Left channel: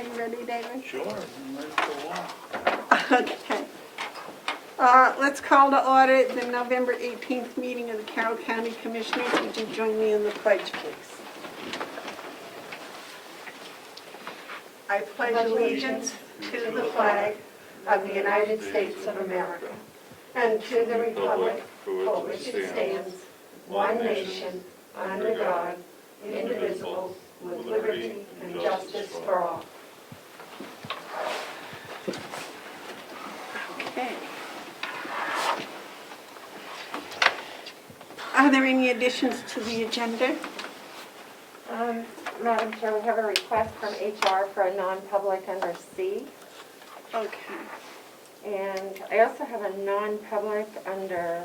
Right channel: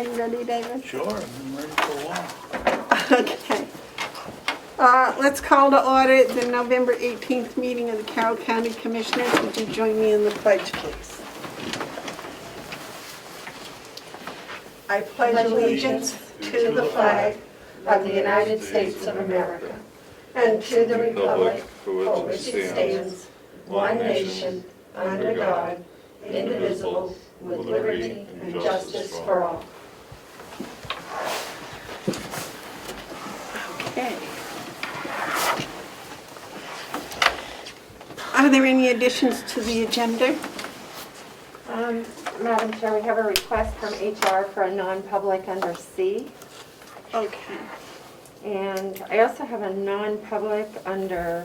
Are you ready, David? Sure, I'm ready for a while. Okay. Let's call to order the November 18th meeting of the Carroll County Commissioners. Would you join me in the pledge, please? I pledge allegiance to the flag of the United States of America and to the republic for which it stands, one nation, under God, indivisible, with liberty and justice for all. Okay. Are there any additions to the agenda? Madam Chair, we have a request from HR for a non-public under C. Okay. And I also have a non-public under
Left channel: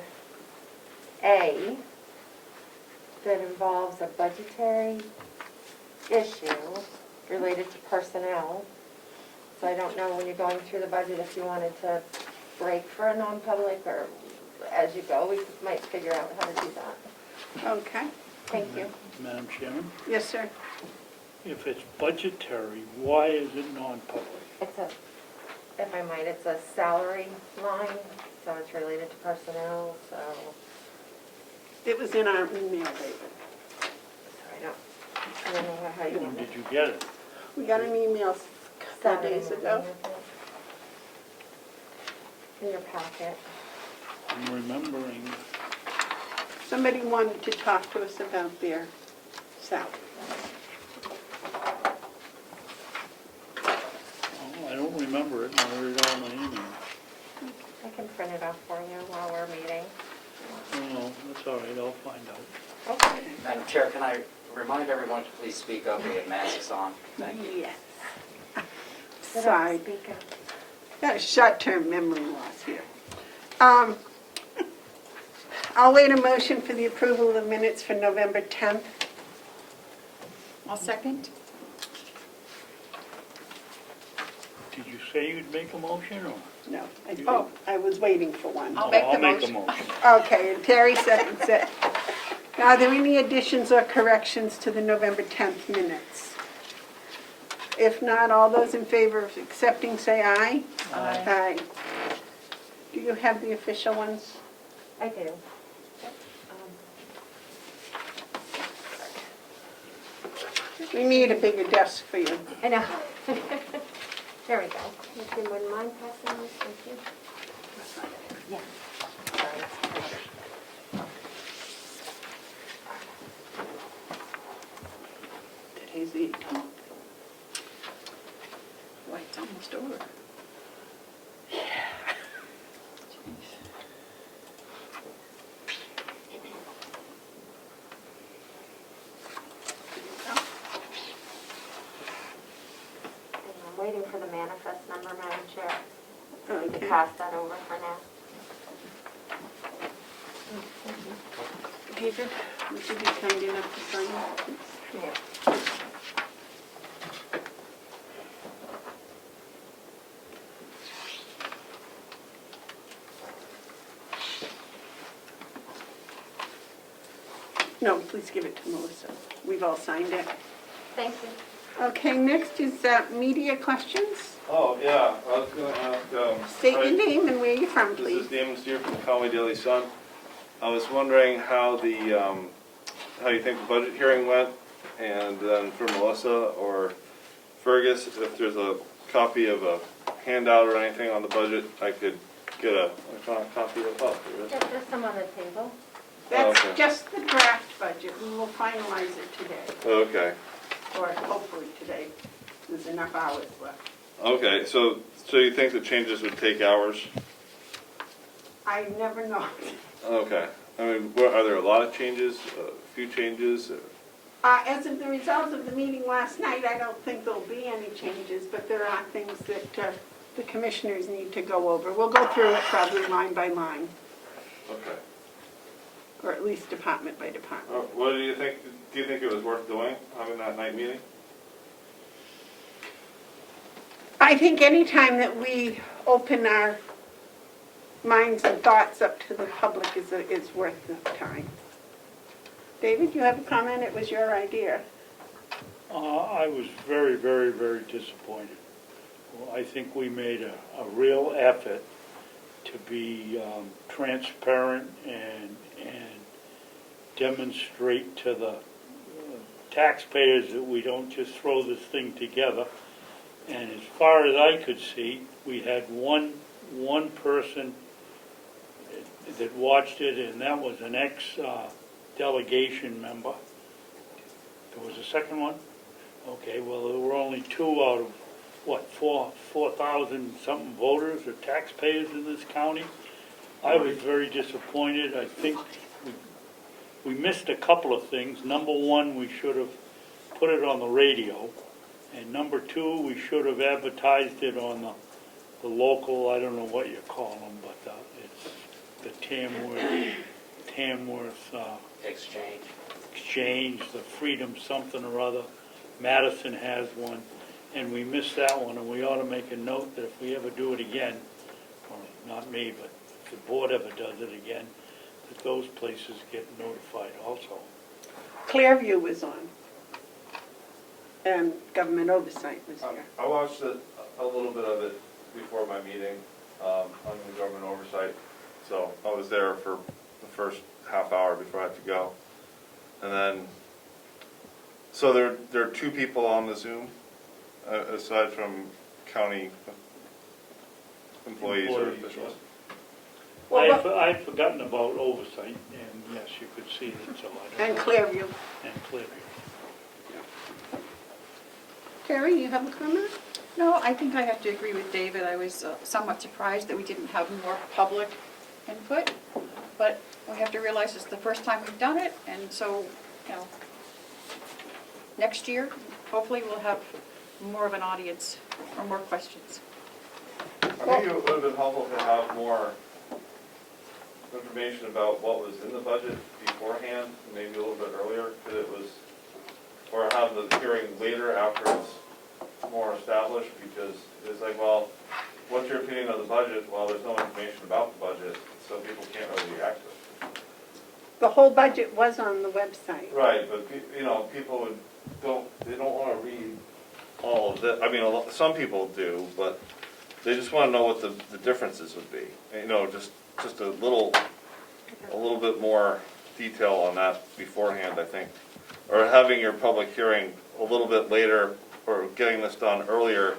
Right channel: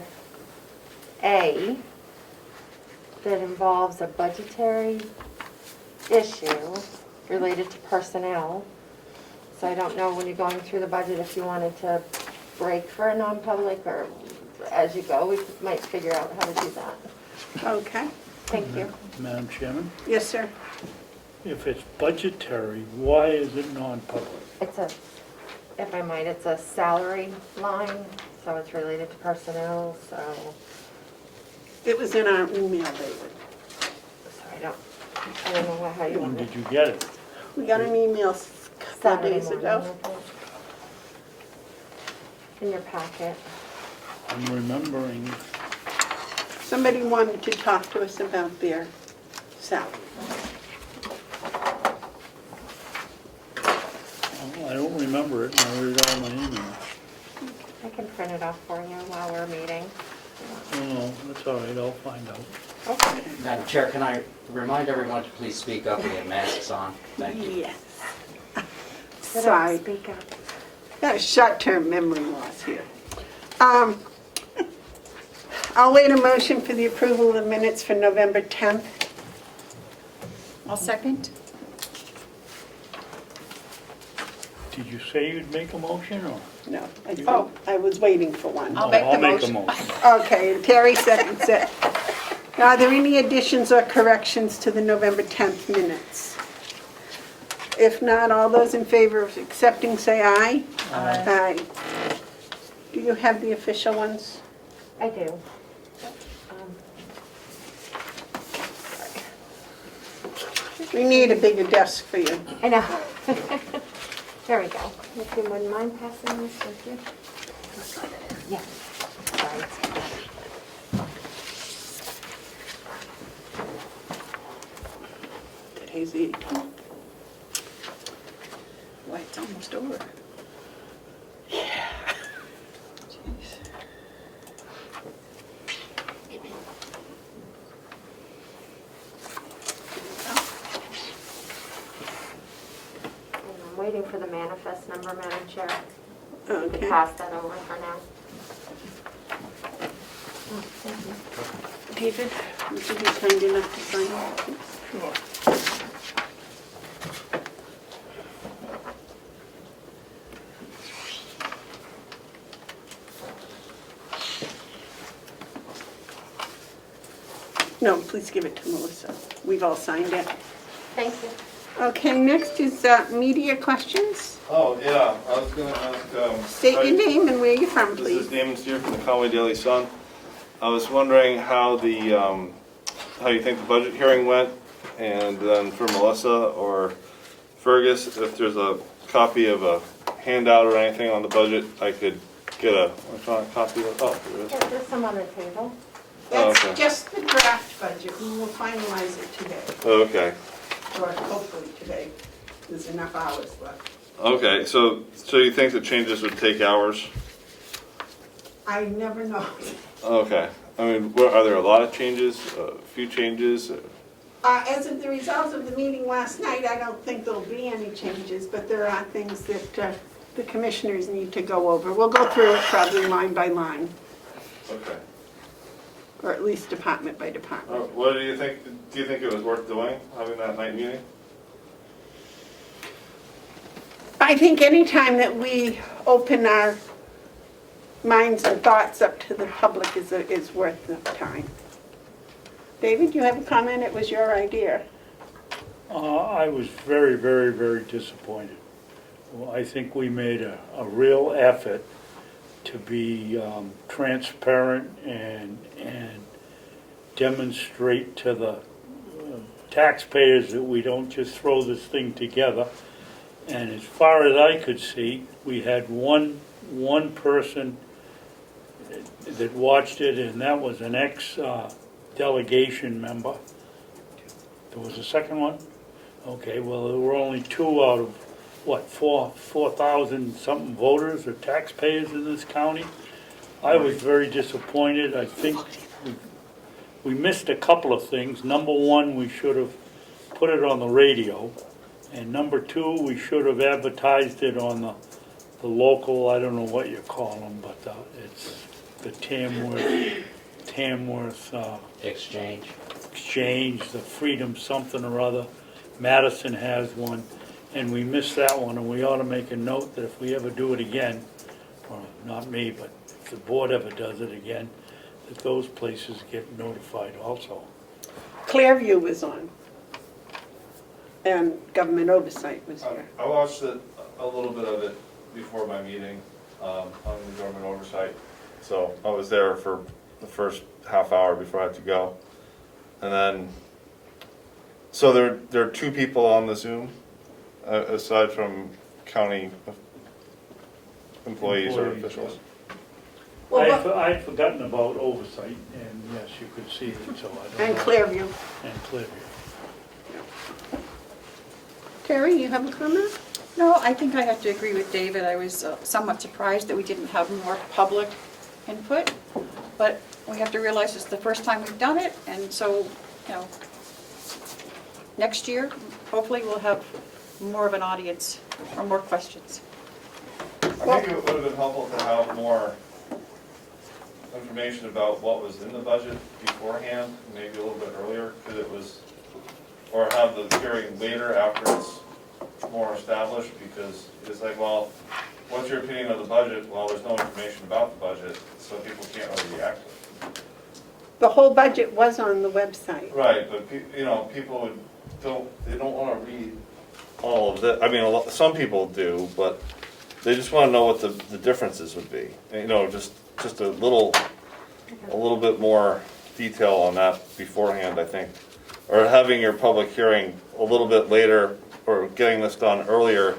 A that involves a budgetary issue related to personnel. So I don't know when you're going through the budget if you wanted to break for a non-public or as you go, we might figure out how to do that. Okay. Thank you. Madam Chairman, Yes, sir. if it's budgetary, why is it non-public? It's a, if I might, it's a salary line, so it's related to personnel, so It was in our email, David. I don't know how you When want did it. you get it? We got an email a couple Saturday days morning, ago. I think. In your packet. I'm remembering, Somebody wanted to talk to us about their salary. I don't remember it, and I read all my emails. I can print it off for you while we're meeting. Oh, no, that's all right, I'll find out. Okay. Madam Chair, can I remind everyone to please speak up and get masks on? Thank you. Yes. Sit up, Sorry, speak up. got a short-term memory loss here. I'll wait a motion for the approval of the minutes for November 10th. I'll second. Did you say you'd make a motion, or? No, I was waiting for one. I'll Oh, make the I'll make a motion. motion. Okay, and Terry seconds it. Now, are there any additions or corrections to the November 10th minutes? If not, all those in favor of accepting, say aye. Aye. Do you have the official ones? I do. We need a bigger desk for you. I know. There we go. If you wouldn't mind passing this, thank you. Yeah. Sorry. Today's the 18th. Boy, it's almost over. I'm waiting for the manifest number, Madam Chair. You Okay. can pass that over for now. David, would you be kind enough to sign it, please? Sure. No, please give it to Melissa. We've all signed it. Thank you. Okay, next is media questions. Oh, yeah, I was gonna ask, State your right, name and where you're from, this is please. Damon Steer from the Comeau Daily Sun. I was wondering how the, how you think the budget hearing went, and then for Melissa or Fergus, if there's a copy of a handout or anything on the budget, I could get a electronic copy of, oh, there it is. There's some on the table. That's okay. just the draft budget. We will finalize it today, Okay, or hopefully today. There's enough hours left. okay, so you think the changes would take hours? I never know. Okay, I mean, are there a lot of changes, a few changes? As of the results of the meeting last night, I don't think there'll be any changes, but there are things that the commissioners need to go over. We'll go through it probably line by line, Okay. or at least department by department. What do you think, do you think it was worth doing, having that night meeting? I think anytime that we open our minds and thoughts up to the public is worth the time. David, you have a comment? It was your idea. I was very, very, very disappointed. Well, I think we made a real effort to be transparent and demonstrate to the taxpayers that we don't just throw this thing together. And as far as I could see, we had one person that watched it, and that was an ex-delegation member. There was a second one? Okay, well, there were only 2 out of, 4,000 something voters or taxpayers in this county. I was very disappointed. I think we missed a couple of things. Number one, we should have put it on the radio. And number two, we should have advertised it on the local, I don't know what you call them, but it's the Tamworth Exchange, the Freedom something or other. Madison has one, and we missed that one, and we ought to make a note that if we ever do it again, or not me, but if the board ever does it again, that those places get notified also. Clearview was on, and Government Oversight was here. I watched a little bit of it before my meeting on the Government Oversight. So I was there for the first half hour before I had to go. And then, so there are 2 people on the Zoom, aside from county employees or officials. I'd forgotten about oversight, and yes, you could see it, so I don't And know. Clearview. And Clearview. Terry, you have a comment? No, I think I have to agree with David. I was somewhat surprised that we didn't have more public input, but we have to realize it's the first time we've done it, and so, next year, hopefully we'll have more of an audience or more questions. I think it would have been helpful to have more information about what was in the budget beforehand, maybe a little bit earlier, because it was, or have the hearing later after it's more established, because it's like, well, what's your opinion of the budget? Well, there's no information about the budget, so people can't really react to it. The whole budget was on the website. Right, but people don't want to read all of it. I mean, some people do, but they just want to know what the differences would be. Just a little bit more detail on that beforehand, I think, or having your public hearing a little bit later, or getting this done earlier,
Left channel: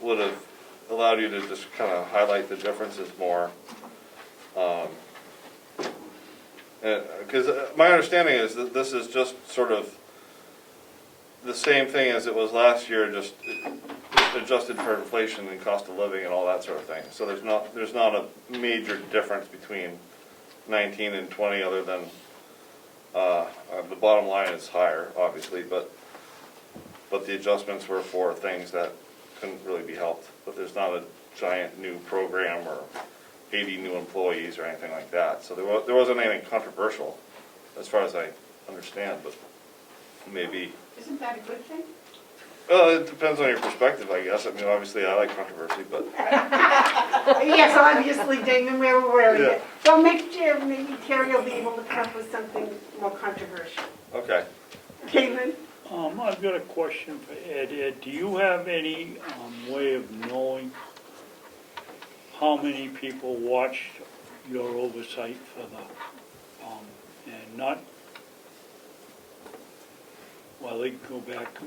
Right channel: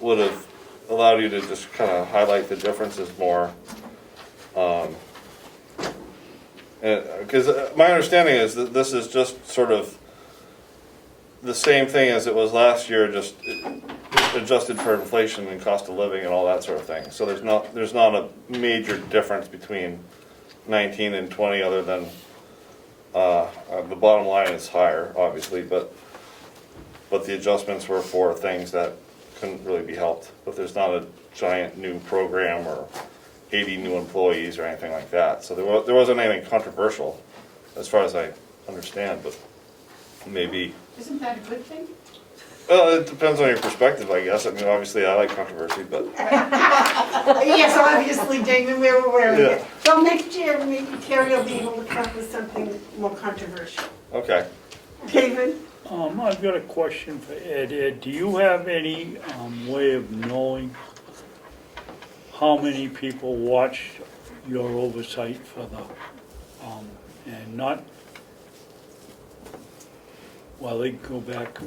would have allowed you to just kind of highlight the differences more. Because my understanding is that this is just sort of the same thing as it was last year, just adjusted for inflation and cost of living and all that sort of thing. So there's not a major difference between 19 and 20, other than the bottom line is higher, obviously, but the adjustments were for things that couldn't really be helped. But there's not a giant new program or 80 new employees or anything like that. So there wasn't anything controversial, as far as I understand, but maybe. Isn't that a good thing? It depends on your perspective, I guess. I mean, obviously, I like controversy, but Yes, obviously, David, we're aware of Yeah. it. So next year, maybe Terry will be able to come up with something more controversial. okay. David? I've got a question for Ed. Ed, do you have any way of knowing how many people watched your oversight for the, and not, well, they go back,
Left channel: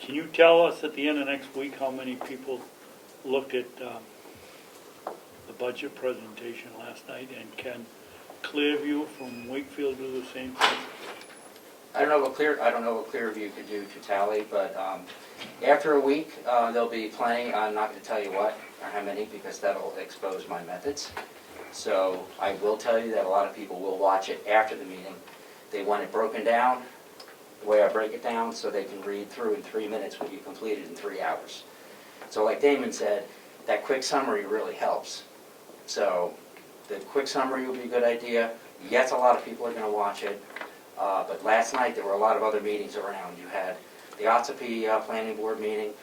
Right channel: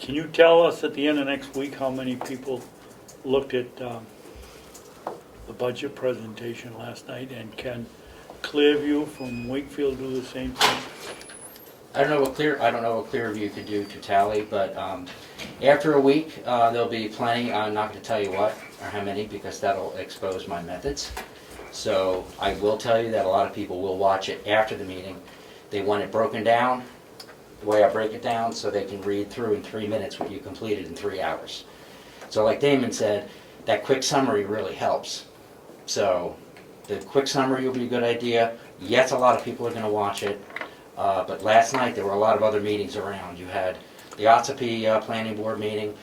can you tell us at the end of next week how many people looked at the budget presentation last night, and can Clearview from Wakefield do the same thing? I don't know what Clearview could do to tally, but after a week, there'll be plenty. I'm not going to tell you what or how many, because that'll expose my methods. So I will tell you that a lot of people will watch it after the meeting. They want it broken down the way I break it down, so they can read through in 3 minutes what you completed in 3 hours. So like Damon said, that quick summary really helps. So the quick summary will be a good idea. Yes, a lot of people are going to watch it. But last night there were a lot of other meetings around. You had the Otsapee Planning Board meeting,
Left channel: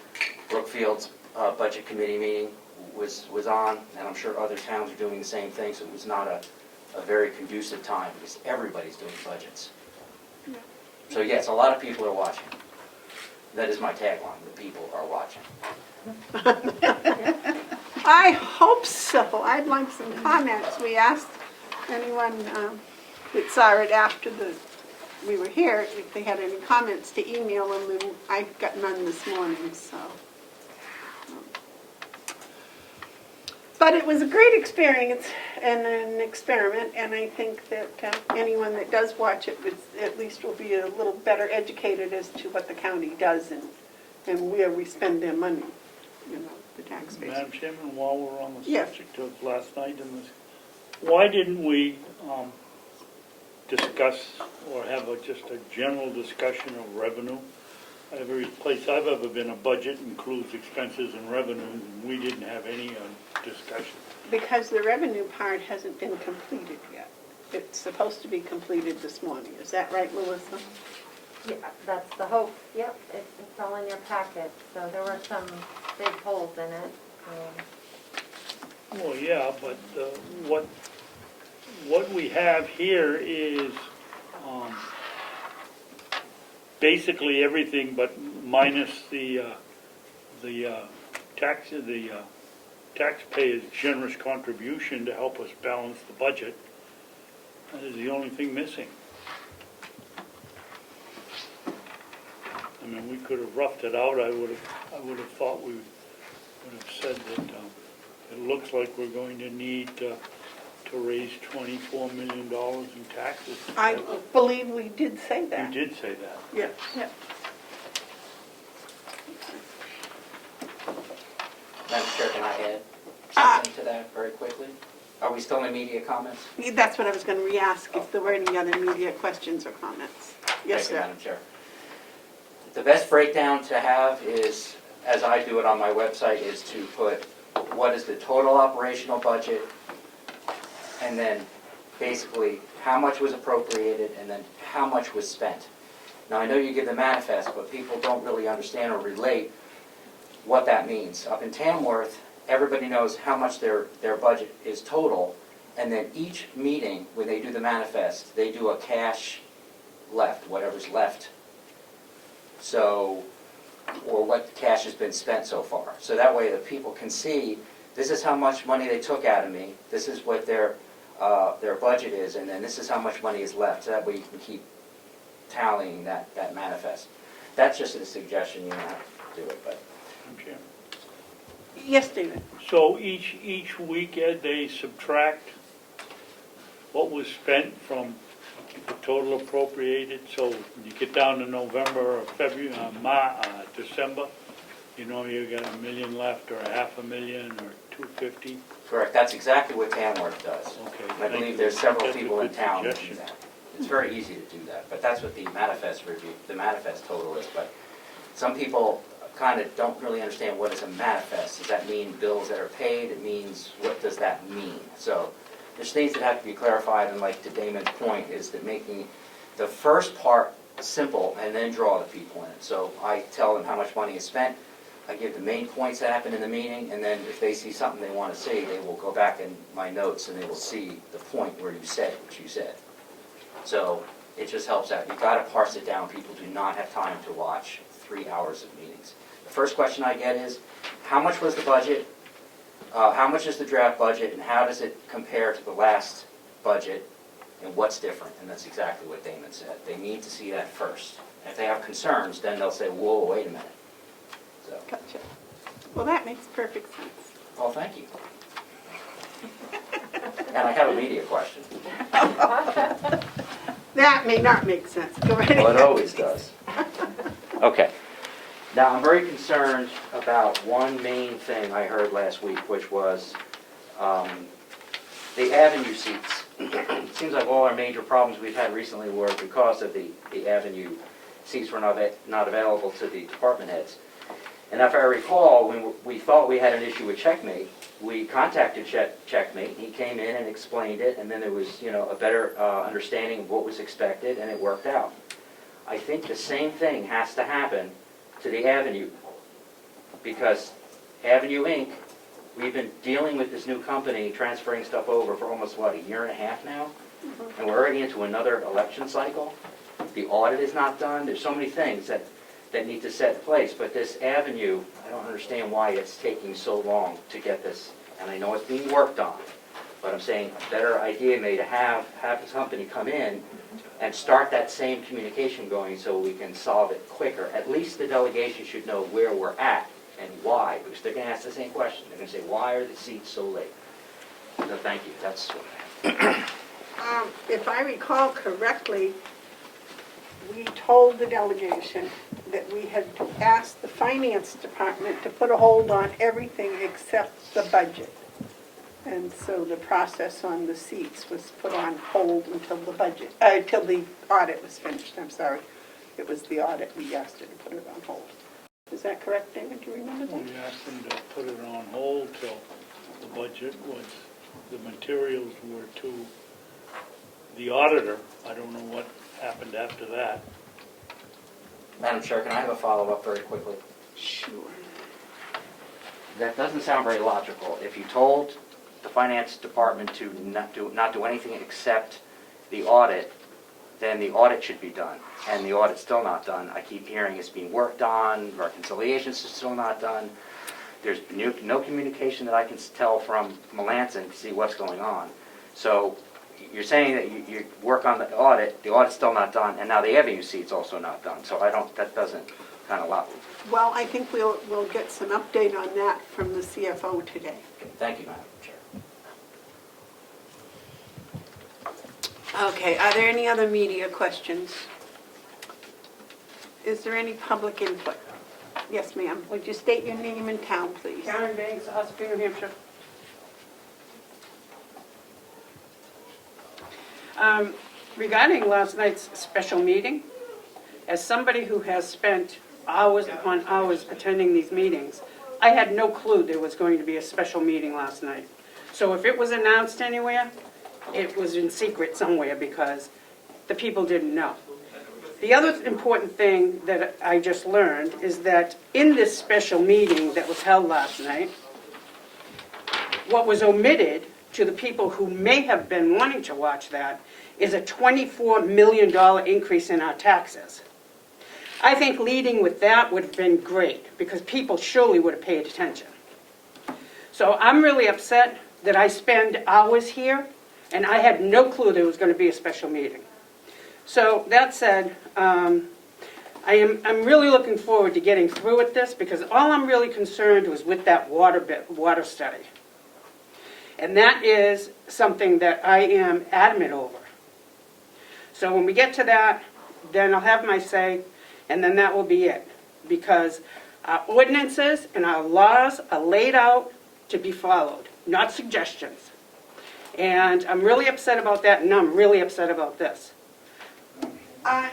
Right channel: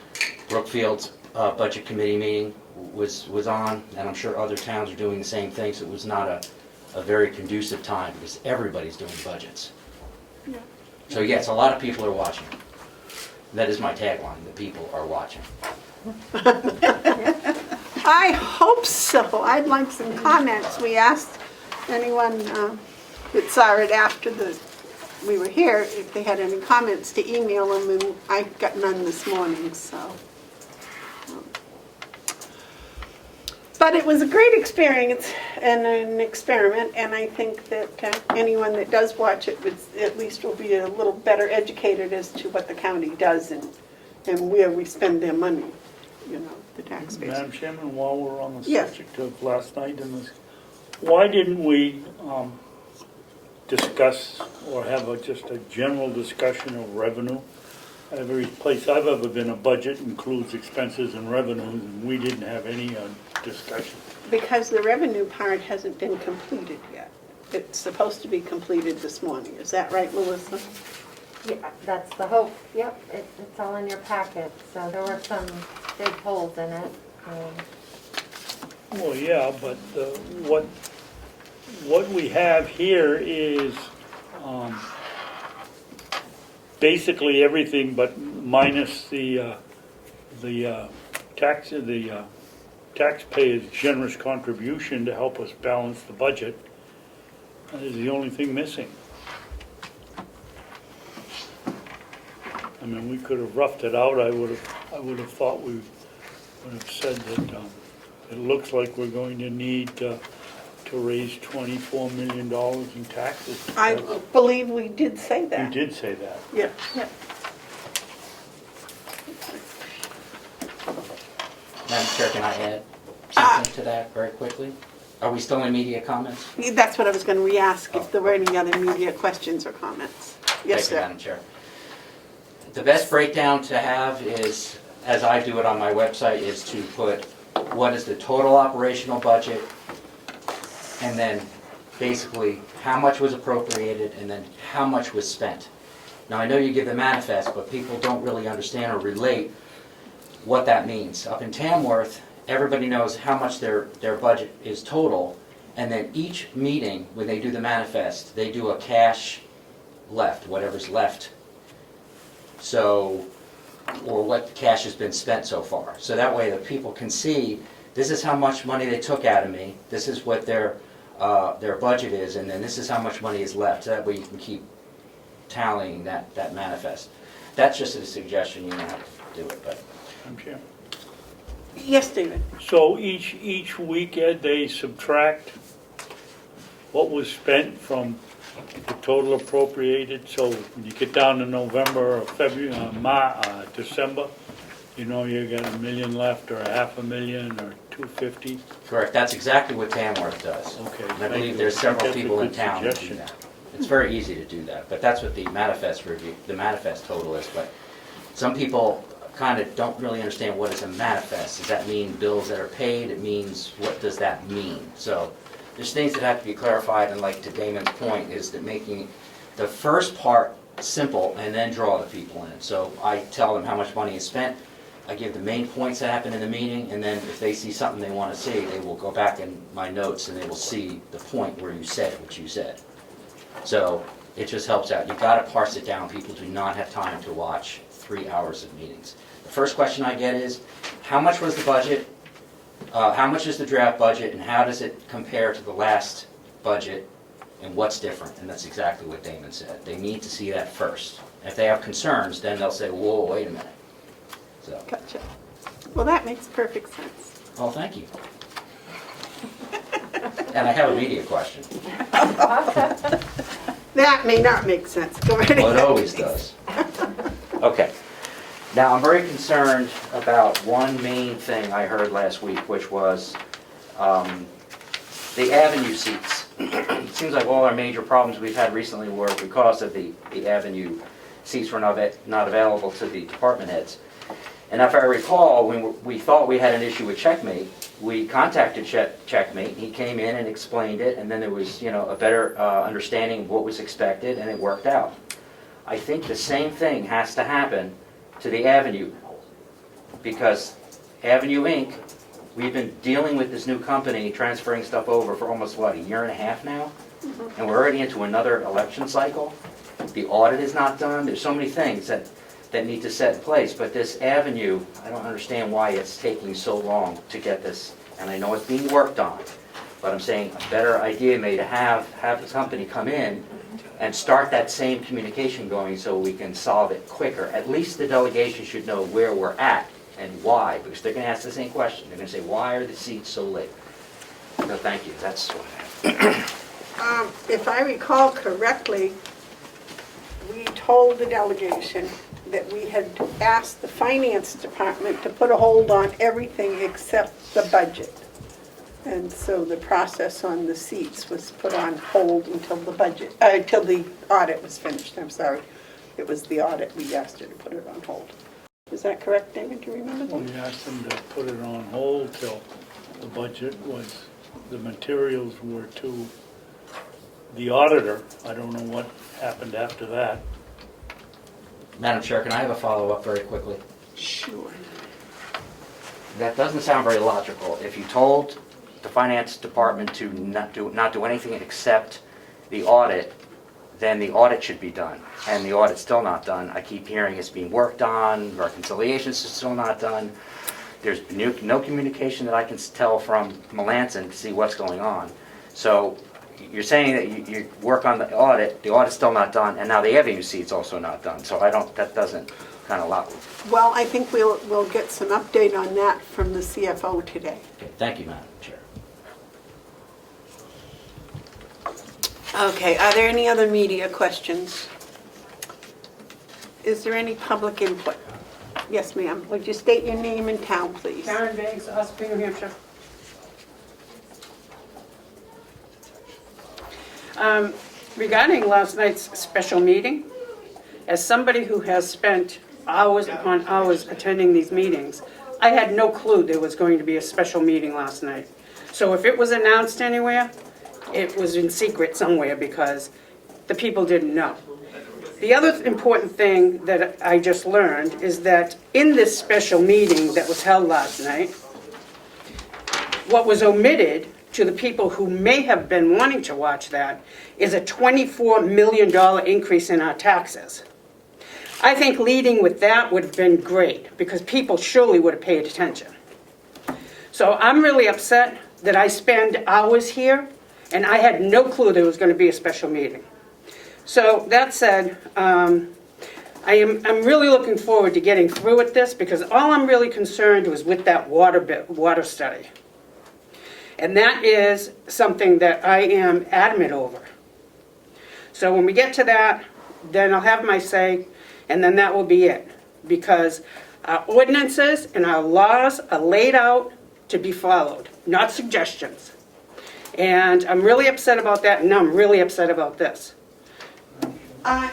Brookfield's Budget Committee meeting was on, and I'm sure other towns are doing the same thing, so it was not a very conducive time, because everybody's doing budgets. So yes, a lot of people are watching. That is my tagline, the people are watching. I hope so. I'd like some comments. We asked anyone that saw it after we were here if they had any comments to email them, and I got none this morning, so. But it was a great experience and an experiment, and I think that anyone that does watch it at least will be a little better educated as to what the county does and where we spend their money, you know, the taxpayers. Madam Chairman, while we're on the Yes. subject of last night and this, why didn't we discuss or have just a general discussion of revenue? Every place I've ever been, a budget includes expenses and revenues, and we didn't have any discussion. Because the revenue part hasn't been completed yet. It's supposed to be completed this morning. Is that right, Melissa? Yeah, that's the hope. Yep, it's all in your packet. So there were some big holes in it. Well, yeah, but what we have here is basically everything, but minus the taxpayers' generous contribution to help us balance the budget. That is the only thing missing. I mean, we could have roughed it out. I would have thought we would have said that it looks like we're going to need to raise $24 million in taxes. I believe we did say that. You did say that. Yeah. Madam Chair, can I add something to that very quickly? Are we still in media comments? That's what I was going to re-ask, if there were any other media questions or comments. Yes, Thank you, sir. Madam Chair. The best breakdown to have is, as I do it on my website, is to put what is the total operational budget, and then basically how much was appropriated, and then how much was spent. Now, I know you give the manifest, but people don't really understand or relate what that means. Up in Tamworth, everybody knows how much their budget is total, and then each meeting, when they do the manifest, they do a cash left, whatever's left. So, or what cash has been spent so far. So that way the people can see, this is how much money they took out of me, this is what their budget is, and then this is how much money is left. So that way you can keep tallying that manifest. That's just a suggestion, you don't have to do it, but. Madam Chair. Yes, David. So each week, Ed, they subtract what was spent from the total appropriated. So when you get down to November or February, December, you know you got $1 million left, or $500,000, or $250. Correct, that's exactly what Tamworth does. Okay, And I thank believe you. there's several That's a people in good town that do suggestion. that. It's very easy to do that, but that's what the manifest review, the manifest total is. But some people kind of don't really understand what is a manifest. Does that mean bills that are paid? It means, what does that mean? So there's things that have to be clarified, and like to Damon's point, is that making the first part simple and then draw the people in. So I tell them how much money is spent, I give the main points that happen in the meeting, and then if they see something they want to see, they will go back in my notes and they will see the point where you said what you said. So it just helps out. You've got to parse it down. People do not have time to watch 3 hours of meetings. The first question I get is, how much was the budget? How much is the draft budget, and how does it compare to the last budget, and what's different? And that's exactly what Damon said. They need to see that first. And if they have concerns, then they'll say, whoa, wait a minute. So, Gotcha. Well, that makes perfect sense. well, thank you. And I have a media question. That may not make sense. Go right ahead. Well, it always does. Okay. Now, I'm very concerned about one main thing I heard last week, which was the avenue seats. It seems like all our major problems we've had recently were because of the avenue seats were not available to the department heads. And if I recall, when we thought we had an issue with Checkmate, we contacted Checkmate. He came in and explained it, and then there was, a better understanding of what was expected, and it worked out. I think the same thing has to happen to the Avenue, because Avenue Inc., we've been dealing with this new company transferring stuff over for almost, what, a year and a half now? And we're already into another election cycle. The audit is not done. There's so many things that that need to set in place, but this avenue, I don't understand why it's taking so long to get this, and I know it's being worked on, but I'm saying a better idea may to have the company come in and start that same communication going so we can solve it quicker. At least the delegation should know where we're at and why, because they're gonna ask the same question. They're gonna say, why are the seats so late? So thank you, that's what If I recall correctly, we told the delegation that we had asked the finance department to put a hold on everything except the budget. And so the process on the seats was put on hold until until the audit was finished, I'm sorry. It was the audit, we asked her to put it on hold. Is that correct, David? Do you remember that? We asked them to put it on hold till the budget was, the materials were to the auditor. I don't know what happened after that. Madam Chair, can I have a follow-up very quickly? Sure. That doesn't sound very logical. If you told the finance department to not do anything except the audit, then the audit should be done. And the audit's still not done. I keep hearing it's being worked on, reconciliations is still not done. There's no communication that I can tell from Melanson to see what's going on. So you're saying that you work on the audit's still not done, and now the avenue seat's also not done. So that doesn't kind of allow me. Well, I think we'll get some update on that from the CFO today. Okay, thank you, Madam Chair. Okay, are there any other media questions? Is there any public input? Yes, ma'am. Would you state your name and town, please? Karen Biggs, Ospey, New Hampshire. Regarding last night's special meeting, as somebody who has spent hours upon hours attending these meetings, I had no clue there was going to be a special meeting last night. So if it was announced anywhere, it was in secret somewhere because the people didn't know. The other important thing that I just learned is that in this special meeting that was held last night, what was omitted to the people who may have been wanting to watch that is a $24 million increase in our taxes. I think leading with that would have been great because people surely would have paid attention. So I'm really upset that I spend hours here and I had no clue there was going to be a special meeting. So that said, I'm really looking forward to getting through with this because all I'm really concerned was with that water study. And that is something that I am adamant over. So when we get to that, then I'll have my say, and then that will be it. Because our ordinances and our laws are laid out to be followed, not suggestions. And I'm really upset about that, and I'm really upset about this.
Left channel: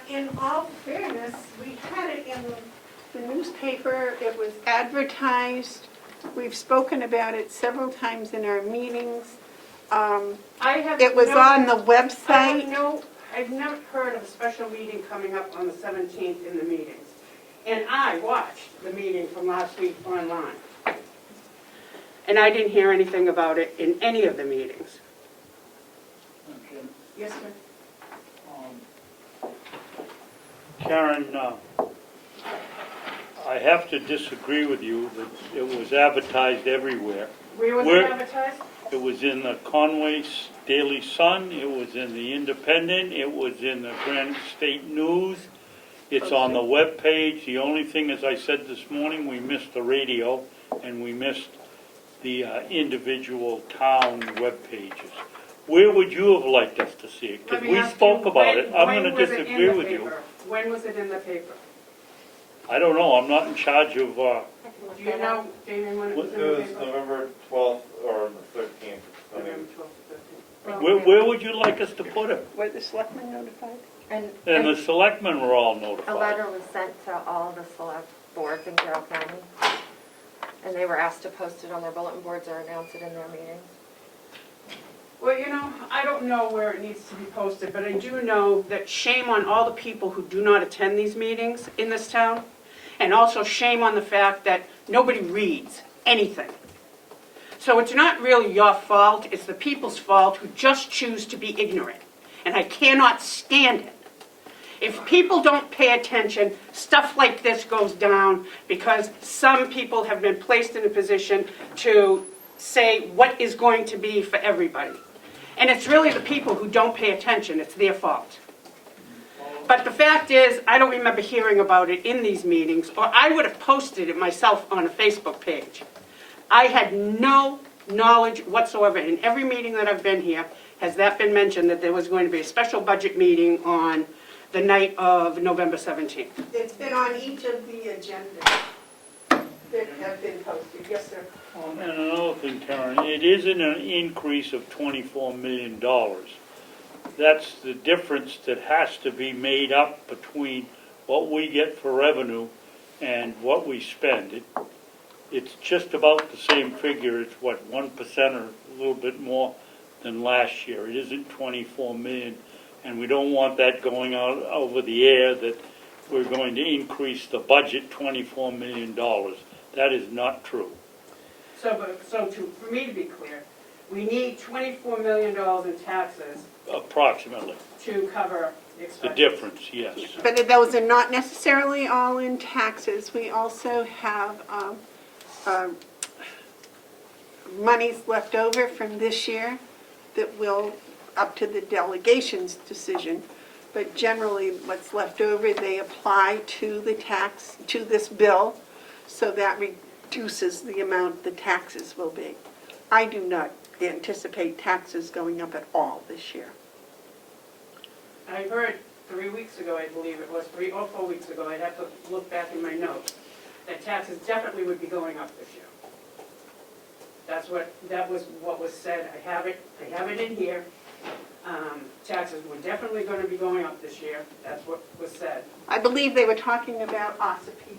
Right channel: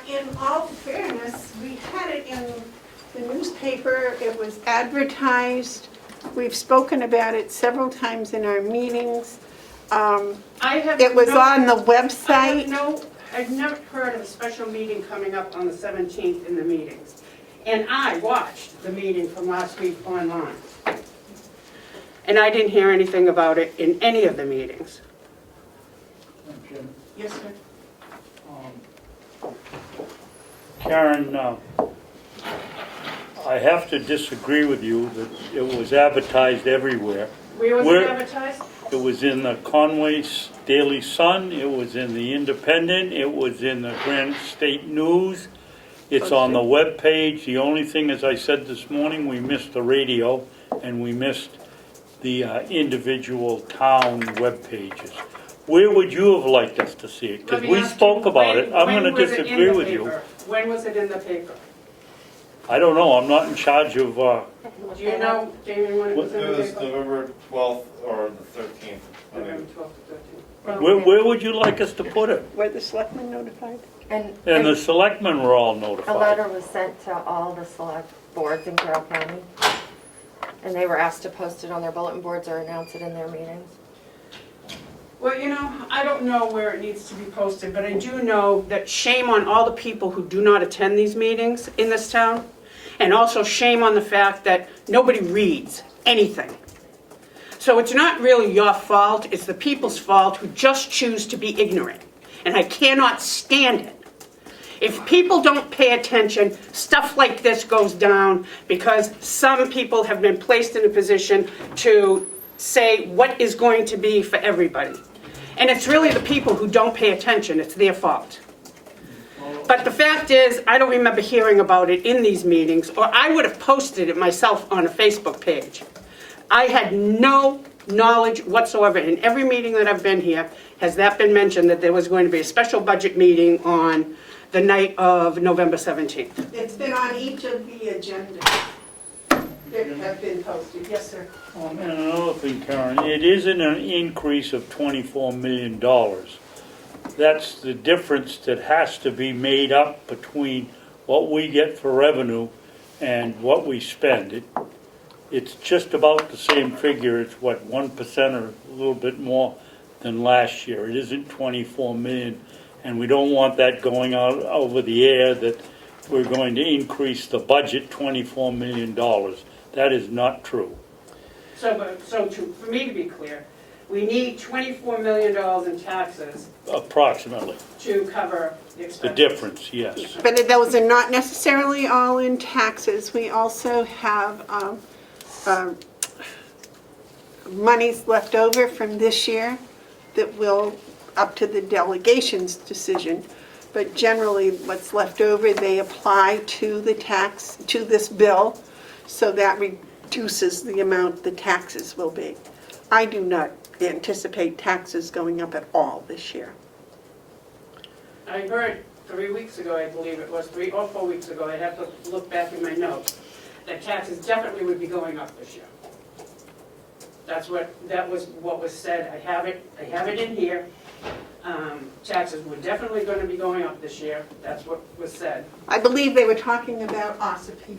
In all fairness, we had it in the newspaper, it was advertised, we've spoken about it several times in our meetings. It was on the website. I've never heard of a special meeting coming up on the 17th in the meetings. And I watched the meeting from last week online. And I didn't hear anything about it in any of the meetings. Okay. Yes, sir. Karen, I have to disagree with you that it was advertised everywhere. Where was it advertised? It was in the Conway Daily Sun, it was in the Independent, it was in the Granite State News, it's on the webpage. The only thing, as I said this morning, we missed the radio and we missed the individual town web pages. Where would you have liked us to see it? Because we spoke about it. I'm going to disagree with you. When was it in the paper? I don't know, I'm not in charge of, Do you know, Jamie, when it was in the It was paper? November 12th or the 13th. November 12th to 13th. where would you like us to put it? Were the selectmen notified? And the selectmen were all A notified. letter was sent to all the select boards in Carroll County, and they were asked to post it on their bulletin boards or announce it in their meetings. Well, you know, I don't know where it needs to be posted, but I do know that shame on all the people who do not attend these meetings in this town, and also shame on the fact that nobody reads anything. So it's not really your fault, it's the people's fault who just choose to be ignorant. And I cannot stand it. If people don't pay attention, stuff like this goes down because some people have been placed in a position to say what is going to be for everybody. And it's really the people who don't pay attention, it's their fault. But the fact is, I don't remember hearing about it in these meetings, or I would have posted it myself on a Facebook page. I had no knowledge whatsoever. In every meeting that I've been here, has that been mentioned that there was going to be a special budget meeting on the night of November 17th. It's been on each of the agendas that have been posted. Yes, sir. And another thing, Karen, it isn't an increase of $24 million. That's the difference that has to be made up between what we get for revenue and what we spend. It's just about the same figure. It's what, 1% or a little bit more than last year. It isn't 24 million, and we don't want that going out over the air that we're going to increase the budget $24 million. That is not true. For me to be clear, we need $24 million in taxes Approximately. to cover the expenses. The difference, yes. But those are not necessarily all in taxes. We also have monies left over from this year that will, up to the delegation's decision, but generally what's left over, they apply to the tax, to this bill, so that reduces the amount the taxes will be. I do not anticipate taxes going up at all this year. I heard 3 weeks ago, I believe it was, 3 or 4 weeks ago, I'd have to look back in my notes, that taxes definitely would be going up this year. That was what was said. I have it in here. Taxes were definitely going to be going up this year. That's what was said. I believe they were talking about Ossipee,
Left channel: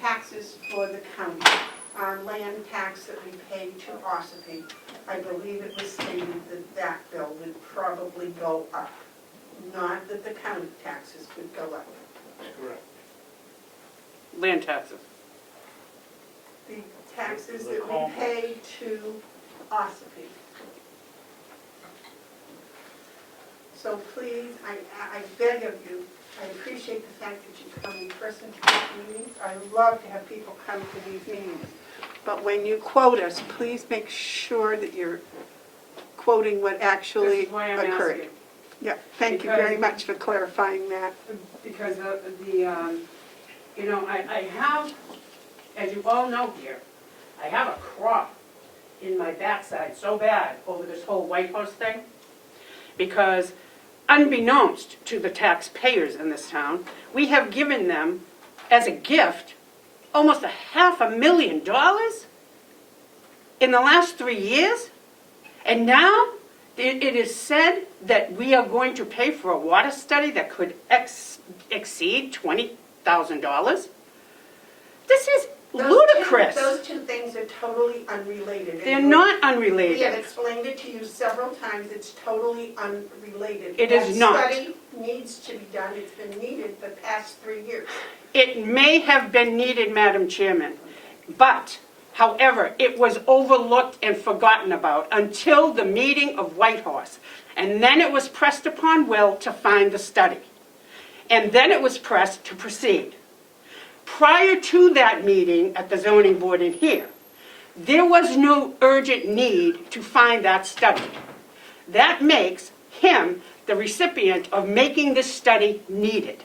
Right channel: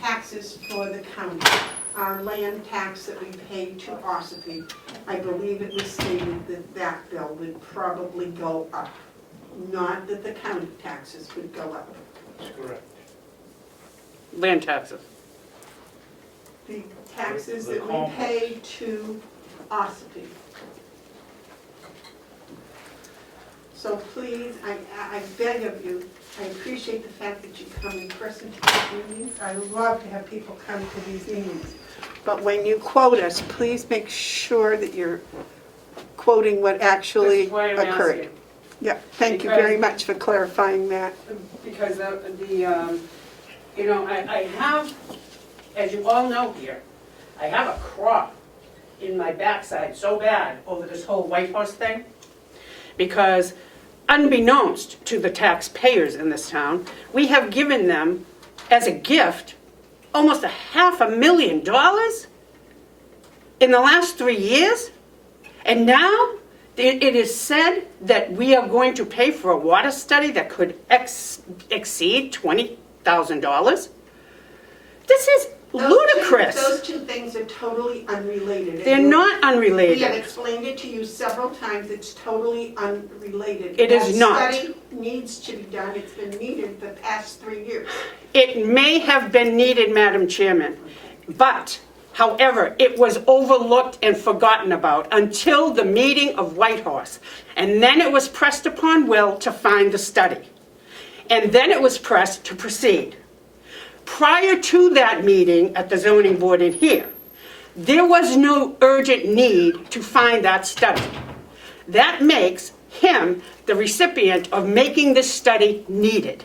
taxes for the county, our land tax that we pay to Ossipee. I believe it was stated that that bill would probably go up, not that the county taxes would go up. Correct. Land taxes. The taxes that we pay to Ossipee. So please, I beg of you, I appreciate the fact that you come in person to these meetings. I love to have people come to these meetings. But when you quote us, please make sure that you're quoting what actually This is why I'm occurred. asking. Yeah, thank you very much for clarifying that. Because you know, I have, as you all know here, I have a crop in my backside so bad over this whole White House thing. Because unbeknownst to the taxpayers in this town, we have given them as a gift almost $500,000 in the last 3 years. And now it is said that we are going to pay for a water study that could exceed $20,000. This is ludicrous. Those two things are totally unrelated. They're not We have unrelated. explained it to you several times, it's totally unrelated. It is not. That study needs to be done, it's been needed the past 3 years. It may have been needed, Madam Chairman, but, however, it was overlooked and forgotten about until the meeting of Whitehorse. And then it was pressed upon Will to find the study. And then it was pressed to proceed. Prior to that meeting at the zoning board in here, there was no urgent need to find that study. That makes him the recipient of making this study needed.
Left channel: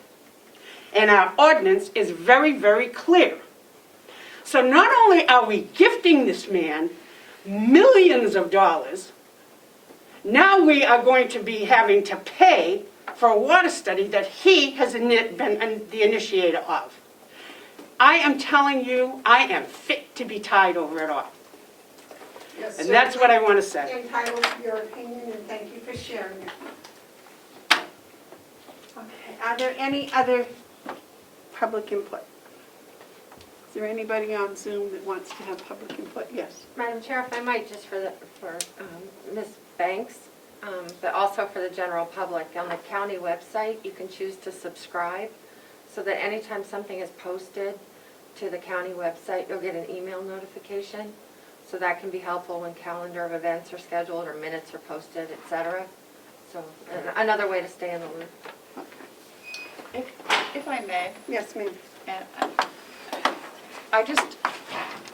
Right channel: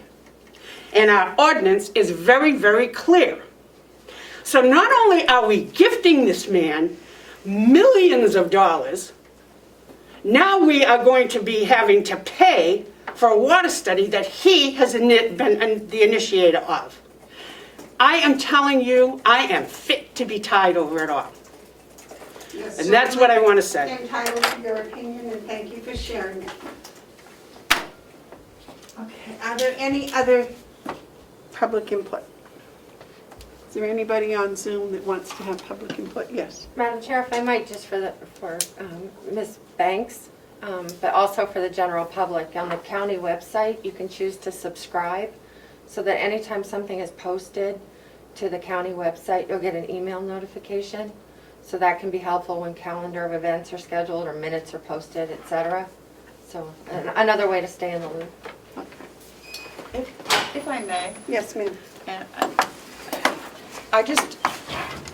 And our ordinance is very, very clear. So not only are we gifting this man millions of dollars, now we are going to be having to pay for a water study that he has been the initiator of. I am telling you, I am fit to be tied over it all. Yes, And that's what I want to say. certainly entitled to your opinion, and thank you for sharing it. Okay, are there any other public input? Is there anybody on Zoom that wants to have public input? Yes. Madam Chair, if I might, just for Ms. Banks, but also for the general public, on the county website, you can choose to subscribe so that anytime something is posted to the county website, you'll get an email notification. So that can be helpful when calendar of events are scheduled or minutes are posted, etc. So another way to stay in the loop. If I may, Yes, ma'am. and I just,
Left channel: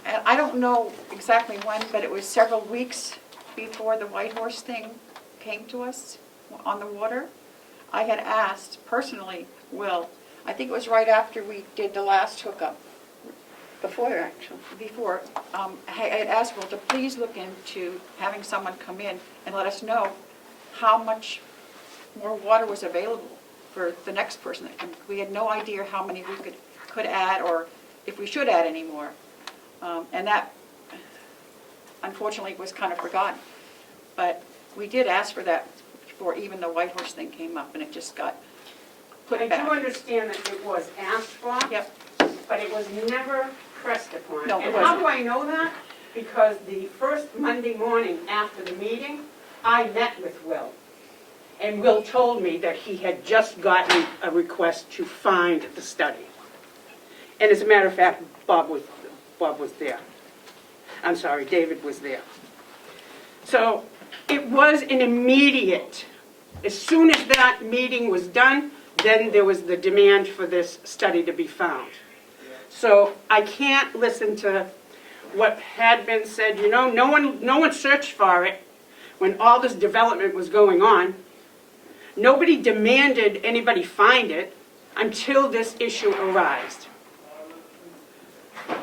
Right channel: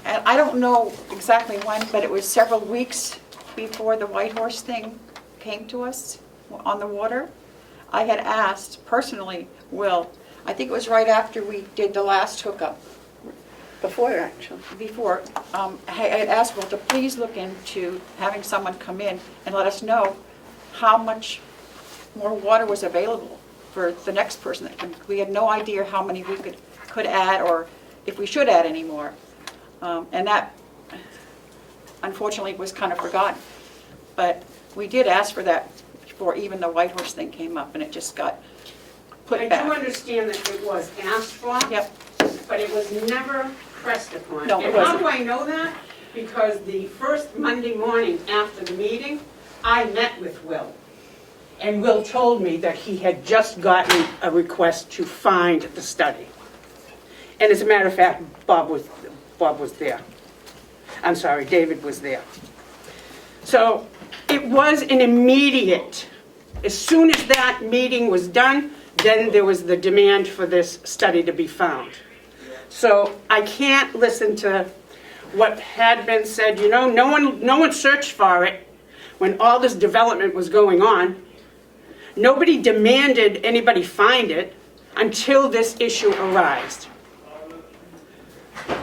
and I don't know exactly when, but it was several weeks before the White Horse thing came to us on the water. I had asked personally, Will, I think it was right after we did the last hookup, Before, actually. before, I had asked Will to please look into having someone come in and let us know how much more water was available for the next person. We had no idea how many we could add, or if we should add any more. And that, unfortunately, was kind of forgotten. But we did ask for that before even the White Horse thing came up, and it just got put I back. do understand that it was asked for, Yep, but it was never pressed upon. No, it And how wasn't. do I know that? Because the first Monday morning after the meeting, I met with Will. And Will told me that he had just gotten a request to find the study. And as a matter of fact, Bob was there. I'm sorry, David was there. So it was an immediate, as soon as that meeting was done, then there was the demand for this study to be found. So I can't listen to what had been said, you know, no one searched for it when all this development was going on. Nobody demanded anybody find it until this issue arose.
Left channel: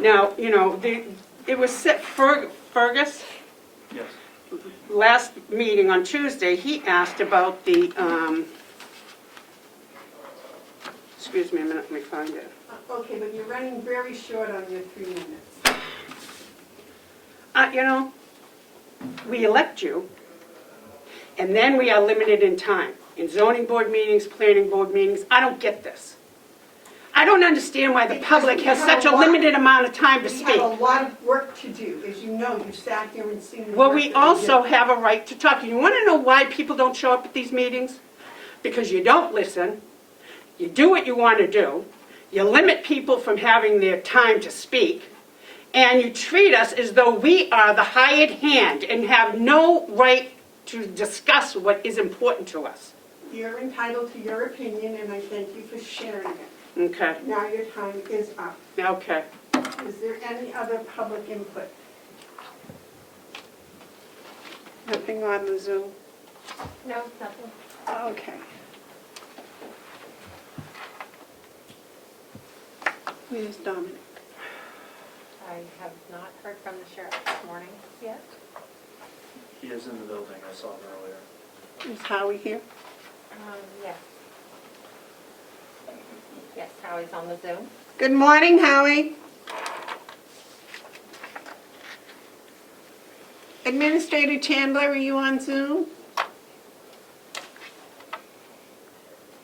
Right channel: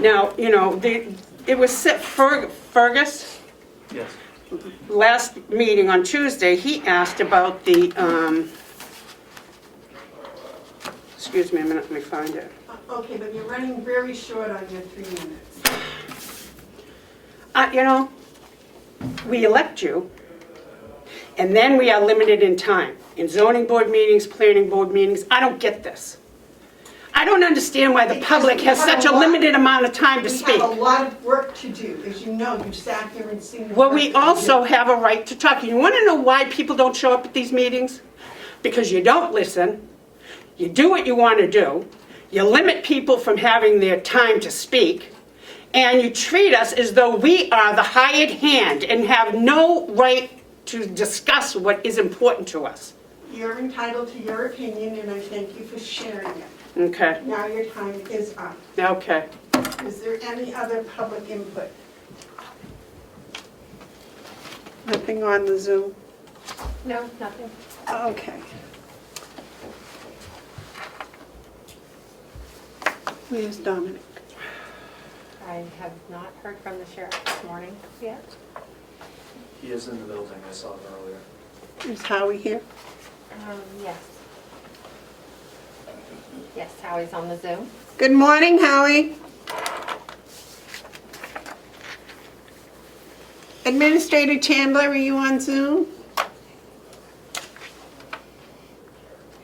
Now, you know, it was set, Fergus, Yes. last meeting on Tuesday, he asked about the, excuse me a minute, let me find it. Okay, but you're running very short on your 3 minutes. You know, we elect you, and then we are limited in time. In zoning board meetings, planning board meetings, I don't get this. I don't understand why the public has such a limited amount of time to We speak. have a lot of work to do, as you know, you've sat here and seen. the Well, work we that also do. have a right to talk. You want to know why people don't show up at these meetings? Because you don't listen, you do what you want to do, you limit people from having their time to speak, and you treat us as though we are the hired hand and have no right to discuss what is important to us. You're entitled to your opinion, and I thank you for sharing it. Okay, Now your time is up. okay. Is there any other public input? Nothing on the Zoom? No, nothing. Okay. Where's Dominic? I have not heard from the sheriff this morning yet. He is in the building, I saw him earlier. Is Howie here? Yes. Yes, Howie's on the Zoom. Good morning, Howie. Administrator Chandler, are you on Zoom?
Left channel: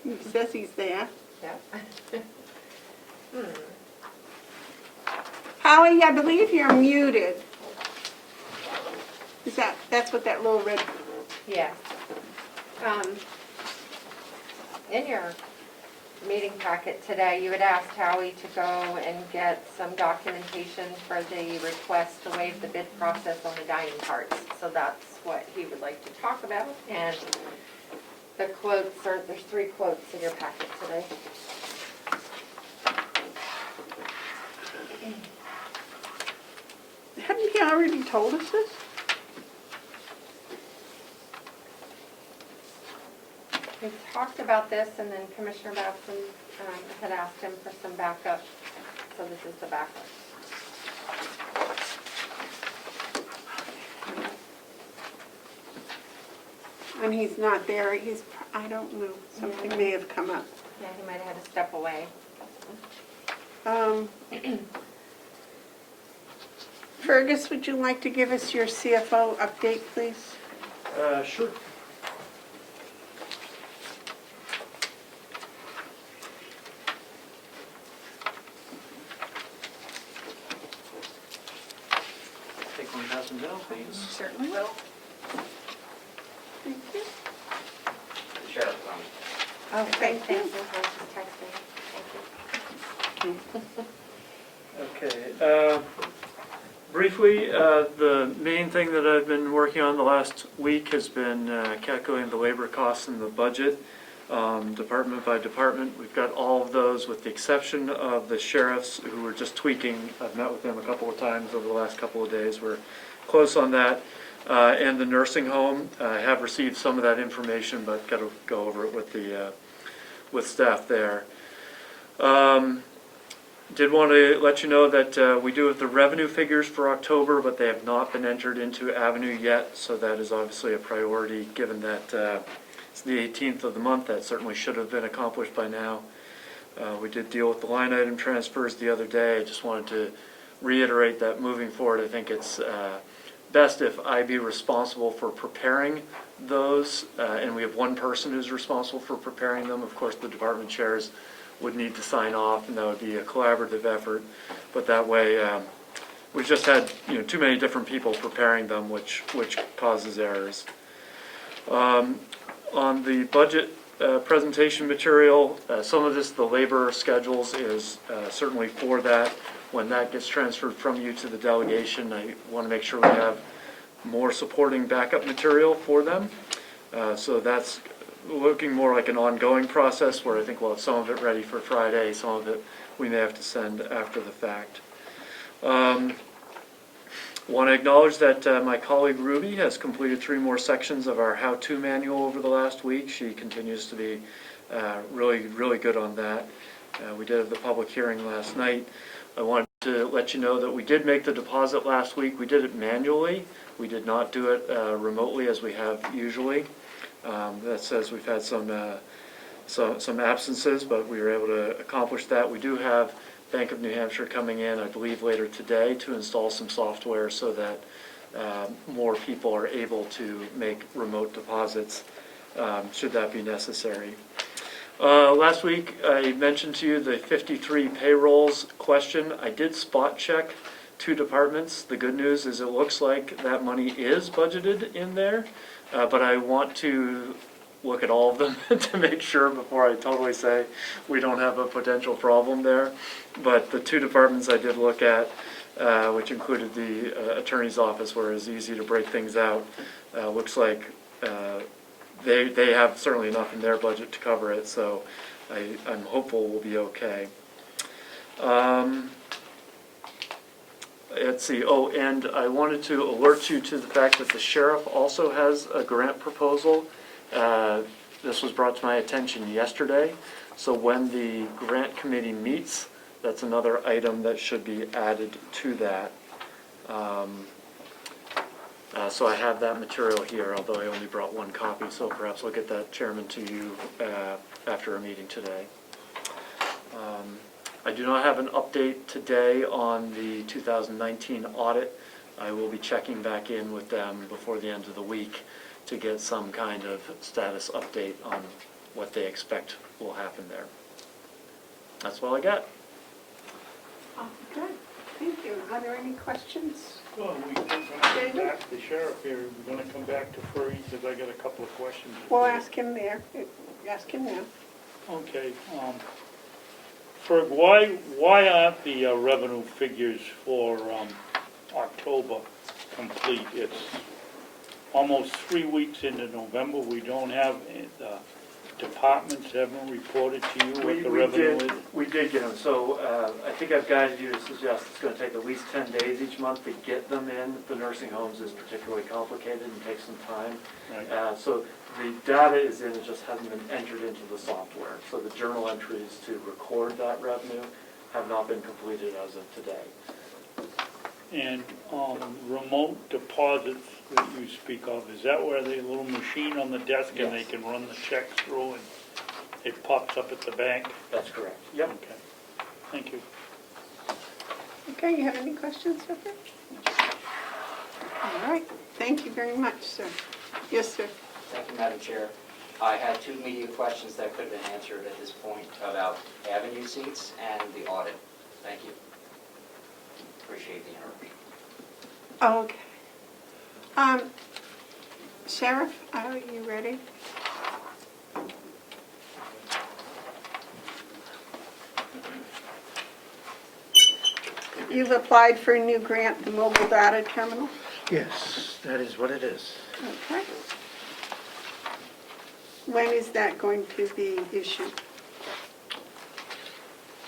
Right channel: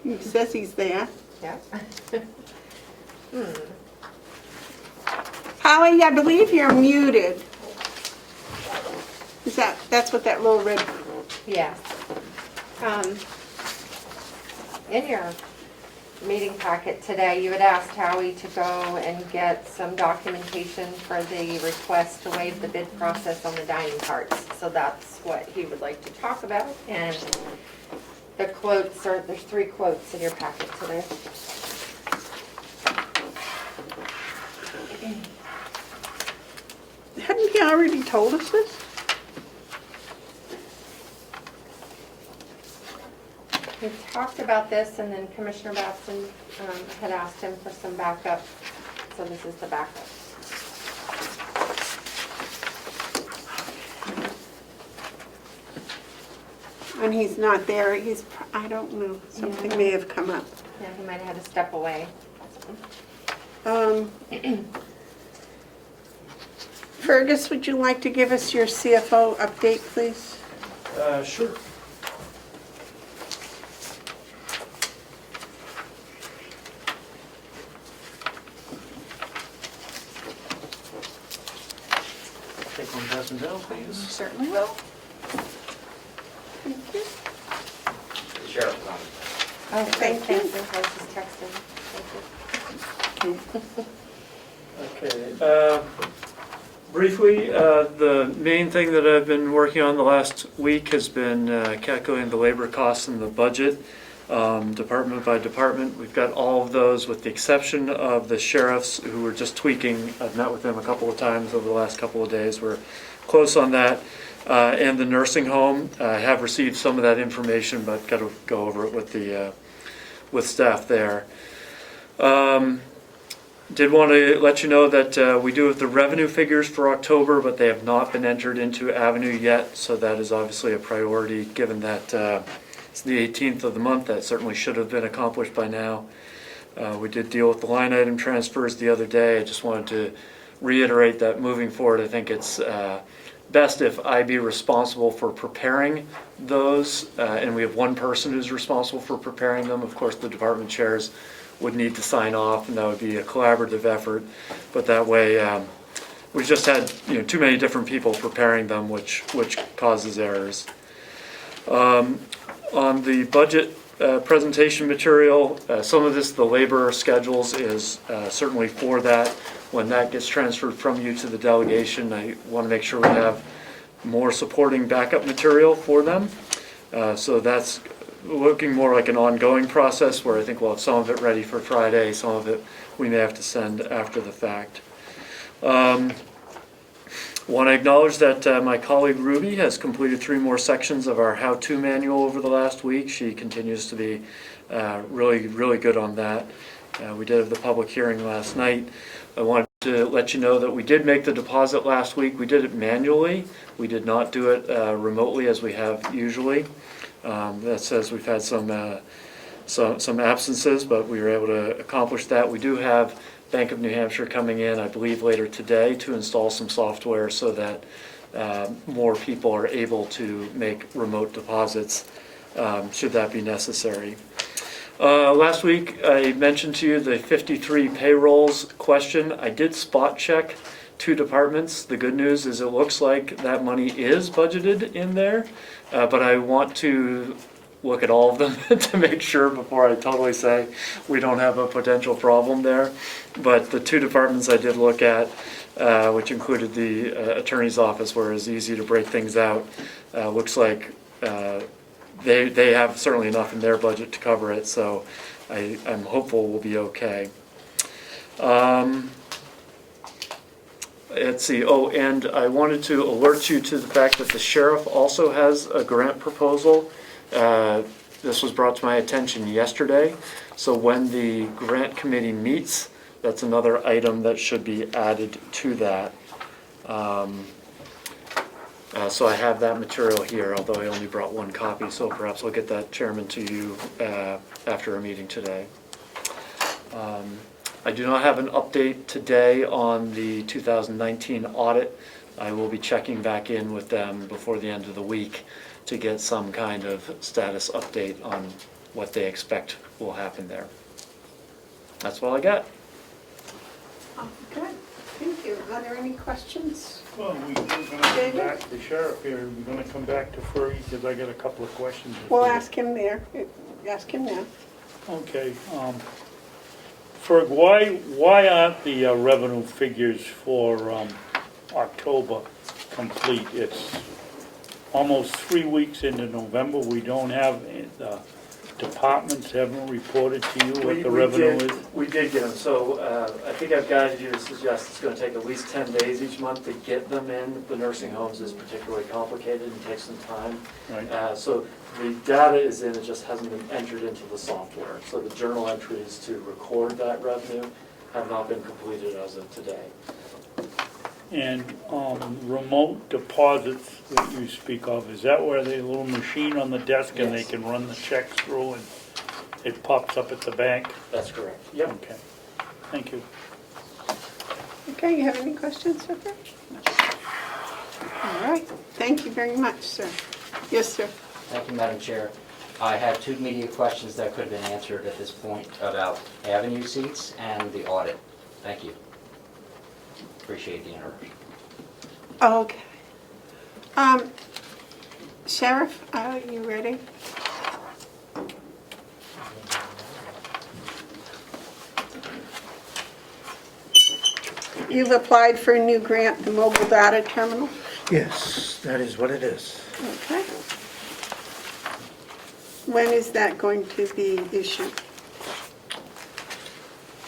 He says he's there. Yep. Howie, I believe you're muted. That's what that little red, Yes. In your meeting packet today, you had asked Howie to go and get some documentation for the request to waive the bid process on the dining carts. So that's what he would like to talk about. And the quotes are, there's 3 quotes in your packet today. hadn't he already told us this? We talked about this, and then Commissioner Baston had asked him for some backup, so this is the backup. When he's not there, I don't know, something may have come up. Yeah, he might have had to step away. Fergus, would you like to give us your CFO update, please? Sure. Take one dozen down, please. Certainly will. The sheriff is on. Oh, Thank thank you. you. I was just texting. Thank you. Okay. Briefly, the main thing that I've been working on the last week has been calculating the labor costs in the budget. department by department. We've got all of those with the exception of the sheriffs who were just tweaking. I've met with them a couple of times over the last couple of days. We're close on that. And the nursing home, I have received some of that information, but got to go over it with staff there. Did want to let you know that we do have the revenue figures for October, but they have not been entered into Avenue yet, so that is obviously a priority given that it's the 18th of the month. That certainly should have been accomplished by now. We did deal with the line item transfers the other day. I just wanted to reiterate that moving forward, I think it's best if I be responsible for preparing those, and we have one person who's responsible for preparing them. Of course, the department chairs would need to sign off, and that would be a collaborative effort. But that way, we've just had too many different people preparing them, which causes errors. On the budget presentation material, some of this, the labor schedules, is certainly for that. When that gets transferred from you to the delegation, I want to make sure we have more supporting backup material for them. So that's looking more like an ongoing process where I think we'll have some of it ready for Friday, some of it we may have to send after the fact. Want to acknowledge that my colleague Ruby has completed 3 more sections of our how-to manual over the last week. She continues to be really good on that. We did have the public hearing last night. I wanted to let you know that we did make the deposit last week. We did it manually. We did not do it remotely as we have usually. That says we've had some absences, but we were able to accomplish that. We do have Bank of New Hampshire coming in, I believe, later today to install some software so that more people are able to make remote deposits should that be necessary. Last week I mentioned to you the 53 payrolls question. I did spot check 2 departments. The good news is it looks like that money is budgeted in there, but I want to look at all of them to make sure before I totally say we don't have a potential problem there. But the 2 departments I did look at, which included the attorney's office where it's easy to break things out, looks like they have certainly enough in their budget to cover it, so I'm hopeful we'll be okay. Let's see, oh, and I wanted to alert you to the fact that the sheriff also has a grant proposal. This was brought to my attention yesterday, so when the grant committee meets, that's another item that should be added to that. So I have that material here, although I only brought 1 copy, so perhaps I'll get that, Chairman, to you after our meeting today. I do not have an update today on the 2019 audit. I will be checking back in with them before the end of the week to get some kind of status update on what they expect will happen there. That's all I got. Good, thank you. Are there any questions? Well, we're going to come back to the sheriff here. We're going to come back to Furry because I got a couple of questions. We'll ask him there. Ask him now. Okay. Ferg, why aren't the revenue figures for October complete? It's almost 3 weeks into November. We don't have, the departments haven't reported to you what the revenue is? We did get them, so I think I've guided you to suggest it's going to take at least 10 days each month to get them in. The nursing homes is particularly complicated and takes some time. Right. So the data is in, it just hasn't been entered into the software. So the journal entries to record that revenue have not been completed as of today. And remote deposits that you speak of, is that where they have a little machine on the desk and they Yes. can run the checks through and it pops up at the bank? That's correct. Yep. Okay, thank you. Okay, you have any questions, sir? All right, thank you very much, sir. Yes, sir. Thank you, Madam Chair. I had 2 media questions that could have been answered at this point about avenue seats and the audit. Thank you. Appreciate the interruption. Okay. Sheriff, are you ready? You've applied for a new grant, the mobile data terminal? Yes, that is what it is. Okay. When is that going to be issued?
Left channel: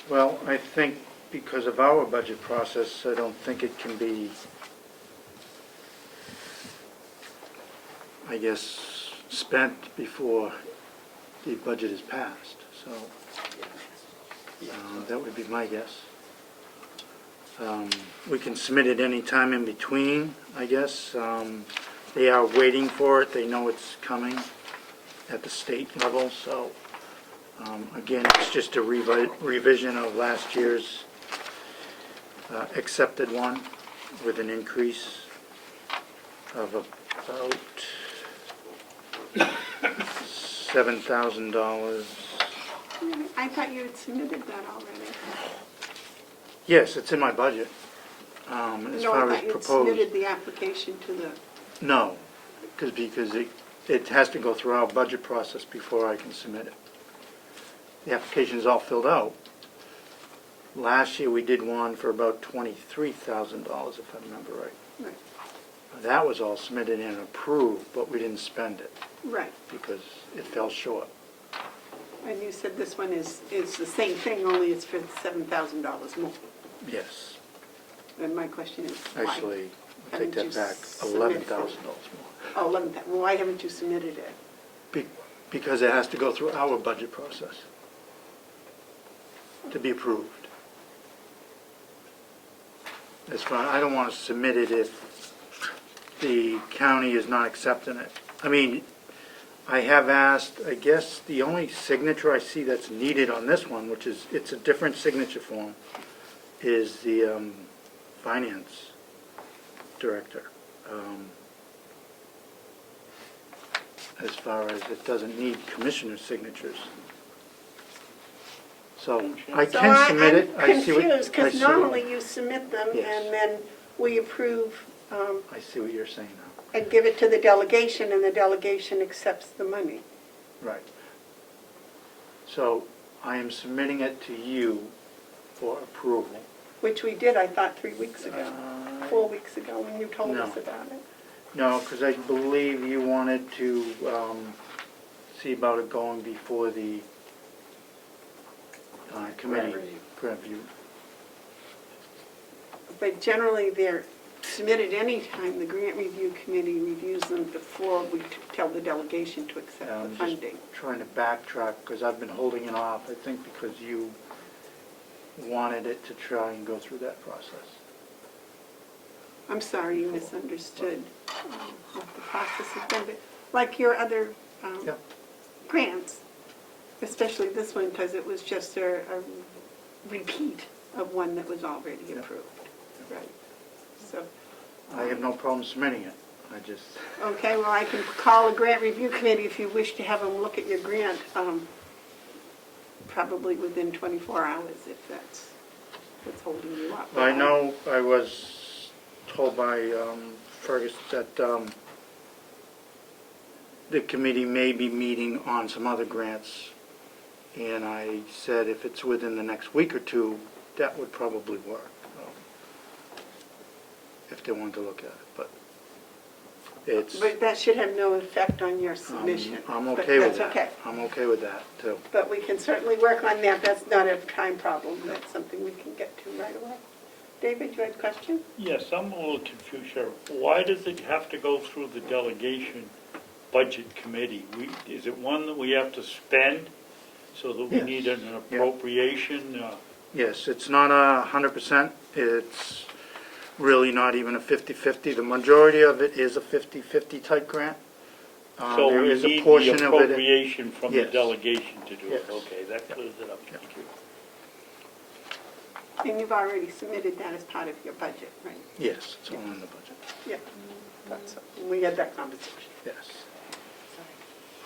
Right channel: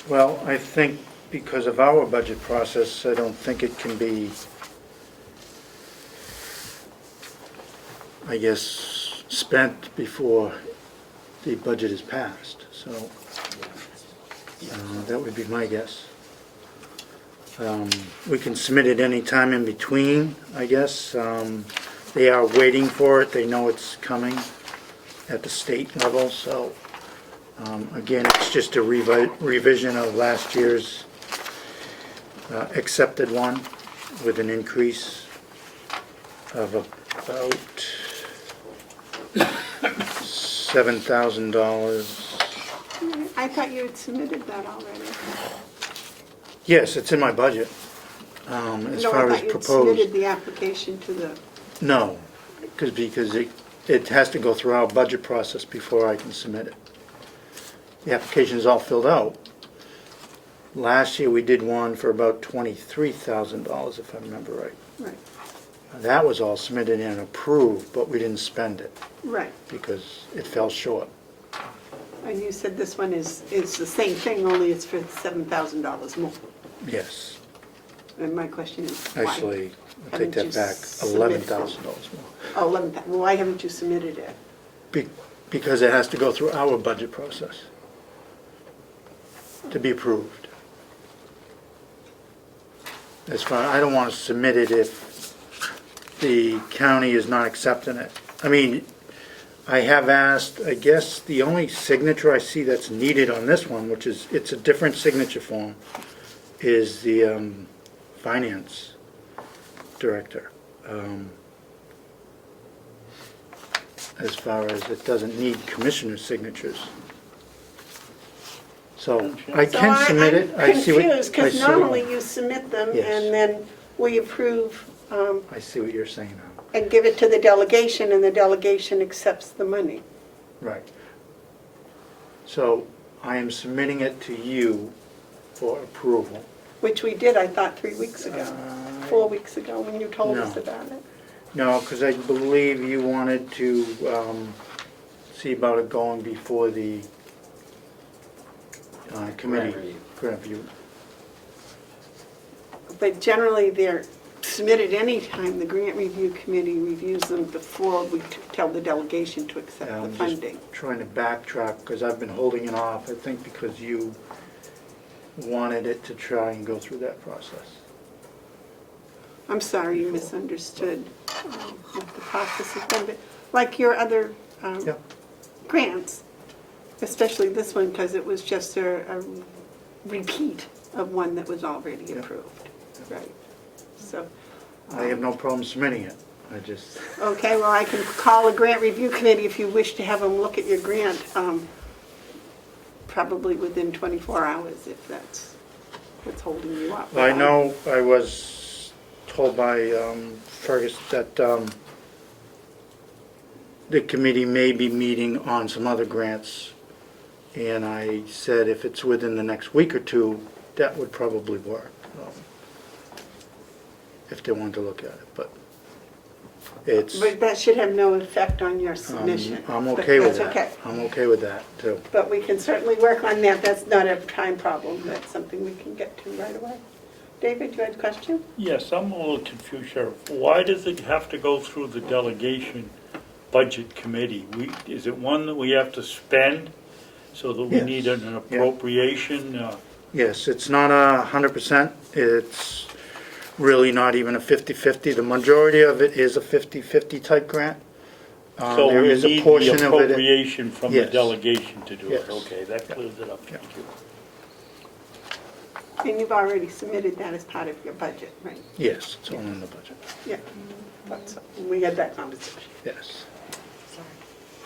Well, I think because of our budget process, I don't think it can be, I guess, spent before the budget is passed, so that would be my guess. We can submit it any time in between, I guess. They are waiting for it, they know it's coming at the state level, so again, it's just a revision of last year's accepted one with an increase of about $7,000. I thought you had submitted that already. Yes, it's in my budget. As No, far I as thought you had proposed, submitted the application to the, no, because it has to go through our budget process before I can submit it. The application is all filled out. Last year, we did one for about $23,000, if I remember right. right, That was all submitted and approved, but we didn't spend it right. because it fell short. And you said this one is the same thing, only it's for $7,000 more. Yes, And my question is why? actually, I take Haven't that you back, submitted- $11,000 more. Oh, 11,000, why haven't you submitted it? Because it has to go through our budget process to be approved. As far, I don't want to submit it if the county is not accepting it. I mean, I have asked, I guess the only signature I see that's needed on this one, which is, it's a different signature form, is the finance director. As far as it doesn't need commissioner signatures. So I can submit it. I see what. I'm confused, I because see what- normally you submit them, Yes. and then we approve I see what you're saying now. and give it to the delegation, and the delegation accepts the money. Right. So I am submitting it to you for approval. Which we did, I thought, 3 weeks ago, 4 weeks ago, when you told us No. about it. No, because I believe you wanted to see about it going before the committee. Grant review. But generally, they're submitted anytime the grant review committee reviews them before we tell the delegation to accept the I'm just funding. trying to backtrack, because I've been holding it off, I think because you wanted it to try and go through that process. I'm sorry, you misunderstood what the process has been, but like your other Yeah. grants, especially this one, because it was just a repeat of one that was already Yeah. approved. Right. So, I have no problem submitting it. I just, okay, well, I can call a grant review committee if you wish to have them look at your grant, probably within 24 hours, if that's what's holding you up. I know I was told by Fergus that the committee may be meeting on some other grants, and I said if it's within the next week or two, that would probably work, if they wanted to look at it, but it's, But that should have no effect on your submission. I'm But okay with that's that. okay. I'm okay with that, too. But we can certainly work on that. That's not a time problem. That's something we can get to right away. David, you had a question? Yes, I'm a little confused, Sheriff. Why does it have to go through the delegation budget committee? Is it one that we have to spend so that we Yes. need an appropriation? Yes, it's not 100%. It's really not even a 50-50. The majority of it is a 50-50 type grant. So There we is a need the portion of it. appropriation from the Yes. delegation to do it? Yes. Okay, that clears it up. Yeah. Thank you. And you've already submitted that as part of your budget, right? Yes, it's all in the budget. Yeah. Thought so. We had that conversation. Yes.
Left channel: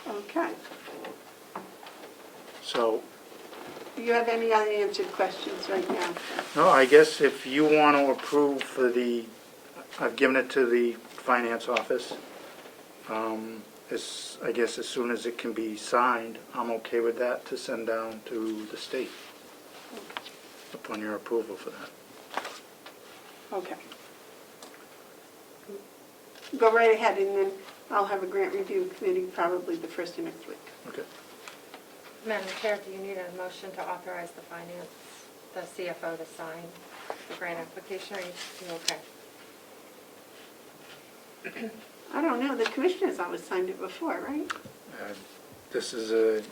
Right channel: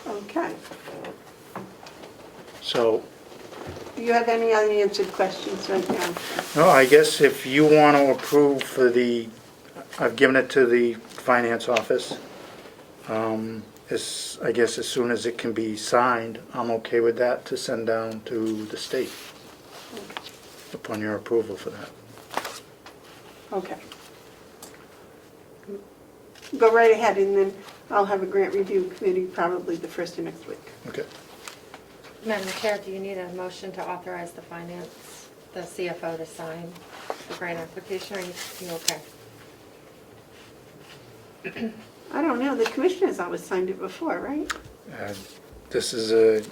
Okay. So, Do you have any unanswered questions right now? no, I guess if you want to approve for the, I've given it to the finance office. I guess as soon as it can be signed, I'm okay with that to send down to the state upon your approval for that. Okay. Go right ahead, and then I'll have a grant review committee probably the first of next week. Okay. Madam Chair, do you need a motion to authorize the CFO to sign the grant application, or are you okay? I don't know, the commissioners always signed it before, right? This is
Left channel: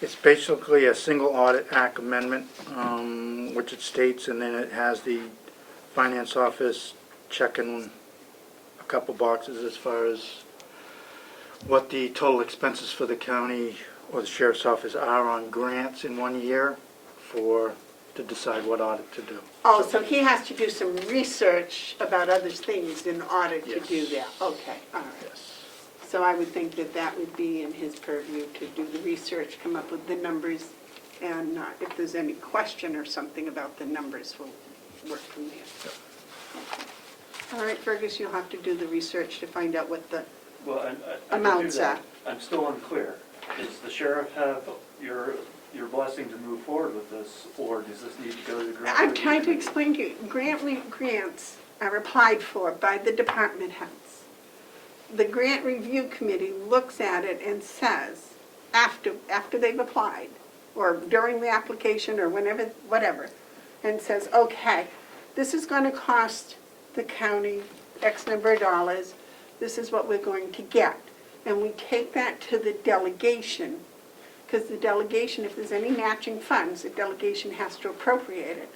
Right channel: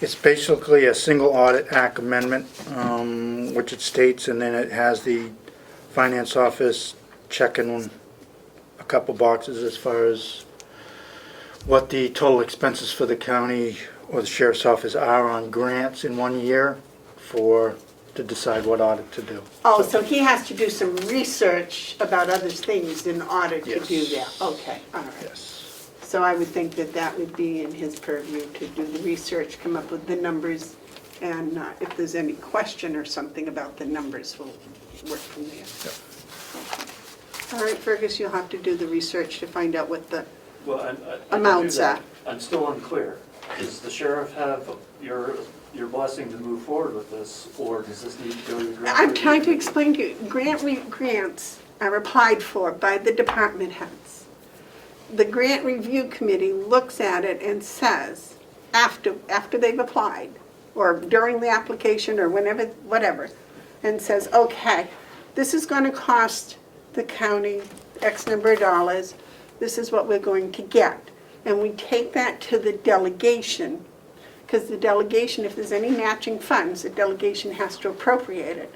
it's basically a single audit act amendment, which it states, and then it has the finance office checking a couple boxes as far as what the total expenses for the county or the sheriff's office are on grants in 1 year to decide what audit to do. Oh, so he has to do some research about other things in order to do Yes. that? Okay, all right. Yes. So I would think that that would be in his purview to do the research, come up with the numbers, and if there's any question or something about the numbers, we'll work from there. All right, Fergus, you'll have to do the research to find out what the Well, I can do amounts that. are. I'm still unclear. Does the sheriff have your blessing to move forward with this, or does this need to go to the grant? I'm trying to explain to you, grants are applied for by the department heads. The grant review committee looks at it and says, after they've applied, or during the application, or whenever, whatever, and says, okay, this is going to cost the county X number of dollars, this is what we're going to get. And we take that to the delegation, because the delegation, if there's any matching funds, the delegation has to appropriate it.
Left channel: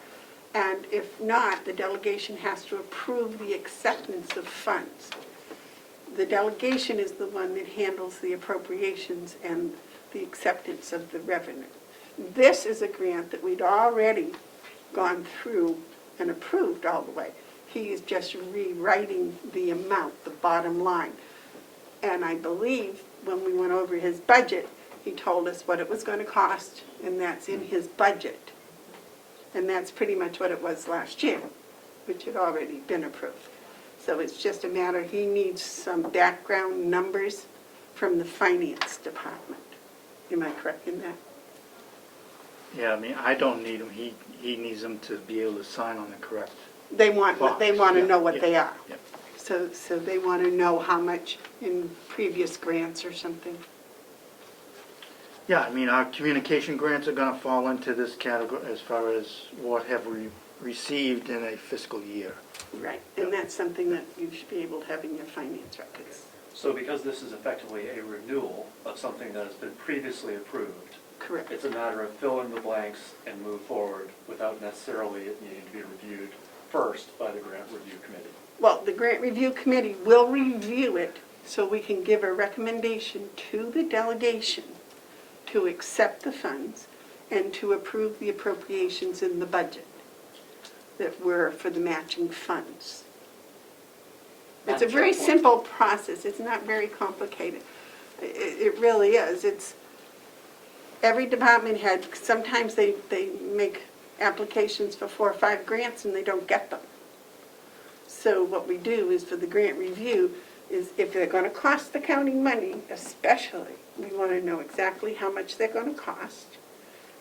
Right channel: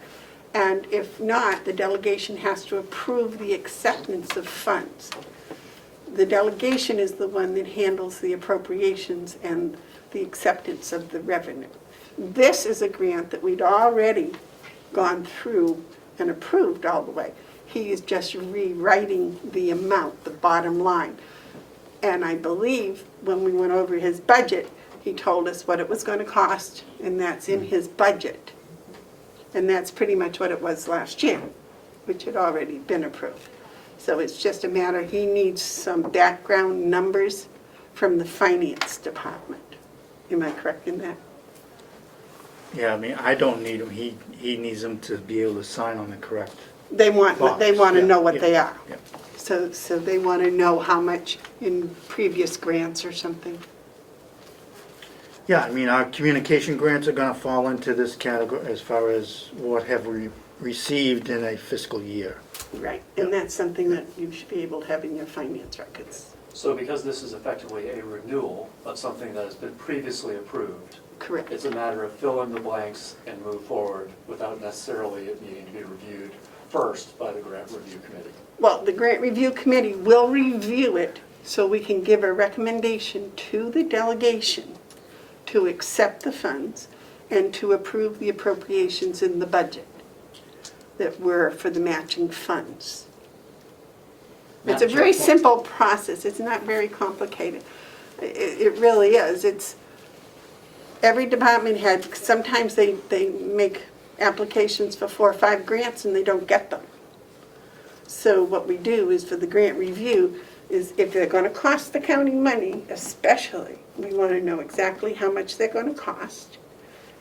And if not, the delegation has to approve the acceptance of funds. The delegation is the one that handles the appropriations and the acceptance of the revenue. This is a grant that we'd already gone through and approved all the way. He is just rewriting the amount, the bottom line. And I believe when we went over his budget, he told us what it was going to cost, and that's in his budget. And that's pretty much what it was last year, which had already been approved. So it's just a matter, he needs some background numbers from the finance department. Am I correct in that? Yeah, I mean, I don't need them. He needs them to be able to sign on the correct. They want Box, to know what yeah, they are. yeah. So they want to know how much in previous grants or something. Yeah, I mean, our communication grants are going to fall into this category as far as what have we received in a fiscal year. Right. And that's something that you should be able to have in your finance records. So because this is effectively a renewal of something that has been previously approved, Correct. it's a matter of fill in the blanks and move forward without necessarily it needing to be reviewed first by the grant review committee. Well, the grant review committee will review it so we can give a recommendation to the delegation to accept the funds and to approve the appropriations in the budget that were for the matching funds. It's a very simple process. It's not very complicated. It really is. It's every department head, sometimes they make applications for 4 or 5 grants and they don't get them. So what we do is for the grant review is if they're going to cost the county money, especially, we want to know exactly how much they're going to cost,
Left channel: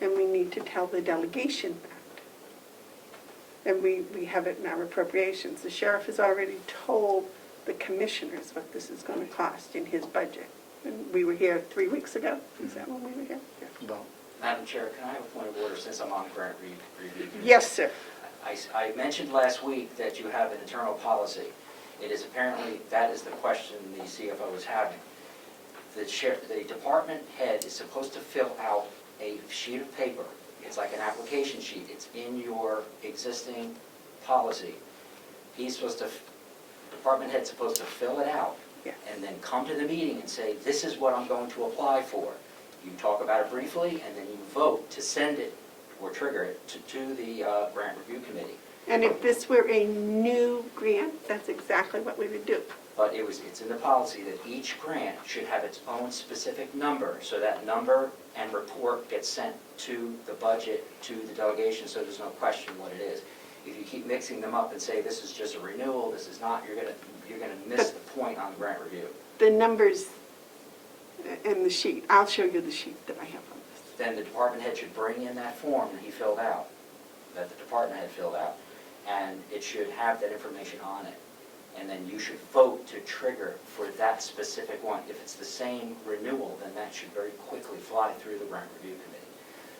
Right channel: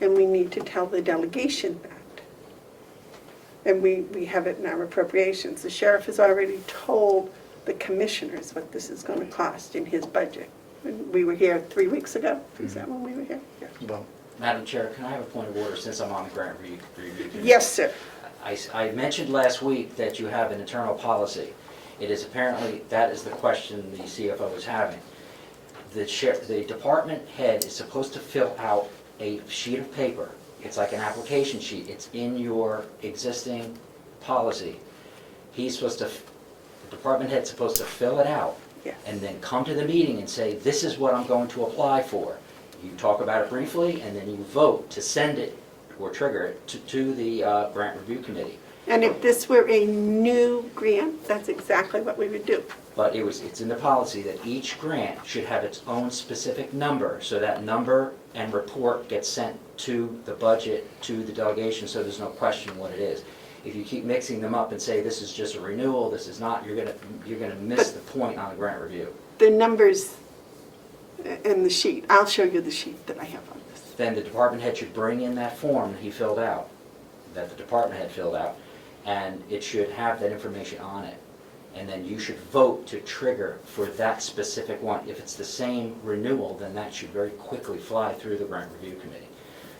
and we need to tell the delegation that. And we have it in our appropriations. The sheriff has already told the commissioners what this is going to cost in his budget. We were here 3 weeks ago. Is that when we were here? Yeah. Well, Madam Chair, can I have a point of order since I'm on the grant review committee? Yes, sir. I mentioned last week that you have an internal policy. It is apparently, that is the question the CFO is having. The department head is supposed to fill out a sheet of paper. It's like an application sheet. It's in your existing policy. The department head's supposed to fill it out Yes. and then come to the meeting and say, this is what I'm going to apply for. You talk about it briefly, and then you vote to send it or trigger it to the grant review committee. And if this were a new grant, that's exactly what we would do. But it's in the policy that each grant should have its own specific number, so that number and report gets sent to the budget, to the delegation, so there's no question what it is. If you keep mixing them up and say this is just a renewal, this is not, you're gonna miss the point on the grant review. The numbers in the sheet, I'll show you the sheet that I have on this. Then the department head should bring in that form that he filled out, that the department head filled out, and it should have that information on it. and then you should vote to trigger for that specific one. If it's the same renewal, then that should very quickly fly through the grant review committee.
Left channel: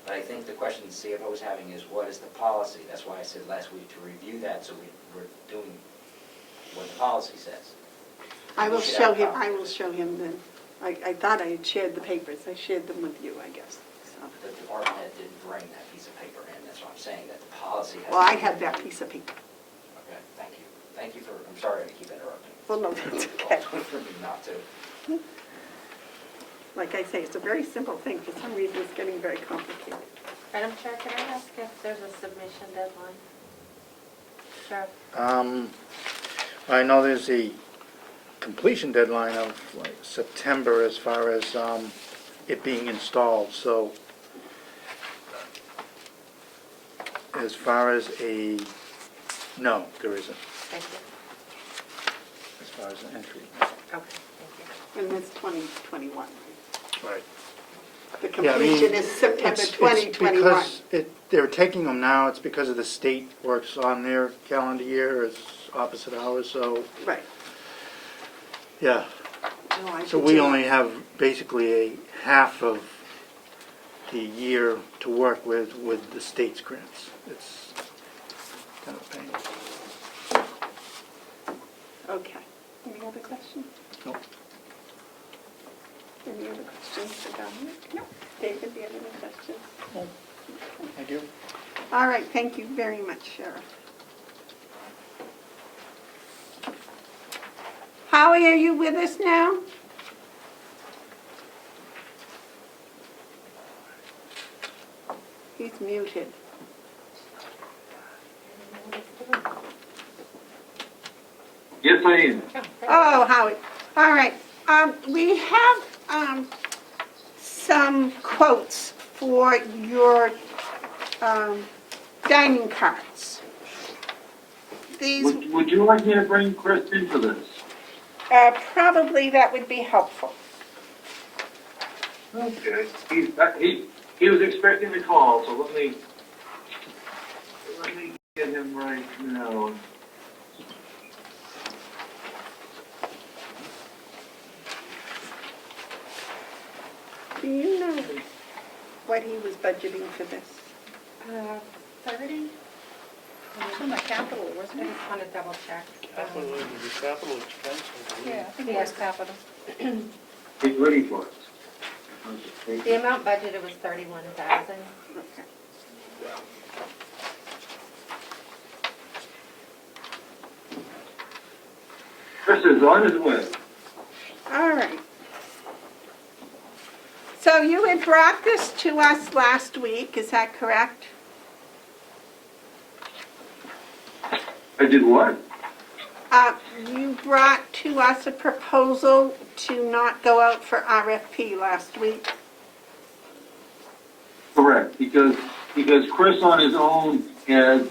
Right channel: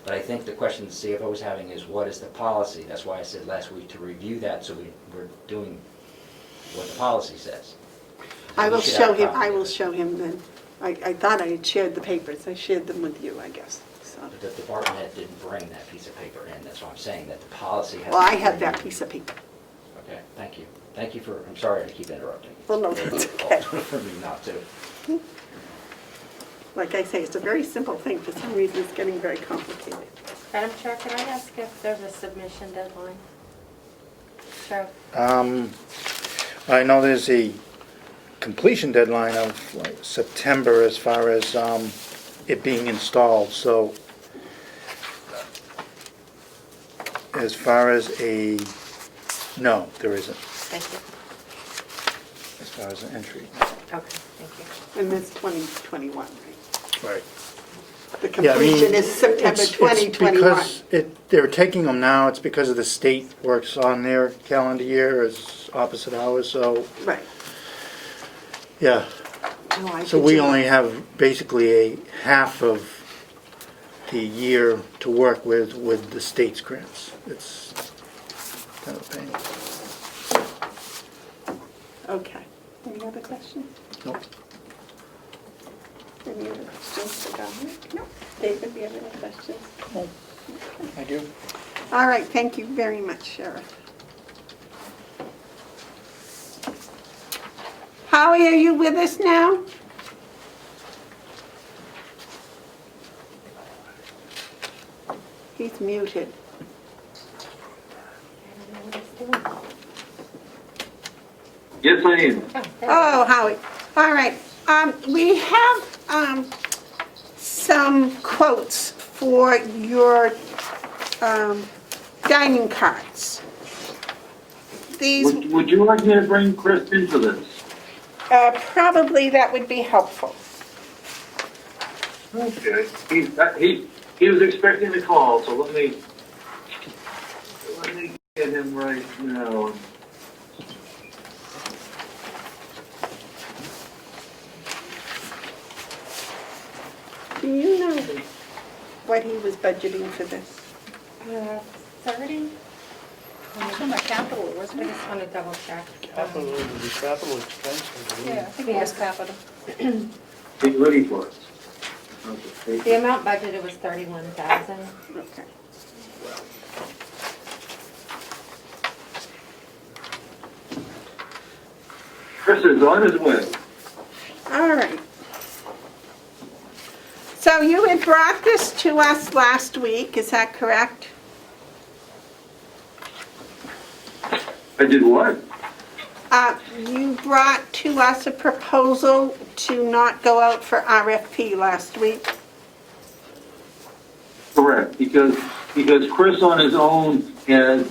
But I think the question the CFO is having is, what is the policy? That's why I said last week to review that, so we're doing what the policy says. I will We should have show a him, copy I of will it. show him then. I thought I had shared the papers. I shared them with you, I guess, so. But the department head didn't bring that piece of paper in, that's why I'm saying that the policy has. Well, to I be have that reviewed. piece of paper. Okay, thank you. Thank you for, I'm sorry to keep interrupting. Well, no, It's that's your okay. fault for me not to. Like I say, it's a very simple thing. For some reason, it's getting very complicated. Madam Chair, can I ask if there's a submission deadline? So, I know there's a completion deadline of like September as far as it being installed, so as far as no, there isn't, thank you. as far as an entry. Okay, thank you. And this 2021, right? Right. The Yeah, I mean, completion is September it's 2021. because they're taking them now, it's because of the state works on their calendar year as opposite hours, so, Right. yeah. No, I So did we see only that. have basically a half of the year to work with the state's grants. It's kind of a pain. Okay. Any other questions? Nope. Any other questions for Dominic? No. David, do you have any questions? I do. All right, thank you very much, Sheriff. Howie, are you with us now? He's muted. I don't know what he's doing. Yes, I am. Oh, there we Oh, Howie. All right. We have some quotes for your dining carts. These, Would you like me to bring Chris into this? probably that would be helpful. Okay. He was expecting the call, so let me get him right now. Do you know what he was budgeting for this? 30? From the capital, I wasn't it? just want to double check. Capital, it was a capital expense, I believe. Yeah, I think it was capital. Get ready for it. Okay. The amount budgeted was 31,000. Okay. Chris is on his way. All right. So you had brought this to us last week, is that correct? I did what? You brought to us a proposal to not go out for RFP last week. Correct, because Chris on his own has,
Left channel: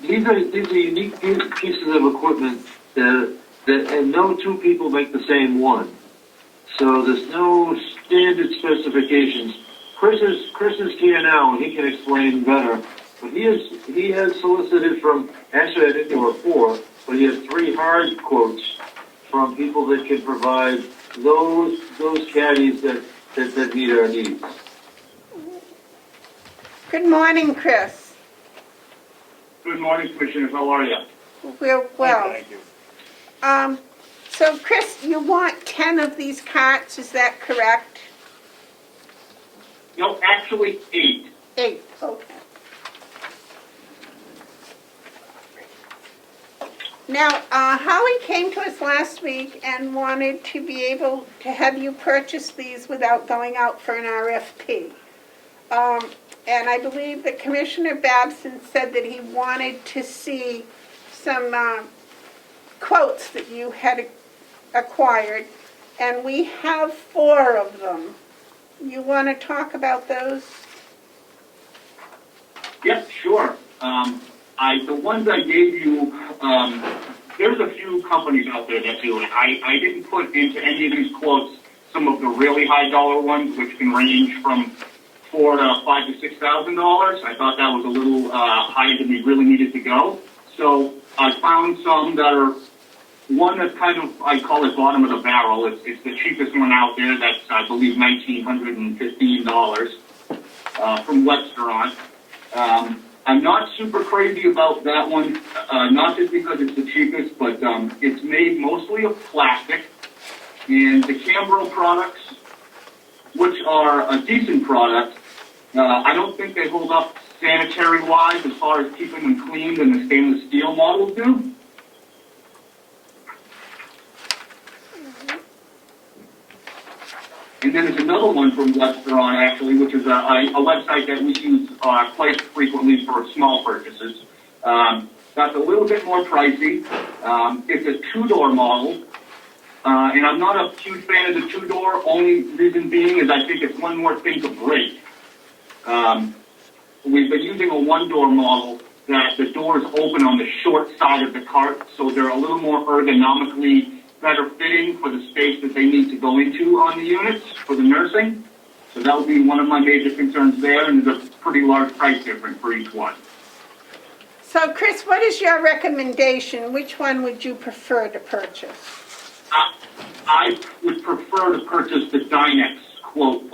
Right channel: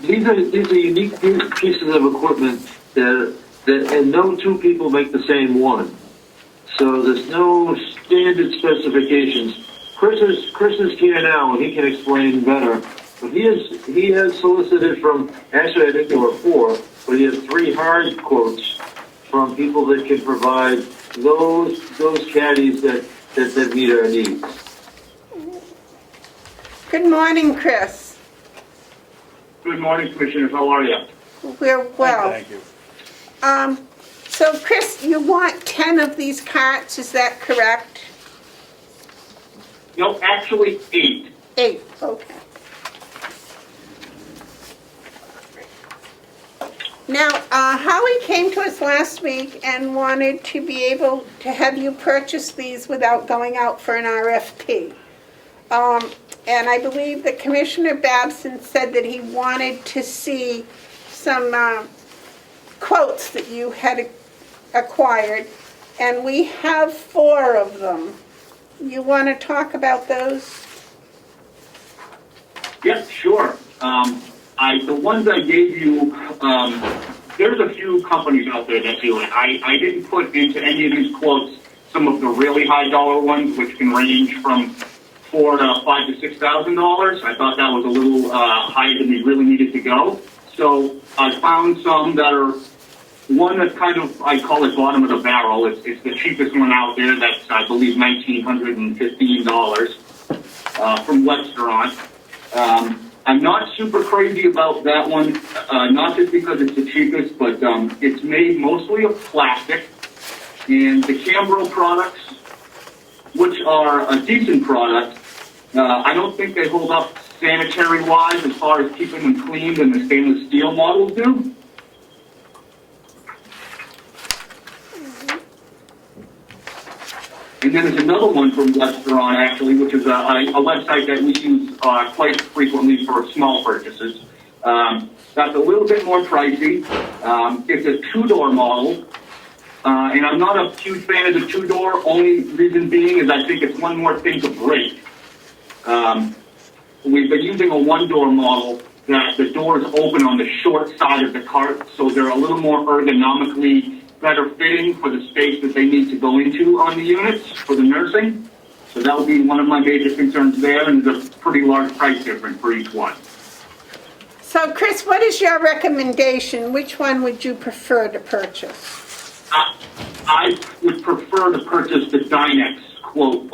these are unique pieces of equipment that and no two people make the same one. So there's no standard specifications. Chris is here now and he can explain better. But he has solicited from, actually I think there were 4, but he has 3 hard quotes from people that can provide those caddies that meet our needs. Good morning, Chris. Good morning, Commissioners. How are you? We're well. Thank you. So Chris, you want 10 of these carts, is that correct? No, actually 8. 8, okay. Now, Howie came to us last week and wanted to be able to have you purchase these without going out for an RFP. And I believe that Commissioner Babson said that he wanted to see some quotes that you had acquired, and we have 4 of them. You want to talk about those? Yep, sure. The ones I gave you, there's a few companies out there that do it. I didn't put into any of these quotes some of the really high dollar ones, which can range from $4,000 to $5,000 to $6,000. I thought that was a little higher than we really needed to go. So I found some that are one that's kind of, I call it bottom of the barrel. It's the cheapest one out there. That's, I believe, $1,915 from Webstaurant. I'm not super crazy about that one, not just because it's the cheapest, but it's made mostly of plastic. And the Carroll products, which are a decent product, I don't think they hold up sanitary-wise as far as keeping them clean than the stainless steel models do. And then there's another one from Webstaurant, actually, which is a website that we use quite frequently for small purchases. That's a little bit more pricey. It's a two-door model. And I'm not a huge fan of the two-door, only reason being is I think it's one more thing to break. We've been using a one-door model that the doors open on the short side of the cart, so they're a little more ergonomically better fitting for the space that they need to go into on the units for the nursing. So that will be one of my major concerns there, and there's a pretty large price difference for each one. So Chris, what is your recommendation? Which one would you prefer to purchase? I would prefer to purchase the Dynex quote,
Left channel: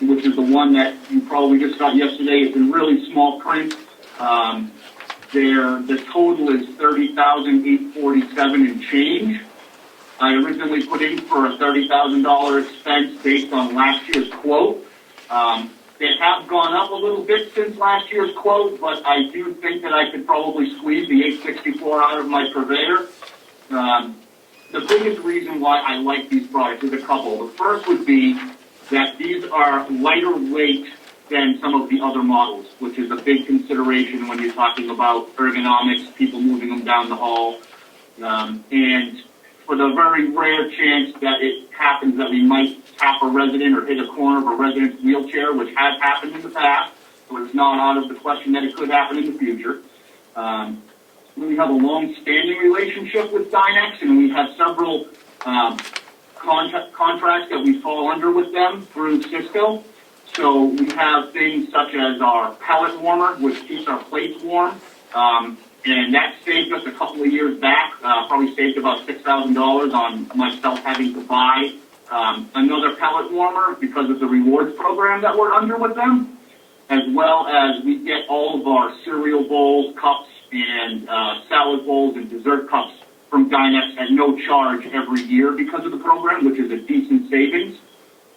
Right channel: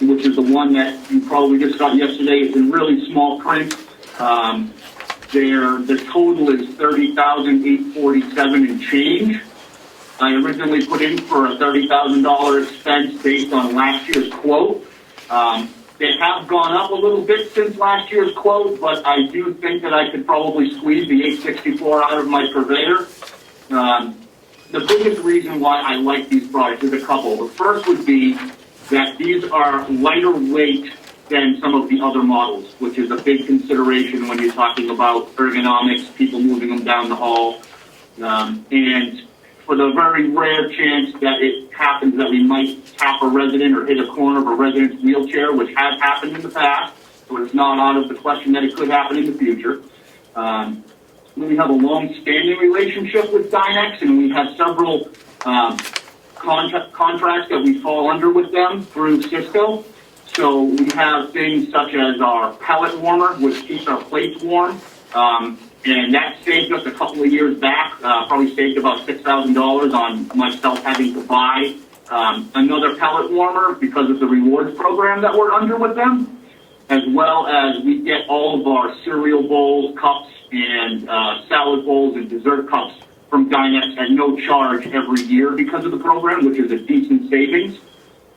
which is the one that you probably just got yesterday. It's in really small print. The total is $30,847 and change. I originally put in for a $30,000 expense based on last year's quote. They have gone up a little bit since last year's quote, but I do think that I could probably squeeze the $864 out of my purveyor. The biggest reason why I like these products is a couple. The first would be that these are lighter weight than some of the other models, which is a big consideration when you're talking about ergonomics, people moving them down the hall. And for the very rare chance that it happens that we might tap a resident or hit a corner of a resident's wheelchair, which has happened in the past, so it's not out of the question that it could happen in the future. We have a long-standing relationship with Dynex, and we have several contracts that we fall under with them through Cisco. So we have things such as our pellet warmer, which keeps our plates warm, and that saved us a couple of years back, probably saved about $6,000 on myself having to buy another pellet warmer because of the rewards program that we're under with them, as well as we get all of our cereal bowls, cups, and salad bowls and dessert cups from Dynex at no charge every year because of the program, which is a decent savings,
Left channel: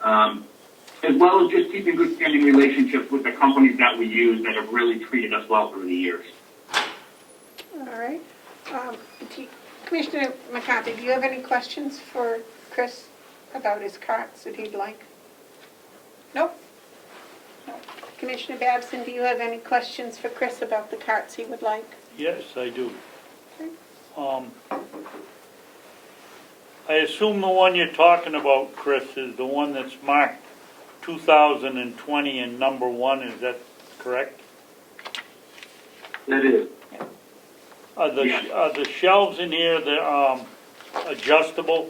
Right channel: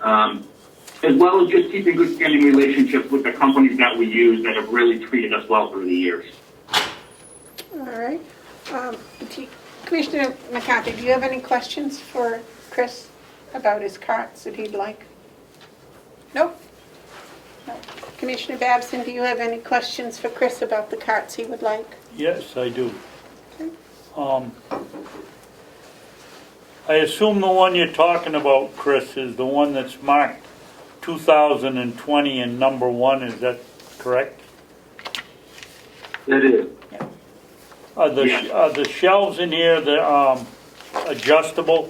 as well as just keeping good standing relationships with the companies that we use that have really treated us well through the years. All right. Commissioner McCarthy, do you have any questions for Chris about his carts that he'd like? No? No. Commissioner Babson, do you have any questions for Chris about the carts he would like? Yes, I do. I assume the one you're talking about, Chris, is the one that's marked 2020 and number 1, is that correct? That is. Are the shelves in here, they're adjustable?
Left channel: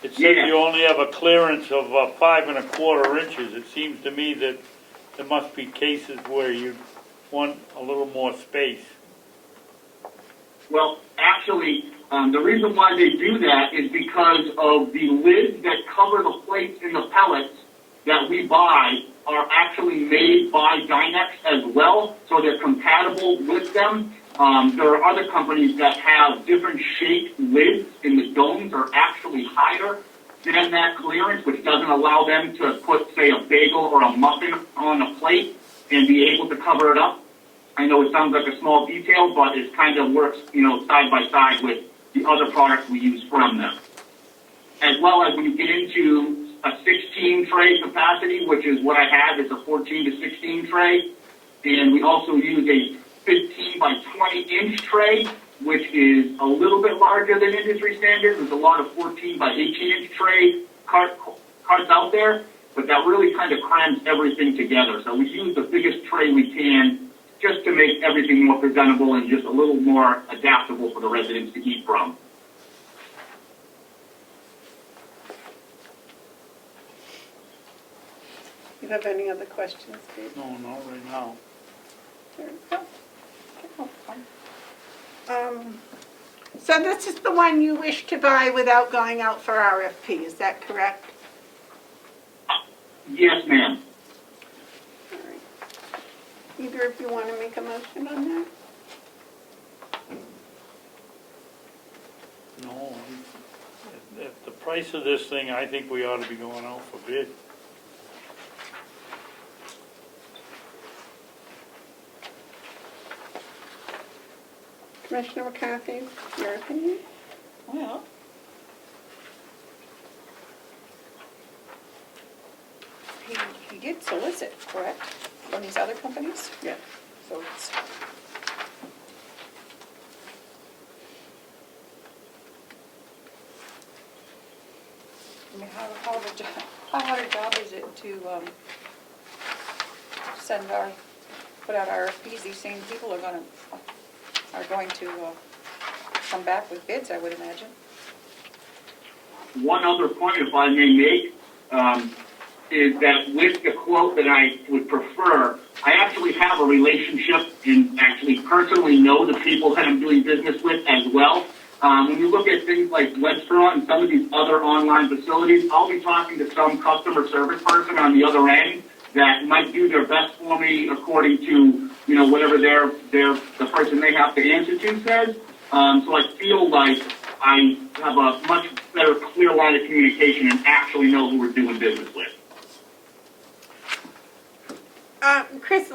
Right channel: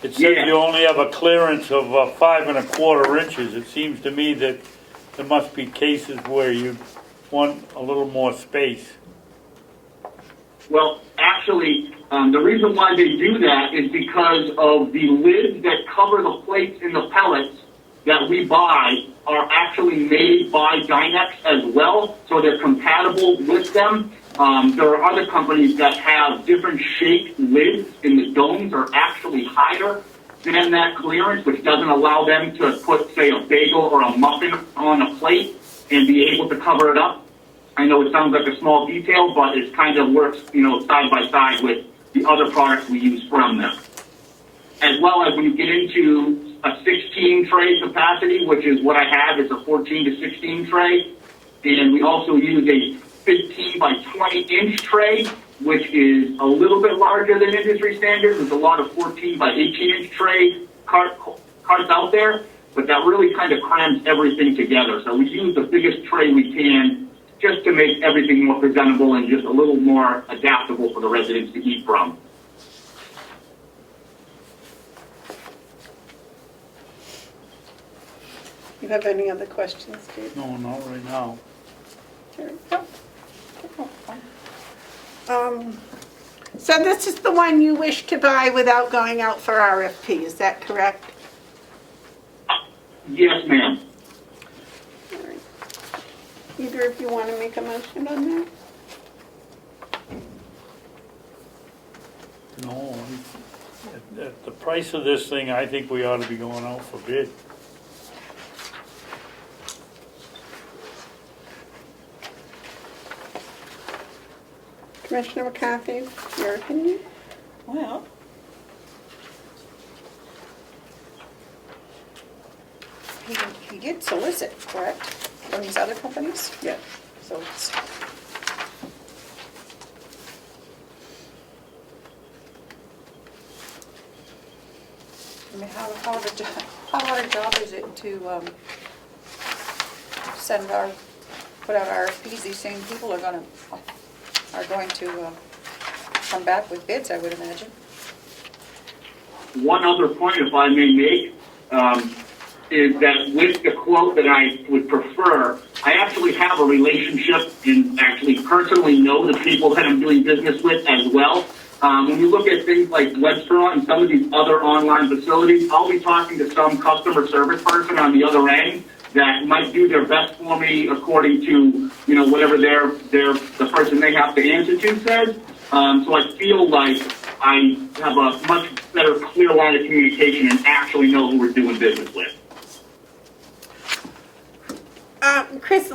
It says Yeah. you only have a clearance of 5 1/4 inches. It seems to me that there must be cases where you want a little more space. Well, actually, the reason why they do that is because of the lids that cover the plates in the pellets that we buy are actually made by Dynex as well, so they're compatible with them. There are other companies that have different shaped lids, and the domes are actually higher than that clearance, which doesn't allow them to put, say, a bagel or a muffin on a plate and be able to cover it up. I know it sounds like a small detail, but it kind of works, side by side with the other products we use from them. As well as when you get into a 16 tray capacity, which is what I have, it's a 14 to 16 tray, and we also use a 15 by 20 inch tray, which is a little bit larger than industry standard. There's a lot of 14 by 18 inch tray carts out there, but that really kind of crams everything together. So we use the biggest tray we can just to make everything more presentable and just a little more adaptable for the residents to eat from. You have any other questions, Steve? No, not right now. There we go. So this is the one you wish to buy without going out for RFP, is that correct? Yes, ma'am. All right. Either of you want to make a motion on that? No, at the price of this thing, I think we ought to be going out for bid. Commissioner McCarthy, your opinion? Well, he did solicit, correct, from these other companies? Yes. So it's, I mean, how hard a job is it to send our, put out RFPs? These same people are going to come back with bids, I would imagine. One other point, if I may make, is that with the quote that I would prefer, I actually have a relationship and actually personally know the people that I'm doing business with as well. When you look at things like Webster and some of these other online facilities, I'll be talking to some customer service person on the other end that might do their best for me according to, you know, whatever the person they have to answer to says. So I feel like I have a much better clear line of communication and actually know who we're doing business with. Chris,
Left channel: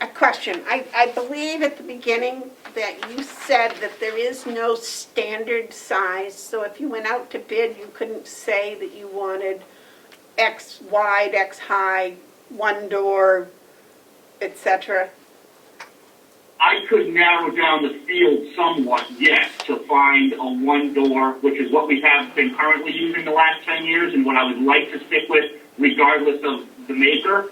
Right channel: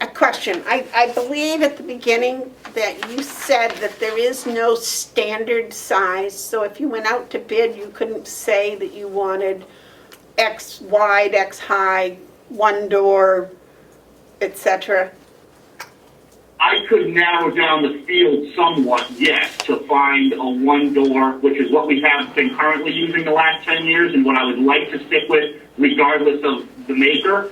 a question. I believe at the beginning that you said that there is no standard size, so if you went out to bid, you couldn't say that you wanted X wide, X high, one door, etc. I could narrow down the field somewhat, yes, to find a one door, which is what we have been currently using the last 10 years and what I would like to stick with regardless of the maker.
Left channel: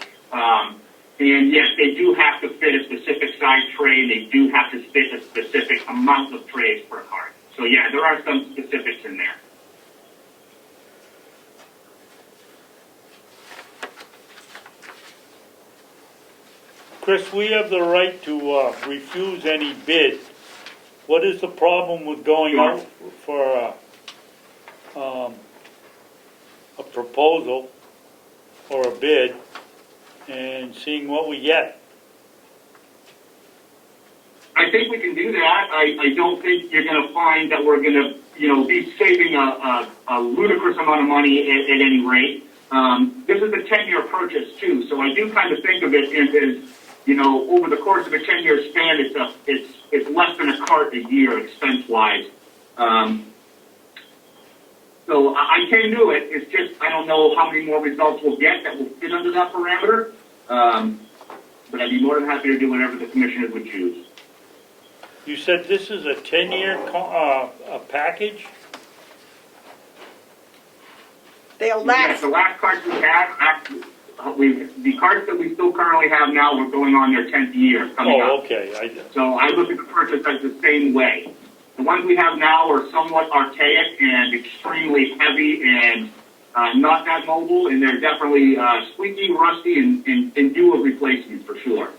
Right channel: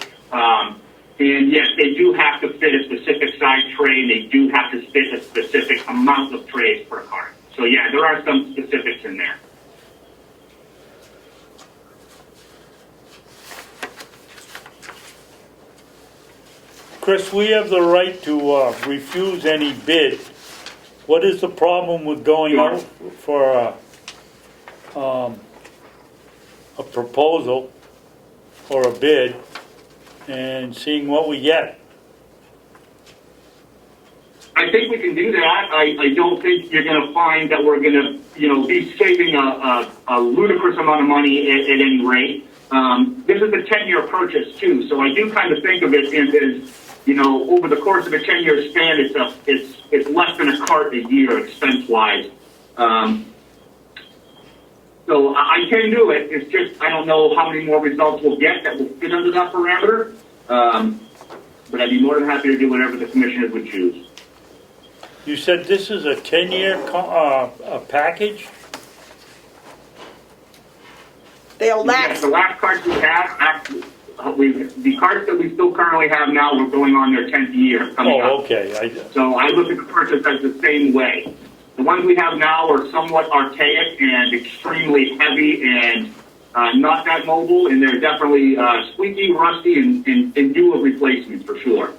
And yes, they do have to fit a specific size tray and they do have to fit a specific amount of trays per cart. So yeah, there are some specifics in there. Chris, we have the right to refuse any bid. What is the problem with going out for a proposal or a bid and seeing what we get? I think we can do that. I don't think you're going to find that we're going to, you know, be saving a ludicrous amount of money at any rate. This is a 10-year purchase too, so I do kind of think of it as, you know, over the course of a 10-year span, it's less than a cart a year expense-wise. So I can do it. It's just I don't know how many more results we'll get that will fit under that parameter. But I'd be more than happy to do whatever the commissioners would choose. You said this is a 10-year package? They'll Yes, last. the last cards we have, the cards that we still currently have now, we're going on their 10th year coming up. Oh, okay. So I look at the purchase as the same way. The ones we have now are somewhat archaic and extremely heavy and not that mobile, and they're definitely squeaky, rusty, and in due of replacement for sure.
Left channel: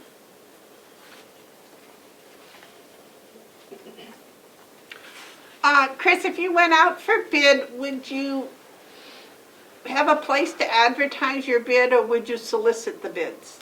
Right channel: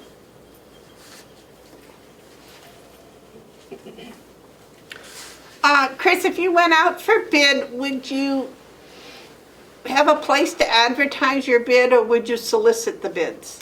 Chris, if you went out for bid, would you have a place to advertise your bid or would you solicit the bids?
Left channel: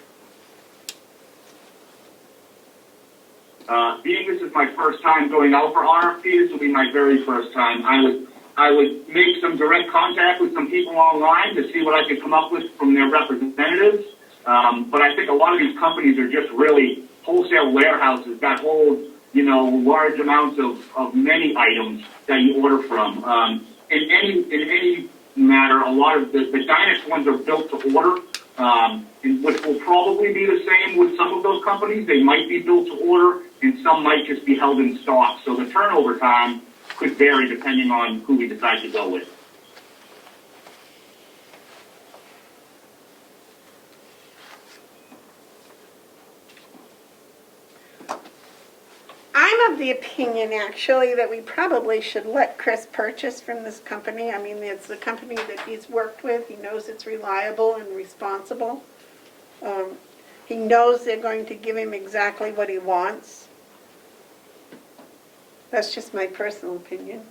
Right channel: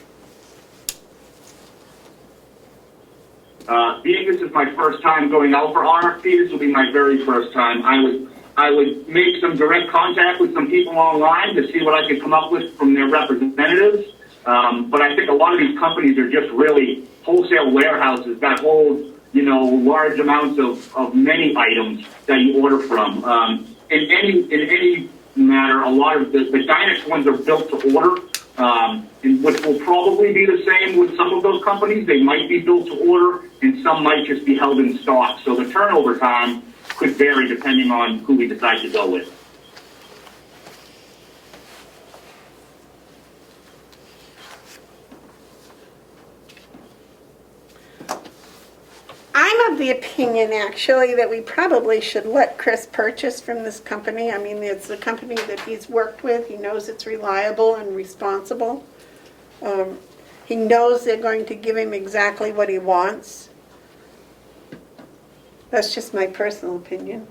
Being this is my first time going out for RFP, this will be my very first time. I would make some direct contact with some people online to see what I could come up with from their representatives. But I think a lot of these companies are just really wholesale warehouses that hold, you know, large amounts of many items that you order from. In any matter, a lot of the Dynex ones are built to order, and which will probably be the same with some of those companies. They might be built to order, and some might just be held in stock. So the turnover time could vary depending on who we decide to go with. I'm of the opinion, actually, that we probably should let Chris purchase from this company. I mean, it's a company that he's worked with. He knows it's reliable and responsible. He knows they're going to give him exactly what he wants. That's just my personal opinion.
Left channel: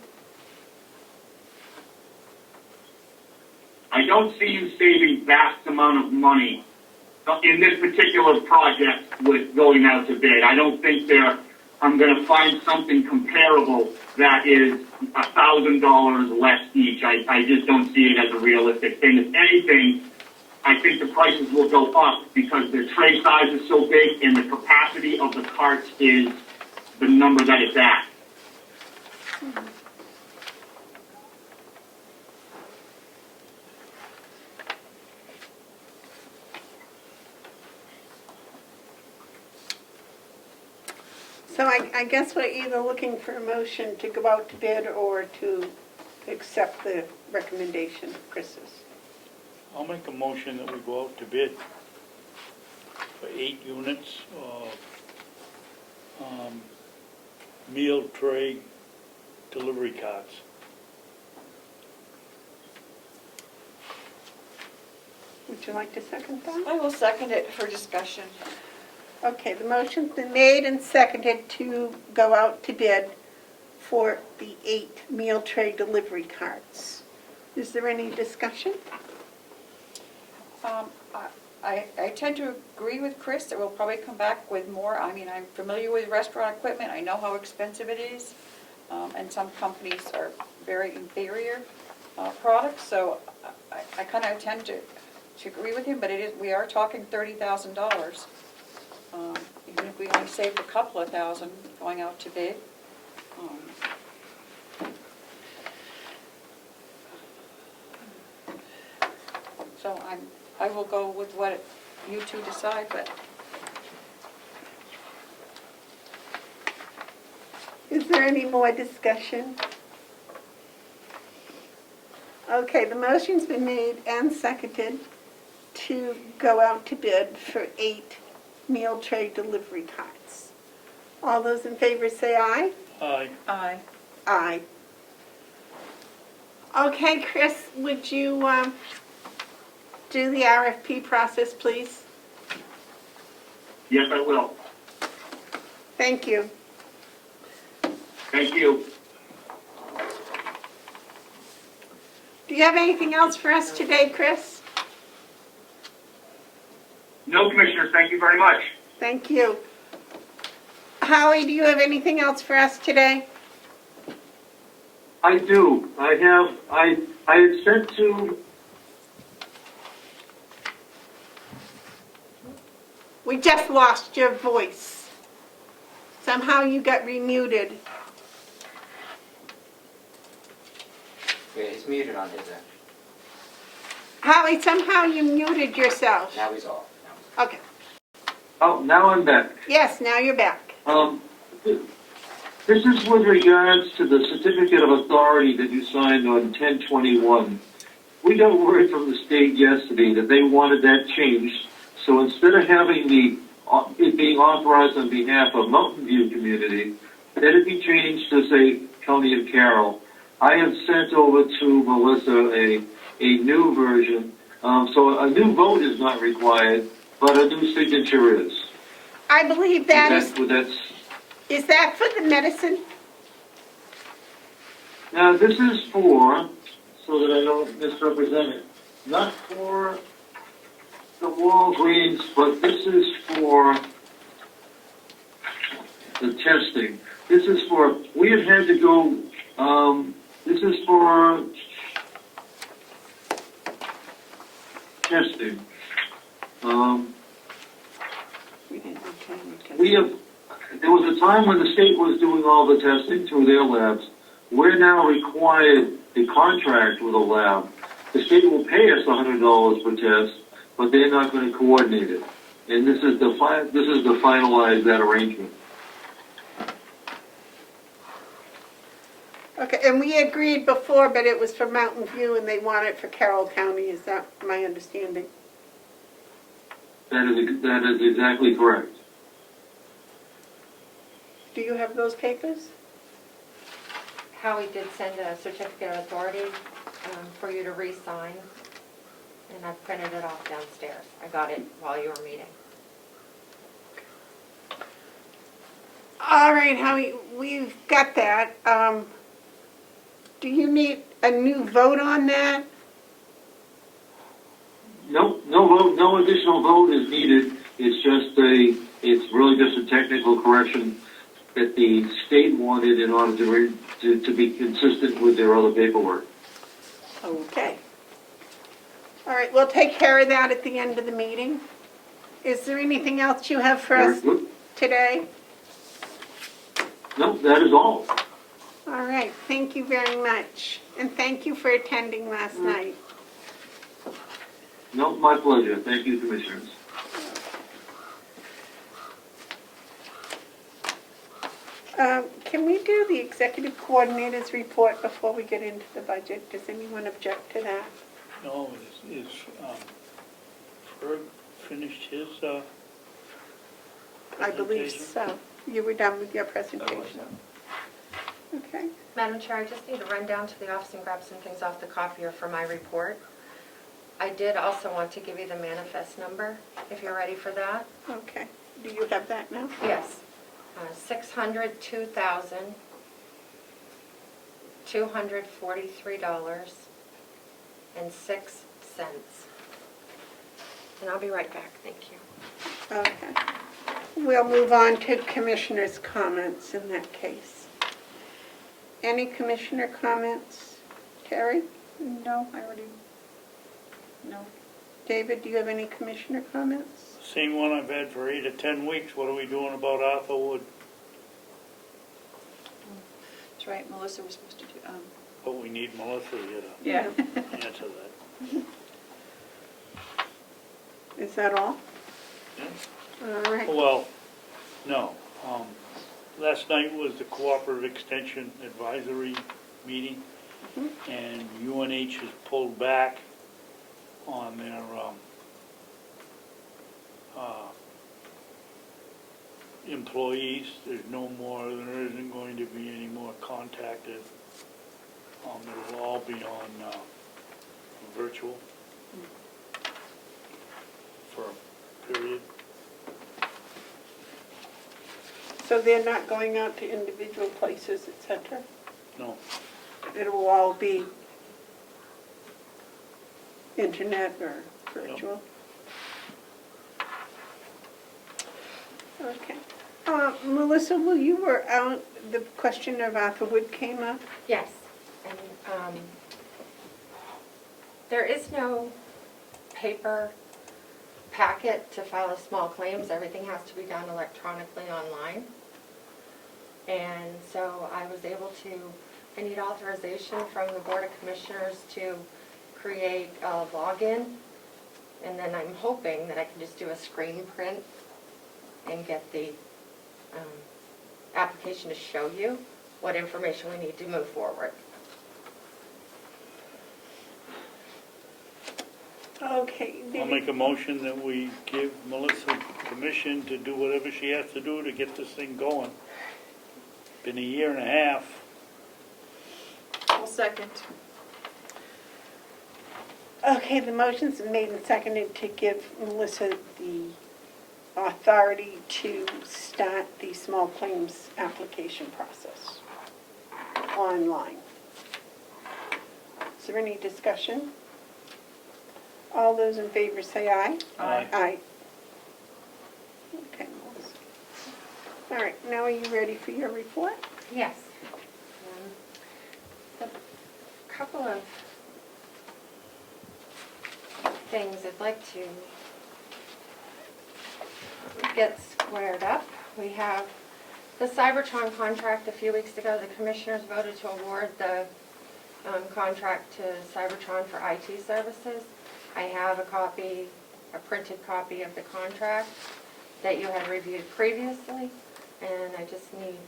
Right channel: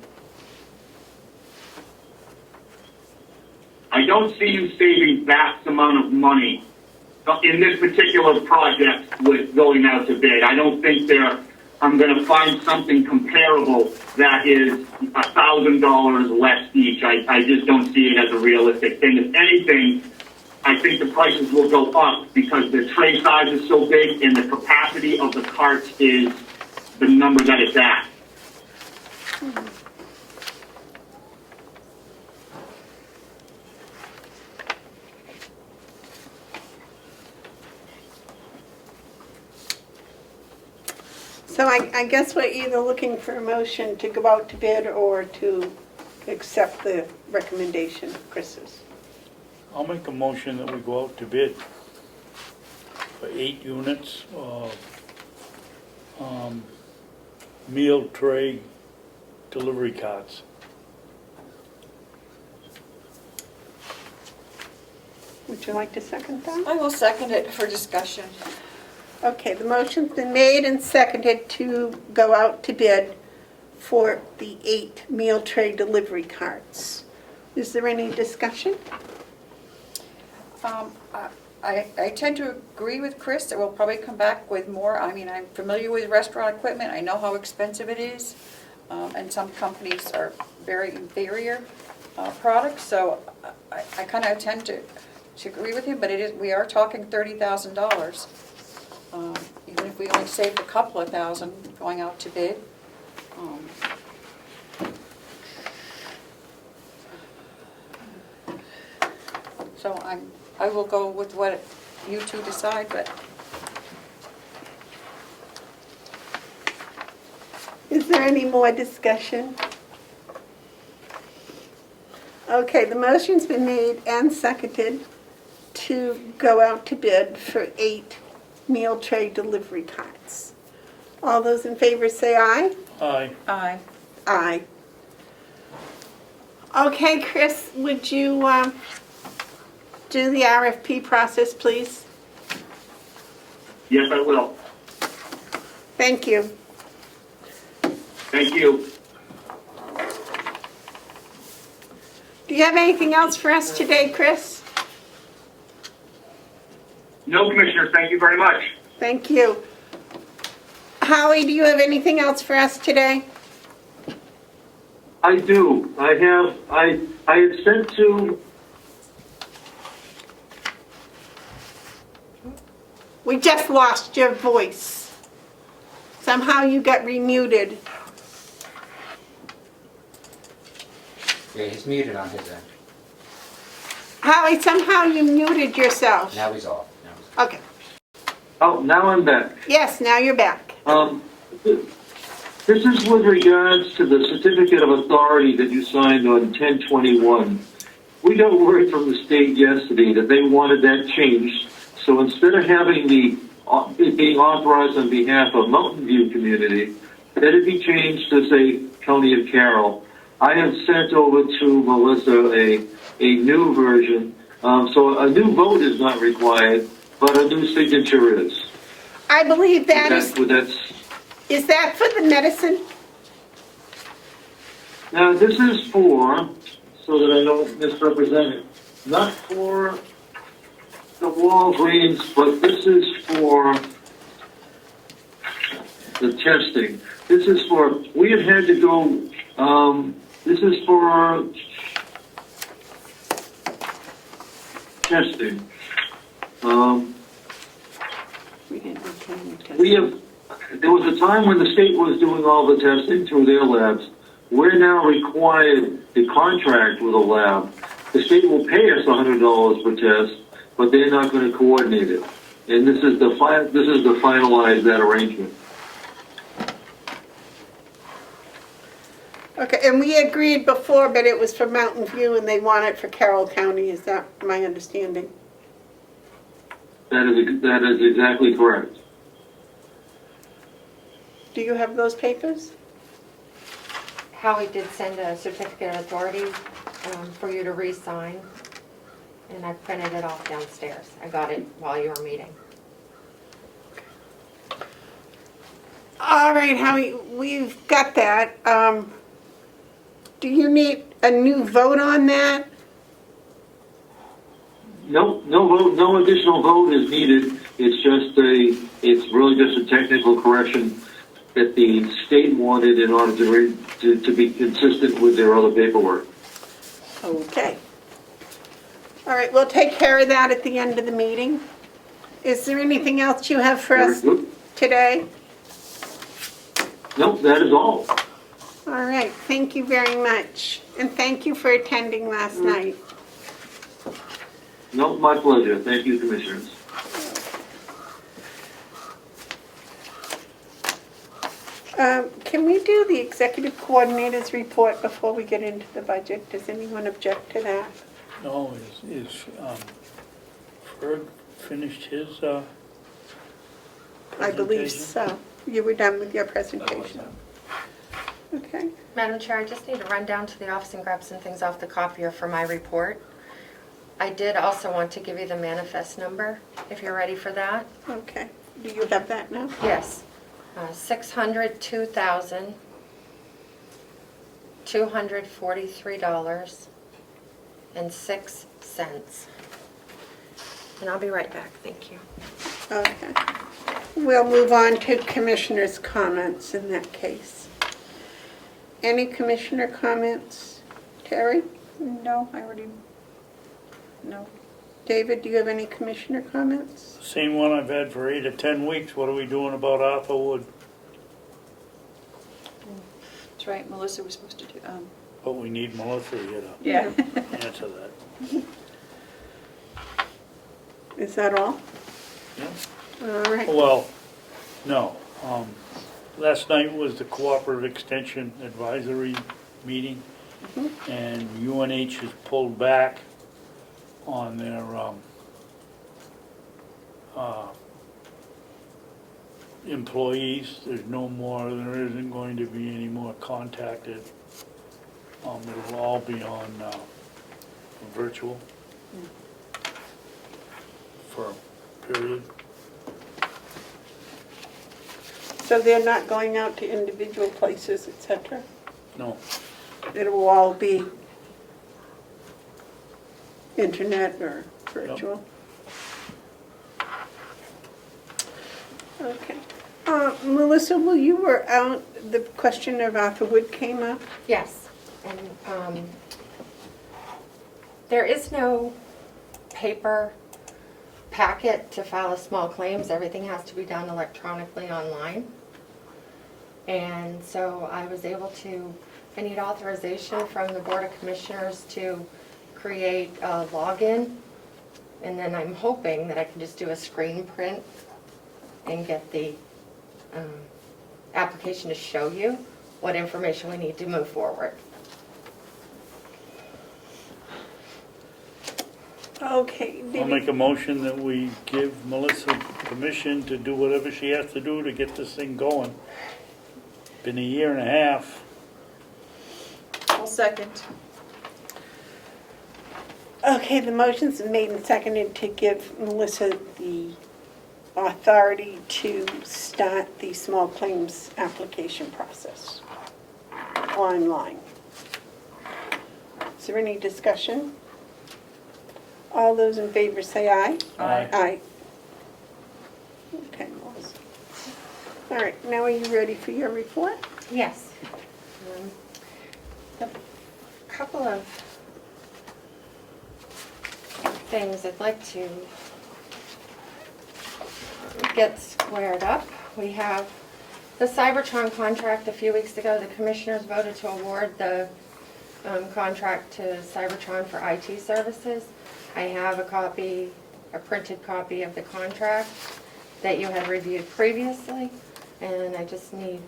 I don't see you saving vast amount of money in this particular project with going out to bid. I don't think I'm going to find something comparable that is $1,000 less each. I just don't see it as a realistic thing. If anything, I think the prices will go up because the tray size is so big and the capacity of the carts is the number that it's at. So I guess we're either looking for a motion to go out to bid or to accept the recommendation of Chris's. I'll make a motion that we go out to bid for 8 units of meal tray delivery carts. Would you like to second that? I will second it for discussion. Okay, the motion's been made and seconded to go out to bid for the 8 meal tray delivery carts. Is there any discussion? I tend to agree with Chris that we'll probably come back with more. I mean, I'm familiar with restaurant equipment. I know how expensive it is. And some companies are very inferior products. So I kind of tend to agree with him, but we are talking $30,000. Even if we only saved a couple of thousand going out to bid. So I will go with what you two decide, but Is there any more discussion? Okay, the motion's been made and seconded to go out to bid for 8 meal tray delivery carts. All those in favor say aye. Aye. I Aye. Okay, Chris, would you do the RFP process, please? Yes, I will. Thank you. Thank you. Do you have anything else for us today, Chris? No, Commissioner, thank you very much. Thank you. Howie, do you have anything else for us today? I do. I had sent to, We just lost your voice. Somehow you got remuted. Yeah, he's muted on his end. Howie, somehow you muted yourself. Now he's off. Now he's off. Okay. oh, now I'm back. Yes, now you're back. This is with regards to the certificate of authority that you signed on 10/21. We got word from the state yesterday that they wanted that changed. So instead of having it being authorized on behalf of Mountain View community, that it be changed to say County of Carroll. I have sent over to Melissa a new version. So a new vote is not required, but a new signature is. I believe that Is is that for the medicine? Now, this is for, so that I don't misrepresent it, not for the Walgreens, but this is for the testing. This is for, we have had to go, this is for testing. There was a time when the state was doing all the testing through their labs. We're now required to contract with a lab. The state will pay us $100 per test, but they're not going to coordinate it. And this is the finalize that arrangement. Okay, and we agreed before, but it was for Mountain View and they want it for Carroll County. Is that my understanding? That is exactly correct. Do you have those papers? Howie did send a certificate of authority for you to re-sign, and I printed it off downstairs. I got it while you were meeting. All right, Howie, we've got that. Do you need a new vote on that? No vote, no additional vote is needed. It's really just a technical correction that the state wanted in order to be consistent with their other paperwork. Okay. All right, we'll take care of that at the end of the meeting. Is there anything else you have for us Very good. today? No, that is all. All right, thank you very much. And thank you for attending last night. No, my pleasure. Thank you, Commissioners. Can we do the executive coordinator's report before we get into the budget? Does anyone object to that? No, is Ferg finished his I believe presentation? so. You were done with your presentation. Okay. Madam Chair, I just need to run down to the office and grab some things off the copier for my report. I did also want to give you the manifest number, if you're ready for that. Okay. Do you have that now? Yes. $602,243.06. And I'll be right back, thank you. Okay. We'll move on to commissioners' comments in that case. Any commissioner comments? Terry? No, I already, no. David, do you have any commissioner comments? Same one I've had for 8 or 10 weeks. What are we doing about Arthur Wood? That's right, Melissa was supposed to do, But we need Melissa here to yeah. answer that. Is that all? Yeah. All right. Well, no. Last night was the Cooperative Extension Advisory meeting, and UNH has pulled back on their employees. There's no more, there isn't going to be any more contacted. It'll all be on virtual for a period. So they're not going out to individual places, et cetera? No. It will all be internet or virtual? Okay. Melissa, while you were out, the question of Arthur Wood came up? Yes, and there is no paper packet to file a small claims. Everything has to be done electronically online. And so I was able to, I need authorization from the Board of Commissioners to create a login. And then I'm hoping that I can just do a screen print and get the application to show you what information we need to move forward. Okay. I'll make a motion that we give Melissa permission to do whatever she has to do to get this thing going. Been a year and a half. I'll second. Okay, the motion's been made and seconded to give Melissa the authority to start the small claims application process online. Is there any discussion? All those in favor say aye. Aye. Aye. Okay, Melissa. All right, now are you ready for your report? Yes. A couple of things I'd like to get squared up. We have the Cybertron contract. A few weeks ago, the commissioners voted to award the contract to Cybertron for IT services. I have a printed copy of the contract that you had reviewed previously, and I just need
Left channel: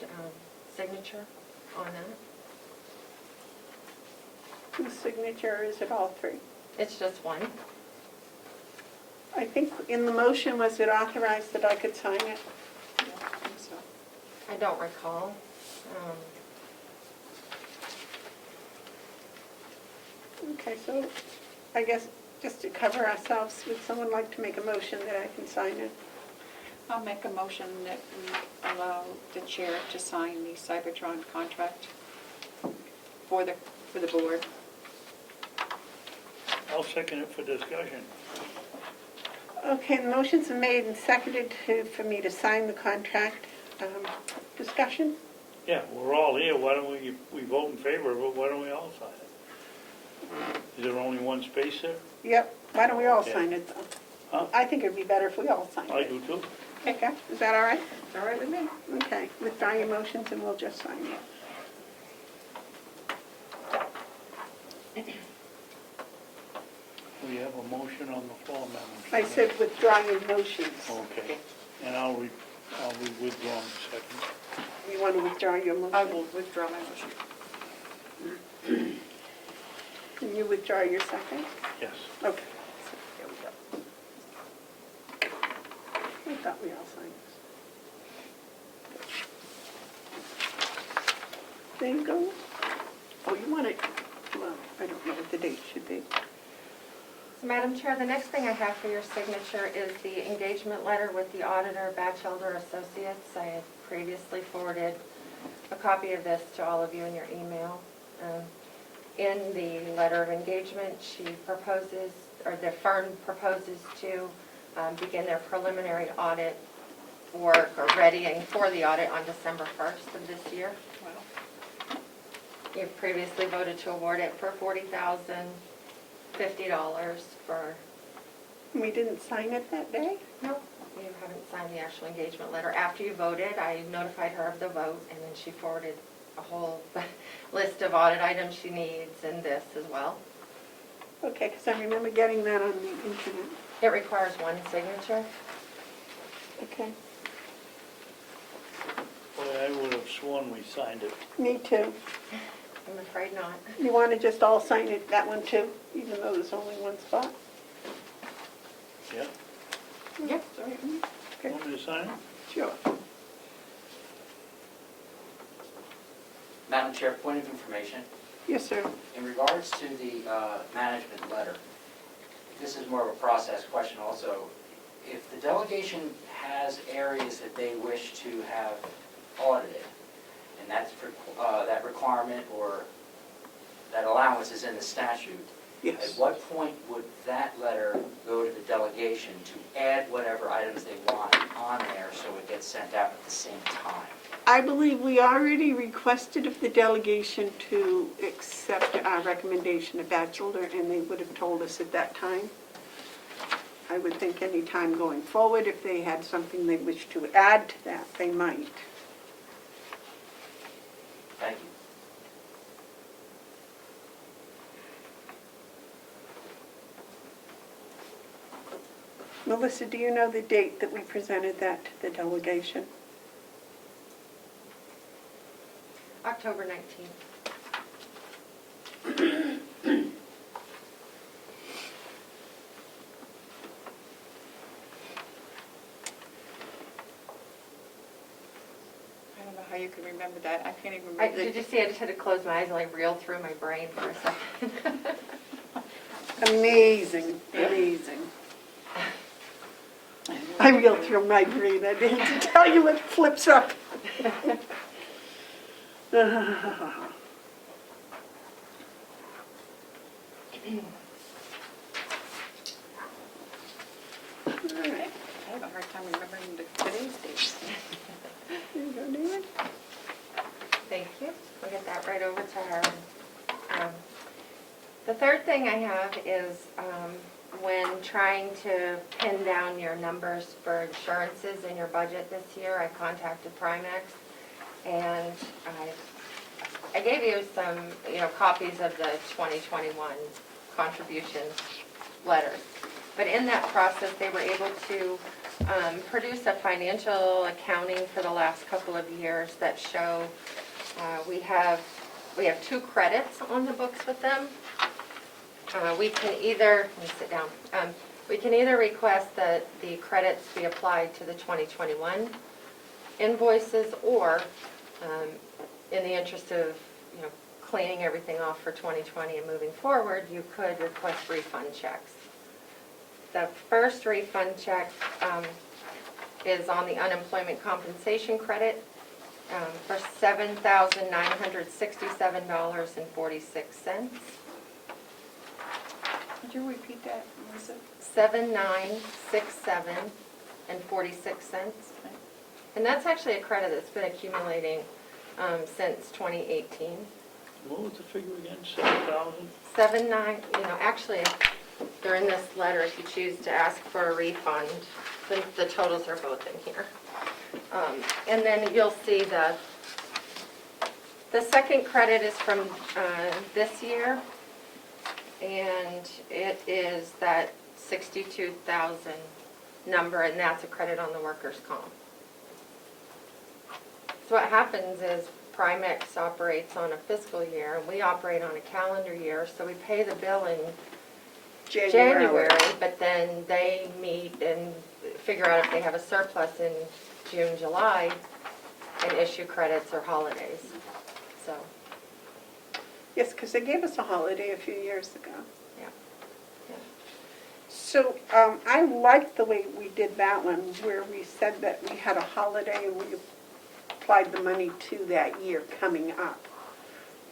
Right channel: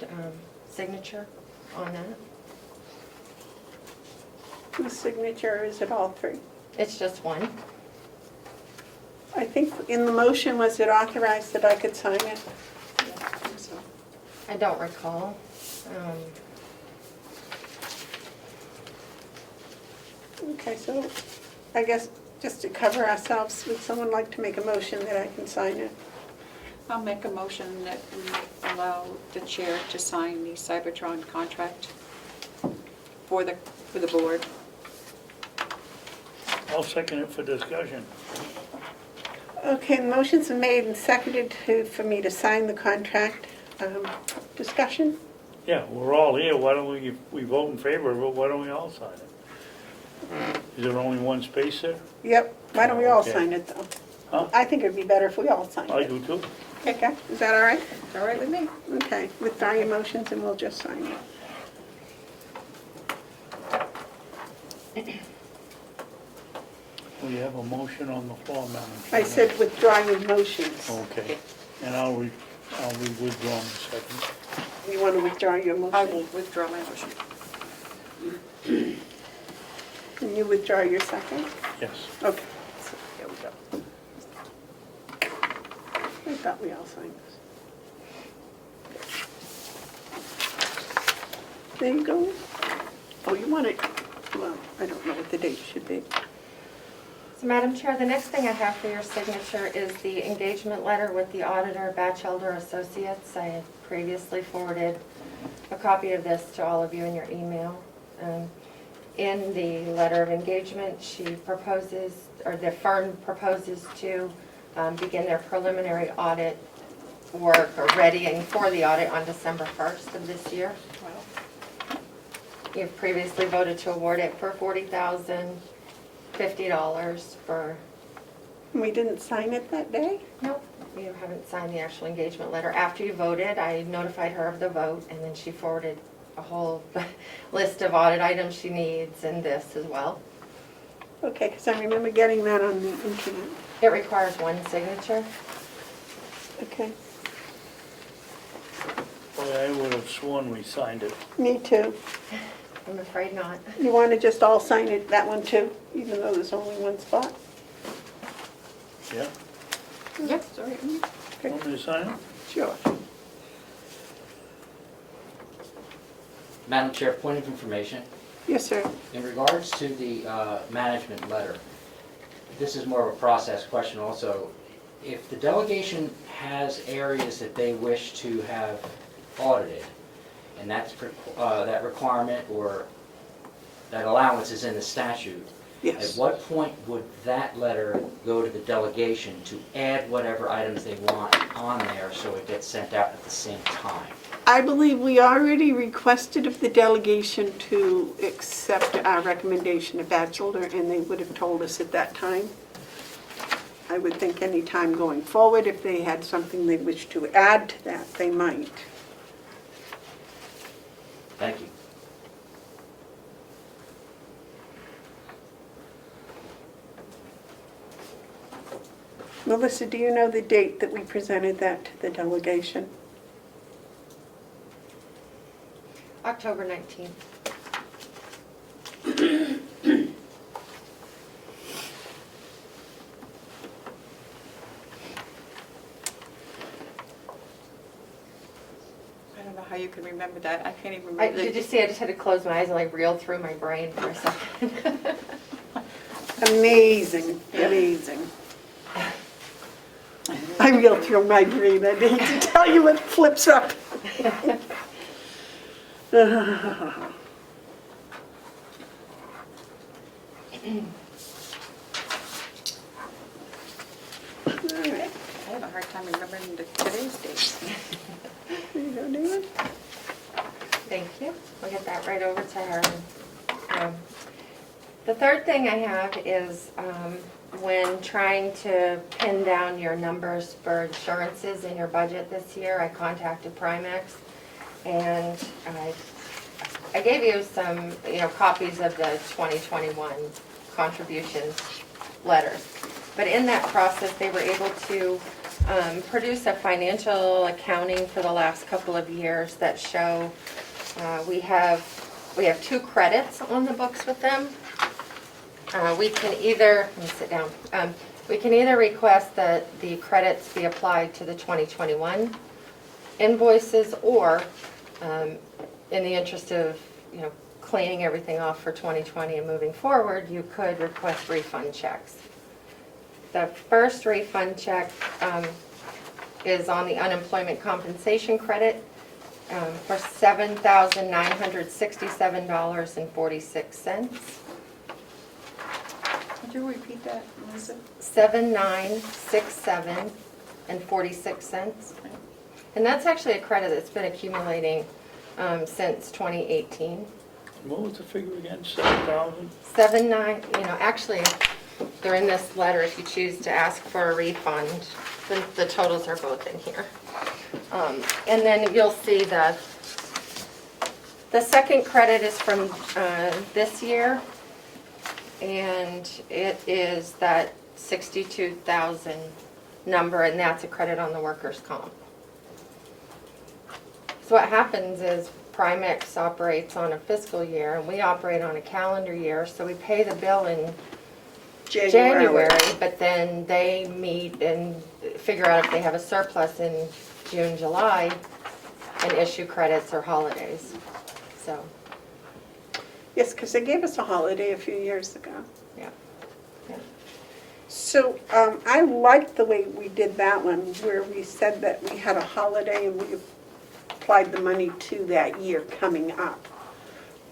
signature on that. The signature, is it all three? It's just one. I think in the motion, was it authorized that I could sign it? Yeah, I think so. I don't recall. Okay, so I guess just to cover ourselves, would someone like to make a motion that I can sign it? I'll make a motion that we allow the chair to sign the Cybertron contract for the board. I'll second it for discussion. Okay, the motion's been made and seconded for me to sign the contract. Discussion? Yeah, we're all here, why don't we vote in favor of it, why don't we all sign it? Is there only one space there? Yep, why don't we all Okay. sign it though? Huh? I think it'd be better if we all signed I it. do too. Okay, is that all right? It's all right with me. Okay, withdraw your motions and we'll just sign it. We have a motion on the floor, Madam I Chairman. said withdraw your motions. Okay, and I'll be withdrawn in a second. You want to withdraw your I motion? will withdraw my motion. Can you withdraw your second? Yes. Okay. So, there we go. I thought we all signed this. There you go. Oh, you want it, well, I don't know what the date should be. So Madam Chair, the next thing I have for your signature is the engagement letter with the auditor, Batchelder Associates. I had previously forwarded a copy of this to all of you in your email. In the letter of engagement, she proposes, or the firm proposes to begin their preliminary audit work or readying for the audit on December 1st of this year. You've previously voted to award it for $40,050 for... We didn't sign it that day? Nope, you haven't signed the actual engagement letter. After you voted, I notified her of the vote, and then she forwarded a whole list of audit items she needs and this as well. Okay, because I remember getting that on the internet. It requires one signature. Okay, Boy, I would have sworn we signed it. me too. I'm afraid not. You want to just all sign it, that one too, even though there's only one spot? Yeah? Yep, it's all right with me. Want me to sign it? Sure. Madam Chair, point of information. Yes, sir. In regards to the management letter, this is more of a process question also. If the delegation has areas that they wish to have audited, and that's, that requirement or that allowance is in the statute, at Yes. what point would that letter go to the delegation to add whatever items they want on there so it gets sent out at the same time? I believe we already requested of the delegation to accept our recommendation of Batchelder, and they would have told us at that time. I would think any time going forward, if they had something they wished to add to that, they might. Thank you. Melissa, do you know the date that we presented that to the delegation? October 19th. I don't know how you can remember that. I can't even remember. Did you see, I just had to close my eyes and I reeled through my brain for a second. Amazing, amazing. I reeled through my brain, I hate to tell you, it flips up. I have a hard time remembering today's date. There you go, David. Thank you. I'll get that right over to her. The third thing I have is when trying to pin down your numbers for insurances in your budget this year, I contacted Primex, and I gave you some, copies of the 2021 contributions letters. But in that process, they were able to produce a financial accounting for the last couple of years that show we have 2 credits on the books with them. We can either, let me sit down, we can either request that the credits be applied to the 2021 invoices, or in the interest of, cleaning everything off for 2020 and moving forward, you could request refund checks. The first refund check is on the unemployment compensation credit for $7,967.46. Could you repeat that, Melissa? 7,967.46. And that's actually a credit that's been accumulating since 2018. What was the figure again, 7,000? Actually, they're in this letter if you choose to ask for a refund. The totals are both in here. And then you'll see the second credit is from this year, and it is that 62,000 number, and that's a credit on the workers' comp. So what happens is Primex operates on a fiscal year, and we operate on a calendar year, so we pay the bill in January, but then they meet and figure out if they have a surplus in June, July, and issue credits or holidays. So, Yes, because they gave us a holiday a few years ago. yeah. So I liked the way we did that one, where we said that we had a holiday and we applied the money to that year coming up.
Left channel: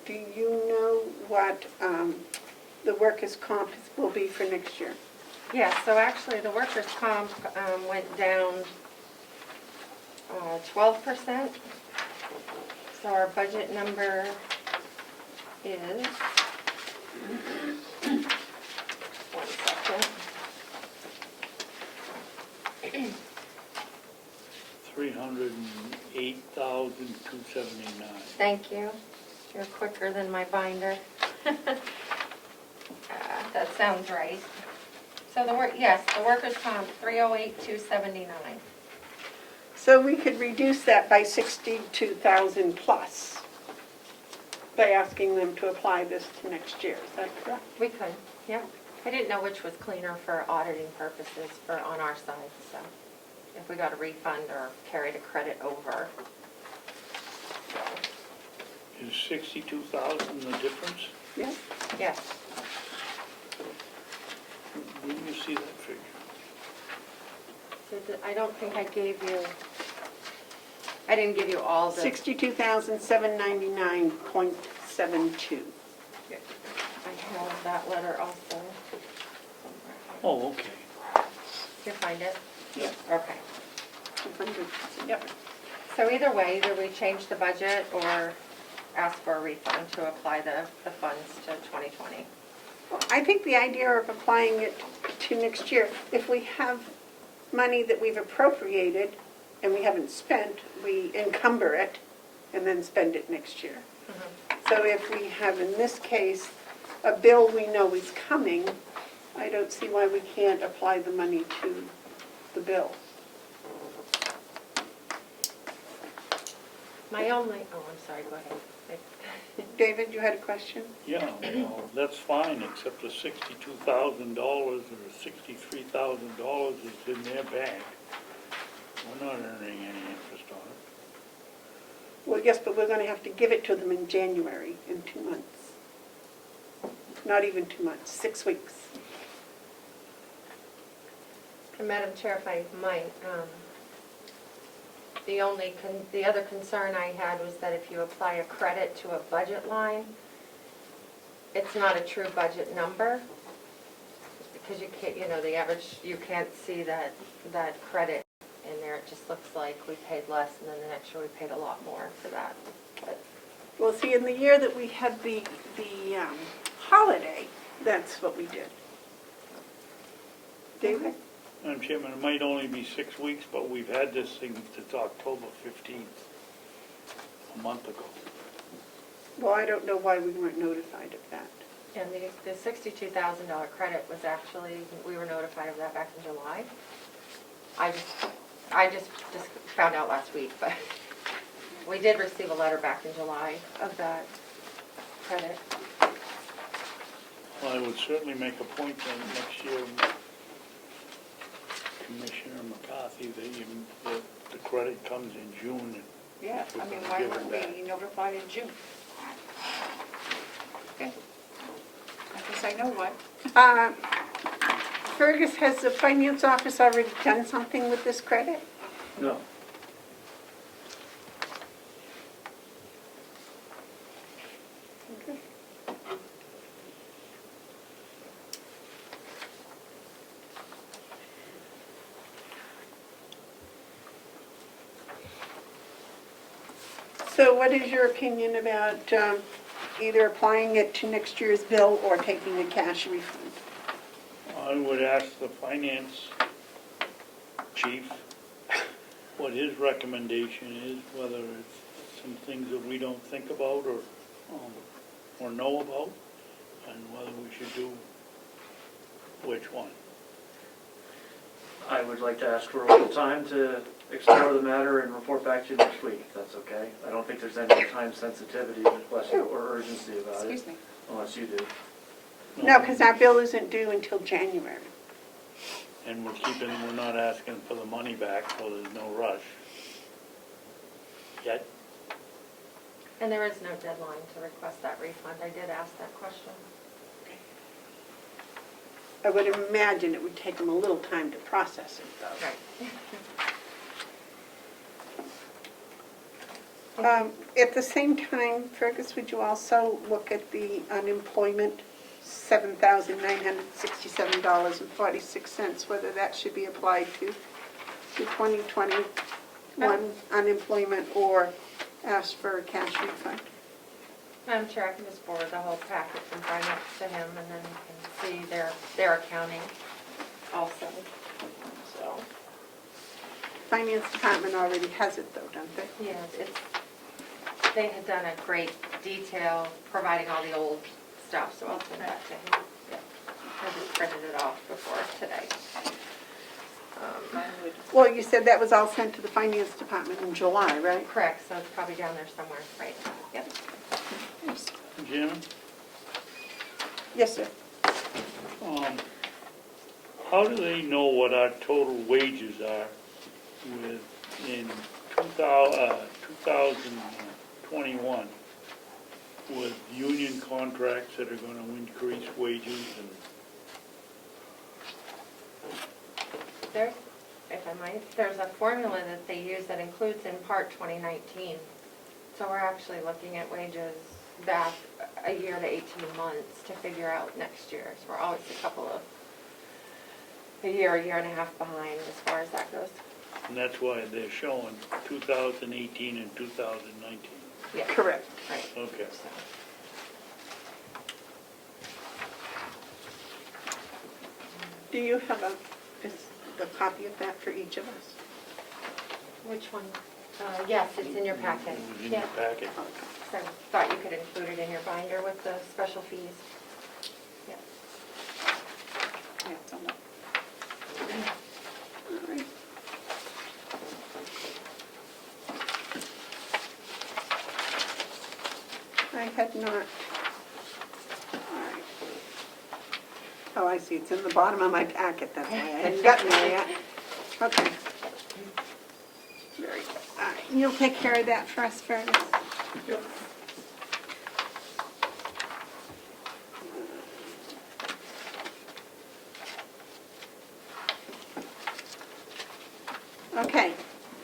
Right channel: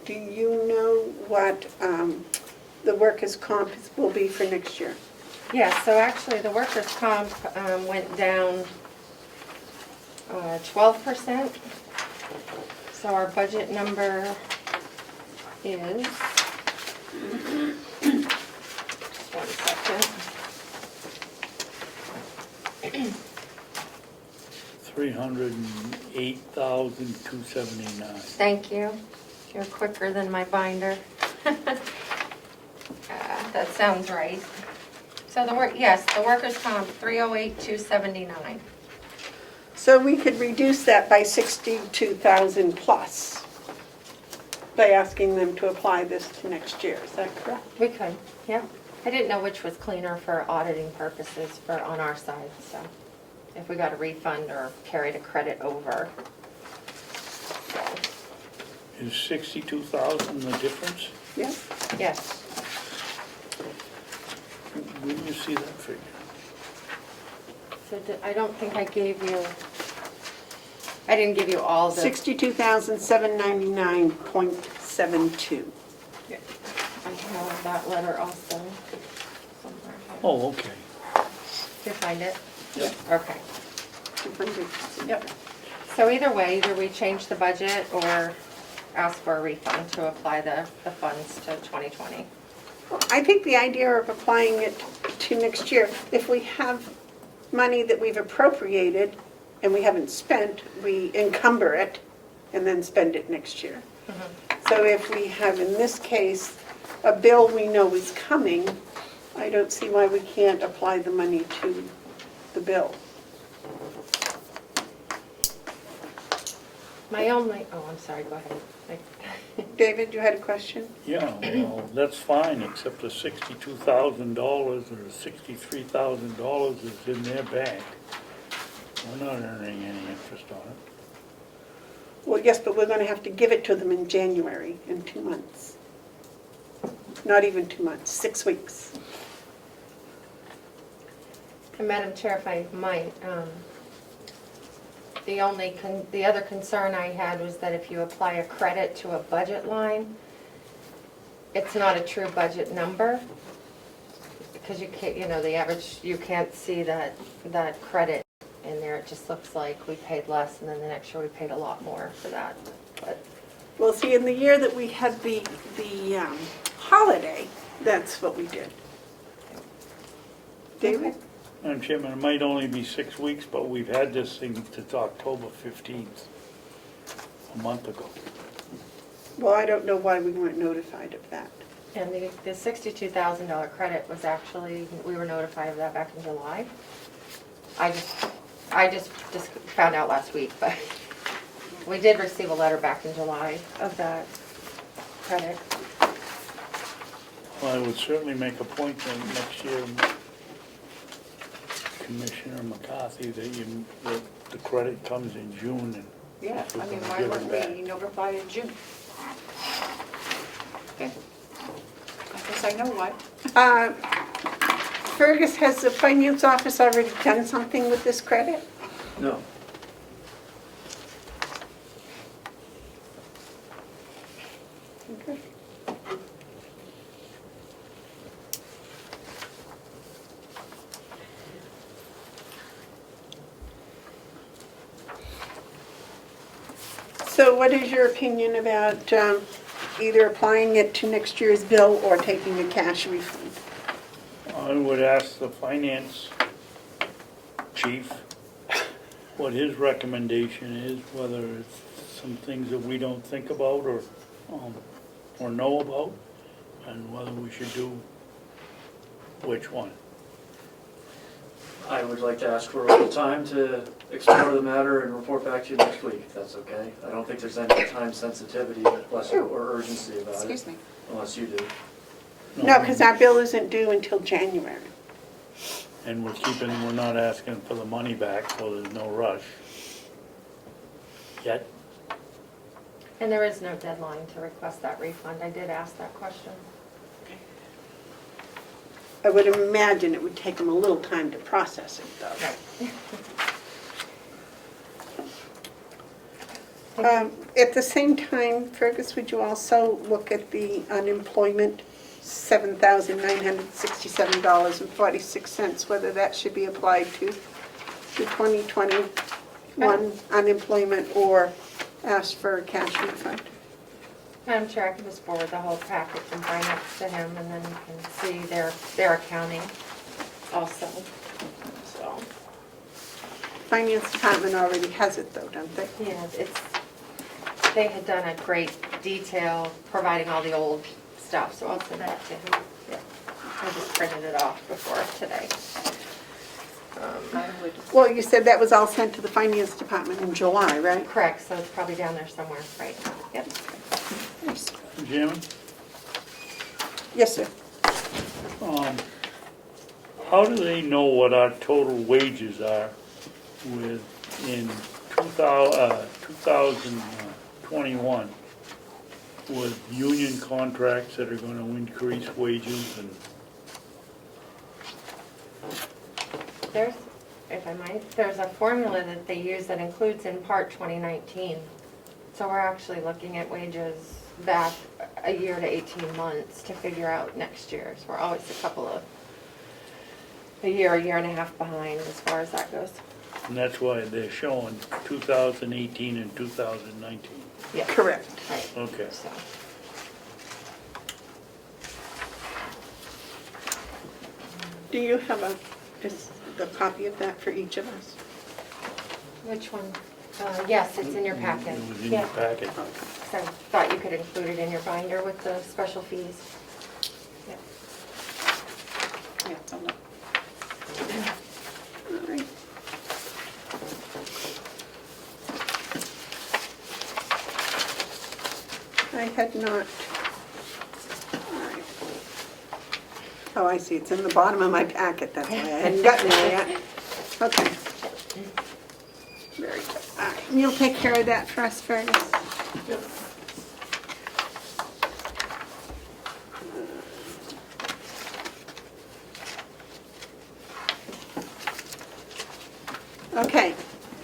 Do you know what the workers' comp will be for next year? Yeah, so actually the workers' comp went down 12%. So our budget number is, just 1 second. 308,279. Thank you. You're quicker than my binder. That sounds right. So the workers' comp, 308,279. So we could reduce that by 62,000 plus by asking them to apply this to next year, is that correct? We could, yeah. I didn't know which was cleaner for auditing purposes on our side, so if we got a refund or carried a credit over. So, Is 62,000 the difference? Yes. yes. Where do you see that figure? So I don't think I didn't give you all the. 62,799.72. I have that letter also somewhere. Oh, okay. Did you find it? Yep. Okay. Yep. So either way, either we change the budget or ask for a refund to apply the funds to 2020. I think the idea of applying it to next year, if we have money that we've appropriated and we haven't spent, we encumber it and then spend it next year. So if we have, in this case, a bill we know is coming, I don't see why we can't apply the money to the bill. I'm sorry, go ahead. David, you had a question? Yeah, well, that's fine, except the $62,000 or $63,000 is in their bank. We're not earning any interest on it. Well, yes, but we're going to have to give it to them in January, in 2 months. Not even 2 months, 6 weeks. And Madam Chair, if I might, the other concern I had was that if you apply a credit to a budget line, it's not a true budget number, because you can't, the average, you can't see that credit in there. It just looks like we paid less, and then the next year we paid a lot more for that. But Well, see, in the year that we had the holiday, that's what we did. David? Madam Chairman, it might only be 6 weeks, but we've had this thing since October 15th, a month ago. Well, I don't know why we weren't notified of that. And the $62,000 credit was actually, we were notified of that back in July. I just found out last week, but we did receive a letter back in July of that credit. Well, I would certainly make a point then next year, Commissioner McCarthy, that the credit comes in June and Yeah, I mean, why weren't we notified in June? Okay. I guess I know why. Fergus, has the finance office already done something with this credit? No. So what is your opinion about either applying it to next year's bill or taking a cash refund? I would ask the finance chief what his recommendation is, whether it's some things that we don't think about or know about, and whether we should do which one. I would like to ask for a little time to explore the matter and report back to you next week, if that's okay. I don't think there's any time sensitivity or urgency about it, Excuse me. unless you do. No, because our bill isn't due until January. And we're not asking for the money back, so there's no rush. Yet, And there is no deadline to request that refund. I did ask that question. I would imagine it would take them a little time to process it, though. At the same time, Fergus, would you also look at the unemployment, $7,967.46, whether that should be applied to 2021 unemployment or ask for a cash refund? I'm sure I can just forward the whole package and bring it to him, and then you can see their accounting also, so. Finance department already has it though, don't they? Yeah, they had done a great detail providing all the old stuff, so I'll send that to him. Yeah, I just printed it off before today. Well, you said that was all sent to the finance department in July, right? Correct, so it's probably down there somewhere, right? Yep. Jim, Yes, sir. how do they know what our total wages are in 2021 with union contracts that are going to increase wages and? There's, if I might, there's a formula that they use that includes in part 2019. So we're actually looking at wages back a year to 18 months to figure out next year's. We're always a year and a half behind as far as that goes. And that's why they're showing 2018 and 2019. Yeah. Correct. Right. Okay. So. Do you have the copy of that for each of us? Which one? Yes, it's in your packet. It was in Yeah. your packet. So I thought you could include it in your binder with the special fees. Yep. Yeah, it's on the- All right. I had not. All right. Oh, I see, it's in the bottom of my packet, that's why I hadn't gotten there yet. Okay. Very good. All right, you'll take care of that for us, Fergus? Okay,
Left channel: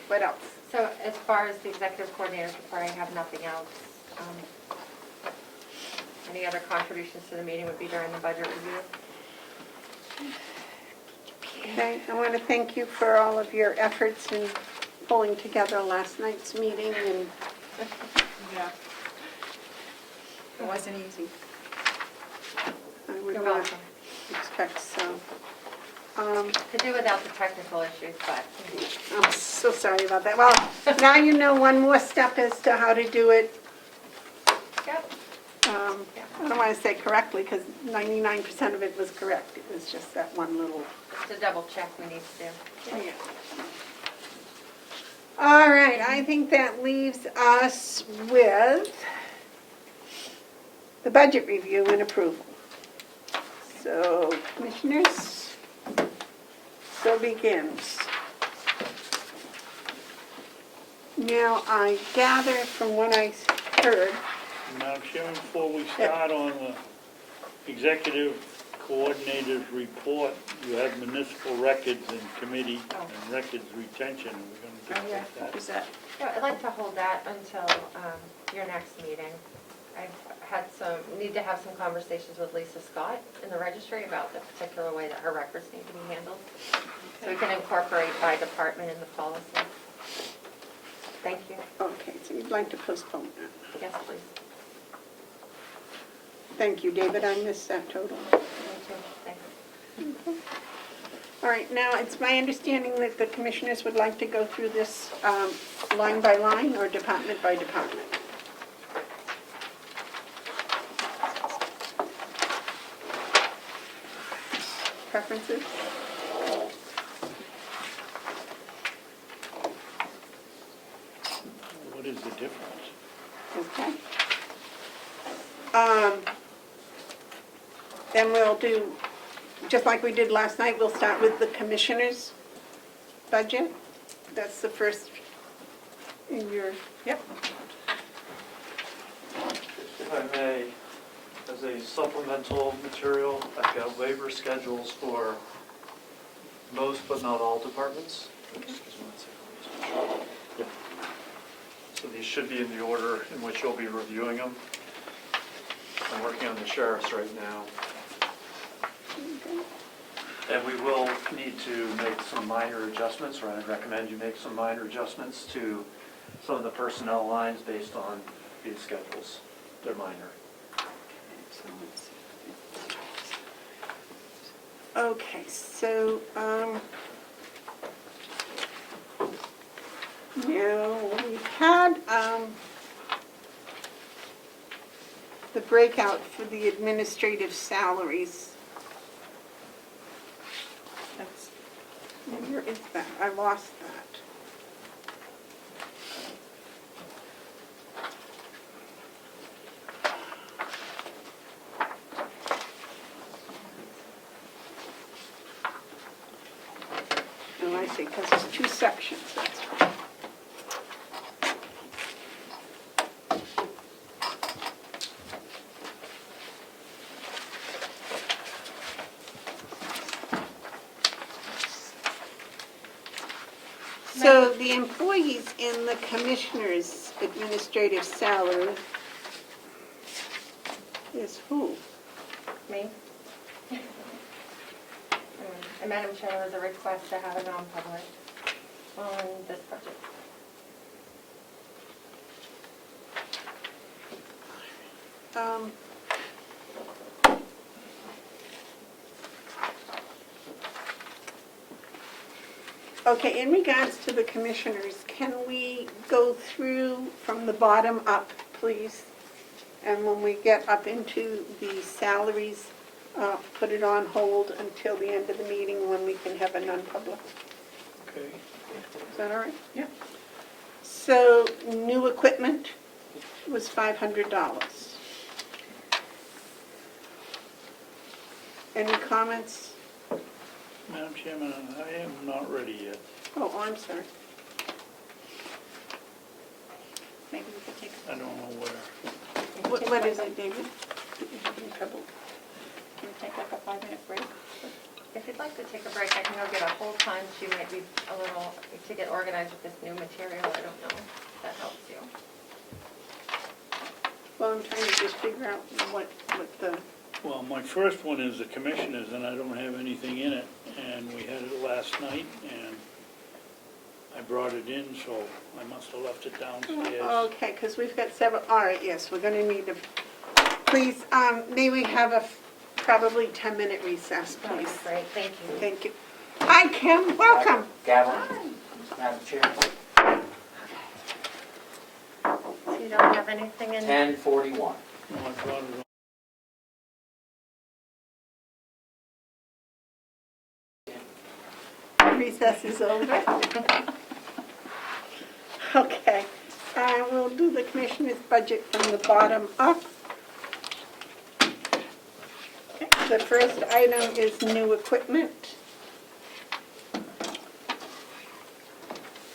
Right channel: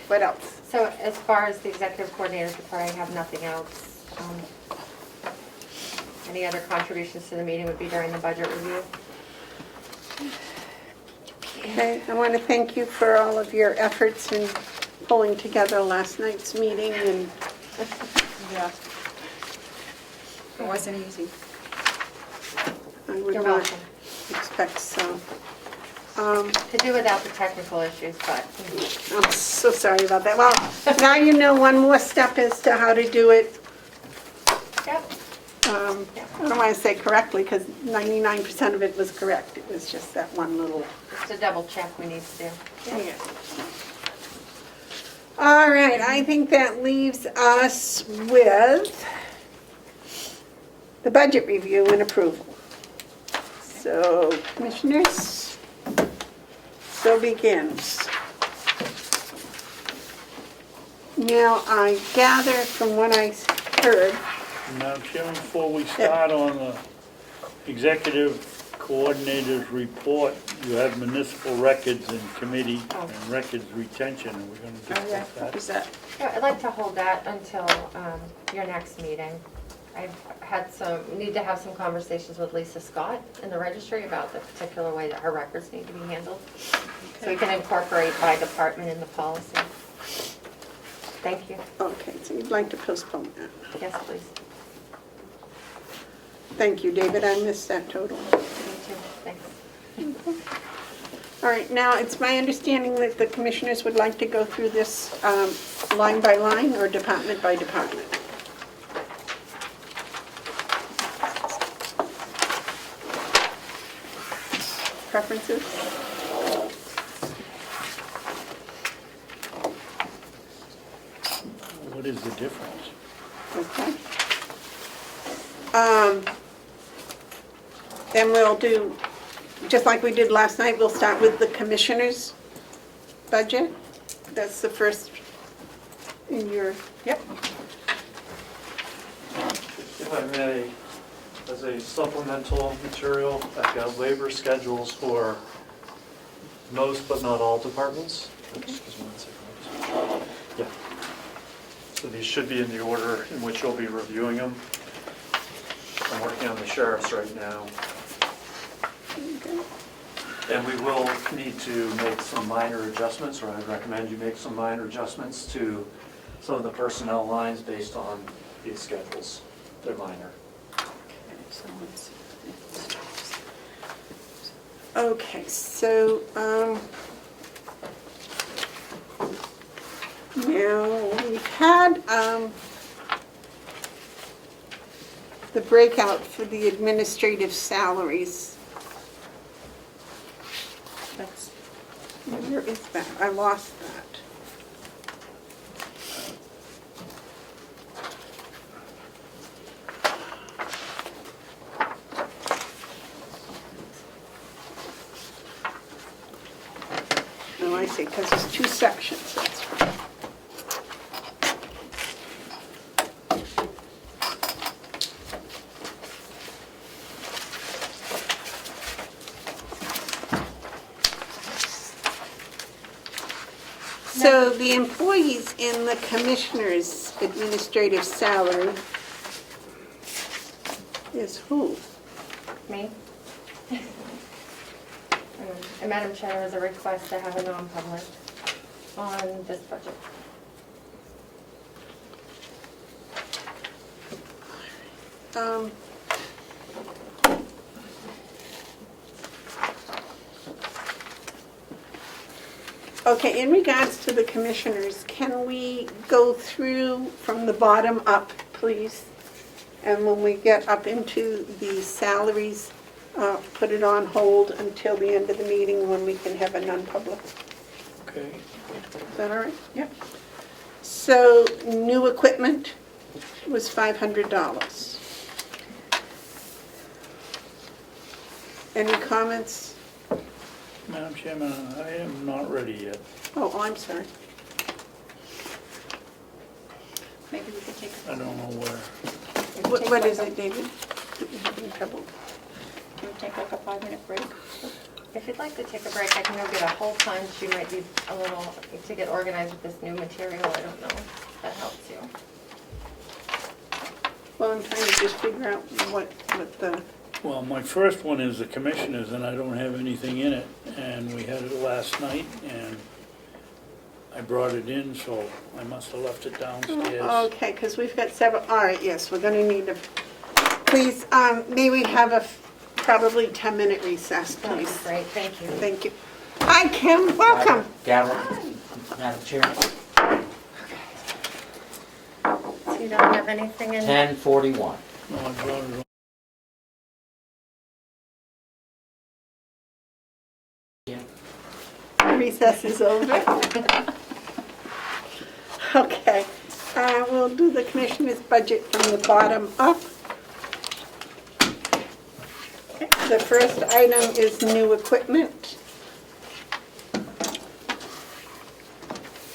what else? So as far as the executive coordinator's report, I have nothing else. Any other contributions to the meeting would be during the budget review. Okay, I want to thank you for all of your efforts in pulling together last night's meeting, and Yeah. It wasn't easy. I would You're not welcome. expect so. Could do without the technical issues, but I'm so sorry about that. Well, now you know one more step as to how to do it. yep. I don't want to say correctly, because 99% of it was correct. It was just that one little. Just a double check we need to do. Yeah. All right, I think that leaves us with the budget review and approval. So, commissioners, so begins. Now, I gather from what I heard, Madam Chairman, before we start on the executive coordinator's report, you have municipal records and committee and records retention, and we're gonna Oh, yeah, discuss what that. was that? Yeah, I'd like to hold that until your next meeting. I've need to have some conversations with Lisa Scott in the registry about the particular way that her records need to be handled. So we can incorporate by department in the policy. Thank you. Okay, so you'd like to postpone that. Yes, please. Thank you, David, I missed that totally. Me too. Thanks. All right, now, it's my understanding that the commissioners would like to go through this line by line or department by department. Preferences? What is the difference? Okay. Then we'll do, just like we did last night, we'll start with the commissioner's budget. That's the first in your, Yep. If I may, as a supplemental material, I've got labor schedules for most but not all departments. Excuse me one second. Yeah. So these should be in the order in which you'll be reviewing them. I'm working on the sheriff's right now. And we will need to make some minor adjustments, or I'd recommend you make some minor adjustments to some of the personnel lines based on these schedules. They're minor. okay, so, now, we've had, the breakout for the administrative salaries. Where is that? I lost that. Oh, I see, because there's two sections, that's right. So the employees in the commissioner's administrative salary is who? Me? And Madam Chair, there's a request to have a non-public on this budget. Okay, in regards to the commissioners, can we go through from the bottom up, please? And when we get up into the salaries, put it on hold until the end of the meeting when we can have a non-public. Okay. Is that all right? Yep. So, new equipment was $500. Any comments? Madam Chairman, I am not ready yet. Oh, I'm sorry. Maybe we could take I don't know where. What is it, David? Having trouble. Can we take like a 5-minute break? If you'd like to take a break, I can go get a whole punch. You might be a little, to get organized with this new material. I don't know if that helps you. Well, I'm trying to just figure out what the, Well, my first one is the commissioners, and I don't have anything in it, and we had it last night, and I brought it in, so I must have left it downstairs. okay, because we've got several, all right, yes, we're gonna need to, please, may we have a probably 10-minute recess, That would be please? great. Thank you. Thank you. Hi, Kim, welcome. Gavel, Madam Chair, So you don't have anything in? 10:41. No, I brought it Recess is over. Okay, we'll do the commissioner's budget from the bottom up. The first item is new equipment.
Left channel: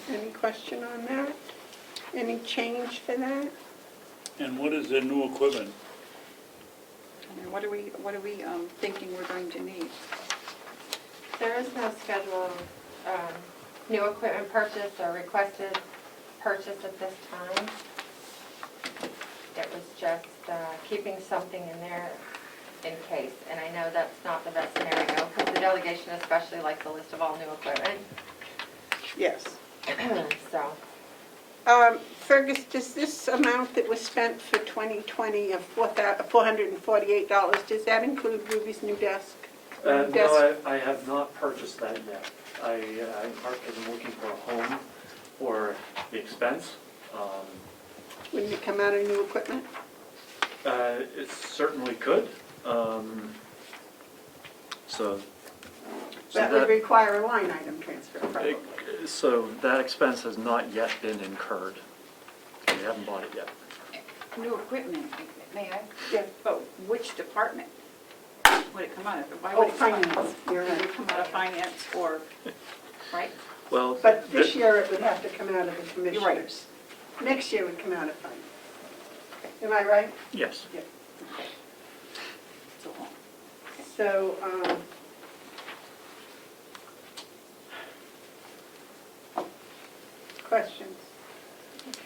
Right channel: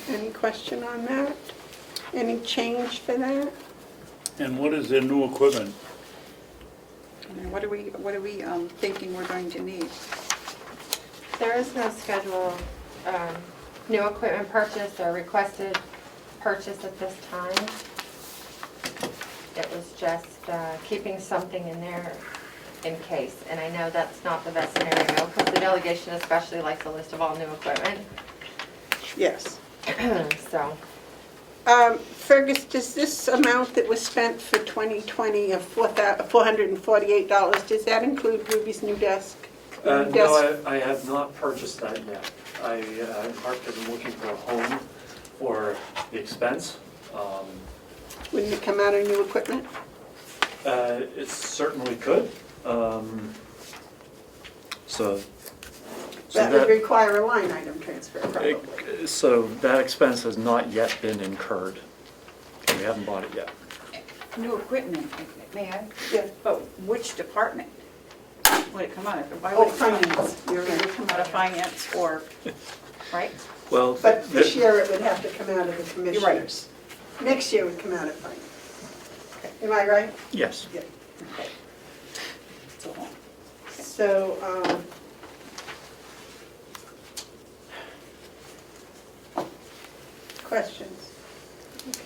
Any question on that? Any change for that? And what is the new equipment? What are we thinking we're going to need? There is no scheduled new equipment purchase or requested purchase at this time. It was just keeping something in there in case. And I know that's not the best scenario because the delegation especially likes a list of all new equipment. Yes. So, Fergus, does this amount that was spent for 2020 of $448, does that include Ruby's new desk? No, I have not purchased that yet. I, in part because I'm looking for a home for the expense. Wouldn't it come out of new equipment? It certainly could. So That would require a line item transfer, probably. So that expense has not yet been incurred. We haven't bought it yet. New equipment, may I? Yes. But which department would it come out of? Why Oh, would it come out of- finance, you're Would it right. come out of finance or, right? Well, But this year it would have to come out of the You're right. commissioners. Next year would come out of finance. Am I right? yes. Yeah. Okay. So, questions? Okay.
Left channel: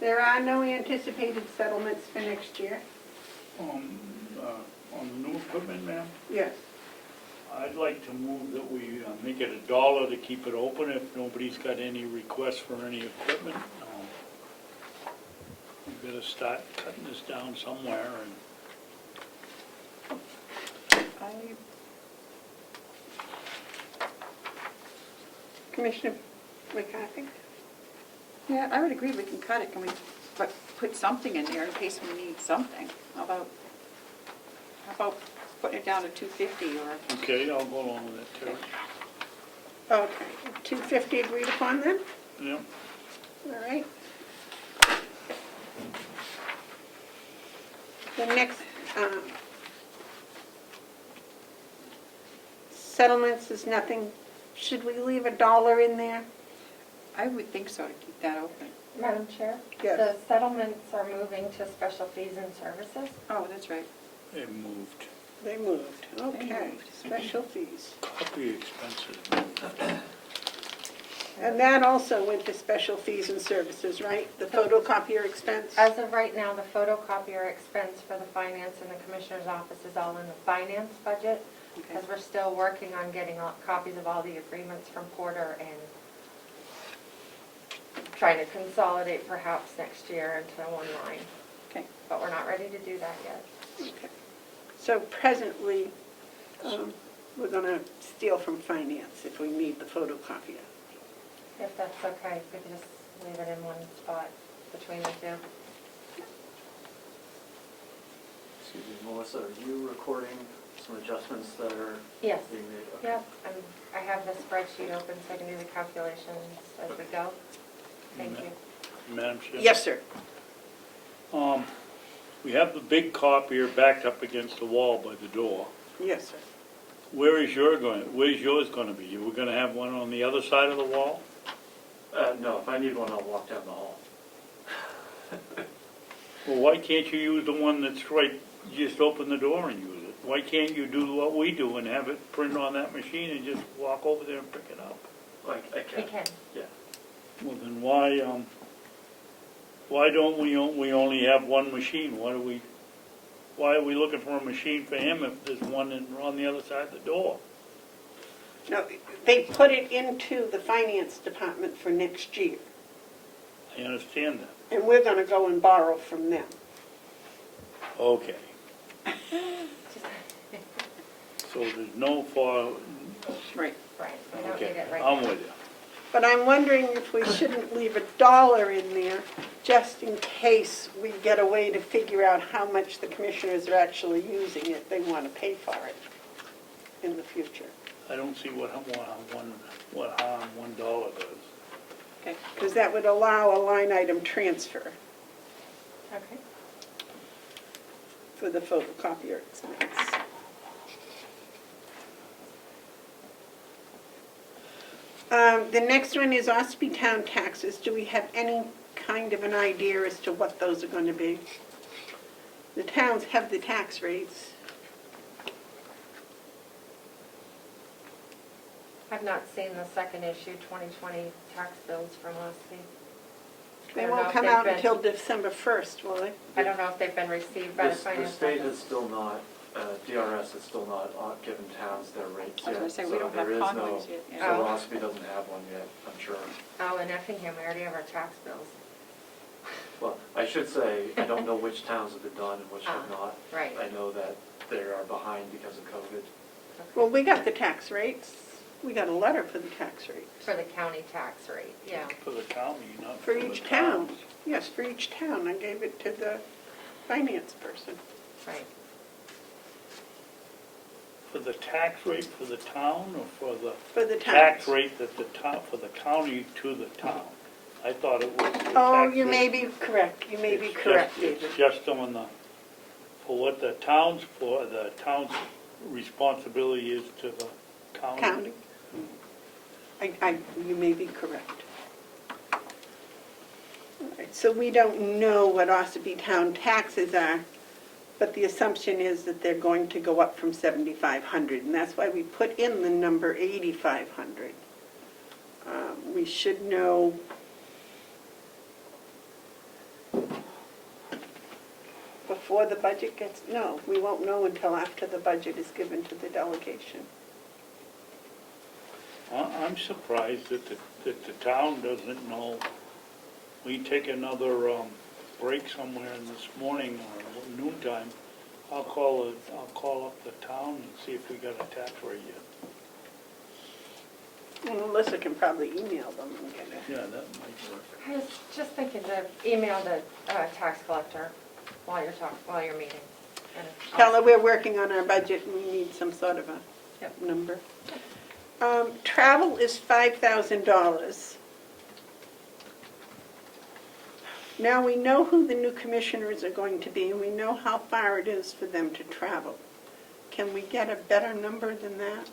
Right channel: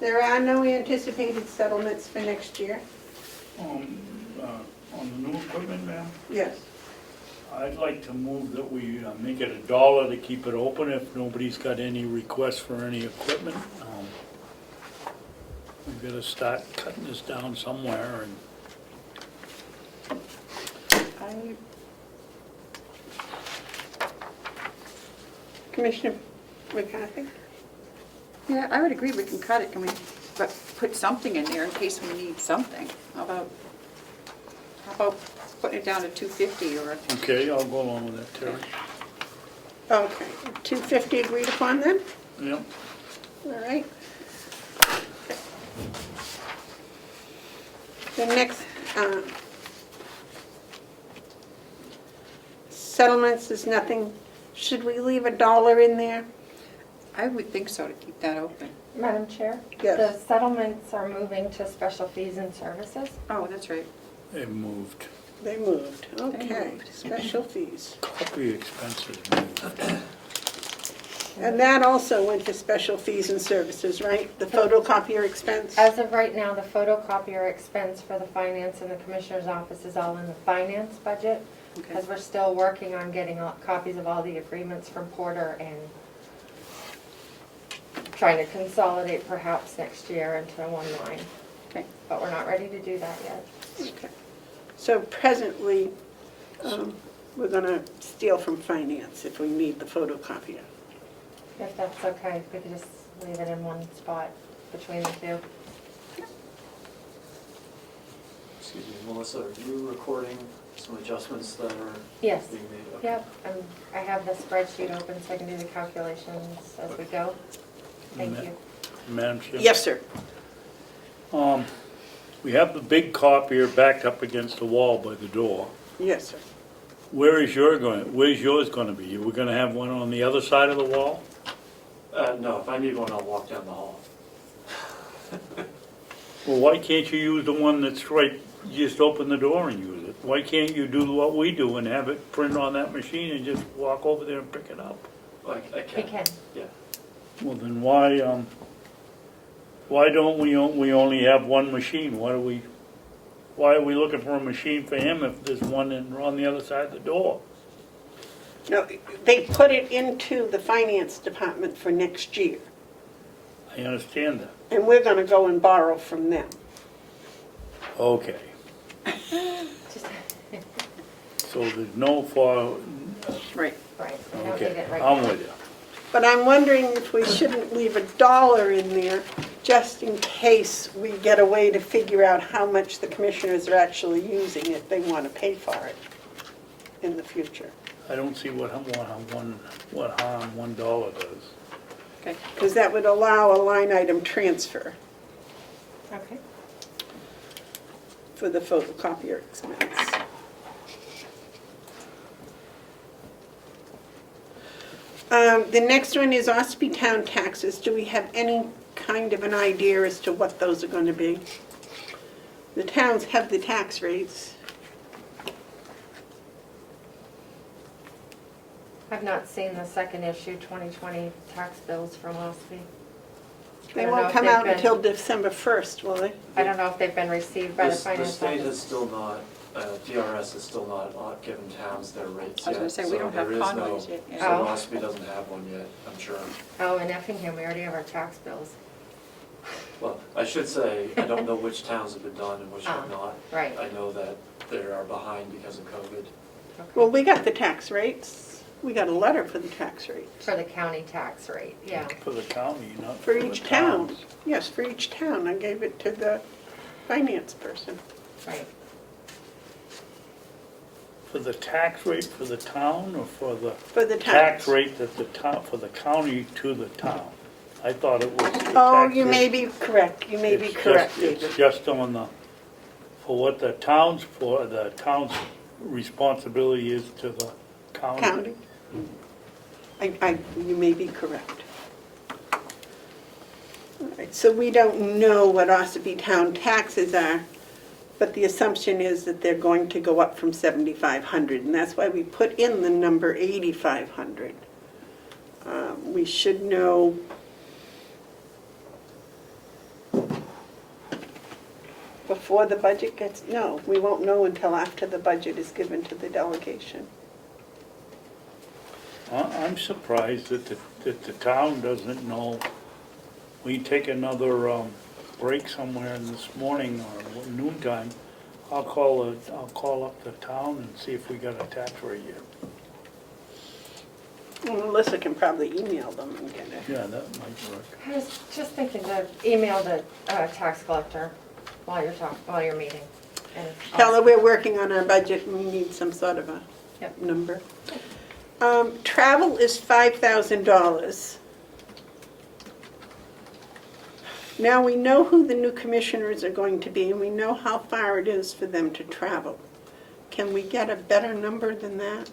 There are no anticipated settlements for next year? On the new equipment, ma'am, Yes. I'd like to move that we make it $1 to keep it open if nobody's got any requests for any equipment. We've got to start cutting this down somewhere, and Commissioner McCarthy? Yeah, I would agree we can cut it, but put something in there in case we need something. How about putting it down to 250 or? okay, I'll go along with that, Terry. Okay, 250 agreed upon then? Yep. All right. The next settlements is nothing. Should we leave $1 in there? I would think so, to keep that open. Madam Chair? Yes. The settlements are moving to special fees and services. Oh, that's right. They moved. They moved. Okay, moved. special fees. Copy expenses moved. And that also went to special fees and services, right? The photocopier expense? As of right now, the photocopier expense for the finance and the commissioner's office is all in the finance budget, because we're still working on getting copies of all the agreements from Porter and trying to consolidate perhaps next year into one line. Okay. But we're not ready to do that yet. Okay. So presently, we're going to steal from finance if we need the photocopier. If that's okay, if we could just leave it in one spot between the two. Excuse me, Melissa, are you recording some adjustments that are Yes. being made? Okay. Yep, I have the spreadsheet open so I can do the calculations as we go. Thank you. Madam Chair? Yes, sir. We have the big copier backed up against the wall by the door. Yes, sir. Where's yours going to be? We're going to have one on the other side of the wall? No, if I need one, I'll walk down the hall. Well, why can't you use the one that's right, just open the door and use it? Why can't you do what we do and have it print on that machine and just walk over there and pick it up? I We can. Yeah. Well, then why don't we only have one machine? Why are we looking for a machine for him if there's one on the other side of the door? No, they put it into the finance department for next year, I understand that. and we're going to go and borrow from them. Okay. So there's no for, Right. Right, I don't need okay, it right I'm now. with you. But I'm wondering if we shouldn't leave $1 in there, just in case we get a way to figure out how much the commissioners are actually using if they want to pay for it in the future. I don't see what harm $1 does. Okay. Because that would allow a line item transfer Okay. for the photocopier expense. The next one is Ospey Town taxes. Do we have any kind of an idea as to what those are going to be? The towns have the tax rates. I've not seen the second issue 2020 tax bills from last week. I They don't know won't if come they've out been- until December 1st, will they? I don't know if they've been received by the The finance state office. has still not, DRS has still not given towns their rates I was yet. gonna say, we don't have So there is Conway's no, yet, yeah. so Oh. Ospey doesn't have one yet, I'm sure. Oh, in Effingham, we already have our tax bills. Well, I should say, I don't know which towns have been done and which have Ah, not. right. I know that they are behind because of COVID. Okay. Well, we got the tax rates. We got a letter for the tax rates. For the county tax rate, yeah. For the county, not For for the each town. towns. Yes, for each town. I gave it to the finance person. Right. For the tax rate for the town or for the For the tax towns. rate that the town, for the county to the town? I thought it was the Oh, tax you may rate. be correct. You may be It's correct, just- David. It's just on the, for what the town's for, the town's responsibility is to the county. County. You may be correct. All right, so we don't know what Ossipee town taxes are, but the assumption is that they're going to go up from 7,500, and that's why we put in the number 8,500. We should know before the budget gets, no, we won't know until after the budget is given to the delegation. I'm surprised that the town doesn't know. We take another break somewhere in this morning or noontime. I'll call up the town and see if we got a tax rate yet. Well, Melissa can probably email them and get it. Yeah, that might work. I was just thinking to email the tax collector while you're meeting. And Tell her we're working on our budget and we need some sort of a Yep. number. Travel is $5,000. Now, we know who the new commissioners are going to be and we know how far it is for them to travel. Can we get a better number than that?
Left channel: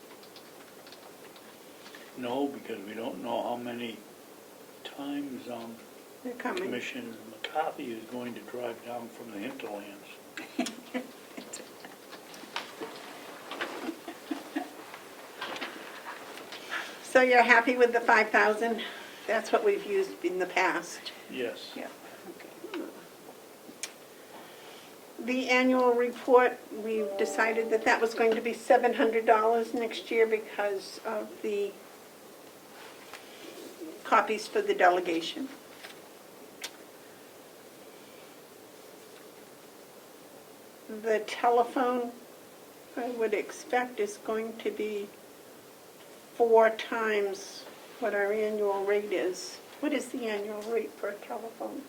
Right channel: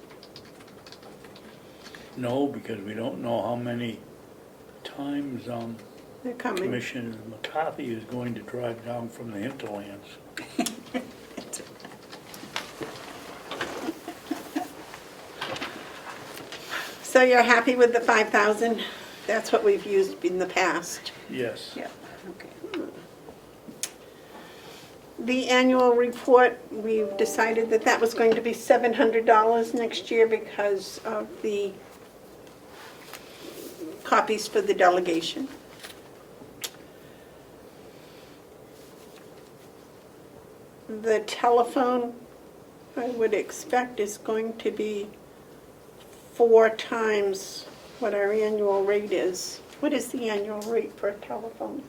No, because we don't know how many times They're coming. Commissioner McCarthy is going to drive down from the hinterlands. So you're happy with the 5,000? That's what we've used in the past. Yes. Yeah. Okay. The annual report, we decided that that was going to be $700 next year because of the copies for the delegation. The telephone, I would expect, is going to be 4 times what our annual rate is. What is the annual rate for a telephone?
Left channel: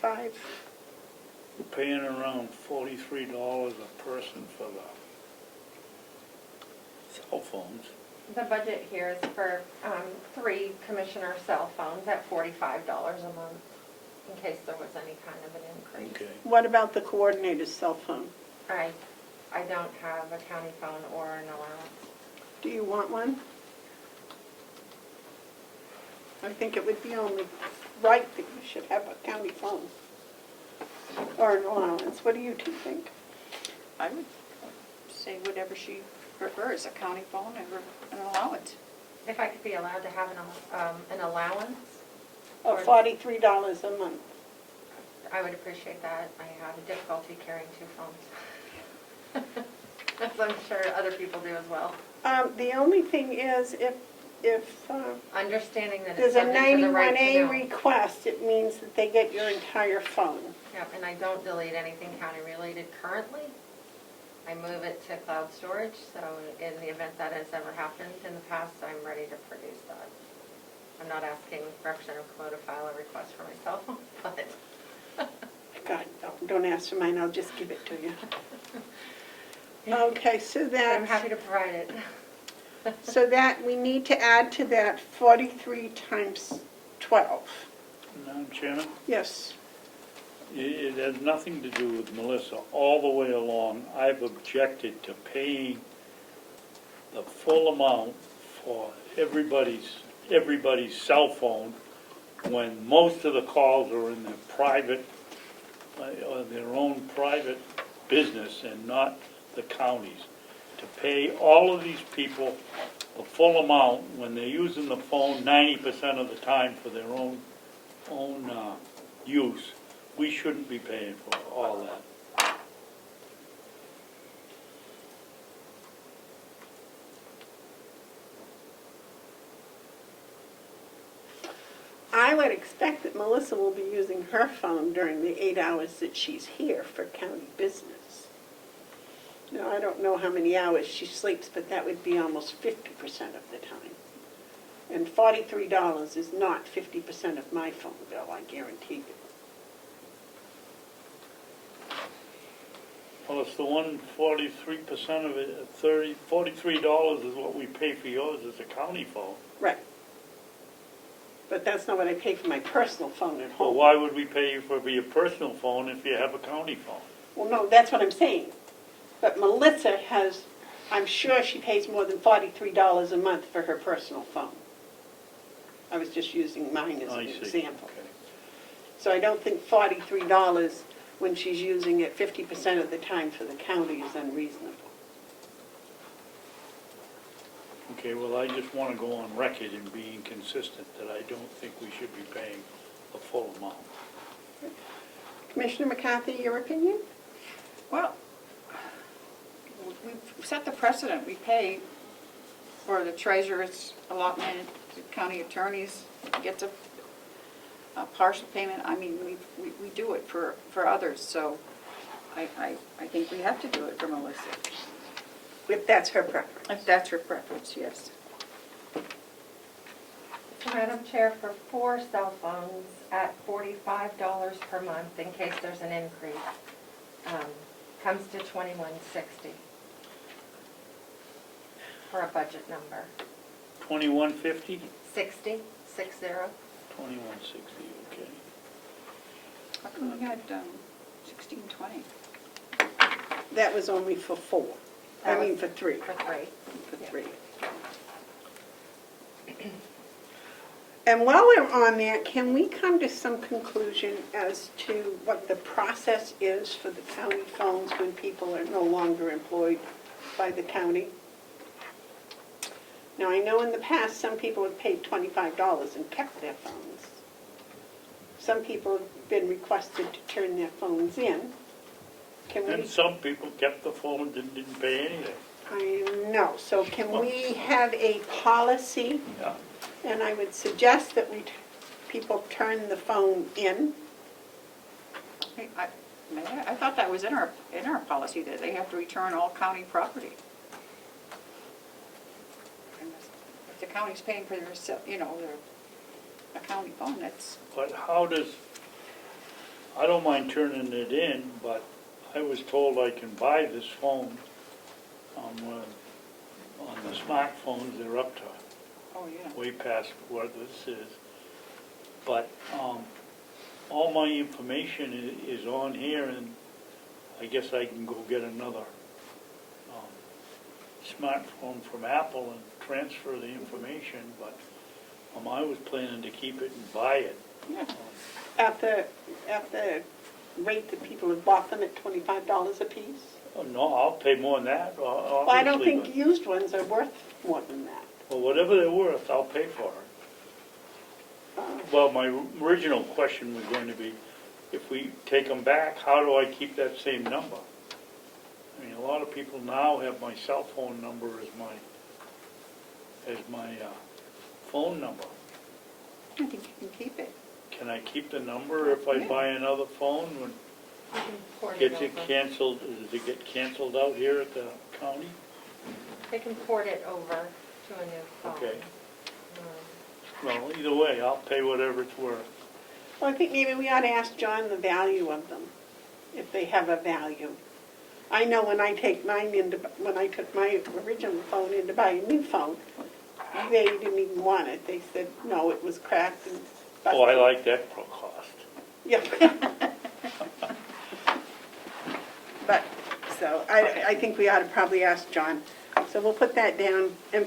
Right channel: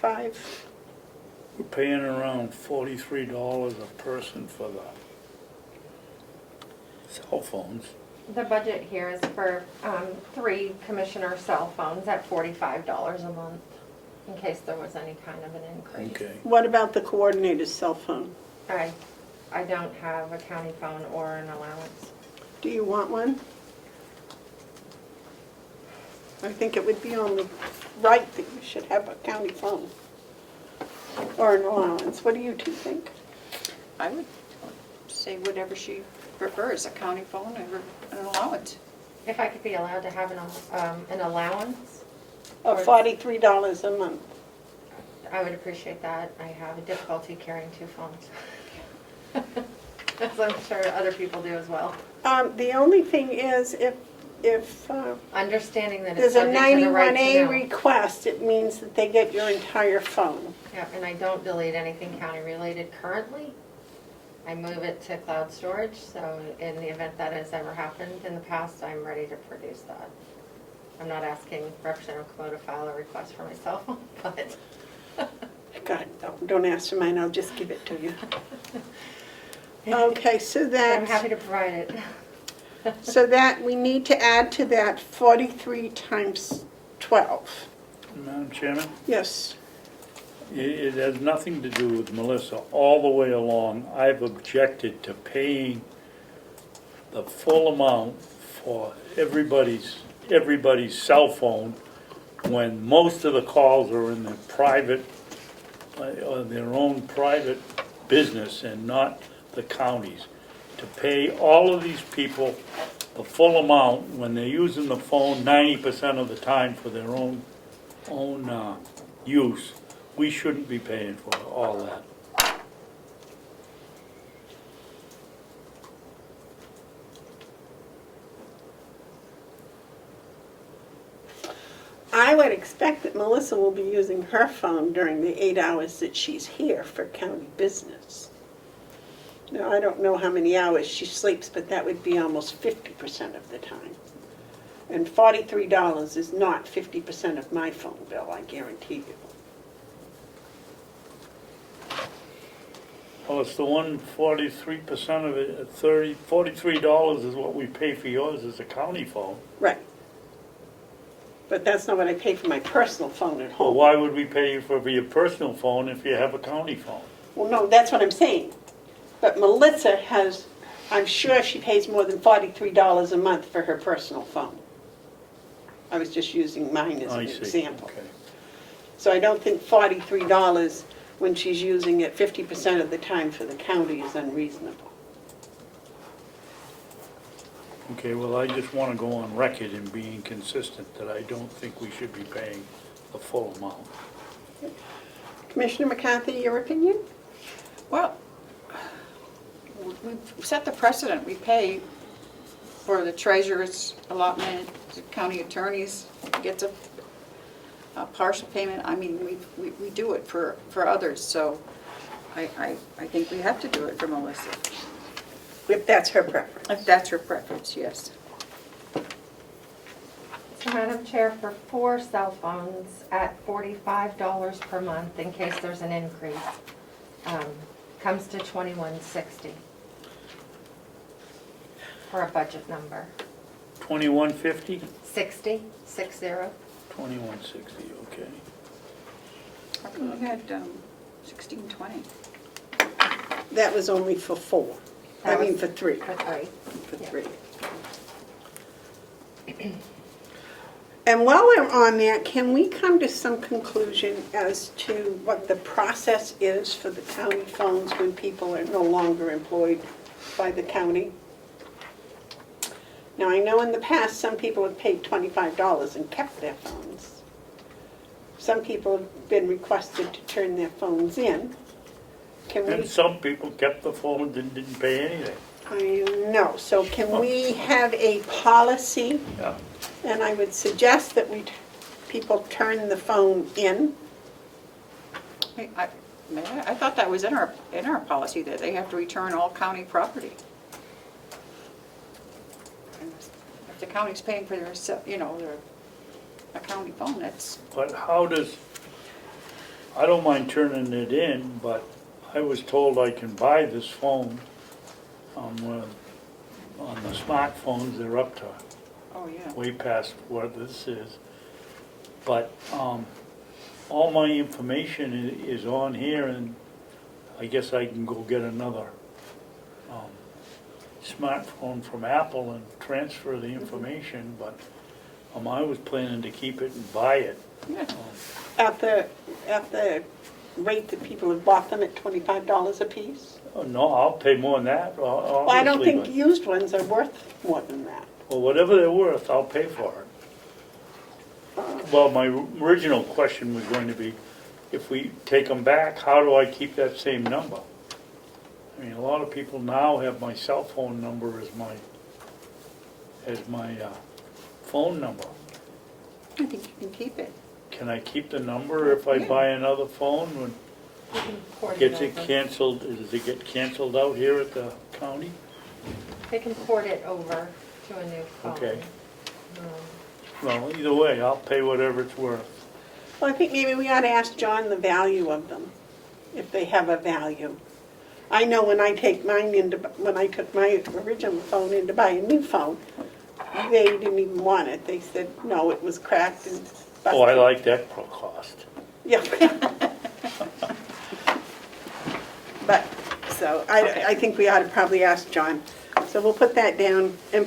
5? We're paying around $43 a person for the cell phones. The budget here is for 3 commissioner cell phones at $45 a month, in case there was any kind of an increase. Okay. What about the coordinator's cell phone? I don't have a county phone or an allowance. Do you want one? I think it would be only right that you should have a county phone or an allowance. What do you two think? I would say whatever she prefers, a county phone or an allowance. If I could be allowed to have an allowance, Of $43 a month. I would appreciate that. I have a difficulty carrying 2 phones. As I'm sure other people do as well. The only thing is if Understanding that it's there's a subject to the right to 91A know. request, it means that they get your entire phone. Yep, and I don't delete anything county related currently. I move it to cloud storage, so in the event that has ever happened in the past, I'm ready to produce that. I'm not asking Representative Comeau to file a request for my cell phone, but God, no, don't ask for mine, I'll just give it to you. Okay, so I'm that's, happy to provide it. so that, we need to add to that 43 times 12. Madam Chairman, Yes. it has nothing to do with Melissa. All the way along, I've objected to paying the full amount for everybody's cell phone when most of the calls are in their private, their own private business and not the counties. To pay all of these people the full amount, when they're using the phone 90% of the time for their own use, we shouldn't be paying for all that. I would expect that Melissa will be using her phone during the 8 hours that she's here for county business. Now, I don't know how many hours she sleeps, but that would be almost 50% of the time. And $43 is not 50% of my phone bill, I guarantee you. Well, it's the 43% of it, $43 is what we pay for yours as a county phone. Right. But that's not what I pay for my personal phone at Well, home. why would we pay you for your personal phone if you have a county phone? Well, no, that's what I'm saying. But Melissa has, I'm sure she pays more than $43 a month for her personal phone. I was just using mine as I an see. example. Okay. So I don't think $43 when she's using it 50% of the time for the county is unreasonable. Okay, well, I just want to go on record in being consistent that I don't think we should be paying the full amount. Commissioner McCarthy, your opinion? Well, we've set the precedent. We pay for the treasurer's allotment, the county attorneys gets a partial payment. I mean, we do it for others, so I think we have to do it for Melissa. If that's her preference. If that's her preference, yes. So Madam Chair, for 4 cell phones at $45 per month, in case there's an increase, comes to $21.60 for a budget number. $21.50? 60. 21.60, okay. How come we had 1620? That was only for 4. That I mean was for 3. For 3. For 3. And while we're on that, can we come to some conclusion as to what the process is for the county phones when people are no longer employed by the county? Now, I know in the past, some people have paid $25 and kept their phones. Some people have been requested to turn their phones in. Can we? And some people kept the phone and didn't pay anything. I know, so can we have a policy? Yeah. And I would suggest that people turn the phone in. I thought that was in our policy, that they have to return all county property. And if the county's paying for their, a county phone, that's, But how does, I don't mind turning it in, but I was told I can buy this phone. On the smartphones, they're up to oh, yeah. way past what this is. But all my information is on here, and I guess I can go get another smartphone from Apple and transfer the information, but I was planning to keep it and buy it. Yeah. At the rate that people have bought them at $25 a piece? Oh, no, I'll pay more than that, obviously. Well, I don't think but- used ones are worth more than that. Well, whatever they're worth, I'll pay for it. Well, my original question was going to be, if we take them back, how do I keep that same number? I mean, a lot of people now have my cell phone number as my phone number. I think you can keep it. Can I keep the number if I buy another phone? When You can port gets it it over. canceled, does it get canceled out here at the county? They can port it over to a new phone. Okay. Um, Well, either way, I'll pay whatever it's worth. Well, I think maybe we ought to ask John the value of them, if they have a value. I know when I took my original phone in to buy a new phone, they didn't even want it. They said, no, it was cracked and busted. Oh, I like that cost. Yeah. But, so, I think we ought to probably ask John. So we'll put that down, and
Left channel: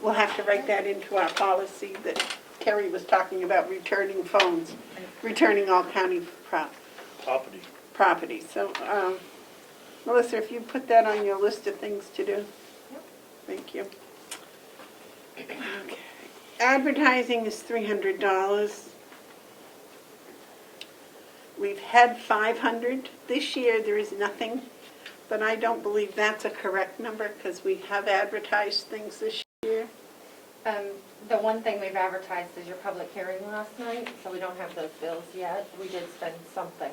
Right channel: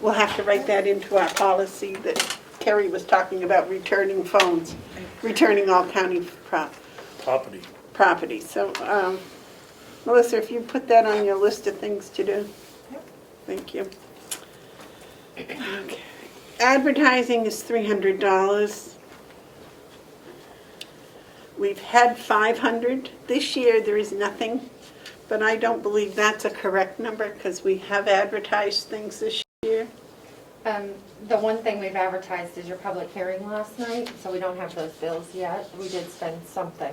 we'll have to write that into our policy that Terry was talking about, returning phones, returning all county Property. So, Melissa, if you put that on your list of things to do. Thank you. Advertising is $300. We've had 500. This year, there is nothing, but I don't believe that's a correct number because we have advertised things this year. The one thing we've advertised is your public hearing last night, so we don't have those bills yet. We did spend something,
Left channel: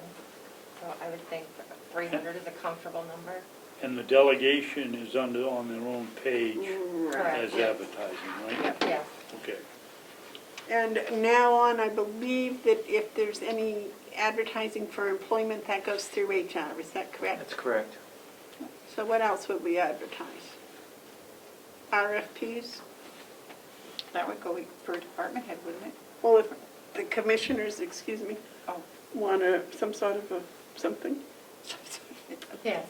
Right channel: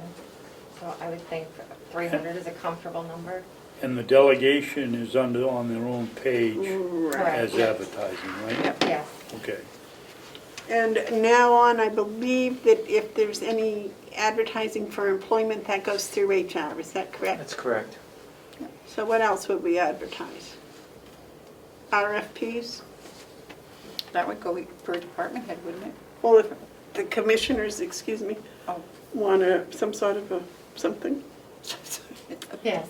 so I would think 300 is a comfortable number. And the delegation is on their own page Correct. as advertising, right? Yes. Okay. And now on, I believe that if there's any advertising for employment, that goes through HR. Is that correct? That's correct. So what else would we advertise? RFPs? That would go for a department head, wouldn't it? Well, if the commissioners, excuse me, Oh. want some sort of something? Yes.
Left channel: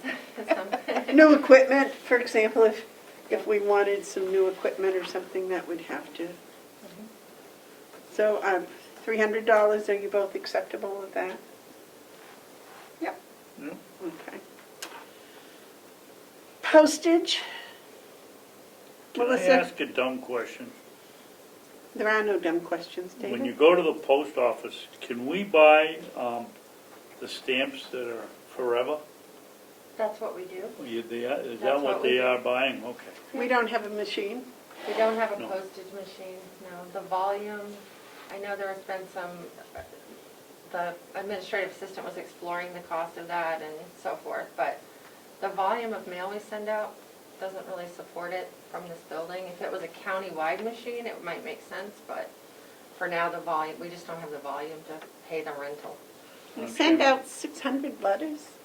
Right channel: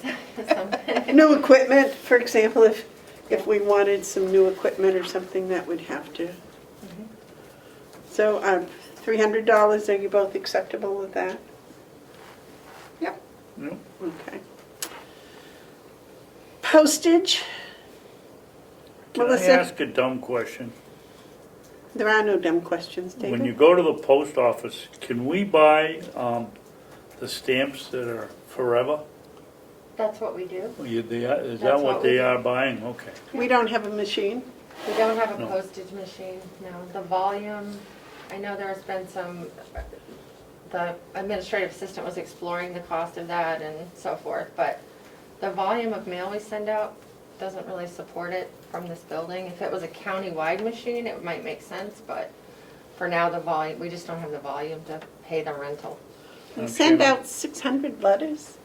New equipment, for example, if we wanted some new equipment or something, that would have to. So $300, are you both acceptable with that? Yep. Yep. Okay. Postage? Can I Melissa? ask a dumb question? There are no dumb questions, David. When you go to the post office, can we buy the stamps that are forever? That's what we do. Is That's that what what we they do. are buying? Okay. We don't have a machine. We don't have a No. postage machine, no. The volume, I know there has been some, the administrative assistant was exploring the cost of that and so forth, but the volume of mail we send out doesn't really support it from this building. If it was a county-wide machine, it might make sense, but for now, the volume, we just don't have the volume to pay the rental. We send out 600 letters.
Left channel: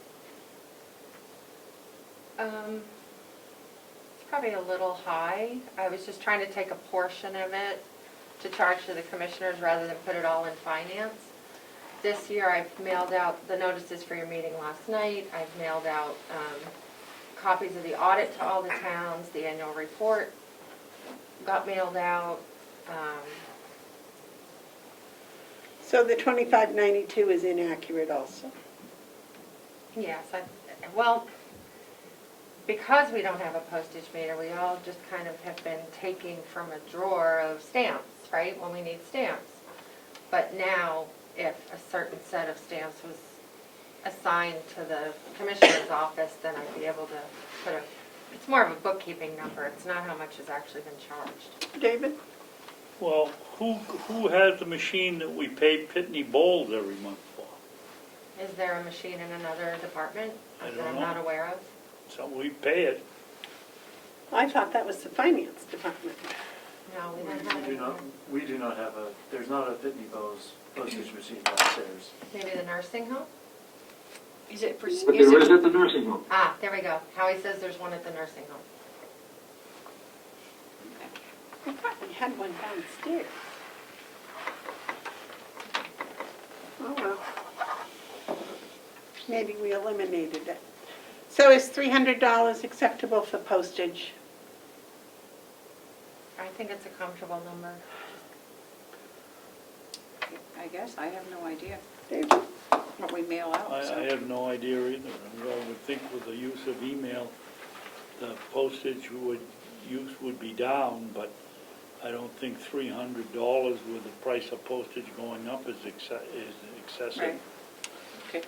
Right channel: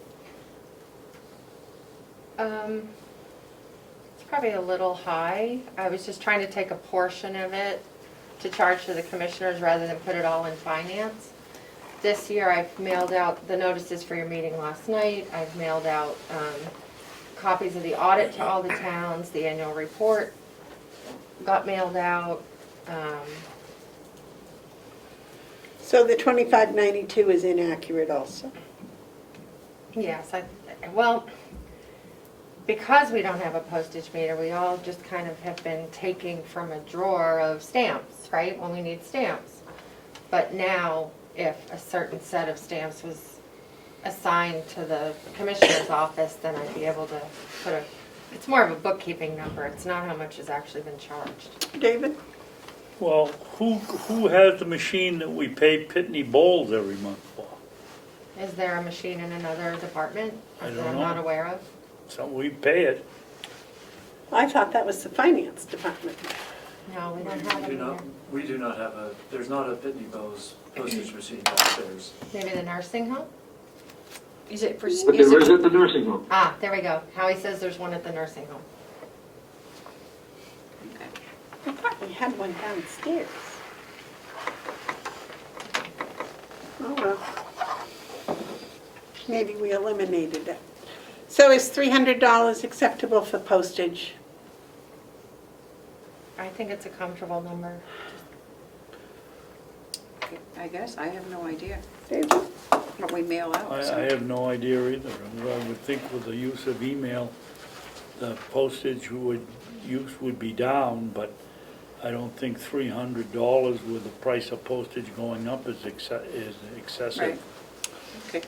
It's probably a little high. I was just trying to take a portion of it to charge to the commissioners rather than put it all in finance. This year, I've mailed out the notices for your meeting last night. I've mailed out copies of the audit to all the towns. The annual report got mailed out. So the 2592 is inaccurate also. Yes, well, because we don't have a postage meter, we all just kind of have been taking from a drawer of stamps, right, when we need stamps. But now, if a certain set of stamps was assigned to the commissioner's office, then I'd be able to put it's more of a bookkeeping number. It's not how much has actually been charged. David? Well, who has the machine that we pay Pitney Bowles every month for? Is there a machine in another department I don't that I'm know. not aware of? So we pay it. I thought that was the finance department. No, we don't have it in there. We do not have there's not a Pitney Bowes postage machine downstairs. Maybe the nursing home? Is it for, But there is at the nursing home. Ah, there we go. Howie says there's one at the nursing home. I thought we had one downstairs. Oh, well. Maybe we eliminated it. So is $300 acceptable for postage? I think it's a comfortable number. I guess, I have no idea David? what we mail out. I have no idea either. I would think with the use of email, the postage use would be down, but I don't think $300 with the price of postage going up is excessive. Right.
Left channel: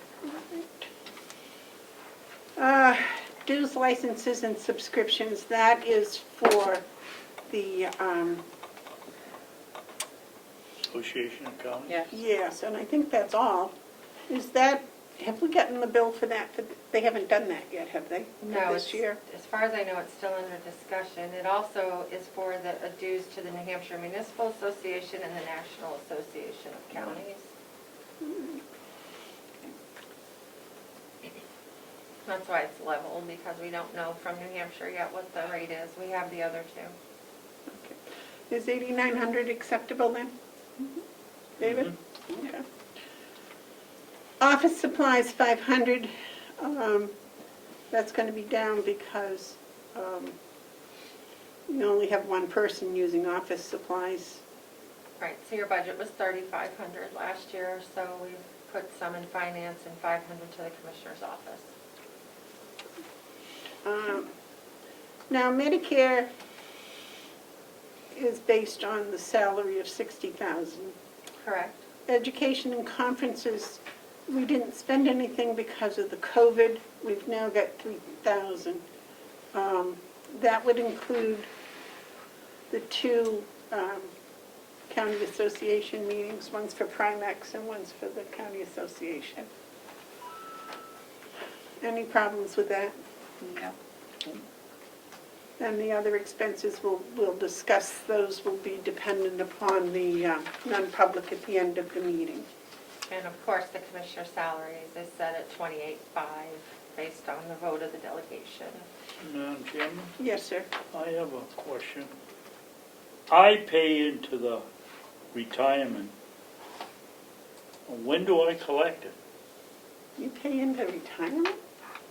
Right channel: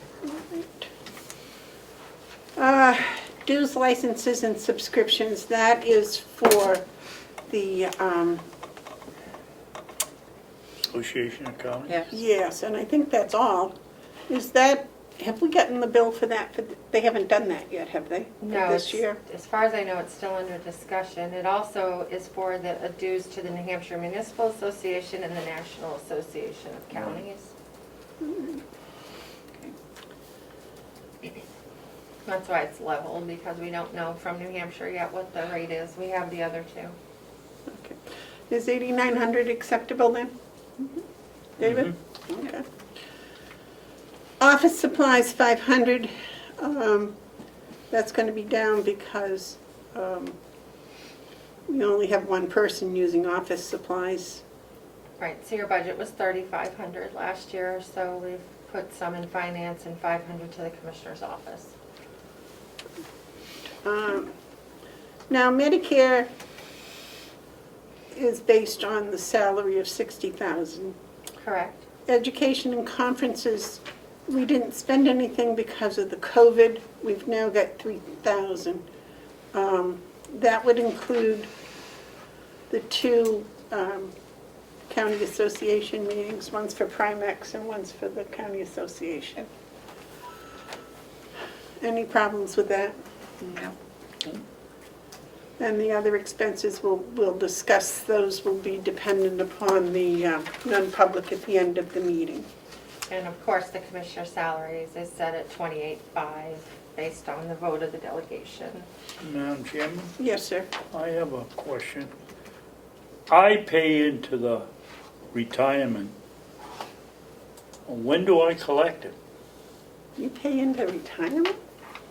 Okay. Dues, licenses, and subscriptions, that is for the, Association of Counties? Yes. yes, and I think that's all. Is that, have we gotten the bill for that? They haven't done that yet, have they? For No, this year? as far as I know, it's still under discussion. It also is for the dues to the New Hampshire Municipal Association and the National Association of Counties. That's why it's level, because we don't know from New Hampshire yet what the rate is. We have the other two. Is 8,900 acceptable then? David? Okay. Office supplies, 500. That's going to be down because we only have one person using office supplies. Right, so your budget was 3,500 last year, so we've put some in finance and 500 to the commissioner's office. Now Medicare, is based on the salary of 60,000. Correct. Education and conferences, we didn't spend anything because of the COVID. We've now got 3,000. That would include the two county association meetings, one's for Primex and one's for the county association. Any problems with that? No. And the other expenses, we'll discuss, those will be dependent upon the non-public at the end of the meeting. And of course, the commissioner salaries is set at 28.5 based on the vote of the delegation. Madam Chairman, Yes, sir. I have a question. I pay into the retirement. When do I collect it? You pay into retirement?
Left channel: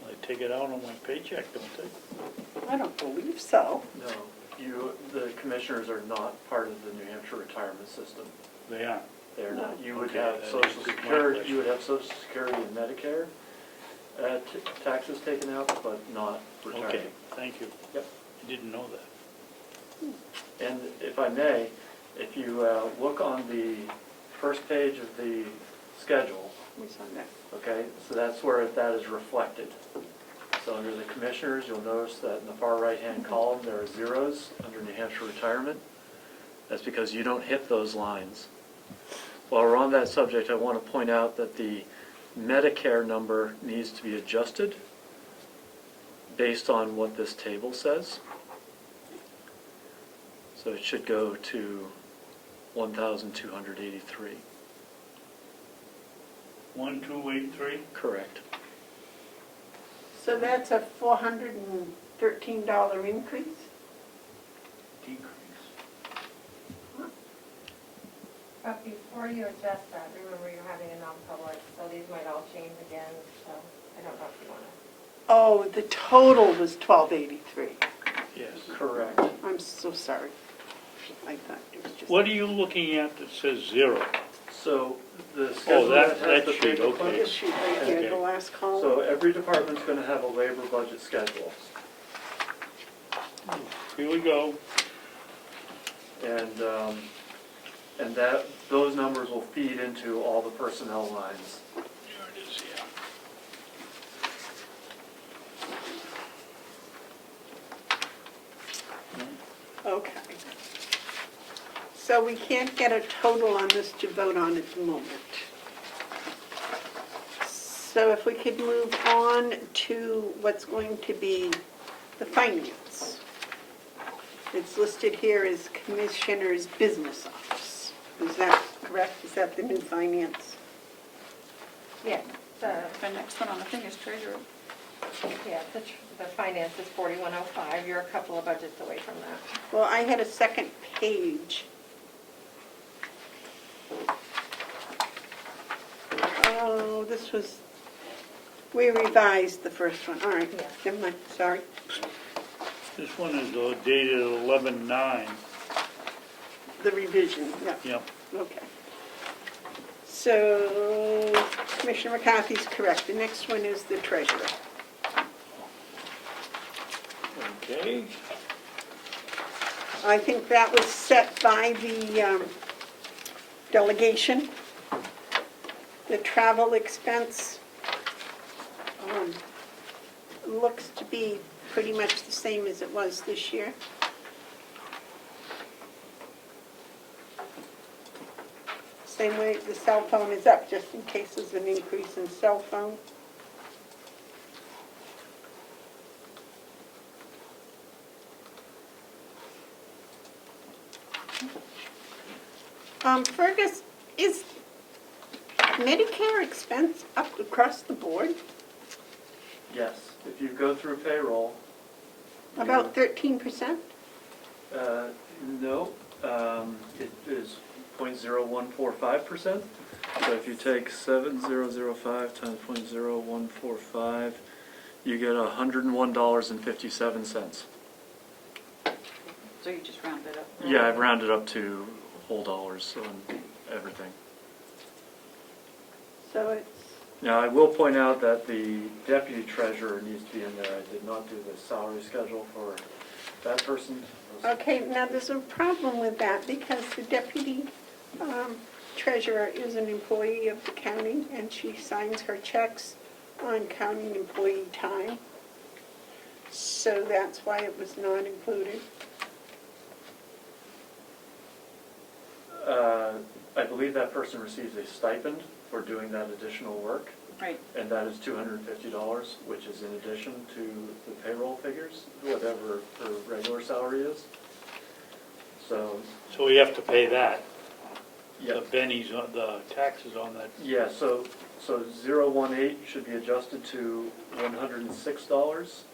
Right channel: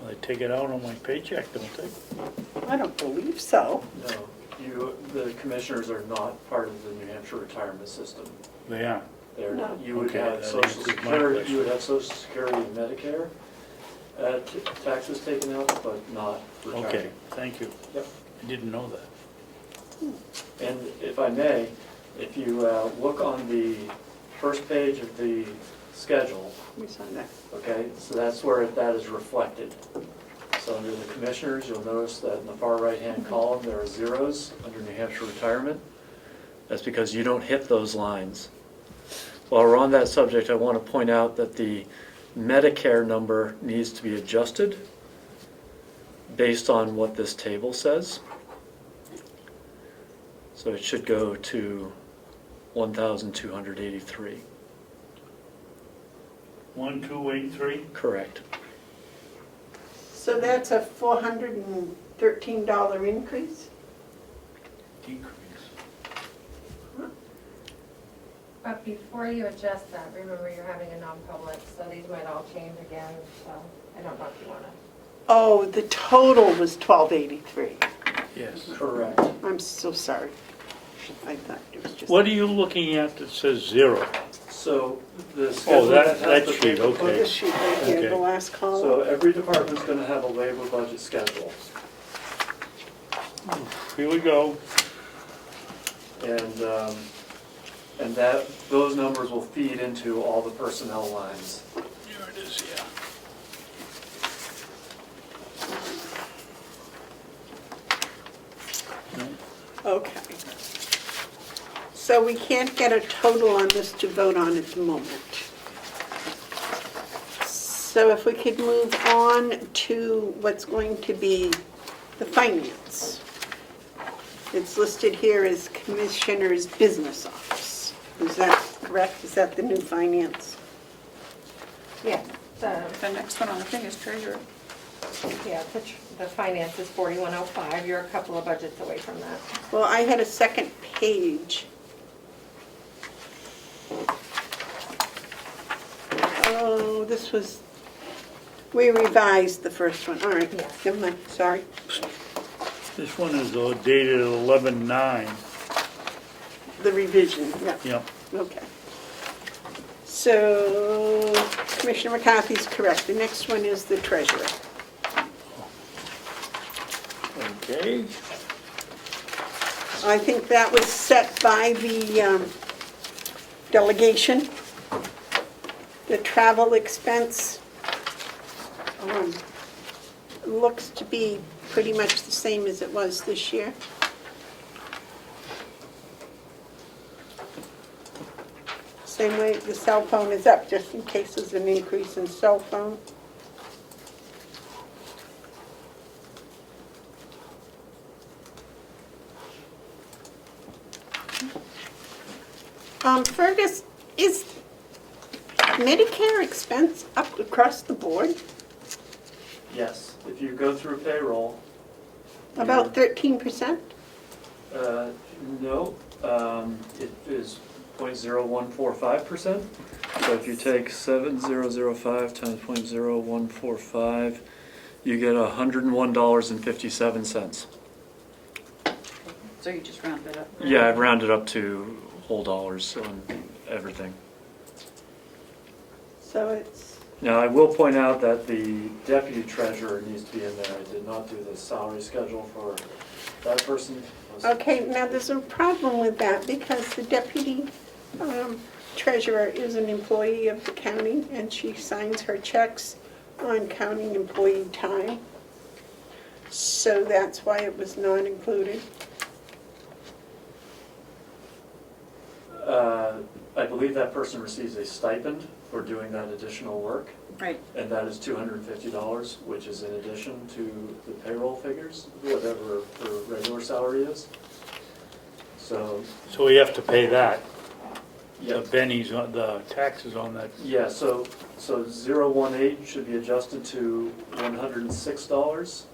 They take it out on my paycheck, don't they? I don't believe so. No, the commissioners are not part of the New Hampshire retirement system. They are. They're No. not, you would Okay, have that Social answers my Security, question. you would have Social Security and Medicare, taxes taken out, but not retirement. Okay, thank you. Yep. I didn't know that. And if I may, if you look on the first page of the schedule, We saw that. okay, so that's where that is reflected. So under the commissioners, you'll notice that in the far right-hand column, there are zeros under New Hampshire retirement. That's because you don't hit those lines. While we're on that subject, I want to point out that the Medicare number needs to be adjusted based on what this table says. So it should go to 1,283. 1283? Correct. So that's a $413 increase? Decrease. But before you adjust that, remember you're having a non-public, so these might all change again, so I don't know if you want to. Oh, the total was $1,283. Yes. Correct. I'm so sorry. I thought it was just. What are you looking at that says zero? So the schedule that has the sheet, paper- Oh, okay. this sheet right here, the Okay. last column. So every department's going to have a labor budget schedule. Here we go. And that, those numbers will feed into all the personnel lines. There it is, yeah. Okay. So we can't get a total on this to vote on at the moment. So if we could move on to what's going to be the finance. It's listed here as Commissioner's Business Office. Is that correct? Is that the new finance? Yeah, the next one on the thing is treasurer. the finance is 4105. You're a couple of budgets away from that. Well, I had a second page. Oh, this was, we revised the first one. All right, Yes. never mind, sorry. This one is dated 11/9. The revision, yeah, Yep. okay. So Commissioner McCarthy's correct. The next one is the treasurer. Okay. I think that was set by the delegation. The travel expense looks to be pretty much the same as it was this year. Same way the cell phone is up, just in case there's an increase in cell phone. Fergus, is Medicare expense up across the board? Yes, if you go through payroll. About 13%? No, it is 0.0145%. So if you take 7,005 times 0.0145, you get $101.57. So you just round it up. Yeah, I've rounded up to whole dollars and everything. So it's, Now, I will point out that the deputy treasurer needs to be in there. I did not do the salary schedule for that person was. Okay, now there's a problem with that because the deputy treasurer is an employee of the county and she signs her checks on county employee time. So that's why it was not included. I believe that person receives a stipend for doing that additional work, Right. and that is $250, which is in addition to the payroll figures, whatever her regular salary is. So, So we have to pay that, the yeah, bennies, on the taxes on that. yeah, so 018 should be adjusted to $106.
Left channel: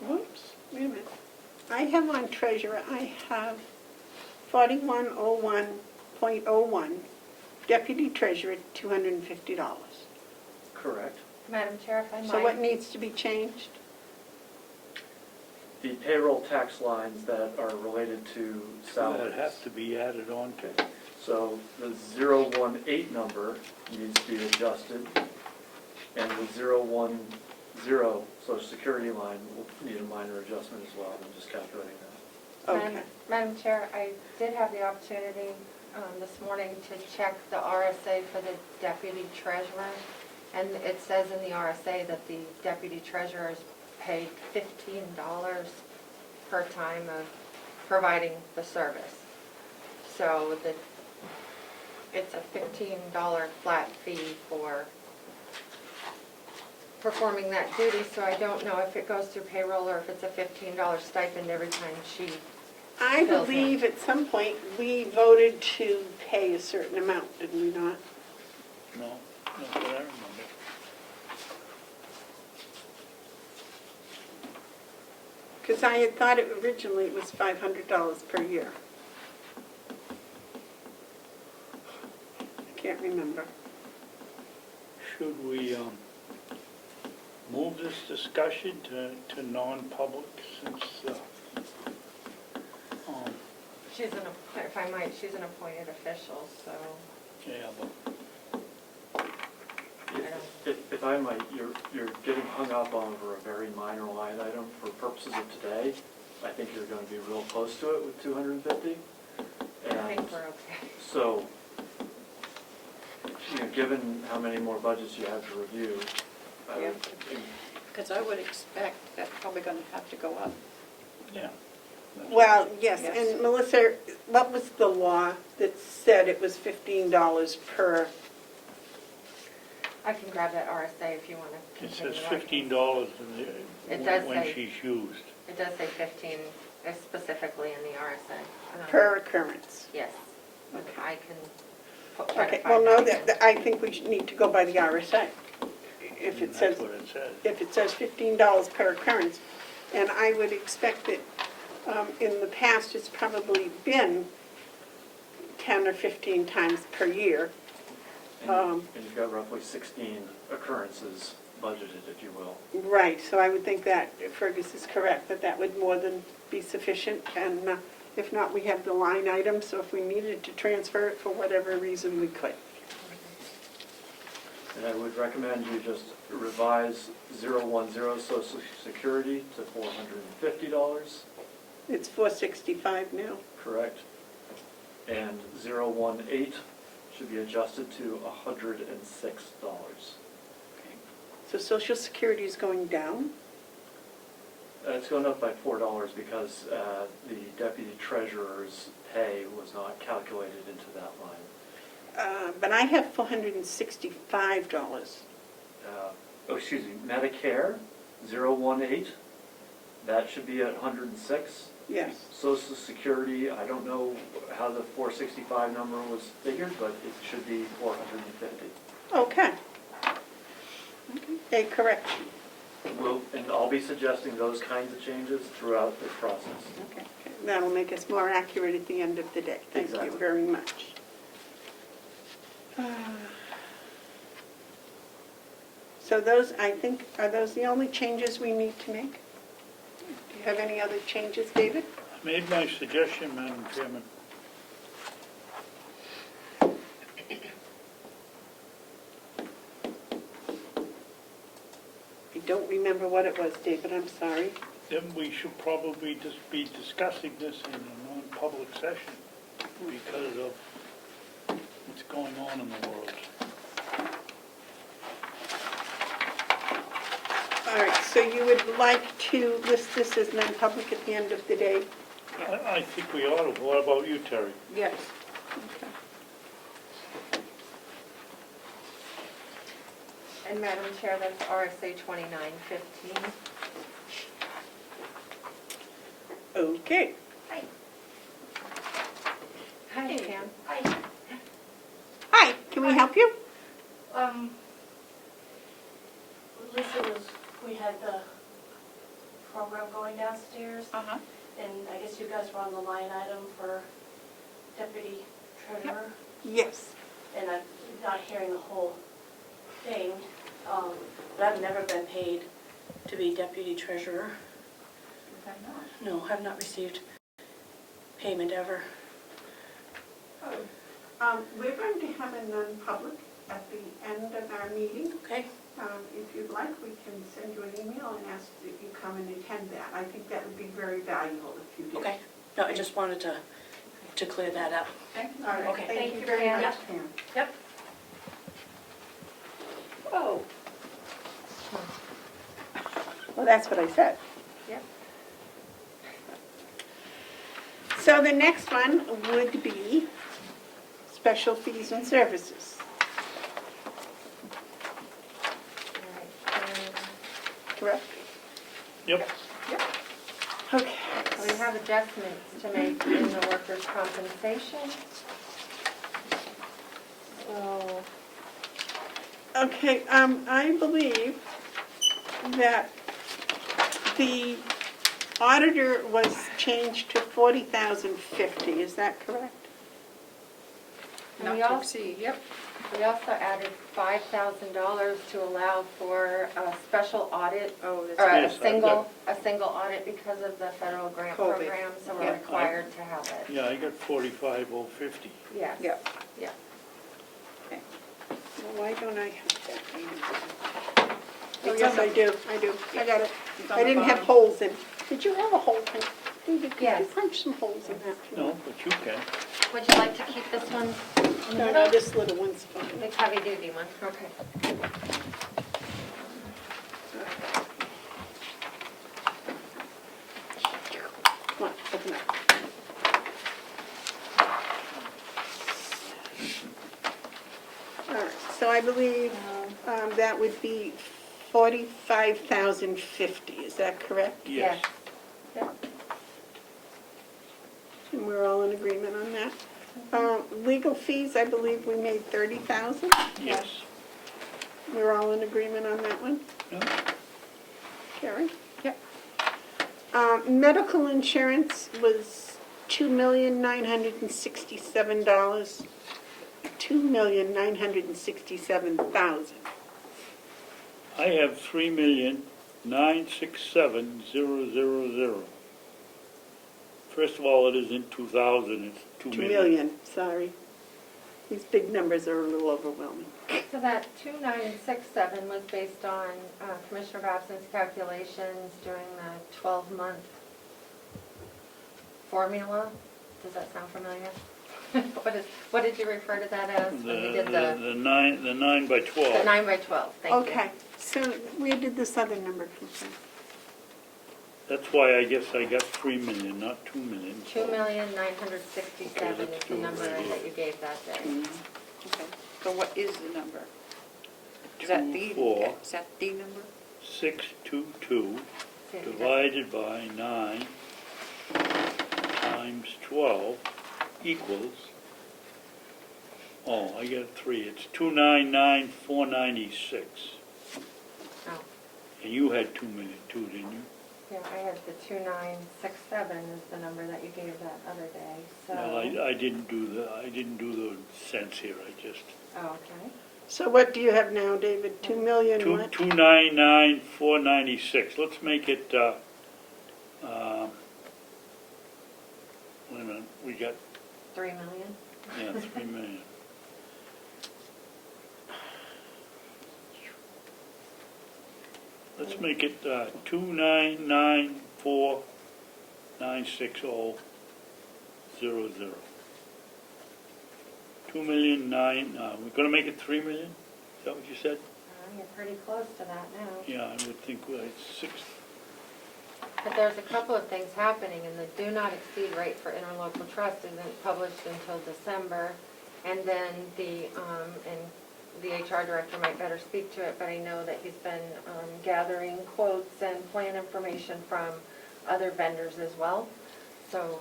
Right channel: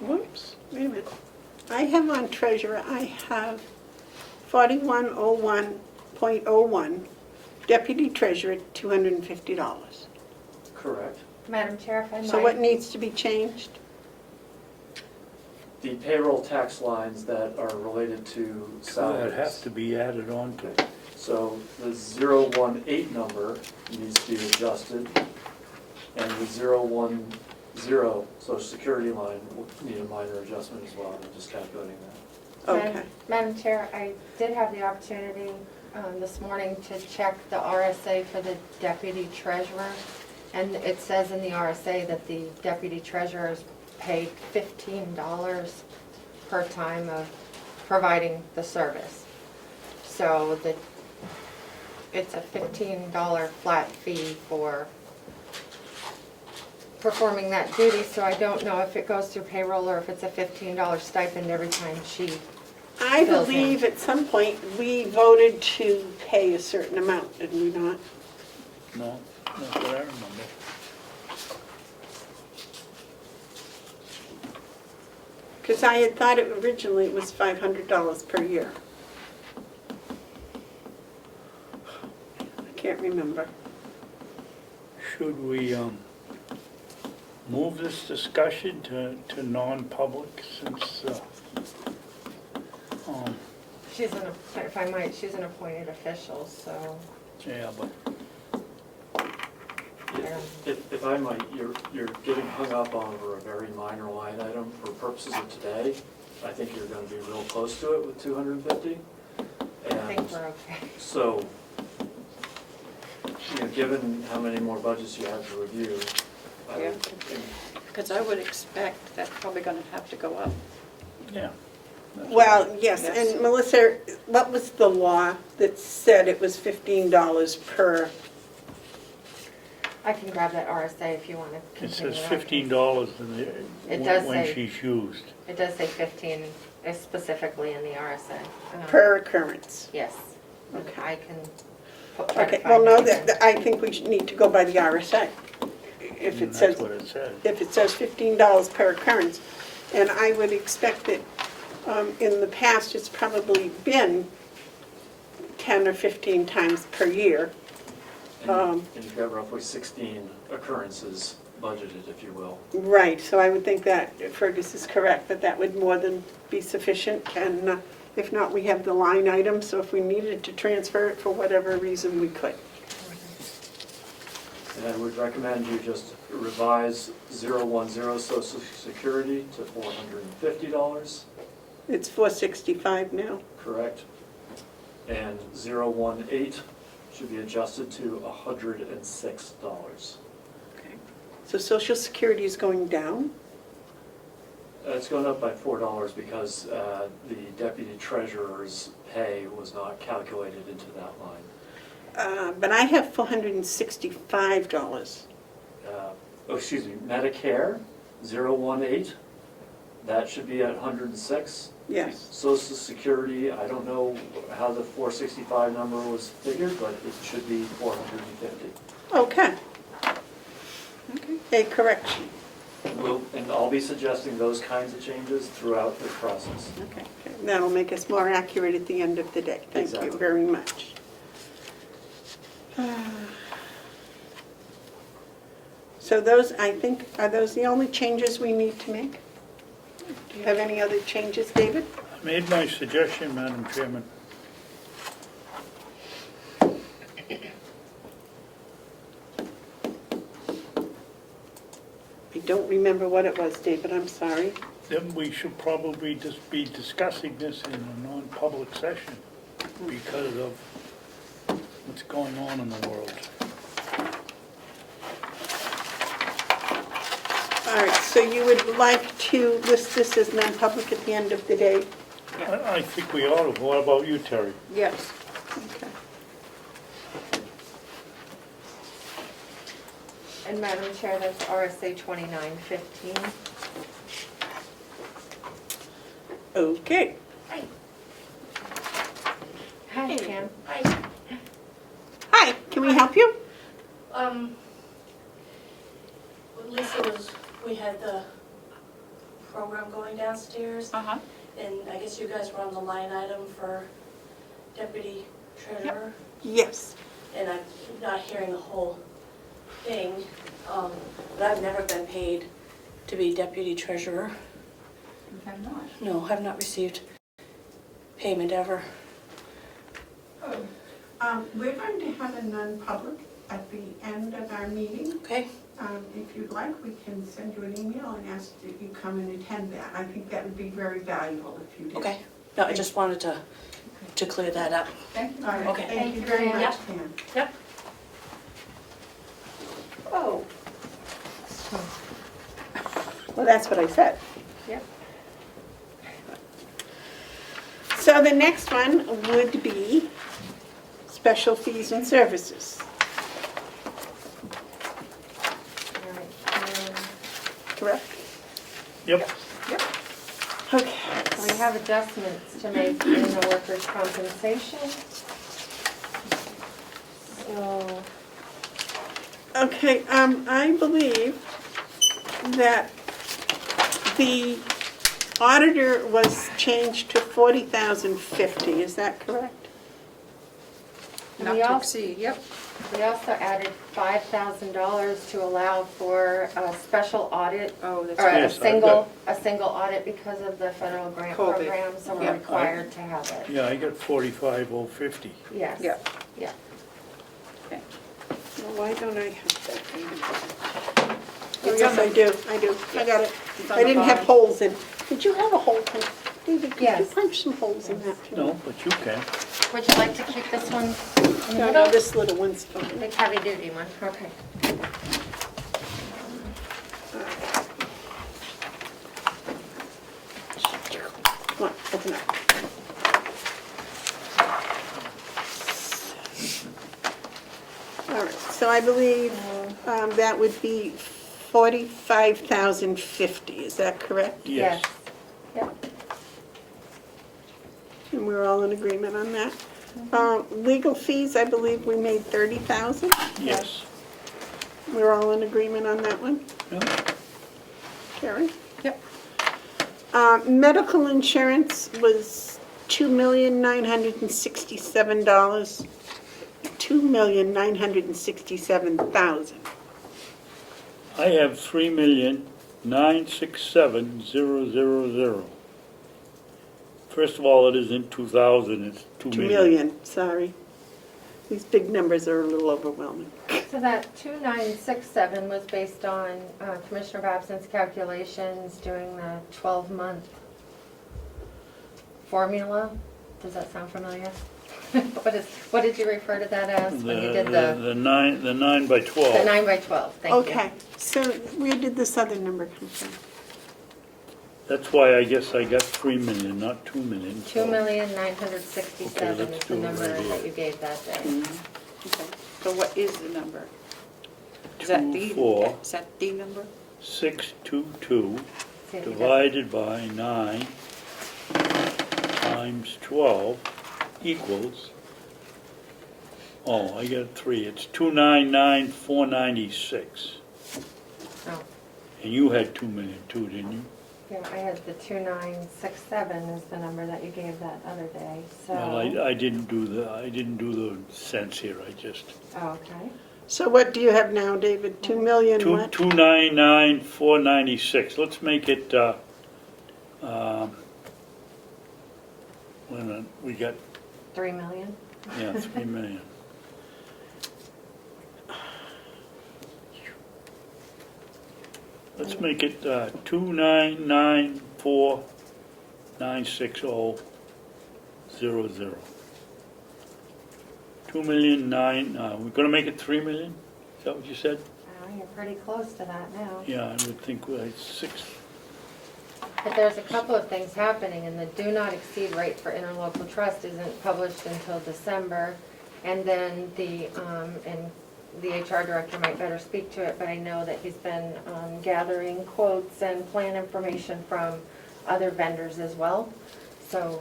Whoops, wait a minute. I have on treasurer, I have 4101.01, deputy treasurer, $250. Correct. Madam Chair, if I So what might, needs to be changed? The payroll tax lines that are related to That salaries. have to be added on to. So the 018 number needs to be adjusted, and the 010 Social Security line will need a minor adjustment as well. I'm just calculating that. Okay. Madam Chair, I did have the opportunity this morning to check the RSA for the deputy treasurer. And it says in the RSA that the deputy treasurer is paid $15 per time of providing the service. So it's a $15 flat fee for performing that duty. So I don't know if it goes through payroll or if it's a $15 stipend every time she I Fills in. believe at some point we voted to pay a certain amount, did we not? No, that's what I remember. Because I had thought it originally it was $500 per year. I can't remember. Should we move this discussion to non-public since, if I might, she's an appointed official, so yeah, but I don't. If I might, you're getting hung up over a very minor line item for purposes of today. I think you're going to be real close to it with 250. I think we're okay. So, given how many more budgets you have to review, I Yeah. think Because I would expect that's probably going to have to go up. yeah. that's Well, right. yes, Yes. and Melissa, what was the law that said it was $15 per? I can grab that RSA if you want to It continue. says on. $15 It does when say- she's used. It does say 15 specifically in the RSA. Per occurrence. Yes. Okay. I can try to Okay, find well, no, that. I think we should need to go by the RSA. If And it says, that's what it says. if it says $15 per occurrence, and I would expect that in the past, it's probably been 10 or 15 times per year. and you've got roughly 16 occurrences budgeted, if you will. Right, so I would think that Fergus is correct, that that would more than be sufficient, and if not, we have the line item, so if we needed to transfer it for whatever reason, we could. And I would recommend you just revise 010 Social Security to $450, It's $465 now. correct? And 018 should be adjusted to $106. So Social Security is going down? It's gone up by $4 because the deputy treasurer's pay was not calculated into that line. But I have $465. Excuse me, Medicare, 018, that should be at 106. Yes. Social Security, I don't know how the 465 number was figured, but it should be 450. Okay. A correction. And I'll be suggesting those kinds of changes throughout this process. Okay. That'll make us more accurate at the end of the day. Thank you Exactly. very much. So those, I think, are those the only changes we need to make? Do you have any other changes, David? I made my suggestion, Madam Chairman. I don't remember what it was, David, I'm sorry. then we should probably just be discussing this in a non-public session because of what's going on in the world. All right, so you would like to list this as non-public at the end of the day? I think we ought to. What about you, Terry? Yes. Okay. And Madam Chair, that's RSA 2915. Okay. Hi, Pam. Hi, can we help you? Lisa we had the program going downstairs, Uh-huh. and I guess you guys were on the line item for deputy treasurer, Yes. and I'm not hearing the whole thing, but I've never been paid to be deputy treasurer. I'm not. No, I've not received payment ever. We're going to have a non-public at the end of our meeting. Okay? If you'd like, we can send you an email and ask that you come and attend that. I think that would be very valuable if you did. Okay. No, I just wanted to clear that up. Thank you. All right, Okay. thank you very Pam. much, Pam. Yep. Oh. Well, that's what I said. Yep. So the next one would be special fees and services, All right. correct? Yep. Okay. So we have adjustments to make in the workers' compensation. So, Okay, I believe that the auditor was changed to 40,050, is that correct? Not We to also- exceed, yep. we also added $5,000 to allow for a special audit, Oh, that's or right. Yes, a single audit because of the federal grant COVID. program, so we're Yeah. required to have it. Yeah, I got 45,050. Yes. Yeah. Yeah. Well, why don't I have that? Oh, It's yes, on the- I do, I got it. It's on I the didn't have bottom. holes in. Did you have a hole? David, did you Yes. punch some holes in that? No, but you can. Would you like to keep this one in the No, middle? no, this little one's fine. The heavy-duty one, okay. Come on, open up. All right, so I believe that would be 45,050, is that correct? Yes. Yep. And we're all in agreement on that? Legal fees, I believe we made 30,000. Yes. We're all in agreement on that one? Yeah. Karen? Yep. Medical insurance was $2,967. $2,967,000. I have 3,967,000. First of all, it isn't 2,000, it's 2 2 million. million, sorry. These big numbers are a little overwhelming. So that 2,967 was based on Commissioner Babson's calculations during the 12-month formula. Does that sound familiar? What did you refer to that as when you did the The 9 by 12. 9 by 12? Thank you. Okay, so where did this other number come from? That's why I guess I got 3 million, not 2 million. so- 2,967 Okay, let's is do the it number right here. that you gave that day. Okay. So what is the number? Is that the? 24. Is that the number? 622 See if you got- divided by 9 times 12 equals, oh, I got 3, it's 299,496. Oh, And you had 2 million too, didn't you? yeah, I had the 2,967 is the number that you gave that other day, so. Well, I didn't do the cents here, I just, Oh, okay. So what do you have now, David? 2 million what? 299,496. Let's make it, wait a minute, we got, 3 million? yeah, 3 million. Let's make it 299,496. 4,960,000. 2,000,009, we're gonna make it 3 million? Is that what you said? You're pretty close to that now. Yeah, I would think it's 6. But there's a couple of things happening, and the do not exceed rate for interlocal trust isn't published until December. And then and the HR director might better speak to it, but I know that he's been gathering quotes and plan information from other vendors as well. So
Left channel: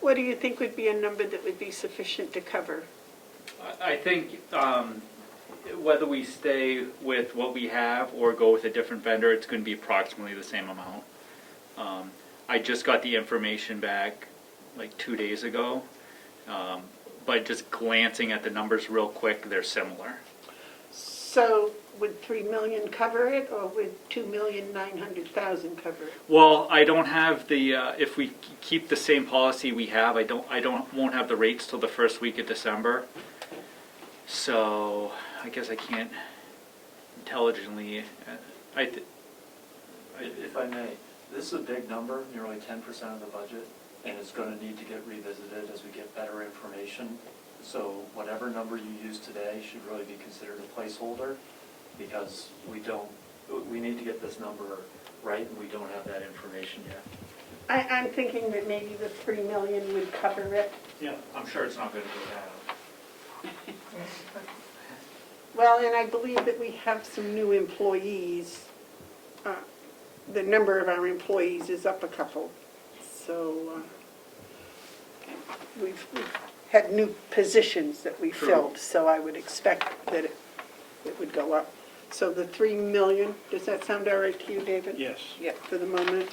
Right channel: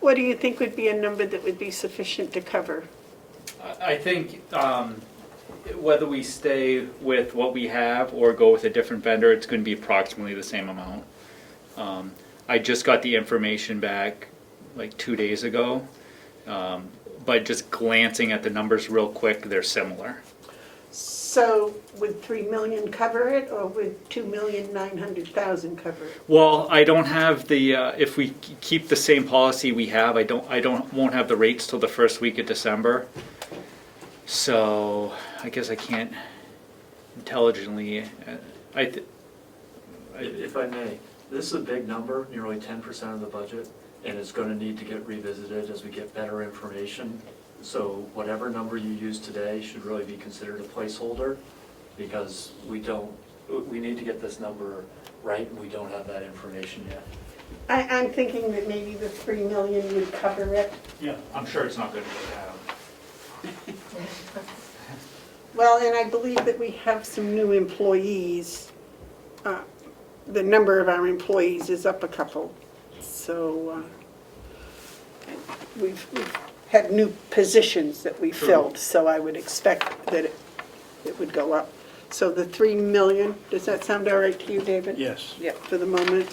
What do you think would be a number that would be sufficient to cover? I think whether we stay with what we have or go with a different vendor, it's going to be approximately the same amount. I just got the information back like 2 days ago, but just glancing at the numbers real quick, they're similar. So would 3 million cover it, or would 2,900,000 cover it? Well, I don't have the. If we keep the same policy we have, won't have the rates till the first week of December. So I guess I can't intelligently. If I may, this is a big number, nearly 10% of the budget, and it's going to need to get revisited as we get better information. So whatever number you use today should really be considered a placeholder, because we need to get this number right, and we don't have that information yet. I'm thinking that maybe the 3 million would cover it. Yeah, I'm sure it's not going to go down. Well, and I believe that we have some new employees. The number of our employees is up a couple. So we've had new positions that we filled, so I would expect that it would go up. So the 3 million, does that sound all right to you, David? Yes. Yeah, for the moment.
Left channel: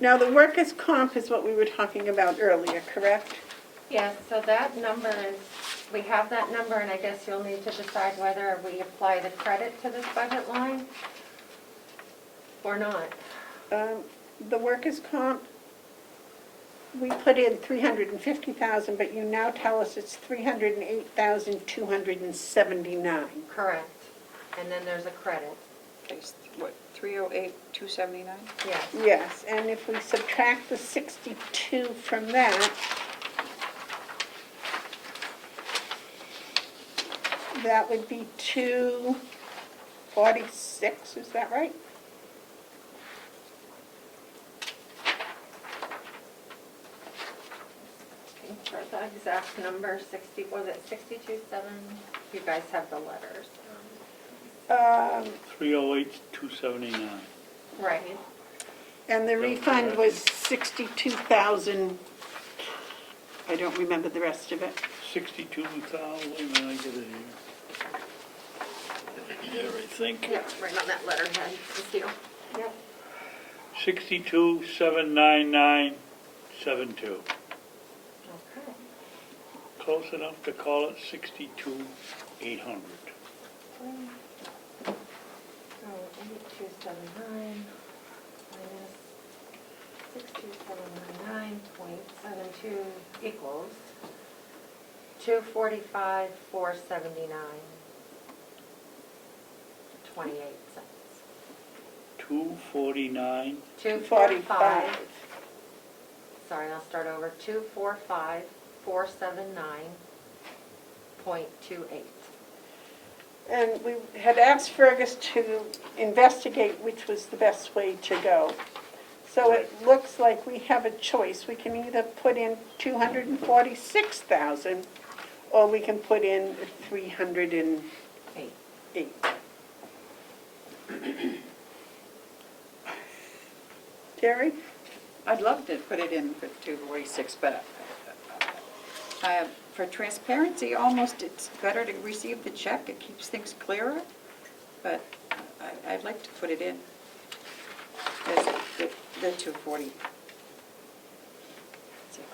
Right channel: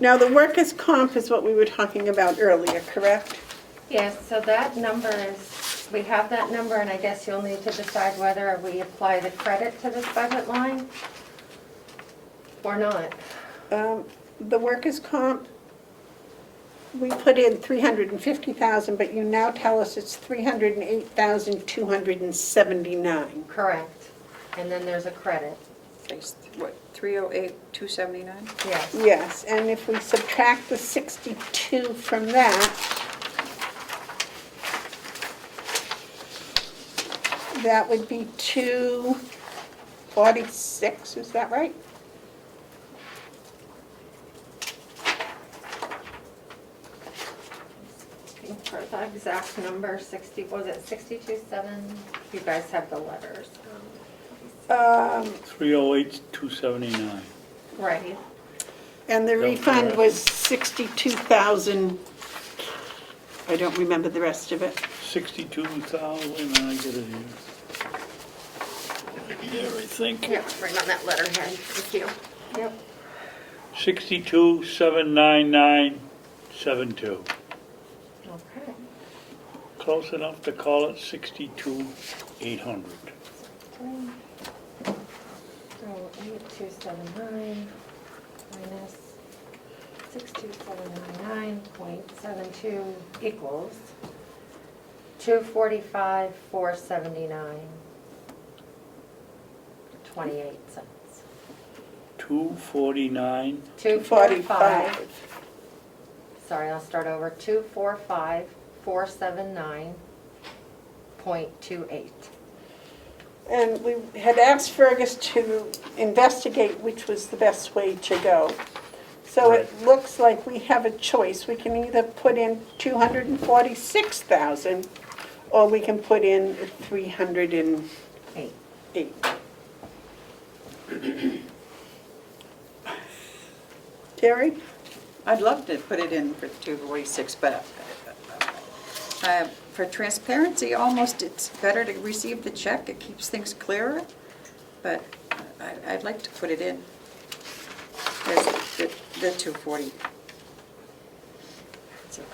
Now, the workers' comp is what we were talking about earlier, correct? yes, so that number is, we have that number, and I guess you'll need to decide whether we apply the credit to this budget line or not. The workers' comp, we put in 350,000, but you now tell us it's 308,279. Correct. And then there's a credit. It's, what, 308,279? Yes. Yes, and if we subtract the 62 from that, that would be 246, is that right? For the exact number, 60, was it 62.7? You guys have the letters. 308,279. Right. And the That's refund correct. was 62,000, I don't remember the rest of it. 62,000, wait a minute, I get it here. There, I think. Yep, right on that letterhead. Thank you. Yep. 62,799,72. Okay. Close enough to call it 62,800. So 8279 minus 62,799.72 equals 245,479. 28 cents. 249. 245. Sorry, I'll start over. 245,479.28. And we had asked Fergus to investigate which was the best way to go. So it looks like we have a choice. We can either put in 246,000, or we can put in 308. Terry? I'd love to put it in for 246, but for transparency, almost it's better to receive the check. It keeps things clearer, but I'd like to put it in. There's the 240.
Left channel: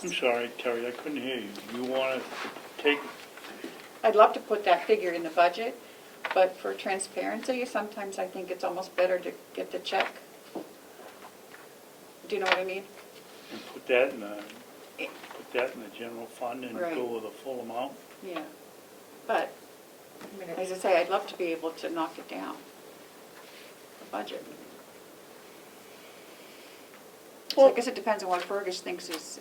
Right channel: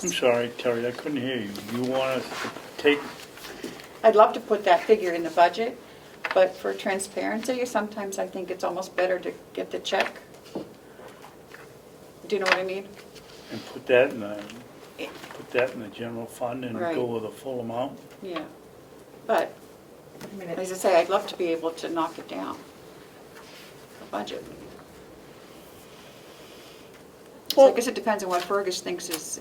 I'm sorry, Terry, I couldn't hear you. You want us to take, I'd love to put that figure in the budget, but for transparency, sometimes I think it's almost better to get the check. Do you know what I mean? and put that in the general fund and Right. go with a full amount? Yeah. But, as I say, I'd love to be able to knock it down, the budget. So I guess it depends on what Fergus thinks is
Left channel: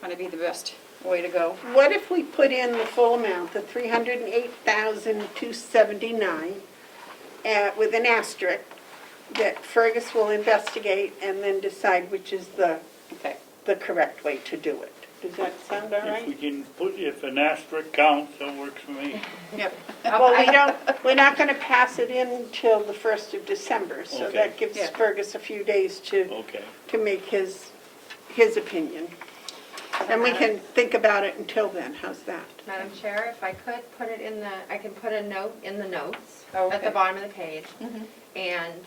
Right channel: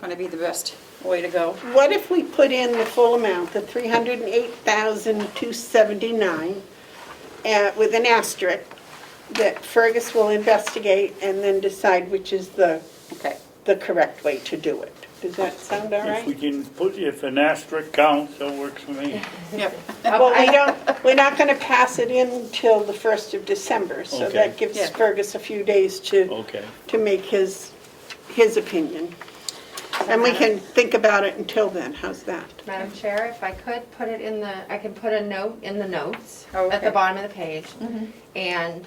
going to be the best way to go. What if we put in the full amount, the $308,279, with an asterisk, that Fergus will investigate and then decide which is the correct way to do it? Does that sound all If we right? can put, if an asterisk counts, that works for me. Yep. Well, we're not going to pass it in until the 1st of December, so Okay. that gives Yeah. Fergus a few days to Okay. make his opinion. And we can think about it until then, how's that? Madam Chair, if I could put it in I can put a note in the notes at Okay. the bottom of the page. And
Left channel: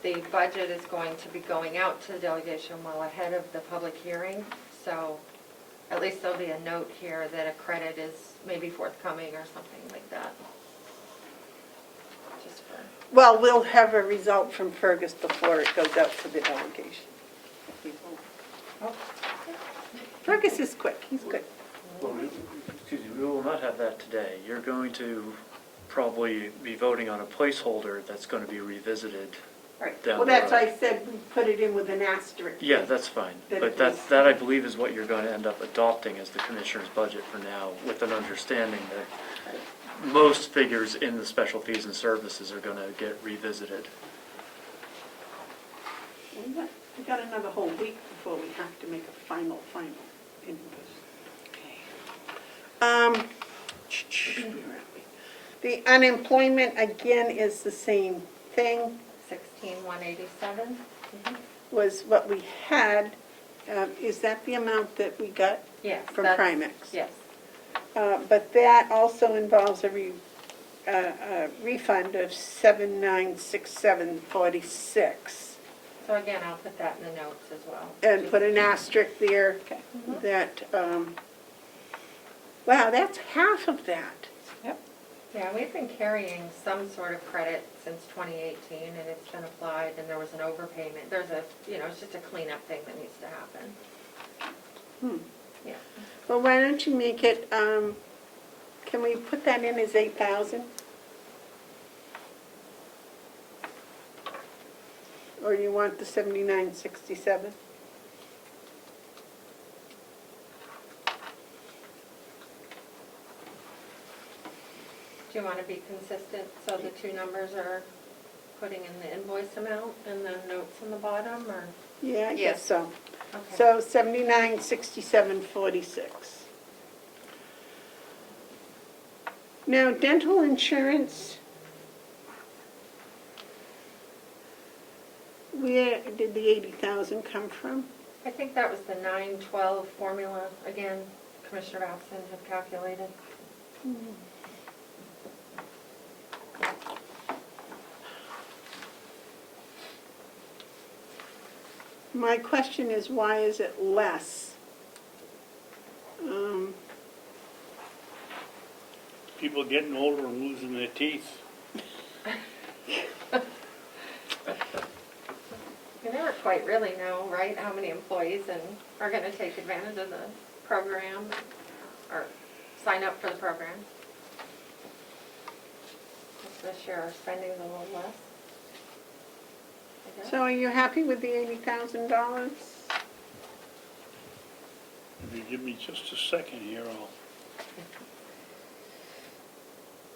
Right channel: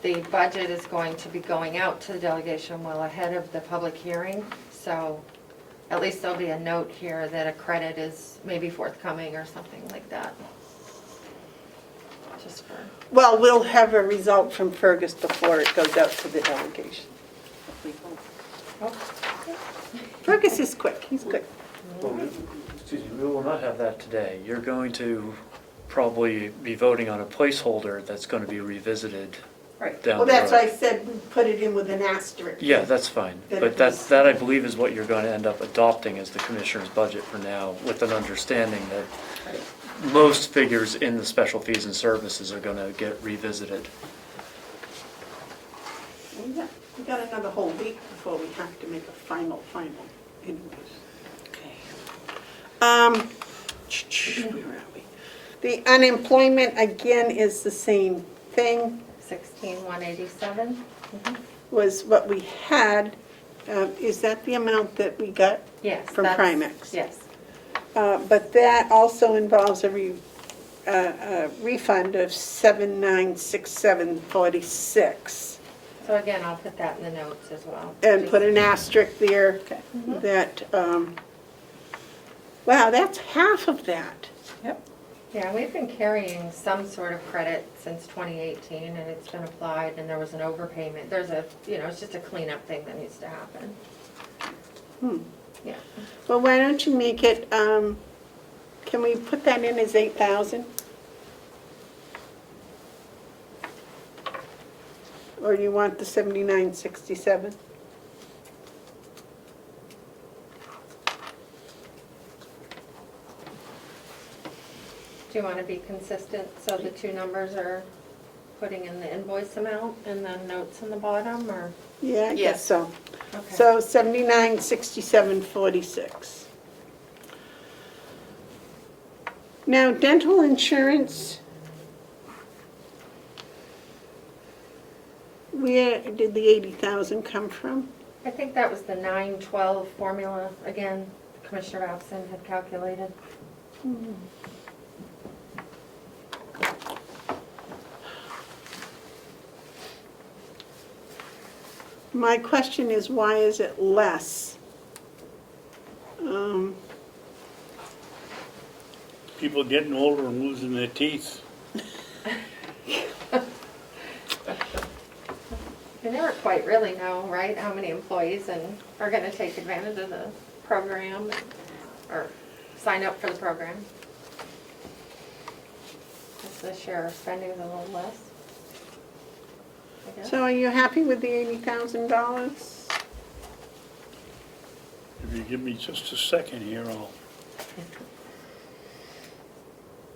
the budget is going to be going out to the delegation well ahead of the public hearing. So at least there'll be a note here that a credit is maybe forthcoming or something like that. Just for, Well, we'll have a result from Fergus before it goes out to the delegation. Fergus is quick, he's quick. Excuse me, we will not have that today. You're going to probably be voting on a placeholder that's going to be revisited Right. down Well, the that's road. why I said we put it in with an asterisk. Yeah, that's fine. That But it was- that I believe is what you're going to end up adopting as the commissioner's budget for now, with an understanding that most figures in the special fees and services are going to get revisited. We got another whole week before we have to make a final invoice. Where are we? The unemployment, again, is the same thing, 16,187. was what we had. Is that the amount that we got? Yes. From that's- Primex. Yes. But that also involves a refund of $7,967.46. So again, I'll put that in the notes as well. And put an asterisk there that, wow, that's half of that. Yeah, we've been carrying some sort of credit since 2018, and it's been applied, and there was an overpayment. There's it's just a cleanup thing that needs to happen. Yeah. Well, why don't you make it, can we put that in as 8,000? Or do you want the 7,967? Do you want to be consistent, so the two numbers are putting in the invoice amount and the notes on the bottom, or? Yeah, I guess Yes. so. Okay. So 7967.46. Now, dental insurance, where did the 80,000 come from? I think that was the 912 formula, again, Commissioner Babson had calculated. My question is, why is it less? People getting older and losing their teeth. You never quite really know, right, how many employees are going to take advantage of the program or sign up for the program. If the share of spending is a little less, I guess. So are you happy with the $80,000? If you give me just a second here, I'll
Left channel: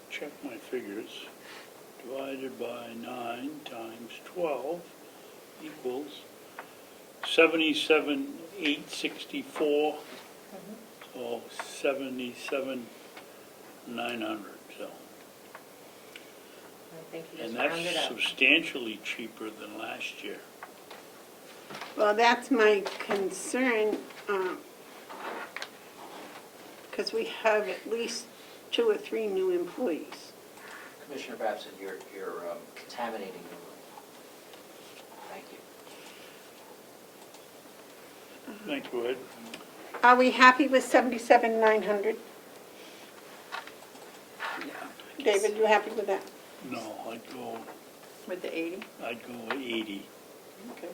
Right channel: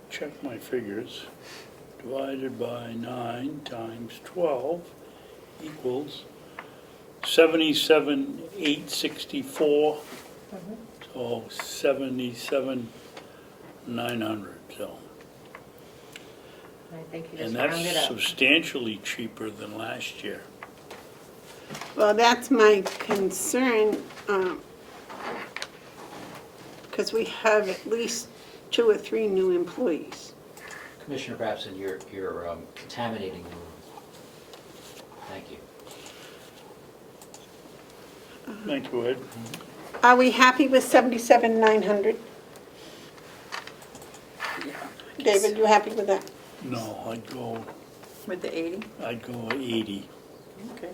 check my figures. Divided by 9 times 12 equals 77,864. So 77,900. So, I think you and just rounded that's up. substantially cheaper than last year. Well, that's my concern, because we have at least 2 or 3 new employees. Commissioner Babson, you're contaminating the room. Thank you. Thank you, Ed. Are we happy with 77,900? David, you happy with that? No, I'd go With the 80? 80. Okay.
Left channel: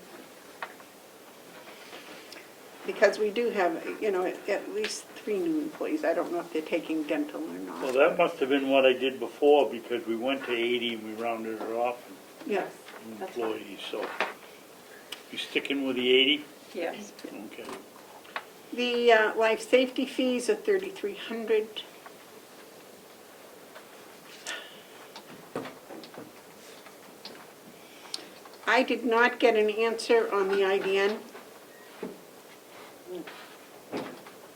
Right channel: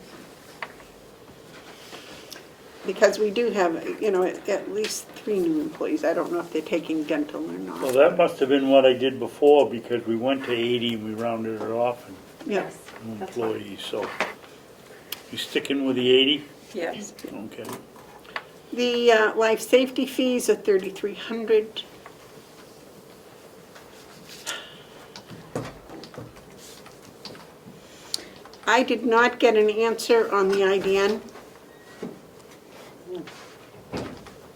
Because we do have, at least 3 new employees. I don't know if they're taking dental or not. Well, that must have been what I did before, because we went to 80 and we rounded it off and Yeah. Yes, that's fine. employees, so. You sticking with the 80? Yes. Okay. The life safety fees are $3,300. I did not get an answer on the IDN.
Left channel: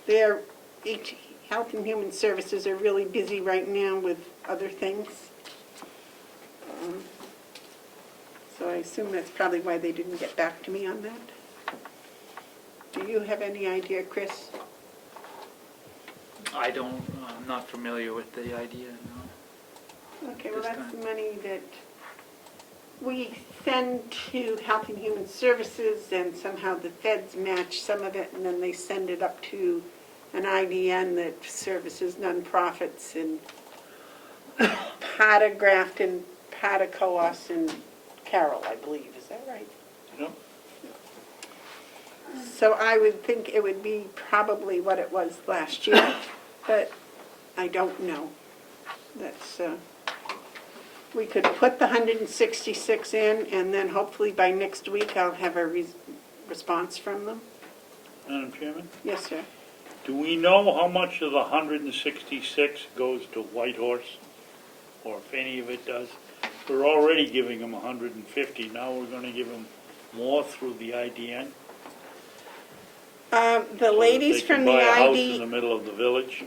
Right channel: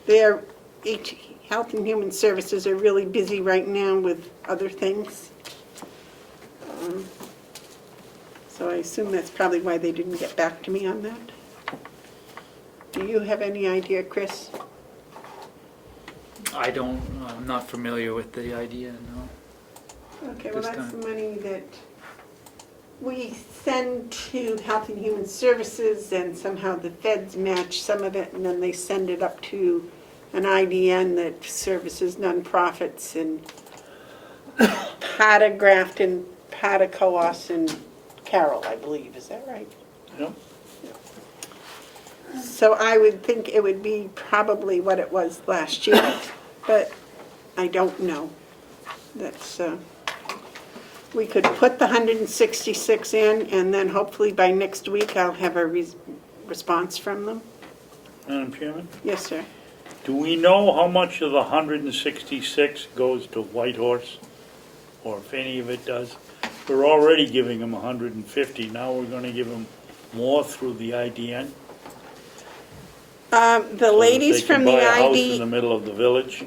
Their Health and Human Services are really busy right now with other things. So I assume that's probably why they didn't get back to me on that. Do you have any idea, Chris? I'm not familiar with the idea, no. Okay, well, This that's time. the money that we send to Health and Human Services, and somehow the feds match some of it, and then they send it up to an IDN that services nonprofits in Pata, Grafton, Pata, Coas, and Carroll, I believe. Is that right? Yep. So I would think it would be probably what it was last year, but I don't know. That's, we could put the 166 in, and then hopefully by next week I'll have a response from them. Madam Chairman, Yes, sir. do we know how much of the 166 goes to Whitehorse? Or if any of it does? We're already giving them 150, now we're gonna give them more through the IDN? The ladies from the So that they can buy a house in ID, the middle of the village?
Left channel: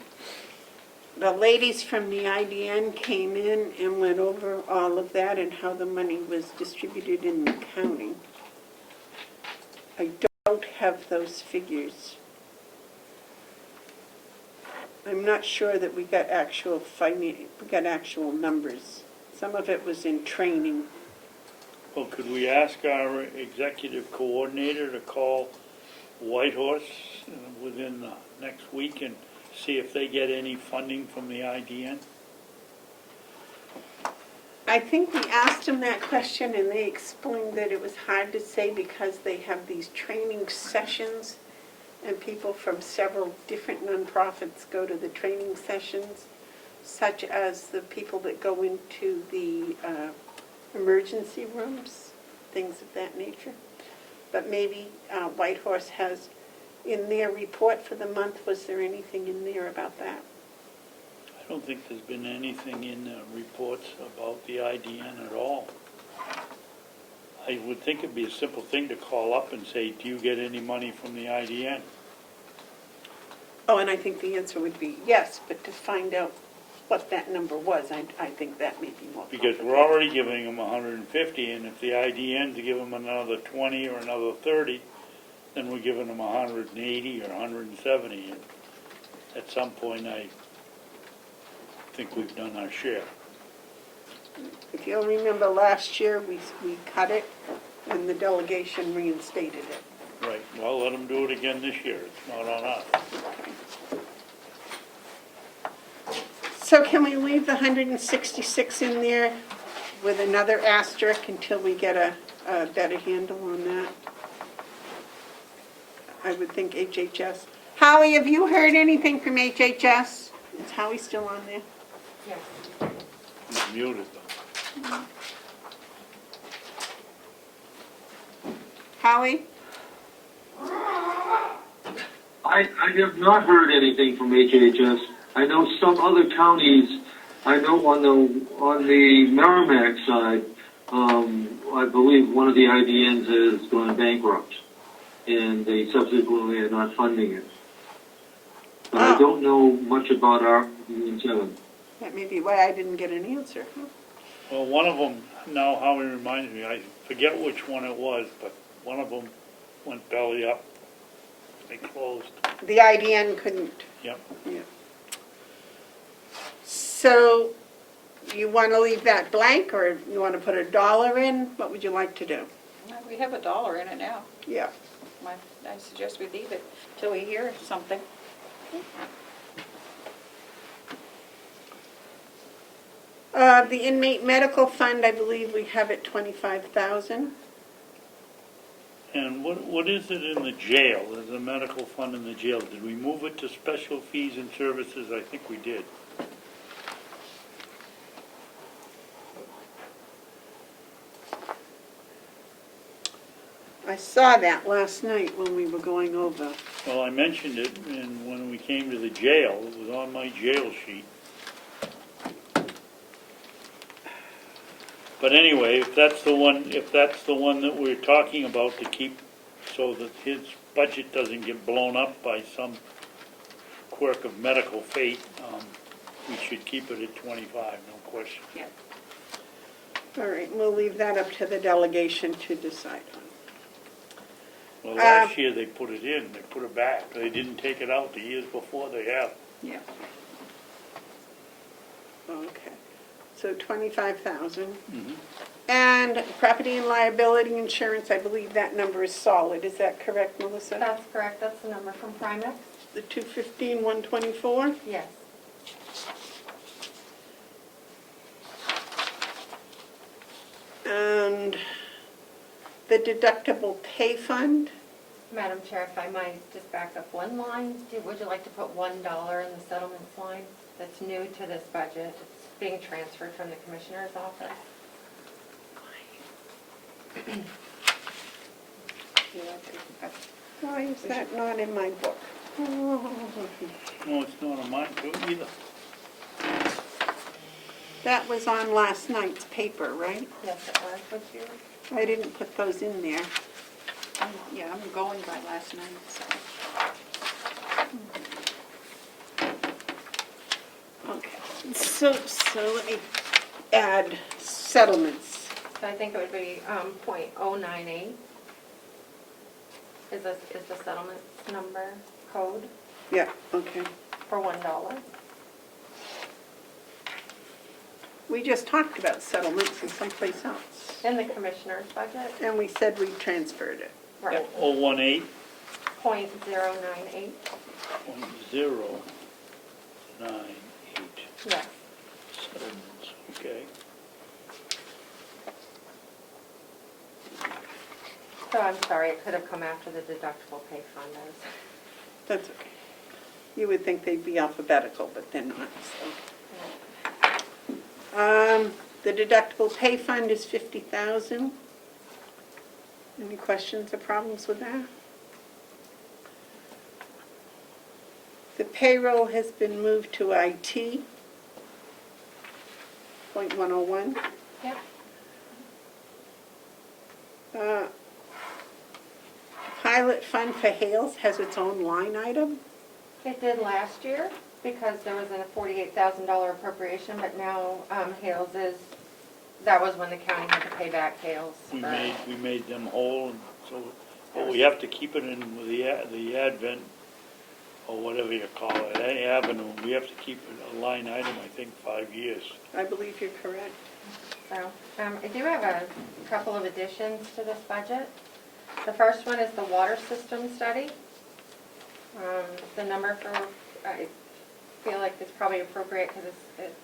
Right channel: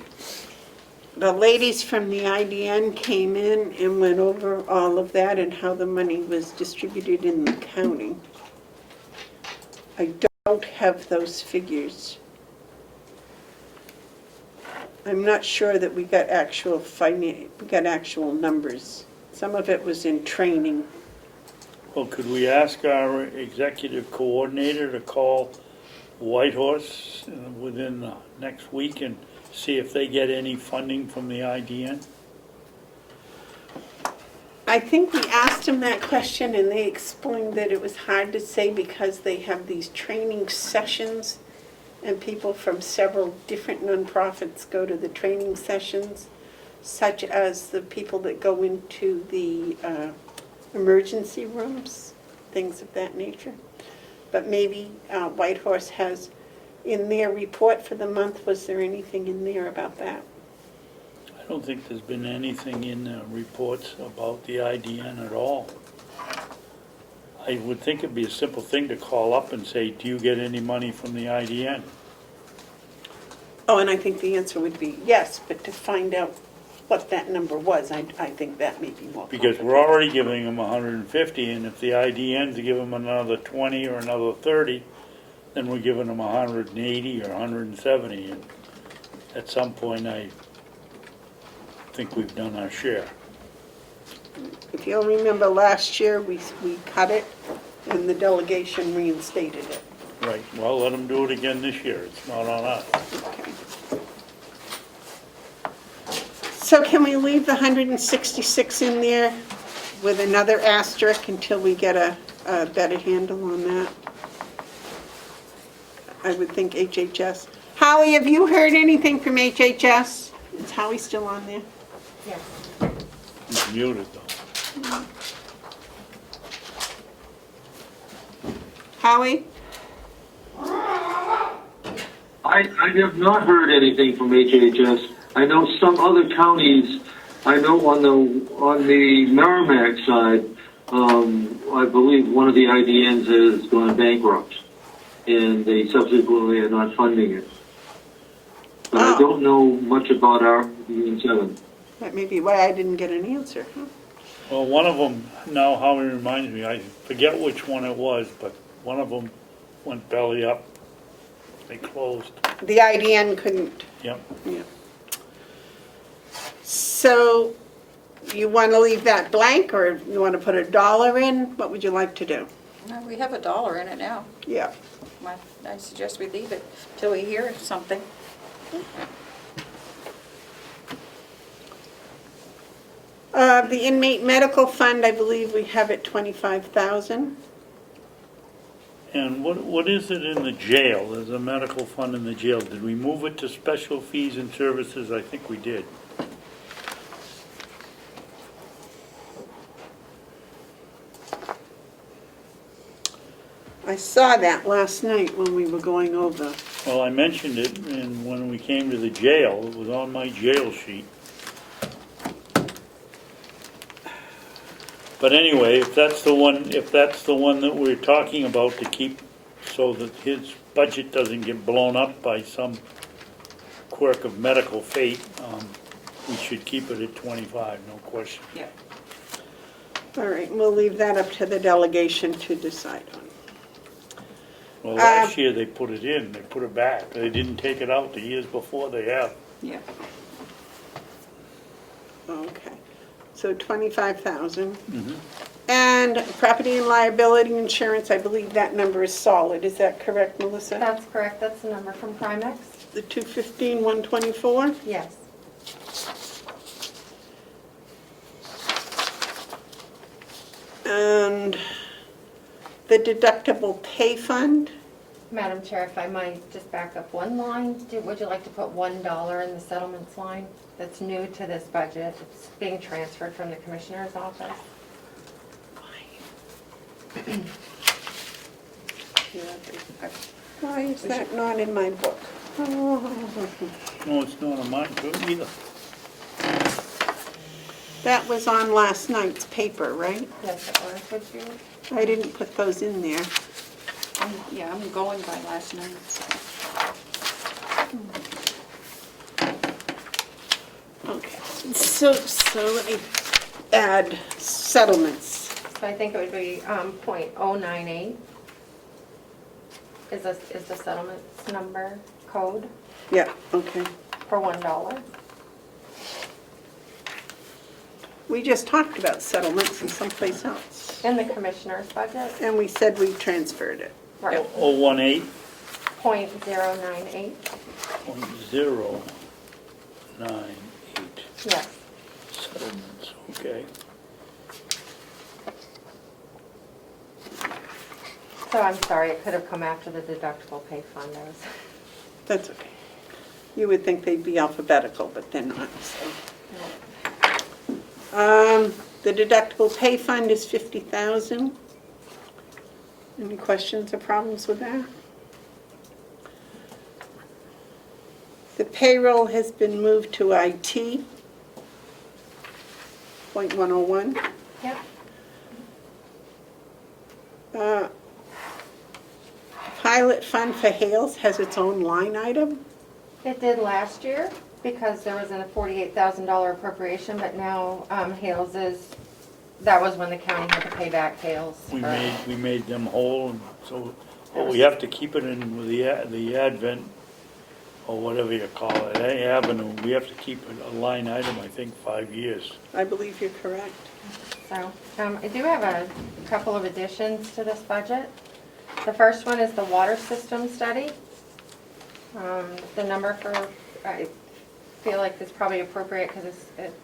the ladies from the IDN came in and went over all of that and how the money was distributed in the county. I don't have those figures. I'm not sure that we got actual numbers. Some of it was in training. Well, could we ask our executive coordinator to call Whitehorse within the next week and see if they get any funding from the IDN? I think we asked them that question and they explained that it was hard to say because they have these training sessions and people from several different nonprofits go to the training sessions, such as the people that go into the emergency rooms, things of that nature. But maybe Whitehorse has, in their report for the month, was there anything in there about that? I don't think there's been anything in the reports about the IDN at all. I would think it'd be a simple thing to call up and say, do you get any money from the IDN? Oh, and I think the answer would be yes, but to find out what that number was, I think that may be more Because we're already giving them 150, and if the IDNs give them another 20 or another 30, then we're giving them 180 or 170. And at some point, I think we've done our share. If you'll remember last year, we cut it and the delegation reinstated it. Right, well, let them do it again this year. It's not on us. So can we leave the 166 in there with another asterisk until we get a better handle on that? I would think HHS. Howie, have you heard anything from HHS? Is Howie still on there? Yes. He's muted, though. Howie? I have not heard anything from HHS. I know some other counties, I know on the Merrimack side, I believe one of the IDNs has gone bankrupt, and they subsequently are not funding it. But I don't know much about our Union 7. That may be why I didn't get an answer. Well, one of them, now Howie reminds me, I forget which one it was, but one of them went belly up. They closed. The IDN couldn't. Yep. Yeah. So you want to leave that blank, or you want to put $1 in? What would you like to do? No, we have $1 in it now. Yeah. I suggest we leave it till we hear something. The inmate medical fund, I believe we have it 25,000. And what is it in the jail? There's a medical fund in the jail. Did we move it to special fees and services? I think we did. I saw that last night when we were going over. Well, I mentioned it, and when we came to the jail, it was on my jail sheet. But anyway, if that's the one that we're talking about to keep, so that his budget doesn't get blown up by some quirk of medical fate, we should keep it at 25, no question. All right, we'll leave that up to the delegation to decide on. Well, last year they put it in, they put it back. They didn't take it out the years before, they have. Yeah. Okay, so 25,000. Mhm. And property and liability insurance, I believe that number is solid. Is that correct, Melissa? That's correct, that's the number from Primex? The 215, 124? Yes. And the deductible pay fund? Madam Chair, if I might just back up one line, would you like to put $1 in the settlements line? That's new to this budget. It's being transferred from the Commissioner's office. Why is that not in my book? Oh. No, it's not on mine too either. That was on last night's paper, right? Yes, it was. Would you? I didn't put those in there. Yeah, I'm going by last night, so. Okay, so let me add settlements. So I think it would be .098 is the settlements number code Yeah, okay. for $1. We just talked about settlements in someplace else. In the Commissioner's budget, And we said we transferred it. right, 018.098. yes. Settlements, okay. So I'm sorry, it could have come after the deductible pay fund is. That's okay. You would think they'd be alphabetical, but they're not, so. The deductible pay fund is 50,000. Any questions or problems with that? The payroll has been moved to IT, .101. Yep. Pilot fund for Hales has its own line item. It did last year because there was a $48,000 appropriation, but now Hales that was when the county had to pay back Hales. We made them whole, and so, but we have to keep it in with the advent, or whatever you call it, avenue. We have to keep it a line item, I think, 5 years. I believe you're correct. So I do have a couple of additions to this budget. The first one is the water system study. The number I feel like is probably appropriate because it's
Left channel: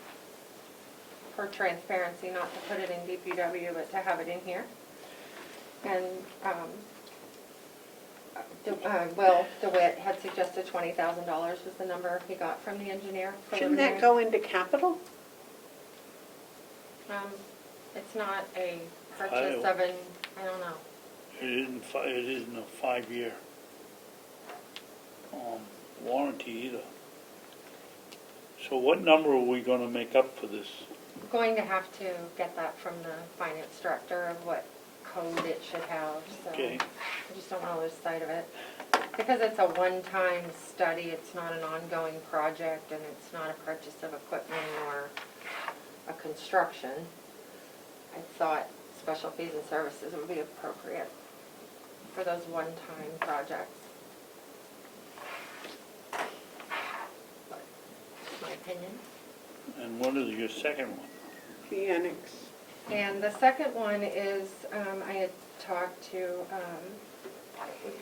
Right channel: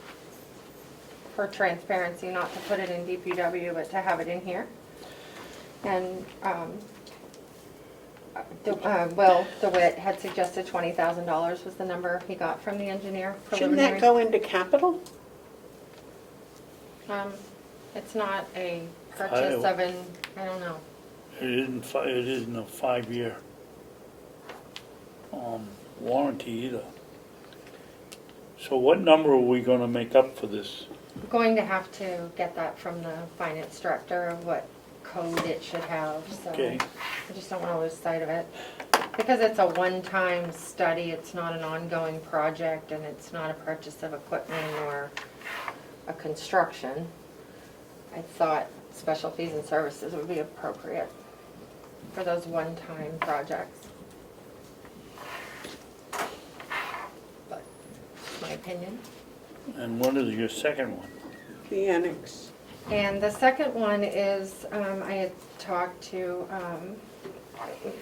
for transparency, not to put it in DPW, but to have it in here. And Will DeWitt had suggested $20,000 was the number he got from the engineer Shouldn't preliminary. that go into capital? It's not a purchase of I don't know. It isn't a 5-year warranty either. So what number are we gonna make up for this? I'm going to have to get that from the finance director of what code it should have, so Okay. I just don't want to lose sight of it. Because it's a one-time study, it's not an ongoing project, and it's not a purchase of equipment or a construction. I thought special fees and services would be appropriate for those one-time projects. But, my opinion. And what is your second one? The annex. And the second one is, I had talked to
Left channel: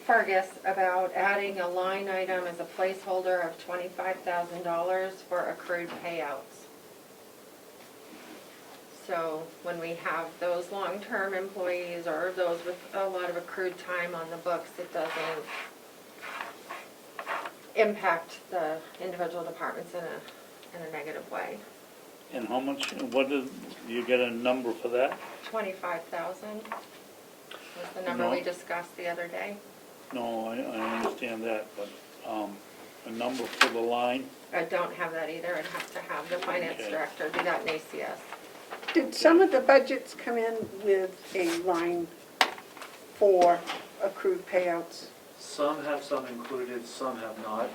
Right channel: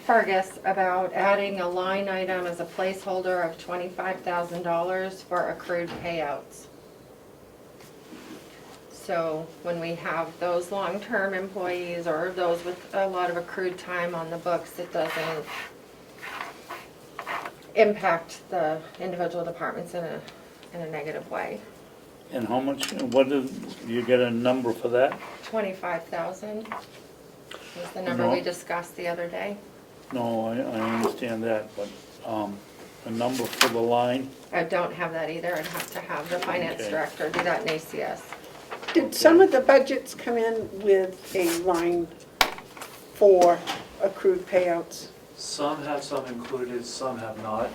Fergus about adding a line item as a placeholder of $25,000 for accrued payouts. So when we have those long-term employees or those with a lot of accrued time on the books, it doesn't impact the individual departments in a negative way. And how much, you get a number for that? 25,000. was the number we No. discussed the other day. No, I understand that, but, a number for the line, I don't have that either. I'd have to have the finance Okay. director do that in ACS. Did some of the budgets come in with a line for accrued payouts? Some have some included, some have not.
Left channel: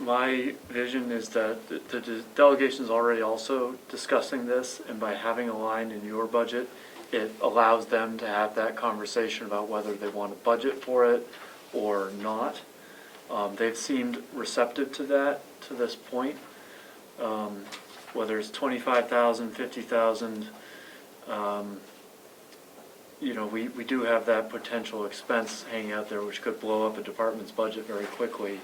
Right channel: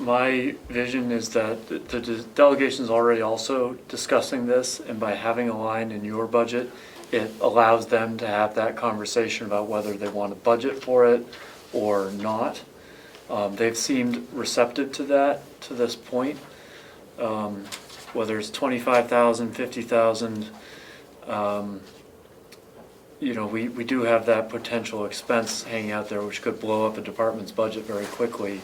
My vision is that the delegation's already also discussing this, and by having a line in your budget, it allows them to have that conversation about whether they want to budget for it or not. They've seemed receptive to that to this point. Whether it's 25,000, 50,000, we do have that potential expense hanging out there, which could blow up a department's budget very quickly,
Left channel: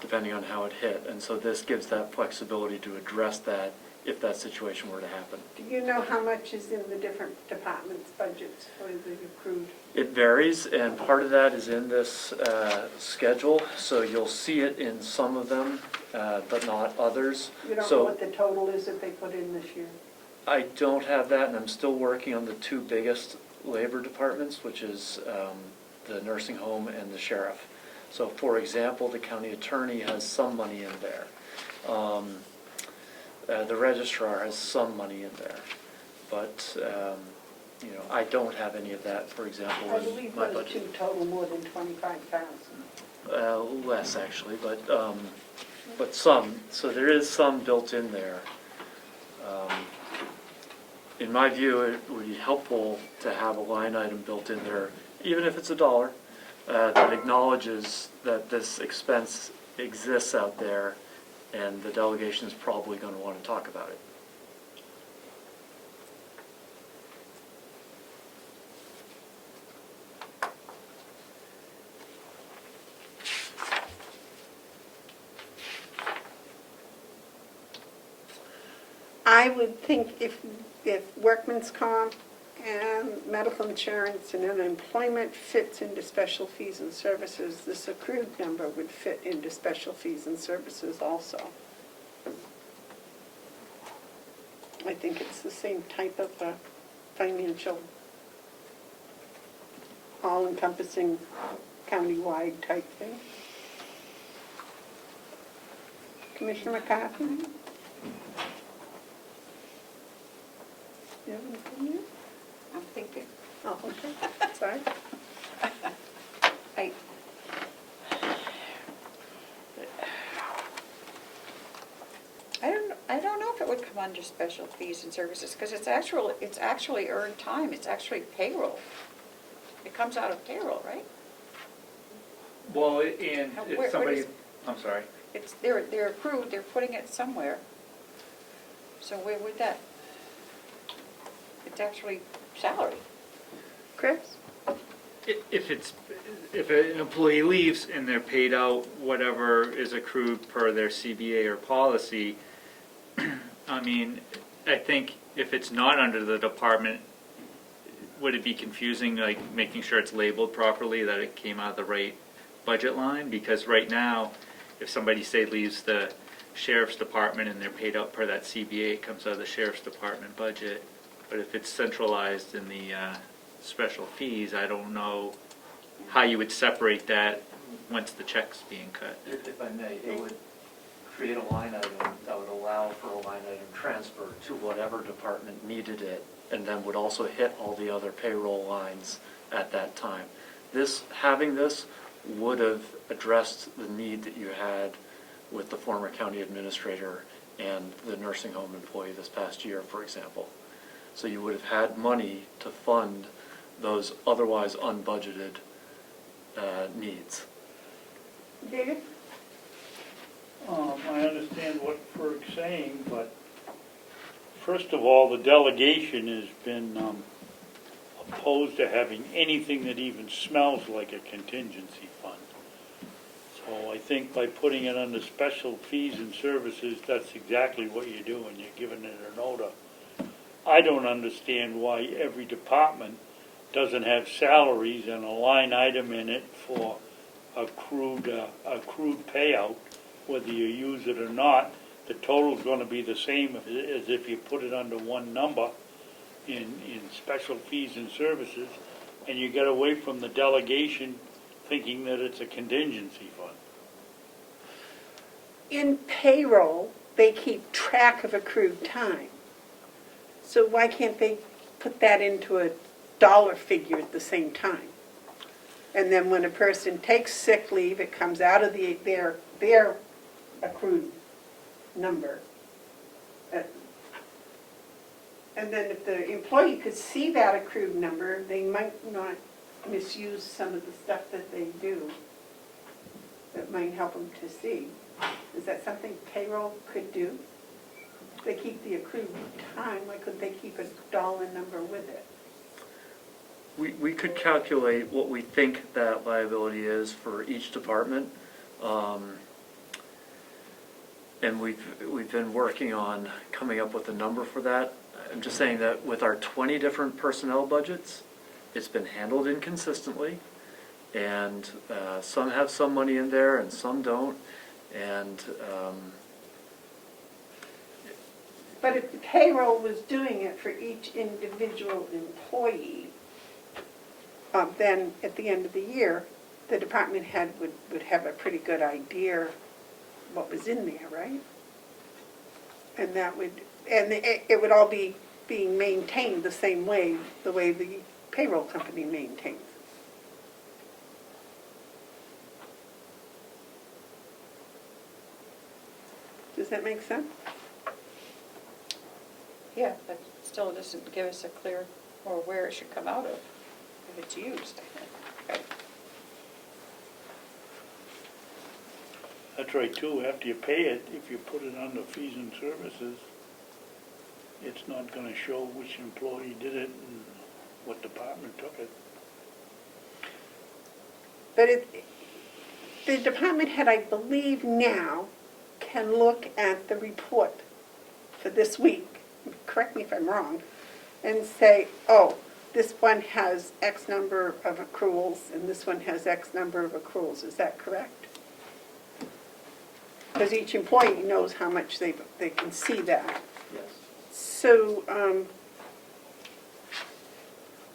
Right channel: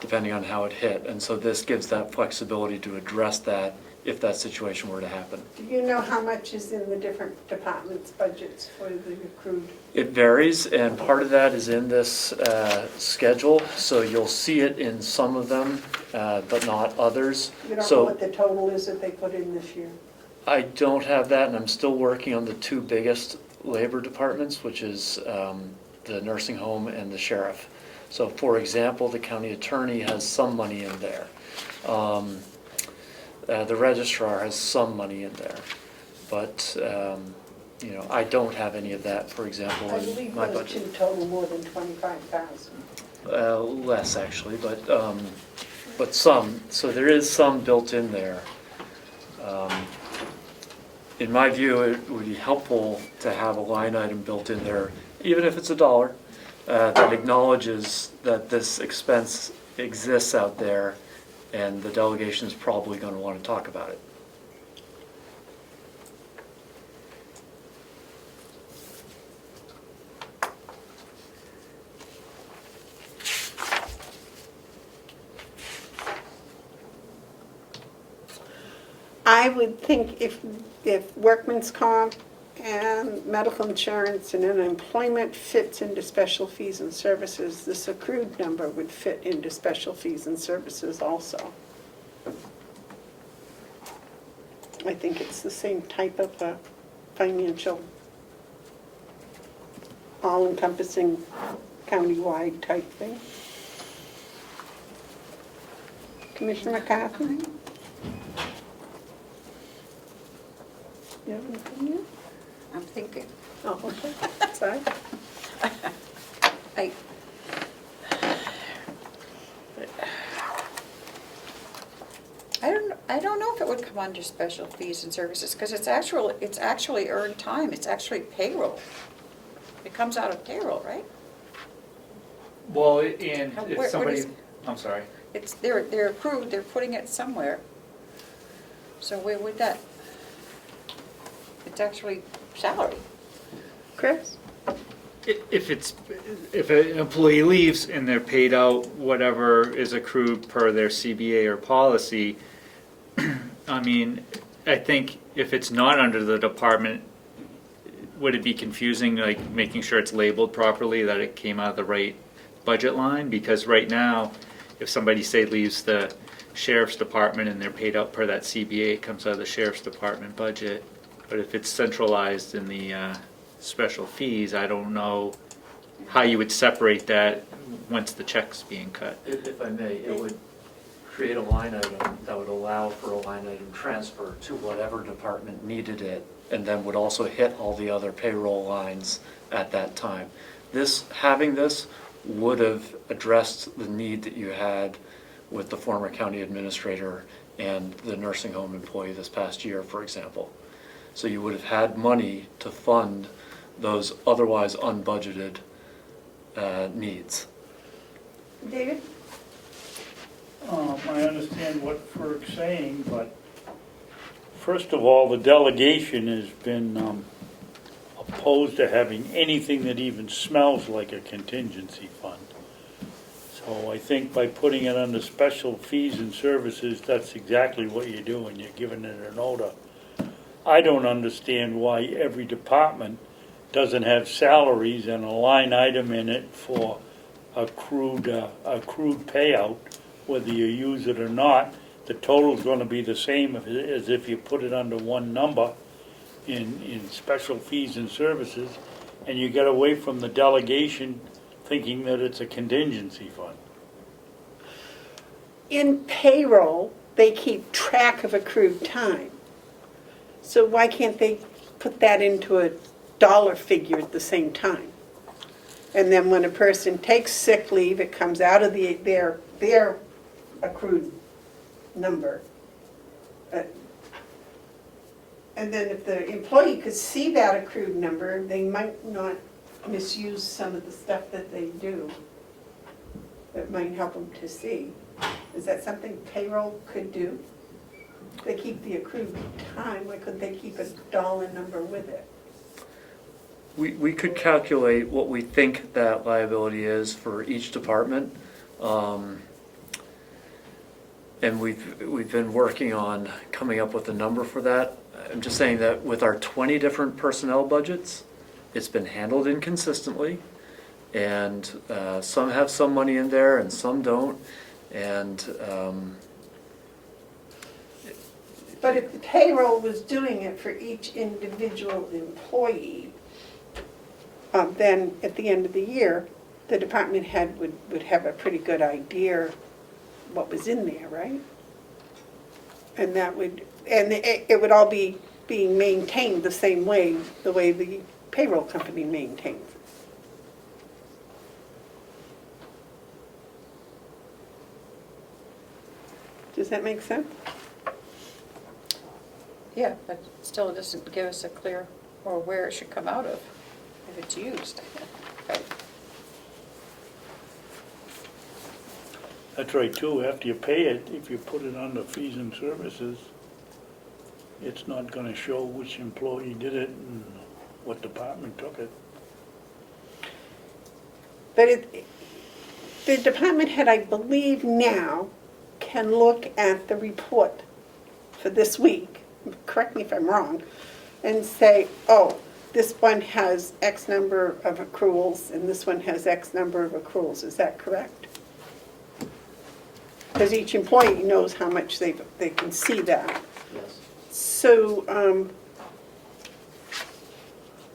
depending on how it hit. And so this gives that flexibility to address that if that situation were to happen. Do you know how much is in the different departments' budgets for the accrued? It varies, and part of that is in this schedule, so you'll see it in some of them, but not others. You don't know So what the total is that they put in this year? I don't have that, and I'm still working on the two biggest labor departments, which is the nursing home and the sheriff. So for example, the county attorney has some money in there. The registrar has some money in there. But, I don't have any of that, for example, I in believe my those budget. two total more than 25,000. Less actually, but some. So there is some built in there. In my view, it would be helpful to have a line item built in there, even if it's $1, that acknowledges that this expense exists out there, and the delegation is probably going to want to talk about it. I would think if workman's comp and medical insurance and unemployment fits into special fees and services, this accrued number would fit into special fees and services also. I think it's the same type of financial, all-encompassing, countywide type thing. Commissioner McCarthy? You have anything here? I'm thinking. Oh, okay, sorry. I don't know if it would come under special fees and services, because it's actually earned time, it's actually payroll. It comes out of payroll, right? Well, and Where- if where somebody, does- I'm sorry. They're approved, they're putting it somewhere. So where would that? It's actually salary. Chris? If an employee leaves and they're paid out whatever is accrued per their CBA or policy, I mean, I think if it's not under the department, would it be confusing, like making sure it's labeled properly, that it came out of the right budget line? Because right now, if somebody, say, leaves the sheriff's department and they're paid out per that CBA, it comes out of the sheriff's department budget. But if it's centralized in the special fees, I don't know how you would separate that once the check's being cut. If I may, it would create a line item that would allow for a line item transfer to whatever department needed it, and then would also hit all the other payroll lines at that time. Having this would have addressed the need that you had with the former county administrator and the nursing home employee this past year, for example. So you would have had money to fund those otherwise unbudgeted needs. David? I understand what Ferg's saying, but first of all, the delegation has been opposed to having anything that even smells like a contingency fund. So I think by putting it under special fees and services, that's exactly what you're doing. You're giving it an order. I don't understand why every department doesn't have salaries and a line item in it for accrued payout, whether you use it or not. The total's going to be the same as if you put it under one number in special fees and services, and you get away from the delegation thinking that it's a contingency fund. In payroll, they keep track of accrued time. So why can't they put that into a dollar figure at the same time? And then when a person takes sick leave, it comes out of their accrued number. And then if the employee could see that accrued number, they might not misuse some of the stuff that they do. That might help them to see. Is that something payroll could do? They keep the accrued time, why couldn't they keep a dollar number with it? We could calculate what we think that liability is for each department. And we've been working on coming up with a number for that. I'm just saying that with our 20 different personnel budgets, it's been handled inconsistently. And some have some money in there and some don't. And But if the payroll was doing it for each individual employee, then at the end of the year, the department head would have a pretty good idea what was in there, right? And that would, and it would all be being maintained the same way, the way the payroll company maintains it. Does that make sense? Yeah, but still it doesn't give us a clear, or where it should come out of, if it's used. Okay. That's right too, after you pay it, if you put it under fees and services, it's not gonna show which employee did it and what department took it. But the department head, I believe now, can look at the report for this week, correct me if I'm wrong, and say, oh, this one has X number of accruals and this one has X number of accruals. Is that correct? Because each employee knows how much they can see that. yes. So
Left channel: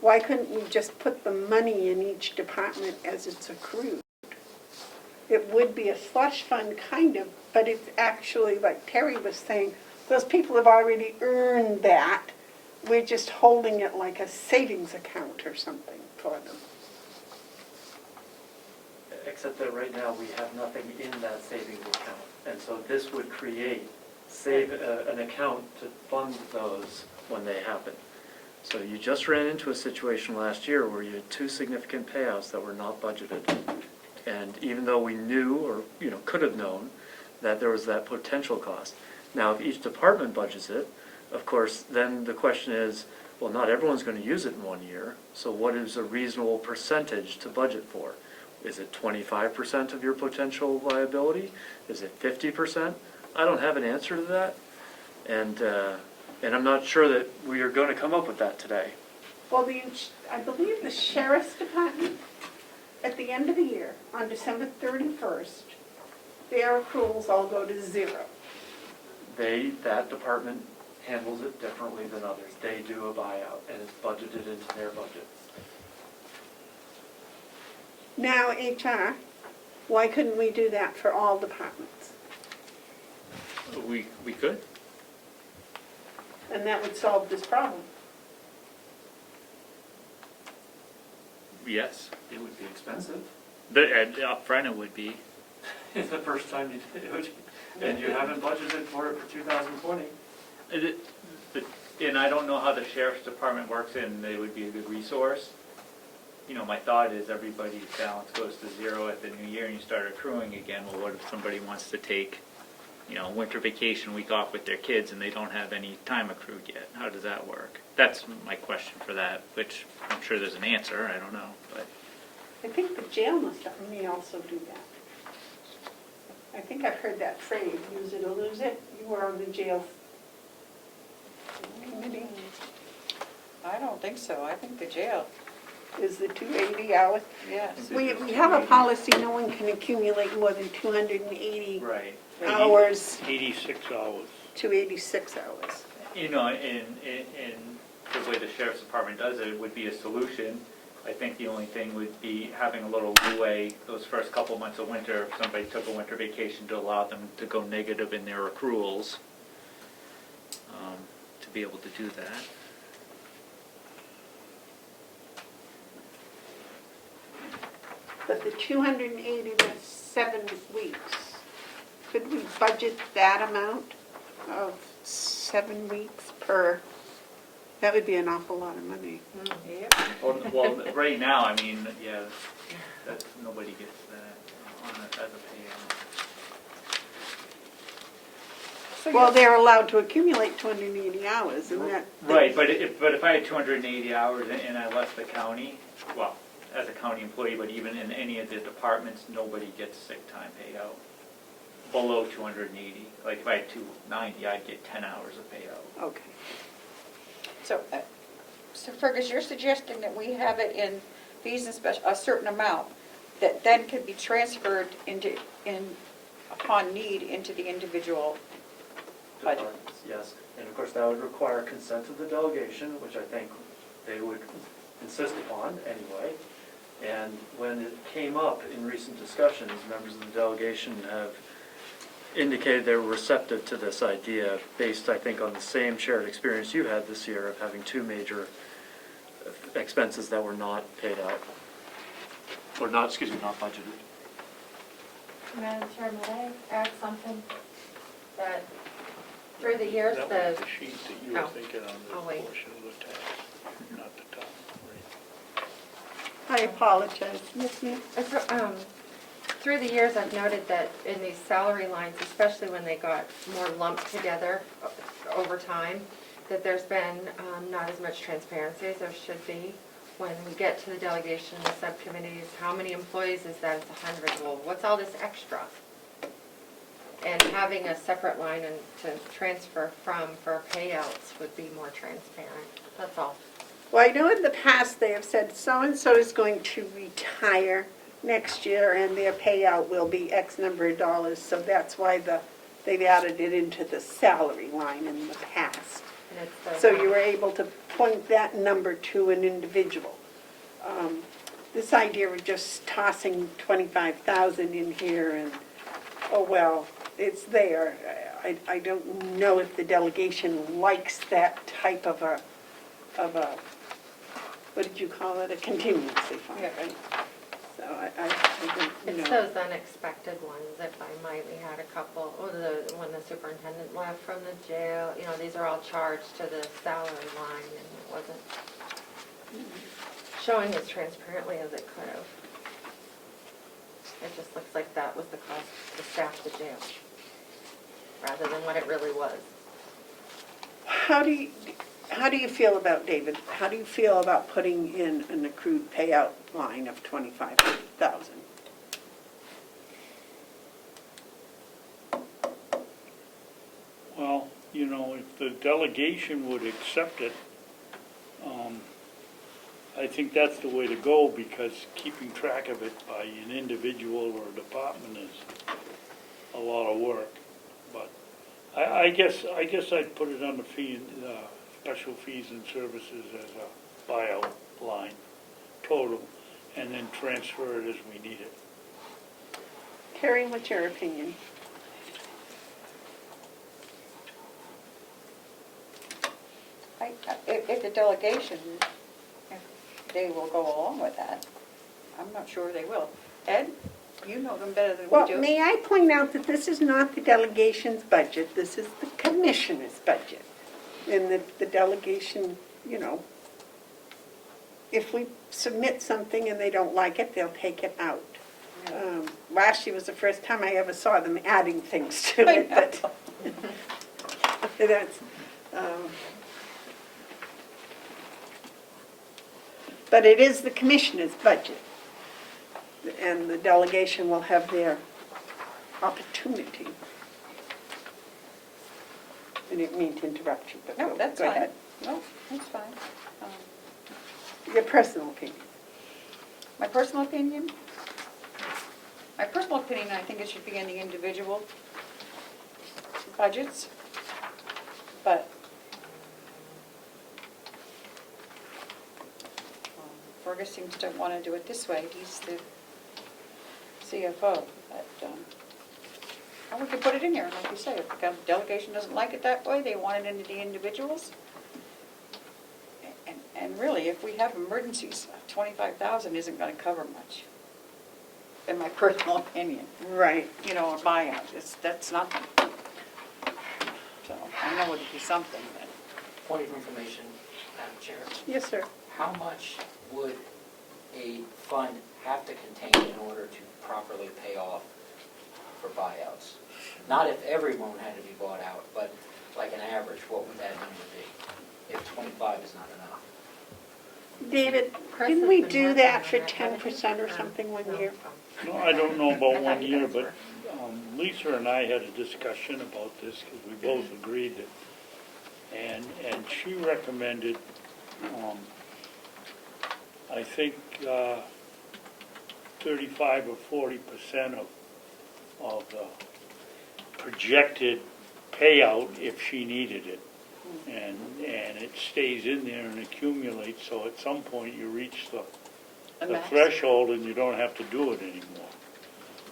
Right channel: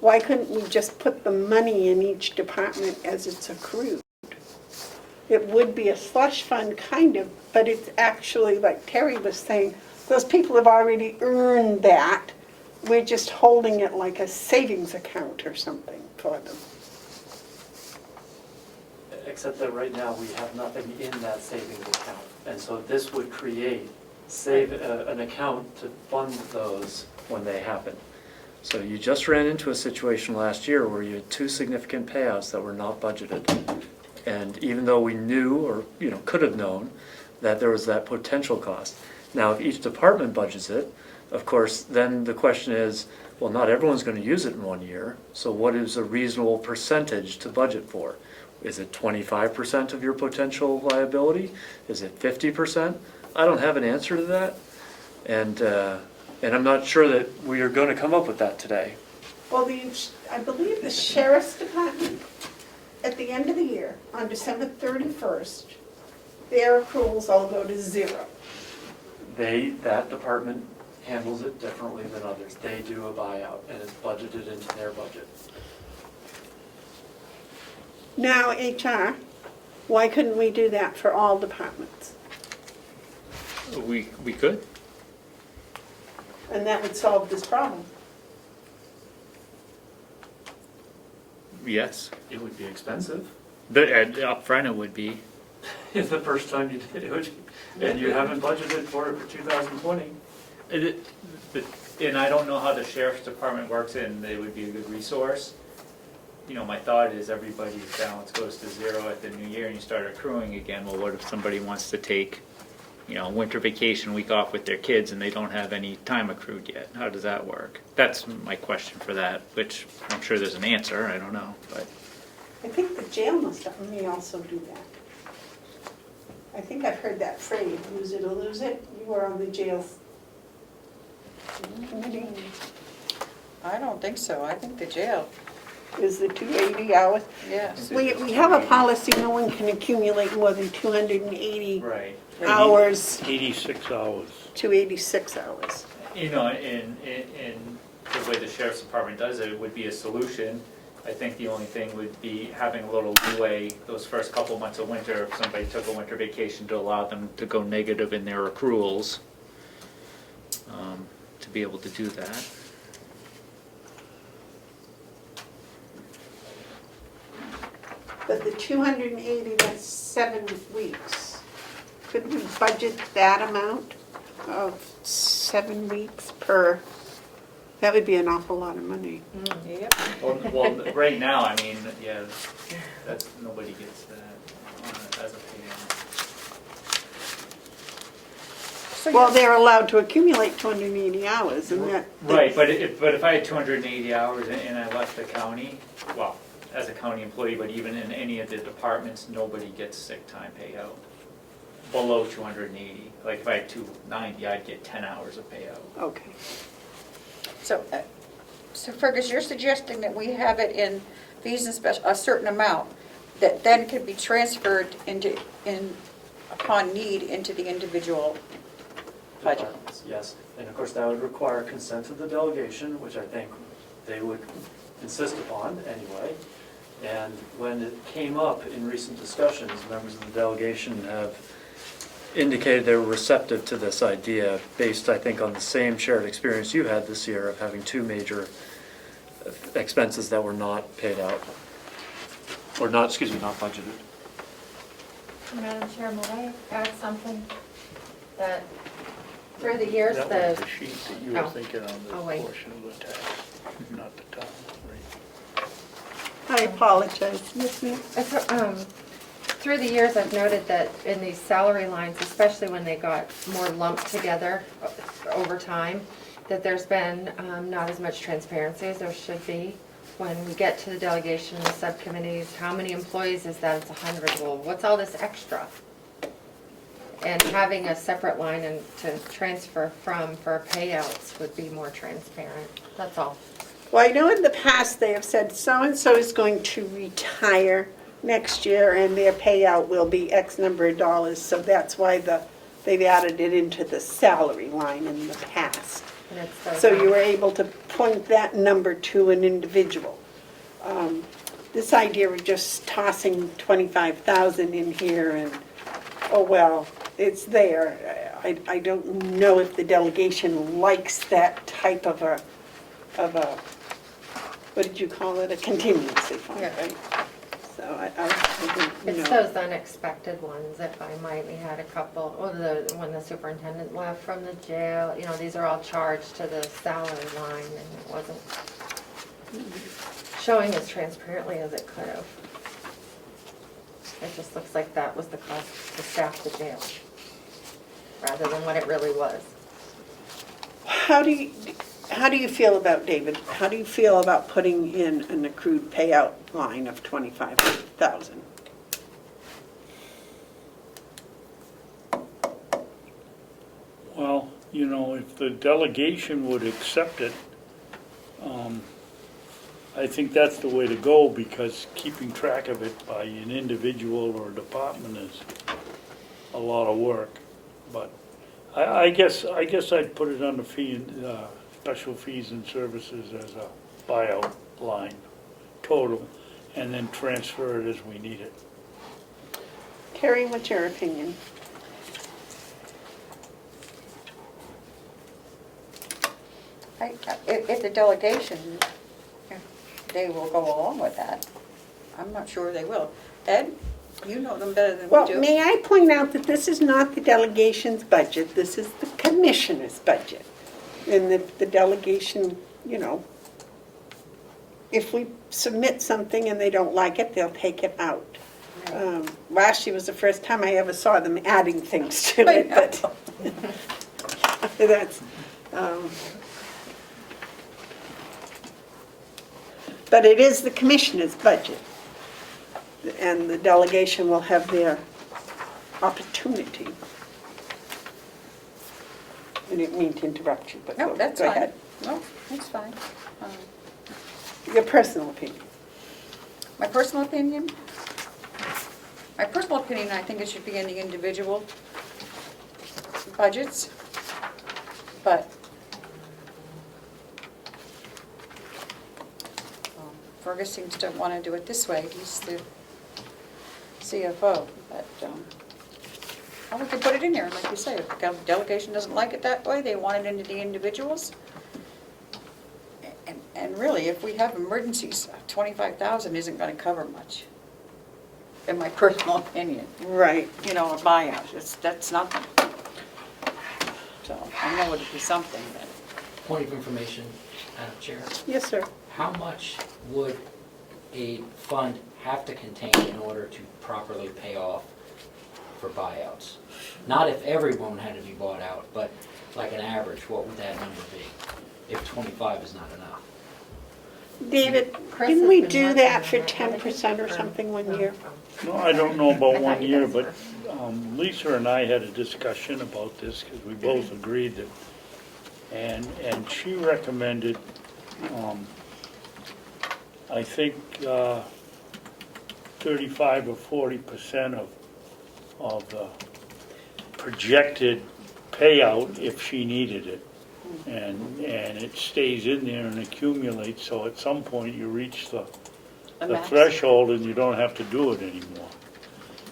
why couldn't we just put the money in each department as it's accrued? It would be a slush fund, kind of, but it's actually, like Terry was saying, those people have already earned that. We're just holding it like a savings account or something for them. Except that right now we have nothing in that savings account. And so this would create an account to fund those when they happen. So you just ran into a situation last year where you had 2 significant payouts that were not budgeted. And even though we knew, or could have known, that there was that potential cost. Now, if each department budgets it, of course, then the question is, well, not everyone's going to use it in 1 year, so what is a reasonable percentage to budget for? Is it 25% of your potential liability? Is it 50%? I don't have an answer to that, and I'm not sure that we are going to come up with that today. Well, I believe the sheriff's department, at the end of the year, on December 31st, their accruals all go to 0. That department handles it differently than others. They do a buyout, and it's budgeted into their budget. Now, HR, why couldn't we do that for all departments? We could. And that would solve this problem. Yes. It would be expensive. But up front it would be. The first time you did it, and you haven't budgeted for it for 2020. And I don't know how the sheriff's department works, and they would be a good resource. My thought is everybody's balance goes to 0 at the new year and you start accruing again. Well, what if somebody wants to take, winter vacation week off with their kids and they don't have any time accrued yet? How does that work? That's my question for that, which I'm sure there's an answer, I don't know, but. I think the jail may also do that. I think I've heard that phrase, use it or lose it. You were on the jail committee. I don't think so. I think the jail, Was the 280 hours? yes. We have a policy, no one can accumulate more than 280 Right. hours 86 hours. to 86 hours. In the way the sheriff's department does it, it would be a solution I think the only thing would be having a little leeway those first couple months of winter, if somebody took a winter vacation, to allow them to go negative in their accruals, to be able to do that. But the 280, that's 7 weeks. Could we budget that amount of 7 weeks per? That would be an awful lot of money. Well, right now, I mean, yeah, that's, nobody gets that on it as a payout. Well, they're allowed to accumulate 280 hours, and that. Right, but if I had 280 hours and I left the county, well, as a county employee, but even in any of the departments, nobody gets sick time payout below 280. Like if I had 290, I'd get 10 hours of payout. Okay. So Fergus, you're suggesting that we have it in fees and special, a certain amount that then could be transferred upon need into the individual budget? Departments, yes. And of course, that would require consent of the delegation, which I think they would insist upon anyway. And when it came up in recent discussions, members of the delegation have indicated they were receptive to this idea based, I think, on the same shared experience you had this year of having two major expenses that were not paid out, or not, excuse me, not budgeted. Madam Chair, may I add something? That through the years, That was the sheet that you were Oh. thinking on the Oh, wait. portion of the tax, not the top. I apologize, Ms. Mayor. through the years, I've noted that in these salary lines, especially when they got more lumped together over time, that there's been not as much transparency as there should be. When we get to the delegation and the subcommittees, how many employees is that? It's 100. Well, what's all this extra? And having a separate line and to transfer from for payouts would be more transparent. That's all. Well, I know in the past they have said so-and-so is going to retire next year and their payout will be X number of dollars, so that's why they've added it into the salary line in the past. And it's So you were able to point that number to an individual. This idea of just tossing 25,000 in here and, oh, well, it's there. I don't know if the delegation likes that type of a, what did you call it, a contingency fund, right? So I think, It's those unexpected ones, if I might. We had a couple, when the superintendent left from the jail, these are all charged to the salary line, and it wasn't showing as transparently as it could have. It just looks like that was the cost to staff the jail, rather than what it really was. How do you feel about, David, how do you feel about putting in an accrued payout line of 25,000? Well, if the delegation would accept it, I think that's the way to go, because keeping track of it by an individual or a department is a lot of work. But I guess I'd put it under special fees and services as a buyout line, total, and then transfer it as we need it. Terry, what's your opinion? If the delegation, if they will go along with that, I'm not sure they will. Ed, you know them better than we Well, do. may I point out that this is not the delegation's budget, this is the commissioner's budget. And the delegation, if we submit something and they don't like it, they'll take it out. Last year was the first time I ever saw them adding things to it, but that's, but it is the commissioner's budget, and the delegation will have their opportunity. I didn't mean to interrupt you, but No, that's go fine. ahead. No, that's fine. Your personal opinion. My personal opinion? My personal opinion, I think it should be in the individual budgets, but Fergus seems to want to do it this way, he's the CFO, but, or we could put it in there, like you say, if the delegation doesn't like it that way, they want it into the individuals. And really, if we have emergencies, 25,000 isn't gonna cover much, in my personal opinion. Right. You know, a buyout, that's nothing. So, I know it'd be something, but. Point of information, Madam Chair. Yes, sir. How much would a fund have to contain in order to properly pay off for buyouts? Not if everyone had to be bought out, but like an average, what would that number be if 25 is not enough? David, Chris didn't has we been do working that on for that, haven't 10% you? or something one year? No, I don't know about 1 year, but Lisa and I had a discussion about this because we both agreed that, and she recommended, I think, 35 or 40% of the projected payout if she needed it. And it stays in there and accumulates, so at some point you reach the max. threshold and you don't have to do it anymore.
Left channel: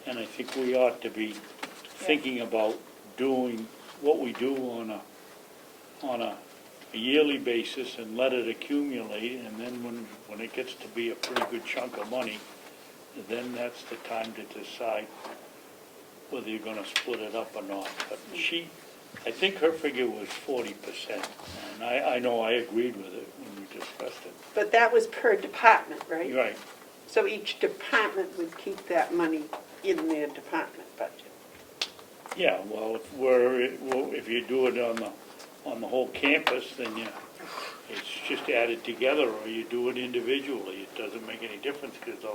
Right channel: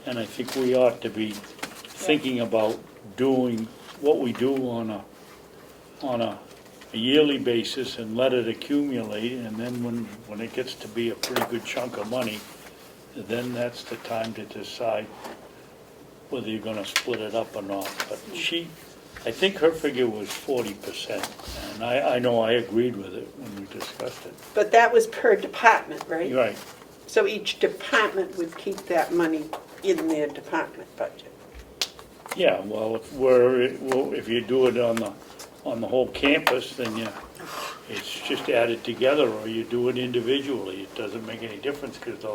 And I think we ought to be thinking about doing what we do on a yearly basis and let it accumulate, and then when it gets to be a pretty good chunk of money, then that's the time to decide whether you're gonna split it up or not. But I think her figure was 40%, and I know I agreed with it when we discussed it. But that was per department, right? Right, So each department would keep that money in their department budget. yeah, well, if you do it on the whole campus, then it's just added together, or you do it individually. It doesn't make any difference, because the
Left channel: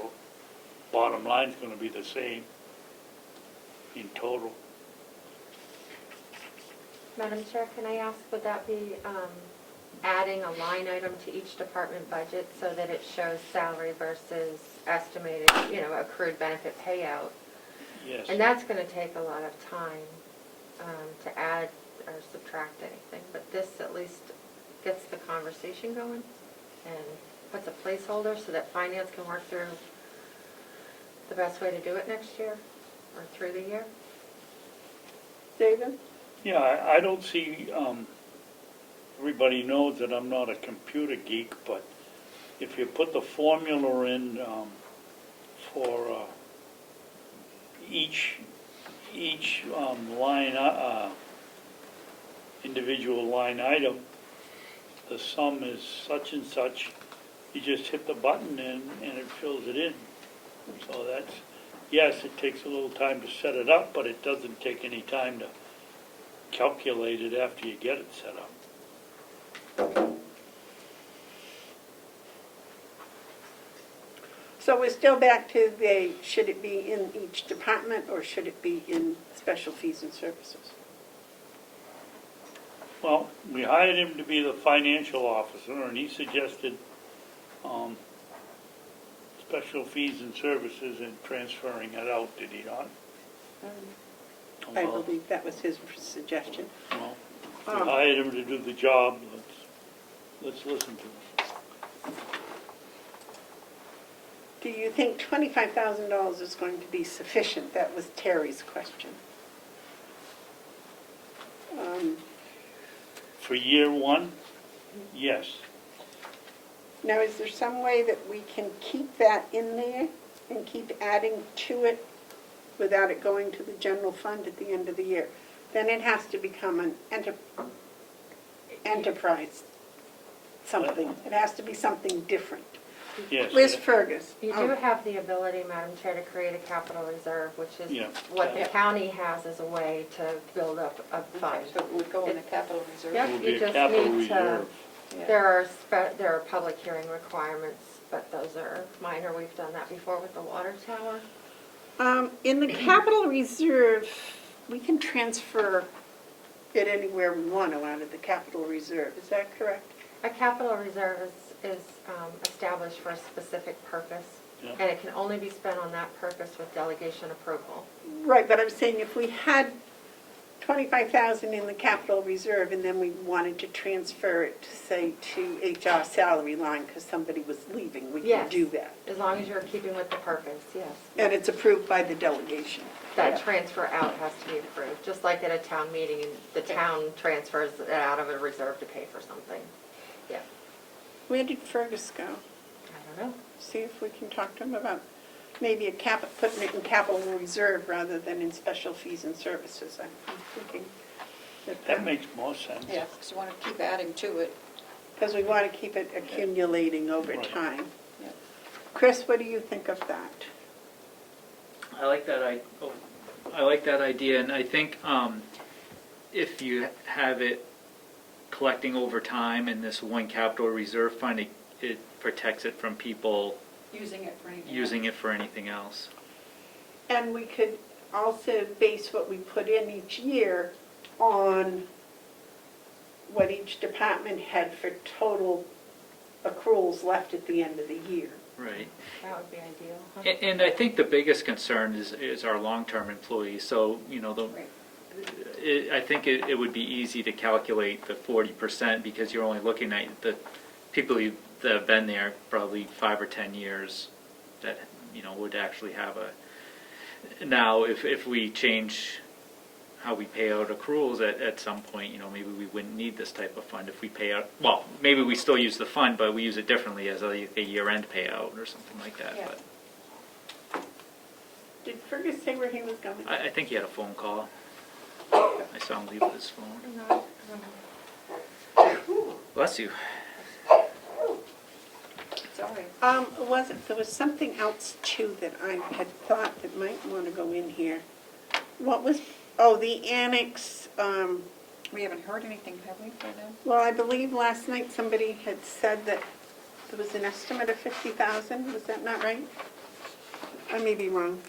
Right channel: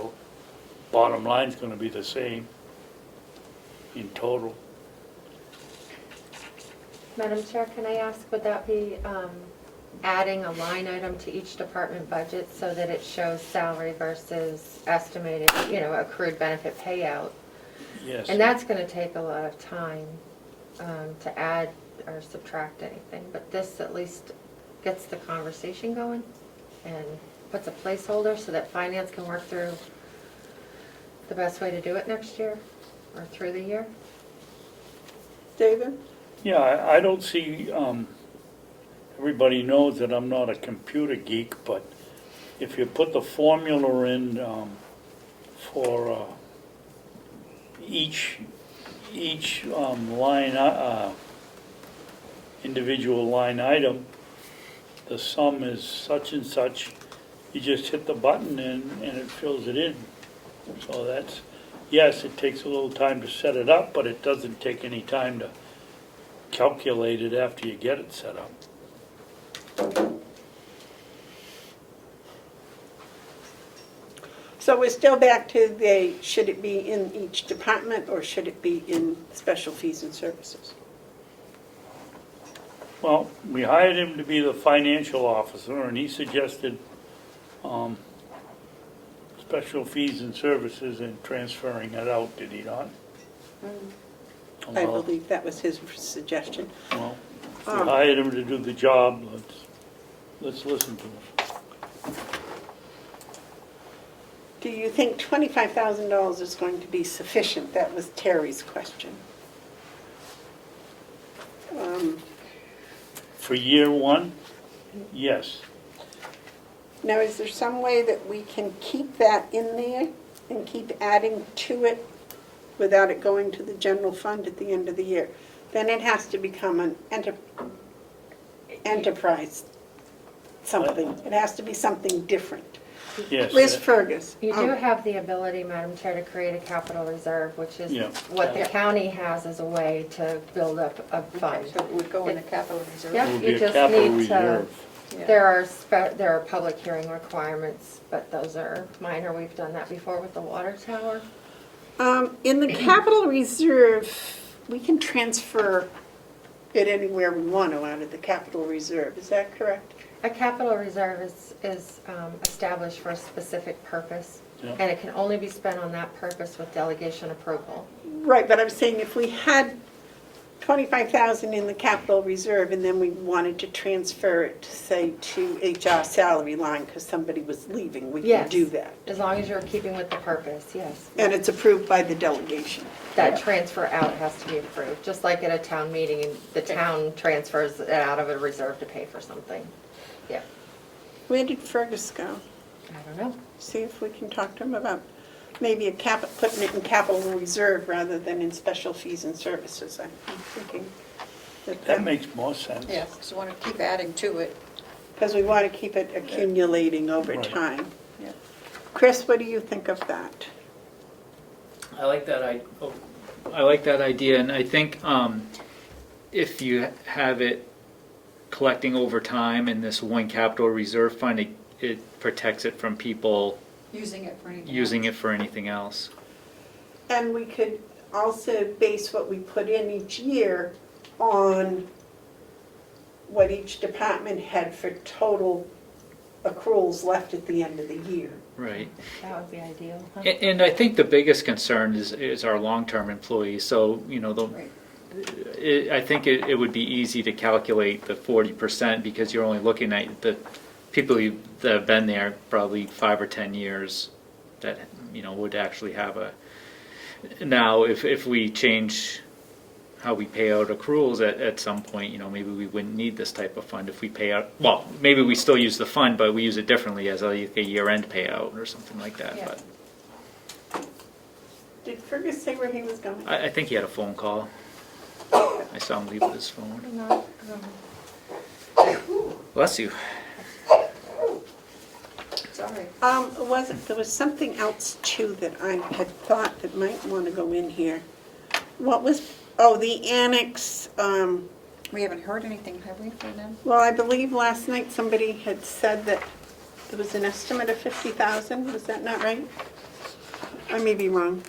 bottom line's gonna be the same in total. Madam Chair, can I ask, would that be adding a line item to each department budget so that it shows salary versus estimated, accrued benefit payout? Yes. And that's going to take a lot of time to add or subtract anything, but this at least gets the conversation going and puts a placeholder so that finance can work through the best way to do it next year or through the year. David? Yeah, I don't see, everybody knows that I'm not a computer geek, but if you put the formula in for each line, individual line item, the sum is such and such, you just hit the button and it fills it in. So that's, yes, it takes a little time to set it up, but it doesn't take any time to calculate it after you get it set up. So we're still back to should it be in each department or should it be in special fees and services? Well, we hired him to be the financial officer, and he suggested special fees and services and transferring it out, did he not? I believe that was his suggestion. Well, we hired him to do the job, let's listen to him. Do you think $25,000 is going to be sufficient? That was Terry's question. For year one, yes. Now, is there some way that we can keep that in there and keep adding to it without it going to the general fund at the end of the year? Then it has to become an enterprise something. It has to be something different. Yes. Liz Fergus. You do have the ability, Madam Chair, to create a capital reserve, which is Yeah. what the county has as a way to build up a fund. So it would go in the capital reserve. Yep, It would you be a just capital need to, reserve. Yeah. there are public hearing requirements, but those are minor. We've done that before with the water tower. In the capital reserve, we can transfer it anywhere we want to out of the capital reserve. Is that correct? A capital reserve is established for a specific purpose, Yeah. and it can only be spent on that purpose with delegation approval. Right, but I'm saying if we had 25,000 in the capital reserve, and then we wanted to transfer it, say, to HR salary line because somebody was leaving, we can Yes. do that. As long as you're keeping with the purpose, yes. And it's approved by the delegation. That transfer out has to be approved, just like at a town meeting, and the town transfers it out of a reserve to pay for something. Yeah, Where did Fergus go? I don't know. See if we can talk to him about maybe putting it in capital reserve rather than in special fees and services. I'm thinking. That makes more sense. Yeah, because you want to keep adding to it. Because we want to keep it accumulating over Right. time. Chris, what do you think of that? I like that. I like that idea, and I think if you have it collecting over time in this one capital reserve fund, it protects it from people Using it for anything else. for anything else. And we could also base what we put in each year on what each department had for total accruals left at the end of the year. Right. That would be ideal. huh? And I think the biggest concern is our long-term employees. So, Right. I think it would be easy to calculate the 40% because you're only looking at the people that have been there probably 5 or 10 years that, would actually have a... Now, if we change how we pay out accruals at some point, maybe we wouldn't need this type of fund if we pay out, well, maybe we still use the fund, but we use it differently as a year-end payout or something like that. Yeah. But Did Fergus say where he was going? I think he had a phone call. I saw him leave with his phone. No, no. Bless you. Sorry. There was something else too that I had thought that might want to go in here. What was, the annex, We haven't heard anything, have we, from them? well, I believe last night somebody had said that there was an estimate of 50,000, was that not right? I may be wrong.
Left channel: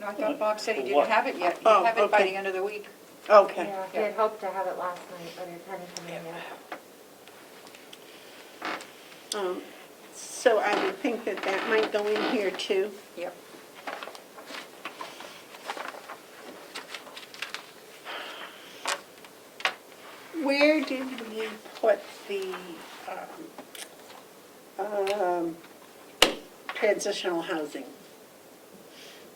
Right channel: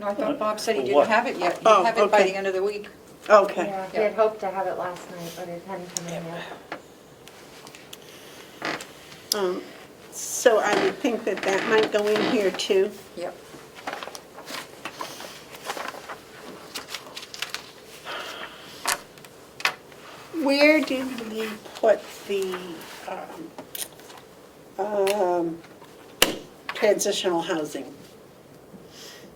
No, I thought Bob said he For what? didn't have it yet. Oh, He'd have it by okay. the end of the week. Okay. Yeah, he had hoped to have it last night, but it hadn't come in yet. So I would think that that might go in here too. Yep. Where did we put the transitional housing?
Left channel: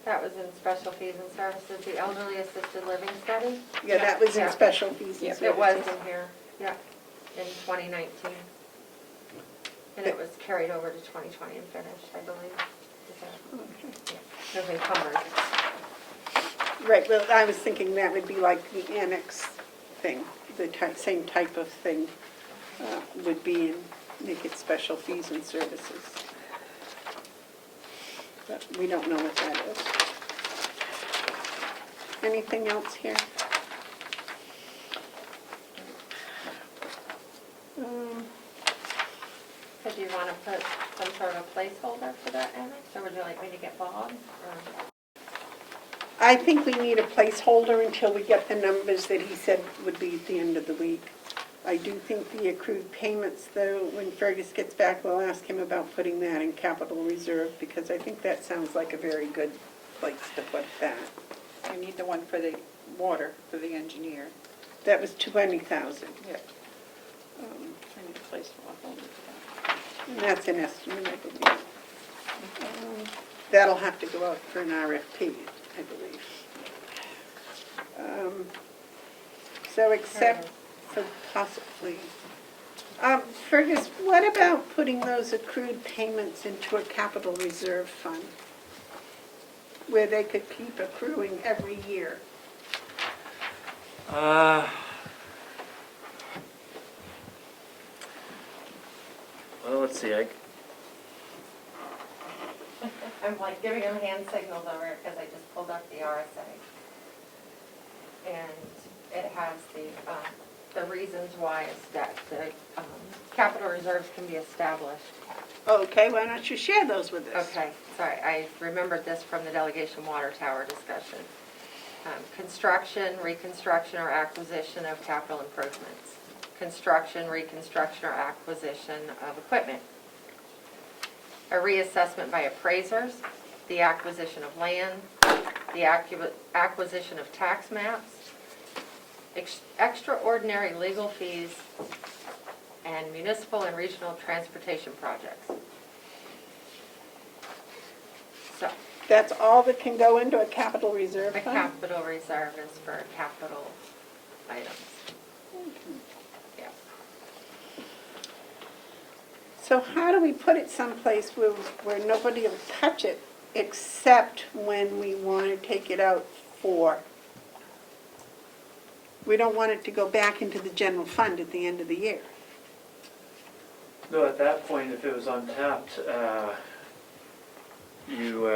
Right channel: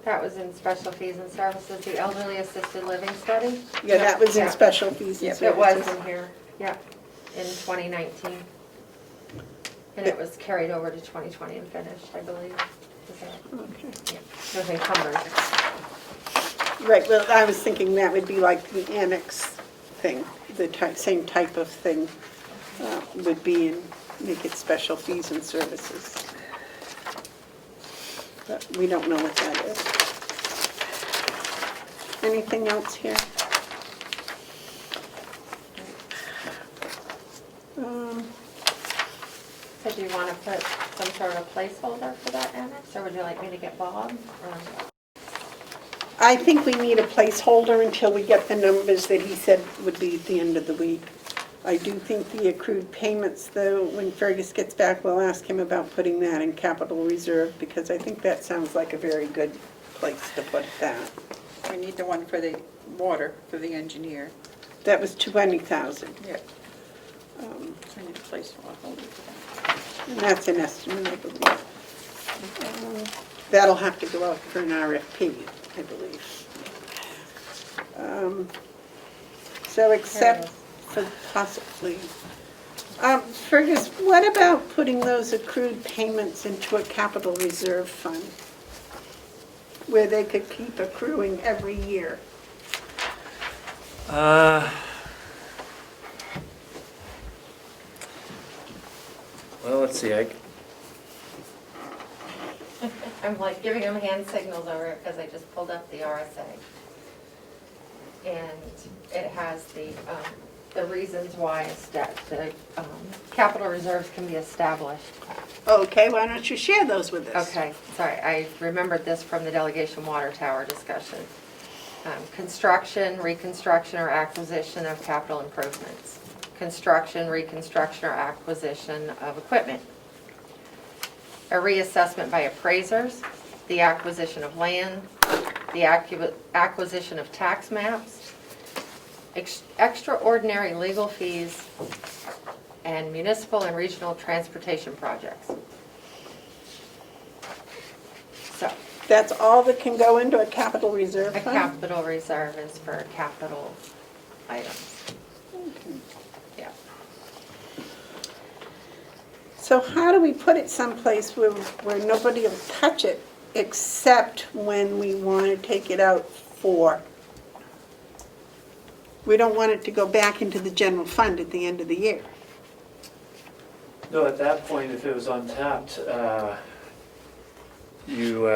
That was in special fees and services, the elderly assisted living study. Yeah, that was in Yeah. special fees and Yeah, services. It was in here, yeah, in 2019. And it was carried over to 2020 and finished, I believe. Is that, Okay. yeah, it was encumbered. Right, well, I was thinking that would be like the annex thing, the same type of thing would be in, make it special fees and services. But we don't know what that is. Anything else here? So do you want to put some sort of placeholder for that annex, or would you like me to get Bob? Or- I think we need a placeholder until we get the numbers that he said would be at the end of the week. I do think the accrued payments, though, when Fergus gets back, we'll ask him about putting that in capital reserve, because I think that sounds like a very good place to put that. We need the one for the water, for the engineer. That was 20,000. Yeah. Any place for that. And that's an estimate, I believe. That'll have to go out for an RFP, I believe. So except for possibly, Fergus, what about putting those accrued payments into a capital reserve fund where they could keep accruing every year? Well, let's see, I'm like giving him hand signals over it because I just pulled up the RSA. And it has the reasons why the capital reserves can be established. Okay, why don't you share those with us? Okay, sorry, I remembered this from the delegation water tower discussion. Construction, reconstruction, or acquisition of capital improvements. Construction, reconstruction, or acquisition of equipment. A reassessment by appraisers, the acquisition of land, the acquisition of tax maps, extraordinary legal fees and municipal and regional transportation projects. So, That's all that can go into a capital reserve a fund? capital reserve is for capital items. Yeah. So how do we put it someplace where nobody will touch it except when we want to take it out for? We don't want it to go back into the general fund at the end of the year. No, at that point, if it was untapped, you,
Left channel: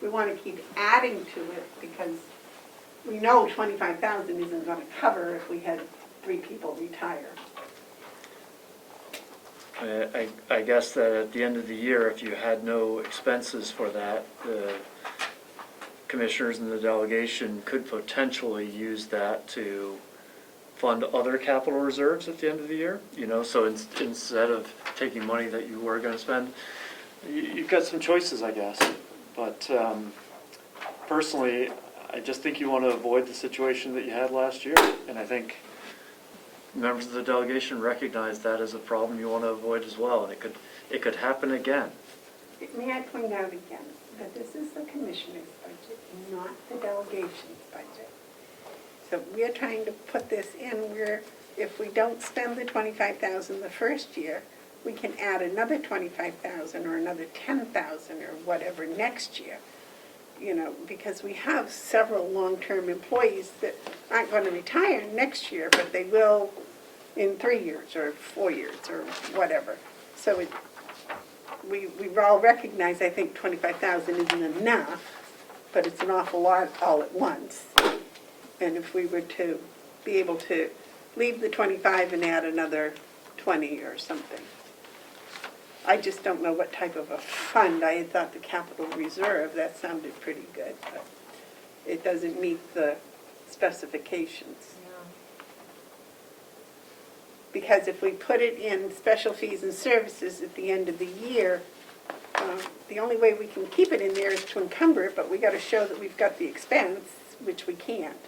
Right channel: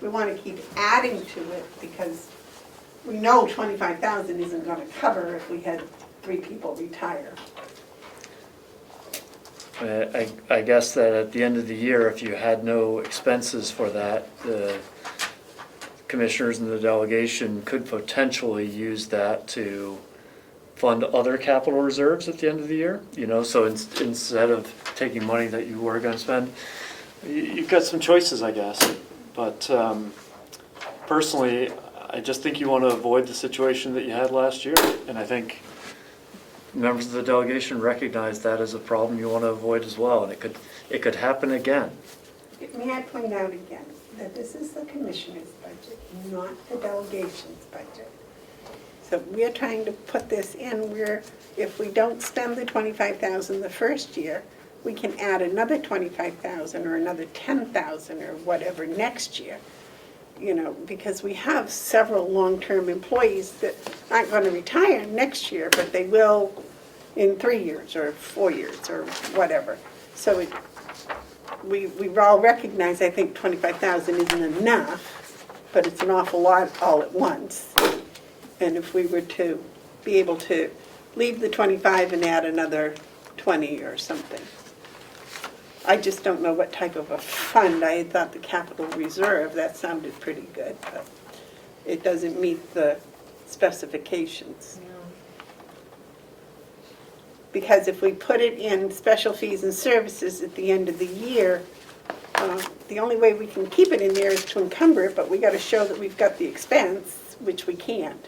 We want to keep adding to it because we know 25,000 isn't going to cover if we had 3 people retire. I guess that at the end of the year, if you had no expenses for that, the commissioners and the delegation could potentially use that to fund other capital reserves at the end of the year, you know, so instead of taking money that you were gonna spend, you've got some choices, I guess. But personally, I just think you wanna avoid the situation that you had last year, and I think members of the delegation recognize that as a problem you wanna avoid as well, and it could happen again. May I point out again that this is the commissioner's budget, not the delegation's budget. So we're trying to put this in where if we don't spend the 25,000 the first year, we can add another 25,000 or another 10,000 or whatever next year. You know, because we have several long-term employees that aren't going to retire next year, but they will in 3 years or 4 years or whatever. So we all recognize, I think 25,000 isn't enough, but it's an awful lot all at once. And if we were to be able to leave the 25 and add another 20 or something. I just don't know what type of a fund. I had thought the capital reserve, that sounded pretty good, but it doesn't meet the specifications. Because if we put it in special fees and services at the end of the year, the only way we can keep it in there is to encumber it, but we got to show that we've got the expense, which we can't.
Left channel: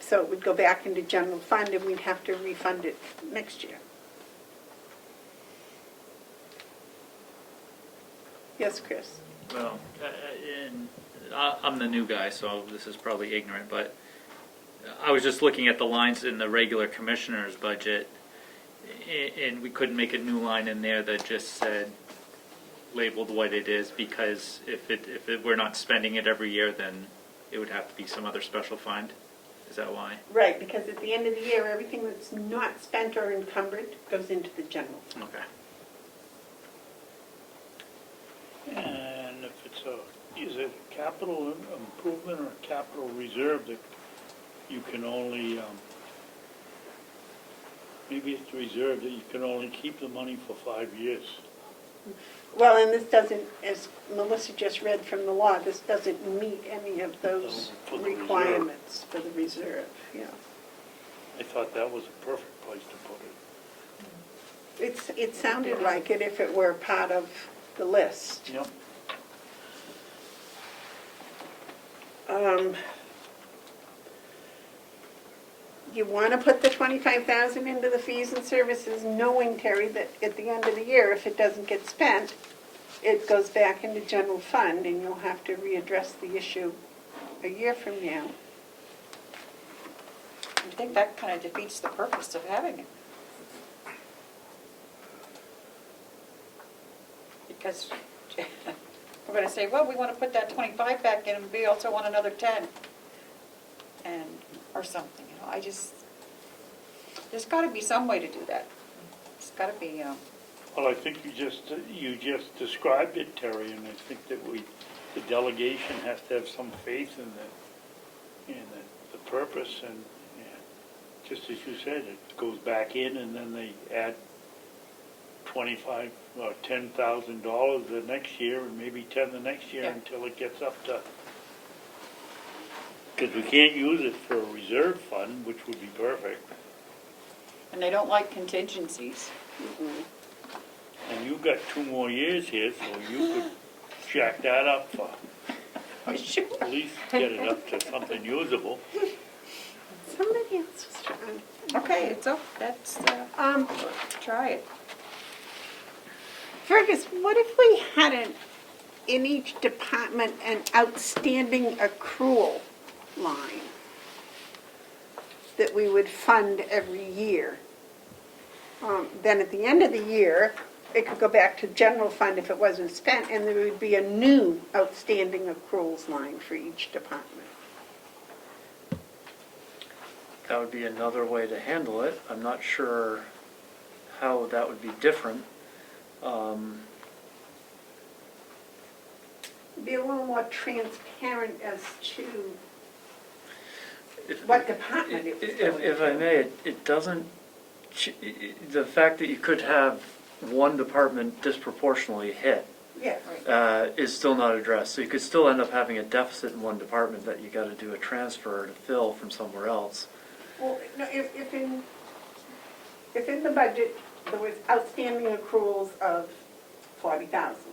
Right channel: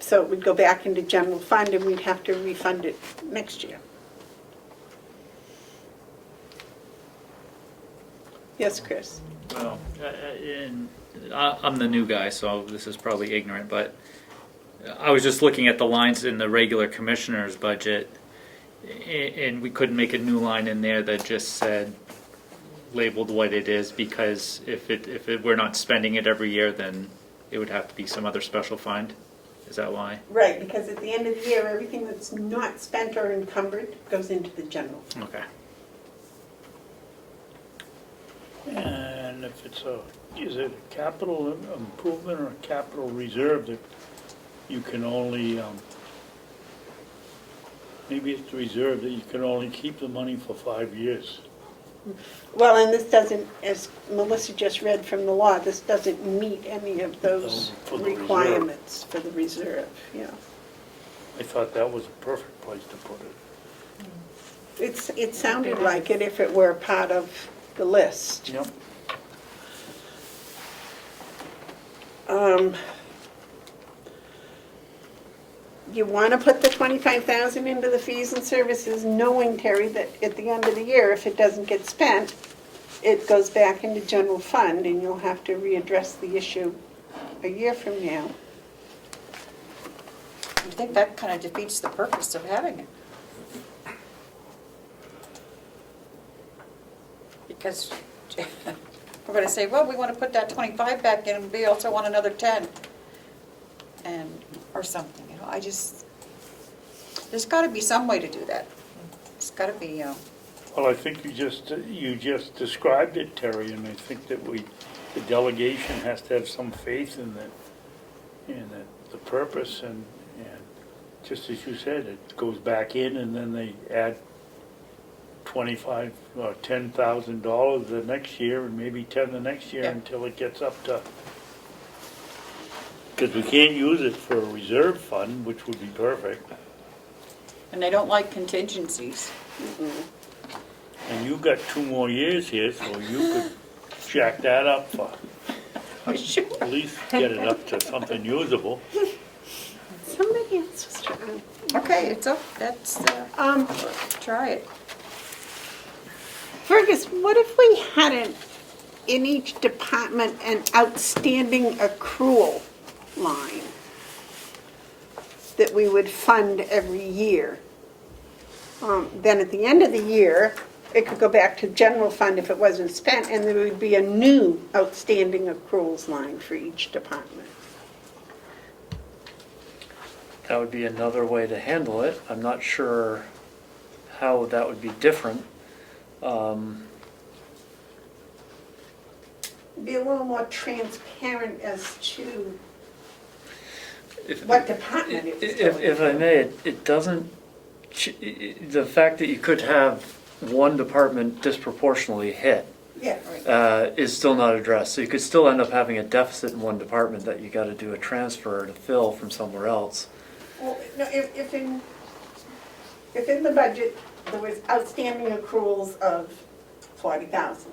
So it would go back into general fund and we'd have to refund it next year. Yes, Chris? Well, I'm the new guy, so this is probably ignorant, but I was just looking at the lines in the regular commissioner's budget, and we couldn't make a new line in there that just said, labeled what it is, because if we're not spending it every year, then it would have to be some other special fund. Is that why? Right, because at the end of the year, everything that's not spent or encumbered goes into the general. Okay. And if it's is it a capital improvement or a capital reserve that you can only, maybe it's the reserve that you can only keep the money for 5 years. Well, and this doesn't, as Melissa just read from the law, this doesn't meet any of those For the reserve. requirements for the reserve, yeah. I thought that was a perfect place to put it. It sounded like it if it were part of the list. Yep. You want to put the 25,000 into the fees and services, knowing, Terry, that at the end of the year, if it doesn't get spent, it goes back into general fund, and you'll have to readdress the issue a year from now. I think that kind of defeats the purpose of having it. Because we're going to say, well, we want to put that 25 back in, and we also want another 10, and, or something, you know, I just, there's got to be some way to do that. It's got to be, Well, I think you just described it, Terry, and I think that the delegation has to have some faith in the purpose, and just as you said, it goes back in, and then they add $25,000 or $10,000 the next year, and maybe 10 the next year, Yeah. until it gets up to, because we can't use it for a reserve fund, which would be perfect. and they don't like contingencies. And you've got 2 more years here, so you could jack that up for. At least get it up to something usable. Somebody else was trying. Okay, it's up, that's, try it. Fergus, what if we had in each department an outstanding accrual line that we would fund every year? Then at the end of the year, it could go back to general fund if it wasn't spent, and there would be a new outstanding accruals line for each department. That would be another way to handle it. I'm not sure how that would be different. Be a little more transparent as to what department it was going If I to. may, it doesn't, the fact that you could have one department disproportionately hit Yeah, is still not addressed. So you could still end up having a deficit in one department that you got to do a transfer to fill from somewhere else. well, no, if in the budget, there was outstanding accruals of 40,000,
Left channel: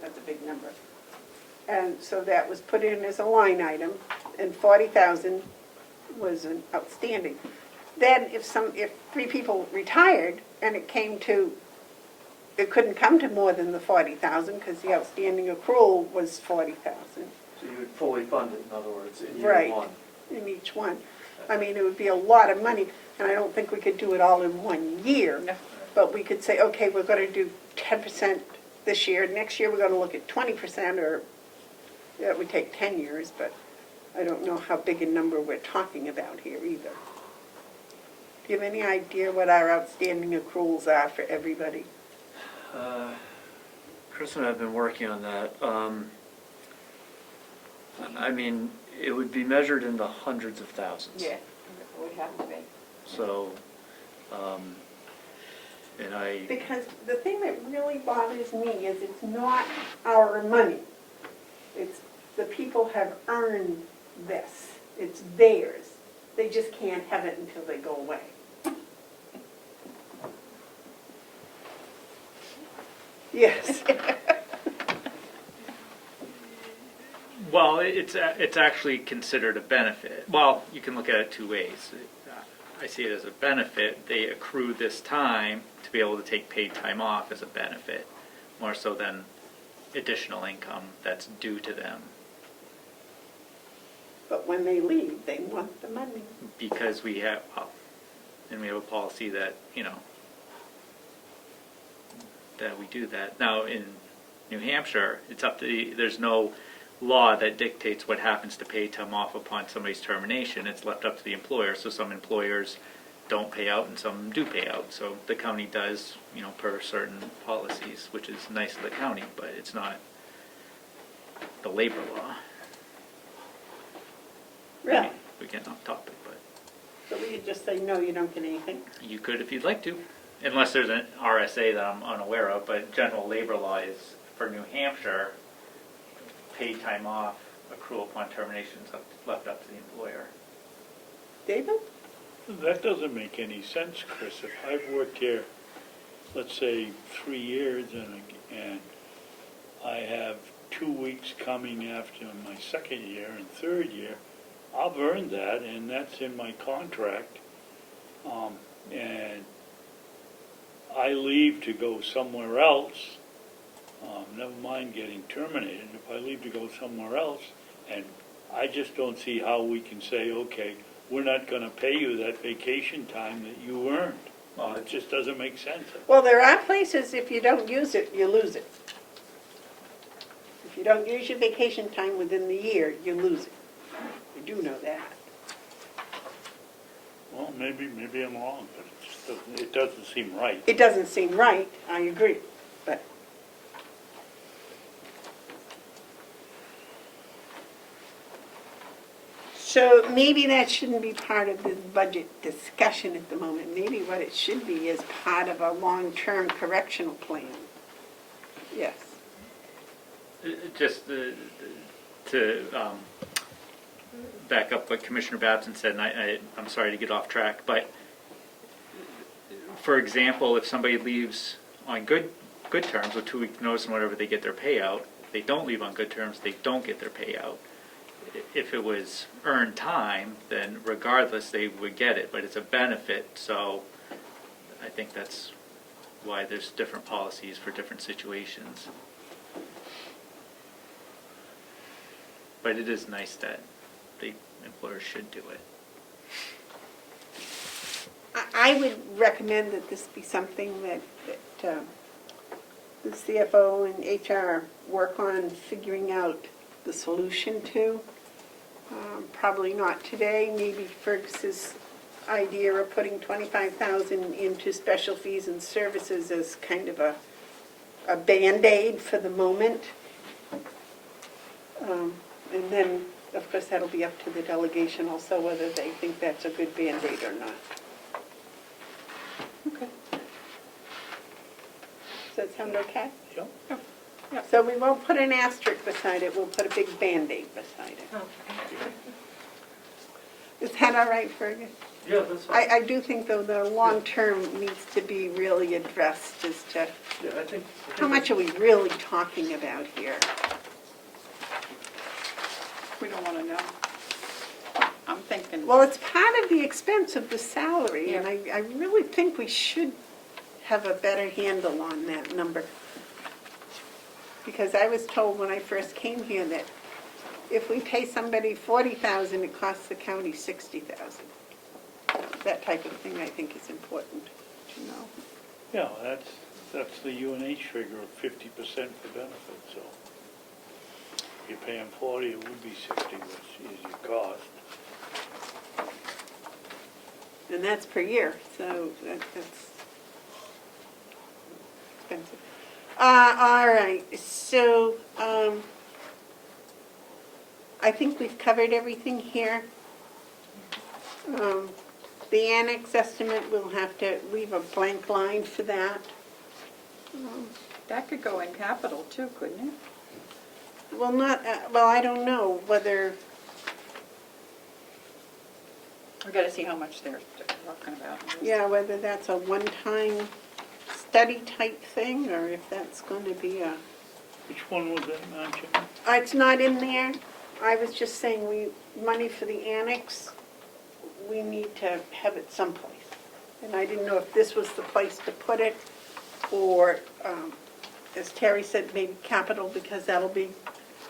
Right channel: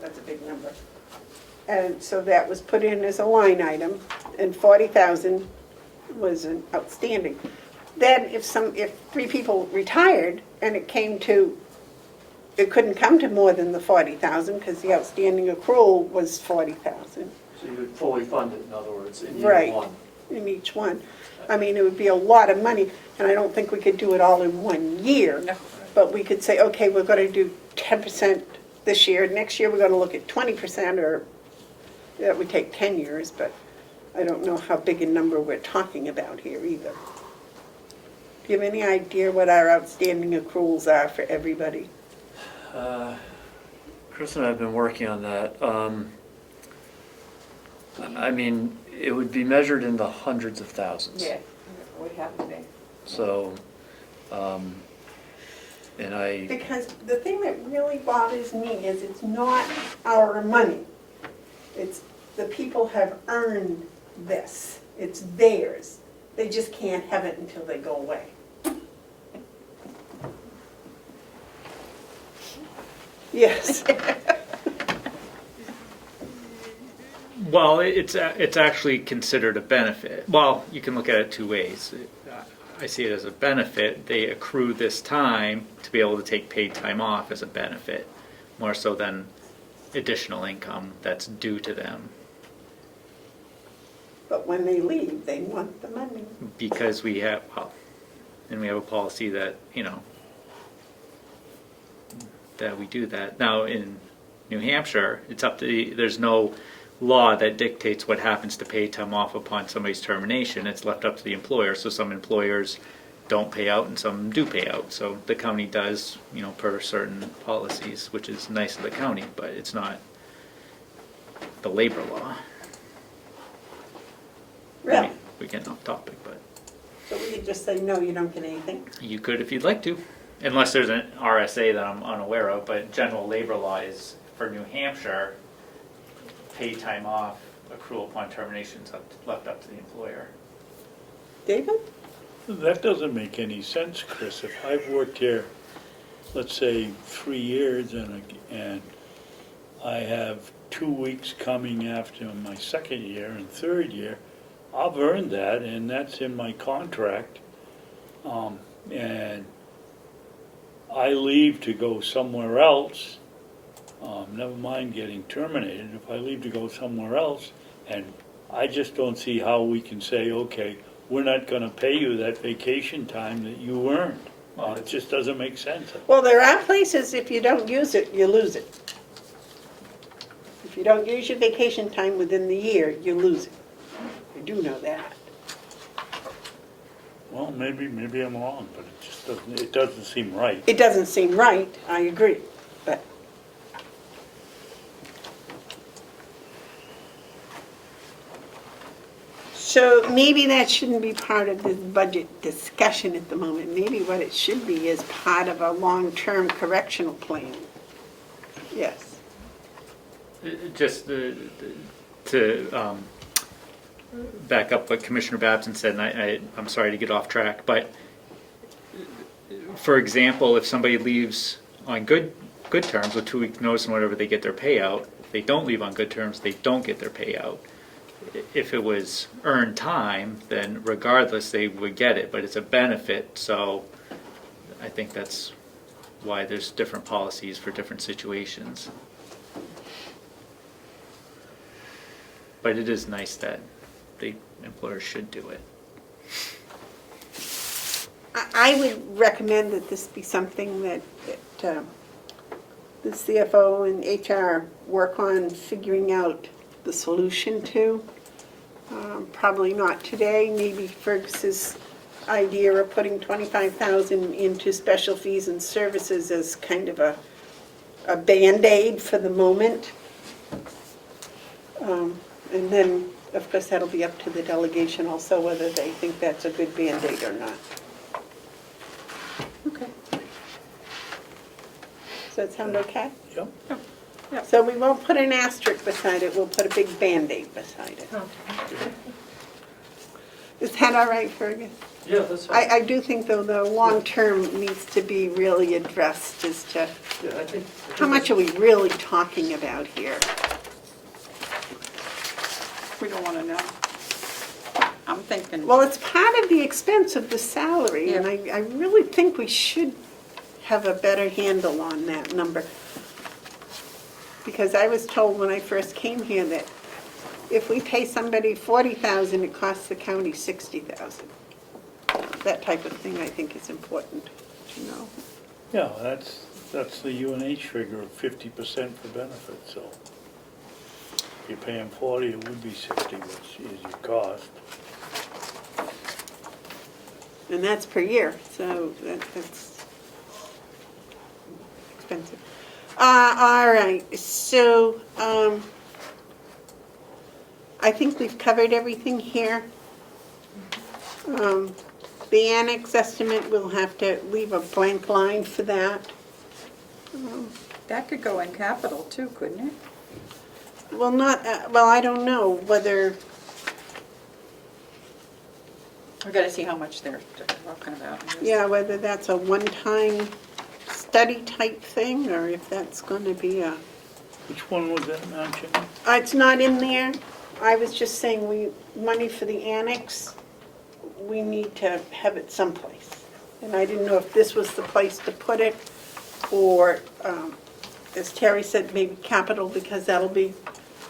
that's a big number. And so that was put in as a line item, and 40,000 was an outstanding. Then if 3 people retired and it couldn't come to more than the 40,000 because the outstanding accrual was 40,000 So you would fully fund it, in other words, in Right. year one. in each one. I mean, it would be a lot of money, and I don't think we could do it all in 1 year. No. But we could say, okay, we're going to do 10% this year, next year we're going to look at 20%, or that would take 10 years, but I don't know how big a number we're talking about here either. Do you have any idea what our outstanding accruals are for everybody? Chris and I have been working on that. I mean, it would be measured in the hundreds of thousands. Yeah, it would have to be. So, and I, Because the thing that really bothers me is it's not our money. It's the people have earned this. It's theirs. They just can't have it until they go away. Yes. Well, it's actually considered a benefit. Well, you can look at it two ways. I see it as a benefit. They accrue this time to be able to take paid time off as a benefit, more so than additional income that's due to them. But when they leave, they want the money. Because we have a policy that, that we do that. Now, in New Hampshire, it's up to there's no law that dictates what happens to paid time off upon somebody's termination. It's left up to the employer. So some employers don't pay out and some do pay out. So the county does, per certain policies, which is nice of the county, but it's not the labor law. Really? We're getting off topic, but So we could just say, no, you don't get anything? you could if you'd like to, unless there's an RSA that I'm unaware of, but general labor law is for New Hampshire, paid time off, accrual upon termination is left up to the employer. David? That doesn't make any sense, Chris. If I've worked here, let's say 3 years, and I have 2 weeks coming after my second year and third year, I've earned that, and that's in my contract. And I leave to go somewhere else, never mind getting terminated, if I leave to go somewhere else, and I just don't see how we can say, okay, we're not going to pay you that vacation time that you earned. It just doesn't make sense. Well, there are places, if you don't use it, you lose it. If you don't use your vacation time within the year, you lose it. I do know that. Well, maybe I'm wrong, but it doesn't seem right. It doesn't seem right, I agree, but. So maybe that shouldn't be part of this budget discussion at the moment. Maybe what it should be is part of a long-term correctional plan. Yes. Just to back up what Commissioner Babson said, and I'm sorry to get off track, but for example, if somebody leaves on good terms with 2 weeks notice and whatever, they get their payout, they don't leave on good terms, they don't get their payout. If it was earned time, then regardless, they would get it, but it's a benefit, so I think that's why there's different policies for different situations. But it is nice that the employers should do it. I would recommend that this be something that the CFO and HR work on figuring out the solution to. Probably not today, maybe Fergus's idea of putting $25,000 into special fees and services as kind of a Band-Aid for the moment. And then, of course, that'll be up to the delegation also whether they think that's a good Band-Aid or not. Okay. Does that sound okay? Yep. Yeah. So we won't put an asterisk beside it, we'll put a big Band-Aid beside it. Is that all right, Fergus? Yeah, that's fine. I do think, though, the long-term needs to be really addressed as to Yeah, I think. how much are we really talking about here? We don't want to know. I'm thinking, Well, it's part of the expense of the salary, and Yeah. I really think we should have a better handle on that number. Because I was told when I first came here that if we pay somebody $40,000, it costs the county $60,000. That type of thing I think is important to know. Yeah, that's the UNH figure of 50% for benefits, so if you pay them 40, it would be 60, which is your cost. And that's per year, so that's expensive. All right, so I think we've covered everything here. The annex estimate, we'll have to leave a blank line for that. that could go in capital too, couldn't it? Well, not, well, I don't know whether, We've got to see how much they're talking about. yeah, whether that's a one-time study type thing, or if that's going to be a, Which one was that, Madam Chairman? it's not in there. I was just saying, money for the annex, we need to have it someplace. And I didn't know if this was the place to put it, or, as Terry said, maybe capital, because that'll be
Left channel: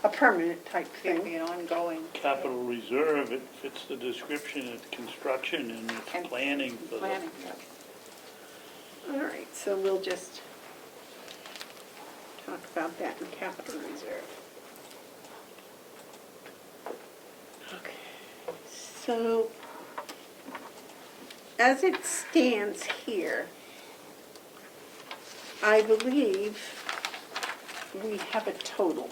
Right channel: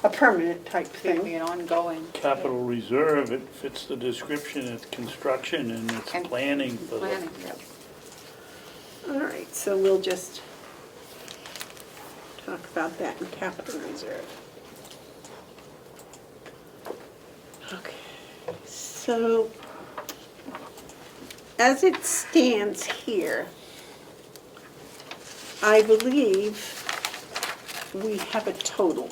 a permanent type It'll be thing. an ongoing. Capital reserve, it fits the description, it's construction and it's And planning for the. Planning, yeah. All right, so we'll just talk about that in capital reserve. Okay, so as it stands here, I believe we have a total.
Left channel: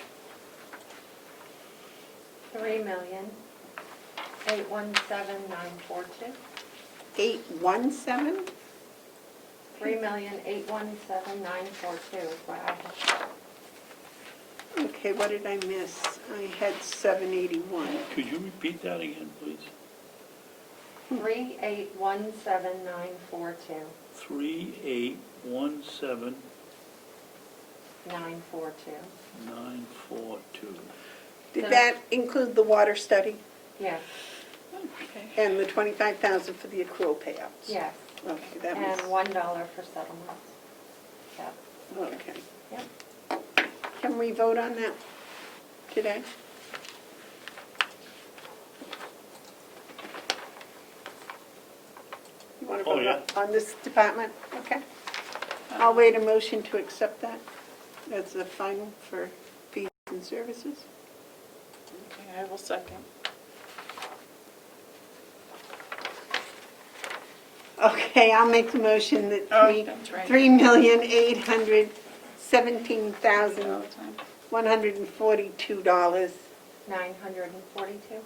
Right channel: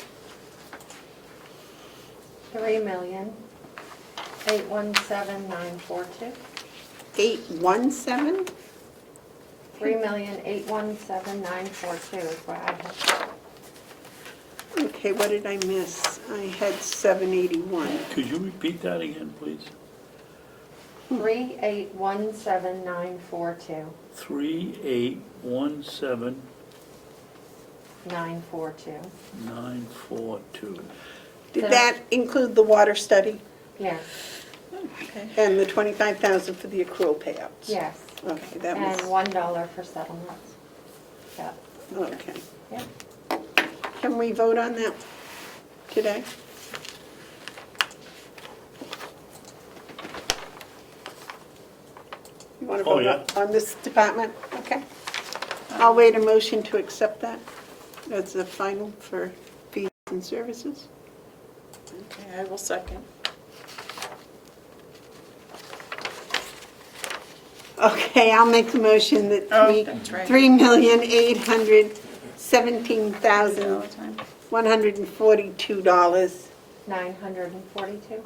3,817,942. 817? 3,817,942 is what I have. Okay, what did I miss? I had 781. Could you repeat that again, please? 3,817,942. 3817 942. 942. Did that include the water study Yes, and the 25,000 for the accrual payouts? yes. Okay, that And was, $1 for settlements. Yep. okay. Yep. Can we vote on that today? You want to Oh, vote yeah. on this department? Okay. I'll wait a motion to accept that as the final for fees and services. Okay, I will second. Okay, I'll make the motion that Oh, that's right. $3,817,142. 942.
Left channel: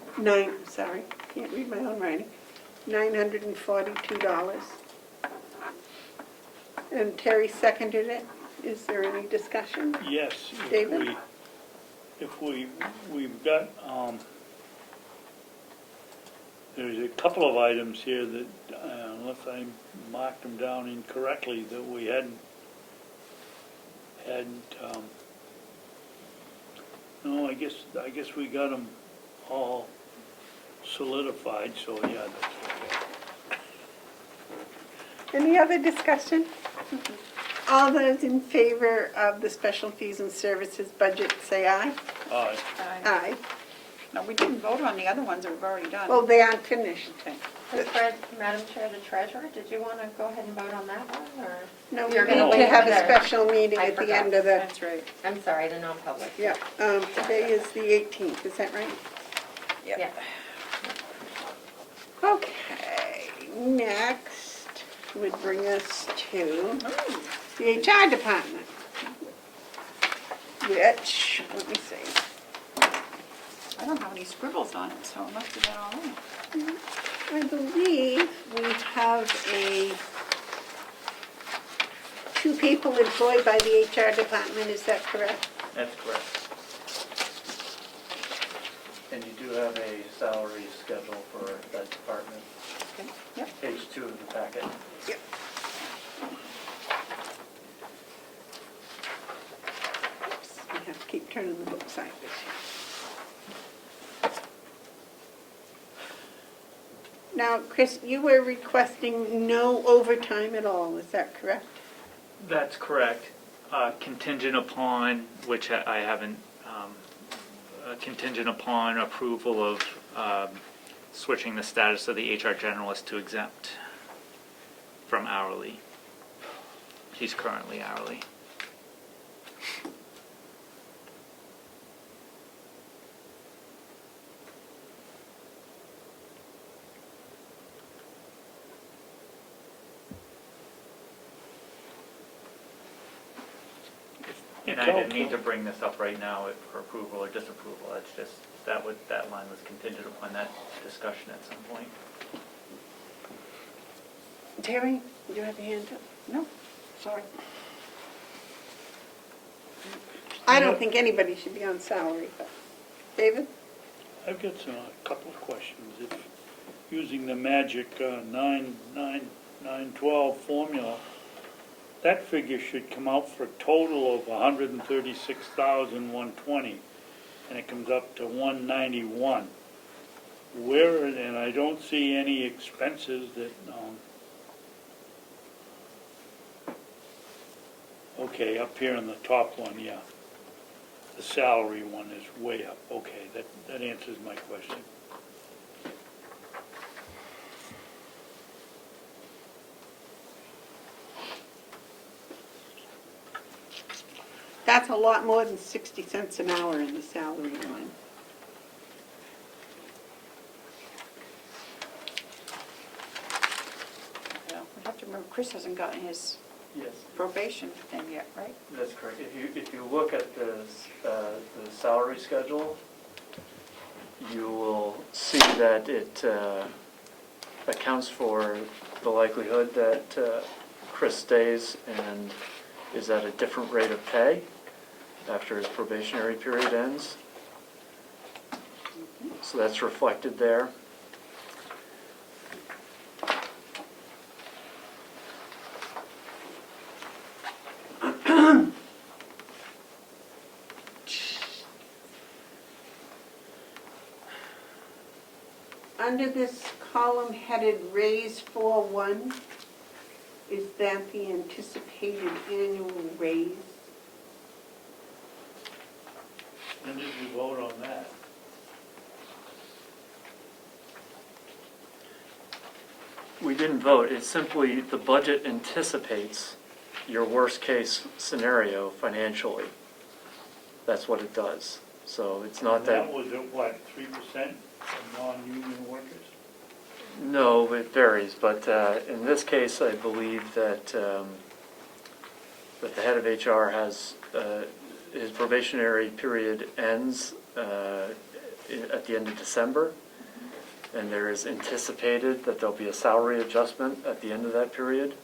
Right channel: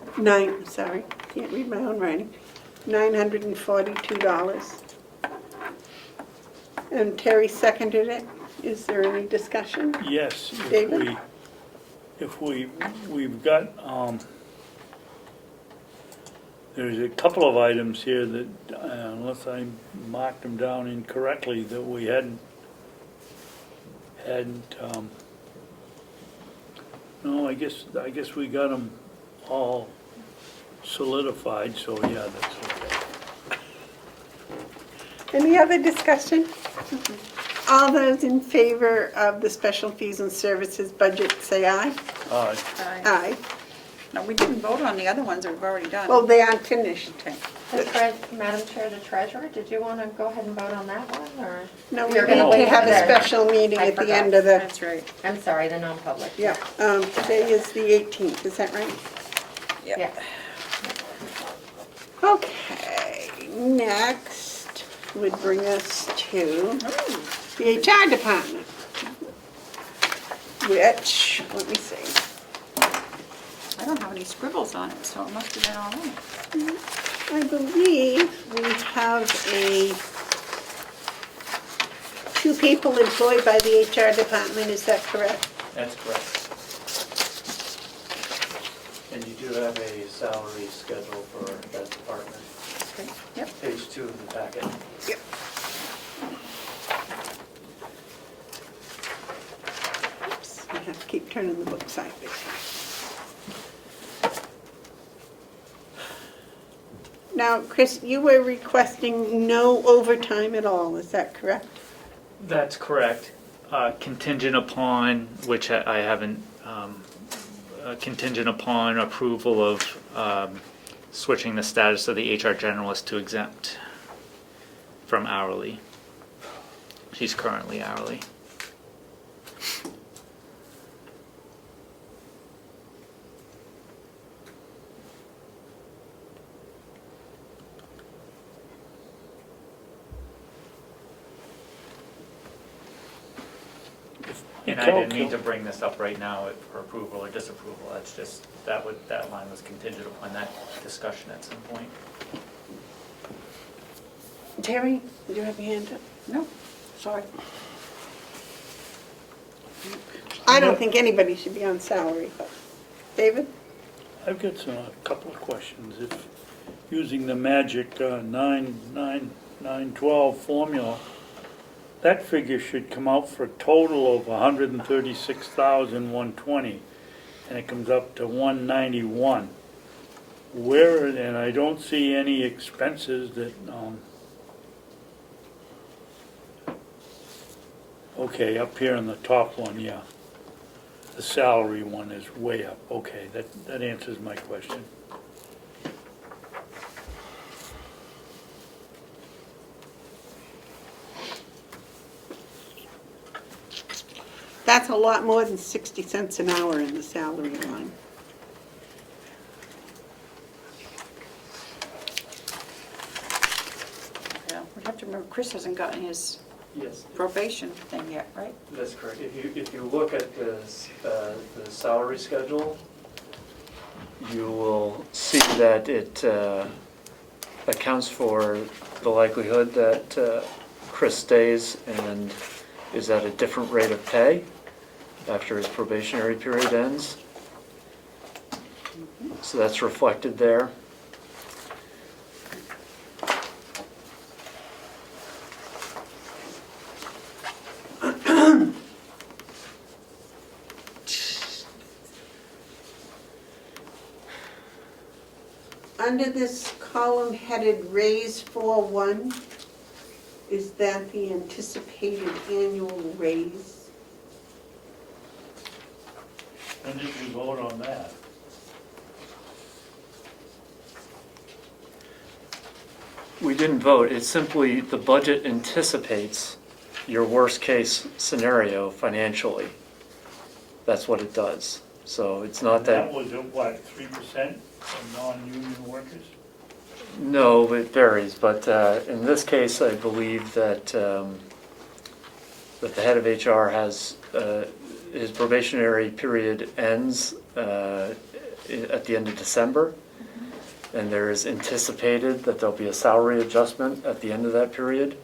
Sorry, can't read my own writing. $942. And Terry seconded it. Is there any discussion? Yes, David? we've got, there's a couple of items here that, unless I marked them down incorrectly, that we hadn't No, I guess we got them all solidified, so yeah, that's okay. Any other discussion? All those in favor of the special fees and services budget, say aye. Aye. Aye. No, we didn't vote on the other ones that we've already done. Well, they aren't finished. Madam Chair, the treasurer, did you want to go ahead and vote on that one, or? No, we You're need gonna to wait have for a the- special meeting I at the forgot. end of the, That's right. I'm sorry, the non-public. yeah, today is the 18th, is that right? Yeah. Okay, next would bring us to the HR department, which, let me see. I don't have any scribbles on it, so it must have been all right. I believe we have two people employed by the HR department, is that correct? That's correct. And you do have a salary schedule for that department. Yep. Page 2 of the packet. Yep. Oops, I have to keep turning the book sideways. Now, Chris, you were requesting no overtime at all, is that correct? That's correct. Contingent upon, which I haven't, contingent upon approval of switching the status of the HR generalist to exempt from hourly. She's currently hourly. And I didn't need to bring this up right now for approval or disapproval. It's just, that line was contingent upon that discussion at some point. Terry, did you have your hand up? No, sorry. I don't think anybody should be on salary, but, David? I've got a couple of questions. If using the magic 99912 formula, that figure should come out for a total of 136,120, and it comes up to 191. Where, and I don't see any expenses that, okay, up here in the top one, yeah. The salary one is way up. Okay, that answers my question. That's a lot more than 60 cents an hour in the salary line. Yeah, we have to remember, Chris hasn't gotten his Yes, probation thing yet, right? that's correct. If you look at the salary schedule, you will see that it accounts for the likelihood that Chris stays and is at a different rate of pay after his probationary period ends. So that's reflected there. Under this column headed raise 41, is that the anticipated annual raise? When did we vote on that? We didn't vote, it's simply the budget anticipates your worst-case scenario financially. That's what it does. So it's not that, That was at what, 3% of non-union workers? no, it varies, but in this case, I believe that that the head of HR has, his probationary period ends at the end of December, and there is anticipated that there'll be a salary adjustment at the end of that period.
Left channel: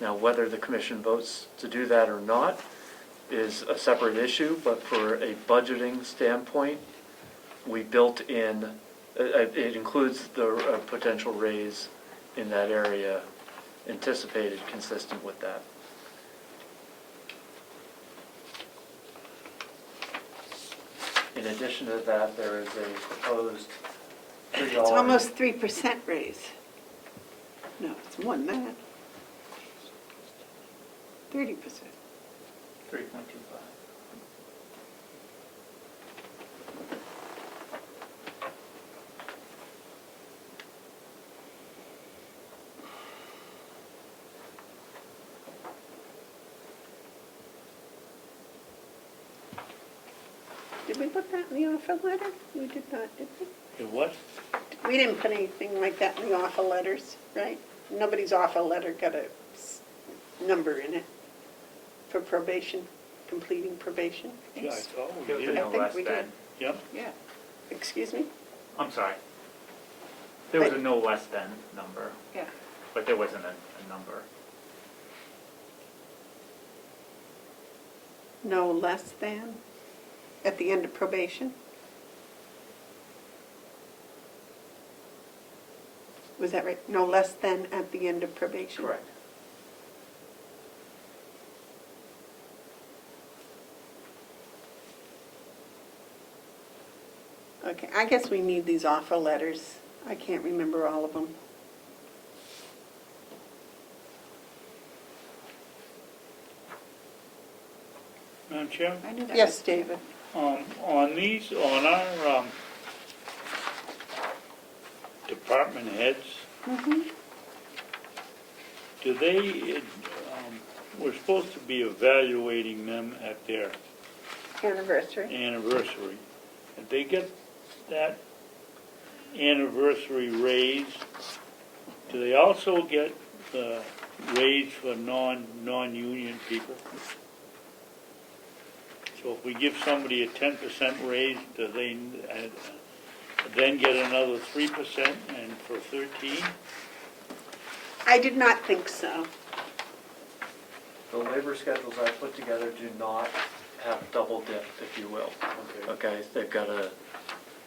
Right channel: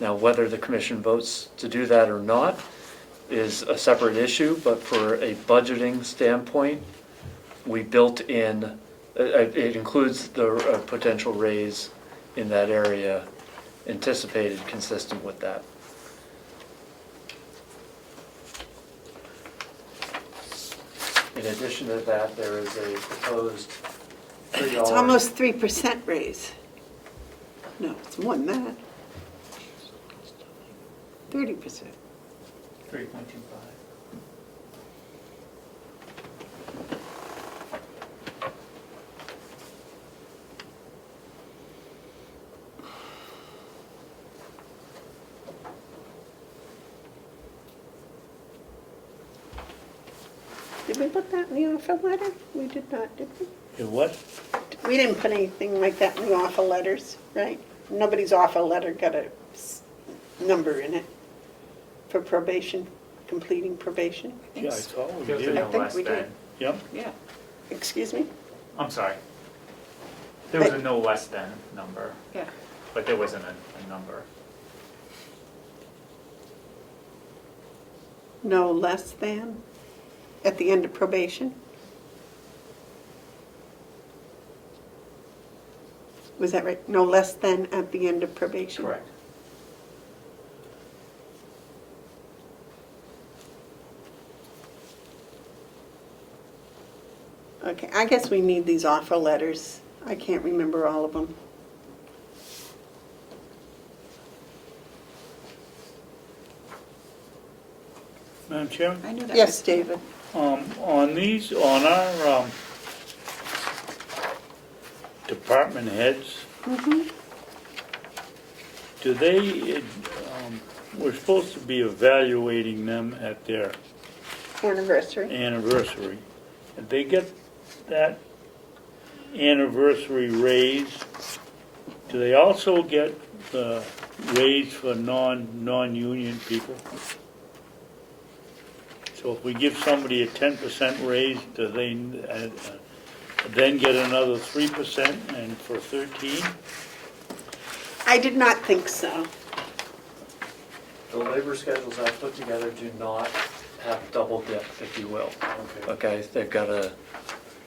Now, whether the commission votes to do that or not is a separate issue, but for a budgeting standpoint, we built in, it includes the potential raise in that area anticipated consistent with that. In addition to that, there is a proposed $3. It's almost 3% raise. No, it's more than that. 30%. 3.25. Did we put that in the offer letter? We did not, did we? It what? We didn't put anything like that in the offer letters, right? Nobody's offer letter got a number in it for probation, completing probation. Yeah, I thought we There was a did. no think less we than. did. Yep. Yeah. Excuse me? I'm sorry. There was a no less than number, Yeah. but there wasn't a number. No less than at the end of probation? Was that right? No less than at the end of probation? Correct. Okay, I guess we need these offer letters. I can't remember all of them. Madam Chairman? I knew that. Yes, David. On these, on our department heads, do they, we're supposed to be evaluating them at their Anniversary. anniversary. Did they get that anniversary raise? Do they also get the raise for non-union people? So if we give somebody a 10% raise, do they then get another 3% and for 13? I did not think so. The labor schedules I put together do not have double dip, if you will. Okay, they've got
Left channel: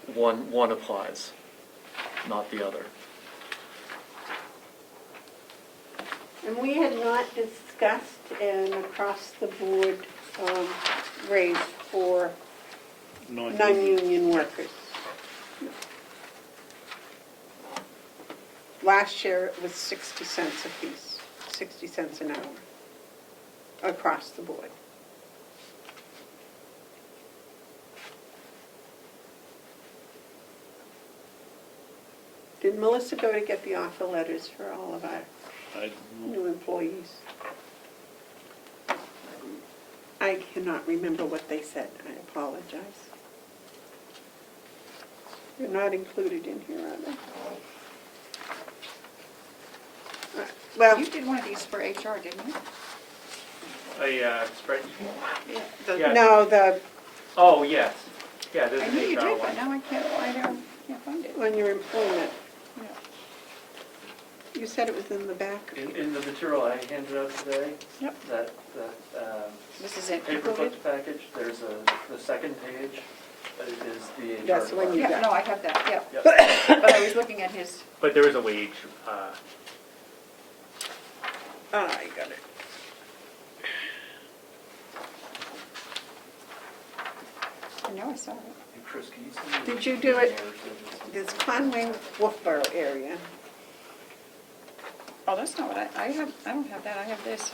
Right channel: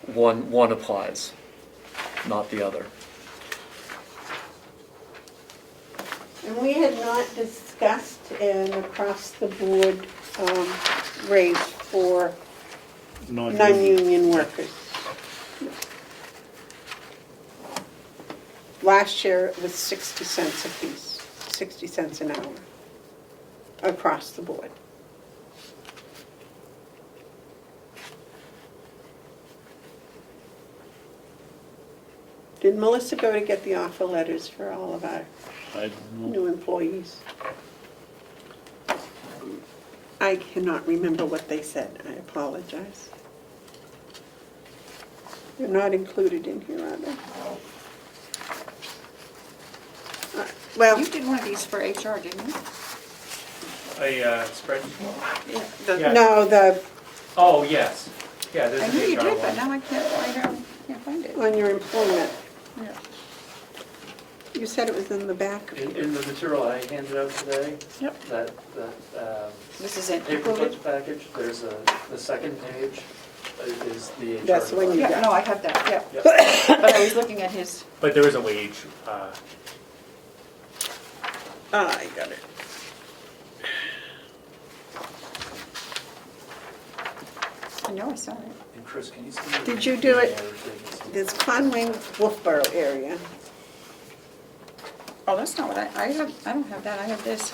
one applies, not the other. And we had not discussed an across-the-board raise for non-union workers. Last year, it was 60 cents apiece, 60 cents an hour, across the board. Did Melissa go to get the offer letters for all of our I don't know. new employees? I cannot remember what they said. I apologize. They're not included in here, are they? All right, well, You did one of these for HR, didn't you? A spreadsheet? Yeah. Yeah. no, the, Oh, yes. Yeah, there's I an knew you HR did, but one. now I can't find it. on your employment, Yeah. you said it was in the back. In the material I handed out today, Yep. that This is it. paper clip package, there's the second page is the HR. That's the one you Yeah, got. no, I have that, yeah. Yep. But I was looking at his, But there was a wage, I got it. I know I saw it. And Chris, can you send me? Did you do it? This Conway Wolfboro area. Oh, that's not what I have, I don't have that, I have this.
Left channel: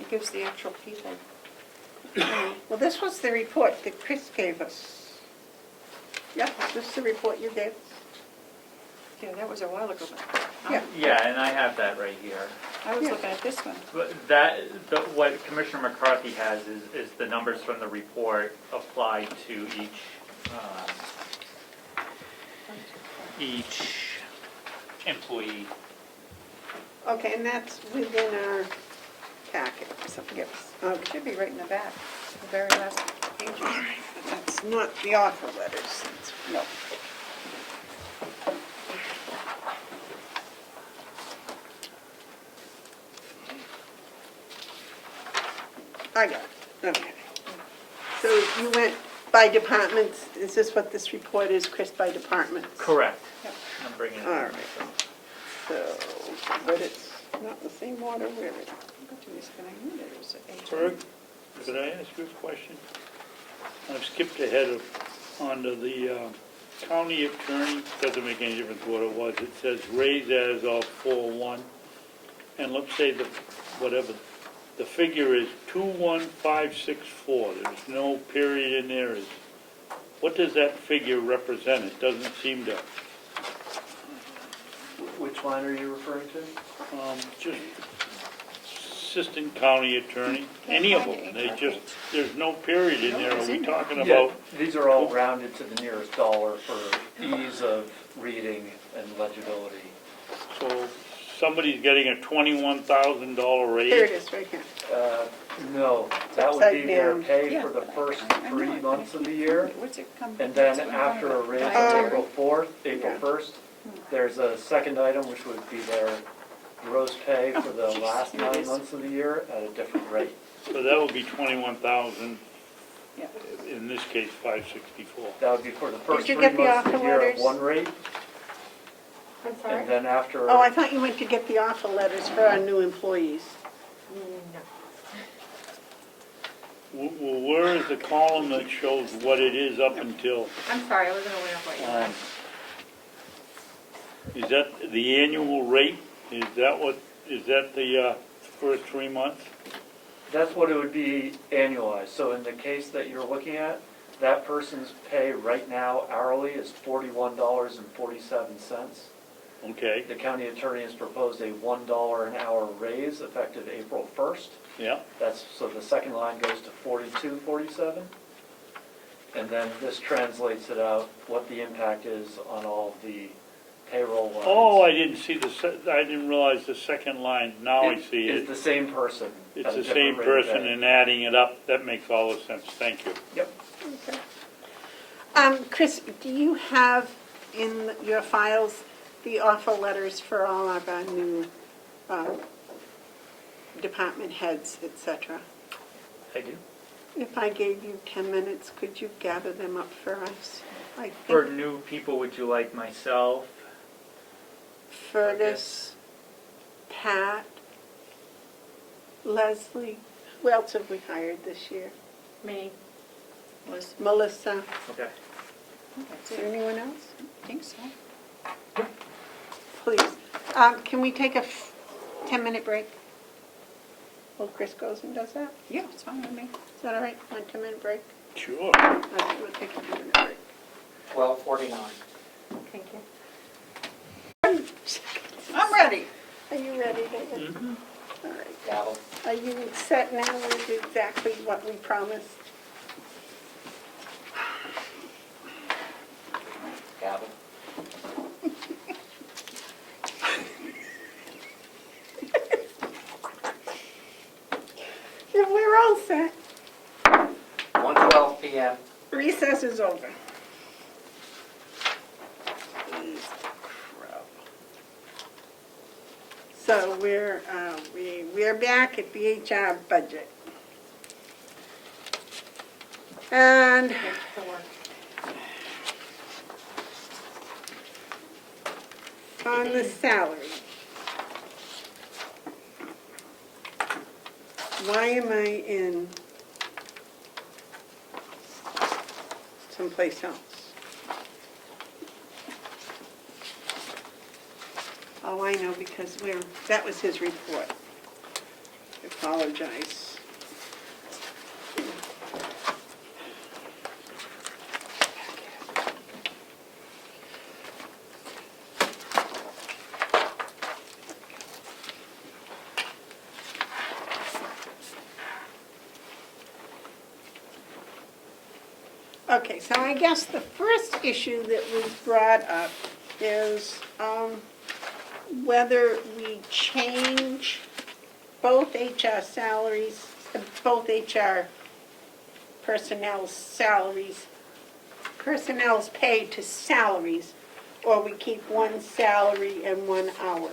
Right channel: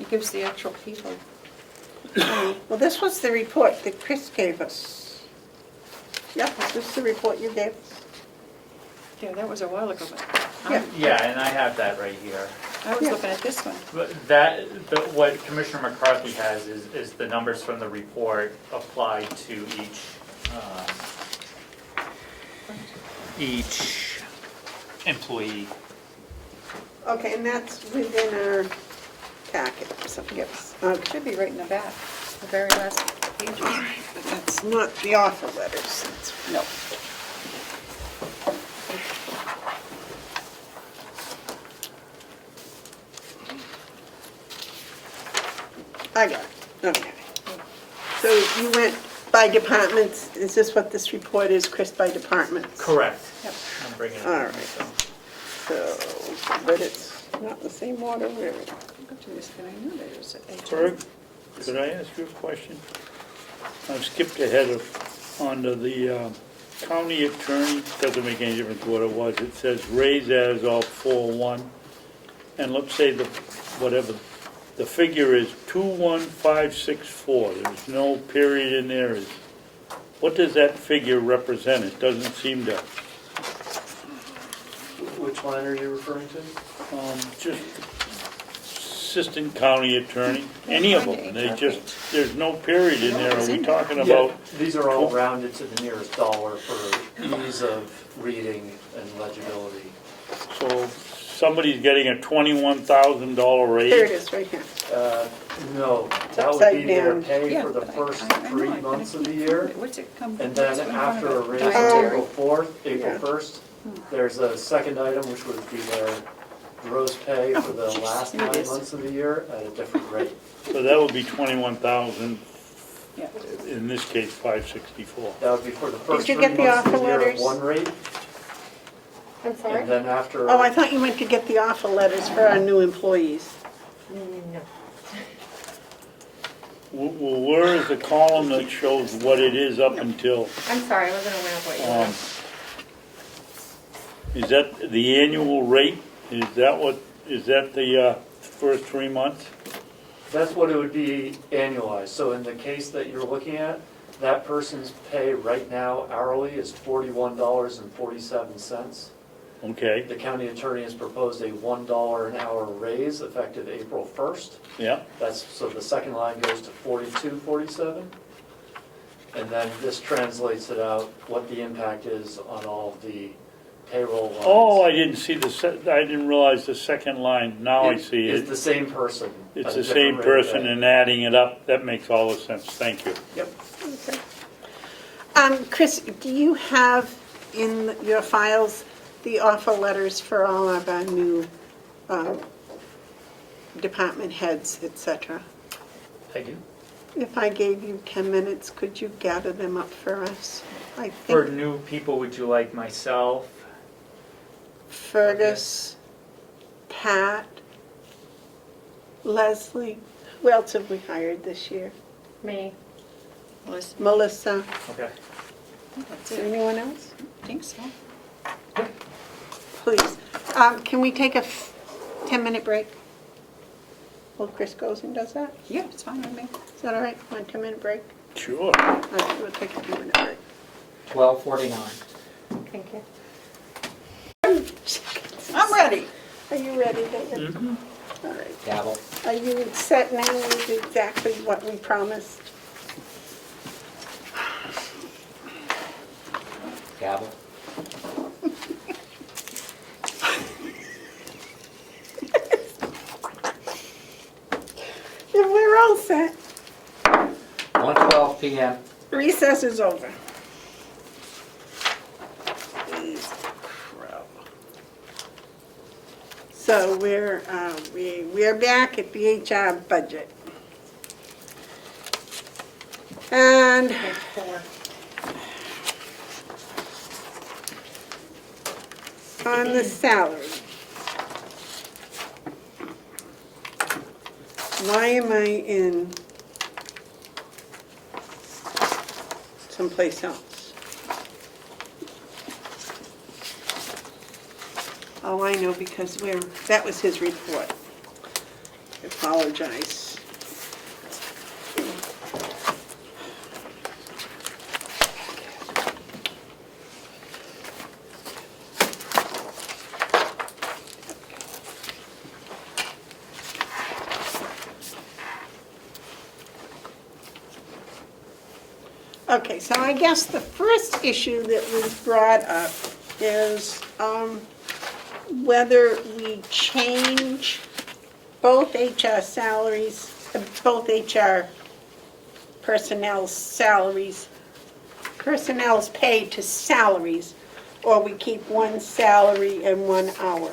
It gives the actual people. Well, this was the report that Chris gave us. Yeah, this was the report you gave. Yeah, that was a while ago, but Yeah. yeah, and I have that right here. I was Yeah. looking at this one. But what Commissioner McCarthy has is the numbers from the report applied to each employee. Okay, and that's within our packet, so yes. Okay, Should be right in the back, the very last page. but that's not the offer letters. That's- No. I got it, okay. So you went by departments, is this what this report is, Chris, by departments? Correct. Yep. I'm bringing it. All in, right. so. So, but it's not in the same order, where are we? Go to this, but I knew there was a HR. Berg, Could I ask you a question? I've skipped ahead onto the county attorney, doesn't make any difference what it was. It says raise as of 4/1, and let's say the figure is 21564. There's no period in there. What does that figure represent? It doesn't seem to. Which line are you referring to? Just assistant county attorney, any of them. There's no period in there. Are we talking about? These are all rounded to the nearest dollar for ease of reading and legibility. So somebody's getting a $21,000 raise? Here it is, right here. No, that would upside be their down. pay Yeah, for the first 3 months of the year. What's it come? And then after a raise on April 4th, April 1st, there's a second item which would be their gross pay for the last 9 months of the year at a different rate. So that would be 21,000, Yeah. in this case, 564. That would be for the first you 3 get the months of the offer year at letters? one rate, I'm sorry? and then after. Oh, I thought you went to get the offer letters for our new employees. No. Well, where is the column that shows what it is up until? I'm sorry, I wasn't aware of what you Um, were. Is that the annual rate? Is that the first 3 months? That's what it would be annualized. So in the case that you're looking at, that person's pay right now hourly is $41.47. Okay, The county attorney has proposed a $1 an hour raise effective April 1st. yeah. So the second line goes to $42.47. And then this translates it out, what the impact is on all of the payroll lines. Oh, I didn't see I didn't realize the second line. Now I see It's it. the same person. It's at a the different same rate of person pay. and adding it up. That makes all the sense. Thank you. Yep. Chris, do you have in your files the offer letters for all of our new department heads, et cetera? I do. If I gave you 10 minutes, could you gather them up for us? I For think new people, would you like myself? Fergus, Pat, Leslie, who else have we hired this year? Me. Melissa, Okay. That's it. anyone else? I think so. Please. Can we take a 10-minute break? While Chris goes and does that? Yeah, it's fine with me. Is that all right? 1 10-minute break? Sure. All right, we'll take a 10-minute break. 12:49. Thank you. I'm ready. Are you ready, David? Mm-hmm. All right. Gavel. Are you set now with exactly what we promised? Gavel. If we're all set, 1:12 p.m. recess is over. Please, crow. So we're back at the HR budget. And Page 4. on the salary. Why am I in someplace else? Oh, I know, because that was his report. I apologize. Okay, so I guess the first issue that was brought up is whether we change both HR salaries, both HR personnel's salaries, personnel's pay to salaries, or we keep one salary and one hourly.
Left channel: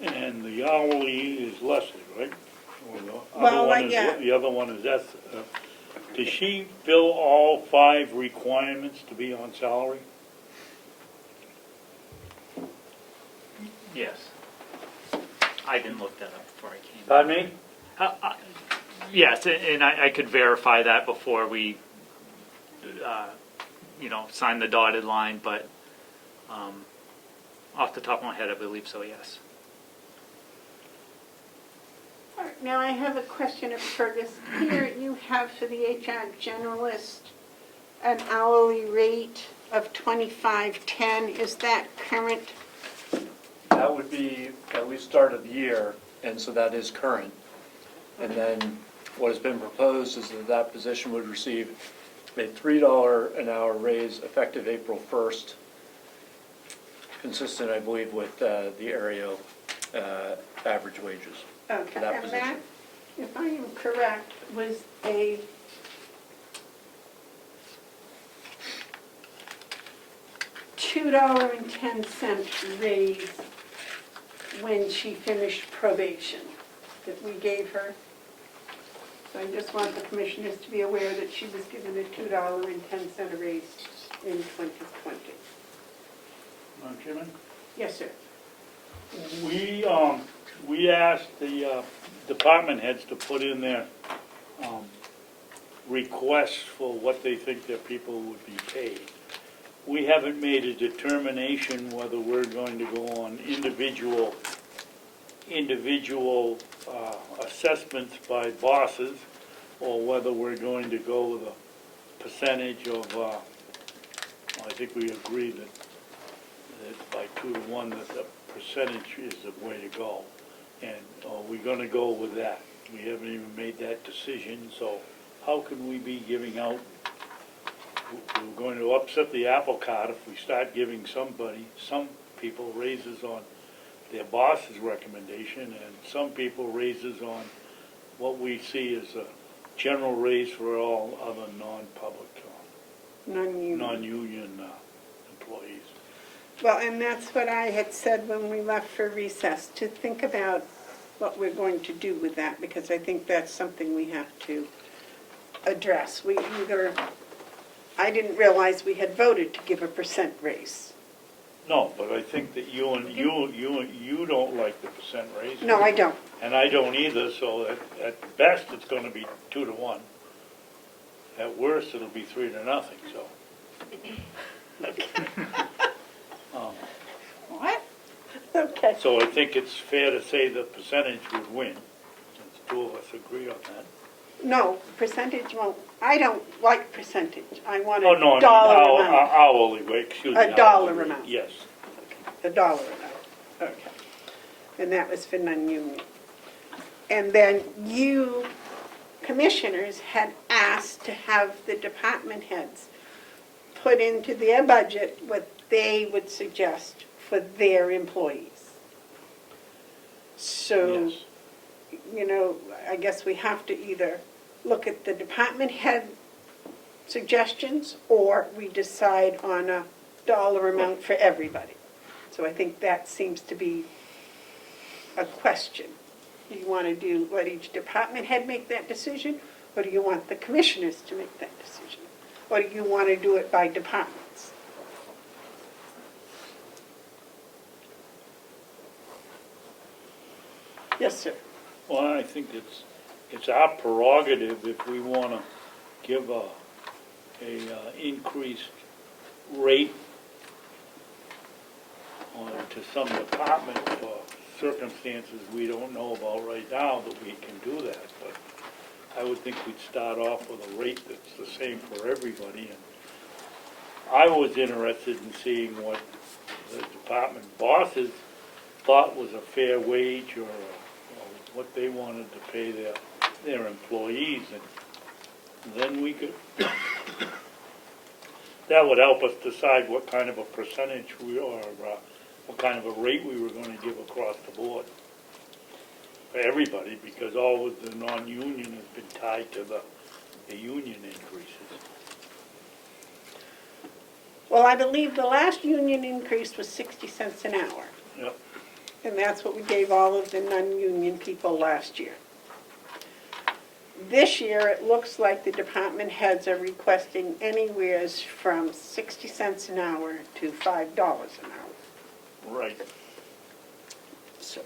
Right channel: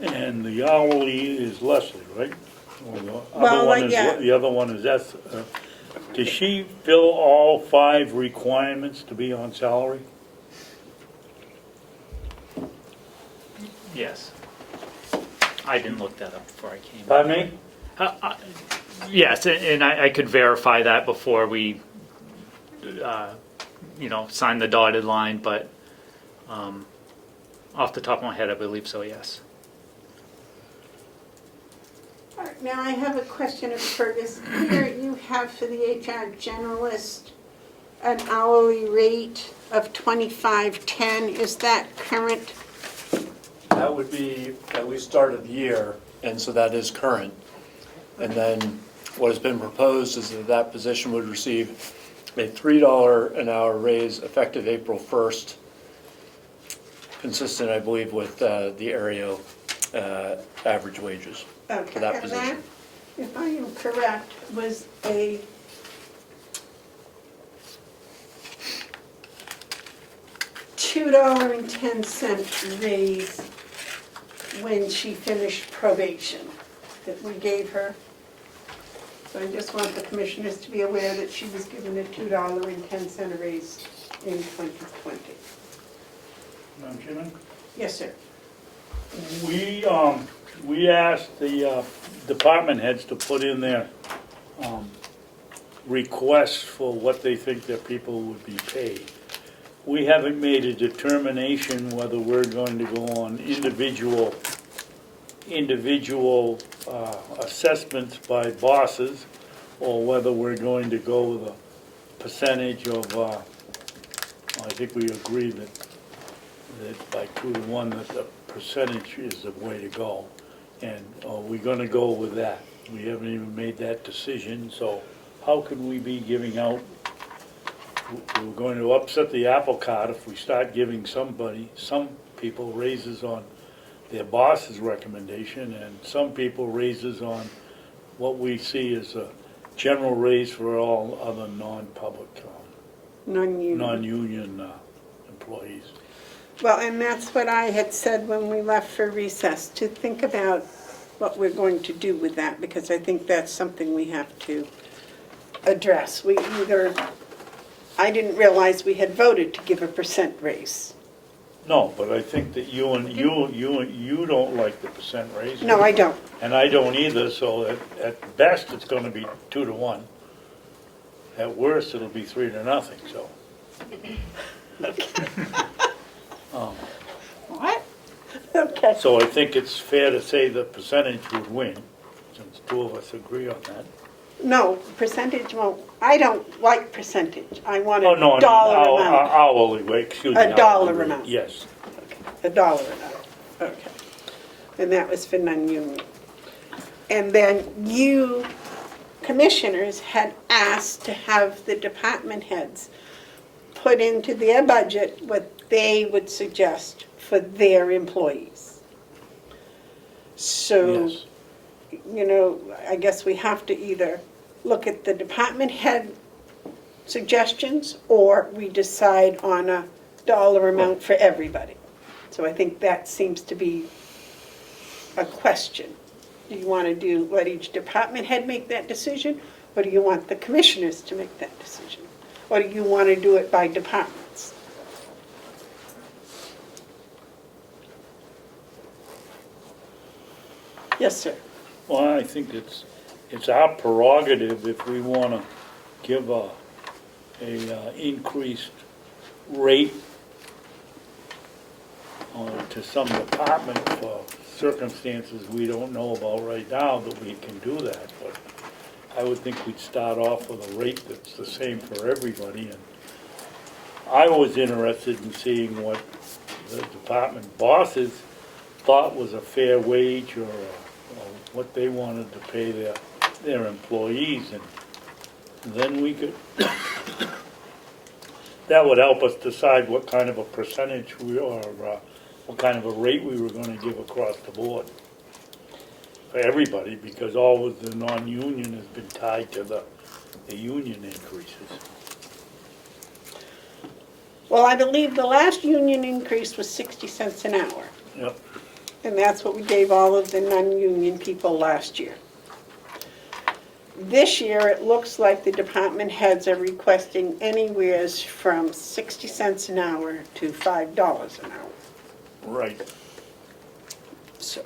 And the hourly is Leslie, right? Or the Well, other one is, yeah. the other one is does she fill all 5 requirements to be on salary? Yes. I didn't look that up before I came. Pardon me? Yes, and I could verify that before we, sign the dotted line, but off the top of my head, I believe so, yes. All right, now I have a question of Fergus. Here you have for the HR generalist an hourly rate of $25.10. Is that current? That would be at least start of the year, and so that is current. And then what has been proposed is that that position would receive a $3 an hour raise effective April 1st, consistent, I believe, with the area average wages Okay, for that and position. that, if I am correct, was a $2.10 raise when she finished probation that we gave her. So I just want the commissioners to be aware that she was given a $2.10 raise in 2020. Madam Chairman? Yes, sir. We asked the department heads to put in their requests for what they think their people would be paid. We haven't made a determination whether we're going to go on individual assessments by bosses, or whether we're going to go with a percentage of, I think we agree that by 2-to-1 that the percentage is the way to go. And we're going to go with that. We haven't even made that decision, so how could we be giving out? We're going to upset the apple cart if we start giving some people raises on their boss's recommendation, and some people raises on what we see as a general raise for all other non-public, Non-union. non-union employees. Well, and that's what I had said when we left for recess, to think about what we're going to do with that, because I think that's something we have to address. I didn't realize we had voted to give a percent raise. No, but I think that you don't like the percent raise. No, I don't. And I don't either, so at best, it's gonna be 2-to-1. At worst, it'll be 3-0, so. What? Okay. So I think it's fair to say the percentage would win, since 2 of us agree on that. No, percentage won't, I don't like percentage. I want Oh, no, a dollar I mean, amount. hourly rate, excuse me. A dollar hourly rate, amount. Yes. A dollar amount, okay. And that was for non-union. And then you, commissioners, had asked to have the department heads put into their budget what they would suggest for their employees. So, Yes. I guess we have to either look at the department head suggestions, or we decide on a dollar amount for everybody. So I think that seems to be a question. Do you want to let each department head make that decision, or do you want the commissioners to make that decision? Or do you want to do it by departments? Yes, sir. Well, I think it's our prerogative if we want to give a increased rate to some department for circumstances we don't know about right now, that we can do that. But I would think we'd start off with a rate that's the same for everybody. And I was interested in seeing what the department bosses thought was a fair wage, or what they wanted to pay their employees, and then we could, that would help us decide what kind of a percentage what kind of a rate we were going to give across the board for everybody, because all of the non-union has been tied to the union increases. Well, I believe the last union increase was 60 cents an hour. Yep. And that's what we gave all of the non-union people last year. This year, it looks like the department heads are requesting anywhere from 60 cents an hour to $5 an hour. Right. So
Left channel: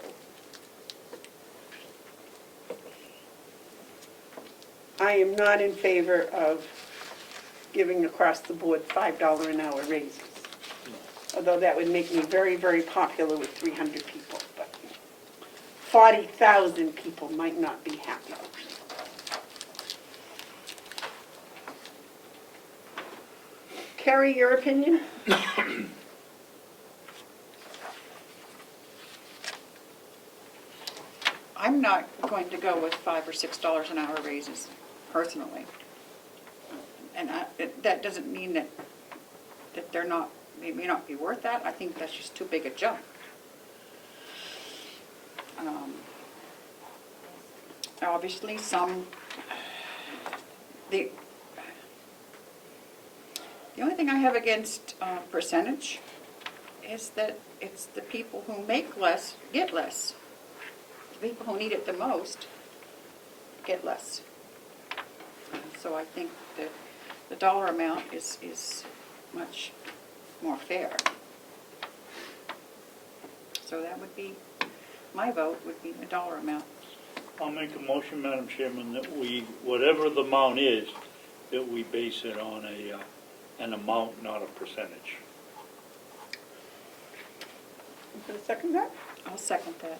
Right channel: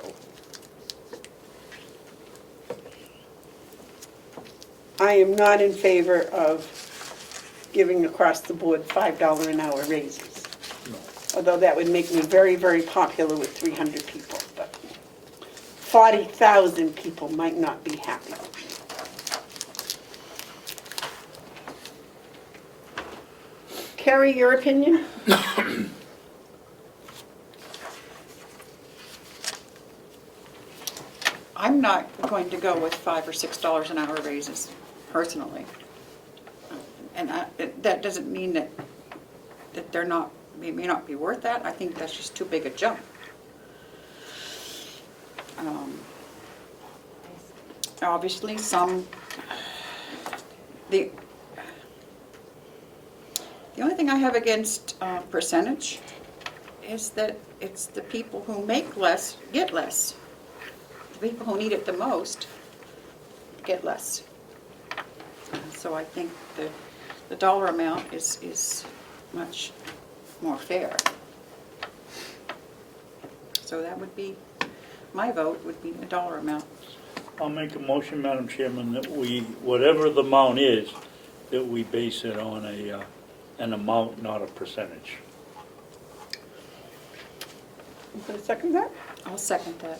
I am not in favor of giving across the board $5 an hour raises. Although that would make me very, very popular with 300 people, but 40,000 people might not be happy. Carrie, your opinion? I'm not going to go with $5 or $6 an hour raises, personally. And that doesn't mean that they're not, they may not be worth that. I think that's just too big a jump. Obviously, the only thing I have against percentage is that it's the people who make less get less. The people who need it the most get less. So I think the dollar amount is much more fair. So that would be, my vote would be the dollar amount. I'll make a motion, Madam Chairman, that we, whatever the amount is, that we base it on an amount, not a percentage. You gonna second that? I'll second that.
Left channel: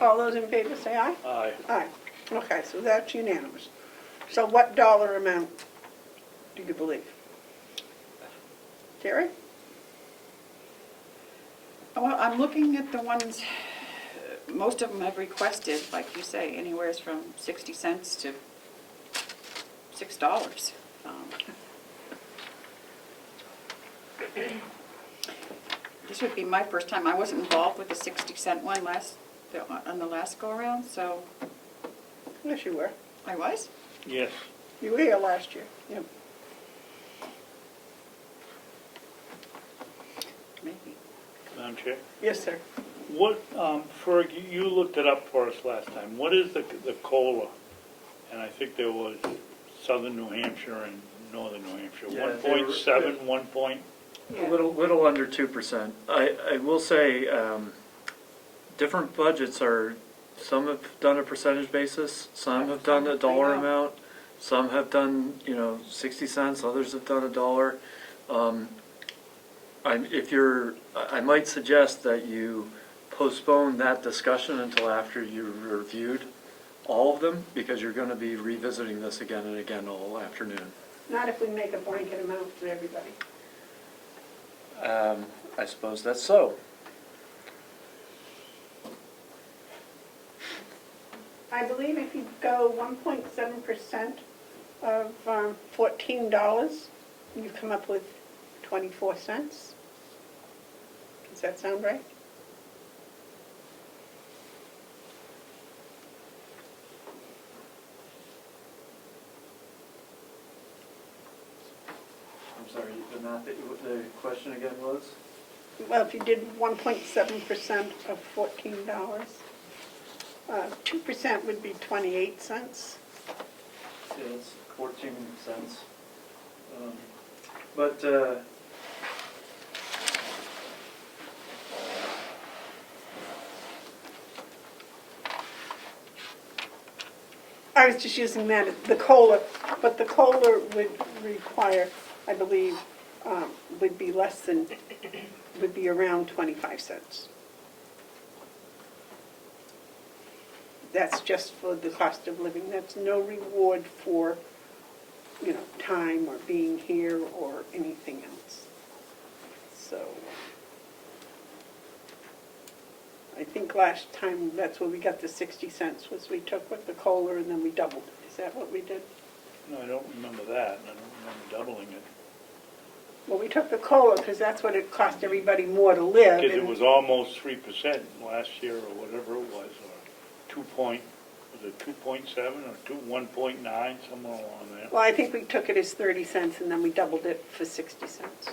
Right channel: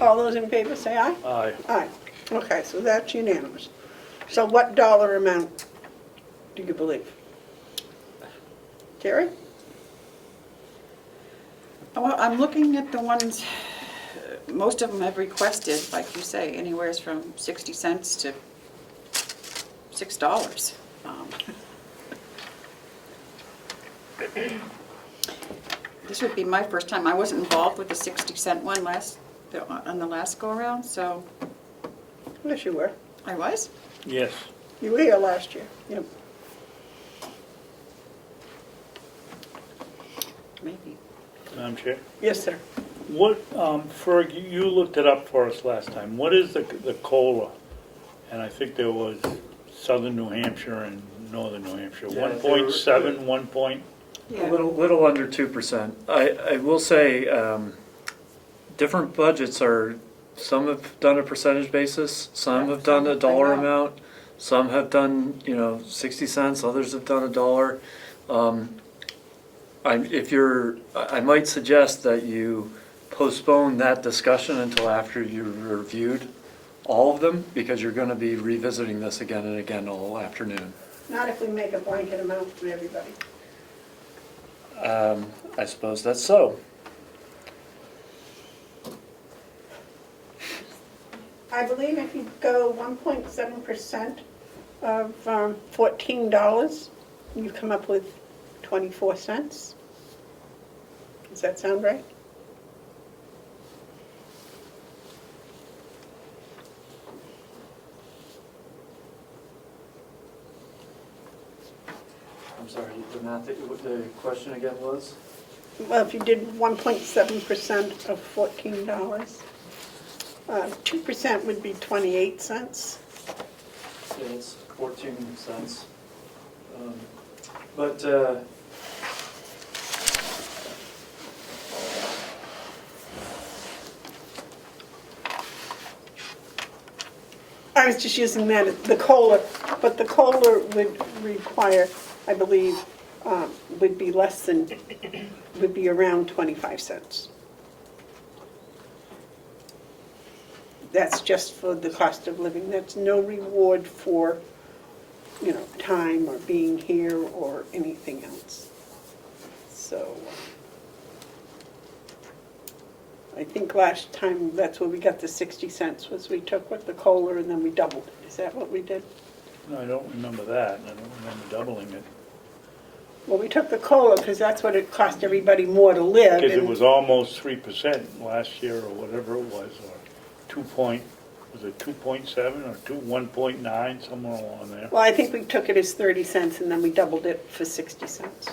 All those in favor say aye? Aye. Aye. Okay, so that's unanimous. So what dollar amount do you believe? Terry? Well, I'm looking at the ones, most of them have requested, like you say, anywhere from 60 cents to $6. This would be my first time. I wasn't involved with the 60-cent one on the last go-around, so Yes, you were. I was. Yes. You were here last year. Yep. Maybe. Madam Chair? Yes, sir. What, Ferg, you looked it up for us last time. What is the COLA? And I think there was southern New Hampshire and northern New Hampshire. Yeah, 1.7, 1 point? A little under 2%. I will say, different budgets are, some have done a percentage basis, some have done a dollar amount, some have done, 60 cents, others have done $1. I might suggest that you postpone that discussion until after you've reviewed all of them, because you're going to be revisiting this again and again all afternoon. Not if we make a blanket amount for everybody. I suppose that's so. I believe if you go 1.7% of $14, you come up with 24 cents. Does that sound right? I'm sorry, the math, the question again was? Well, if you did 1.7% of $14, 2% would be 28 cents. Yeah, it's 14 cents. But I was just using that, the COLA, but the COLA would require, I believe, would be less than, would be around 25 cents. That's just for the cost of living. That's no reward for, time or being here or anything else. So, I think last time, that's where we got the 60 cents, was we took what the COLA and then we doubled it. Is that what we did? No, I don't remember that. I don't remember doubling it. Well, we took the COLA because that's what it cost everybody more to live. Because it and- was almost 3% last year or whatever it was, or 2.7 or 1.9, somewhere along there. Well, I think we took it as 30 cents and then we doubled it for 60 cents.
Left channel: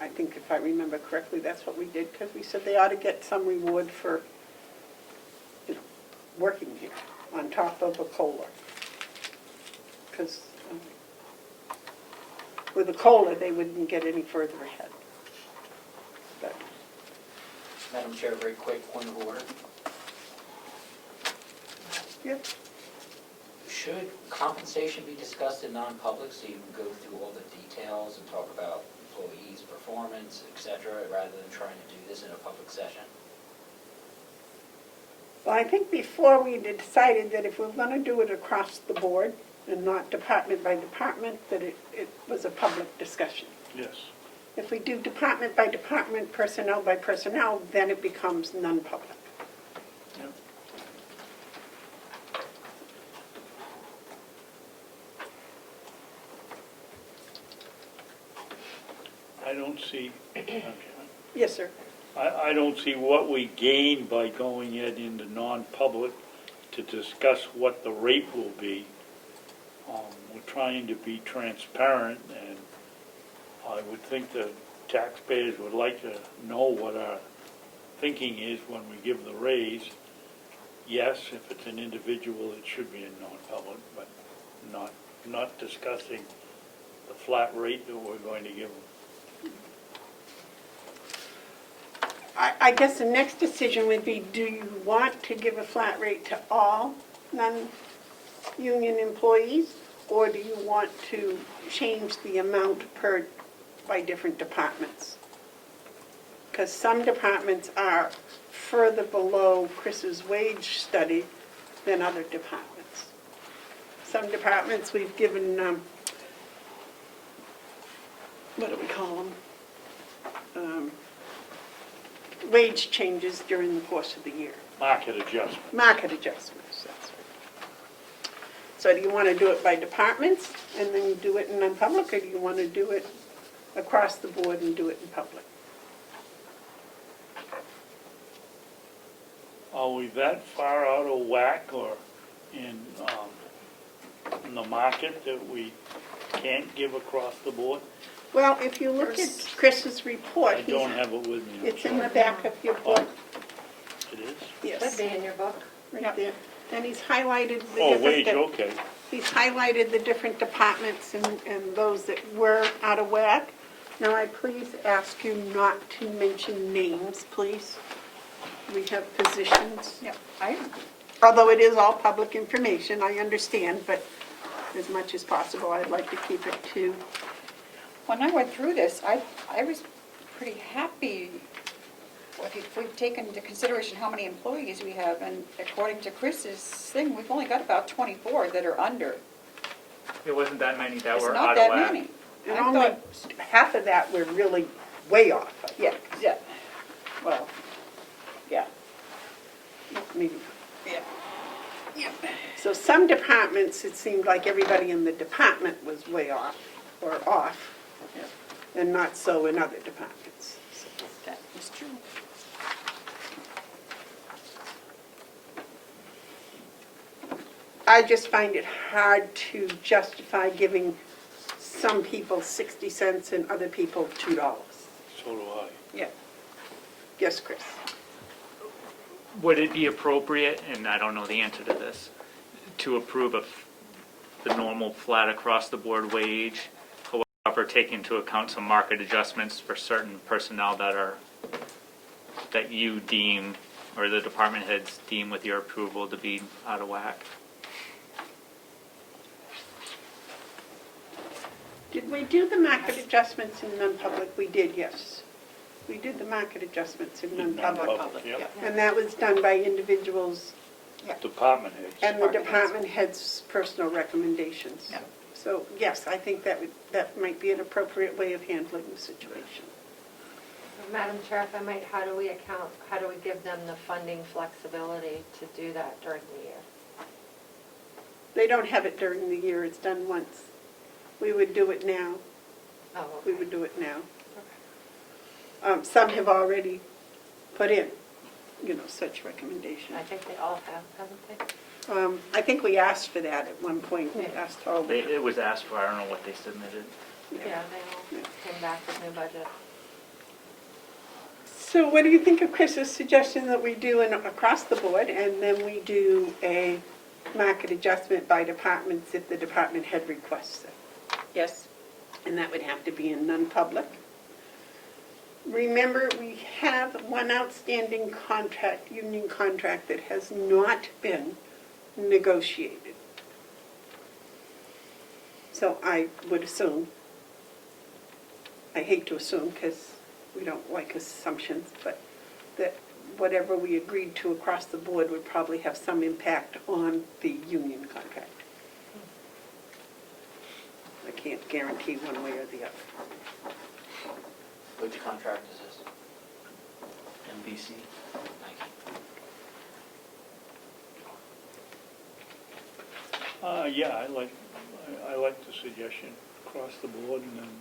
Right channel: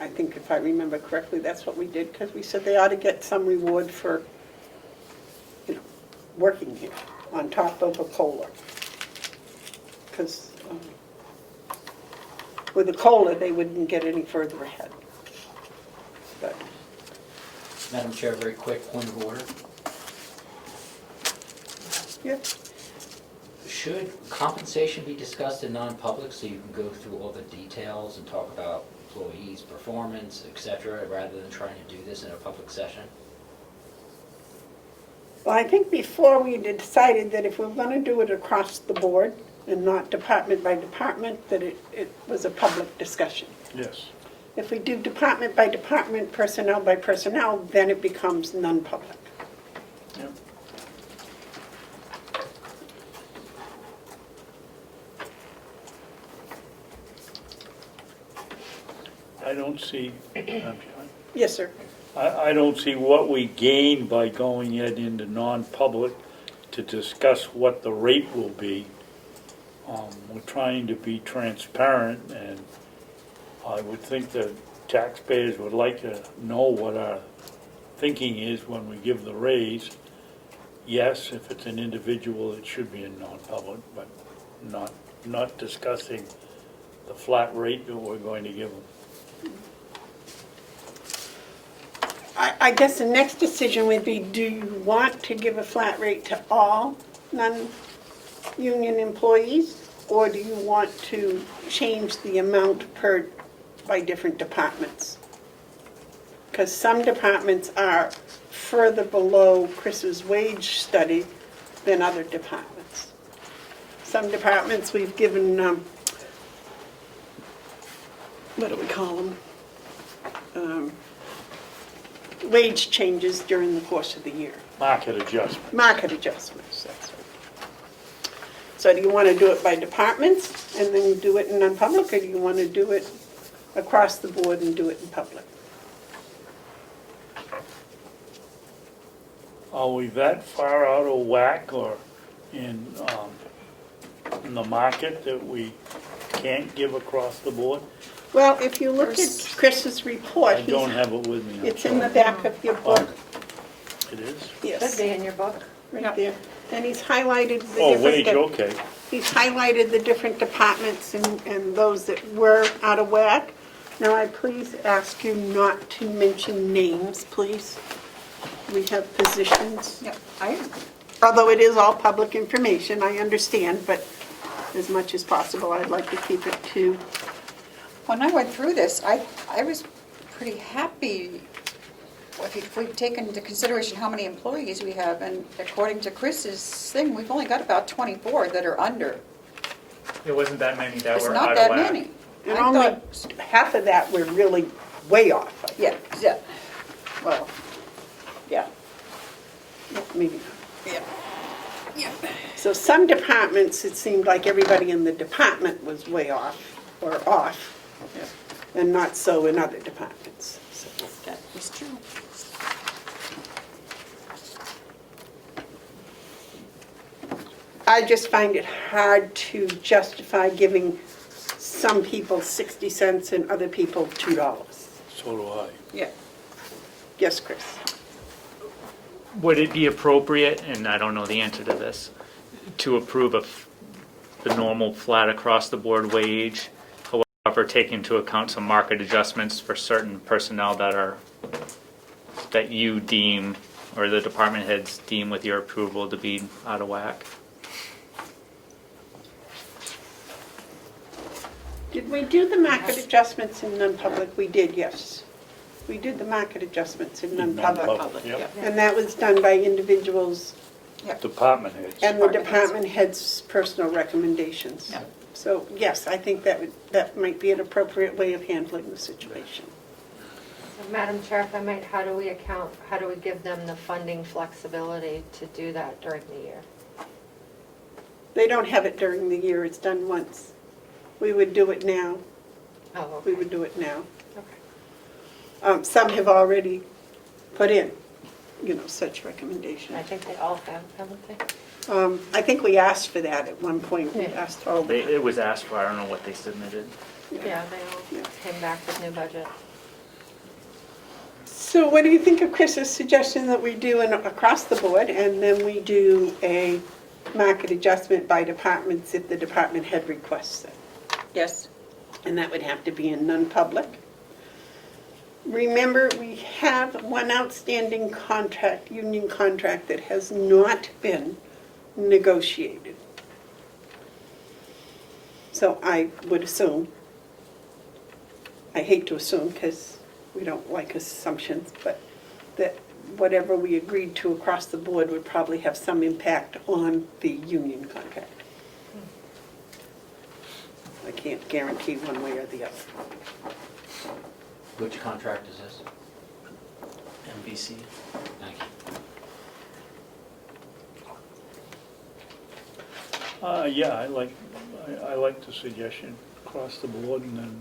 I think if I remember correctly, that's what we did, because we said they ought to get some reward for, working here on top of a COLA. Because with the COLA, they wouldn't get any further ahead. But Madam Chair, very quick point of order. Yep. Should compensation be discussed in non-public so you can go through all the details and talk about employees' performance, et cetera, rather than trying to do this in a public session? Well, I think before we decided that if we're going to do it across the board and not department by department, that it was a public discussion. Yes. If we do department by department, personnel by personnel, then it becomes non-public. Yep. I don't see, I'm sorry. Yes, sir. I don't see what we gain by going it into non-public to discuss what the rate will be. We're trying to be transparent, and I would think that taxpayers would like to know what our thinking is when we give the raise. Yes, if it's an individual, it should be in non-public, but not discussing the flat rate that we're going to give them. I guess the next decision would be, do you want to give a flat rate to all non-union employees? Or do you want to change the amount by different departments? Because some departments are further below Chris's wage study than other departments. Some departments we've given, what do we call them? Wage changes during the course of the year. Market adjustment. Market adjustments, that's right. So do you want to do it by departments and then do it in non-public, or do you want to do it across the board and do it in public? Are we that far out of whack or in the market that we can't give across the board? Well, if you look at Chris's report, I don't have it with me. I'm it's in the sorry. back of your book. It is? Should Yes, be in your book. right there. And he's highlighted the Oh, different... wage, okay. He's highlighted the different departments and those that were out of whack. Now, I please ask you not to mention names, please. We have positions. Yeah, I, Although it is all public information, I understand, but as much as possible, I'd like to keep it to... when I went through this, I was pretty happy if we've taken into consideration how many employees we have, and according to Chris's thing, we've only got about 24 that are under. There wasn't that many that It's were not out that of whack. many. And I only thought, half of that were really way off. I think. yeah, well, yeah, Maybe not. yeah. So some departments, it seemed like everybody in the department was way off, or off, and not so in other departments. So, That is true. I just find it hard to justify giving some people 60 cents and other people $2. So do I. Yeah. Yes, Chris? Would it be appropriate, and I don't know the answer to this, to approve the normal flat across the board wage, however, take into account some market adjustments for certain personnel that you deem, or the department heads deem with your approval to be out of whack? Did we do the market adjustments in non-public? We did, yes. We did the market adjustments in non-public. Non-public, yep. And that was done by individuals Department heads. and the department head's personal recommendations. Yeah. So, yes, I think that might be an appropriate way of handling the situation. So, Madam Chair, if I might, how do we give them the funding flexibility to do that during the year? They don't have it during the year, it's done once. We would do it now. Oh, We okay. would do it now. Okay. Some have already put in, such recommendations. I think they all have, haven't they? I think we asked for that at one point. We Yeah. asked all the, It was asked for, I don't know what they submitted. Yeah, they all came back with new budget. So what do you think of Chris's suggestion that we do across the board, and then we do a market adjustment by departments if the department head requests it? Yes. And that would have to be in non-public. Remember, we have one outstanding contract, union contract, that has not been negotiated. So I would assume, I hate to assume because we don't like assumptions, but that whatever we agreed to across the board would probably have some impact on the union contract. I can't guarantee one way or the other. Which contract is this? NBC. Thank you. Yeah, I like the suggestion across the board, and then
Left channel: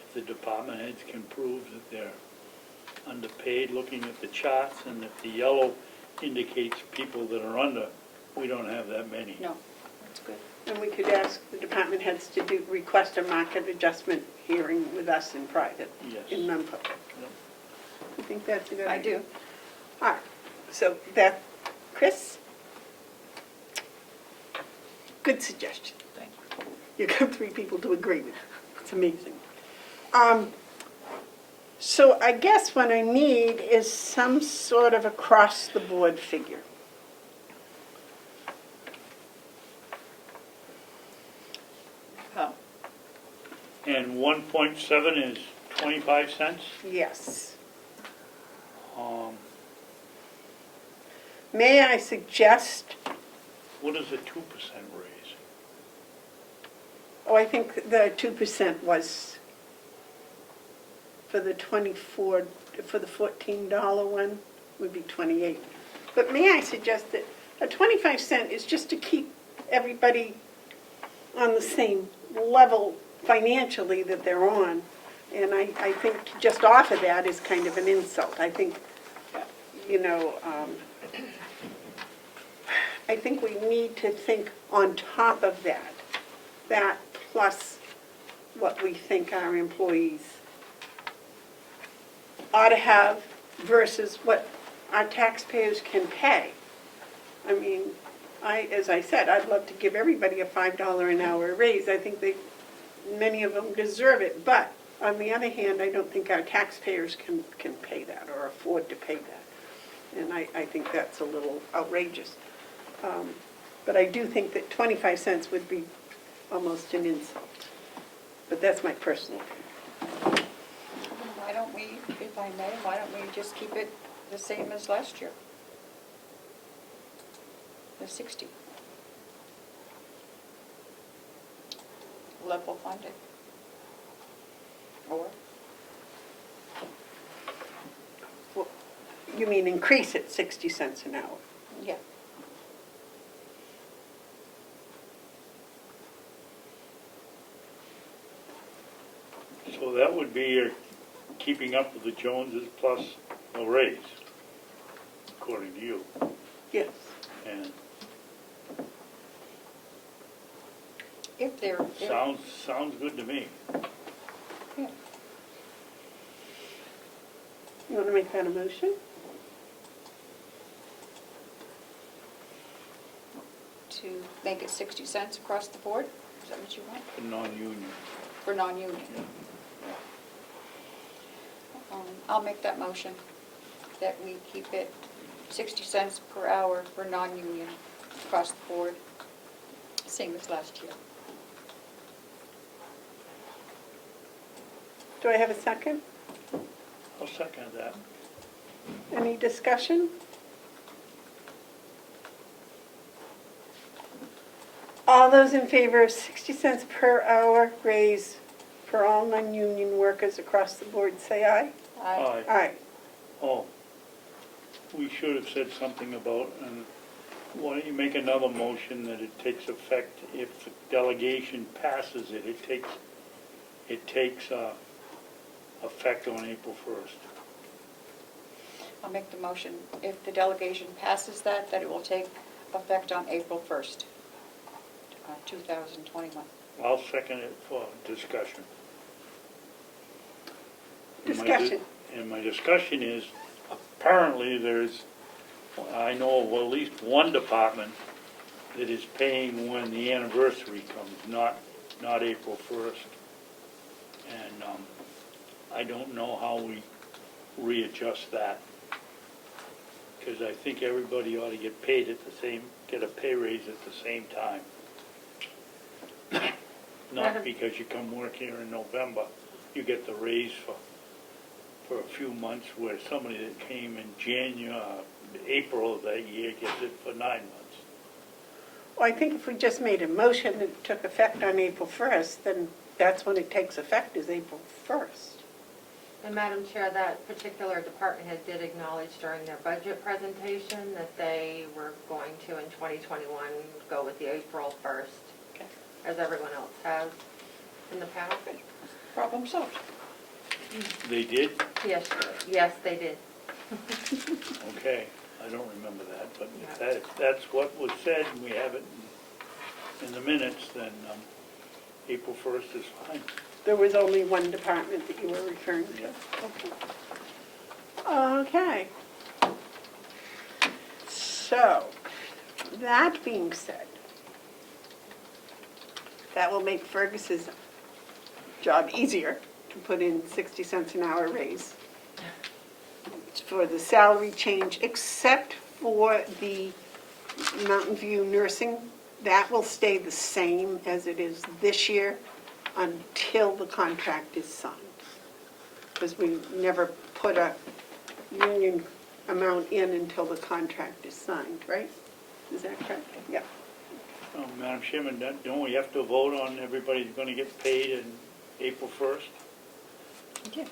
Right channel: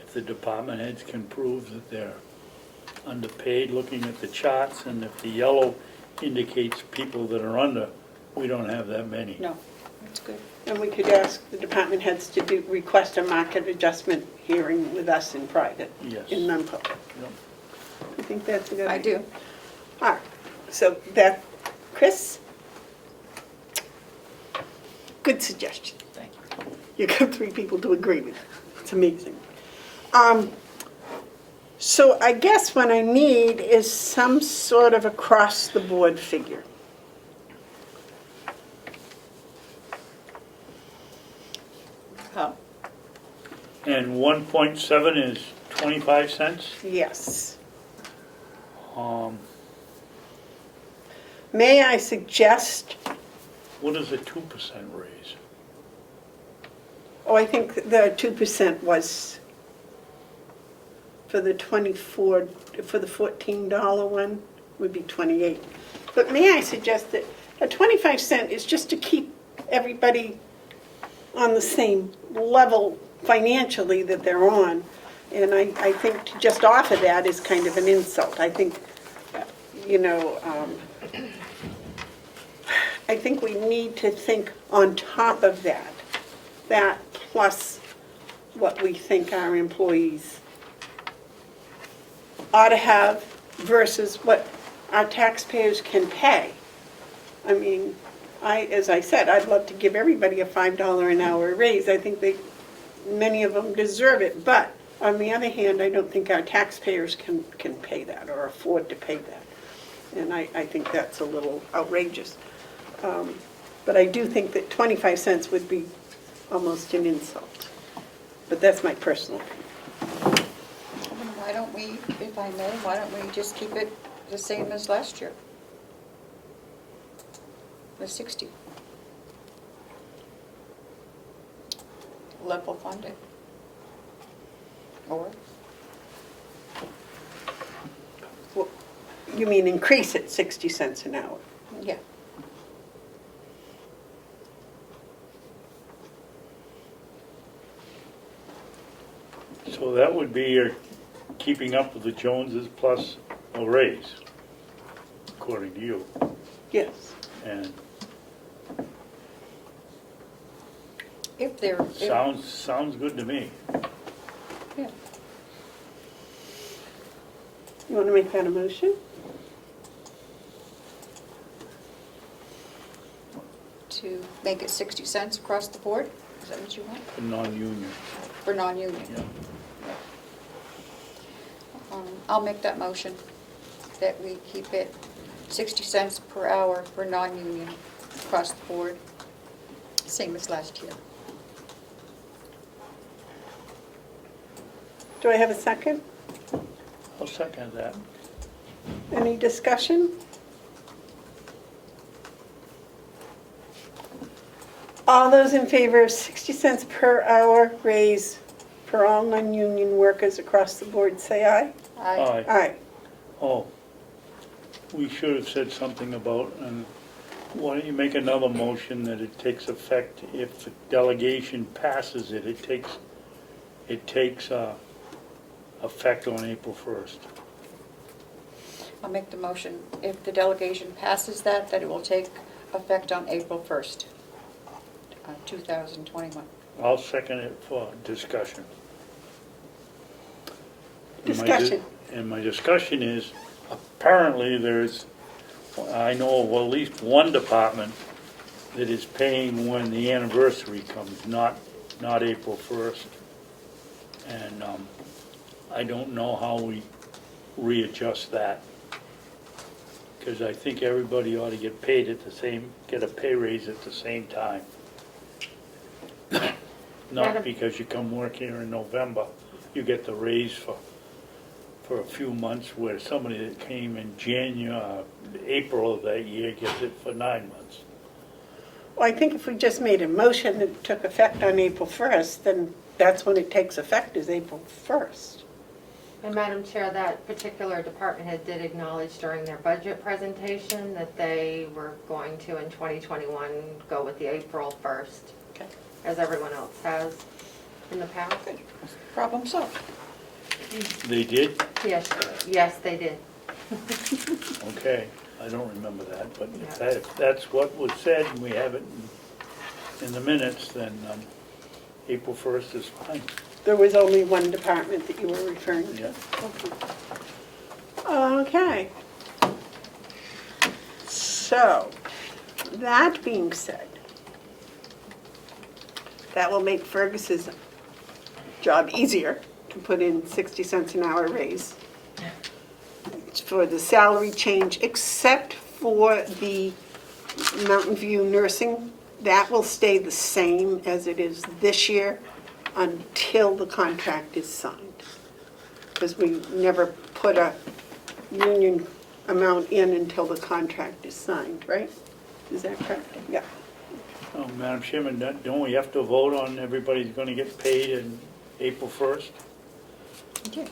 if the department heads can prove that they're underpaid, looking at the charts, and if the yellow indicates people that are under, we don't have that many. No, that's good. And we could ask the department heads to request a market adjustment hearing with us in private, Yes. in non-public. Yep. I think that's a good I idea. do. All right, so that, Chris? Good suggestion. Thank you. You got 3 people to agree with. It's amazing. So I guess what I need is some sort of across-the-board figure. Oh, And 1.7 is 25 cents. Yes. Um, May I suggest, What is a 2% raise? oh, I think the 2% was for the 24, for the $14 one would be 28. But may I suggest that a 25-cent is just to keep everybody on the same level financially that they're on. And I think to just offer that is kind of an insult. I think, you know, I think we need to think on top of that plus what we think our employees ought to have versus what our taxpayers can pay. I mean, as I said, I'd love to give everybody a $5 an hour raise. I think many of them deserve it. But on the other hand, I don't think our taxpayers can pay that or afford to pay that. And I think that's a little outrageous. But I do think that 25 cents would be almost an insult. But that's my personal opinion. why don't we, if I may, why don't we just keep it the same as last year? The 60. Level funded. Or, Well, you mean increase it 60 cents an hour? yeah, So that would be your keeping up with the Joneses plus a raise, according to you. Yes. And if they're, sounds good to me. yeah. You want to make that a motion? To make it 60 cents across the board? Is that what you want? For non-union. For non-union? Yeah. I'll make that motion, that we keep it 60 cents per hour for non-union across the board, same as last year. Do I have a second? I'll second that. Any discussion? All those in favor of 60 cents per hour raise for all non-union workers across the board, say aye. Aye. Aye. Oh, we should have said something about, and why don't you make another motion that it takes effect if the delegation passes it, it takes effect on April 1st. I'll make the motion, if the delegation passes that it will take effect on April 1st, 2021. I'll second it for discussion. And my Discussion. And my discussion is, apparently I know of at least one department that is paying when the anniversary comes, not April 1st. And I don't know how we readjust that. Because I think everybody ought to get a pay raise at the same time. not Madam- because you come work here in November, you get the raise for a few months, where somebody that came in April of that year gets it for 9 months. Well, I think if we just made a motion that took effect on April 1st, then that's when it takes effect, is April 1st. And Madam Chair, that particular department head did acknowledge during their budget presentation that they were going to, in 2021, go with the April 1st, Okay. as everyone else has in the past. Problem solved. They did? Yes, they did. Okay, I don't remember that, but if that's what was said, and we have it in the minutes, then April 1st is fine. There was only one department that you were referring to? Yeah. Okay. So, that being said, that will make Fergus's job easier to put in 60 cents an hour raise. It's for the salary change, except for the Mountain View nursing. That will stay the same as it is this year until the contract is signed. Because we never put a union amount in until the contract is signed, right? Is that correct? Yeah. Oh, Madam Chairman, don't we have to vote on everybody's going to get paid in April 1st? Okay.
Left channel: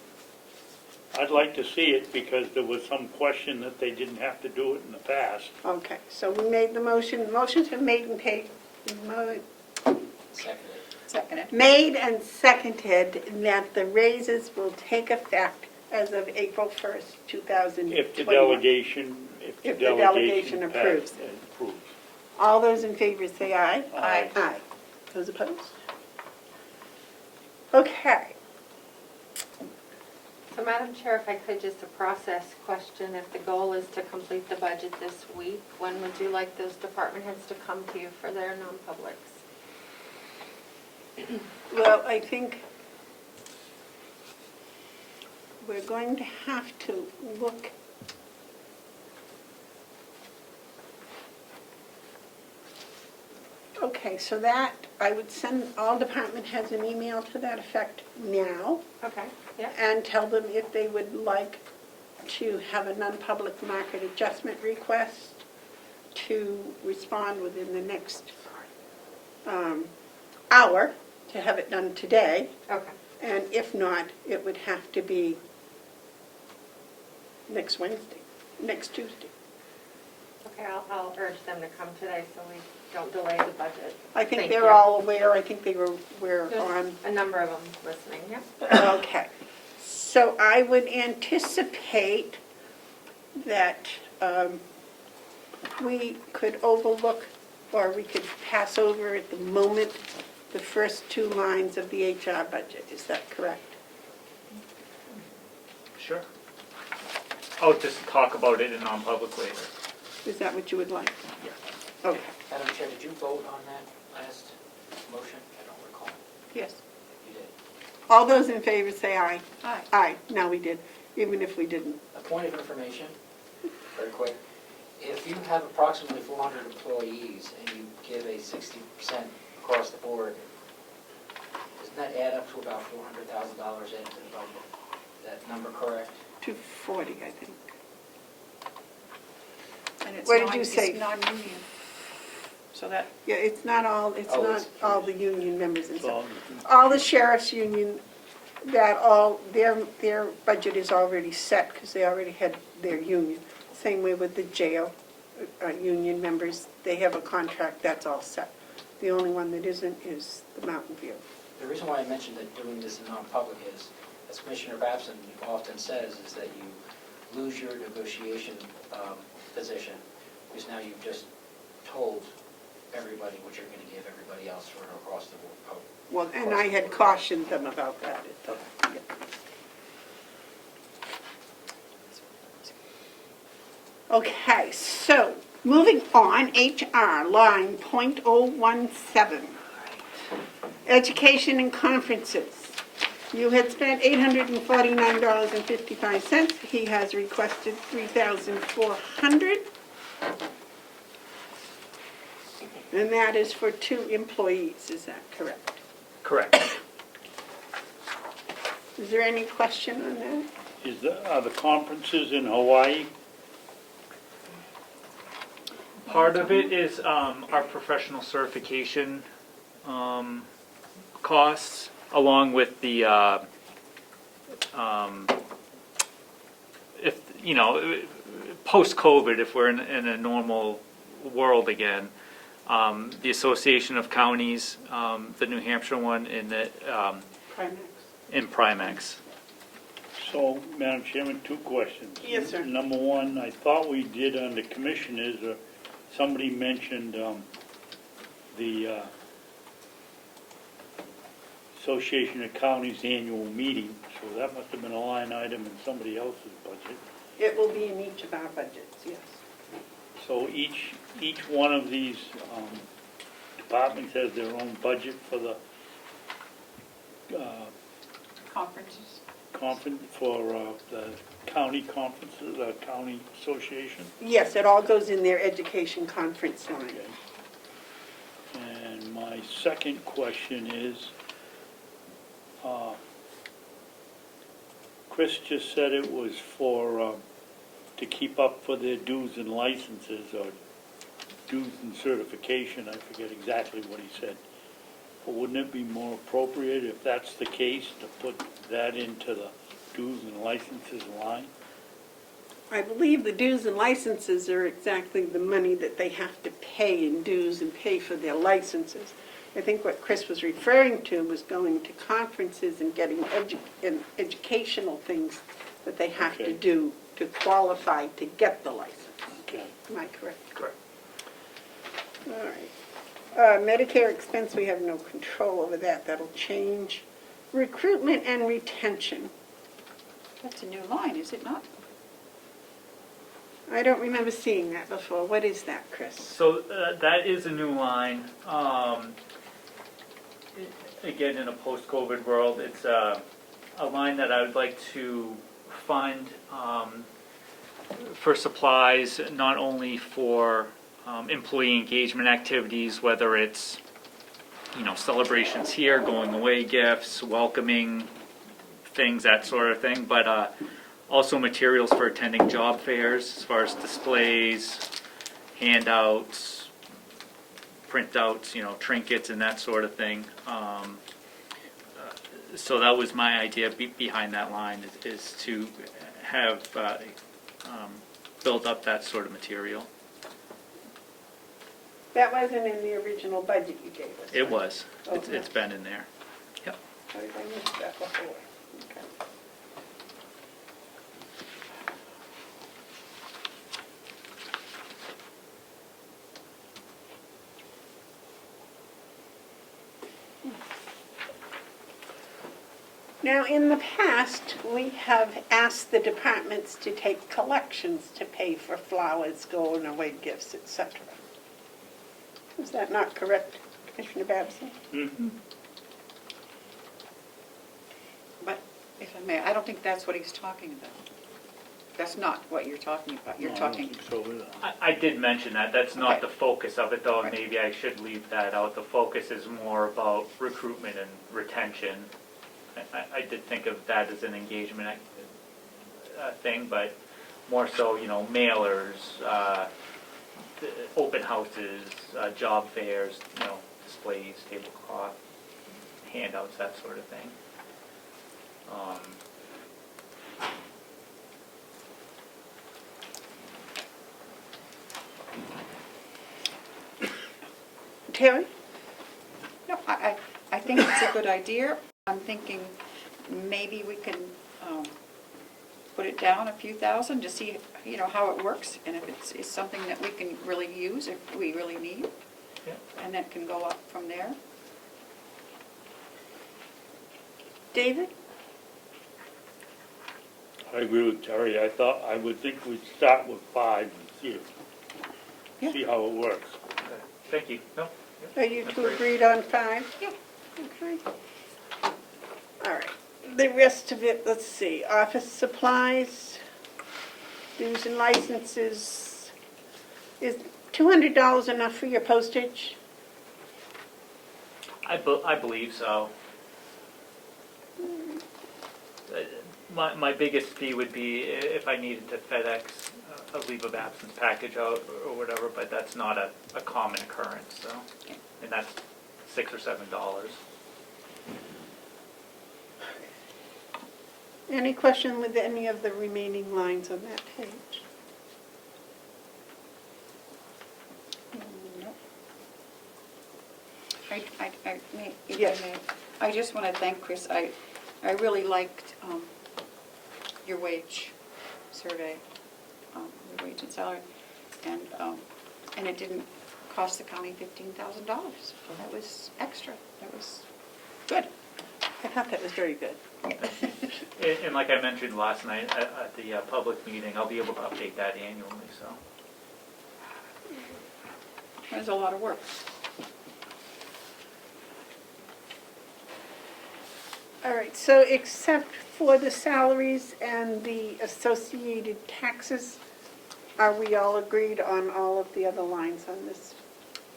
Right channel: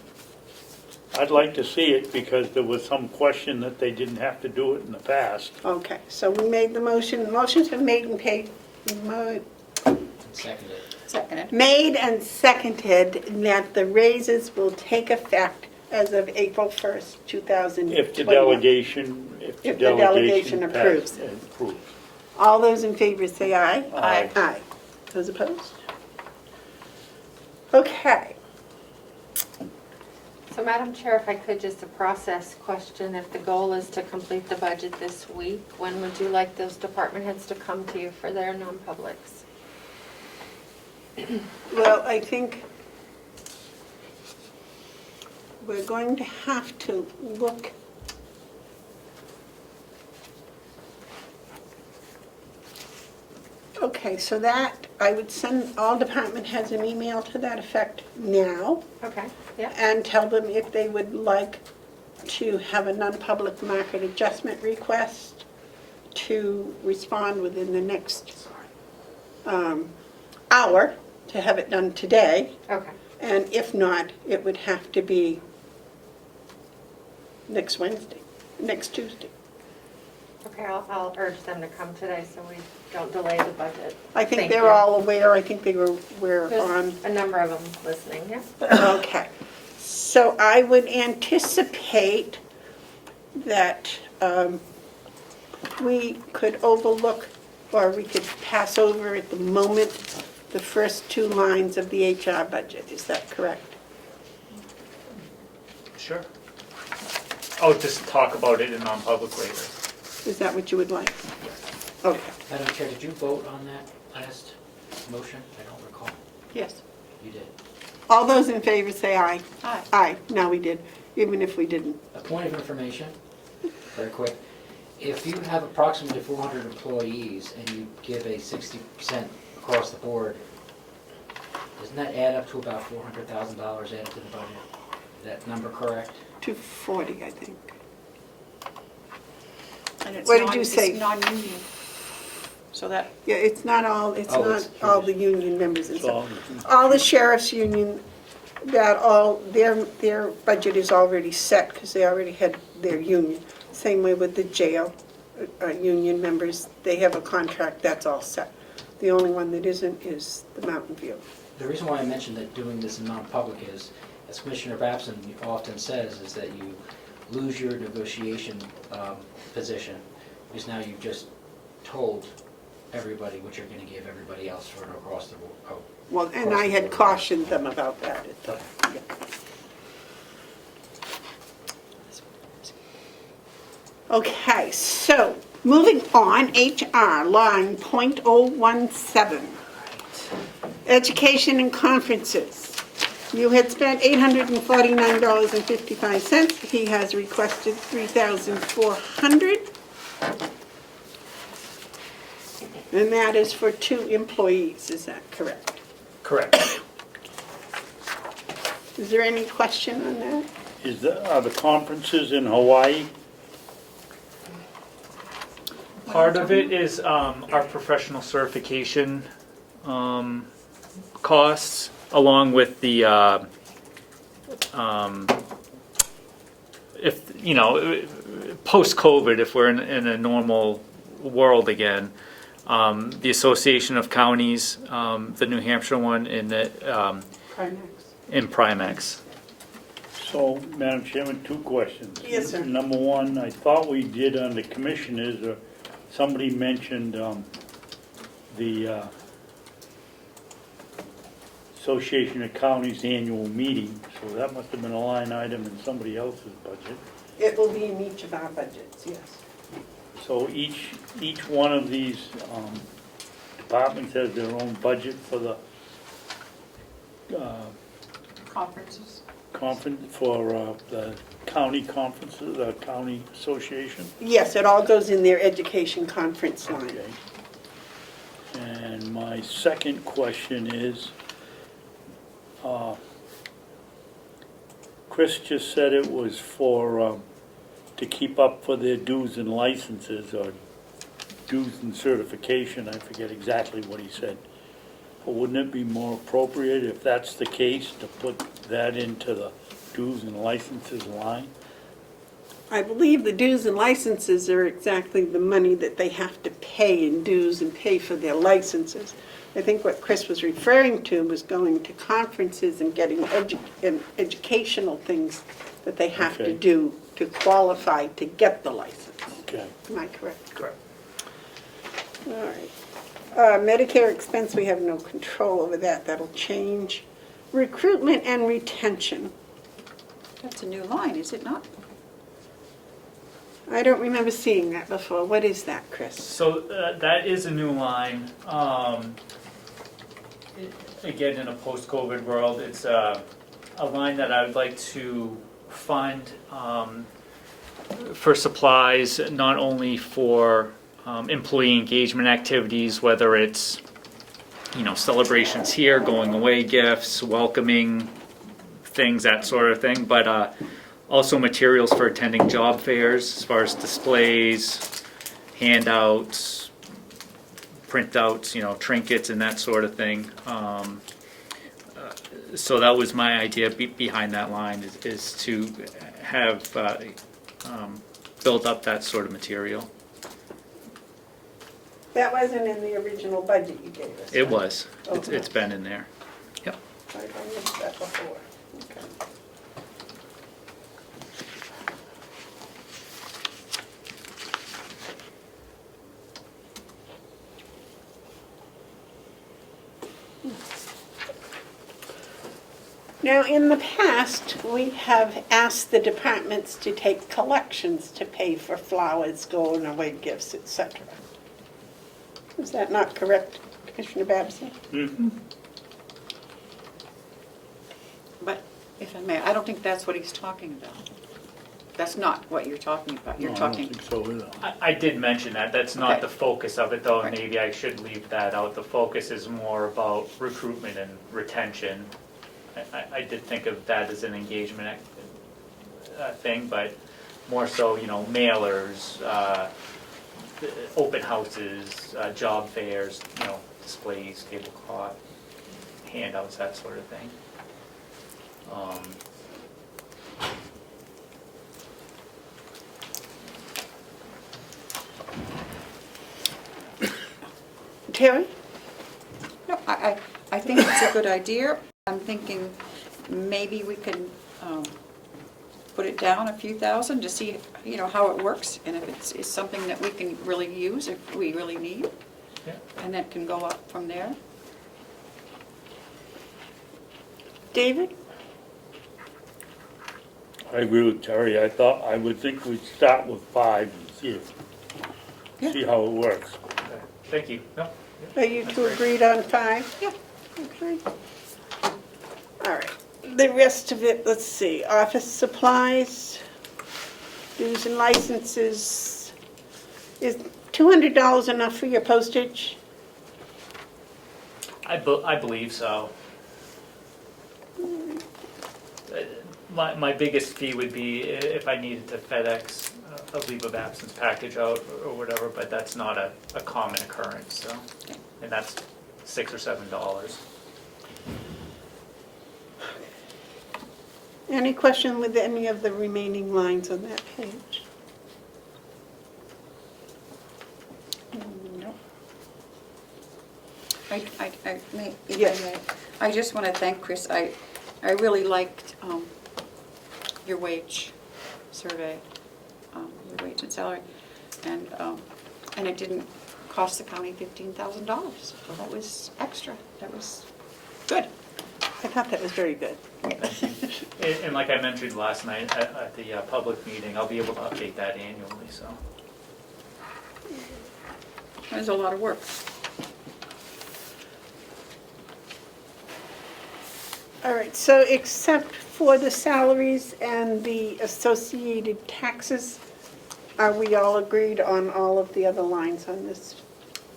I'd like to see it, because there was some question that they didn't have to do it in the past. Okay, so we made the motion. Motion's been made and paid. Seconded. Seconded. Made and seconded that the raises will take effect as of April 1st, 2021. If the delegation, If the delegation approves. approves. All those in favor say aye. Aye. Aye. Those opposed? Okay. So Madam Chair, if I could, just a process question. If the goal is to complete the budget this week, when would you like those department heads to come to you for their non-publics? Well, I think we're going to have to look. Okay, so that, I would send all department heads an email to that effect now Okay, yeah. and tell them if they would like to have a non-public market adjustment request to respond within the next hour, to have it done today. Okay. And if not, it would have to be next Tuesday. Okay, I'll urge them to come today so we don't delay the budget. I think Thank they're you. all aware, I think they were There's on. a number of them listening, yeah. Okay. So I would anticipate that we could overlook, or we could pass over at the moment, the first two lines of the HR budget. Is that correct? Sure. I'll just talk about it in non-public later. Is that what you would like? Okay. Madam Chair, did you vote on that last motion? I don't recall. Yes. You did. All those in favor say aye. Aye. Aye. Now we did, even if we didn't. A point of information, very quick. If you have approximately 400 employees and you give a 60% across the board, doesn't that add up to about $400,000 added to the budget? Is that number correct? 240, I think. And it's What did you say? It's non-union. So that, Yeah, it's not all, it's Oh, not it's- all the union members and It's stuff. all, All the sheriff's union, their budget is already set because they already had their union. Same way with the jail union members, they have a contract, that's all set. The only one that isn't is the Mountain View. The reason why I mentioned that doing this in non-public is, as Commissioner Babson often says, is that you lose your negotiation position, because now you've just told everybody what you're going to give everybody else for an across the board. Well, and I had cautioned them about that. Okay. Okay, so, moving on, HR, line .017. Education and conferences. You had spent $849.55. He has requested $3,400. And that is for 2 employees, is that correct? Correct. Is there any question on that? Are the conferences in Hawaii? Part of it is our professional certification costs, along with the if you know, post-COVID, if we're in a normal world again, the Association of Counties, the New Hampshire one, and the in Primex. So, Madam Chairman, 2 questions. Yes, sir. Number 1, I thought we did under commissioners, or somebody mentioned the Association of Counties annual meeting, so that must have been a line item in somebody else's budget. It will be in each of our budgets, yes. So each one of these departments has their own budget for the Conferences. the county conferences, the county association? Yes, it all goes in their education conference line. Okay. And my second question is, Chris just said it was for, to keep up for their dues and licenses, or dues and certification, I forget exactly what he said. But wouldn't it be more appropriate, if that's the case, to put that into the dues and licenses line? I believe the dues and licenses are exactly the money that they have to pay in dues and pay for their licenses. I think what Chris was referring to was going to conferences and getting educational things that they have to Okay. do to qualify to get the license. Okay. Am I correct? Correct. All right. Medicare expense, we have no control over that. That'll change. Recruitment and retention. That's a new line, is it not? I don't remember seeing that before. What is that, Chris? So that is a new line. Again, in a post-COVID world, it's a line that I would like to fund for supplies, not only for employee engagement activities, whether it's, you know, celebrations here, going away gifts, welcoming things, that sort of thing, but also materials for attending job fairs, as far as displays, handouts, printouts, you know, trinkets and that sort of thing. So that was my idea behind that line, is to have built up that sort of material. That wasn't in the original budget you gave us. It was. Okay. It's been in there. Yep. I missed that before. Okay. Now, in the past, we have asked the departments to take collections to pay for flowers, going away gifts, etc. Is that not correct, Commissioner Babson? Mm-hmm. But if I may, I don't think that's what he's talking about. That's not what you're talking about. No, You're I don't talking, think so either. I did mention that. That's not Okay. the focus of it, though. Right. Maybe I should leave that out. The focus is more about recruitment and retention. I did think of that as an engagement thing, but more so, you know, mailers, open houses, job fairs, you know, displays, tablecloth, handouts, that sort of thing. Terry? no, I think it's a good idea. I'm thinking maybe we can put it down a few thousand to see, you know, how it works, and if it's something that we can really use, if we really need, Yeah. and that can go up from there. David? I agree with Terry. I would think we'd start with 5 and Yeah. see how it works. Okay. Thank you. No. Are you two agreed on 5? Yeah. Okay. All right. The rest of it, let's see, office supplies, dues and licenses. Is $200 enough for your postage? I believe so. My biggest fee would be if I needed to FedEx a leave of absence package out or whatever, but that's not a common occurrence, so, and that's $6 or $7. Any question with any of the remaining lines on that page? No. I may, if Yes. I may, I just want to thank Chris. I really liked your wage survey, your wage and salary, and it didn't cost the county $15,000. That was extra. That was good. I thought that was very good. And like I mentioned last night at the public meeting, I'll be able to update that annually, so. It was a lot of work. All right, so except for the salaries and the associated taxes, are we all agreed on all of the other lines on this?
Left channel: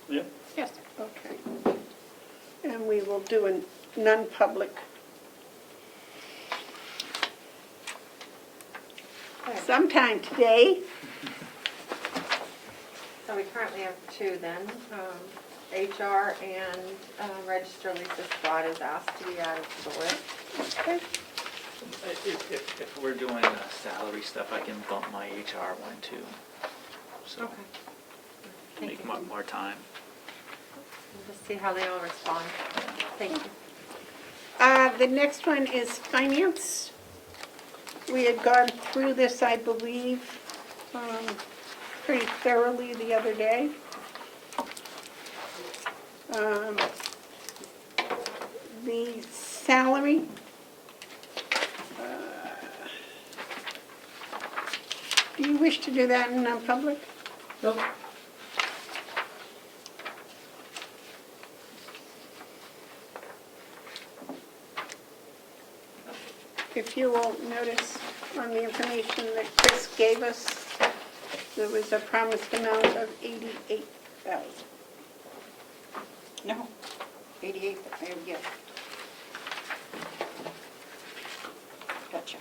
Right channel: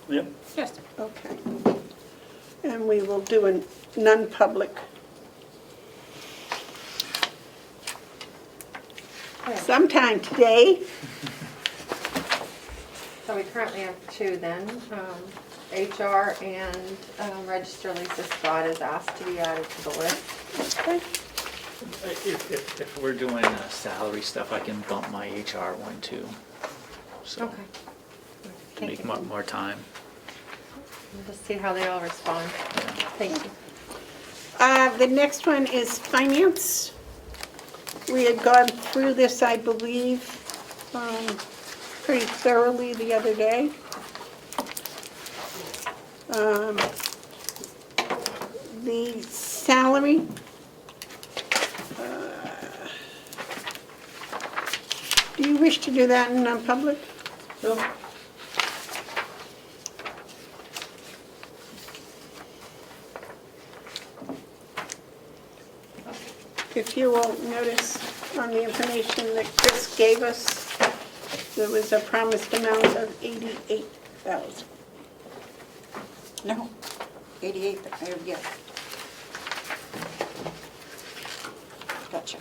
Yep. Yes. Okay. And we will do a non-public sometime today. So we currently have two then. HR and Register Lisa Scott is asked to be added to the list. If we're doing salary stuff, I can bump my HR one too, so make more time. We'll just see how they all respond. Yeah. Thank you. The next one is finance. We had gone through this, I believe, pretty thoroughly the other day. The salary, do you wish to do that in non-public? Nope. If you will notice on the information that Chris gave us, there was a promised amount of $88,000. No, 88, yeah. Gotcha.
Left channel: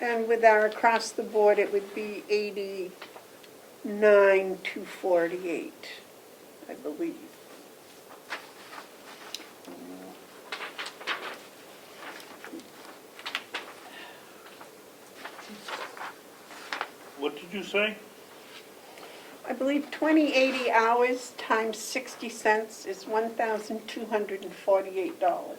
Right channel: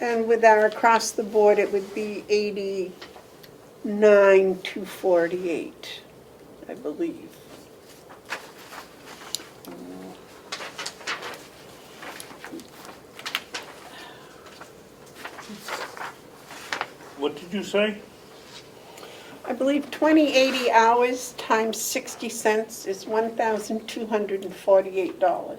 And with our across the board, it would be 89,248, I believe. What did you say? I believe 2080 hours times 60 cents is $1,248.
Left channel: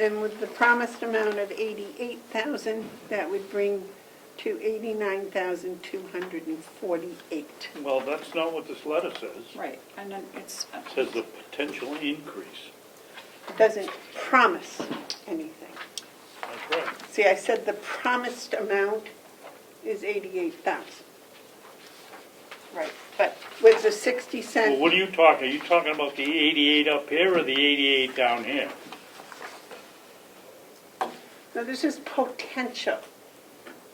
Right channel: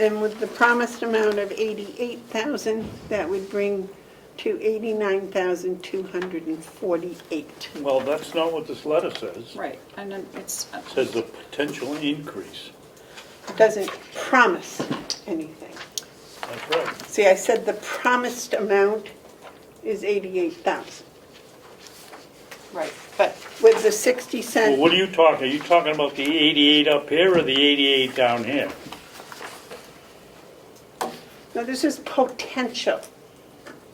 And with the promised amount of 88,000, that would bring to 89,248. Well, that's not what this letter says. Right, and then it's, It says a potential increase. It doesn't promise anything. That's right. See, I said the promised amount is 88,000. right, But with the 60 cent. Well, what are you talking? Are you talking about the 88 up here or the 88 down here? No, this is potential,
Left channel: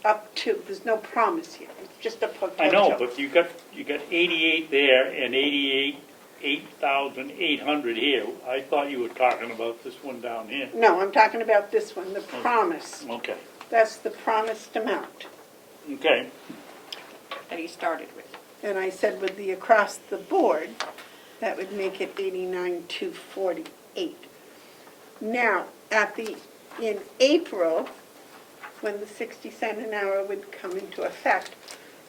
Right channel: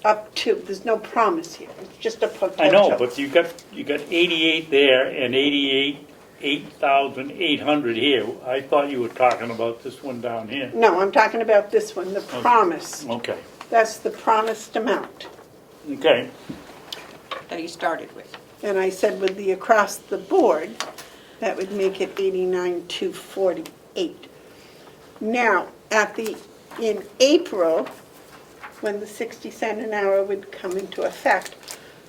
up to, there's no promise here, it's just a potential. I know, but you got 88 there and 8,800 here. I thought you were talking about this one down here. No, I'm talking about this one, the promise. Okay, That's the promised amount. okay. that he started with. And I said with the across the board, that would make it 89,248. Now, in April, when the 60 cent an hour would come into effect,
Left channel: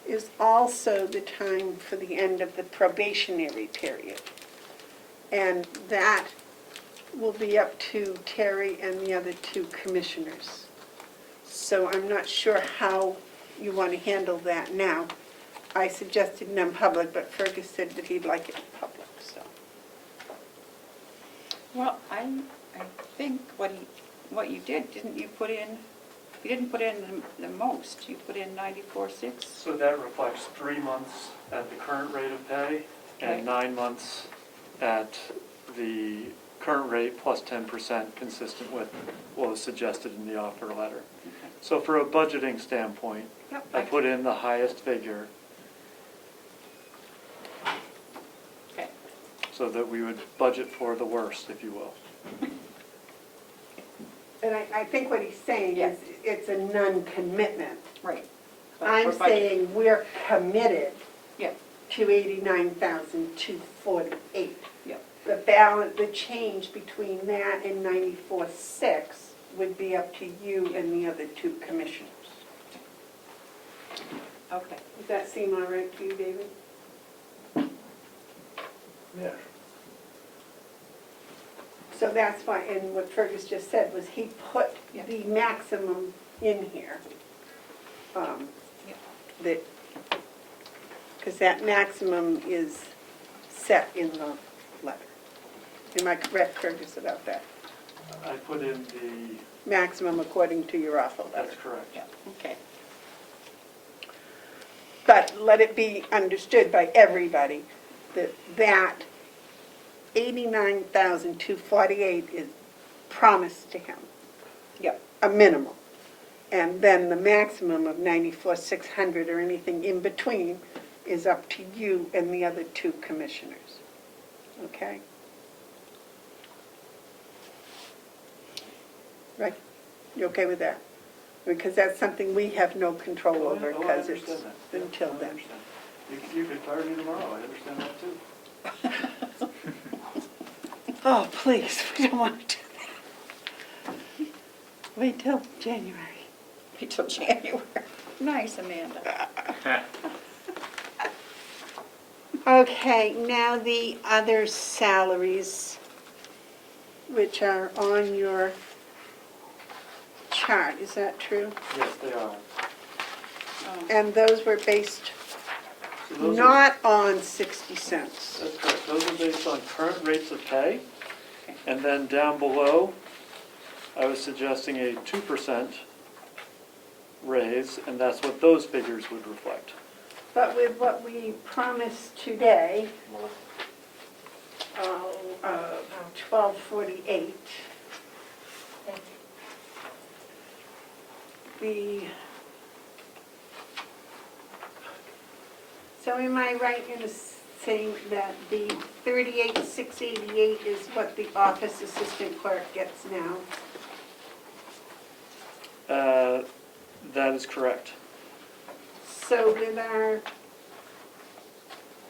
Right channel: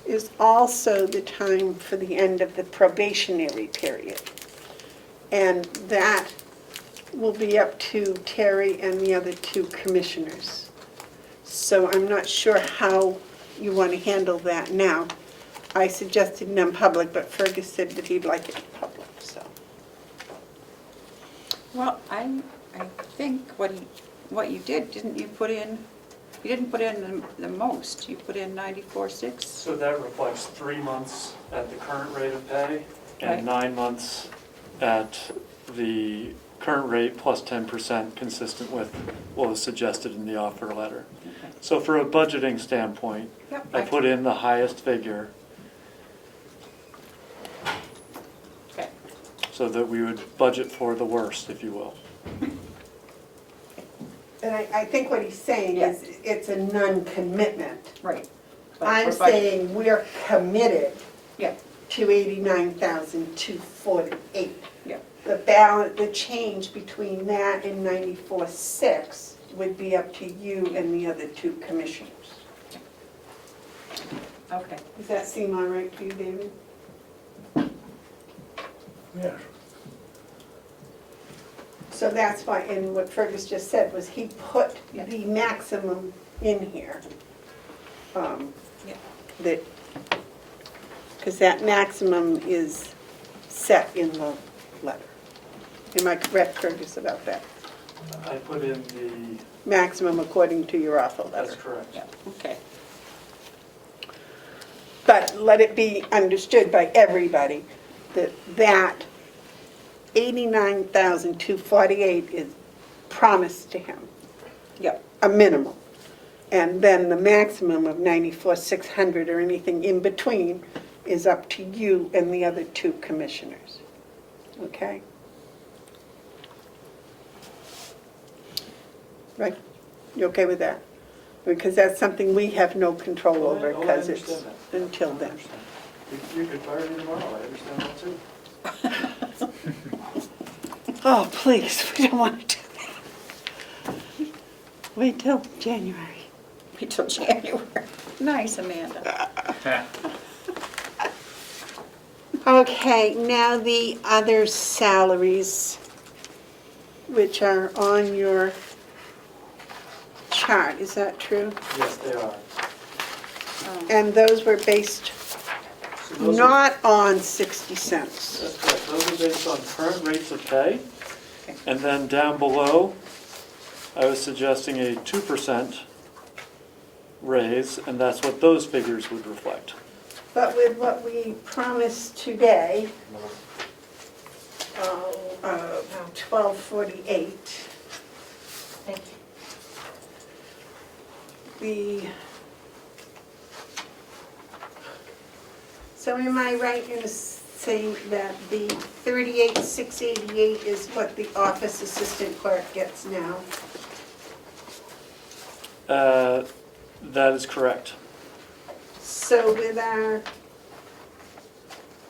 is also the time for the end of the probationary period. And that will be up to Terry and the other two commissioners. So I'm not sure how you want to handle that now. I suggested non-public, but Fergus said that he'd like it public, so. Well, I think what you did, didn't you put in You didn't put in the most, you put in 94.6. So that reflects 3 months at the current rate of pay Right. and 9 months at the current rate plus 10% consistent with what was suggested in the offer letter. Okay. So for a budgeting standpoint, Yep, I put in the highest figure Okay. so that we would budget for the worst, if you will. And I think what he's saying is it's a non-commitment. Right. But I'm for budget- saying we're committed Yeah, to 89,248. yeah, The balance, the change between that and 94.6 would be up to you and the other two commissioners. okay. Does that seem all right to you, David? Yeah. So that's why, and what Fergus just said was he put Yeah. the maximum in here. Yeah. That, because that maximum is set in the letter. Am I correct, Fergus, about that? I put in the, Maximum according to your offer letter. that's correct. Yeah, okay. But let it be understood by everybody that that 89,248 is promised to him, Yep, a minimum. And then the maximum of 94,600 or anything in between is up to you and the other two commissioners. Okay? Right? You okay with that? Because that's something we have no control over Oh, I because it's understand that. until I then. understand. You could fire me tomorrow, I understand that too. Oh, please, we don't want to do that. Wait till January. wait till January. Nice, Amanda. Okay, now the other salaries, which are on your chart, is that true? Yes, they are. And those were based So those are, not on 60 cents. that's correct, those are based on current rates of pay. And then down below, I was suggesting a 2% raise, and that's what those figures would reflect. But with what we promised today, 1248, so am I right in saying that the 38,688 is what the office assistant clerk gets now? That is correct. So with our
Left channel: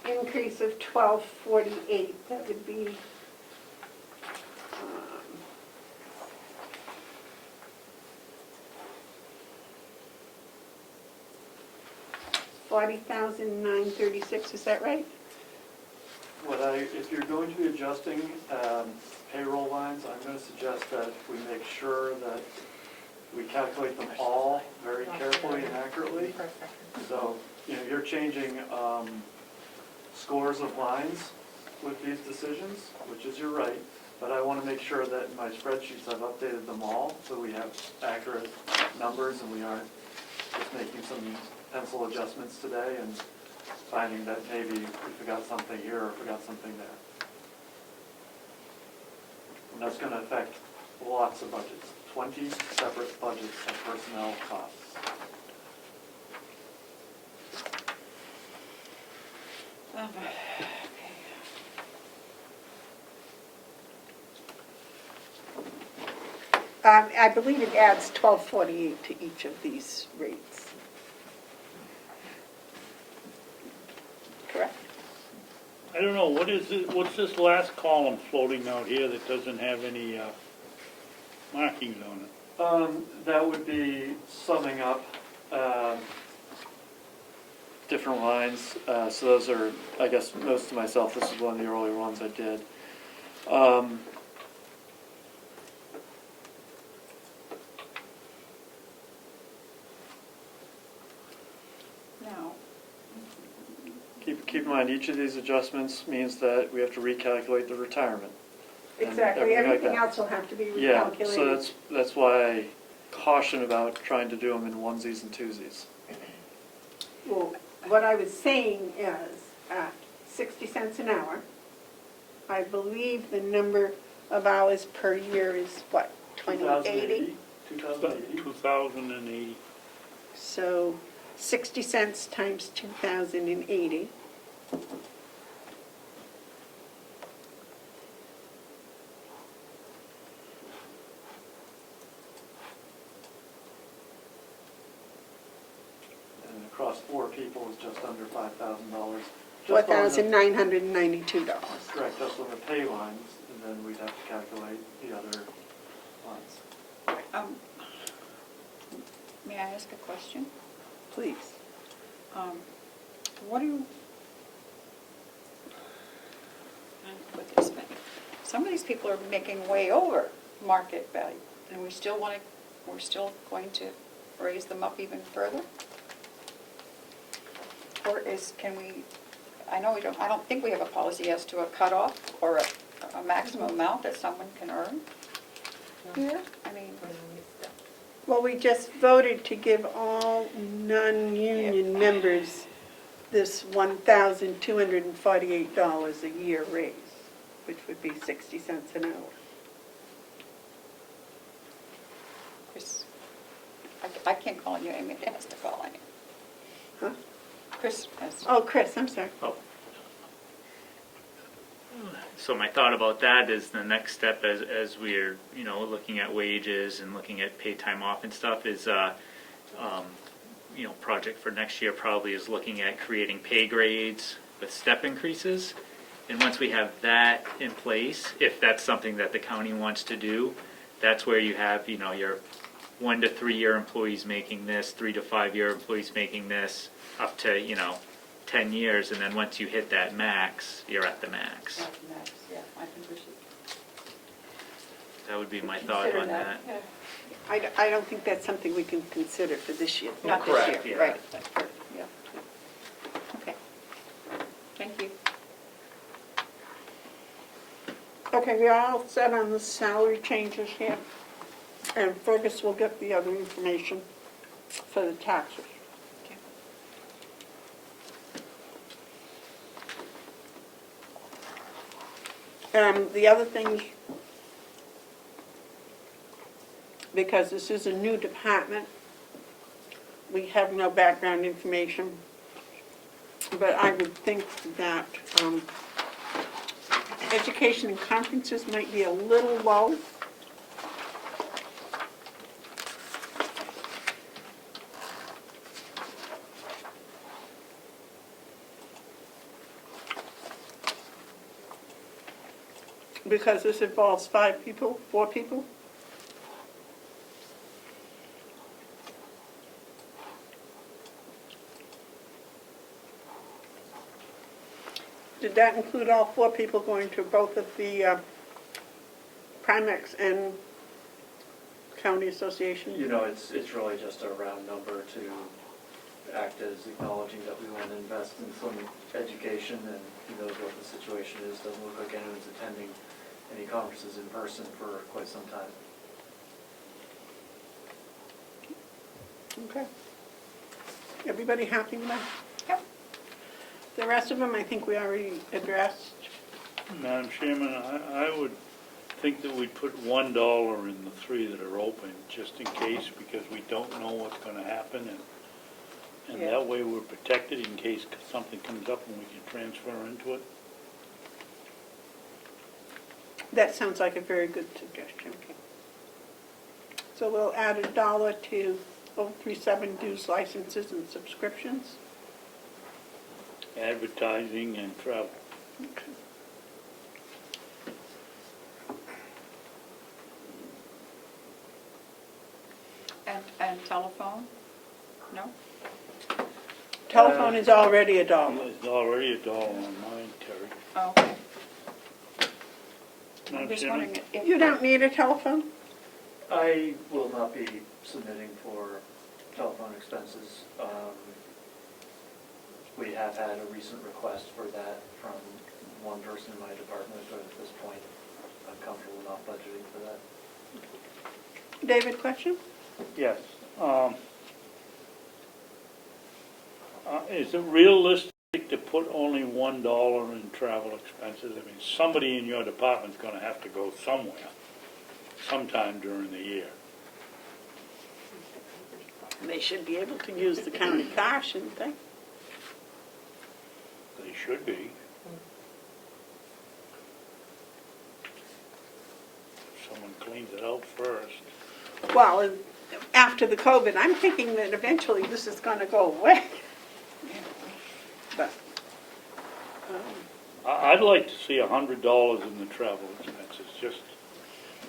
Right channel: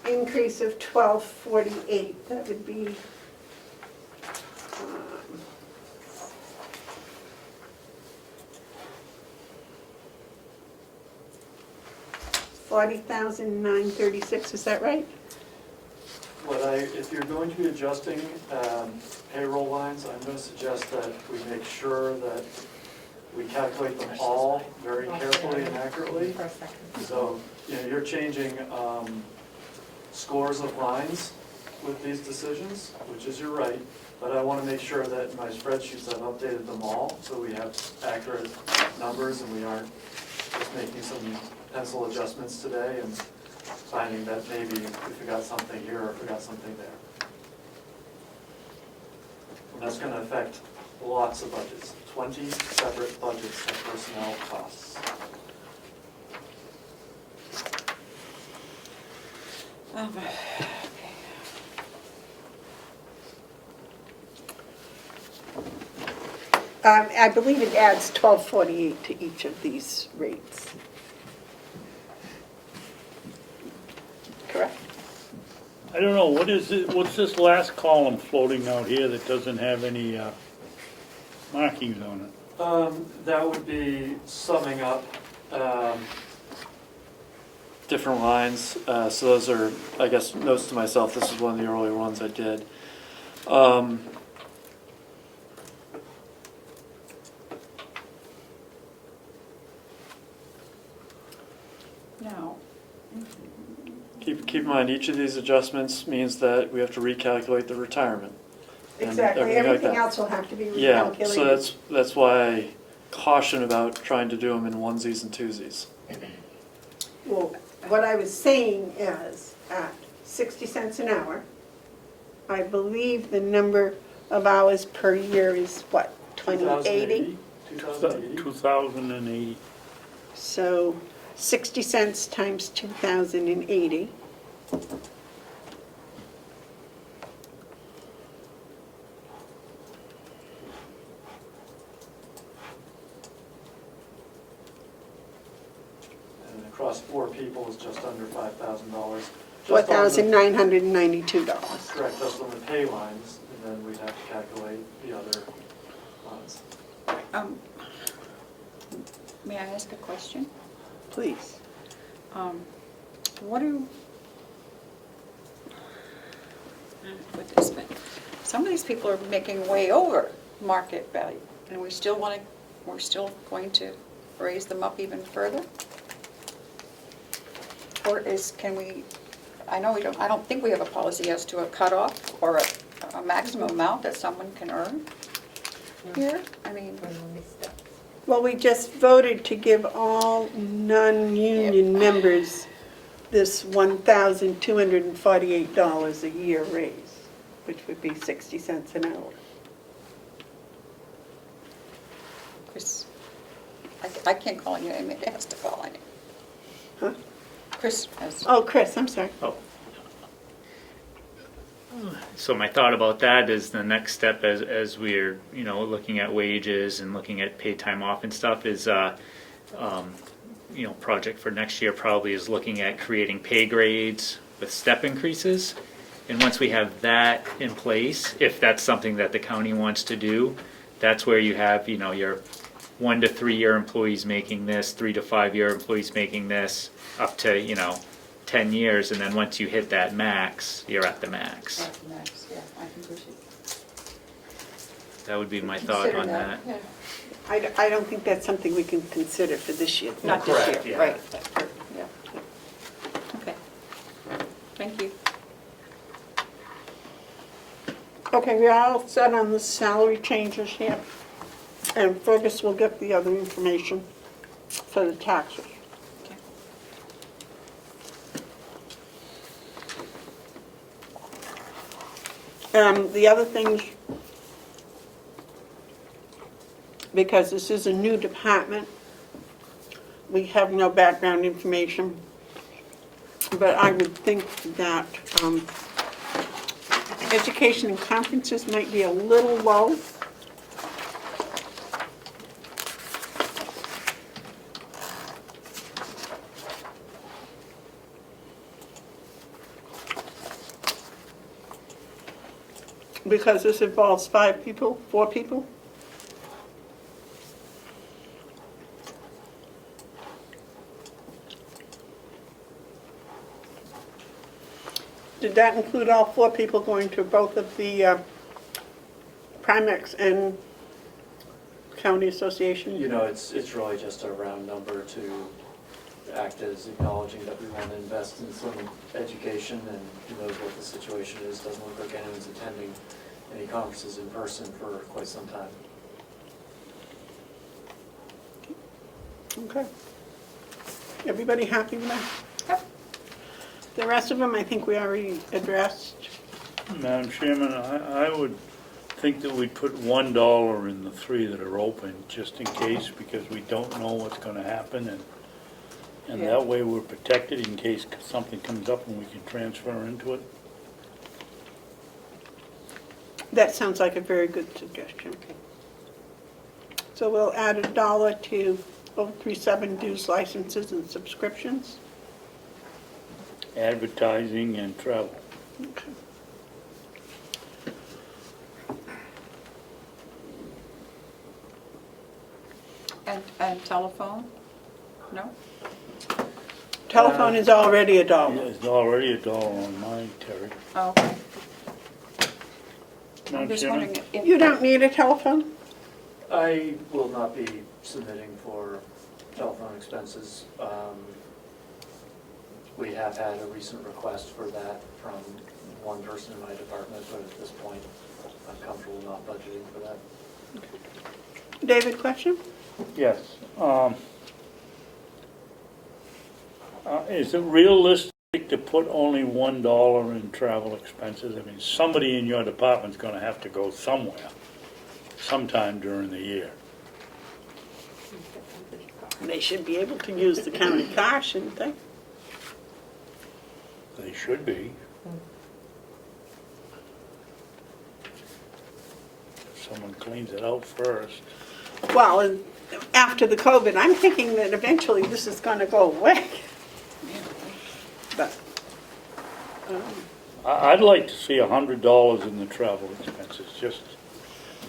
increase of 1248, that would be 40,936, is that right? If you're going to be adjusting payroll lines, I'm going to suggest that we make sure that we calculate them all very carefully and accurately. So, you're changing scores of lines with these decisions, which is your right, but I want to make sure that in my spreadsheets I've updated them all, so we have accurate numbers and we aren't just making some pencil adjustments today and finding that maybe we forgot something here or forgot something there. And that's going to affect lots of budgets, 20 separate budgets of personnel costs. I believe it adds 1248 to each of these rates. Correct? I don't know, what is it, what's this last column floating out here that doesn't have any markings on it? That would be summing up different lines. So those are, I guess, notes to myself. This is one of the earlier ones I did. Now, Keep in mind, each of these adjustments means that we have to recalculate the retirement. and Exactly, everything like everything that. else will have to be Yeah, recalculated. so that's why caution about trying to do them in onesies and twosies. Well, what I was saying is, at 60 cents an hour, I believe the number of hours per year is what, 2080? 2,080. So 60 cents times 2,080. And across 4 people is just under $5,000. $4,992. Correct, just on the pay lines, and then we'd have to calculate the other lines. May I ask a question? Please. What do, put this back. Some of these people are making way over market value, and we're still going to raise them up even further? Or can we, I don't think we have a policy as to a cutoff or a maximum amount that someone can earn here? I mean, Well, we just voted to give all non-union members this $1,248 a year raise, which would be 60 cents an hour. Chris, I can't call you, I mean, it has to call on you. Huh? Chris has. Oh, Chris, I'm sorry. So my thought about that is the next step as we're, looking at wages and looking at paid time off and stuff is, project for next year probably is looking at creating pay grades with step increases. And once we have that in place, if that's something that the county wants to do, that's where you have, your 1 to 3 year employees making this, 3 to 5 year employees making this, up to, 10 years, and then once you hit that max, you're at the max. Yeah, I think we should That would be my thought on that. Yeah. I don't think that's something we can consider for this year. Not this Correct, year, yeah. right. Yeah. Okay. Thank you. Okay, we're all set on the salary changes here. And Fergus will get the other information for the taxes. The other thing, because this is a new department, we have no background information, but I would think that education and conferences might be a little low. Because this involves 5 people, 4 people. Did that include all 4 people going to both of the Primex and County Association? It's really just a round number to act as acknowledging that we want to invest in some education, and who knows what the situation is. Doesn't look like anyone's attending any conferences in person for quite some time. Okay. Everybody happy with that? Yep. The rest of them, I think we already addressed. Madam Chairman, I would think that we'd put $1 in the 3 that are open, just in case, because we don't know what's gonna happen, and that way we're protected in case something comes up and we can transfer into it. That sounds like a very good suggestion. So we'll add $1 to 037 dues, licenses, and subscriptions. Advertising and travel. Okay. And telephone? No? Telephone is already $1. It's already $1 on mine, Terry. Oh, okay. I'm Madam just Chairman? wondering if. You don't need a telephone? I will not be submitting for telephone expenses. We have had a recent request for that from one person in my department, but at this point, I'm comfortable not budgeting for that. David, question? Yes. Is it realistic to put only $1 in travel expenses? I mean, somebody in your department's gonna have to go somewhere, sometime during the year. They should be able to use the county car, shouldn't they? They should be. If someone cleans it out first. Well, and after the COVID, I'm thinking that eventually this is gonna go away. But, I'd like to see $100 in the travel expenses, just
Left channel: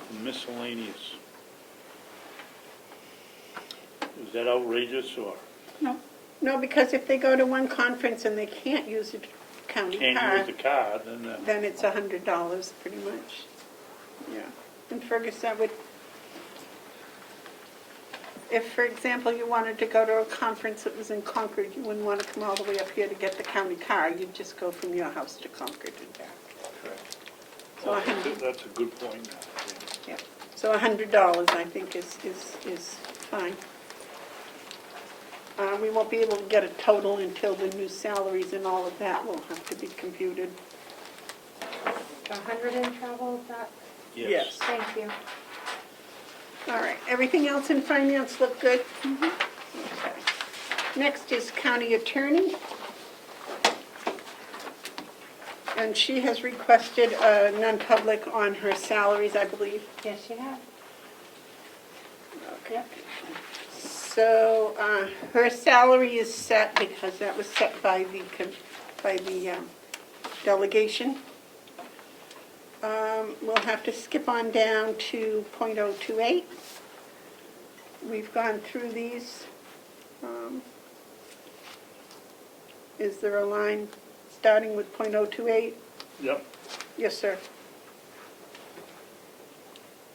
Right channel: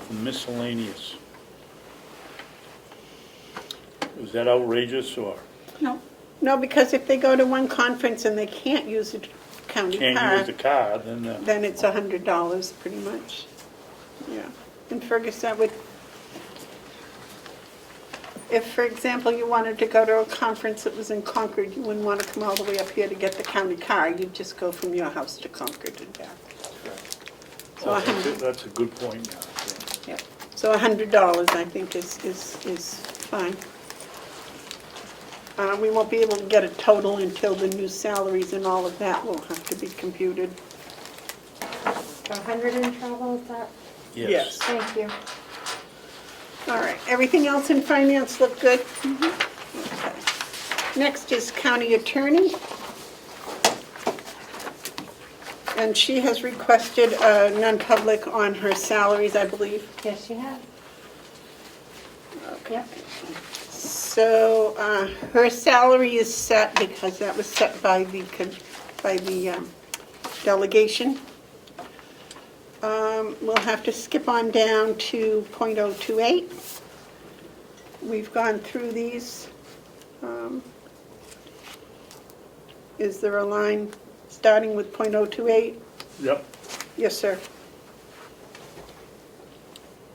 for miscellaneous. Is that outrageous, or no, because if they go to one conference and they can't use the county can't car, use the car, then it's $100 pretty much. Yeah. And Fergus, that would, if, for example, you wanted to go to a conference that was in Concord, you wouldn't want to come all the way up here to get the county car. You'd just go from your house to Concord and back. So that's a good point now. yeah. So $100, I think, is fine. We won't be able to get a total until the new salaries and all of that will have to be computed. 100 in travel, is that? Yes. Thank you. All right, everything else in finance look good? Okay. Next is county attorney. And she has requested a non-public on her salaries, I believe. Yes, she has. Okay. So her salary is set because that was set by the delegation. We'll have to skip on down to .028. We've gone through these. Is there a line starting with .028? Yep. Yes, sir.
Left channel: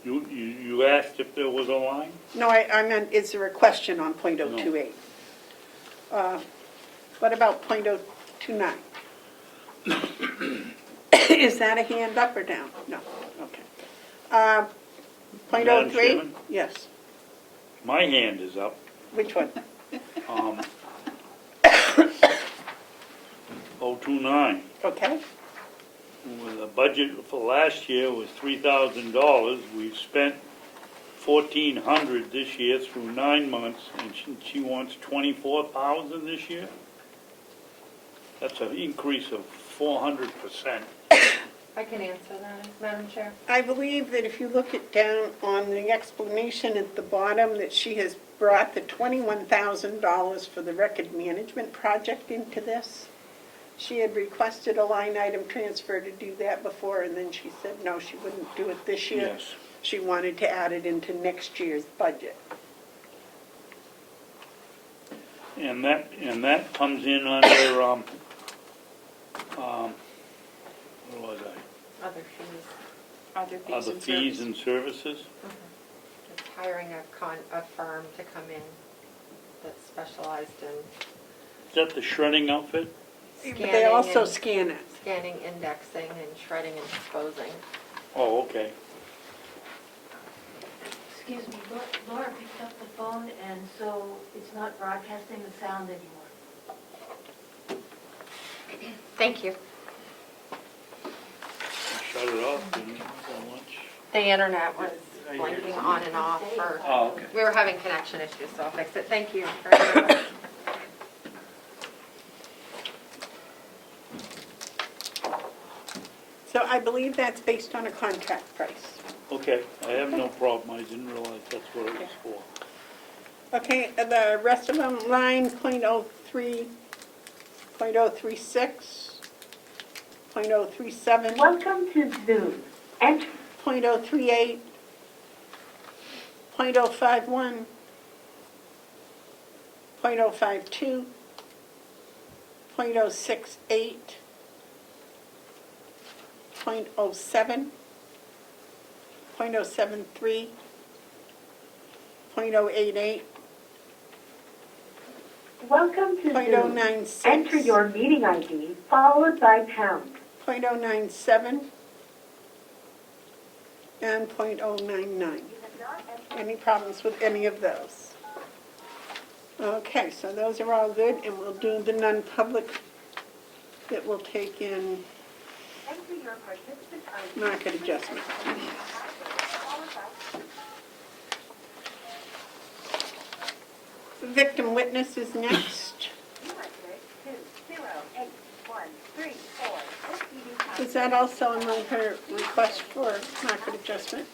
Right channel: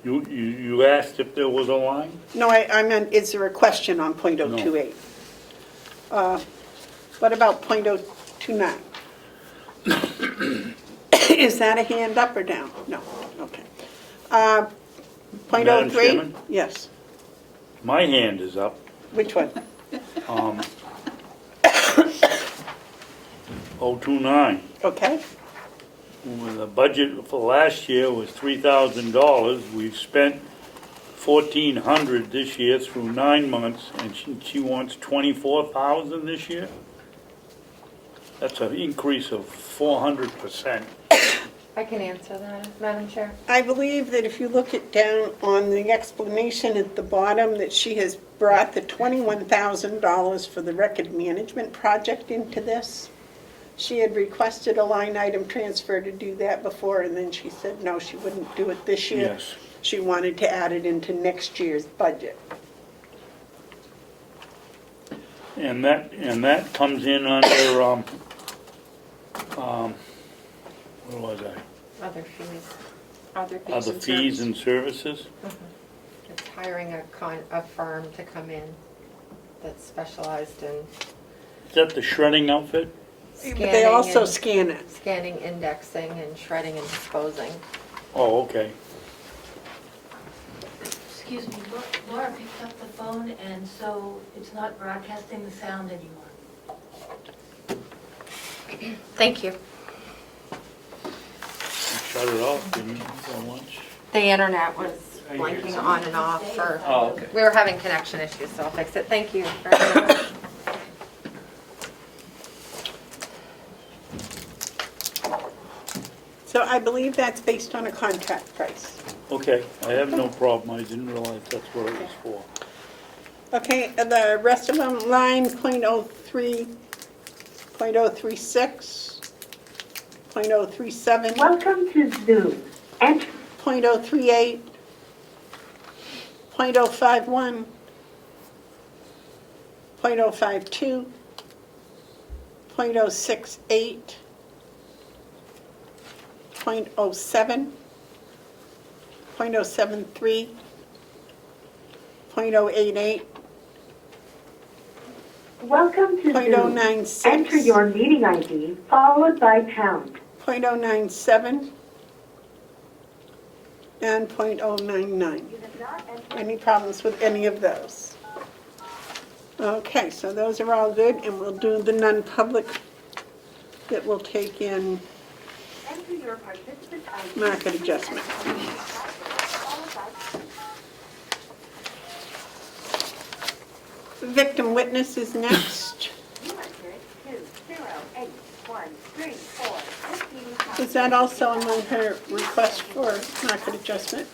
You asked if there was a line? No, I meant, is there a question on .028? What about .029? Is that a hand up or down? No, okay. Madam .03? Chairman? Yes. My hand is up. Which one? 029. Okay. When the budget for last year was $3,000, we've spent $1,400 this year through 9 months, and she wants $24,000 this year? That's an increase of 400%. I can answer that, Madam Chair. I believe that if you look it down on the explanation at the bottom, that she has brought the $21,000 for the record management project into this. She had requested a line item transfer to do that before, and then she said no, she wouldn't do it this year. Yes. She wanted to add it into next year's budget. And that comes in under, what was I? Other fees. Other fees and services? It's hiring a firm to come in that's specialized in Is that the shredding outfit? They also and- scan it. scanning, indexing, and shredding and disposing. Oh, okay. Excuse me, Laura picked up the phone, and so it's not broadcasting the sound anymore. Thank you. Shut it off, didn't you, for lunch? The internet was blinking on and off for, Oh, okay. we were having connection issues, so I'll fix it. Thank you very much. So I believe that's based on a contract price. Okay, I have no problem. I didn't realize that's what it was for. Okay, and the rest of them, line .03, .036, .037. Welcome to Zoom. Enter .038, .051, .052, .068, .07, .073, .088, Welcome to Zoom. .096. Enter your meeting ID followed by pound. .097 and .099. Any problems with any of those? Okay, so those are all good, and we'll do the non-public that will take in market adjustment. Victim witness is next. Is that also among her request for market adjustment?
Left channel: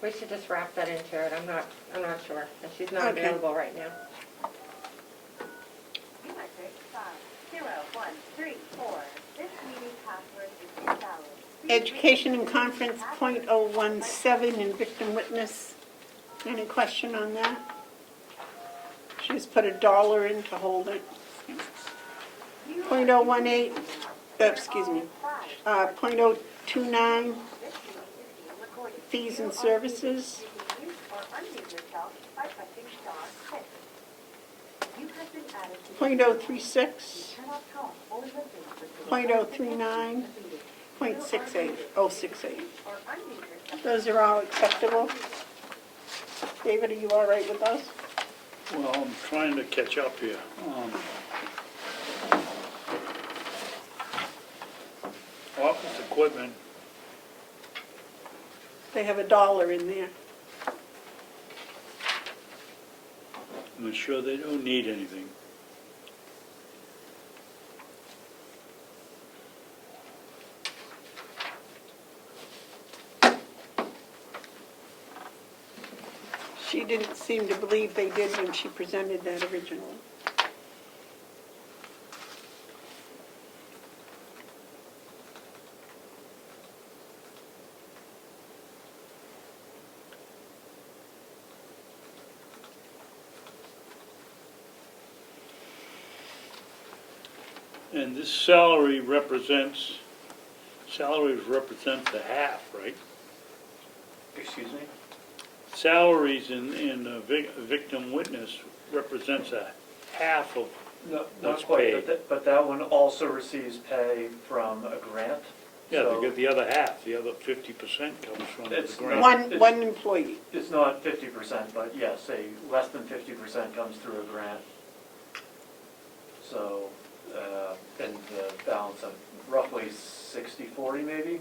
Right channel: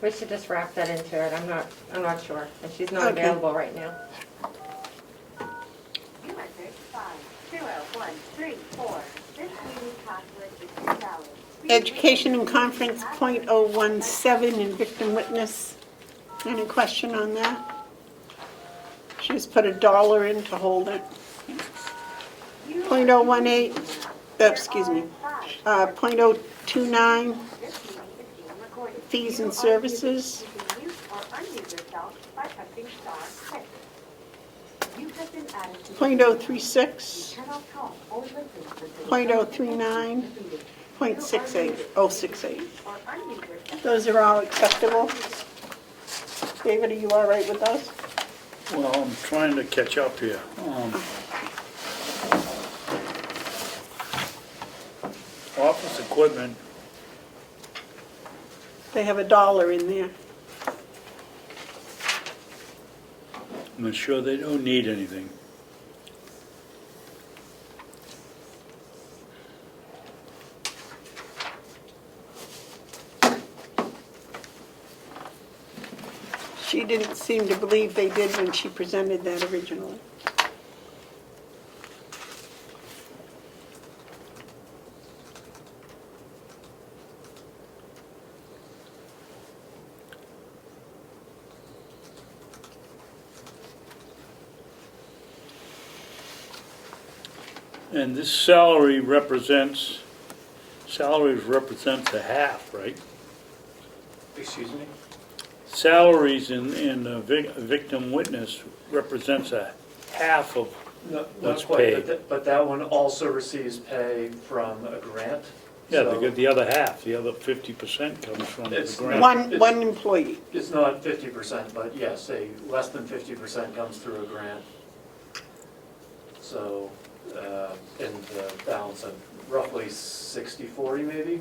We should just wrap that into it. I'm not sure. And she's not Okay. available right now. Education and conference .017 and victim witness. Any question on that? She's put $1 in to hold it. .018, excuse me, .029, fees and services. .036, .039, .68, 068. Those are all acceptable. David, are you all right with those? Well, I'm trying to catch up here. Office equipment, They have $1 in there. I'm sure they don't need anything. She didn't seem to believe they did when she presented that originally. And this salary represents a half, right? Excuse me? Salaries in a victim witness represents a half of No, what's not quite, paid. but that one also receives pay from a grant. Yeah, So they get the other half, the other 50% comes from the It's grant. One employee. It's not 50%, but yes, less than 50% comes through a grant. So, in the balance of roughly 60-40 maybe.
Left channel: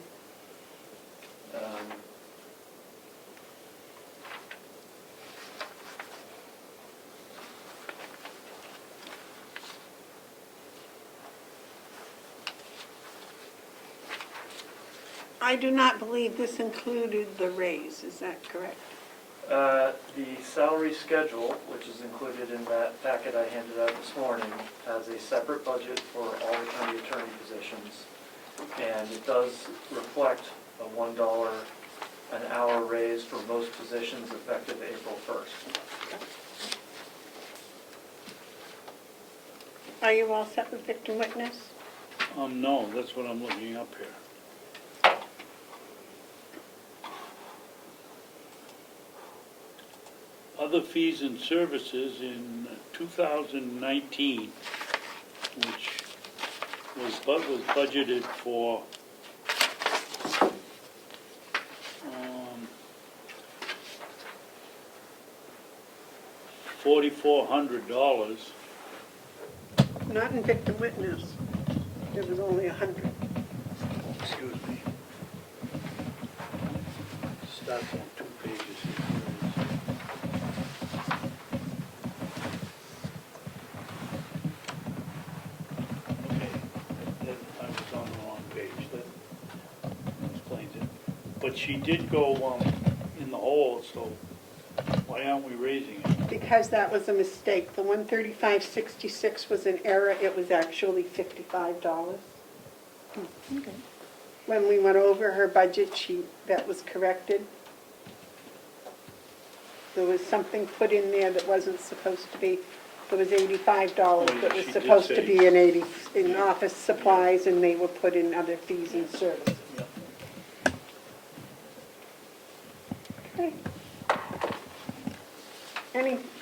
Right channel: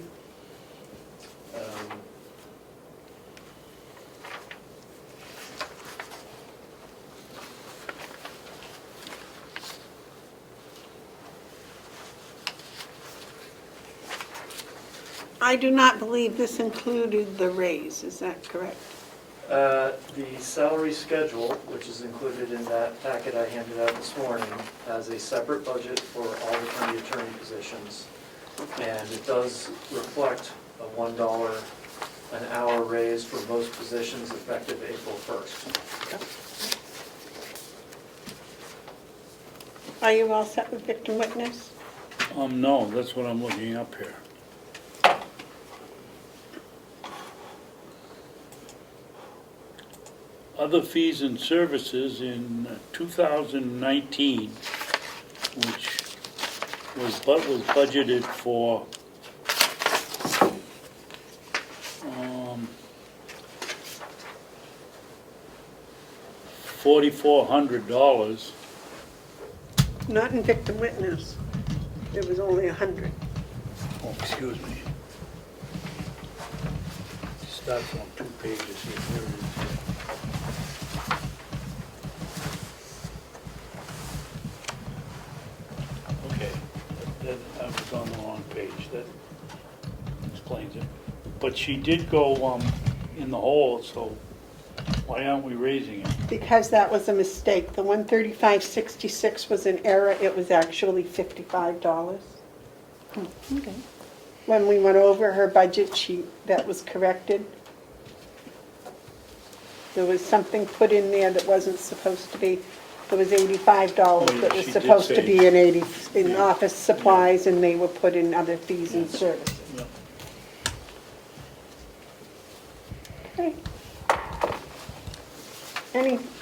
I do not believe this included the raise, is that correct? The salary schedule, which is included in that packet I handed out this morning, has a separate budget for all the county attorney positions. And it does reflect a $1 an hour raise for most positions effective April 1st. Are you all set with victim witness? No, that's what I'm looking up here. Other fees and services in 2019, which was budgeted for $4,400. Not in victim witness. It was only 100. Oh, excuse me. Starts on 2 pages here. Here it is. Okay, then I was on the wrong page. That explains it. But she did go in the hole, so why aren't we raising it? Because that was a mistake. The 135.66 was an error. It was actually $55. When we went over her budget, that was corrected. There was something put in there that wasn't supposed to be. It was $85 Oh, yeah, that was she did supposed to say. be in office supplies, and they were put in other fees and services. Yeah. Okay.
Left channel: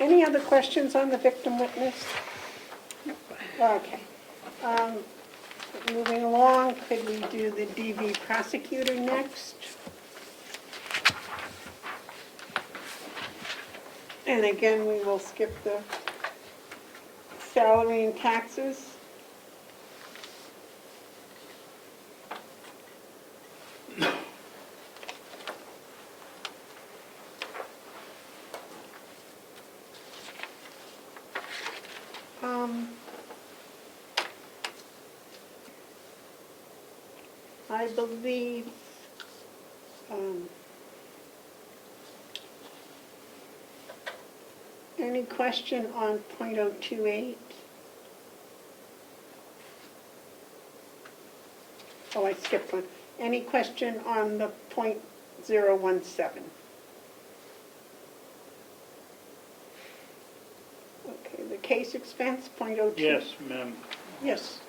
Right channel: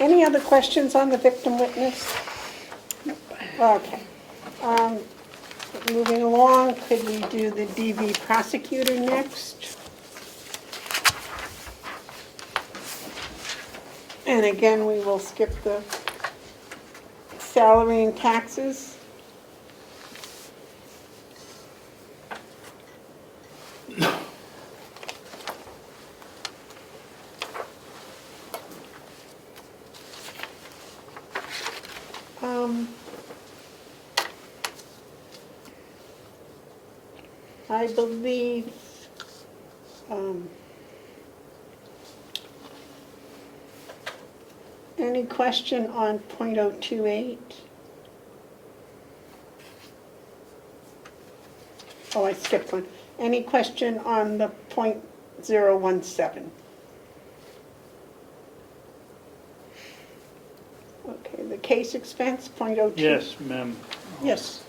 Any other questions on the victim witness? Okay. moving along, could we do the DV prosecutor next? And again, we will skip the salary and taxes. I believe any question on .028? Oh, I skipped one. Any question on the .017? Okay, the case expense, .02. Yes, ma'am. Yes.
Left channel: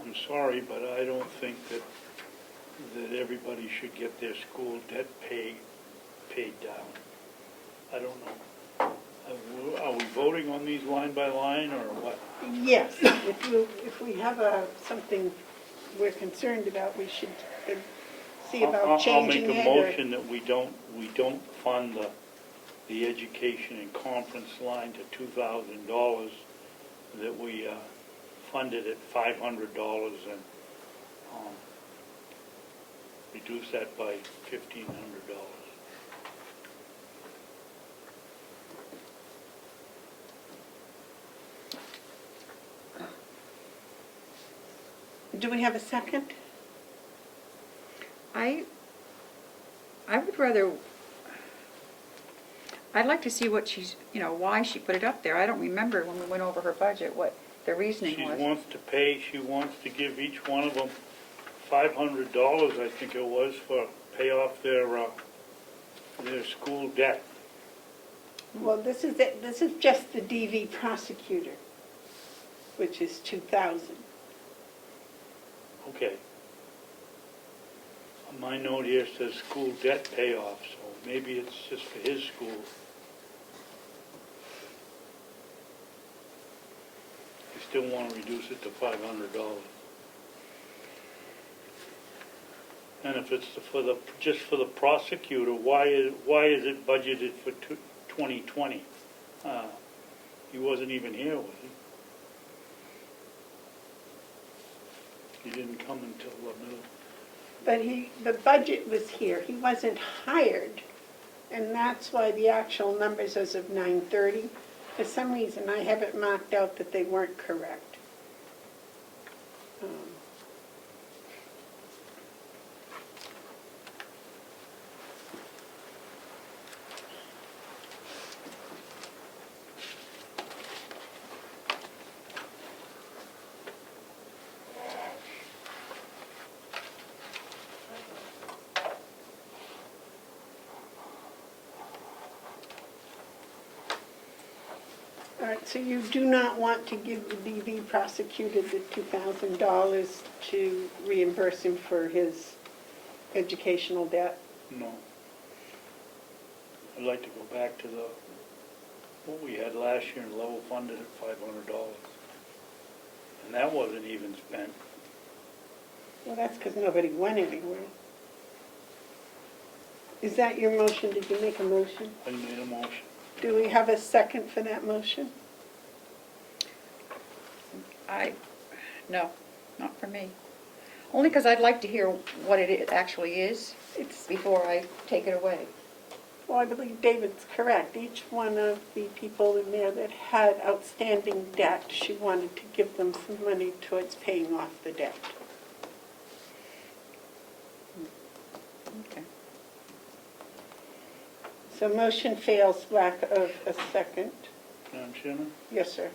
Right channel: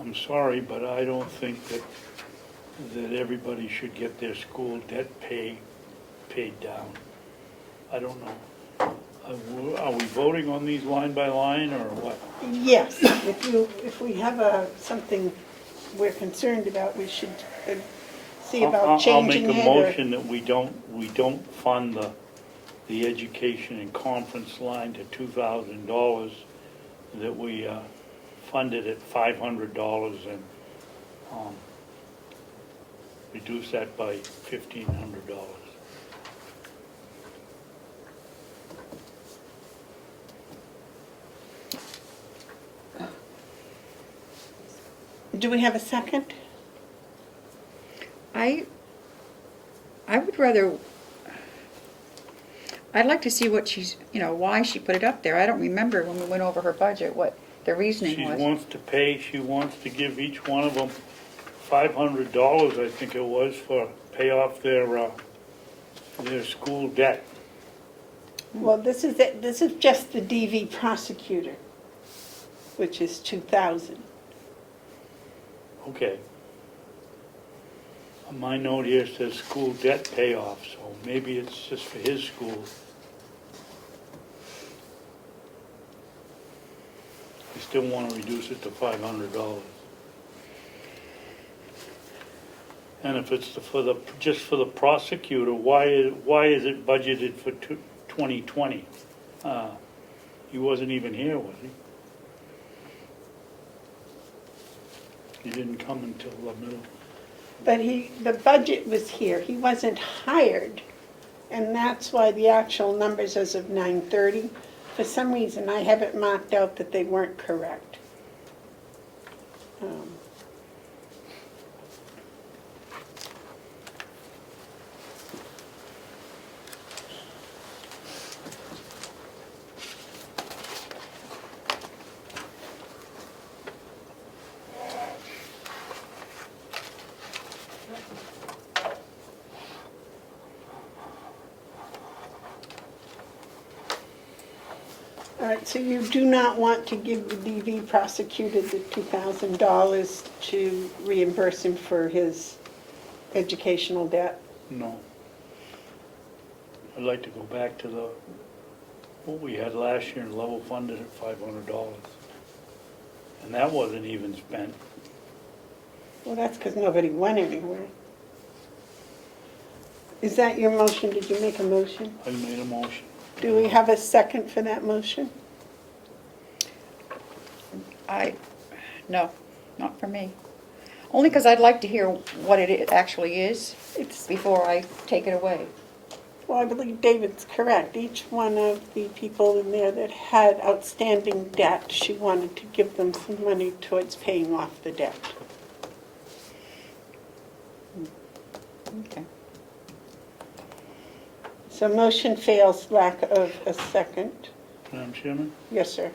I'm sorry, but I don't think that everybody should get their school debt paid down. I don't know. Are we voting on these line by line or what? Yes, if we have something we're concerned about, we should see about changing it. I'll make a motion that we don't fund the education and conference line to $2,000, that we fund it at $500 and reduce that by $1,500. Do we have a second? I would rather, I'd like to see what she's, why she put it up there. I don't remember when we went over her budget, what the reasoning She was. she wants to give each one of them $500, I think it was, for pay off their school debt. Well, this is it. This is just the DV prosecutor, which is $2,000. Okay. On my note here says school debt payoff, so maybe it's just for his school. I still want to reduce it to $500. And if it's just for the prosecutor, why is it budgeted for 2020? He wasn't even here, was he? He didn't come until the middle. But the budget was here. He wasn't hired, and that's why the actual numbers as of 9/30, for some reason, I have it marked out that they weren't correct. All right, so you do not want to give the DV prosecutor the $2,000 to reimburse him for his educational debt? No. I'd like to go back to what we had last year and level funded at $500. And that wasn't even spent. Well, that's because nobody went anywhere. Is that your motion? Did you make a motion? I made a motion. Do we have a second for that motion? No, not for me. Only because I'd like to hear what it actually is before I take it away. Well, I believe David's correct. Each one of the people in there that had outstanding debt, she wanted to give them some money towards paying off the debt. Okay. So motion fails, lack of a second. Madam Chairman? Yes, sir.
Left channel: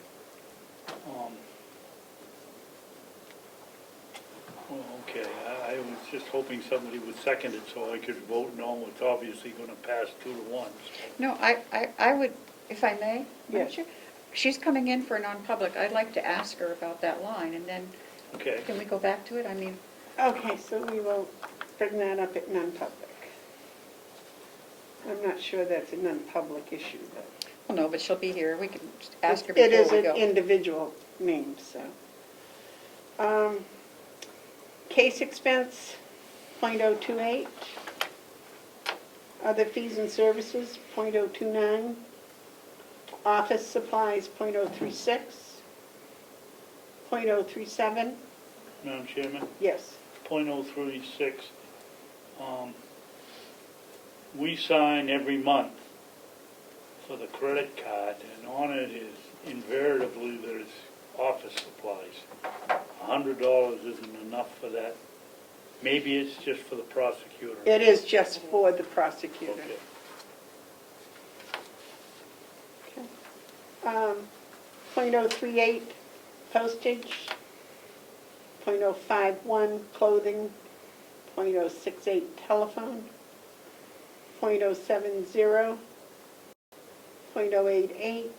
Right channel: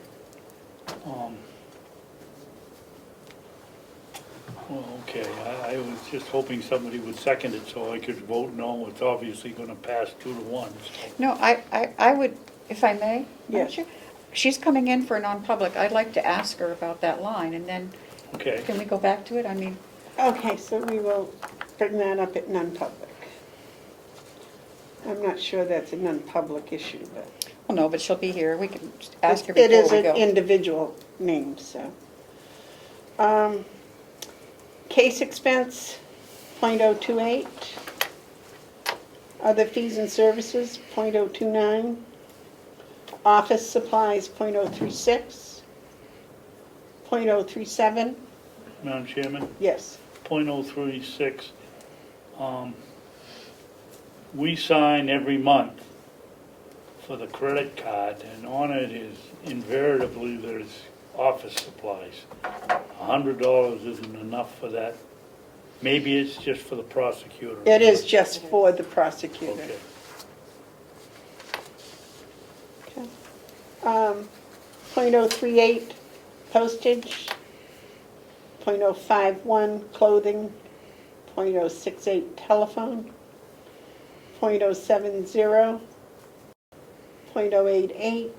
Well, okay, I was just hoping somebody would second it so I could vote no. It's obviously going to pass 2-1, so. No, I would, if I may? Yes. She's coming in for non-public. I'd like to ask her about that line, and then Okay. can we go back to it? I mean, Okay, so we will bring that up at non-public. I'm not sure that's a non-public issue, but Well, no, but she'll be here. We can ask her It is before we an go. individual name, so. Case expense, .028. Other fees and services, .029. Office supplies, .036. .037, Madam Chairman, yes. .036. We sign every month for the credit card, and on it is invariably there's office supplies. $100 isn't enough for that. Maybe it's just for the prosecutor. It is just for the prosecutor. Okay. .038 postage, .051 clothing, .068 telephone, .070, .088,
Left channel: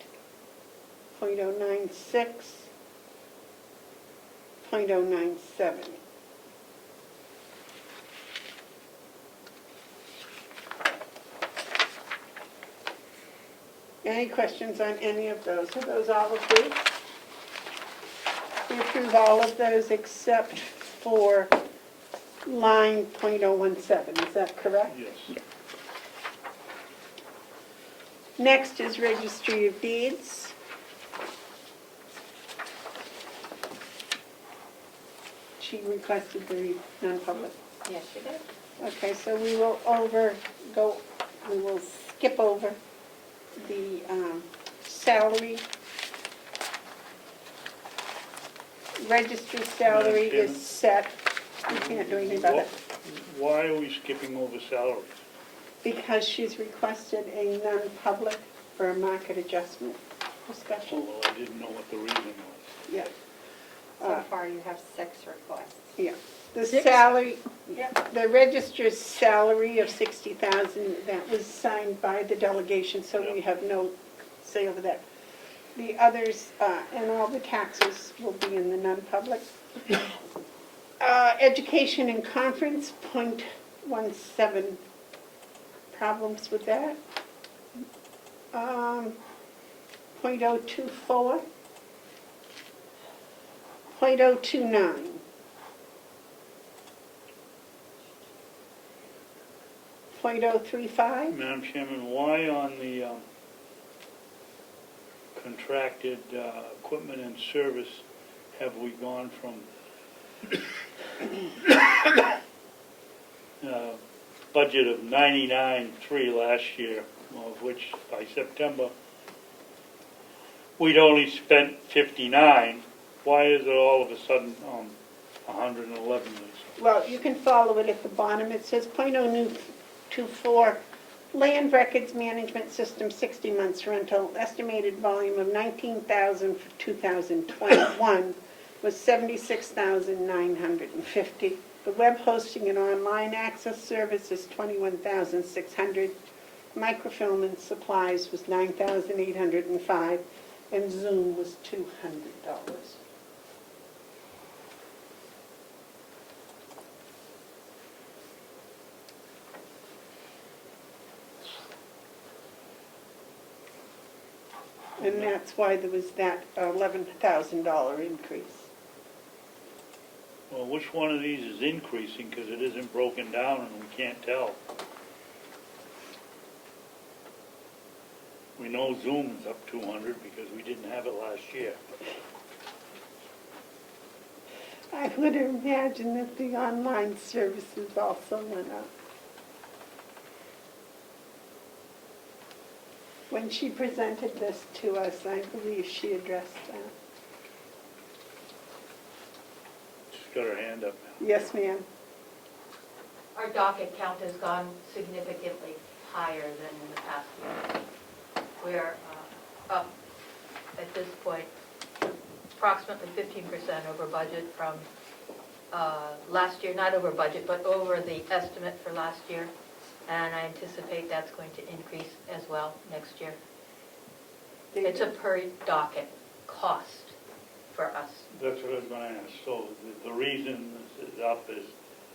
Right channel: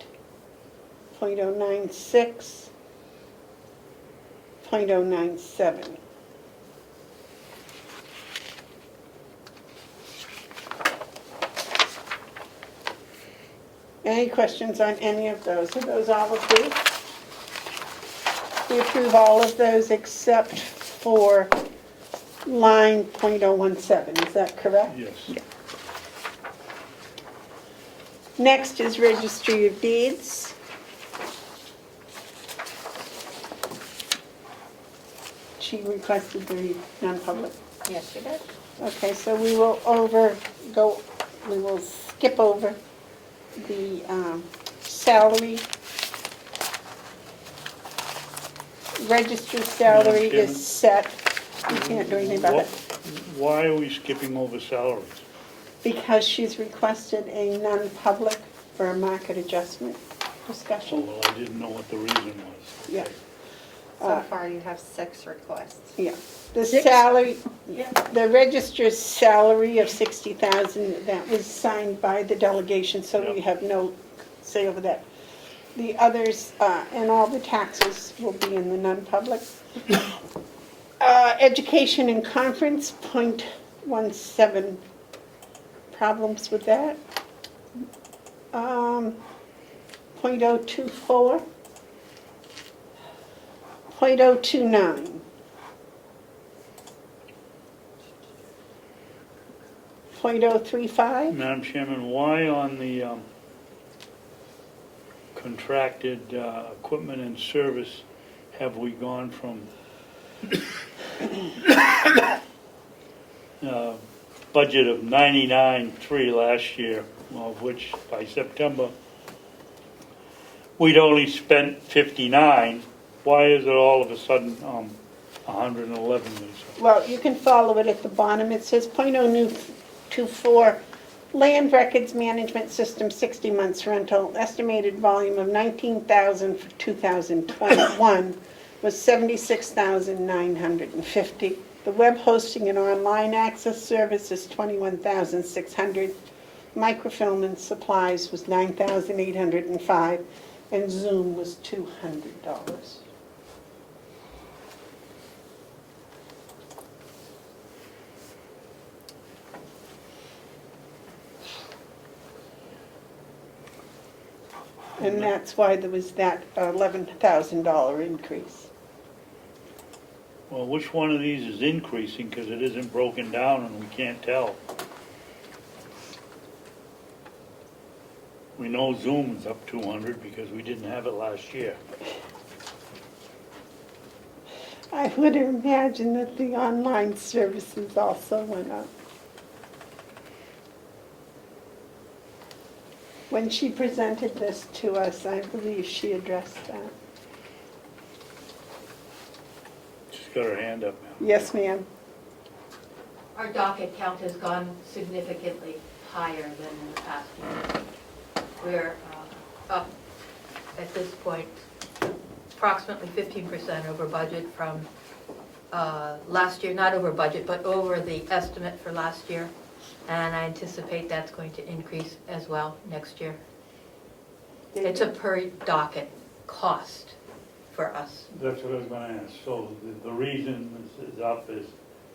.096, .097. Any questions on any of those? Are those all approved? We approve all of those except for line .017, is that correct? Yes. Next is Registry of Deeds. She requested the non-public. Yes, she did. Okay, so we will skip over the salary. Registered salary Chairman? is set. You can't do anything about it. Why are we skipping over salaries? Because she's requested a non-public for a market adjustment discussion. Although I didn't know what the reason was. Yeah. So far, you have 6 requests. Yeah. The salary, the registrar's salary of $60,000, that was signed by the delegation, so we Yep. have no say over that. The others, and all the taxes will be in the non-public. Education and conference, .17. Problems with that? .024. .029. .035. Madam Chairman, why on the contracted equipment and service have we gone from budget of 99.3 last year, of which by September we'd only spent 59. Why is it all of a sudden 111, Lisa? Well, you can follow it at the bottom. It says .024, land records management system, 60 months rental, estimated volume of 19,000 for 2021 was 76,950. The web hosting and online access service is 21,600. Microfilm and supplies was 9,805, and Zoom was $200. And that's why there was that $11,000 increase. Well, which one of these is increasing, because it isn't broken down and we can't tell? We know Zoom is up 200 because we didn't have it last year. I would imagine that the online services also went up. When she presented this to us, I believe she addressed that. She's got her hand up now. Yes, ma'am. Our docket count has gone significantly higher than in the past year. We're up at this point approximately 15% over budget from last year, not over budget, but over the estimate for last year. And I anticipate that's going to increase as well next year. It's a per docket cost for us. That's what I was going to ask. So the reason this is up is,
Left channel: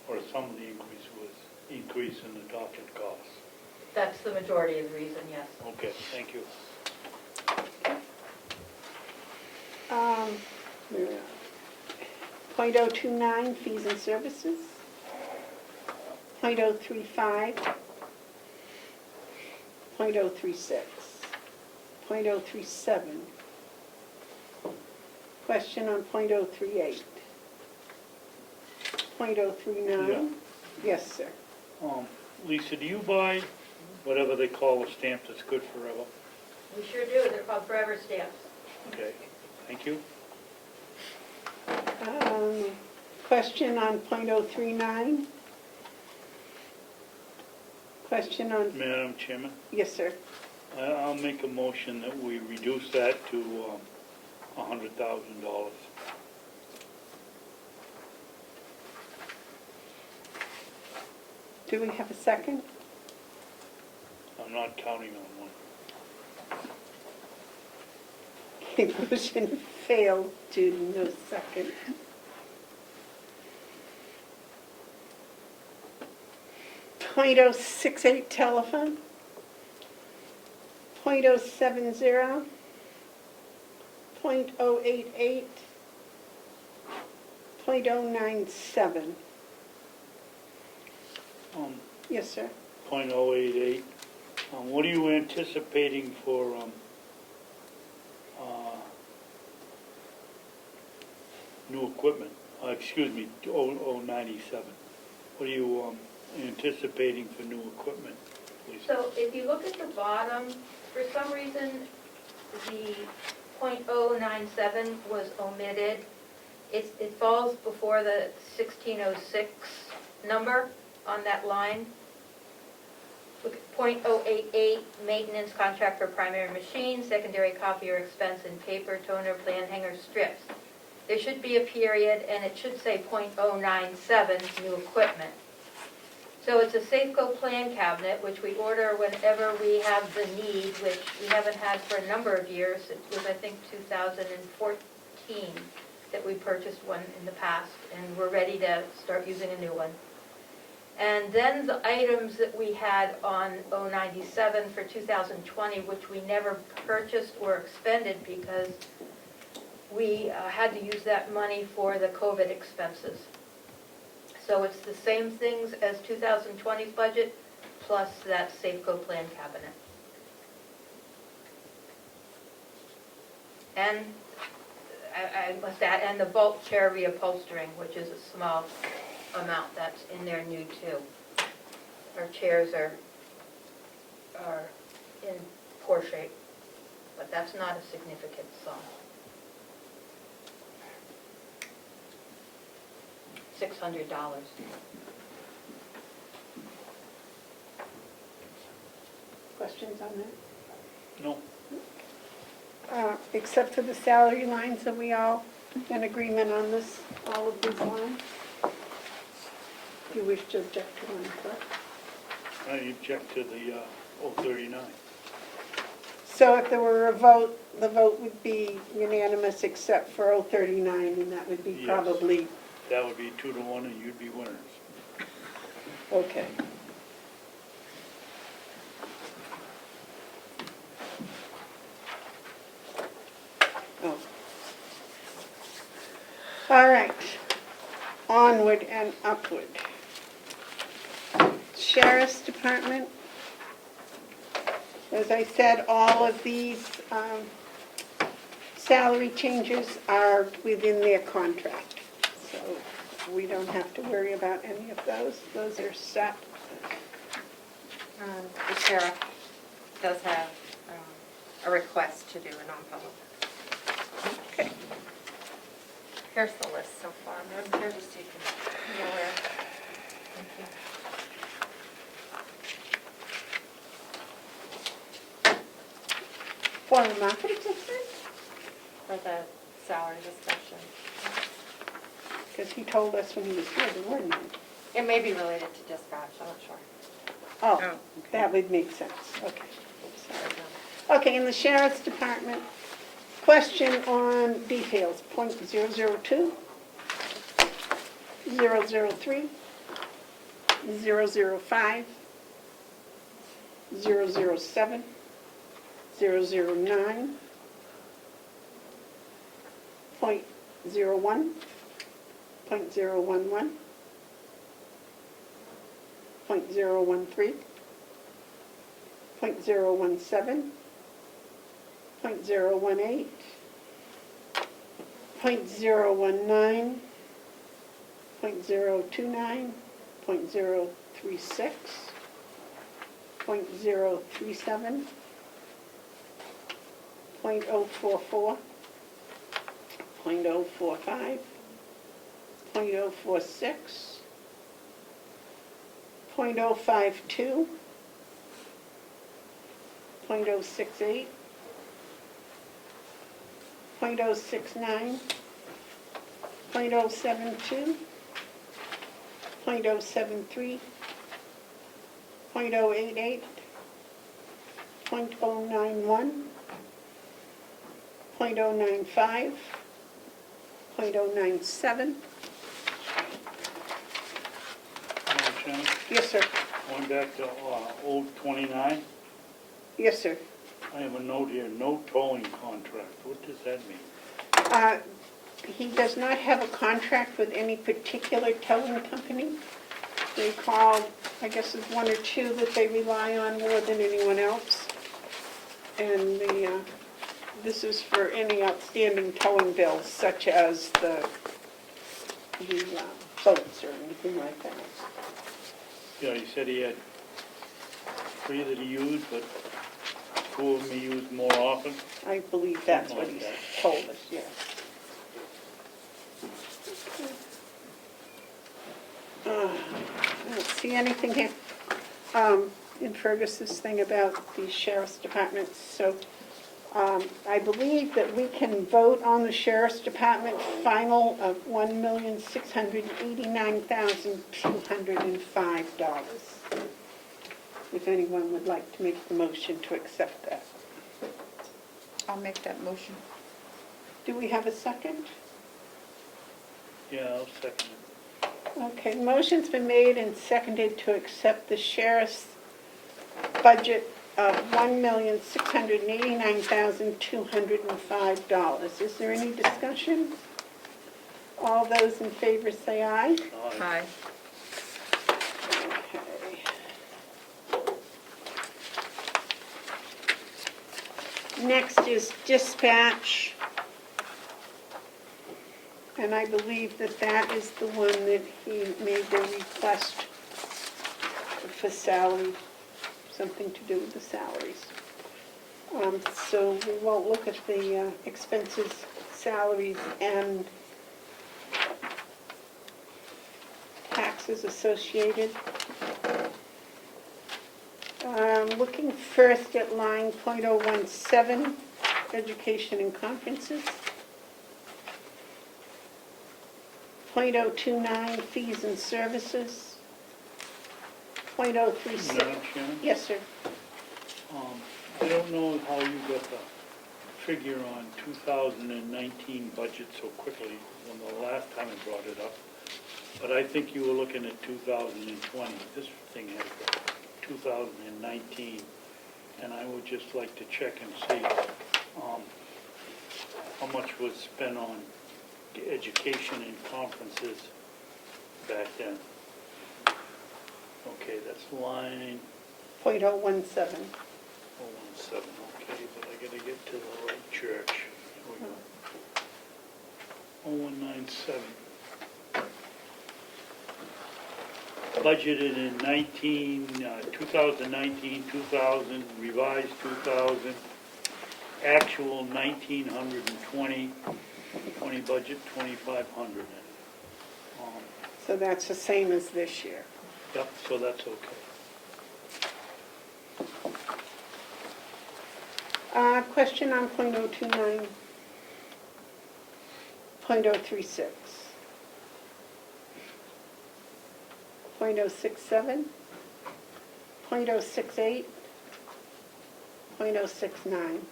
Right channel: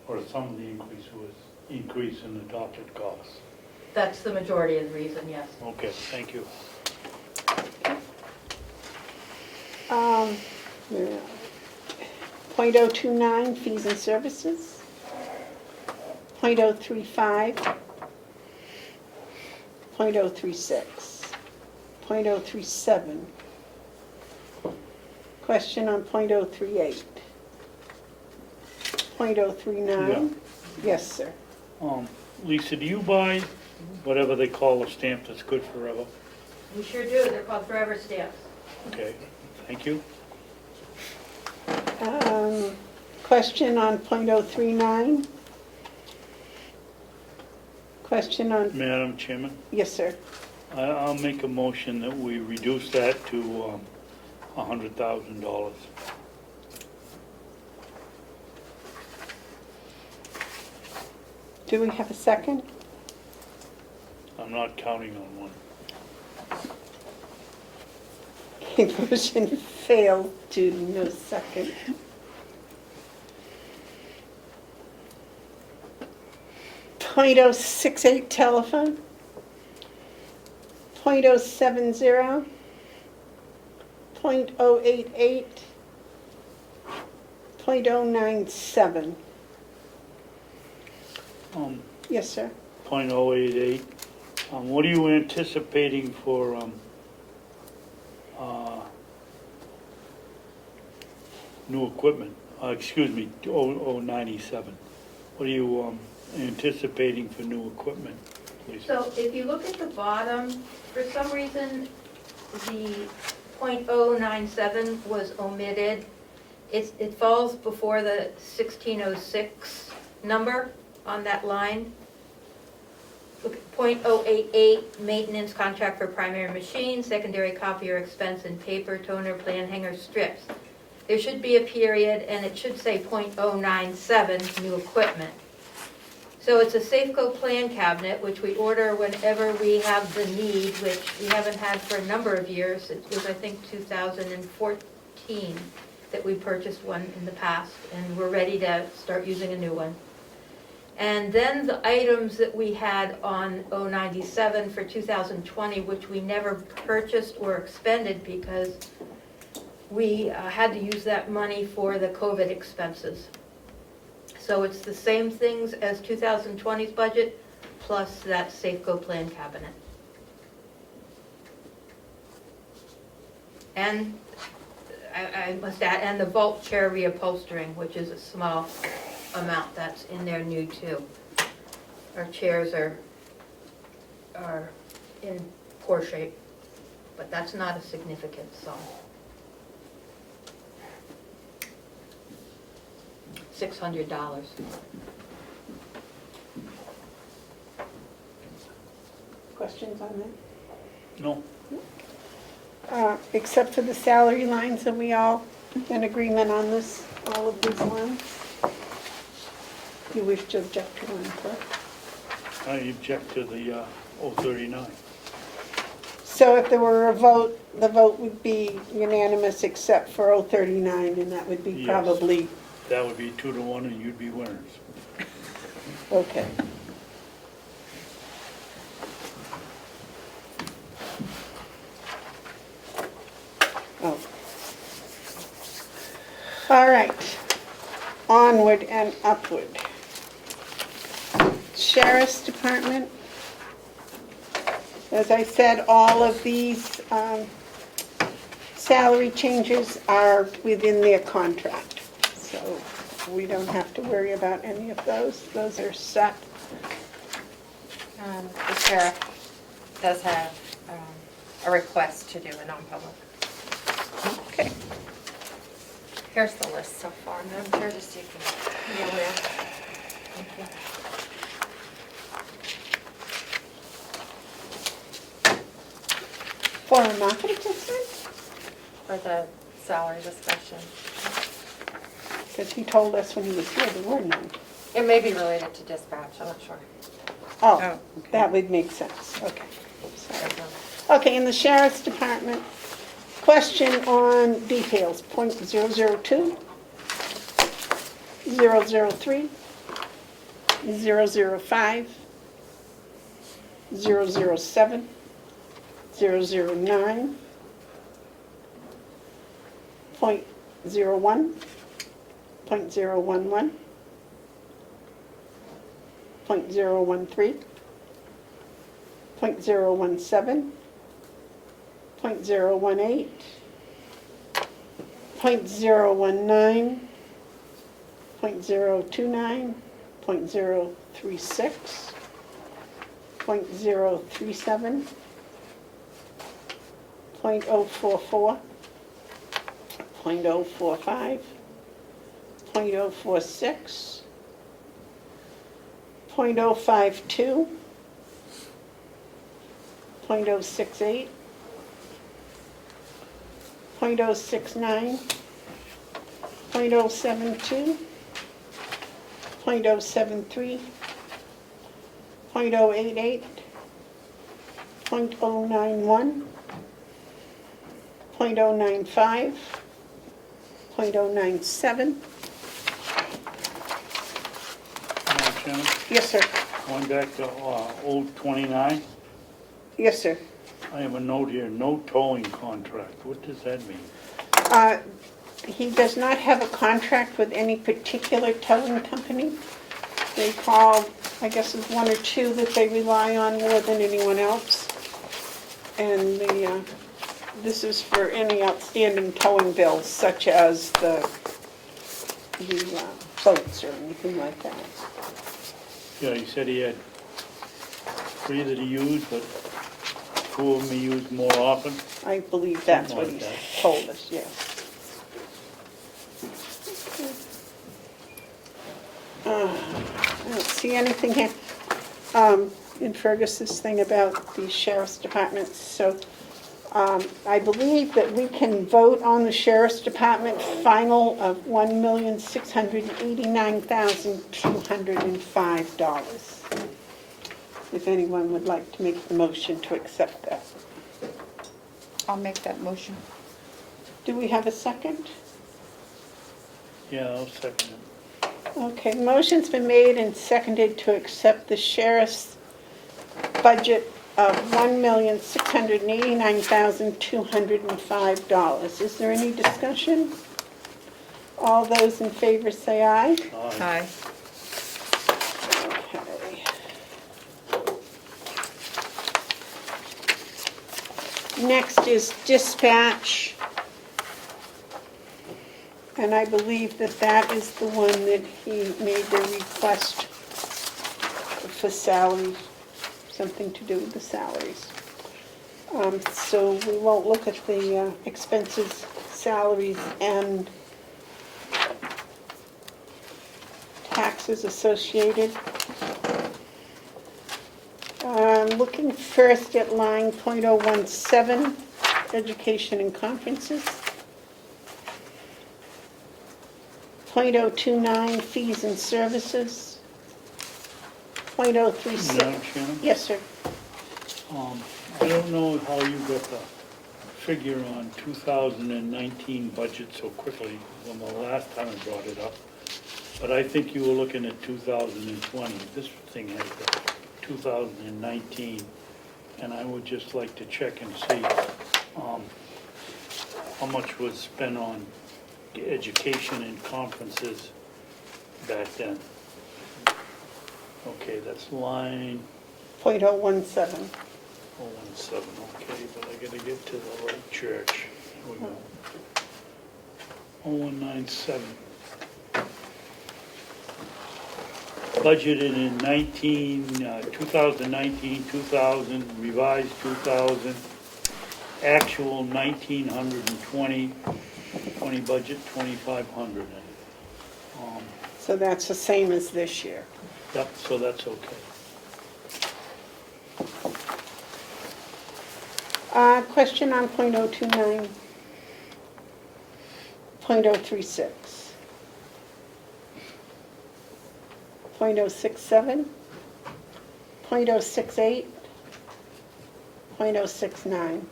or some of the increase was increase in the docket costs. That's the majority of the reason, yes. Okay, thank you. Where are we? .029, fees and services. .035. .036. .037. Question on .038. .039. Yes, sir. Lisa, do you buy whatever they call a stamp that's good forever? We sure do, they're called forever stamps. Okay, thank you. Question on .039. Question on, Madam Chairman, yes, sir. I'll make a motion that we reduce that to $100,000. Do we have a second? I'm not counting on one. Motion failed due to no second. .068 telephone. .070. .088. .097. Yes, sir. .088. What are you anticipating for new equipment? Excuse me, 097. What are you anticipating for new equipment, please? So if you look at the bottom, for some reason, the .097 was omitted. It falls before the 1606 number on that line. Look at .088, maintenance contract for primary machine, secondary copier expense and paper, toner, plan hanger, strips. There should be a period, and it should say .097, new equipment. So it's a Safeco plan cabinet, which we order whenever we have the need, which we haven't had for a number of years. It was, I think, 2014 that we purchased one in the past, and we're ready to start using a new one. And then the items that we had on 097 for 2020, which we never purchased or expended because we had to use that money for the COVID expenses. So it's the same things as 2020's budget, plus that Safeco plan cabinet. And I must add, and the vault chair reupholstering, which is a small amount that's in there new too. Our chairs are in poor shape, but that's not a significant sum. $600. Questions on that? No? Except for the salary lines, are we all in agreement on this, all of these lines? You wish to object to one, correct? I object to the 039. So if there were a vote, the vote would be unanimous except for 039, and that would be Yes. probably, That would be 2-1 and you'd be winners. okay. Oh. All right, onward and upward. Sheriff's Department. As I said, all of these salary changes are within their contract. So we don't have to worry about any of those. Those are set. The sheriff does have a request to do a non-public. Okay. Here's the list so far, Madam Chair, just so you can be aware. Thank you. For a market assistant? For the salary discussion. Because he told us when he was here there were none. It may be related to dispatch, I'm not sure. Oh, that would make sense. Okay. Sorry. Okay, in the Sheriff's Department, question on details, .002, 003, 005, 007, 009, .01, .011, .013, .017, .018, .019, .029, .036, .037, .044, .045, .046, .052, .068, .069, .072, .073, .088, .091, .095, .097. Madam Chairman, Yes, sir. going back to old 29, Yes, sir. I have a note here, no towing contract. What does that mean? He does not have a contract with any particular towing company. They call, I guess it's one or two that they rely on more than anyone else. And this is for any outstanding towing bills, such as the boats or anything like that. Yeah, he said he had 3 that he used, but 2 of them he used more often. I believe that's what Something he's like that. told us, yeah. I don't see anything here in Fergus's thing about the sheriff's department, so I believe that we can vote on the sheriff's department final of $1,689,205. If anyone would like to make the motion to accept that. I'll make that motion. Do we have a second? Yeah, I'll second it. Okay, motion's been made and seconded to accept the sheriff's budget of $1,689,205. Is there any discussion? All those in favor say aye. Aye. Okay. Next is dispatch. And I believe that that is the one that he made the request for salary, something to do with the salaries. So we won't look at the expenses, salaries, and taxes associated. Looking first at line .017, education and conferences. .029, fees and services. .036. Madam Chairman? Yes, sir. I don't know how you got the figure on 2019 budget so quickly when the last time I brought it up, but I think you were looking at 2020. This thing has the 2019, and I would just like to check and see how much was spent on education and conferences back then. Okay, that's line .017. 017, okay, but I gotta get to the right church. Here we go. 0197. Budgeted in 2019, 2000, revised 2000, actual 1920, 20 budget 2500. So that's the same as this year. Yep, so that's okay. Question on .029, .036, .067, .068, .069,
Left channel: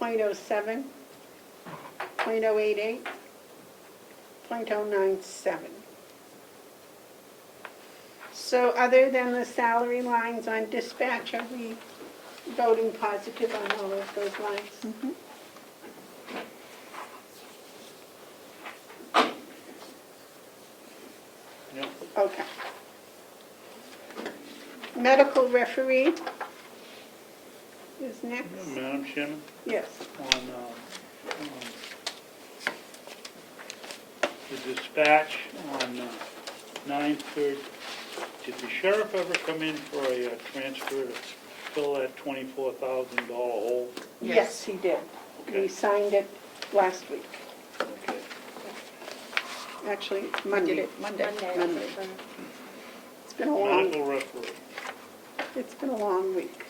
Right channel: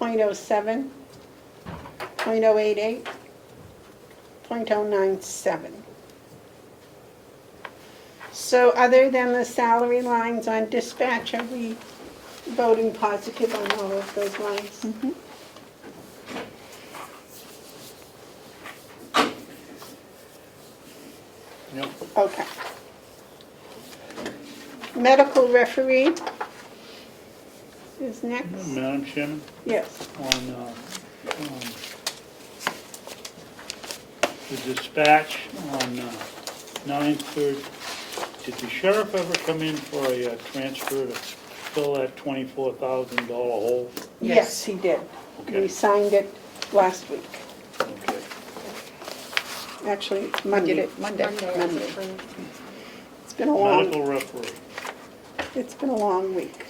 .07, .088, .097. So other than the salary lines on dispatch, are we voting positive on all of those lines? Yep. Okay. Medical referee is next. Madam Chairman, Yes. on the dispatch on 9/3, did the sheriff ever come in for a transfer to fill that $24,000 hole? Yes, he did. Okay. We signed it last week. Okay. Actually, Monday. Monday. Monday, actually. It's been a long, Medical referee. it's been a long week.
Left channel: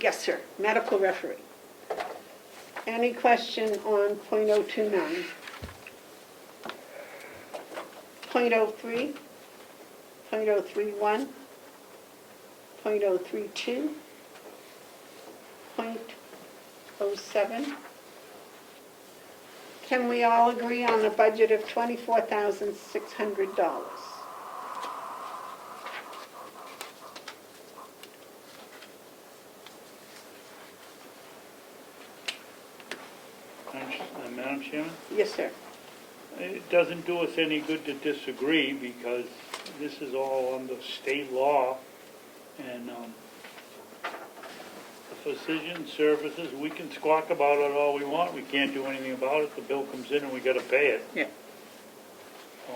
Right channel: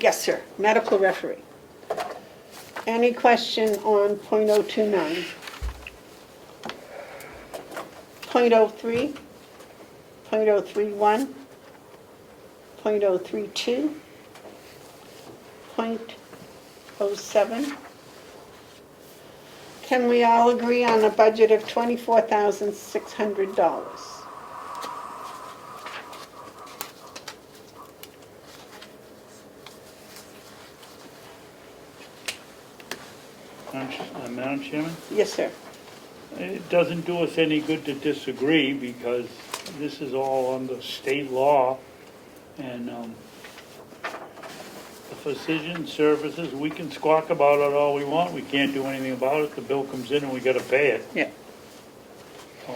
Yes, sir, medical referee. Any question on .029? .03, .031, .032, .07? Can we all agree on a budget of $24,600? Madam Chairman? Yes, sir. It doesn't do us any good to disagree because this is all under state law and the physician services, we can squawk about it all we want. We can't do anything about it. The bill comes in and we gotta pay it. Yeah. So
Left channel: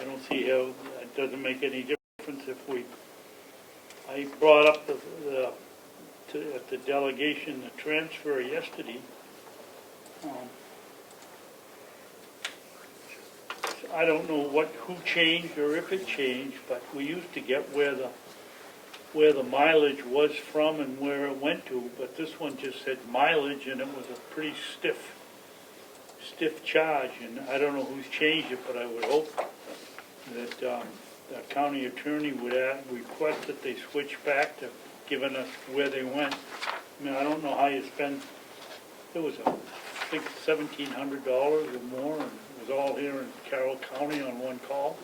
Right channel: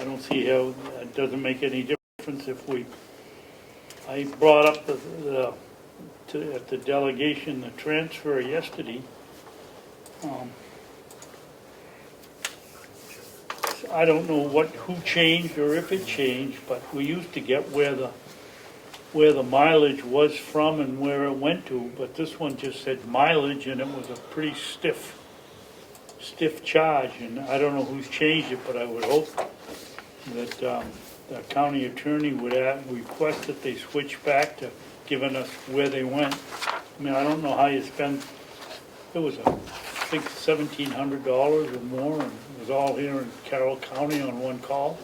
I don't see how, it doesn't make any difference if I brought up at the delegation, the transfer yesterday. I don't know who changed or if it changed, but we used to get where the mileage was from and where it went to, but this one just said mileage and it was a pretty stiff charge, and I don't know who's changed it, but I would hope that the county attorney would request that they switch back to giving us where they went. I mean, I don't know how you spend, it was I think $1,700 or more, and it was all here in Carroll County on one call.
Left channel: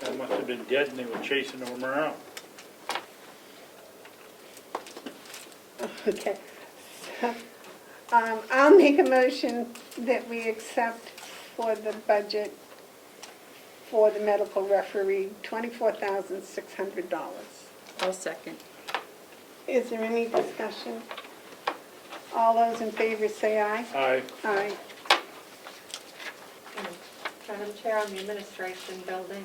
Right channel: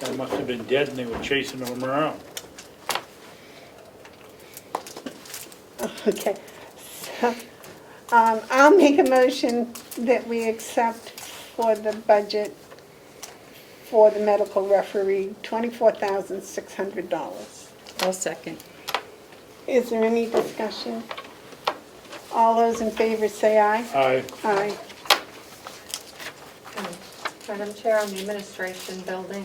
Guy must have been dead and they were chasing him around. Okay. So, I'll make a motion that we accept for the budget for the medical referee, $24,600. I'll second. Is there any discussion? All those in favor say aye. Aye. Aye. Madam Chair, on the administration building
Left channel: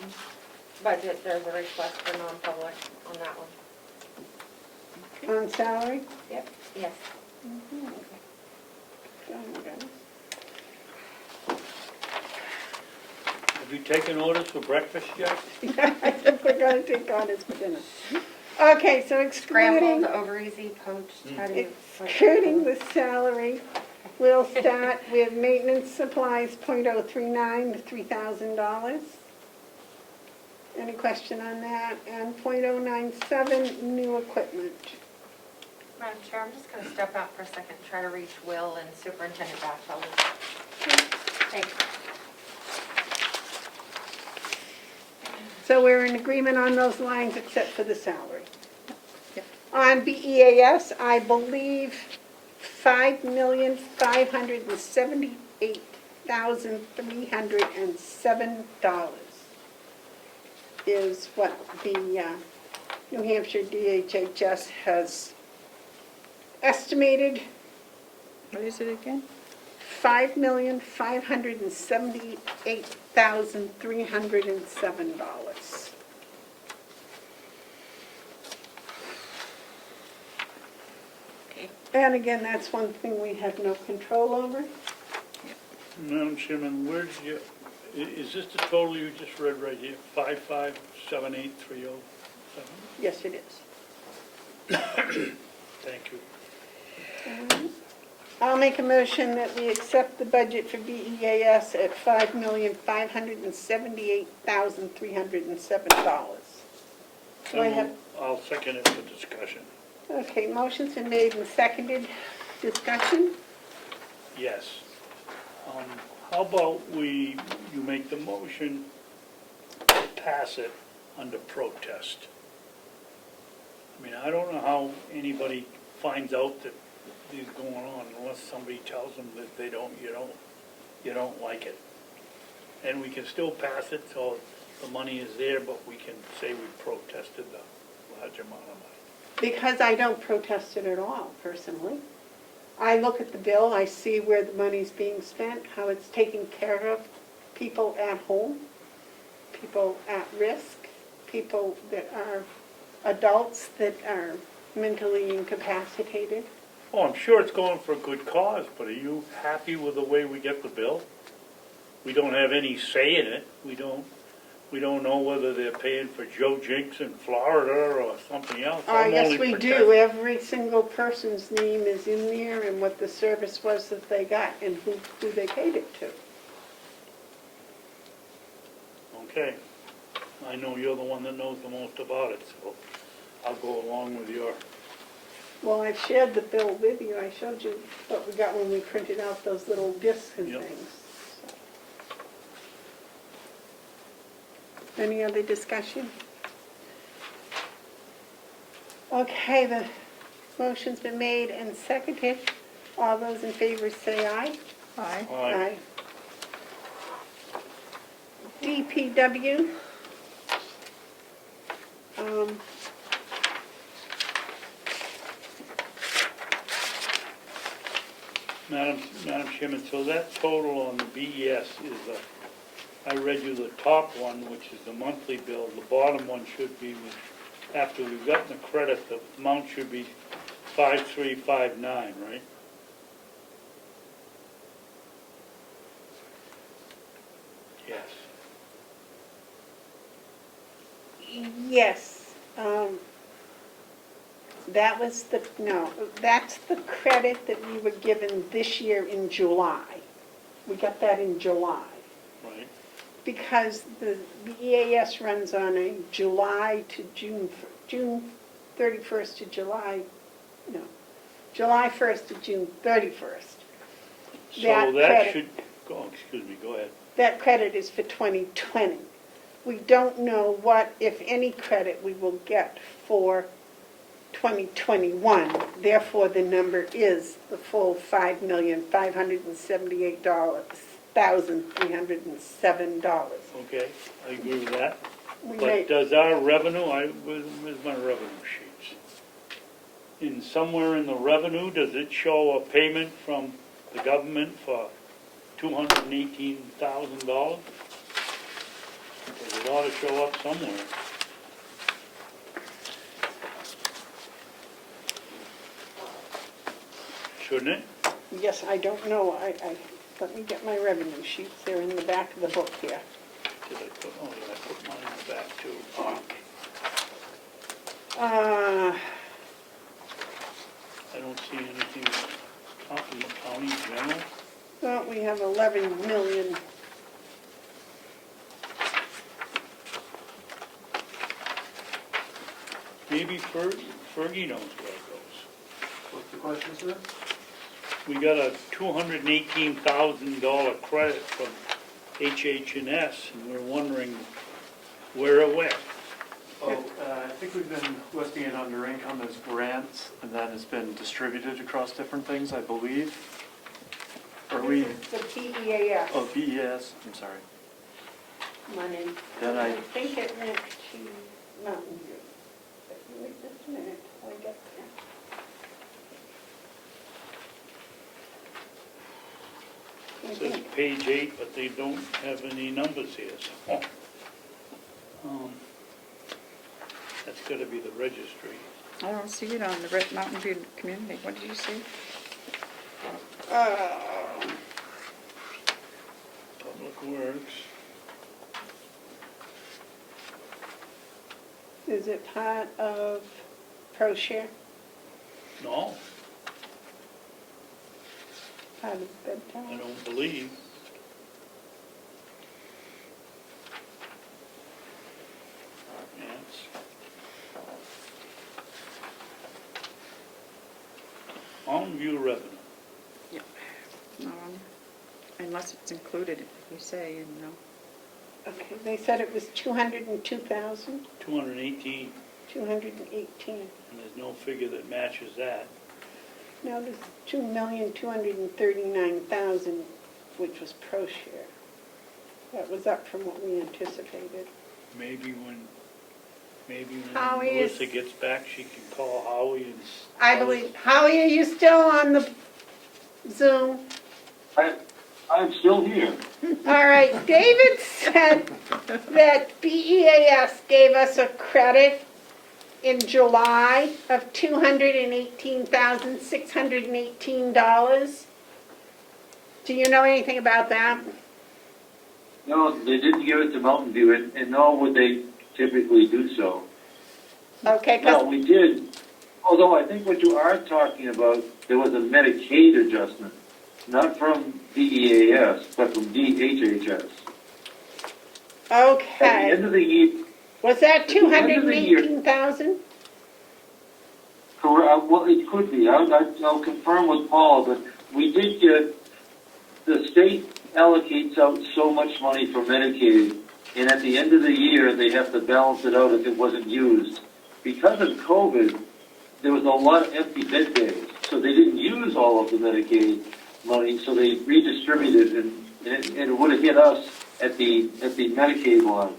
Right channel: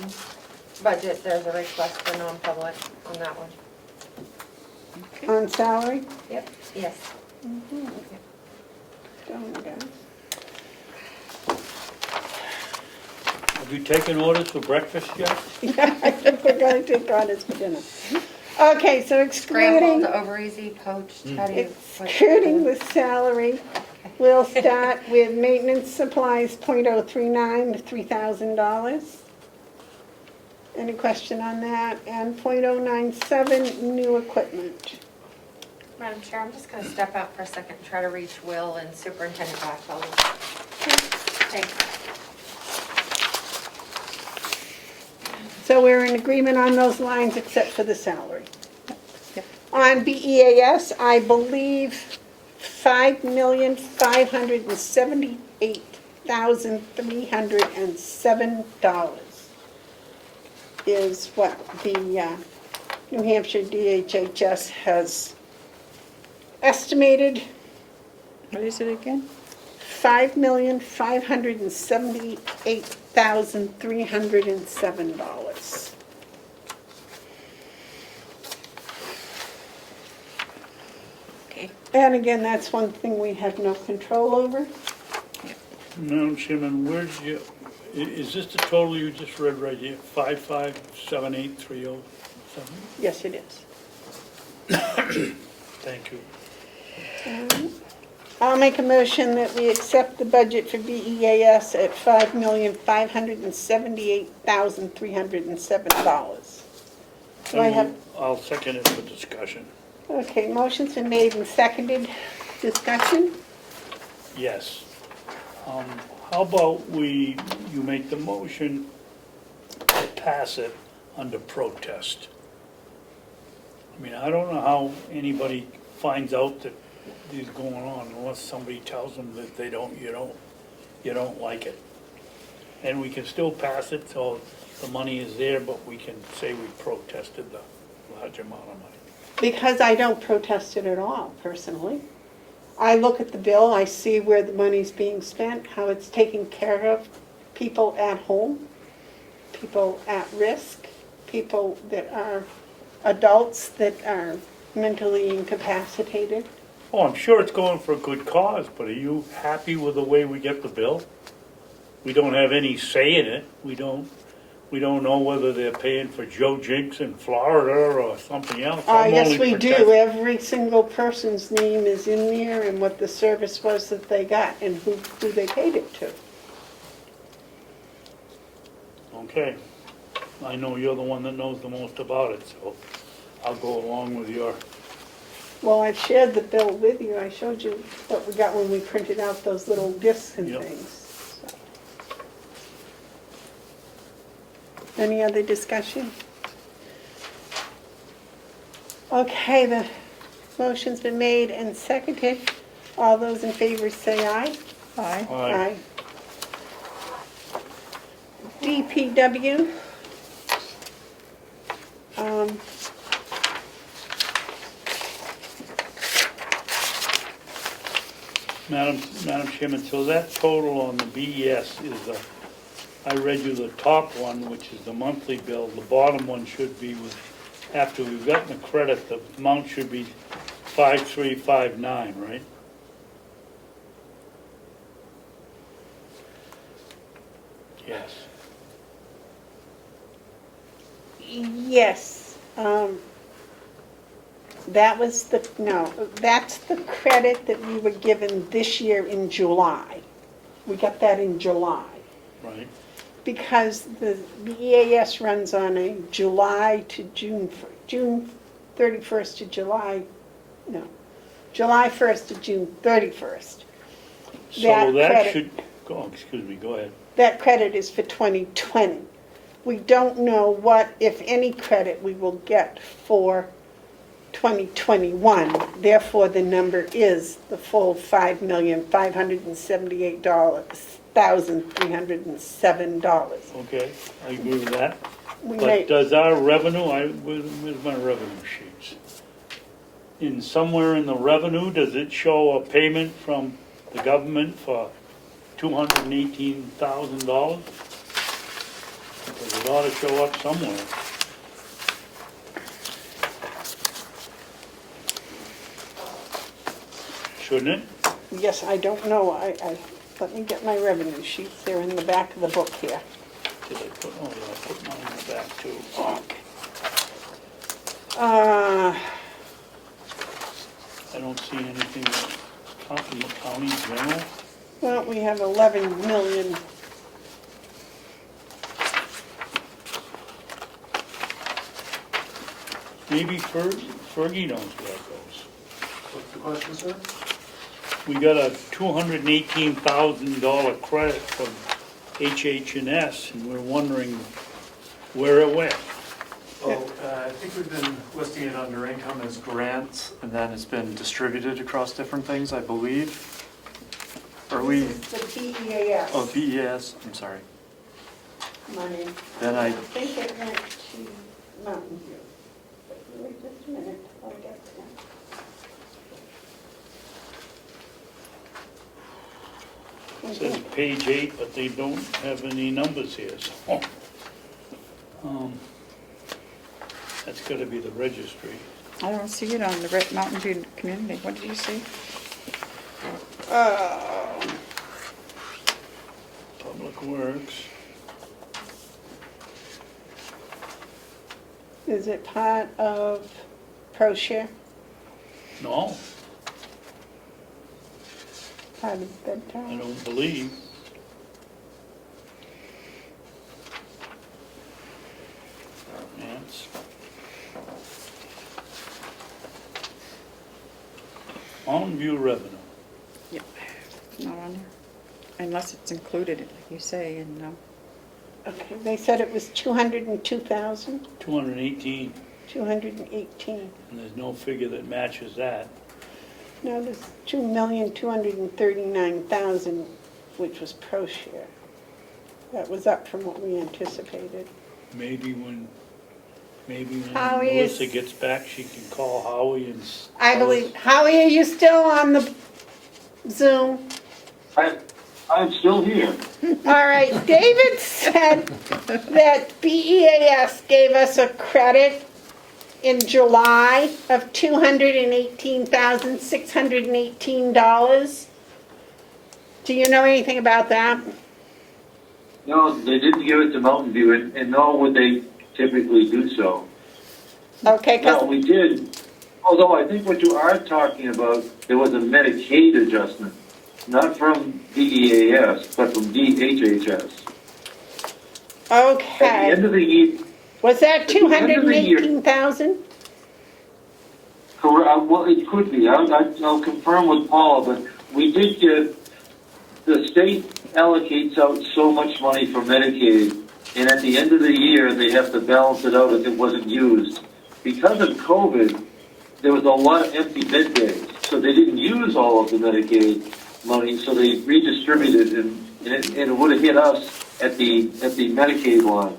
budget, there's a request for non-public on that one. On salary? Yep. Yes. Have you taken orders for breakfast yet? I think we're going to take orders for dinner. Okay, so excluding, Scrambled, over easy, poached, how do you? excluding the salary, we'll start with maintenance supplies, .039, $3,000. Any question on that? And .097, new equipment. Madam Chair, I'm just going to step out for a second, and try to reach Will and Superintendent Batchelder. Thanks. So we're in agreement on those lines except for the salary. On BEAS, I believe $5,578,307 is what the New Hampshire DHHS has estimated. What is it again? $5,578,307. Okay. And again, that's one thing we have no control over. Madam Chairman, where's your, is this the total you just read right here? 5,578,307? Yes, it is. Thank you. I'll make a motion that we accept the budget for BEAS at $5,578,307. Do I have, I'll second it for discussion. okay, motion's been made and seconded. Discussion? Yes. How about you make the motion, pass it under protest? I mean, I don't know how anybody finds out that these going on unless somebody tells them that they don't, you don't. you don't like it. And we can still pass it, so the money is there, but we can say we protested the large amount of money. Because I don't protest it at all, personally. I look at the bill, I see where the money's being spent, how it's taking care of people at home, people at risk, people that are adults that are mentally incapacitated. Oh, I'm sure it's going for a good cause, but are you happy with the way we get the bill? We don't have any say in it. We don't know whether they're paying for Joe Jinks in Florida or something else. I'm Yes, only we protect- do. Every single person's name is in there and what the service was that they got and who they paid it to. Okay. I know you're the one that knows the most about it, so I'll go along with your... Well, I've shared the bill with you. I showed you what we got when we printed out those little discs and Yep. things. So. Any other discussion? Okay, the motion's been made and seconded. All those in favor say aye. Aye. Aye. DPW. Madam Chairman, so that total on the BES is, I read you the top one, which is the monthly bill. The bottom one should be with, after we've gotten the credit, the amount should be 5359, right? Yes. Yes. That was that's the credit that we were given this year in July. We got that in July. Right. Because the EAS runs on a July to June 31st to July 1st to June 31st. So That that credit- should, excuse me, go ahead. That credit is for 2020. We don't know what, if any, credit we will get for 2021. Therefore, the number is the full $5,578,307. Okay, I agree with that. We But may, does our revenue, where's my revenue sheets? In somewhere in the revenue, does it show a payment from the government for $218,000? Because it ought to show up somewhere. Shouldn't it? yes, I don't know. Let me get my revenue sheets. They're in the back of the book here. Did I put, oh yeah, I put mine in the back too. I don't see anything in the county general. Well, we have 11 million. Maybe Fergie knows where it goes. What's the question, sir? We got a $218,000 credit from HH&S, and we're wondering where it went. Oh, I think we've been listing it under income as grants, and then it's been distributed across different things, I believe. Are we, This is the BEAS oh, BES, I'm sorry. money. Then I I, think it went to Mountain View. Wait just a minute, I'll get there. It says page 8, but they don't have any numbers here, so. That's gotta be the registry. I don't see it on the Mountain View Community. What did you see? Public Works. Is it part of ProShare, No, part of I bedtime? don't believe. Yes. Mountain View revenue. Yep. Not on there. Unless it's included, you say, in, Okay, they said it was 202,000, 218, 218. and there's no figure that matches that. No, there's 2,239,000 which was pro-share. That was up from what we anticipated. Maybe when Howie is- Melissa gets back, she can call Howie and. I tell us. believe, Howie, are you still on the Zoom? I'm still here. All right, David said that BEAS gave us a credit in July of $218,618. Do you know anything about that? No, they didn't give it to Mountain View, and nor would they typically do so. Okay, No, 'cause- we did, although I think what you are talking about, there was a Medicaid adjustment, not from DEAS, but from DHHS. At the okay. end of the year, Was that at the end of the year- 218,000? well, it could be, I'll confirm with Paul, but we did get, the state allocates out so much money for Medicaid, and at the end of the year, they have to balance it out if it wasn't used. Because of COVID, there was a lot of empty bed days, so they didn't use all of the Medicaid money, so they redistributed, and it would have hit us at the Medicaid line.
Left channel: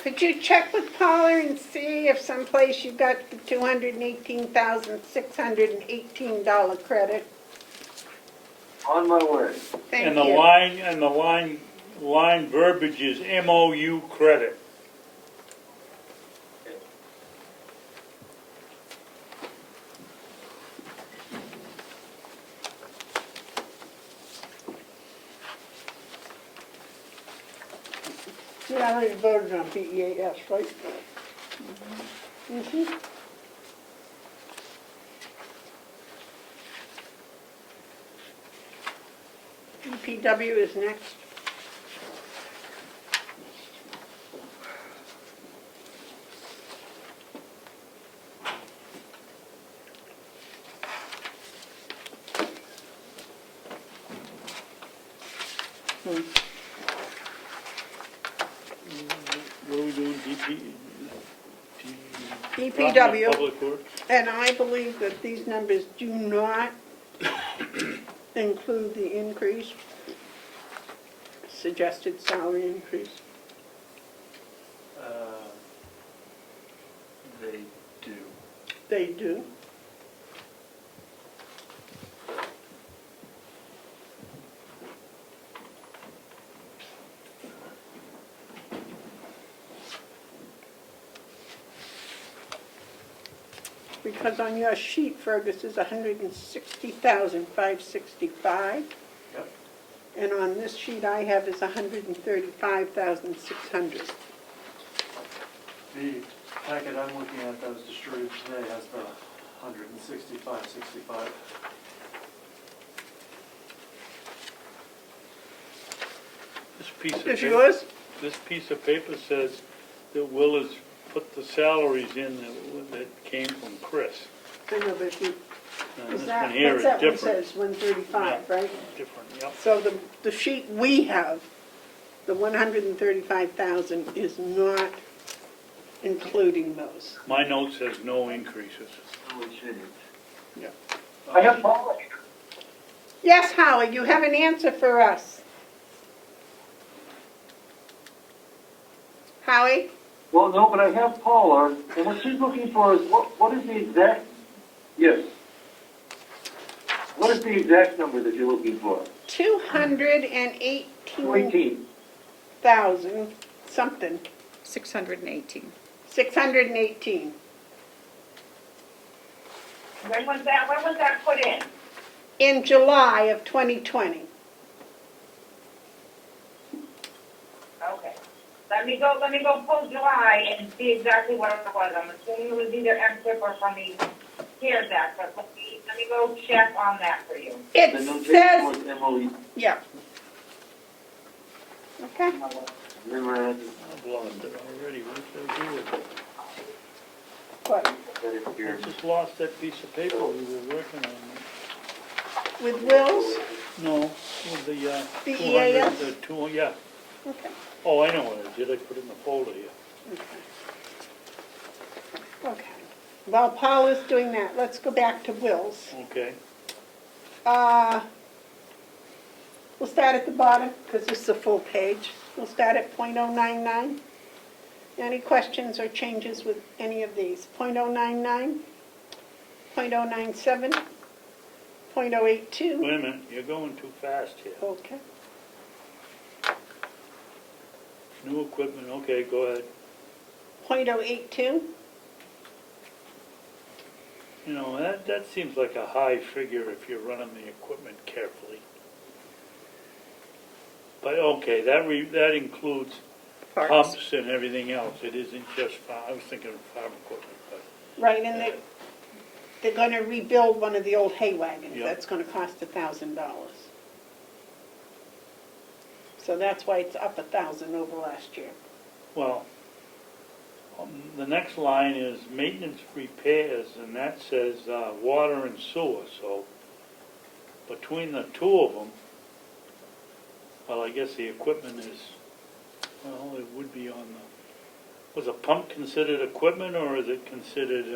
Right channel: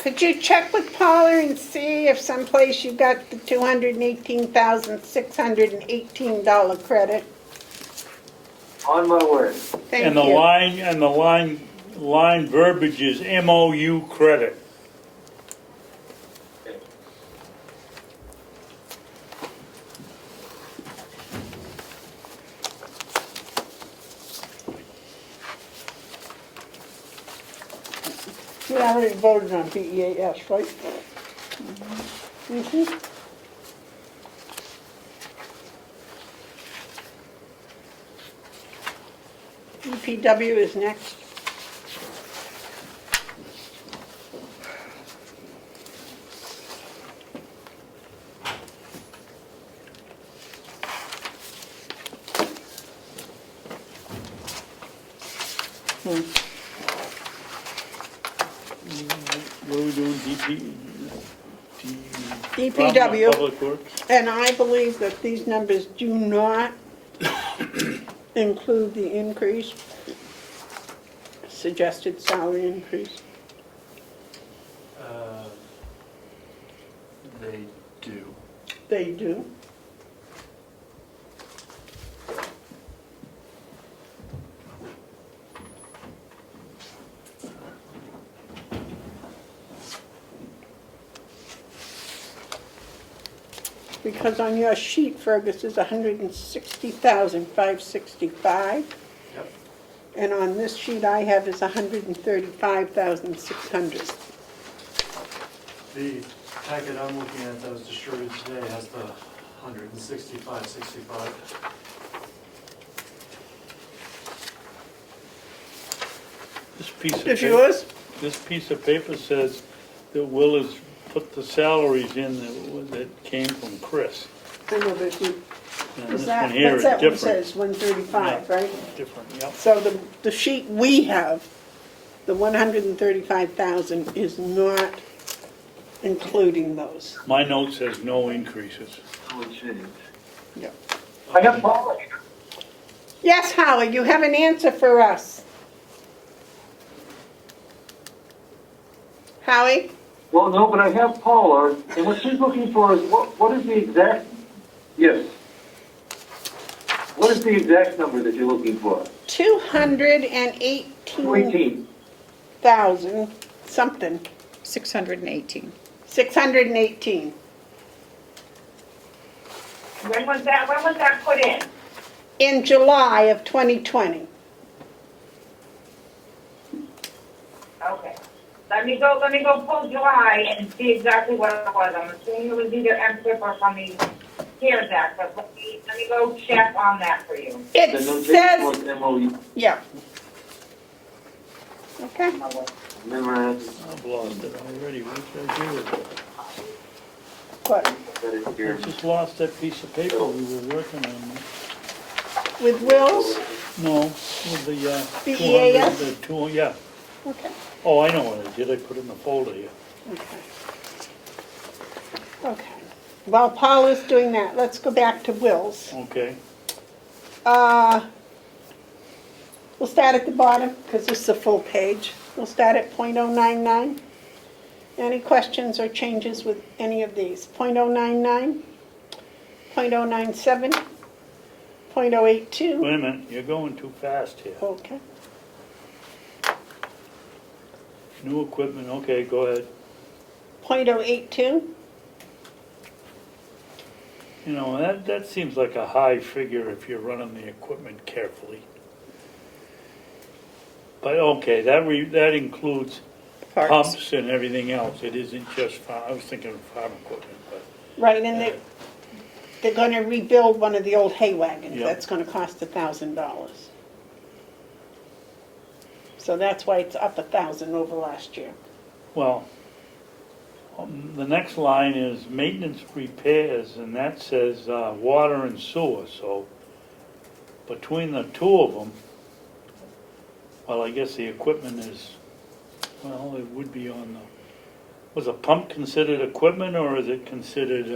Could you check with Paula and see if someplace you got the $218,618 credit? On my way. Thank And the you. line verbiage is MOU credit. We already voted on BEAS, right? Mm-hmm. DPW is next. What are we doing, DPW. Public Works? And I believe that these numbers do not include the increase, suggested salary increase. They do. They do. Because on your sheet, Fergus, is 160,565. Yep. And on this sheet I have is 135,600. The packet I'm looking at that was distributed today has the 165.65. This piece of Is paper, yours? this piece of paper says that Will has put the salaries in that came from Chris. I know, but you, And is this that, one here what's is that one different. says, 135, right? Different, yep. So the sheet we have, the 135,000 is not including those. My note says no increases. No change. Yeah. I have Paula here. Yes, Howard, you have an answer for us. Howie? Well, no, but I have Paula, and what she's looking for is, what is the exact, yes. What is the exact number that you're looking for? 218,000 18. something, 618. 618. When was that put in? In July of 2020. Okay. Let me go pull July and see exactly what it was. I'm assuming it was either MSIP or from the CARES Act, but let me go check on that for you. It The notation says, was MOE. yeah. Okay. Memorandum. I've lost it already, what should I do with it? What, That is here. I just lost that piece of paper we were working on. with Will's? No, with the, The 200, EAS? the two, yeah. Okay. Oh, I know what I did, I put it in the folder here. Okay. Okay. While Paul is doing that, let's go back to Will's. Okay. We'll start at the bottom, because this is a full page. We'll start at .099. Any questions or changes with any of these? .099, .097, .082. Wait a minute, you're going too fast here. Okay. New equipment, okay, go ahead. .082, You know, that seems like a high figure if you're running the equipment carefully. But okay, that includes Parts. pumps and everything else. It isn't just I was thinking of farm equipment, but Right, and they're going to rebuild one of the old hay wagons. Yep. That's going to cost $1,000. So that's why it's up 1,000 over last year. well, the next line is maintenance repairs, and that says water and sewer. So between the two of them, well, I guess the equipment is, well, it would be on the, was a pump considered equipment, or is it considered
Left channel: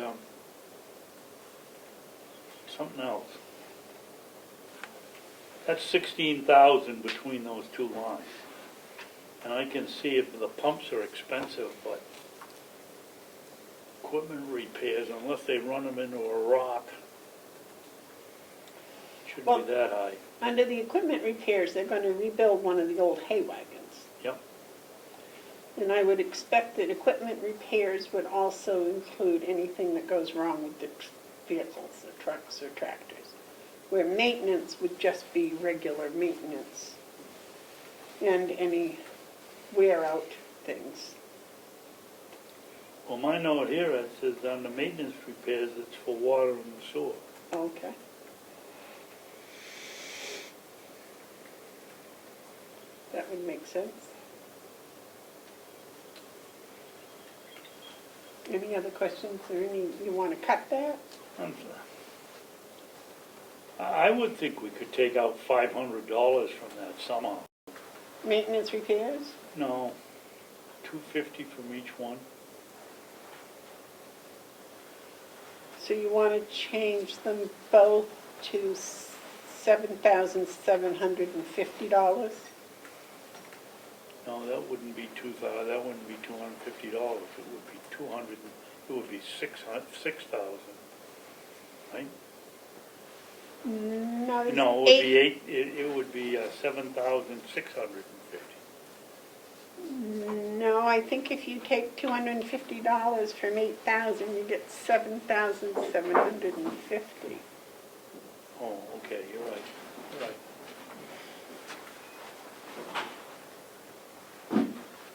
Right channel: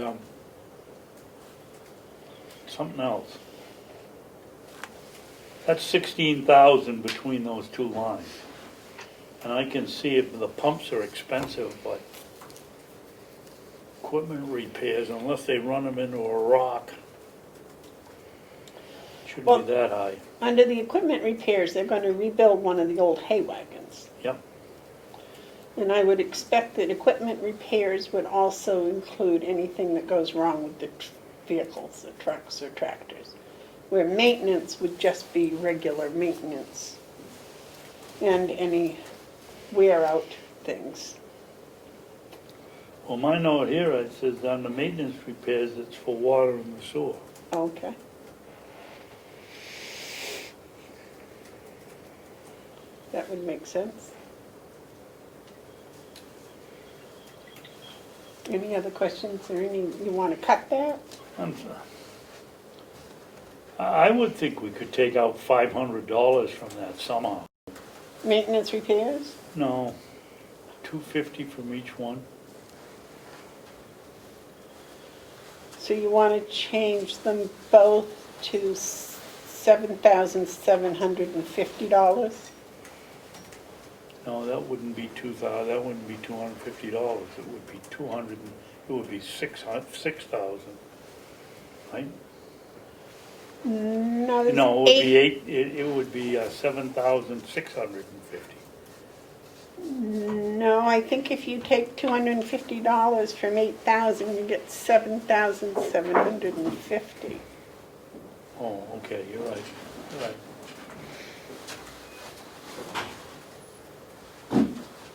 something else? That's 16,000 between those two lines. And I can see if the pumps are expensive, but equipment repairs, unless they run them into a rock, shouldn't be that high. Under the equipment repairs, they're going to rebuild one of the old hay wagons. Yep. And I would expect that equipment repairs would also include anything that goes wrong with the vehicles, the trucks or tractors, where maintenance would just be regular maintenance and any wear-out things. Well, my note here, it says on the maintenance repairs, it's for water and the sewer. Okay. That would make sense. Any other questions or you want to cut that? I'm sorry. I would think we could take out $500 from that somehow. Maintenance repairs? No, $250 from each one. So you want to change them both to $7,750? No, that wouldn't be that wouldn't be $250. It would be 200. It would be 6,000, right? No, there's No, it would be It would be 7,650. No, I think if you take $250 from 8,000, you get 7,750. Oh, okay, you're right. You're right.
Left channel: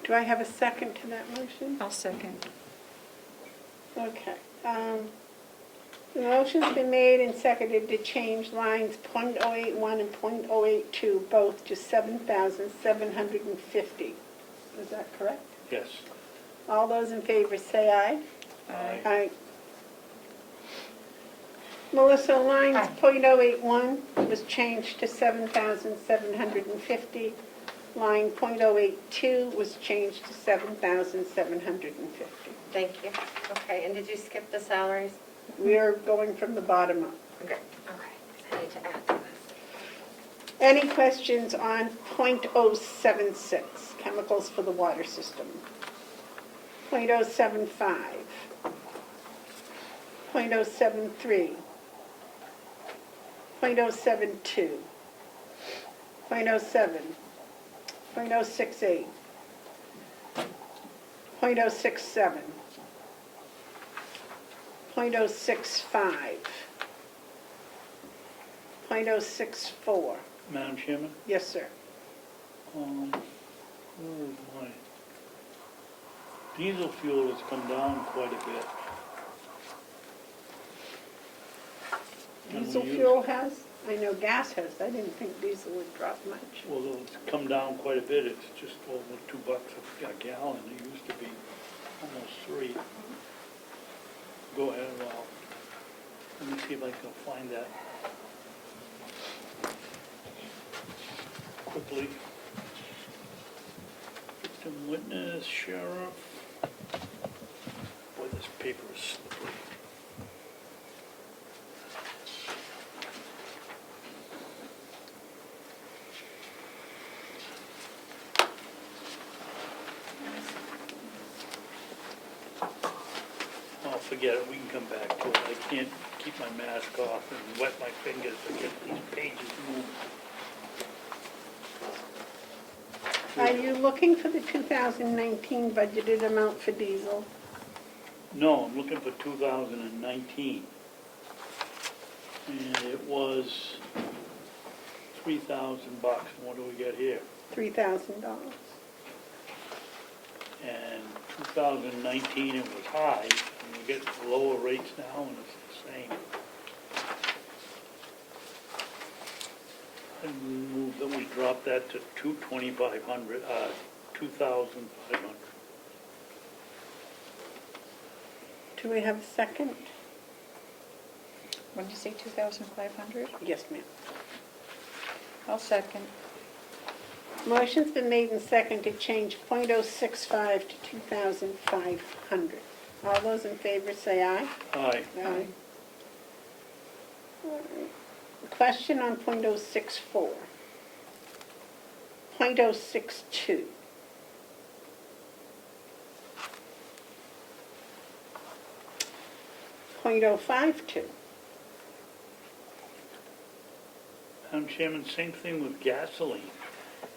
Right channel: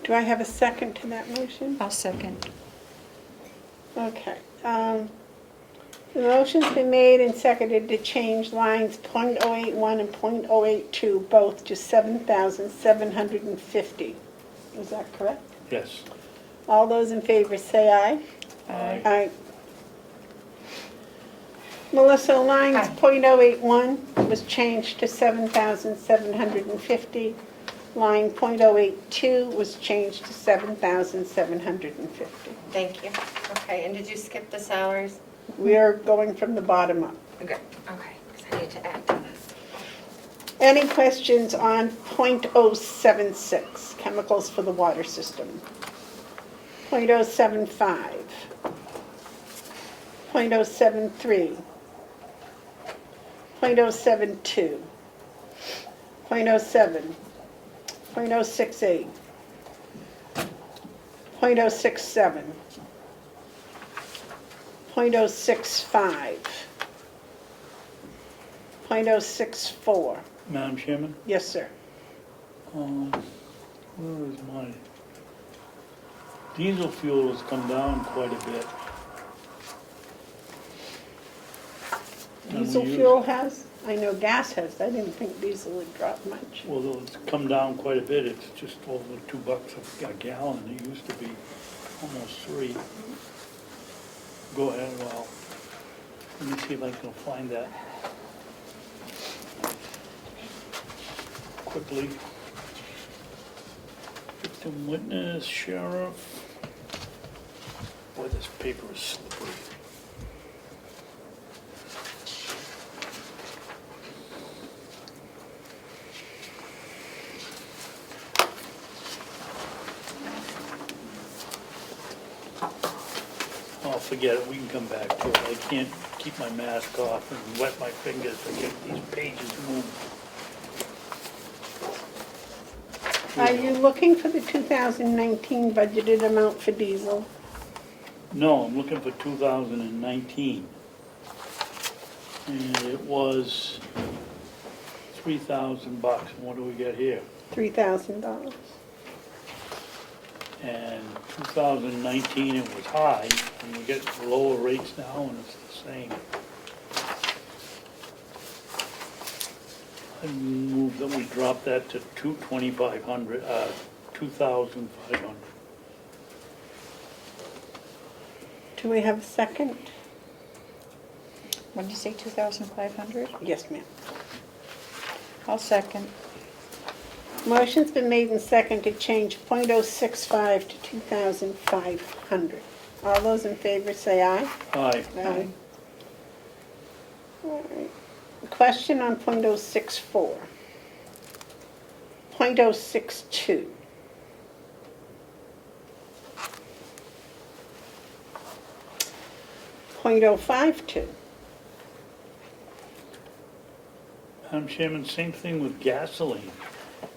Do I have a second to that motion? I'll second. Okay. The motion's been made and seconded to change lines .081 and .082 both to 7,750. Is that correct? Yes. All those in favor say aye. Aye. Aye. Melissa, lines .081 was changed to 7,750. Line .082 was changed to 7,750. Thank you. Okay, and did you skip the salaries? We are going from the bottom up. Okay, because I need to add to this. Any questions on .076, chemicals for the water system? .075, .073, .072, .07, .068, .067, .065, .064. Madam Chairman? Yes, sir. Where is my diesel fuel has come down quite a bit. And Diesel we use- fuel has? I know gas has. I didn't think diesel would drop much. Well, it's come down quite a bit. It's just over $2 a gallon. It used to be almost $3. Go ahead, well, let me see if I can find that quickly. Victim witness, sheriff. Boy, this paper is slippery. forget it, we can come back to it. I can't keep my mask off and wet my fingers to get these pages moving. Are you looking for the 2019 budgeted amount for diesel? No, I'm looking for 2019. And it was $3,000. What do we get here? $3,000. And 2019, it was high, and we're getting lower rates now, and it's the same. I move that we drop that to 2,500. Do we have a second? When you say 2,500? Yes, ma'am. I'll second. Motion's been made and seconded to change .065 to 2,500. All those in favor say aye. Aye. Aye. All right. Question on .064. .062. .052. Madam Chairman, same thing with gasoline.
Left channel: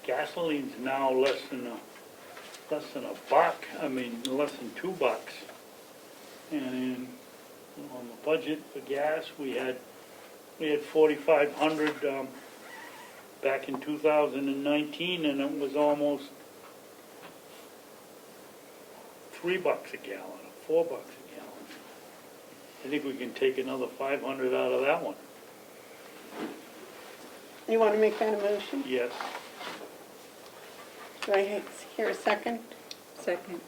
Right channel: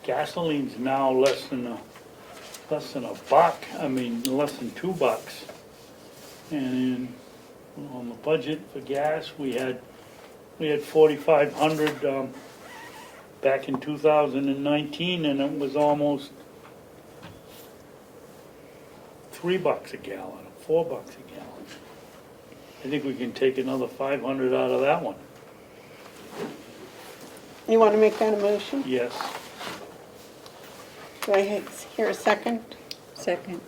Gasoline's now less than a buck, less than $2. And on the budget for gas, we had 4,500 back in 2019, and it was almost $3 a gallon, $4 a gallon. I think we can take another 500 out of that one. You want to make that a motion? Yes. Do I hear a second? Second.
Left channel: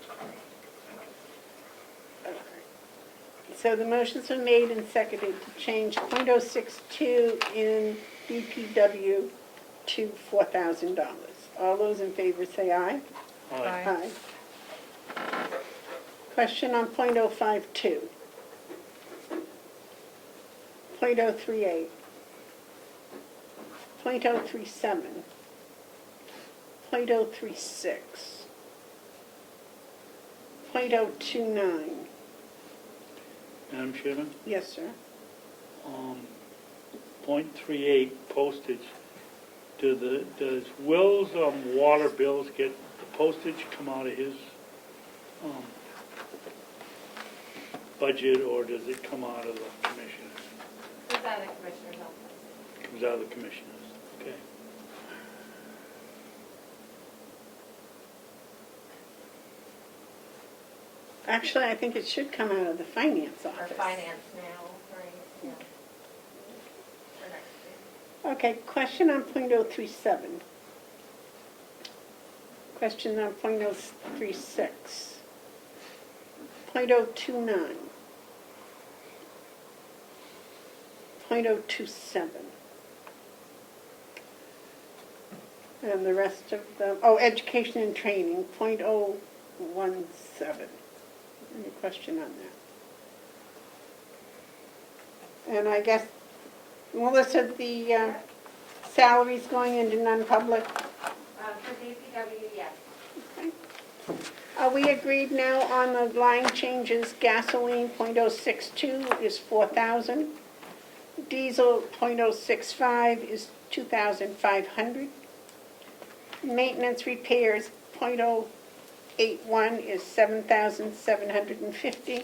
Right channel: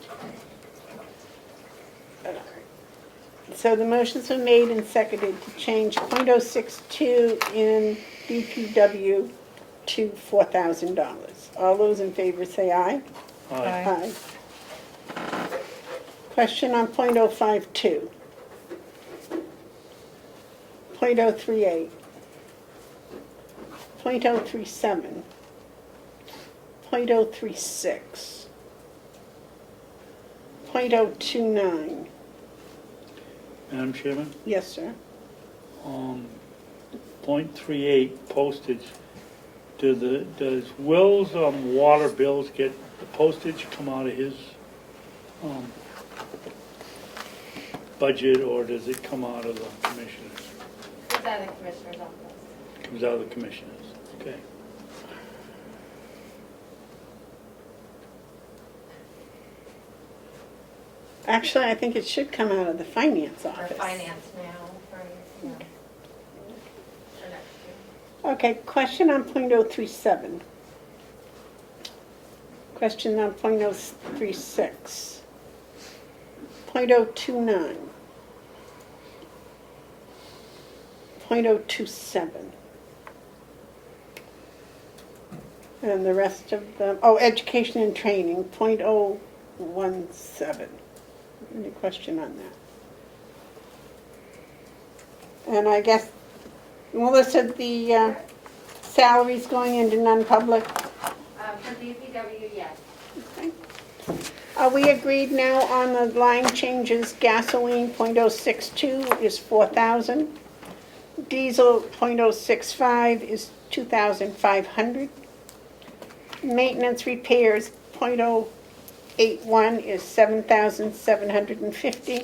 So the motion's been made and seconded to change .062 in DPW to $4,000. All those in favor say aye. Aye. Question on .052. .038. .037. .036. .029. Madam Chairman? Yes, sir. .38 postage. Does Will's water bills get the postage come out of his budget, or does it come out of the commissioners? It's out of the commissioner's office. Comes out of the commissioners. Okay. Actually, I think it should come out of the finance Or office. finance now, for next year. Okay, question on .037. Question on .036. .029. .027. And the rest of them, education and training, .017. Any question on that? And I guess, Melissa, the salaries going into non-public? For DPW, yes. Okay. Are we agreed now on the line changes? Gasoline .062 is 4,000. Diesel .065 is 2,500. Maintenance repairs .081 is 7,750.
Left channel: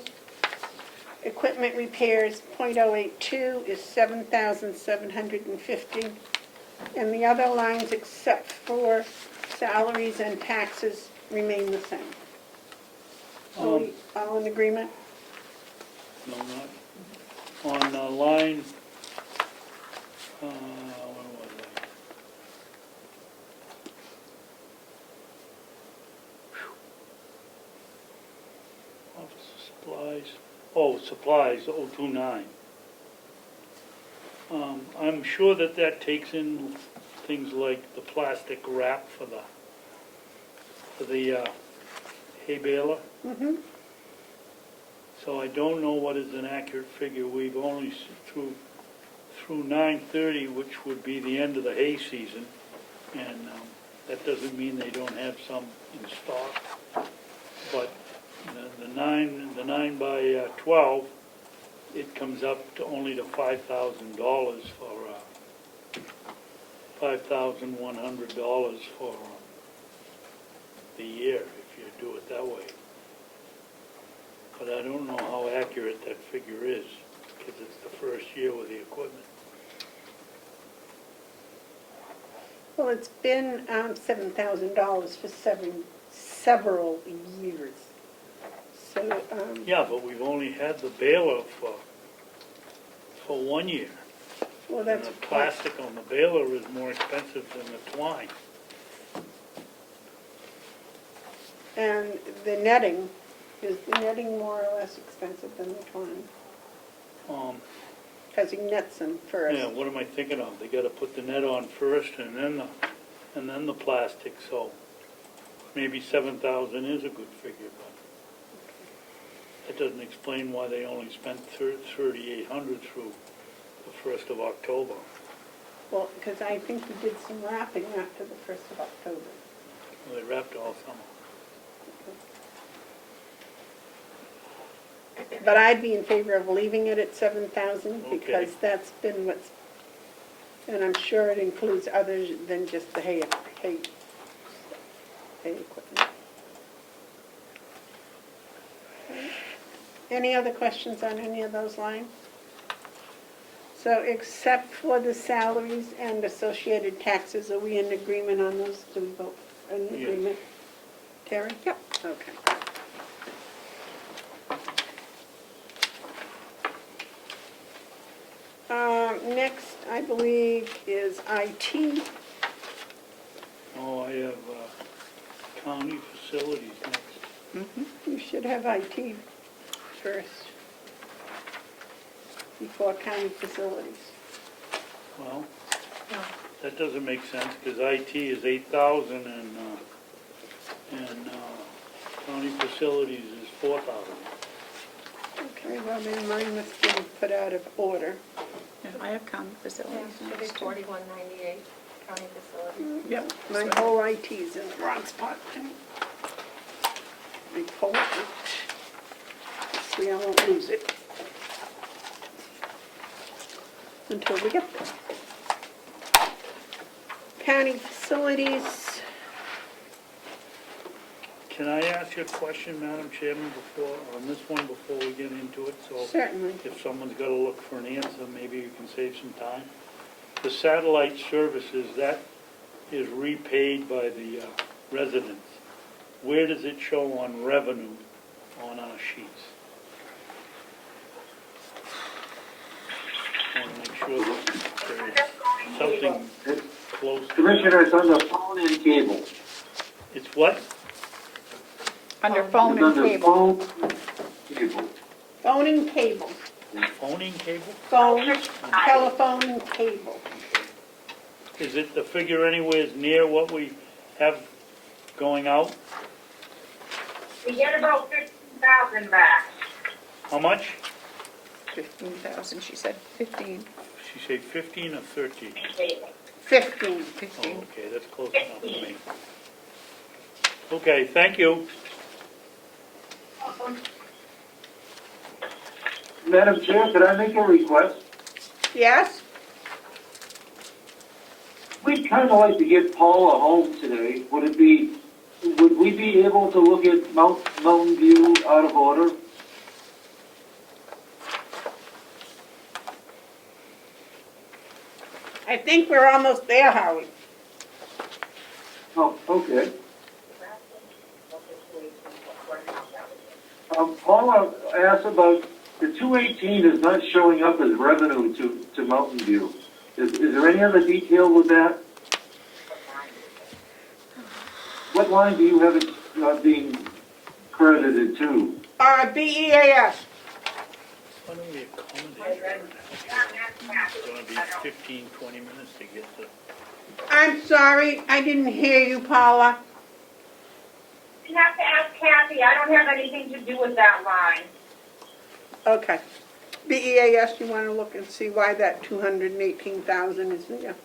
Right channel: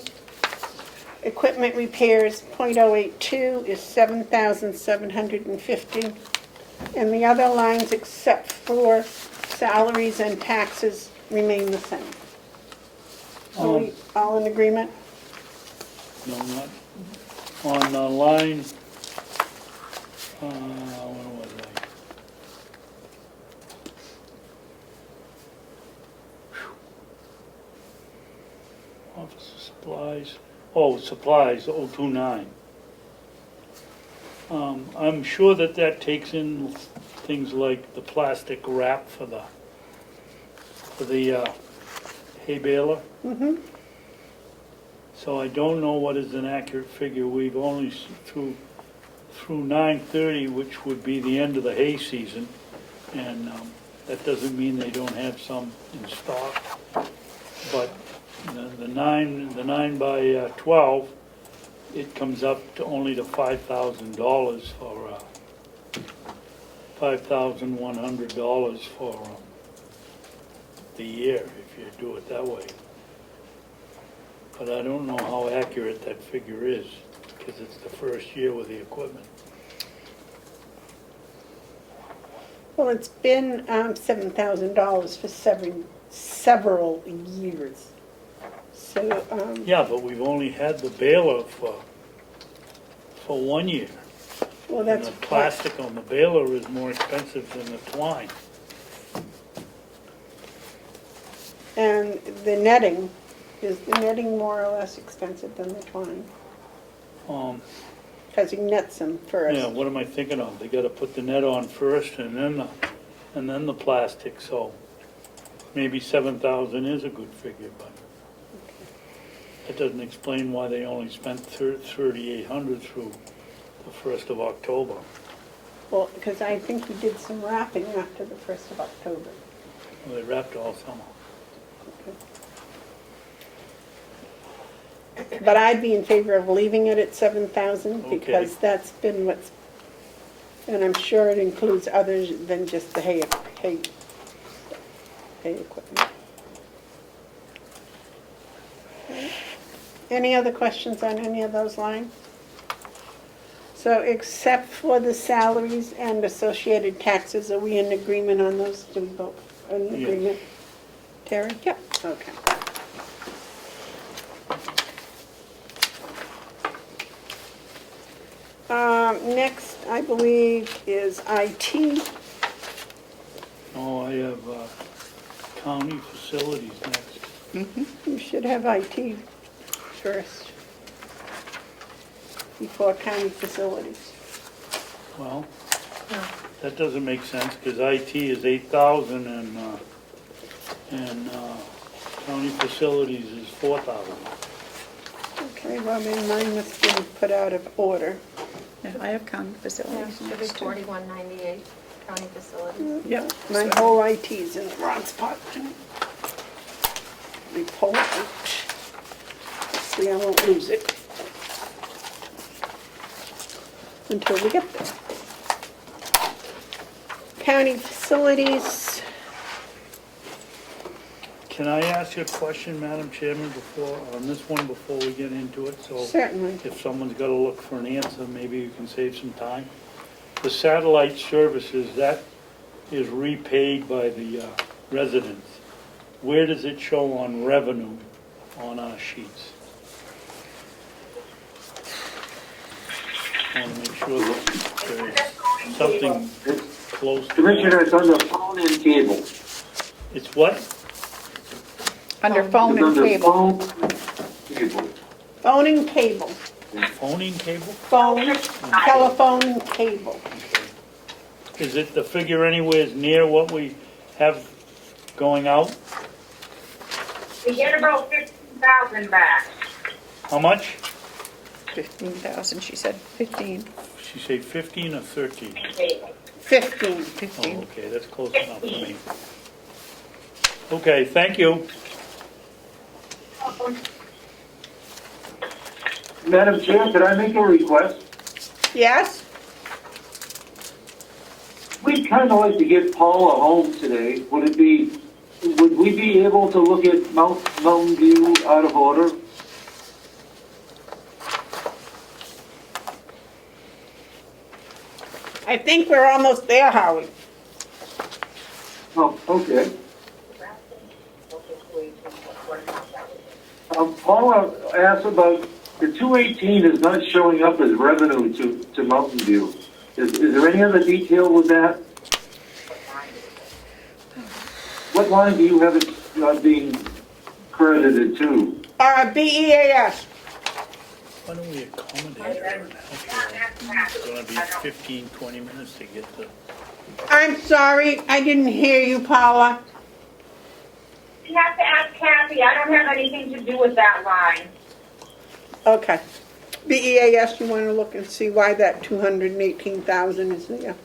Equipment repairs .082 is 7,750. And the other lines except for salaries and taxes remain the same. Are we all in agreement? No, not. On the line, what was I? Office supplies, supplies, 029. I'm sure that takes in things like the plastic wrap for the hay baler. Mm-hmm. So I don't know what is an accurate figure. We've only through 9/30, which would be the end of the hay season, and that doesn't mean they don't have some in stock. But The 9 by 12, it comes up to only to $5,000 for, $5,100 for the year, if you do it that way. But I don't know how accurate that figure is, because it's the first year with the equipment. Well, it's been $7,000 for several years. So, Yeah, but we've only had the baler for 1 year. well, And that's the plastic on the baler is more expensive than the twine. and the netting, is the netting more or less expensive than the twine? Because he nets them first. Yeah, what am I thinking of? They gotta put the net on first and then the plastic, so maybe 7,000 is a good figure, but that doesn't explain why they only spent 3,800 through the 1st of October. Well, because I think we did some wrapping after the 1st of October. Well, they wrapped all summer. But I'd be in favor of leaving it at 7,000 Okay. because that's been what's, and I'm sure it includes others than just the hay equipment. Okay. Any other questions on any of those lines? So except for the salaries and associated taxes, are we in agreement on those? Do we vote in Yes. agreement? Terry? Yep. Okay. Next, I believe, is IT. Oh, I have county facilities next. You should have IT first, before county facilities. Well, that doesn't make sense, because IT is 8,000 and county facilities is 4,000. Okay, well, then mine must be put out of order. Yeah, I have county Yeah, facilities. should be 4198, county facilities. Yep, my whole IT's in the wrong spot. We pull it out. See, I won't lose it until we get there. County facilities, Can I ask you a question, Madam Chairman, on this one, before we get into it? So certainly. if someone's got to look for an answer, maybe you can save some time. The satellite services, that is repaid by the residents. Where does it show on revenue on our sheets? I want to make sure that there's something close to Commissioner, that. it's under phone and cable. It's what? Under phone It's and under cable. phone, cable. Phone and cable. Phoning cable? Phone, telephone, and cable. Is it the figure anywhere near what we have going out? We get about 15,000 back. How much? 15,000, she said, 15. She say 15 or 13? 15. Oh, okay, that's close enough for me. Okay, thank you. Madam Chair, could I make a request? Yes? We'd kind of like to get Paula home today. Would we be able to look at Mountain View out of order? I think we're almost there, Howie. Oh, okay. Paula asked about, the 218 is not showing up as revenue to Mountain View. Is there any other detail with that? What line do you have it being credited to? BEAS. Why don't we accommodate her and help her? It's going to be 15, 20 minutes to get to... I'm sorry, I didn't hear you, Paula. You have to ask Kathy, I don't have anything to do with that line. Okay. BEAS, you want to look and see why that 218,000 is there?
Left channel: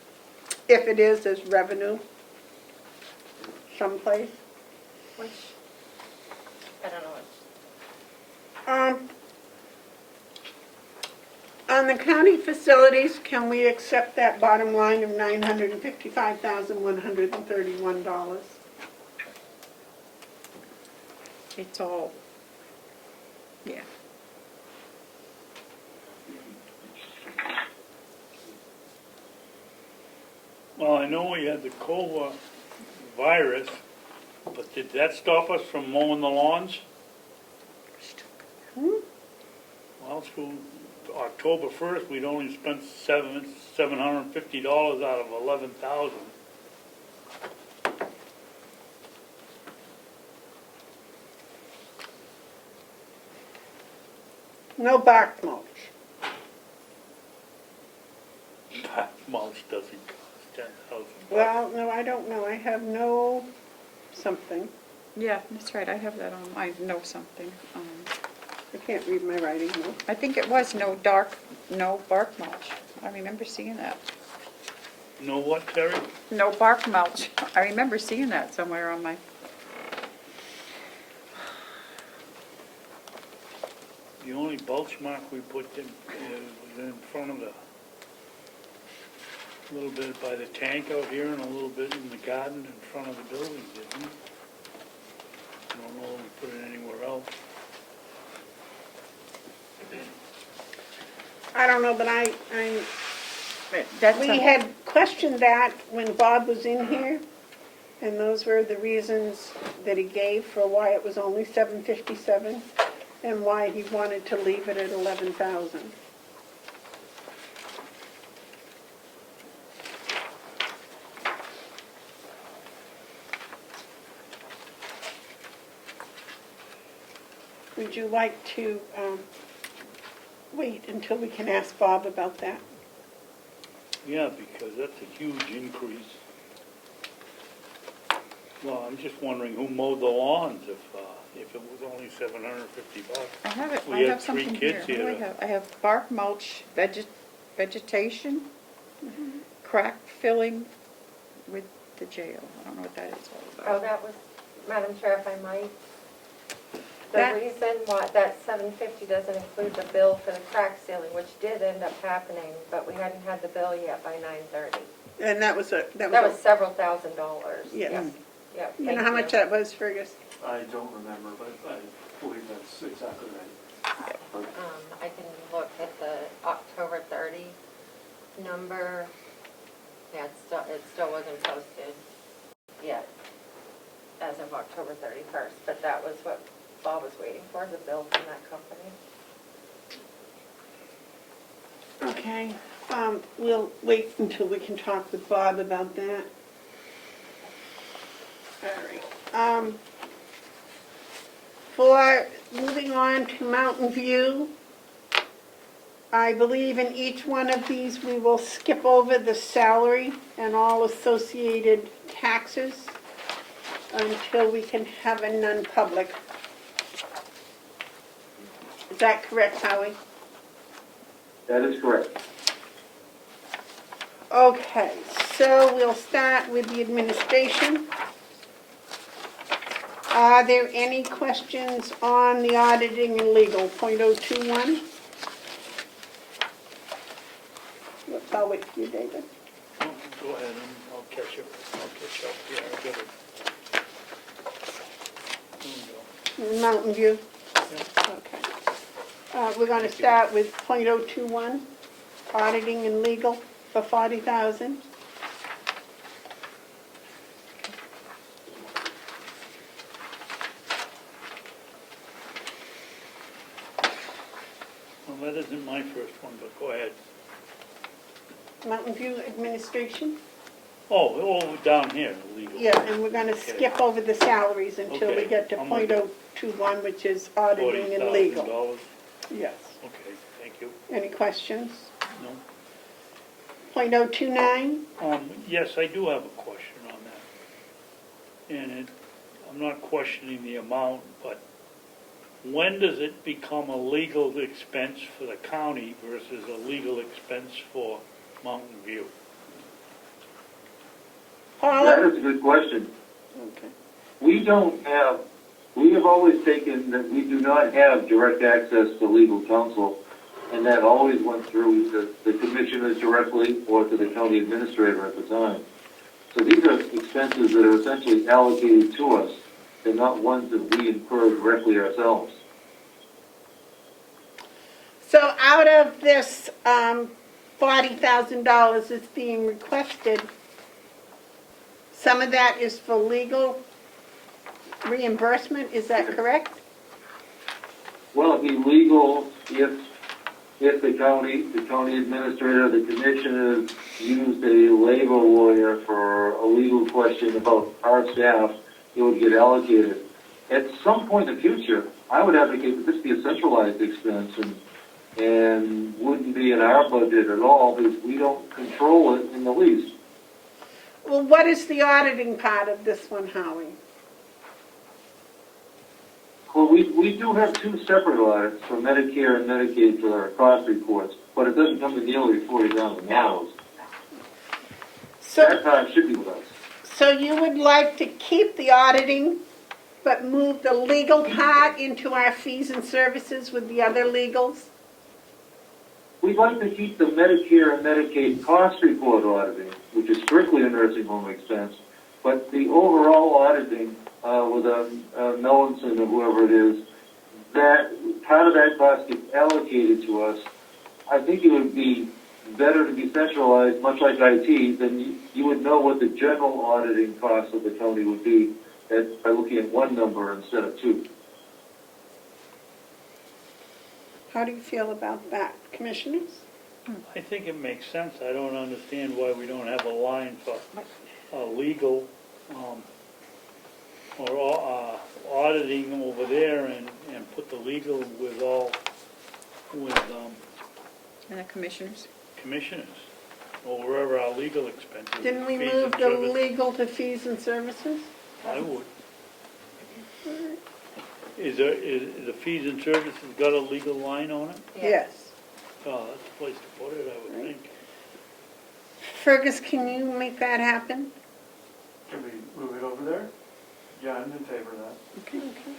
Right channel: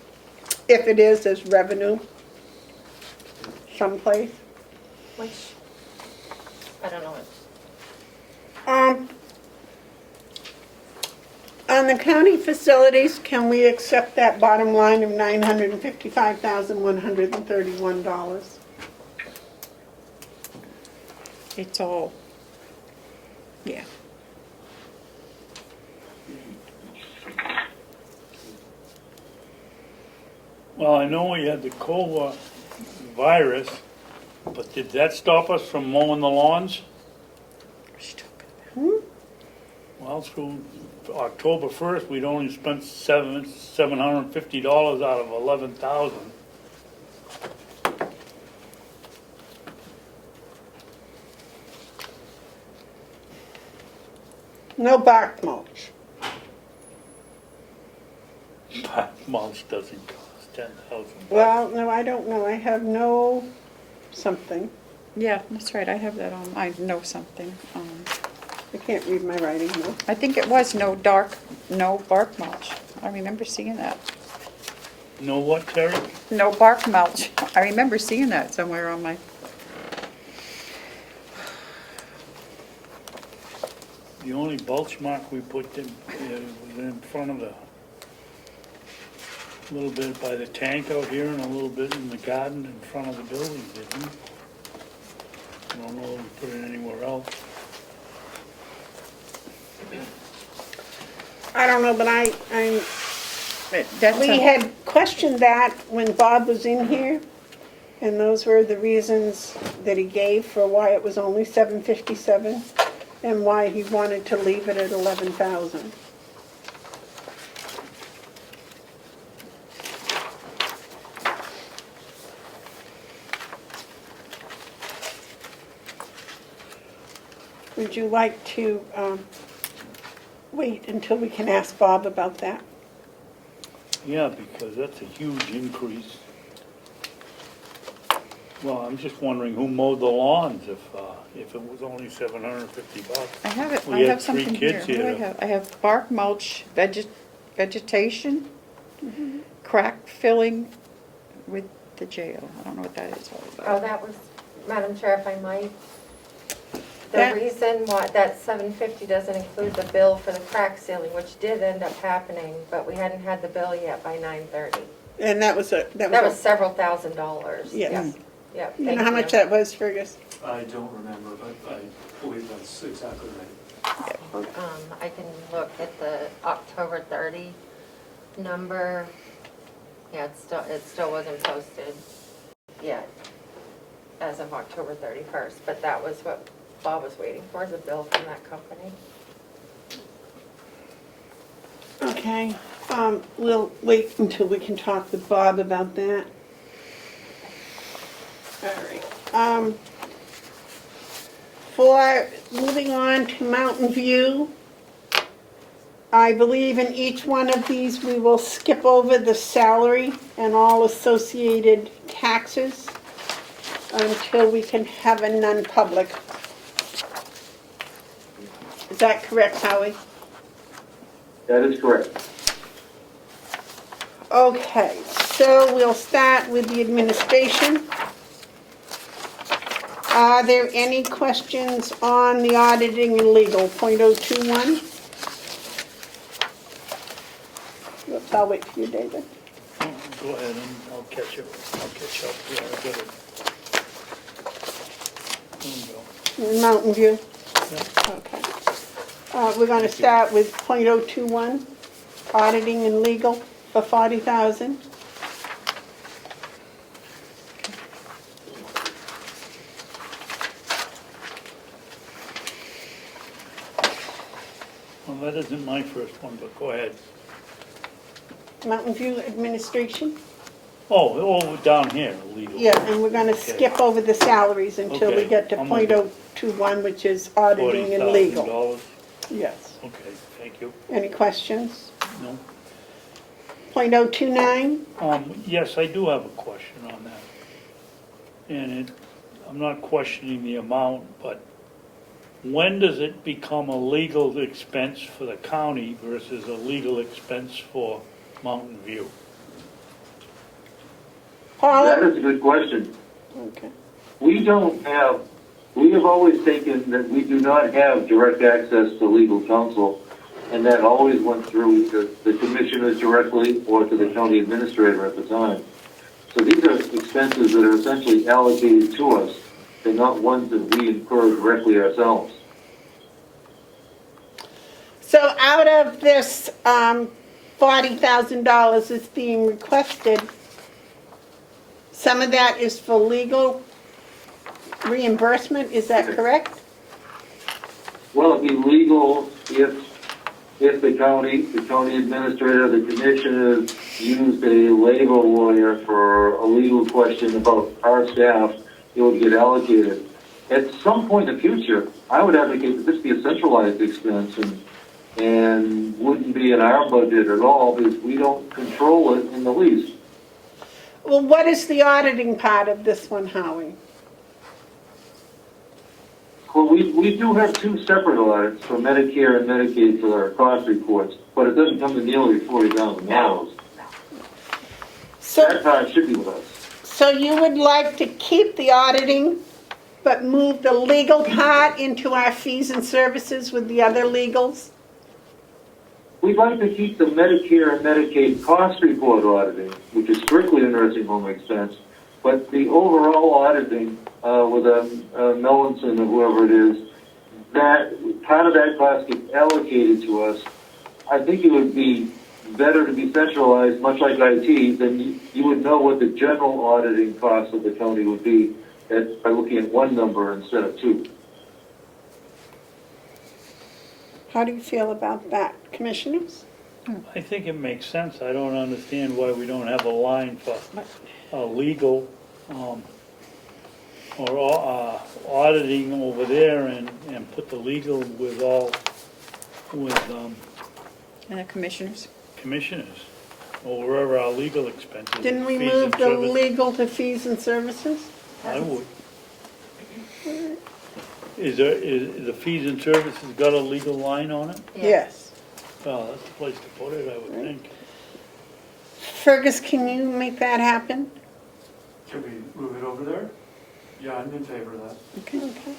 If it is, as revenue someplace. Which, I don't know what On the county facilities, can we accept that bottom line of $955,131? It's all, yeah. Well, I know we had the COVA virus, but did that stop us from mowing the lawns? Well, through October 1st, we'd only spent $750 out of 11,000. No bark mulch. But mulch doesn't cost 10,000. Well, no, I don't know. I have no something. Yeah, that's right, I have that on, I know something. I can't read my writing, no. I think it was no bark mulch. I remember seeing that. Know what, Terry? No bark mulch. I remember seeing that somewhere on my, The only mulch mark we put in was in front of the, a little bit by the tank out here and a little bit in the garden in front of the building, didn't we? I don't know if we put it anywhere else. I don't know, but that's we had questioned that when Bob was in here, and those were the reasons that he gave for why it was only $757 and why he wanted to leave it at 11,000. Would you like to wait until we can ask Bob about that? Yeah, because that's a huge increase. Well, I'm just wondering who mowed the lawns if it was only $750. I have it, We I had have three something here. kids What do I here. have? I have bark mulch, vegetation, crack filling with the jail. I don't know what that is all Oh, about. that was, Madam Chair, if I might, the That- reason why that $750 doesn't include the bill for the crack sealing, which did end up happening, but we hadn't had the bill yet by 9:30. And that was That was several $1,000s. Yes. Yep. Yep, You thank know how much that was, Fergus? I don't remember, but I believe that's exactly right. I can look at the October 30 number. Yeah, it still wasn't posted yet as of October 31st, but that was what Bob was waiting for, the bill from that company. Okay, we'll wait until we can talk with Bob about that. All right. For moving on to Mountain View, I believe in each one of these we will skip over the salary and all associated taxes until we can have a non-public. Is that correct, Howie? That is correct. Okay, so we'll start with the administration. Are there any questions on the auditing and legal, .021? Whoops, I'll wait for you, David. Oh, go ahead and I'll catch up. Yeah, I got it. There we go. Mountain View? Yeah. Okay. We're going to start with .021, auditing and legal for $40,000. Well, that isn't my first one, but go ahead. Mountain View Administration? Oh, down here, legal. Yeah, and we're going to Okay. skip over the salaries until we Okay, get to I'm with you. .021, which is auditing and legal. $40,000. Yes. Okay, thank you. Any questions? No? .029? Yes, I do have a question on that. And I'm not questioning the amount, but when does it become a legal expense for the county versus a legal expense for Mountain View? That Paula? is a good question. Okay. We don't have We have always taken that we do not have direct access to legal counsel, and that always went through either the commissioners directly or to the county administrator at the time. So these are expenses that are essentially allocated to us. They're not ones that we incur directly ourselves. So out of this $40,000 that's being requested, some of that is for legal reimbursement, is that correct? Well, it'd be legal if the county administrator, the commissioners used a labor lawyer for a legal question about our staff, it would get allocated. At some point in the future, I would advocate that this be a centralized expense and wouldn't be in our budget at all because we don't control it in the least. Well, what is the auditing part of this one, Howie? Well, we do have two separate audits for Medicare and Medicaid for our cost reports, but it doesn't come to nearly $40,000. That part should be with us. So you would like to keep the auditing, but move the legal part into our fees and services with the other legals? We'd like to keep the Medicare and Medicaid cost report auditing, which is strictly a nursing home expense, but the overall auditing with a Mellinson or whoever it is, that part of that cost gets allocated to us. I think it would be better to be centralized, much like IT, then you would know what the general auditing cost of the county would be by looking at one number instead of two. How do you feel about that, commissioners? I think it makes sense. I don't understand why we don't have a line for legal or auditing over there and put the legal with And the commissioners? commissioners, or wherever our legal expenses. Didn't we fees move and the services. legal to fees and services? I would. Is the fees and services got a legal line on it? Yes. Well, that's the place to put it, I would think. Fergus, can you make that happen? Can we move it over there? Yeah, I'm in favor of that. Okay.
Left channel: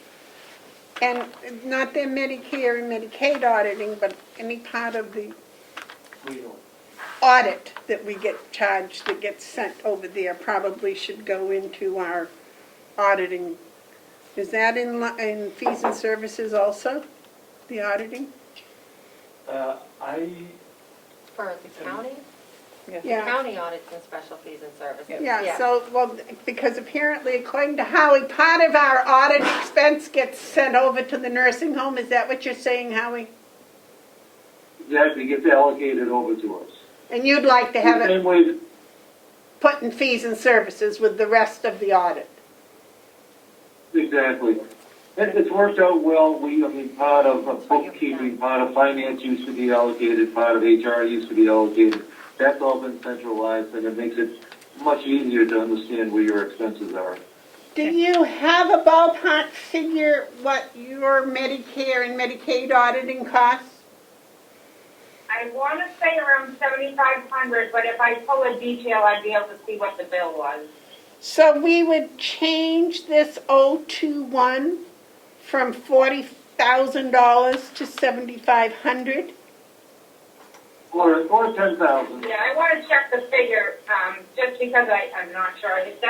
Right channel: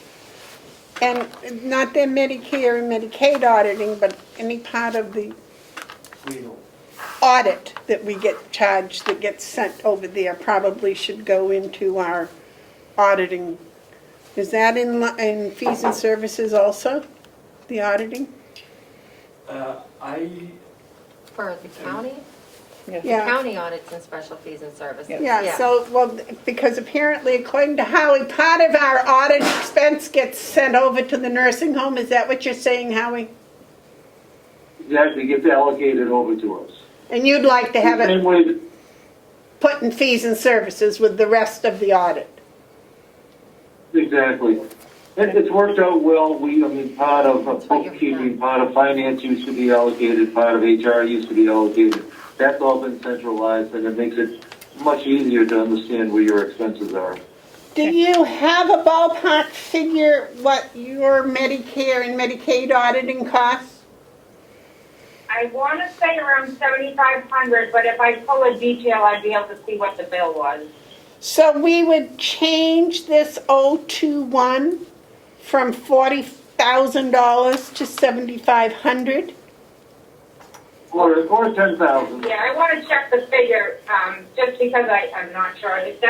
And not their Medicare and Medicaid auditing, but any part of the Legal. audit that we get charged, that gets sent over there, probably should go into our auditing. Is that in fees and services also, the auditing? For the county? The Yeah. county audits and special fees and services. Yeah, so, well, because apparently, according to Howie, part of our audit expense gets sent over to the nursing home. Is that what you're saying, Howie? Exactly, gets allocated over to us. And you'd like to have Same it way that put in fees and services with the rest of the audit? exactly. And it's worked out well. Part of bookkeeping, part of finance used to be allocated, part of HR used to be allocated. That's all been centralized, and it makes it much easier to understand where your expenses are. Do you have a ballpark figure what your Medicare and Medicaid auditing costs? I want to say around 7,500, but if I pull a detail, I'd be able to see what the bill was. So we would change this 021 from $40,000 to $7,500? Or 10,000. Yeah, I want to check the figure, just because I'm not sure. It's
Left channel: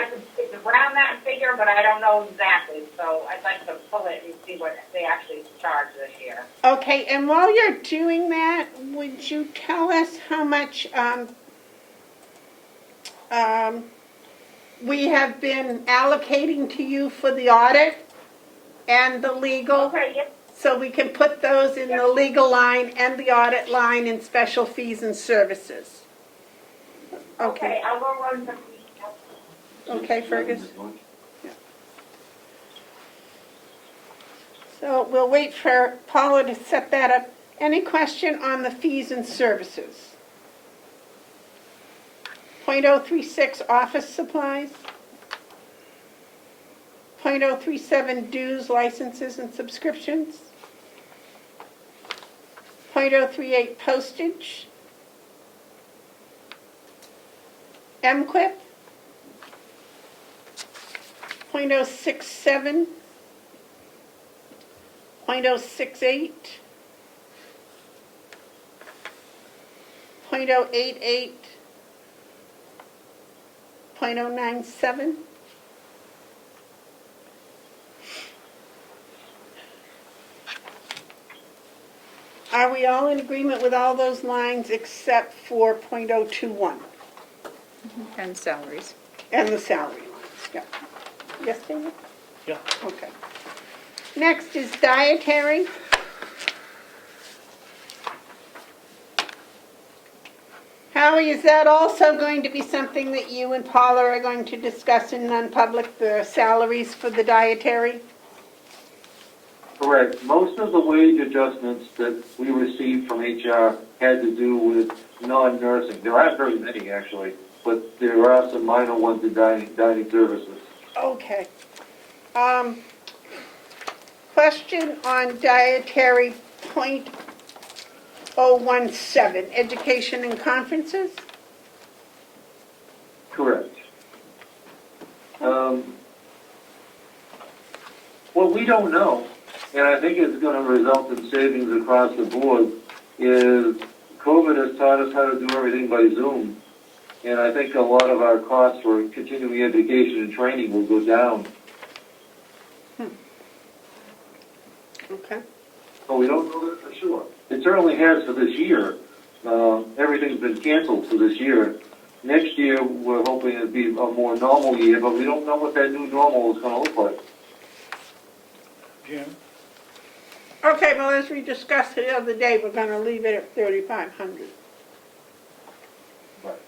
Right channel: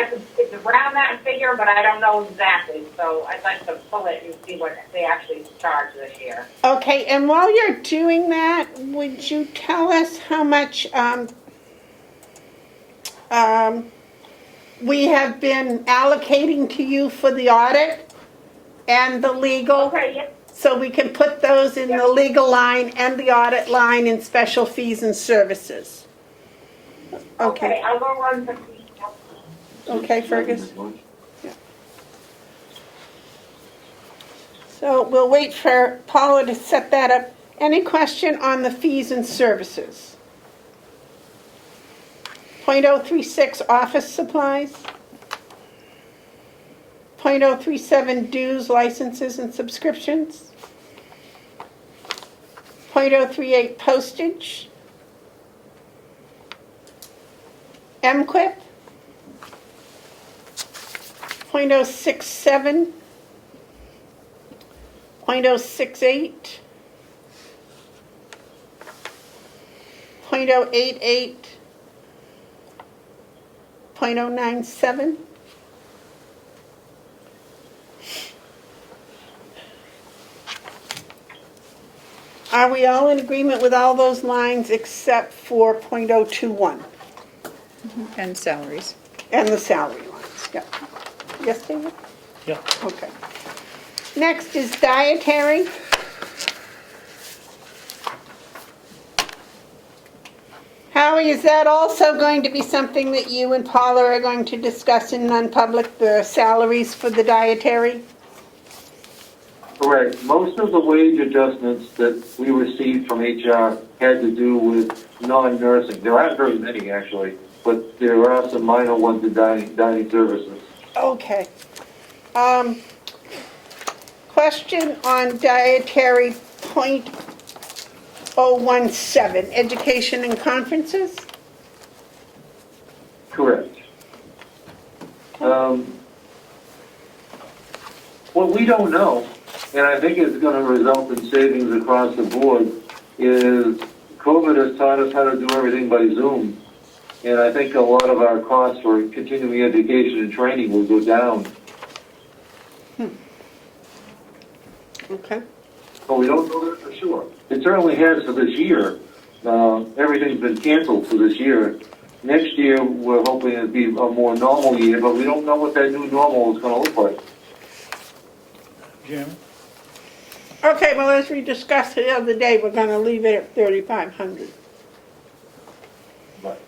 around that figure, but I don't know exactly. So I'd like to pull it and see what they actually charge this year. Okay, and while you're doing that, would you tell us how much we have been allocating to you for the audit and the legal? Okay, yep. So we can put those in the legal line and the audit line in special fees and services. Okay, I'll go run some details. Okay, Fergus? Yeah. So we'll wait for Paula to set that up. Any question on the fees and services? .036 office supplies. .037 dues, licenses, and subscriptions. .038 postage. MQuip. .067 .068, .088, .097. Are we all in agreement with all those lines except for .021 And salaries. and the salary lines? Yep. Yes, David? Yeah. Okay. Next is dietary. Howie, is that also going to be something that you and Paula are going to discuss in non-public, the salaries for the dietary? Correct. Most of the wage adjustments that we received from HR had to do with non-nursing. There aren't very many, actually, but there are some minor ones in dining services. Okay. Question on dietary .017, education and conferences? Correct. What we don't know, and I think it's going to result in savings across the board, is COVID has taught us how to do everything by Zoom. And I think a lot of our costs for continuing education and training will go down. Okay. But we don't know that for sure. It certainly has for this year. Everything's been canceled for this year. Next year, we're hoping it'll be a more normal year, but we don't know what that new normal is going to look like. Jim? Okay, well, as we discussed the other day, we're going to leave it at 3,500. Right.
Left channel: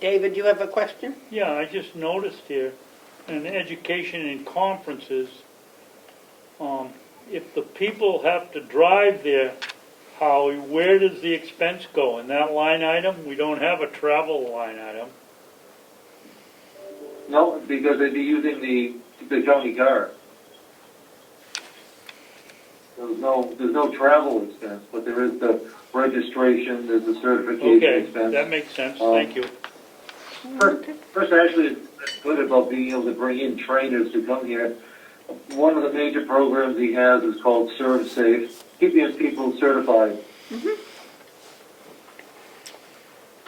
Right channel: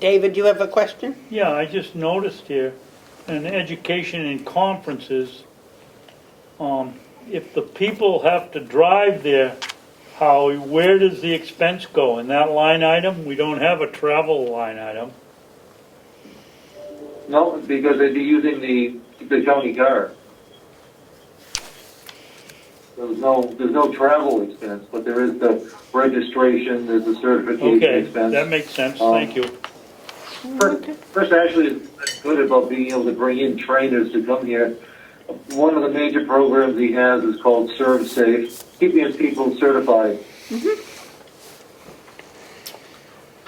David, you have a question? Yeah, I just noticed here, in education and conferences, if the people have to drive there, Howie, where does the expense go? In that line item? We don't have a travel line item. No, because they'd be using the county car. There's no travel expense, but there is the registration, there's the certification Okay, expense. that makes sense, thank you. First, actually, it's good about being able to bring in trainers to come here. One of the major programs he has is called Serve Safe, keeping his people certified.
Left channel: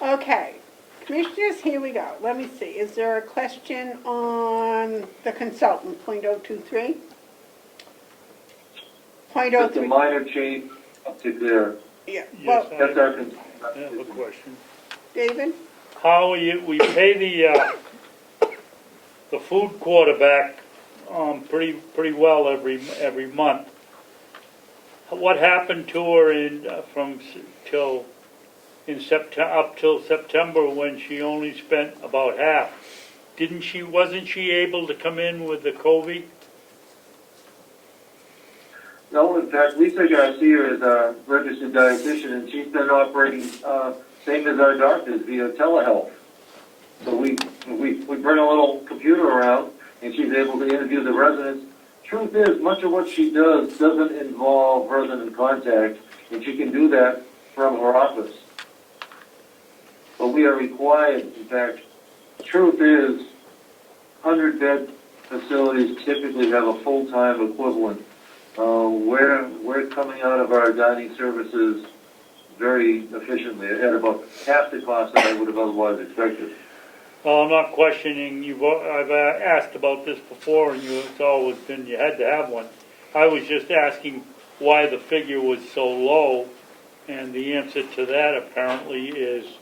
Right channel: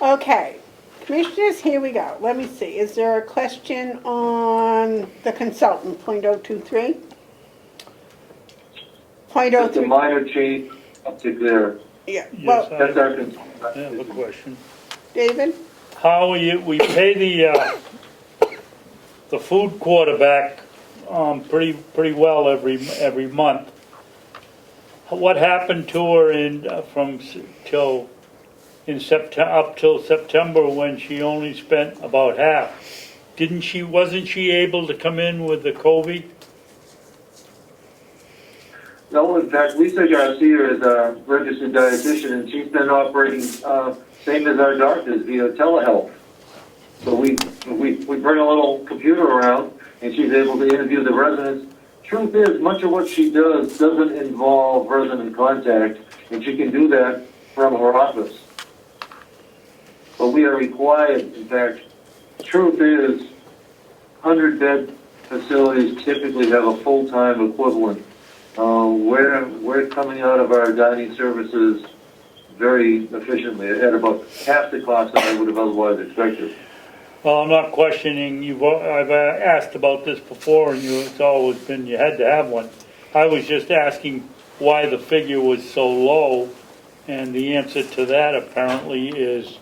Okay. Commissioners, here we go. Let me see. Is there a question on the consultant, .023? Just a minor change up to there. Yeah, Yes, well, That's our I have a consultant. question. David? How we pay the food quarterback pretty well every month. What happened to her up till September when she only spent about half? Wasn't she able to come in with the COVID? No, in fact, Lisa Garcia is our registered dietitian, and she's been operating same as our doctors via telehealth. So we bring a little computer around, and she's able to interview the residents. Truth is, much of what she does doesn't involve resident contact, and she can do that from her office. But we are required, in fact, truth is, 100-bed facilities typically have a full-time equivalent. We're coming out of our dining services very efficiently, at about half the cost that I would have otherwise expected. Well, I'm not questioning you. I've asked about this before, and it's always been you had to have one. I was just asking why the figure was so low, and the answer to that apparently is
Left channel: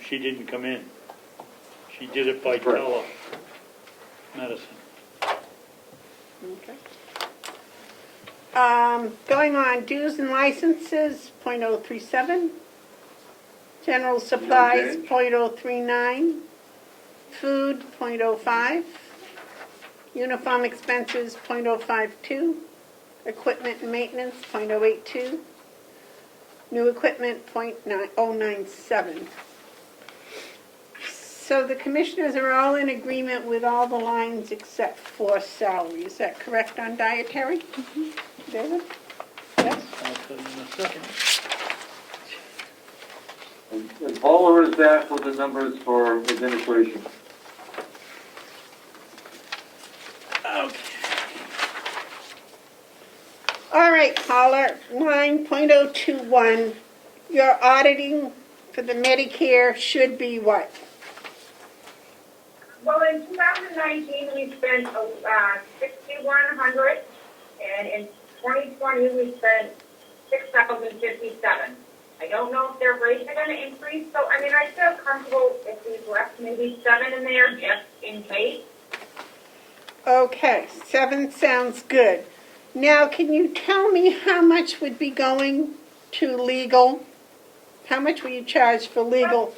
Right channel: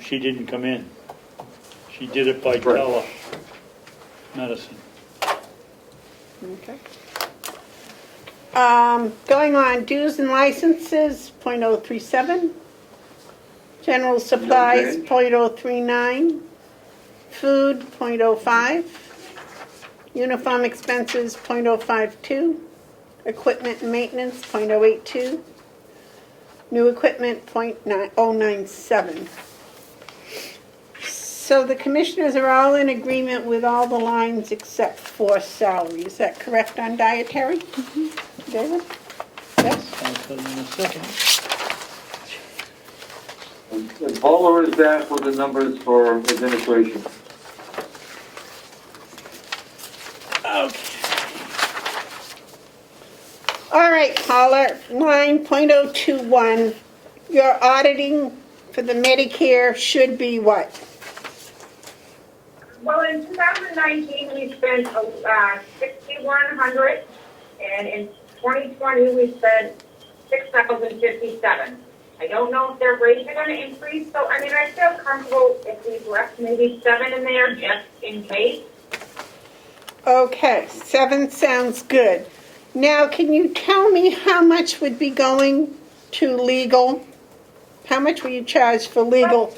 she didn't come in. She did it by telemedicine. Okay. Going on, dues and licenses, .037. General supplies, .039. Food, .05. Uniform expenses, .052. Equipment and maintenance, .082. New equipment, .097. So the commissioners are all in agreement with all the lines except for salary. Is that correct on dietary? David? Yes? I'll tell you in a second. And Paula is back with the numbers for administration. Okay. right, Paula, line .021, your auditing for the Medicare should be what? Well, in 2019, we spent 6,100, and in 2020, we spent 6,057. I don't know if their rates are going to increase, so I mean, I feel comfortable if we left maybe 7 in there just in case. Okay, 7 sounds good. Now, can you tell me how much would be going to legal? How much will you charge for legal?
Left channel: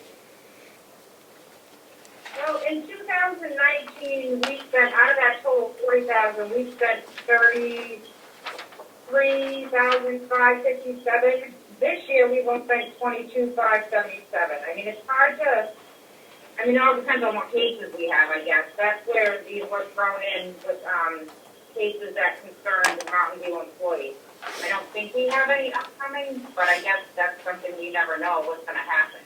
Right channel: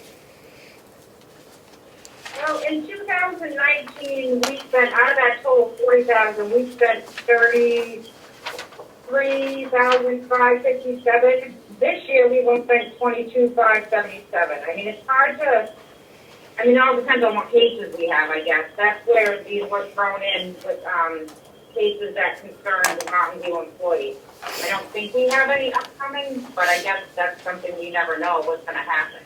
Well, in 2019, we spent, out of that total 40,000, we spent 33,557. This year, we will spend 22,577. I mean, it's hard to, I mean, it all depends on what cases we have, I guess. That's where these were thrown in with cases that concern the Mountain View employees. I don't think we have any upcoming, but I guess that's something you never know what's going to happen.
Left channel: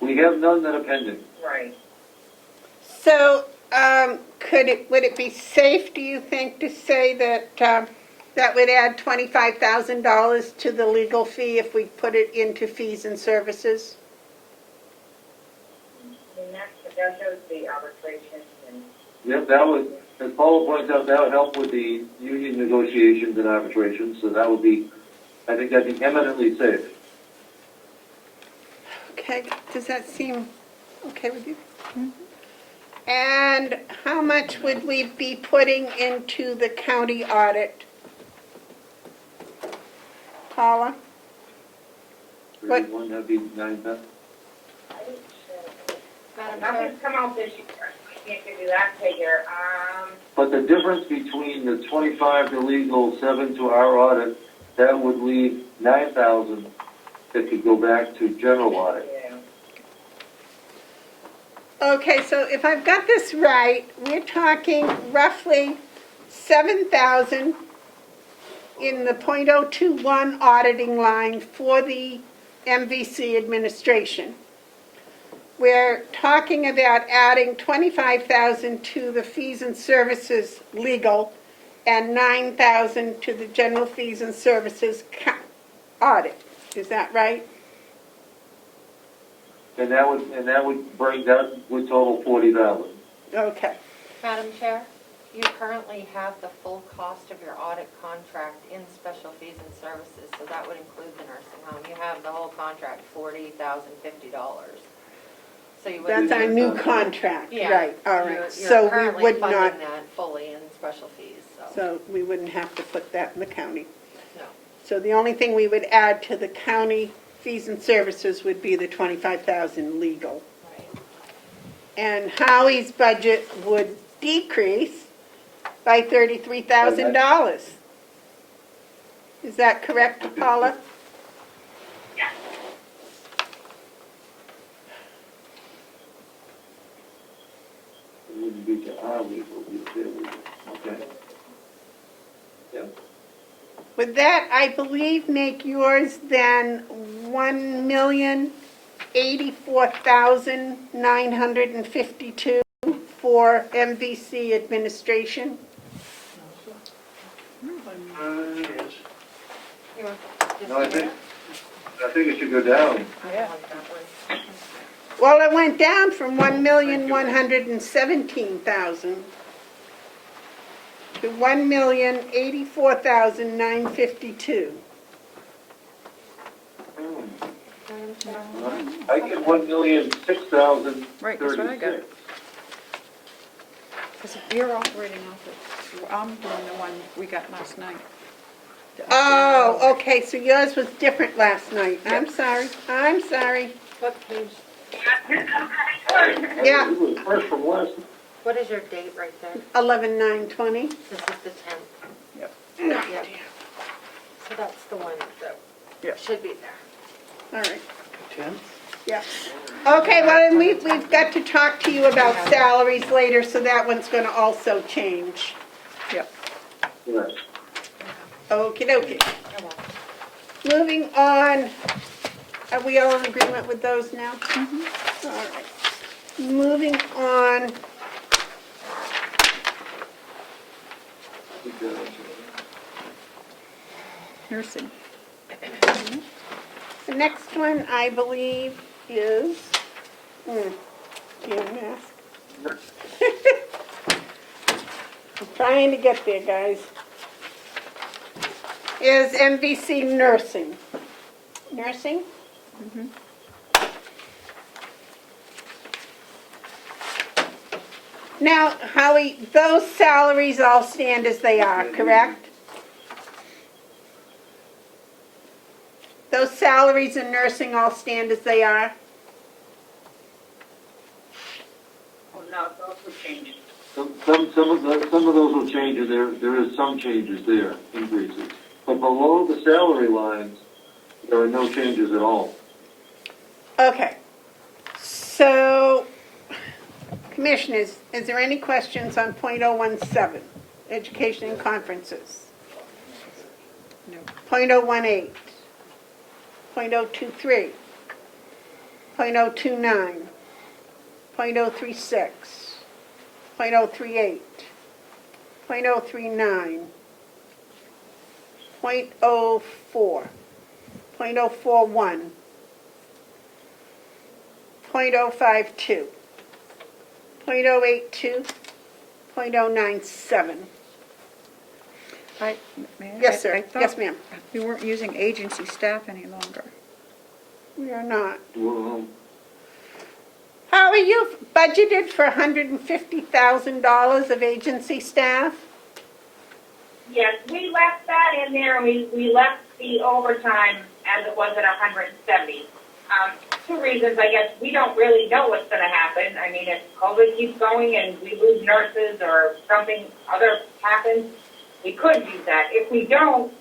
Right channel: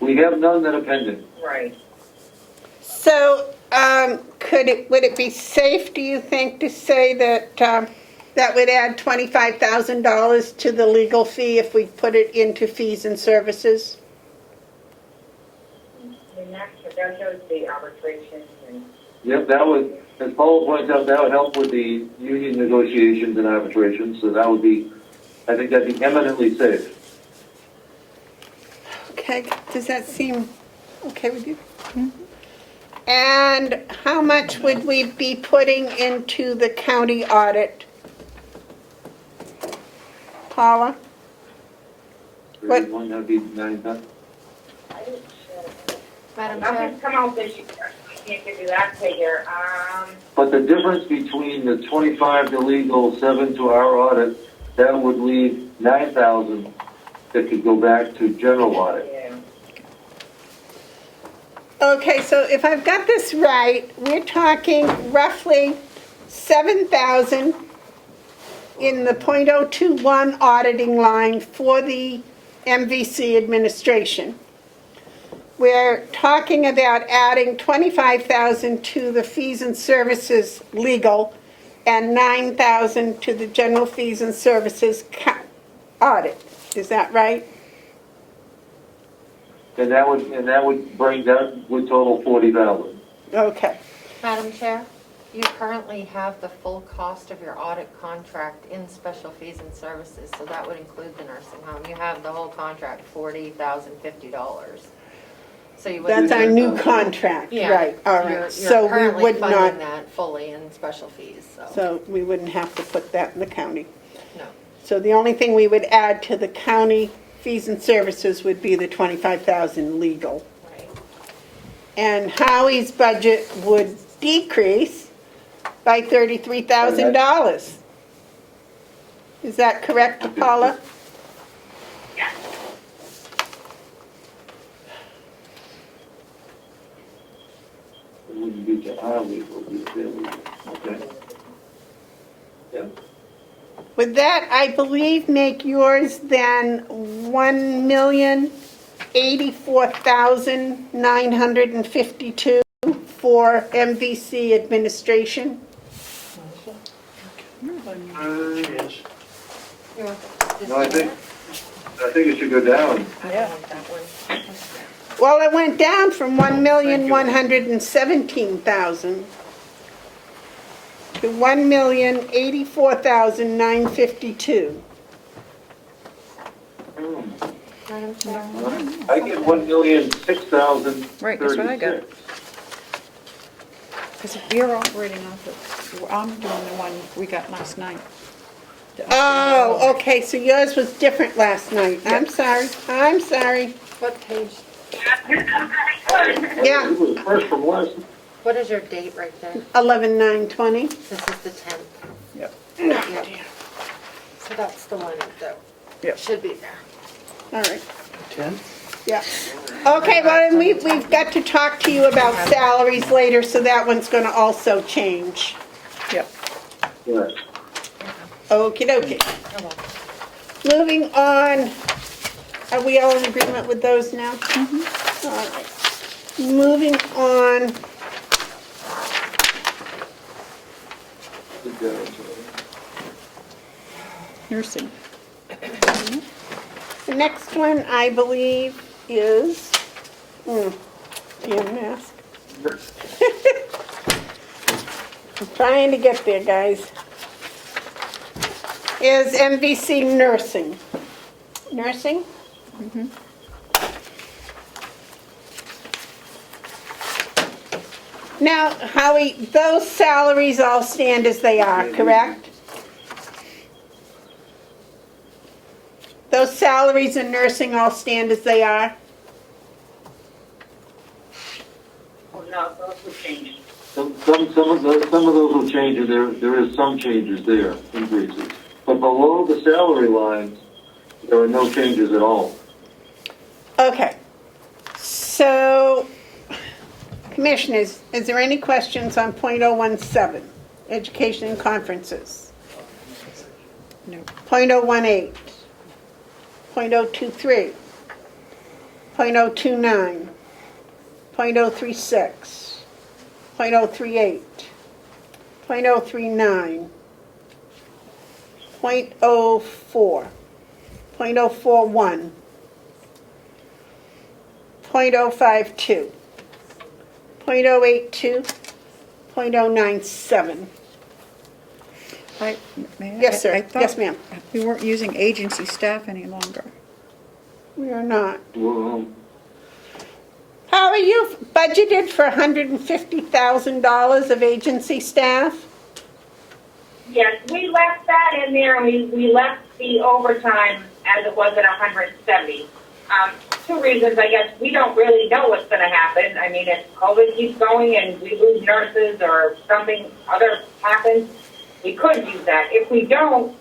We have none that are pending. Right. So, would it be safe, do you think, to say that that would add $25,000 to the legal fee if we put it into fees and services? I mean, that shows the arbitration. And Yep, that would, as Paula points out, that would help with the union negotiations and arbitration, so that would be, I think that'd be eminently safe. Okay, does that seem okay with you? And how much would we be putting into the county audit? Paula? What? 31, that'd be 9,000. Madam Chair, nothing's come out this year. I can't give you that figure. But the difference between the 25 to legal, 7 to our audit, that would leave 9,000 that could go back to general audit. Yeah. Okay, so if I've got this right, we're talking roughly 7,000 in the .021 auditing line for the MVC administration. We're talking about adding 25,000 to the fees and services legal and 9,000 to the general fees and services audit. Is that right? And that would bring, that would total 40,000. Okay. Madam Chair, you currently have the full cost of your audit contract in special fees and services, so that would include the nursing home. You have the whole contract, $40,050. So you wouldn't. That's our new contract, Yeah, right, all right. You're So we currently would funding not, that fully in special fees, so, so we wouldn't have to put that in the county. no. So the only thing we would add to the county fees and services would be the 25,000 legal. Right. And Howie's budget would decrease by $33,000. Is that correct, Paula? Yeah. It wouldn't be to our legal, it would be to their legal. Okay. Yep. Would that, I believe, make yours then $1,084,952 for MVC administration? Yes. No, I think it should go down. Well, it went down from 1,117,000 to 1,084,952. Madam Chair? I get 1,006,036. Right, that's what I got. Because you're operating off of, I'm doing the one we got last night. Oh, okay, so yours was different last night. I'm sorry. What page, Yeah. It was fresh from last. what is your date right there? 11/9/20. This is the 10th. Yep. Yep. So that's the one that Yep. should be there. All right. 10? Yeah. Okay, well, and we've got to talk to you about salaries later, so that one's going to also change. Yep. Yes. Okie dokie. You're welcome. Moving on. Are we all in agreement with those now? All right. Moving on. Good job. nursing. The next one, I believe, is, mask. I'm trying to get there, guys. Is MVC nursing. Nursing? Now, Howie, those salaries all stand as they are, correct? Those salaries in nursing all stand as they are? Oh, no, those would change. Some of those will change, and there is some changes there, increases. But below the salary lines, there are no changes at all. Okay. So, commissioners, is there any questions on .017, education and conferences? No. .018, .023, .029, .036, .038, .039, .04, .041, .052, .082, .097. Right, may I? Yes, sir. I thought Yes, ma'am. we weren't using agency staff any longer. We are not. Well, How are you budgeted for $150,000 of agency staff? Yes, we left that in there, and we left the overtime as it was at 170. Two reasons, I guess. We don't really know what's going to happen. I mean, if COVID keeps going and we lose nurses or something other happens, we could use that. If we don't,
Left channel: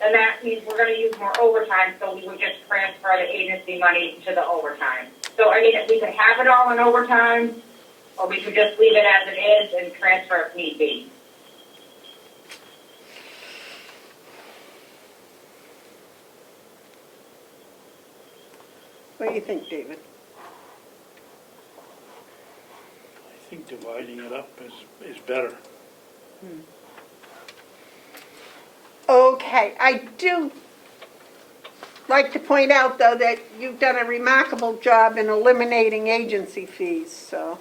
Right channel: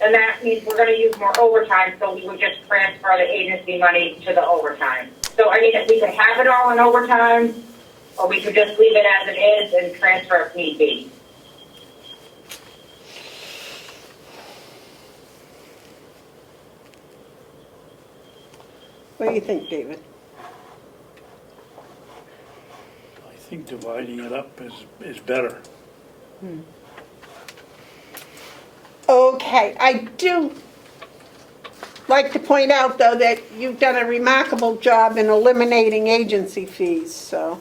then that means we're going to use more overtime, so we would just transfer the agency money to the overtime. So, I mean, if we could have it all in overtime, or we could just leave it as it is and transfer if need be. What do you think, David? I think dividing it up is better. Okay, I do like to point out, though, that you've done a remarkable job in eliminating agency fees, so.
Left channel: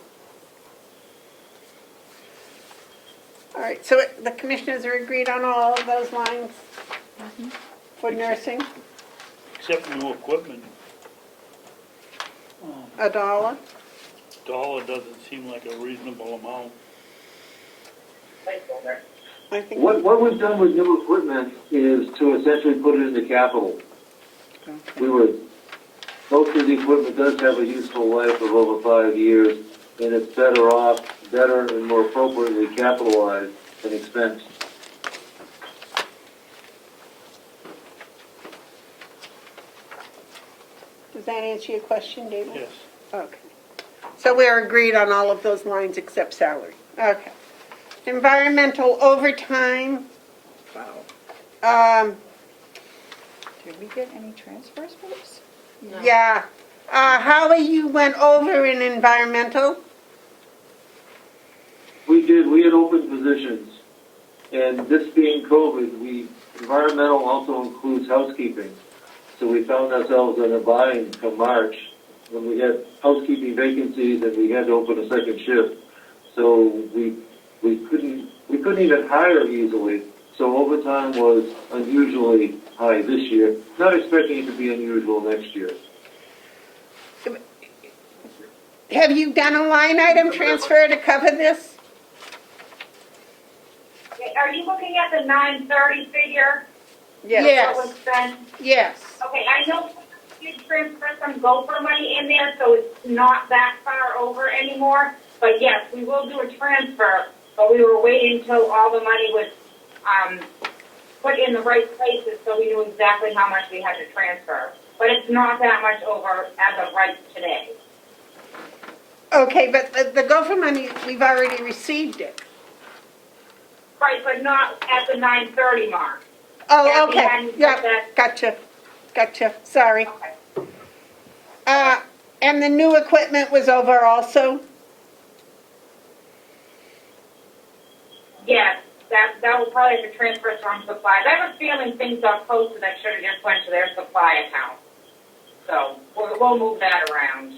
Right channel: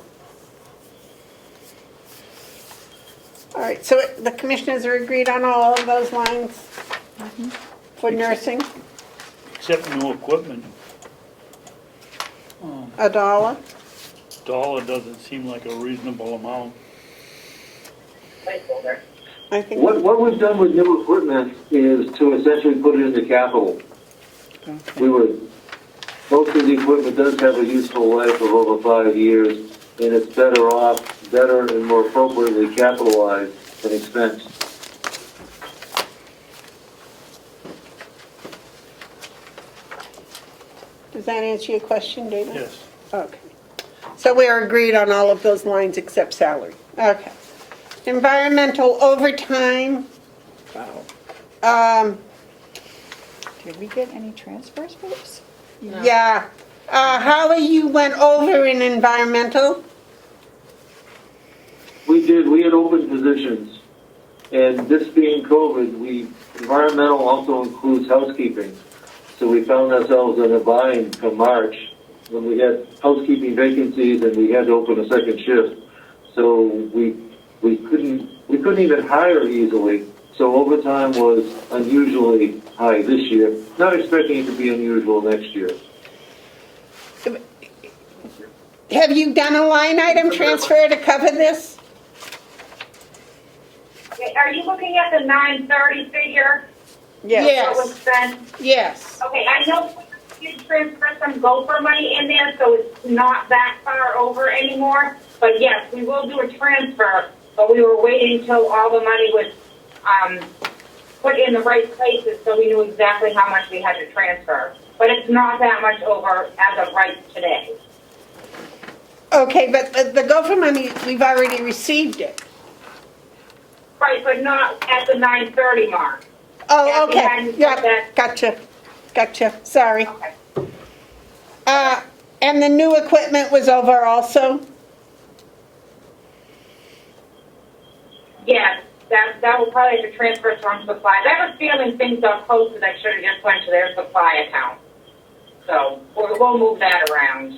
All right, so the commissioners are agreed on all of those lines for nursing? Except new equipment. $1? Dollar doesn't seem like a reasonable amount. Placeholder. I think. what we've done with new equipment is to essentially put it into capital. Most of the equipment does have a useful life of over 5 years, and it's better and more appropriately capitalized than expensed. Does that answer your question, David? Yes. Okay. So we're agreed on all of those lines except salary. Okay. Environmental overtime. Did we get any transfers for this? Yeah. Holly, you went over in environmental? We did. We had open positions, and this being COVID, environmental also includes housekeeping. So we found ourselves in a bind from March when we had housekeeping vacancies and we had to open a second shift. So we couldn't even hire easily. So overtime was unusually high this year. Not expecting it to be unusual next year. Have you done a line item transfer to cover this? Are you looking at the 930 figure? Yes. What was spent? Yes. Okay, I know you transfer some gopher money in there, so it's not that far over anymore. But yes, we will do a transfer, but we were waiting until all the money was put in the right places so we knew exactly how much we had to transfer. But it's not that much over as of right today. Okay, but the gopher money, we've already received it. Right, but not at the 930 mark. Oh, Yeah, we okay. hadn't Yeah, put that- gotcha. Sorry. Okay. And the new equipment was over also? Yes, that will probably have to transfer from supplies. I have a feeling things got posted that should have just went to their supply account. So we'll move that around.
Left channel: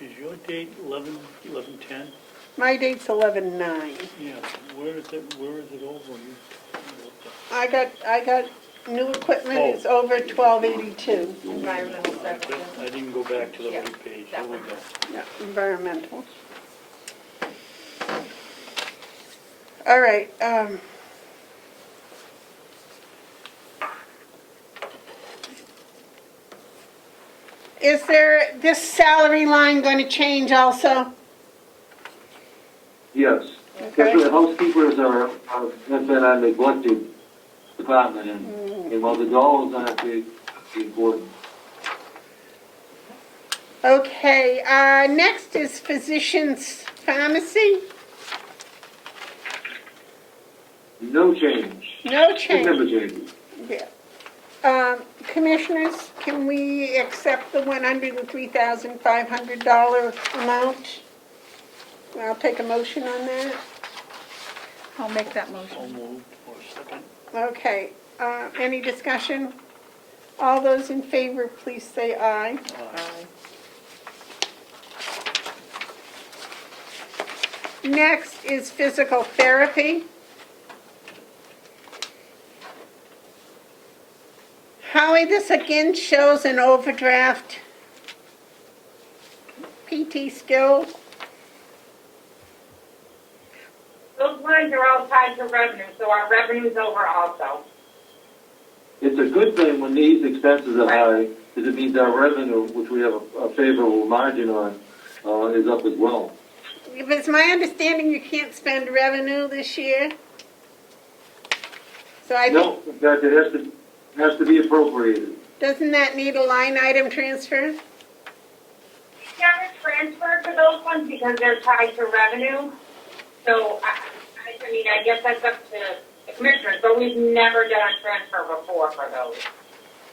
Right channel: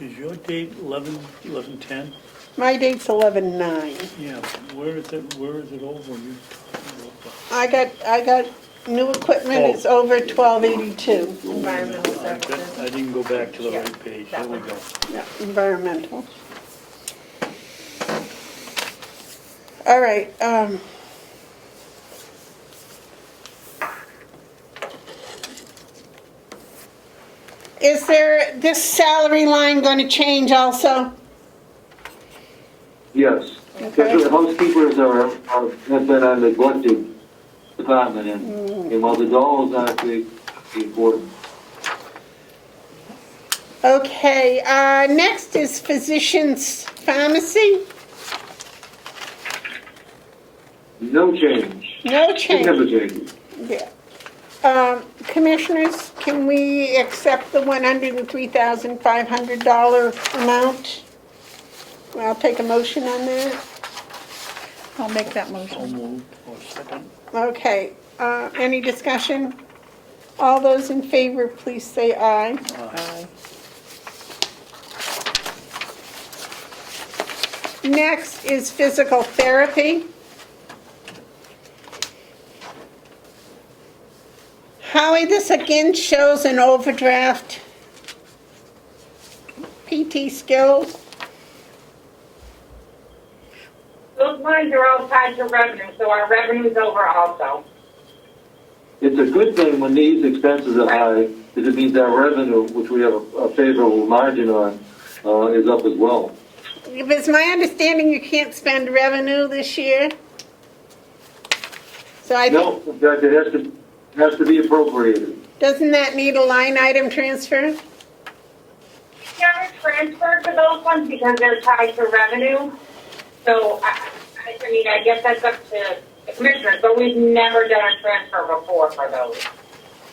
Is your date 11/10? My date's 11/9. Yeah, where is it over? You talking about I got new equipment, Oh. it's over 1282. Environmental that? services. I didn't go back to the Yeah, right page, that here we one. go. Yeah, environmental. All right, is there, this salary line going to change also? Yes, especially the housekeepers have been a neglected department, and while the dollars aren't big, it's important. Okay, next is physician's pharmacy. No change. No It change. never changes. Yeah. Commissioners, can we accept the $103,500 amount? I'll take a motion on that. I'll make that So motion. moved, or second? Okay, any discussion? All those in favor, please say aye. Next is physical therapy. Howie, this again shows an overdraft. PT skills. Those lines are all tied to revenue, so our revenue's over also. It's a good thing when these expenses are high, because it means our revenue, which we have a favorable margin on, is up as well. If it's my understanding, you can't spend revenue this year. So I think, No, in fact, it has to be appropriated. doesn't that need a line item transfer? We never transfer to those ones because they're tied to revenue. So, I mean, I guess that's up to the commissioners, but we've never done a transfer before for those.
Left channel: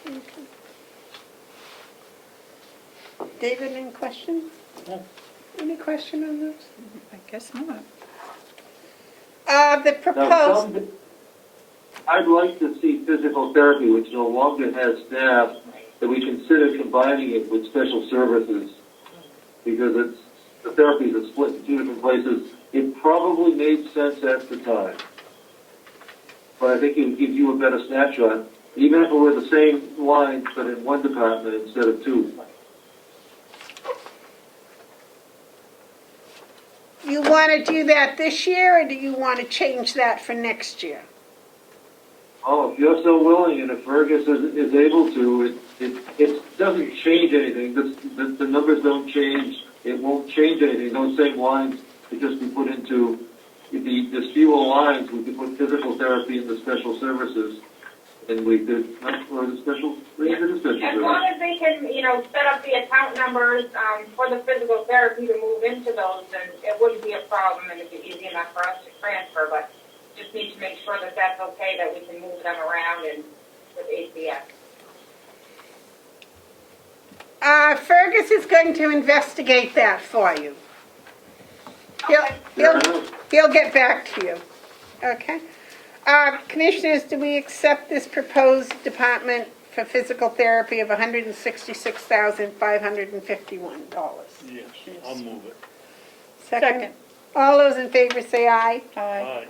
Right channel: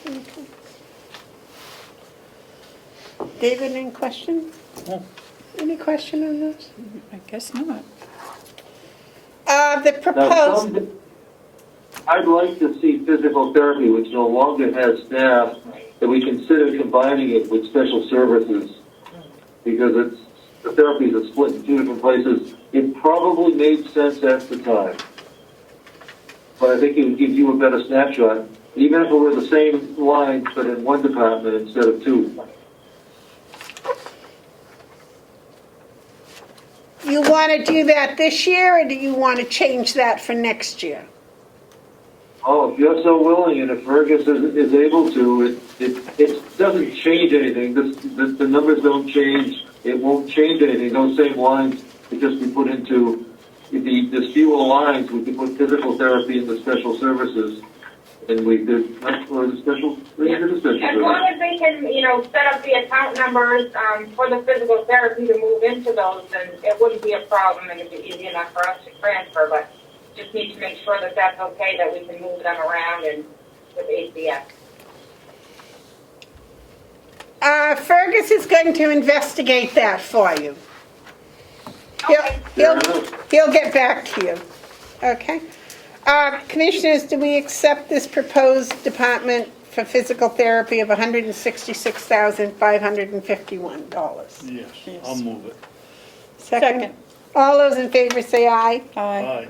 Okay. David, any question? No. Any question on this? I guess not. The Now, proposed, I'd like to see physical therapy, which no longer has staff, that we consider combining it with special services, because the therapies are split in two different places. It probably made sense at the time, but I think it would give you a better snapshot, even if it were the same lines, but in one department instead of two. you want to do that this year, or do you want to change that for next year? Oh, if you're so willing, and if Fergus is able to, it doesn't change anything. The numbers don't change. It won't change anything. Those same lines could just be put into, there's fewer lines. We could put physical therapy into special services, and we could, or the special, we did the special As long services. as they can, set up the account numbers for the physical therapy to move into those, then it wouldn't be a problem and it'd be easy enough for us to transfer, but just need to make sure that that's okay, that we can move them around and with ACS. Fergus is going to investigate that for you. Okay. He'll get back to you. Okay. Commissioners, do we accept this proposed department for physical therapy of $166,551? Yes, I'll move it. Second. All those in favor say aye. Aye.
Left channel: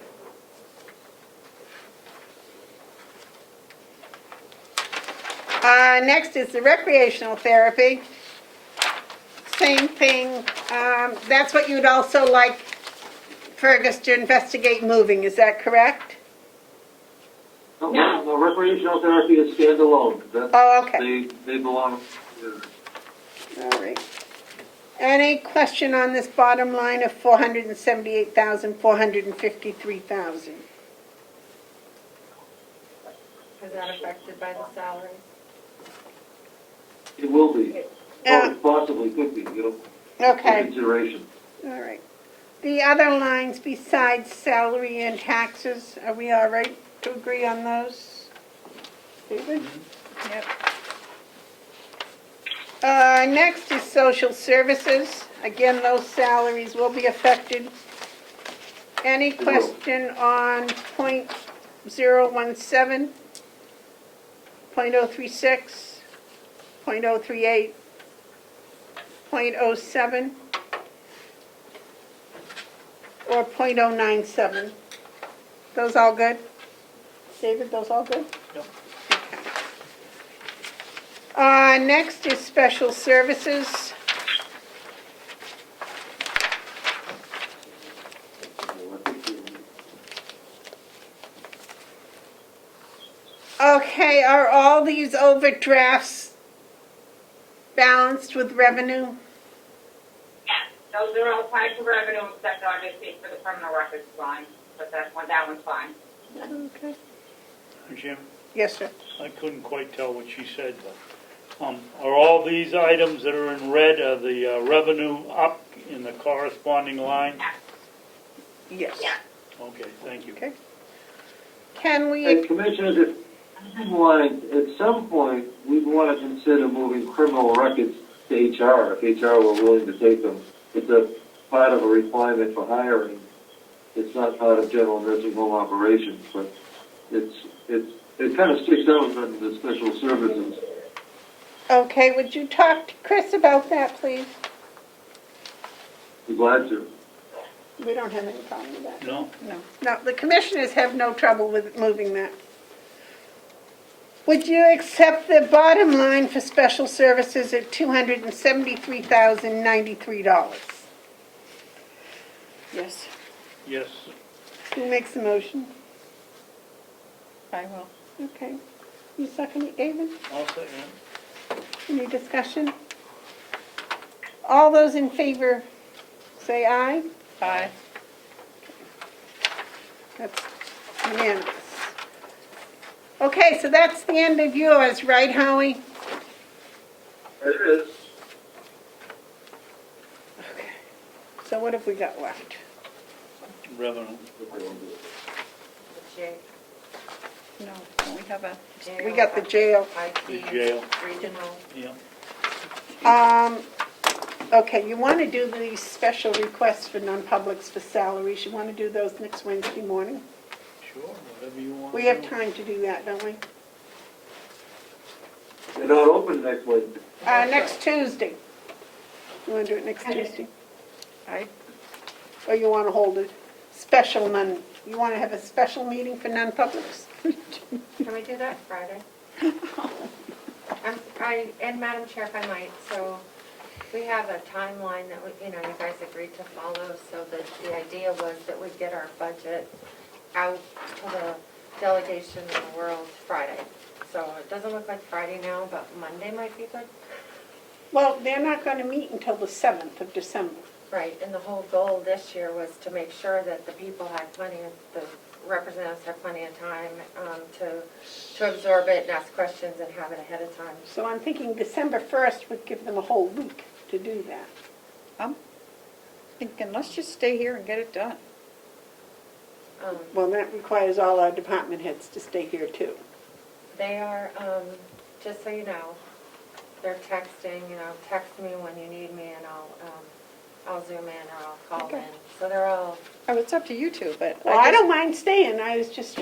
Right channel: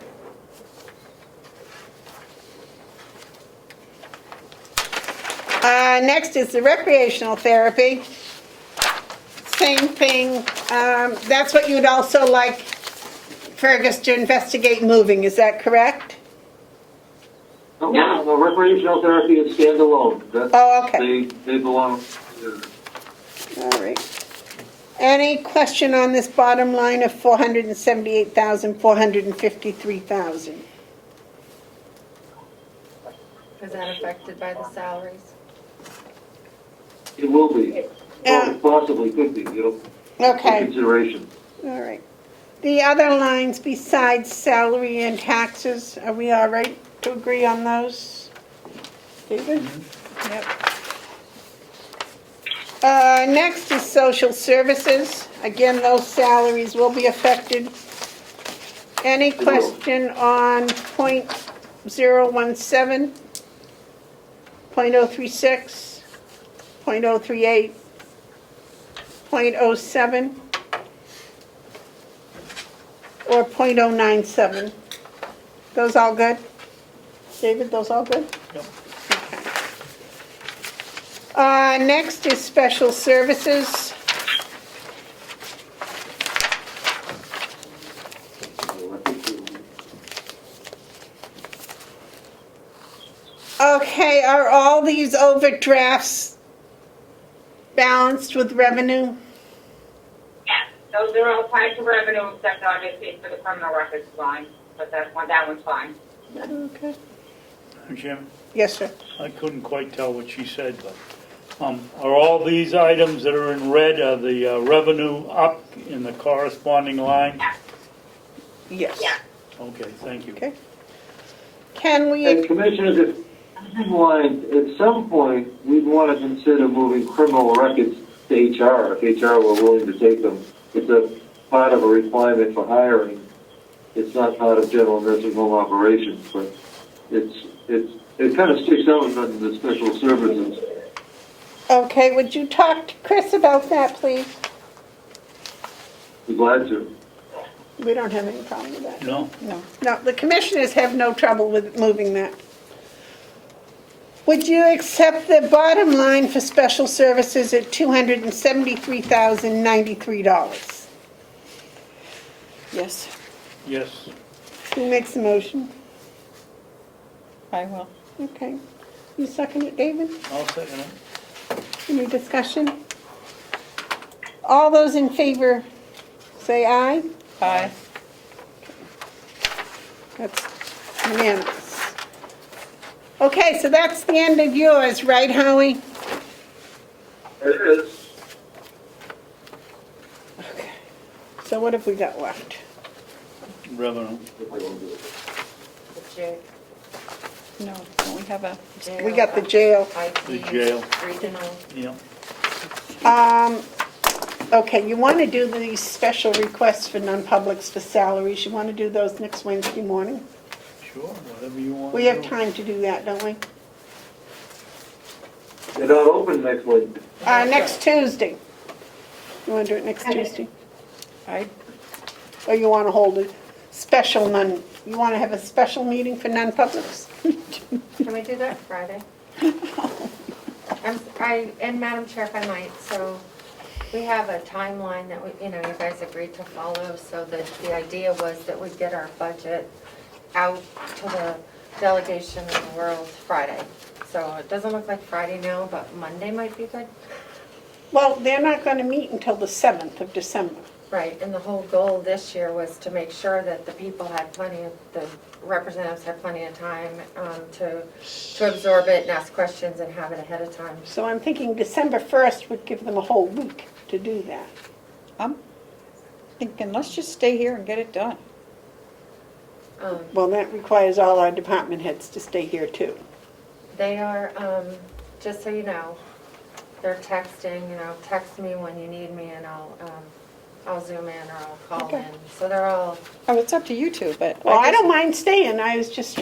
Next is the recreational therapy. Same thing. That's what you'd also like Fergus to investigate moving, is that correct? No, recreational therapy is standalone. Oh, okay. They belong. All right. Any question on this bottom line of $478,453,000? Is that affected by the salaries? It will be. Or it possibly could be, for Okay. consideration. All right. The other lines besides salary and taxes, are we all right to agree on those? David? Yep. Next is social services. Again, those salaries will be affected. Any question on .017, .036, .038, .07, or .097? Those all good? David, those all good? Yep. Next is special services. Okay, are all these overdrafts balanced with revenue? Yeah, those are all tied to revenue, except obviously for the criminal records line, but that one's fine. Okay. Jim, Yes, sir. I couldn't quite tell what she said, but, are all these items that are in red, are the revenue up in the corresponding line? Yes. Yeah. Okay, thank you. Okay. Can we, And Commissioners, if you want, at some point, we'd want to consider moving criminal records to HR, if HR were willing to take them. It's a part of a requirement for hiring. It's not part of general nursing home operations, but it kind of sticks out in the special services. okay, would you talk to Chris about that, please? Be glad to. We don't have any problem with that. No? No, the commissioners have no trouble with moving that. Would you accept the bottom line for special services at $273,093? Yes, Yes. Who makes the motion? I will. Okay. You second it, David? I'll second it. Any discussion? All those in favor say aye. Aye. That's unanimous. Okay, so that's the end of yours, right, Howie? It is. Okay. So what have we got left? Revenue. No, we have a, We got the jail. The jail. Regional. Yeah. Okay, you want to do these special requests for non-publics for salaries. You want to do those next Wednesday morning? Sure, whatever you want. We have time to do that, don't we? They're not open next week. Next Tuesday. You want to do it next Tuesday? I, Or you want to hold a special you want to have a special meeting for non-publics? Can we do that Friday? And Madam Chair, if I might, so we have a timeline that you guys agreed to follow, so the idea was that we'd get our budget out to the delegation in the world Friday. So it doesn't look like Friday now, but Monday might be good. Well, they're not going to meet until the 7th of December. Right, and the whole goal this year was to make sure that the representatives had plenty of time to absorb it and ask questions and have it ahead of time. So I'm thinking December 1st would give them a whole week to do that. I'm thinking, let's just stay here and get it done. Well, that requires all our department heads to stay here too. They are, just so you know, they're texting, text me when you need me and I'll Zoom in or I'll call Okay. in. So they're all, Oh, it's up to you two, but. Well, I guess- don't mind staying. I was just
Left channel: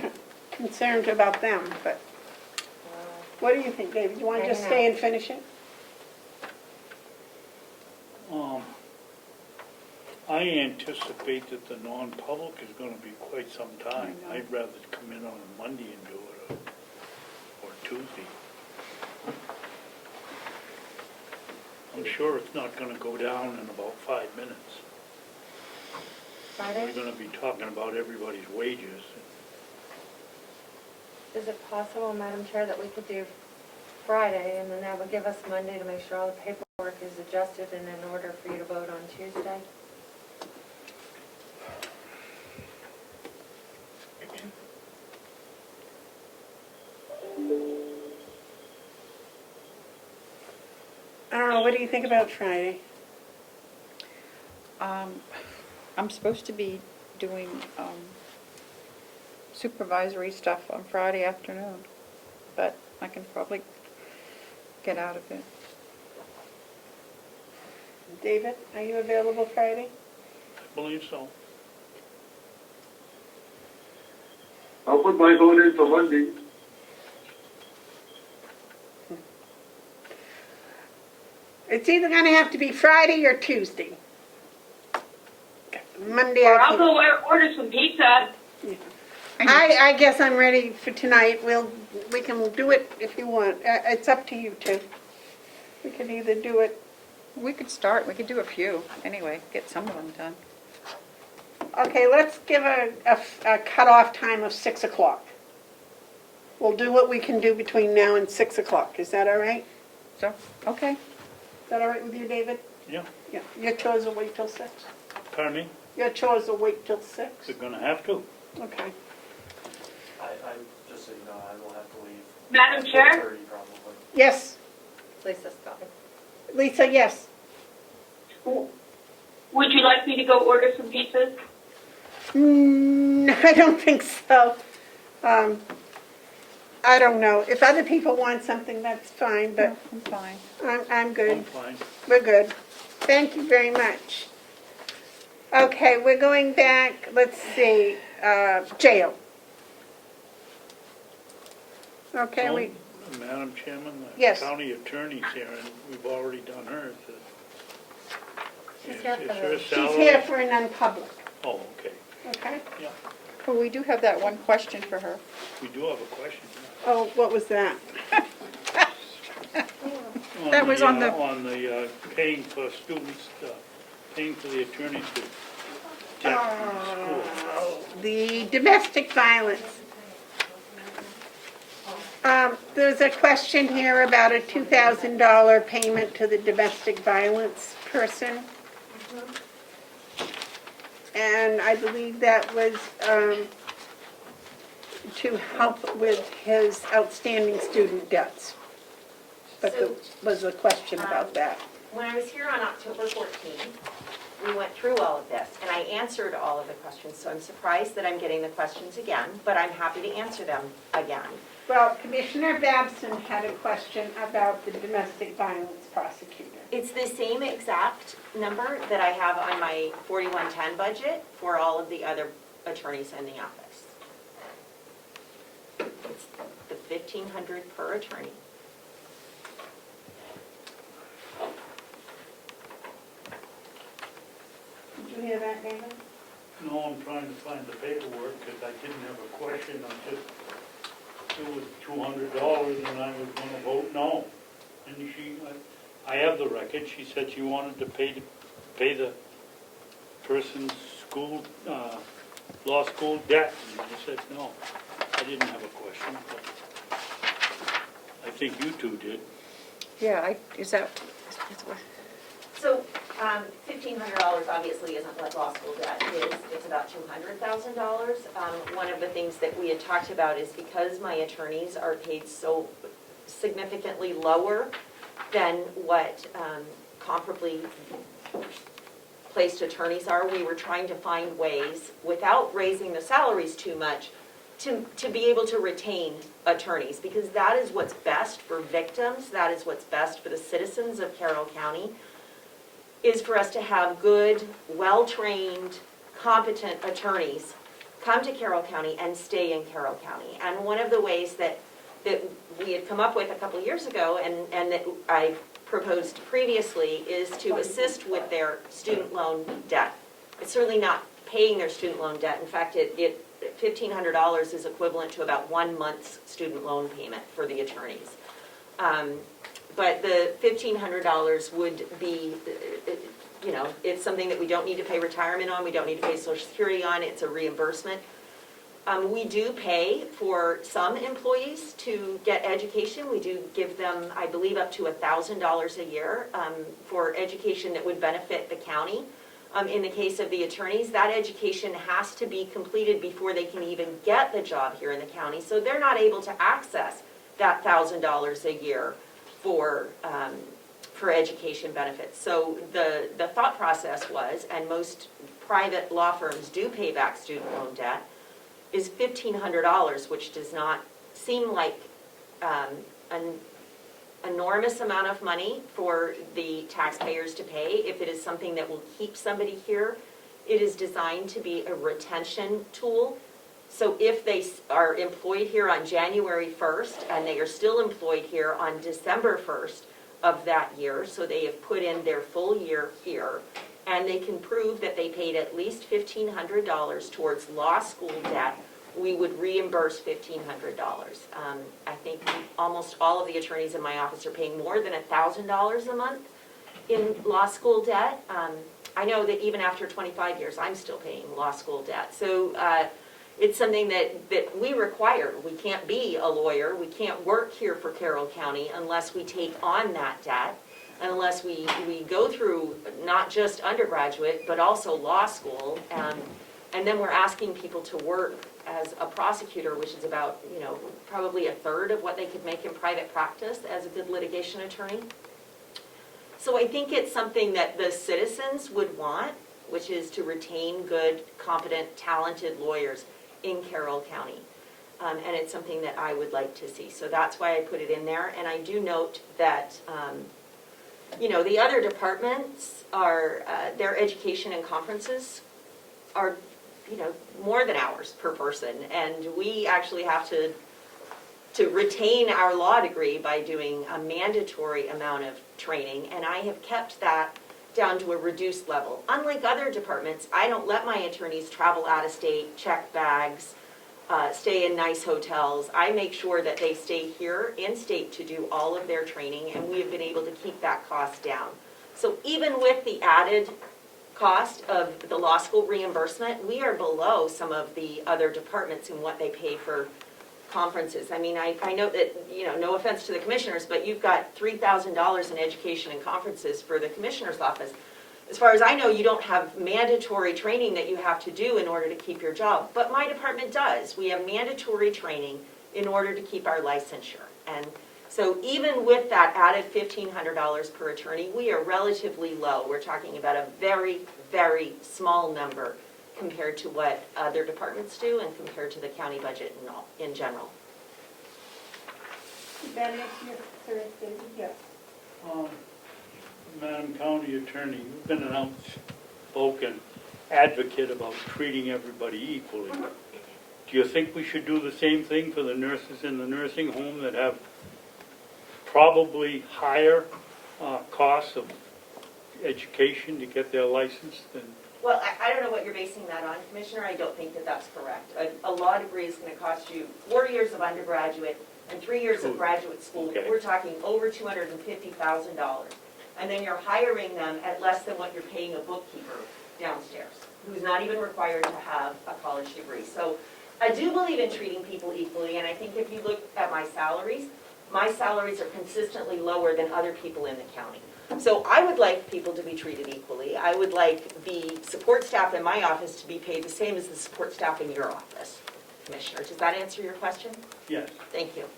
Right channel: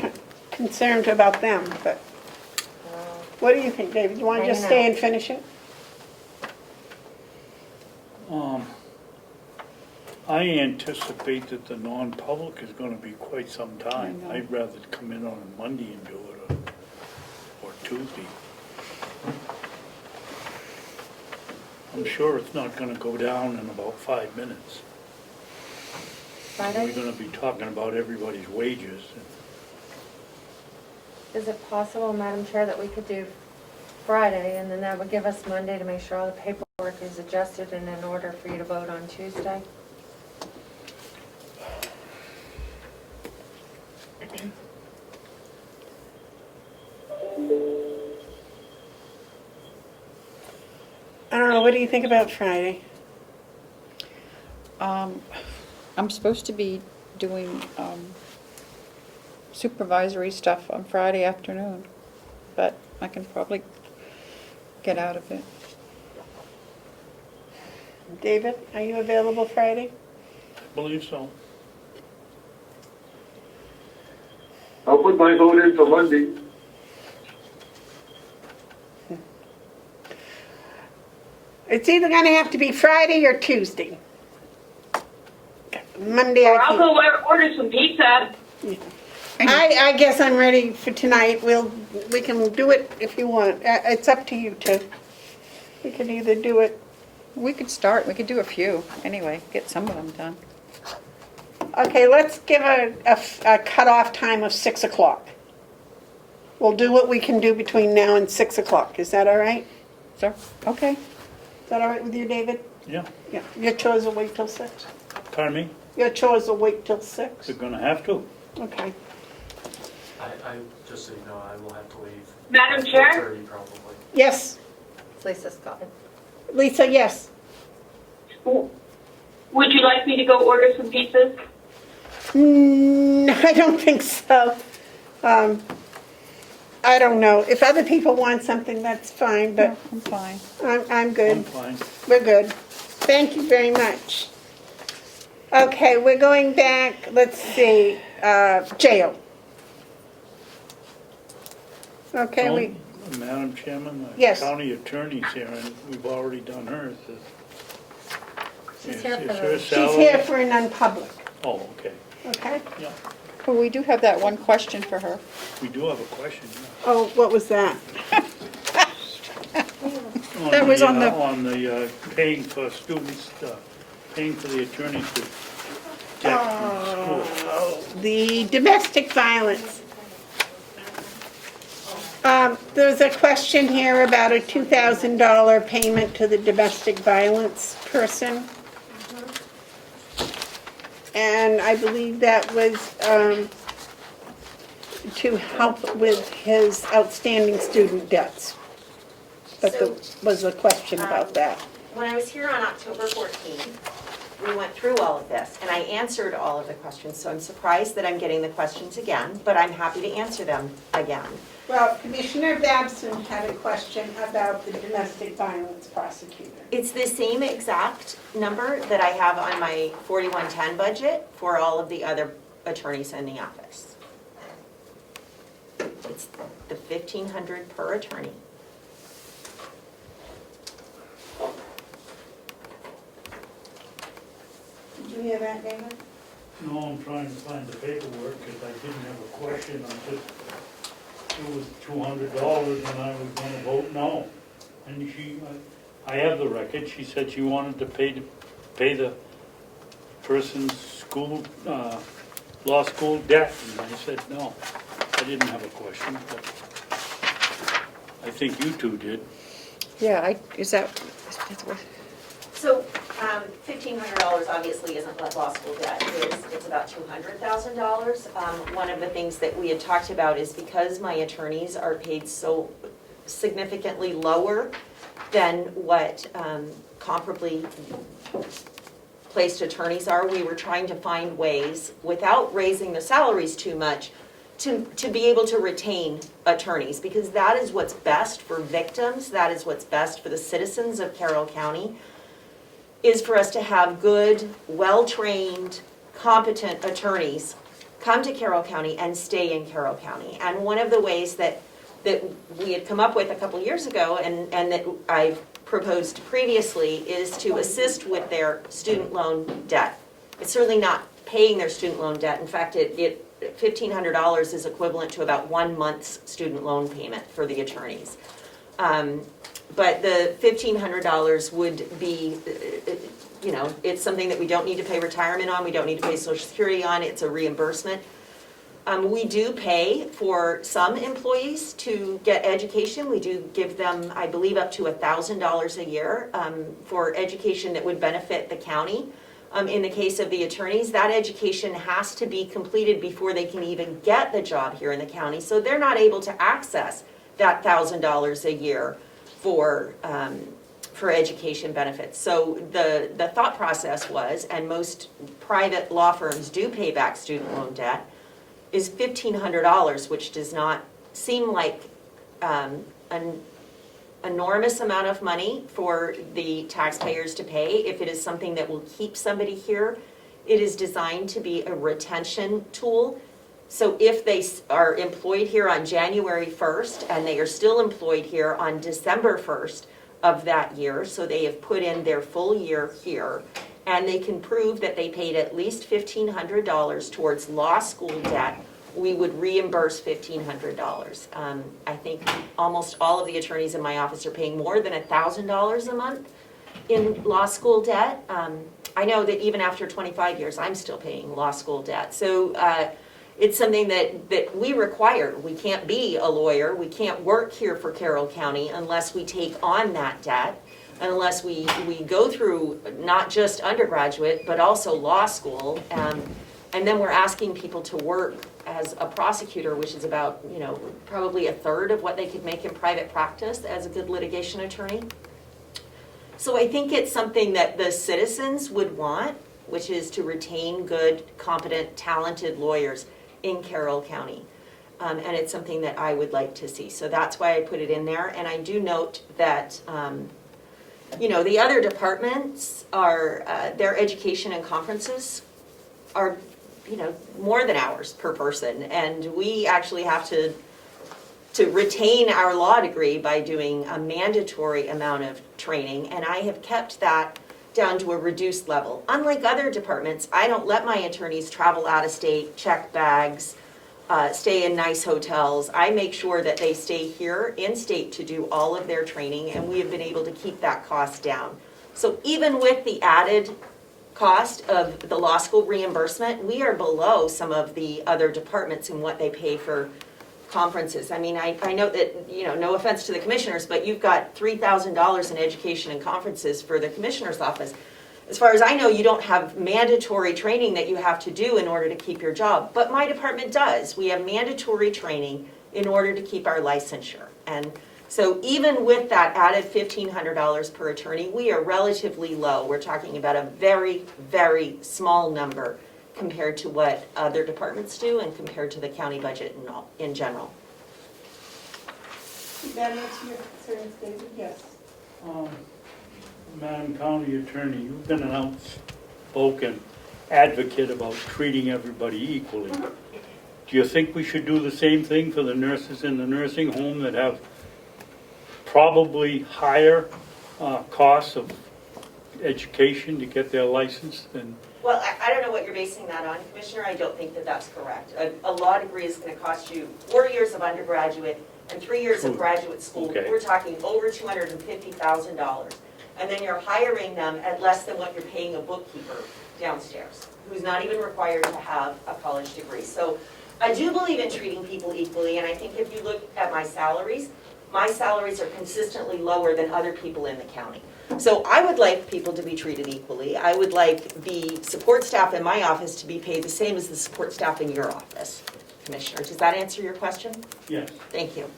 concerned about them, but what do you think, David? You want to just Hanging stay out. and finish it? I anticipate that the non-public is gonna be quite some time. I'd rather come in on a Monday and do it, or Tuesday. I'm sure it's not gonna go down in about 5 minutes. Friday? We're gonna be talking about everybody's wages. Is it possible, Madam Chair, that we could do Friday and then that would give us Monday to make sure all the paperwork is adjusted and in order for you to vote on Tuesday? I don't know. What do you think about Friday? I'm supposed to be doing supervisory stuff on Friday afternoon, but I can probably get out of it. David, are you available Friday? I believe so. I'll put my vote in for Monday. It's either gonna have to be Friday or Tuesday. Monday Or I I'll can't. go order some pizza. I guess I'm ready for tonight. We can do it if you want. It's up to you two. We can either do it. We could start, we could do a few, anyway, get some of them done. Okay, let's give a cutoff time of 6 o'clock. We'll do what we can do between now and 6 o'clock. Is that all right? So, okay. Is that all right with you, David? Yeah. Yeah. Your chores will wait till 6? Pardon me? Your chores will wait till 6? They're gonna have to. Okay. I, just so you know, I will have to leave. Madam Chair? 4:30 probably. Yes. Lisa Scott. Lisa, yes. Would you like me to go order some pizzas? I don't think so. I don't know. If other people want something, that's fine, but I'm fine. I'm good. I'm fine. We're good. Thank you very much. Okay, we're going back, let's see, jail. Okay, we, Madam Chairman, the Yes. county attorney's here, and we've already done hers. She's Is- here is for her the- she's salary- here for a non-public, Oh, okay. okay? Well, we do have that one question for her. We do have a question, yeah. Oh, what was that? That was on the- On the paying for students, paying for the attorneys to debt from school. The domestic violence. There's a question here about a $2,000 payment to the domestic violence person. And I believe that was to help with his outstanding student debts. But there was a question about that. When I was here on October 14th, we went through all of this, and I answered all of the questions, so I'm surprised that I'm getting the questions again, but I'm happy to answer them again. Well, Commissioner Babson had a question about the domestic violence prosecutor. It's the same exact number that I have on my 4110 budget for all of the other attorneys in the office. It's the $1,500 per attorney. Did you hear that, David? No, I'm trying to find the paperwork, because I didn't have a question, it was $200, and I was gonna vote no. And I have the record, she said she wanted to pay the person's school, law school debt, and I said no. I didn't have a question, but I think you two did. Yeah, So, $1,500 obviously isn't what law school debt is, it's about $200,000. One of the things that we had talked about is because my attorneys are paid so significantly lower than what comparably placed attorneys are, we were trying to find ways, without raising the salaries too much, to be able to retain attorneys, because that is what's best for victims, that is what's best for the citizens of Carroll County, is for us to have good, well-trained, competent attorneys come to Carroll County and stay in Carroll County. And one of the ways that we had come up with a couple years ago, and that I've proposed previously, is to assist with their student loan debt. It's certainly not paying their student loan debt. In fact, $1,500 is equivalent to about 1 month's student loan payment for the attorneys. But the $1,500 would be, it's something that we don't need to pay retirement on, we don't need to pay Social Security on, it's a reimbursement. We do pay for some employees to get education. We do give them, I believe, up to $1,000 a year for education that would benefit the county. In the case of the attorneys, that education has to be completed before they can even get the job here in the county. So they're not able to access that $1,000 a year for education benefits. So the thought process was, and most private law firms do pay back student loan debt, is $1,500, which does not seem like enormous amount of money for the taxpayers to pay. If it is something that will keep somebody here, it is designed to be a retention tool. So if they are employed here on January 1st and they are still employed here on December 1st of that year, so they have put in their full year here, and they can prove that they paid at least $1,500 towards law school debt, we would reimburse $1,500. I think almost all of the attorneys in my office are paying more than $1,000 a month in law school debt. I know that even after 25 years, I'm still paying law school debt. So it's something that we require. We can't be a lawyer. We can't work here for Carroll County unless we take on that debt, unless we go through not just undergraduate, but also law school. And then we're asking people to work as a prosecutor, which is about, probably a third of what they could make in private practice as a good litigation attorney. So I think it's something that the citizens would want, which is to retain good, competent, talented lawyers in Carroll County. And it's something that I would like to see. So that's why I put it in there. And I do note that, the other departments are, their education and conferences are, more than ours per person. And we actually have to retain our law degree by doing a mandatory amount of training. And I have kept that down to a reduced level. Unlike other departments, I don't let my attorneys travel out of state, check bags, stay in nice hotels. I make sure that they stay here in state to do all of their training, and we have been able to keep that cost down. So even with the added cost of the law school reimbursement, we are below some of the other departments in what they pay for conferences. I mean, I know that, no offense to the commissioners, but you've got $3,000 in education and conferences for the commissioner's office. As far as I know, you don't have mandatory training that you have to do in order to keep your job, but my department does. We have mandatory training in order to keep our licensure. And so even with that added $1,500 per attorney, we are relatively low. We're talking about a very, very small number compared to what other departments do and compared to the county budget in general. Did that answer your concerns, David? Yes. Madam County Attorney, you've been an outspoken advocate about treating everybody equally. Do you think we should do the same thing for the nurses in the nursing home that have probably higher costs of education to get their license than? Well, I don't know what you're basing that on, Commissioner. I don't think that that's correct. A law degree is going to cost you 4 years of undergraduate and 3 years of graduate school. Okay. We're talking over $250,000. And then you're hiring them at less than what you're paying a bookkeeper downstairs, who's not even required to have a college degree. So I do believe in treating people equally, and I think if you look at my salaries are consistently lower than other people in the county. So I would like people to be treated equally. I would like the support staff in my office to be paid the same as the support staff in your office, Commissioner. Does that answer your question? Yes. Thank you.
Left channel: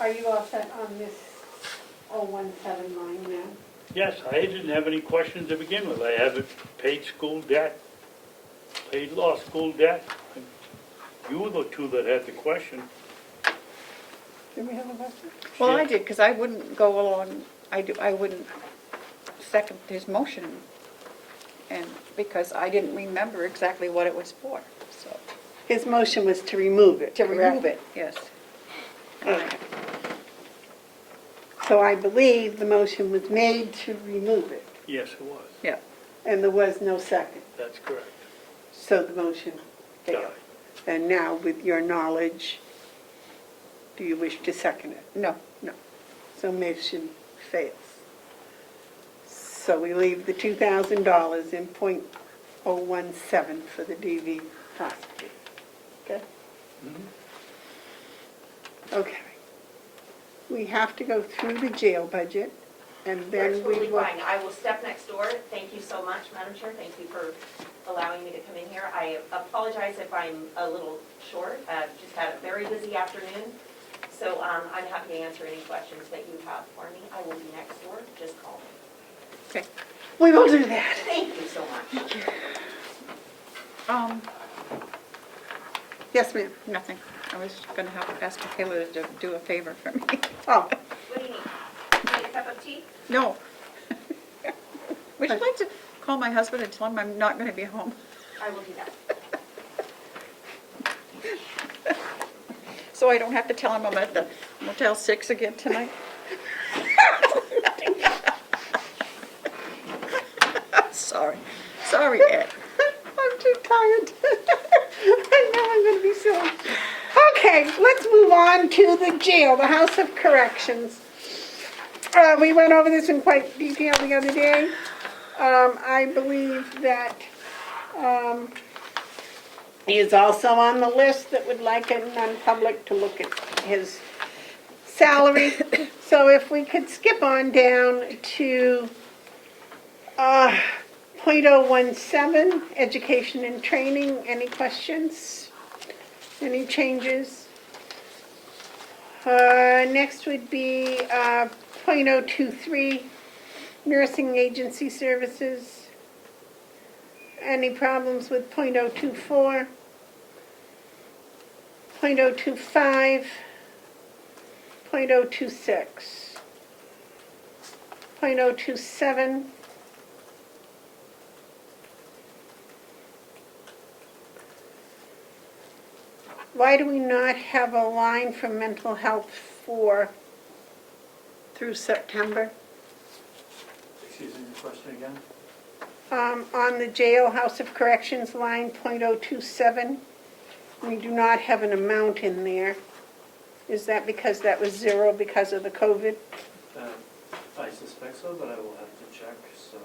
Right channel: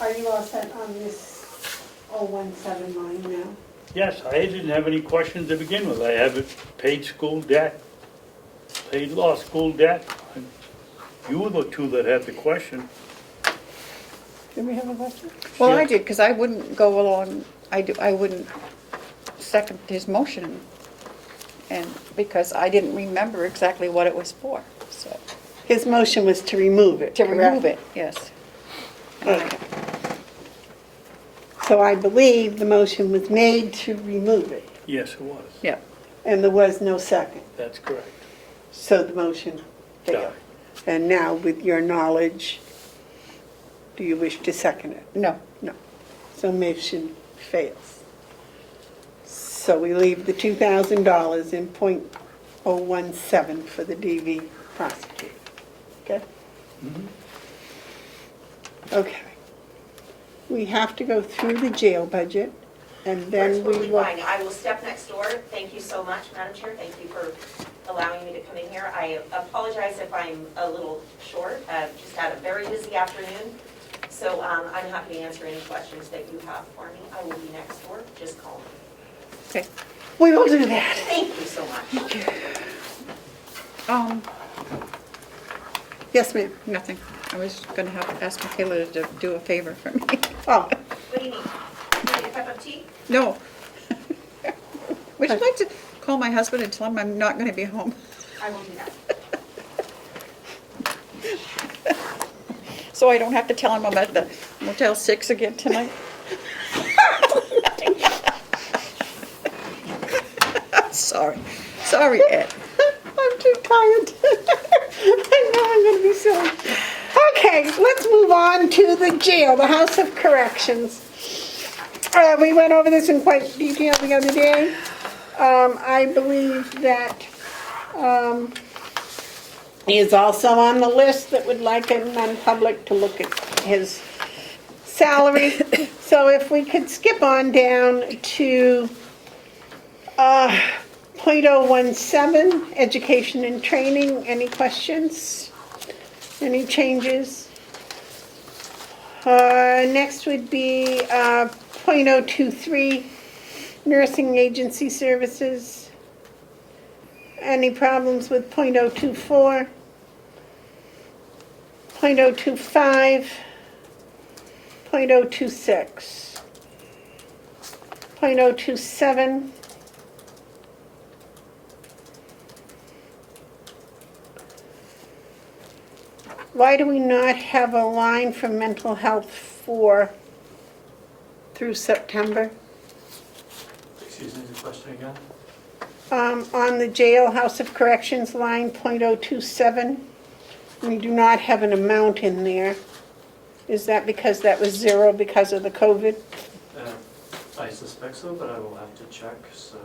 Are you all set on this 017 line now? Yes, I didn't have any questions to begin with. I have paid school debt, paid law school debt. You were the two that had the question. Did we have a question? Well, I did, because I wouldn't go along, I wouldn't second his motion, and because I didn't remember exactly what it was for, so. His motion was to remove it, To correct? remove it, yes. Okay. So I believe the motion was made to remove it, Yes, it was. Yeah. and there was no second. That's correct. So the motion failed. Died. And now, with your knowledge, do you wish to second it? No. No. So motion fails. So we leave the $2,000 in .017 for the DV prosecutor. Okay? Okay. We have to go through the jail budget, and then That's we totally will... fine. I will step next door. Thank you so much, Madam Chair. Thank you for allowing me to come in here. I apologize if I'm a little short. Just had a very busy afternoon. So I'm happy to answer any questions that you have for me. I will be next door. Just call me. Okay. We will do that. Thank you so much. Yes, ma'am. Nothing. I was gonna have to ask Michaela to do a favor for me. Oh, What do you need? You need a cup of tea? No. Would you like to call my husband and tell him I'm not gonna be home? I will do that. So I don't have to tell him I'm at the Motel 6 again tonight? Sorry. Sorry, Ed. I'm too tired. I know I'm gonna be silly. Okay, let's move on to the jail, the House of Corrections. We went over this in quite detail the other day. I believe that he is also on the list that would like a non-public to look at his salary. So if we could skip on down to .017, education and training. Any questions? Any changes? Next would be .023, nursing agency services. Any problems with .024? .025, .026, .027, why do we not have a line for mental health through September? Excuse me, the question again? On the jail House of Corrections line, .027, we do not have an amount in there. Is that because that was zero because of the COVID? I suspect so, but I will have to check, so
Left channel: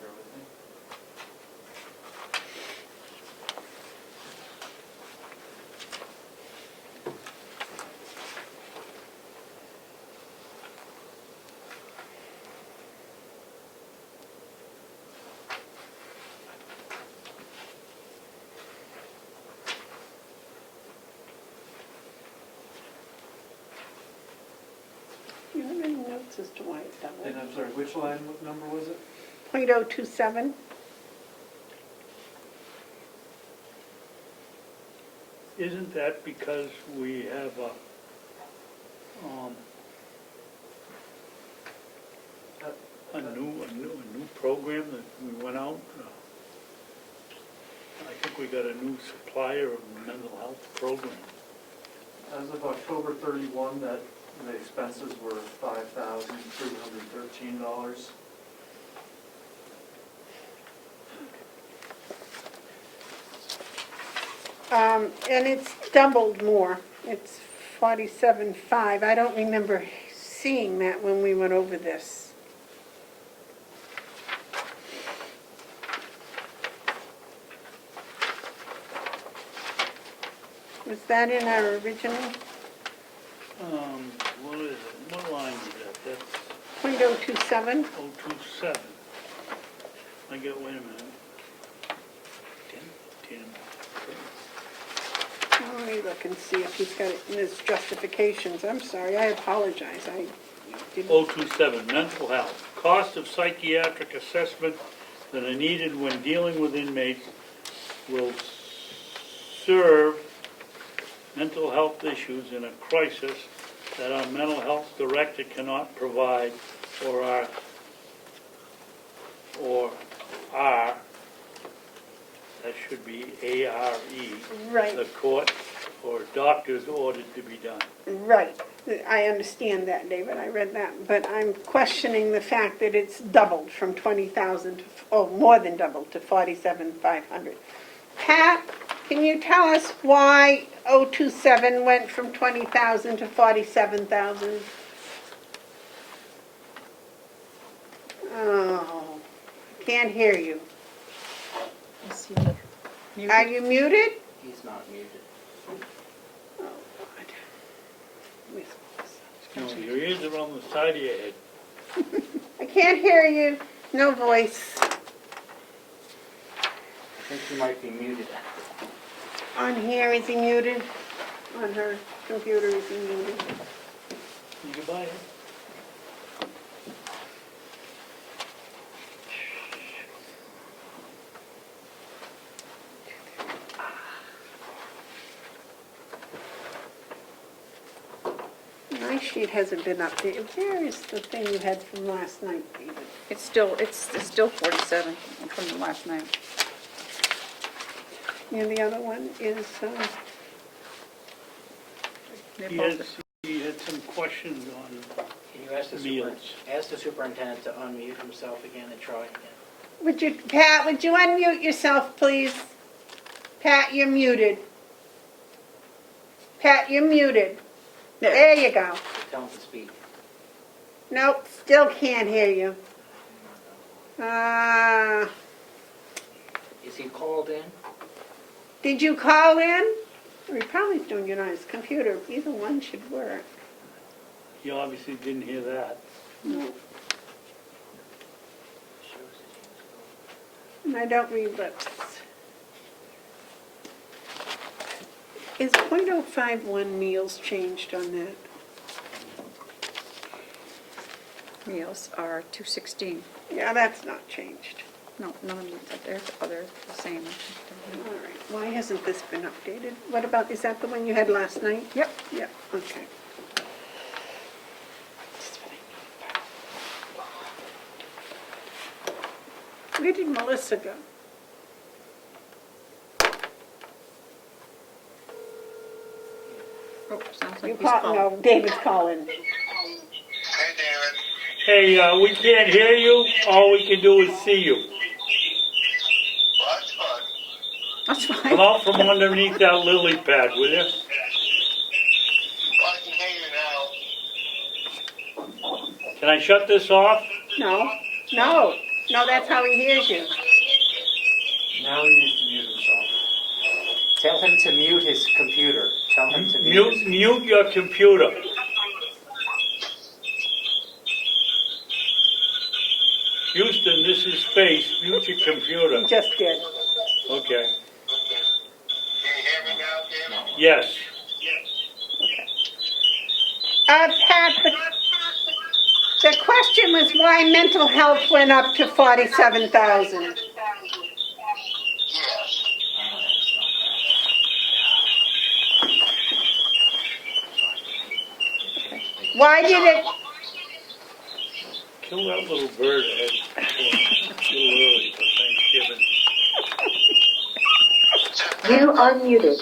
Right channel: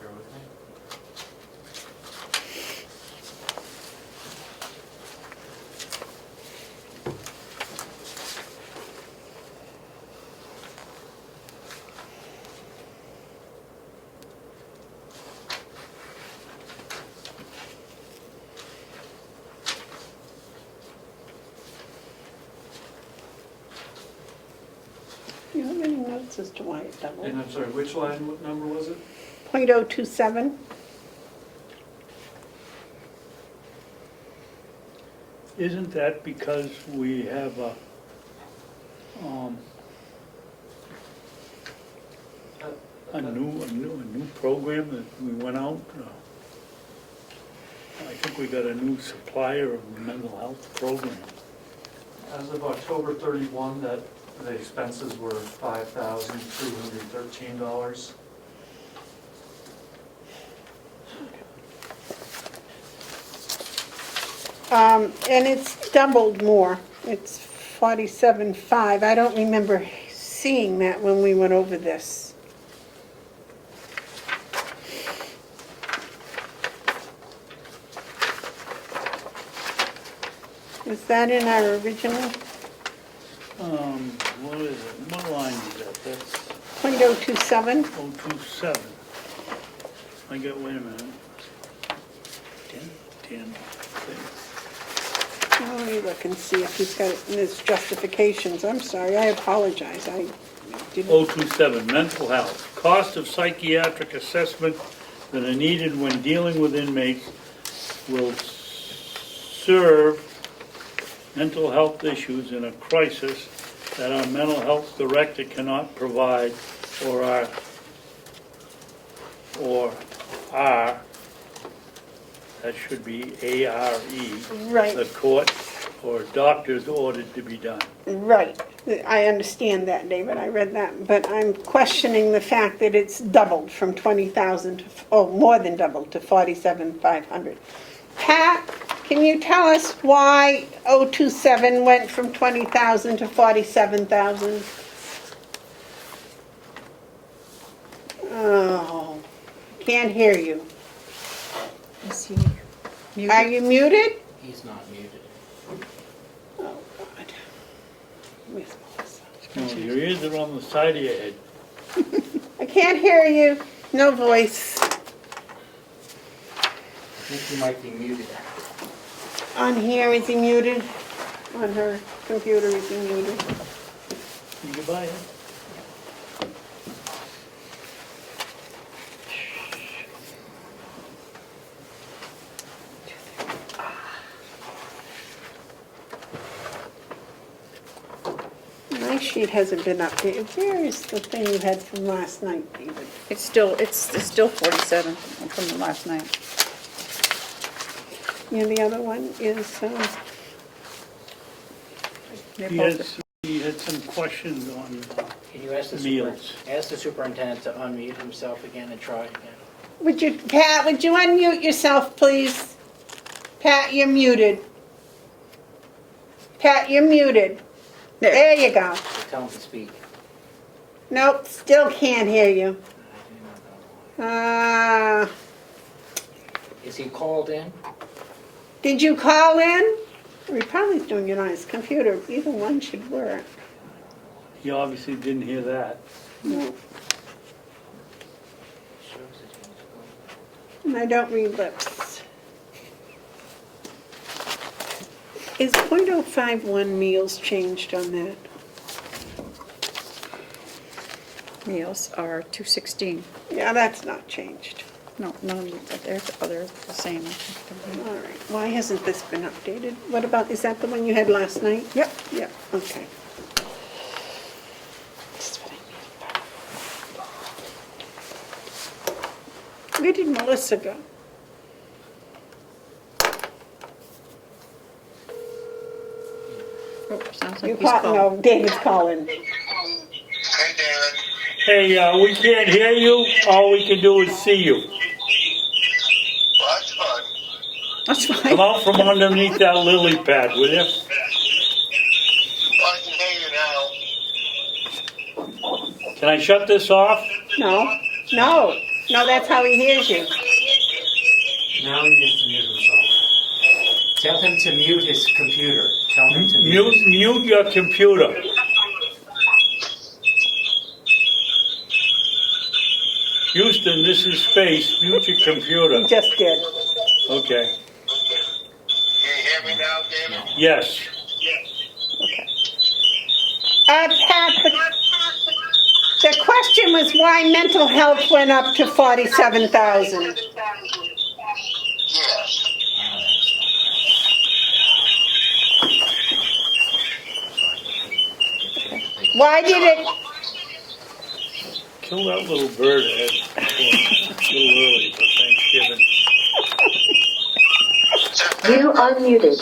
bear with me. Do you have any notes as to why it doubled? And I'm sorry, which line, what number was it? .027. Isn't that because we have a new program that we went out? I think we got a new supplier of the mental health program. As of October 31, that the expenses were $5,313. And it's doubled more. It's 47.5. I don't remember seeing that when we went over this. Is that in our original? What is it? What line is that? That's .027? 027. I got, wait a minute. 10. Let me look and see if he's got it in his justifications. I'm sorry, I apologize. I didn't. 027, mental health. Cost of psychiatric assessment that are needed when dealing with inmates will serve mental health issues in a crisis that our mental health director cannot provide or are, that should be A-R-E. Right. The court or doctors ordered to be done. Right. I understand that, David. I read that. But I'm questioning the fact that it's doubled from 20,000 to, more than doubled to 47,500. Pat, can you tell us why 027 went from 20,000 to 47,000? Oh, can't hear you. Is he muted? Are you muted? He's not muted. Oh, God. Where's Melissa? No, your ears are on the side of your head. I can't hear you. No voice. I think he might be muted. On here, is he muted? On her computer, is he muted? You can buy it. My sheet hasn't been updated. Where is the thing you had from last night, David? It's still 47 from the last night. Yeah, the other one is, He had some questions on Can you ask the meals. ask the superintendent to unmute himself again and try again? Pat, would you unmute yourself, please? Pat, you're muted. Pat, you're muted. There you go. So tell him to speak. Nope, still can't hear you. Is he called in? Did you call in? Or he probably's doing it on his computer. Either one should work. He obviously didn't hear that. No. And I don't read lips. Is .051 meals changed on that? Meals are 216. Yeah, that's not changed. No, they're the same. All right, why hasn't this been updated? What about, is that the one you had last night? Yep. Yep, okay. Where did Melissa go? Oh, sounds You like he's call, calling. no, David's calling. Hey, David. Hey, we can't hear you. All we can do is see you. Well, that's fun. That's fine. Come out from underneath that lily pad, will you? Well, I can hear you now. Can I shut this off? No, that's how he hears you. Now he needs to mute himself. Tell him to mute his computer. Tell him to mute his... Mute your computer. Houston, this is Space. Mute your computer. He just did. Okay. Can you hear me now, David? Yes. Pat, the question was why mental health went up to 47,000. Yes. Why did it, Kill that little bird ahead. A little early for Thanksgiving. You are muted.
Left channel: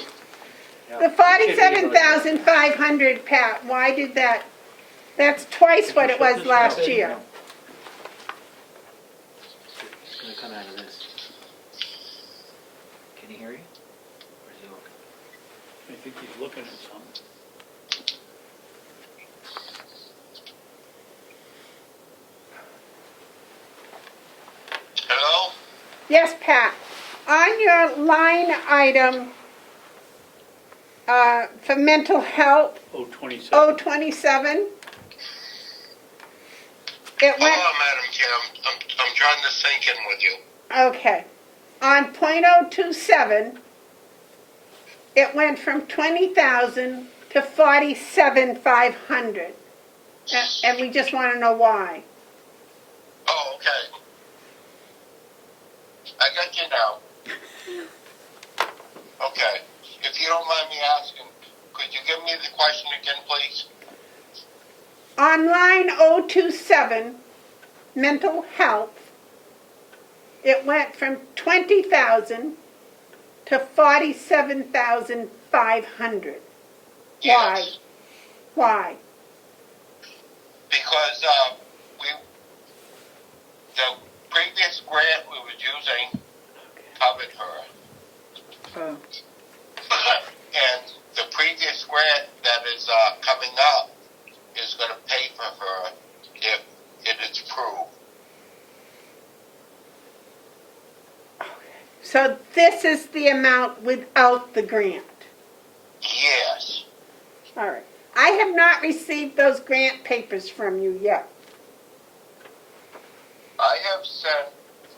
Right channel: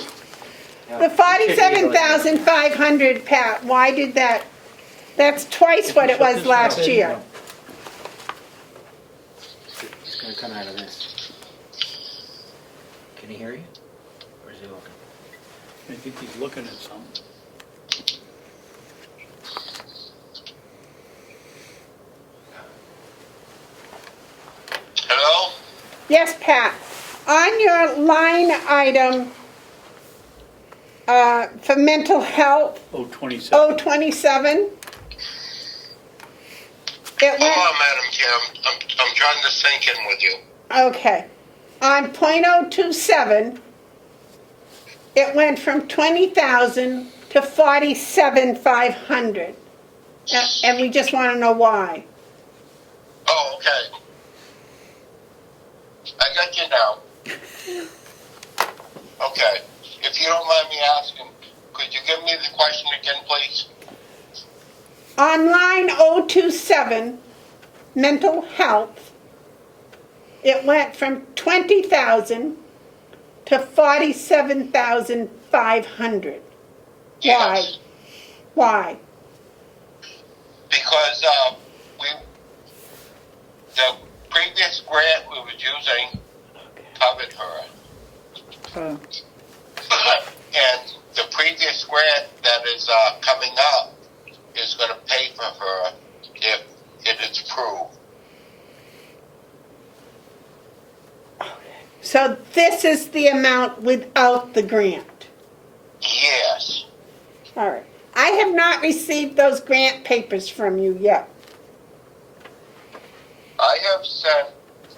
the 47,500, Pat, why did that, that's twice what it was last year. It's going to come out of this. Can he hear you? Or is he looking? I think he's looking at something. Hello? Yes, Pat, on your line item for mental health, 027. 027, it Hold went, on, Madam Chair. I'm trying to sync in with you. okay, on .027, it went from 20,000 to 47,500. And we just want to know why. Oh, okay. I got you now. Okay. If you don't mind me asking, could you give me the question again, please? On line 027, mental health, it went from 20,000 to 47,500. Yes. Why? Because the previous grant we was using covered her. Oh. And the previous grant that is coming up is going to pay for her if it is approved. So this is the amount without the grant. Yes. All right. I have not received those grant papers from you yet. I have sent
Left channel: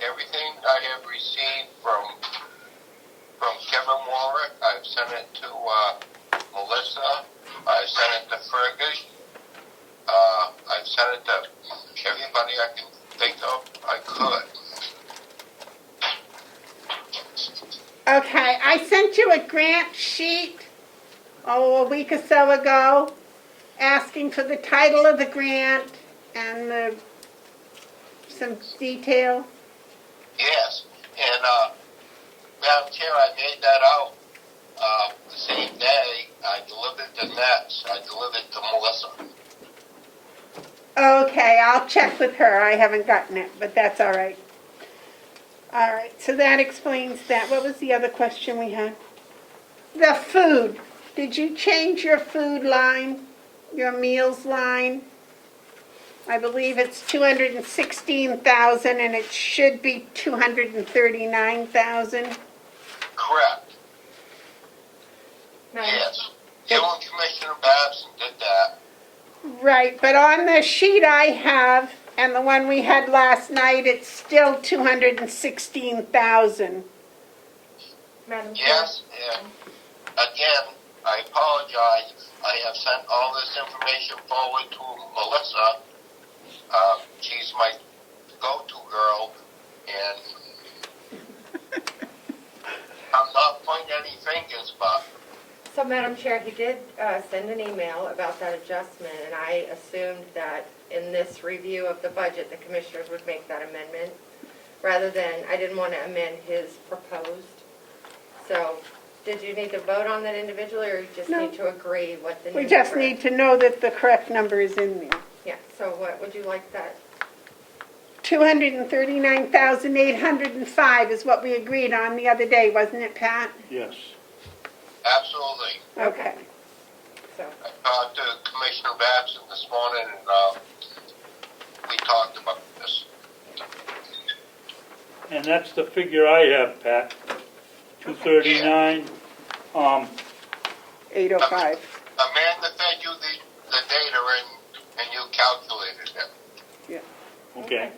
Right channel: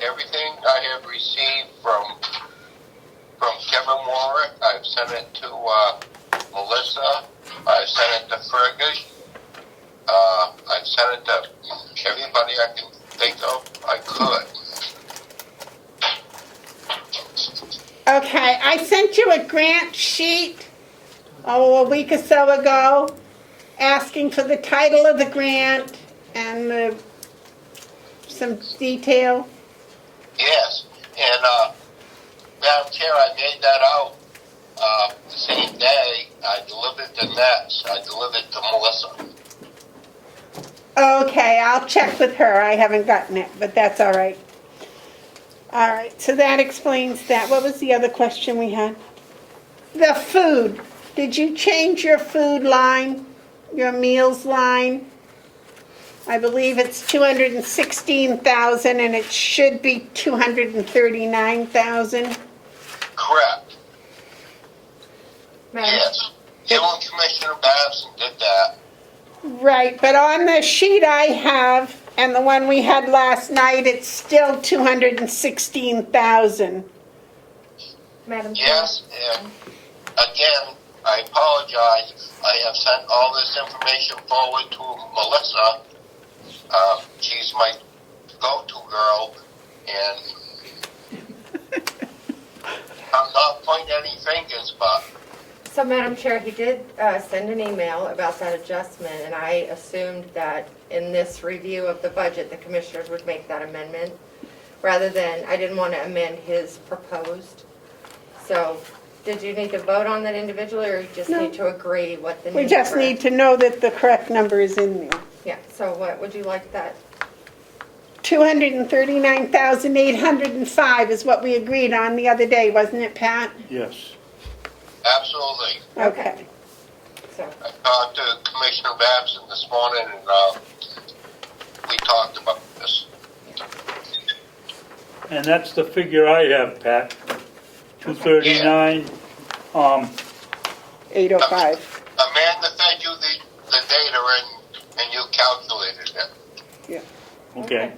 everything I have received from Kevin Warwick. I've sent it to Melissa. I've sent it to Fergus. I've sent it to everybody I can think of I could. Okay, I sent you a grant sheet, a week or so ago, asking for the title of the grant and some detail. Yes, and, Madam Chair, I made that out, the same day. I delivered the nets. I delivered to Melissa. Okay, I'll check with her. I haven't gotten it, but that's all right. All right, so that explains that. What was the other question we had? The food. Did you change your food line, your meals line? I believe it's 216,000 and it should be 239,000. Correct. Madam- Yes. You and Commissioner Babson did that. Right, but on the sheet I have and the one we had last night, it's still 216,000. Madam Chair? Yes, and again, I apologize. I have sent all this information forward to Melissa. She's my go-to girl, and I'm not pointing any fingers, but So, Madam Chair, he did send an email about that adjustment, and I assumed that in this review of the budget, the commissioners would make that amendment, rather than, I didn't want to amend his proposed. So, did you need to vote on that individually, or you just need to agree what the new We just number- need to know that the correct number is in there. Yeah, so what would you like that? 239,805 is what we agreed on the other day, wasn't it, Pat? Yes. absolutely. Okay. So, I talked to Commissioner Babson this morning, and we talked about this. And that's the figure I have, Pat. 239, 805. Amanda fed you the data, and you calculated it. okay.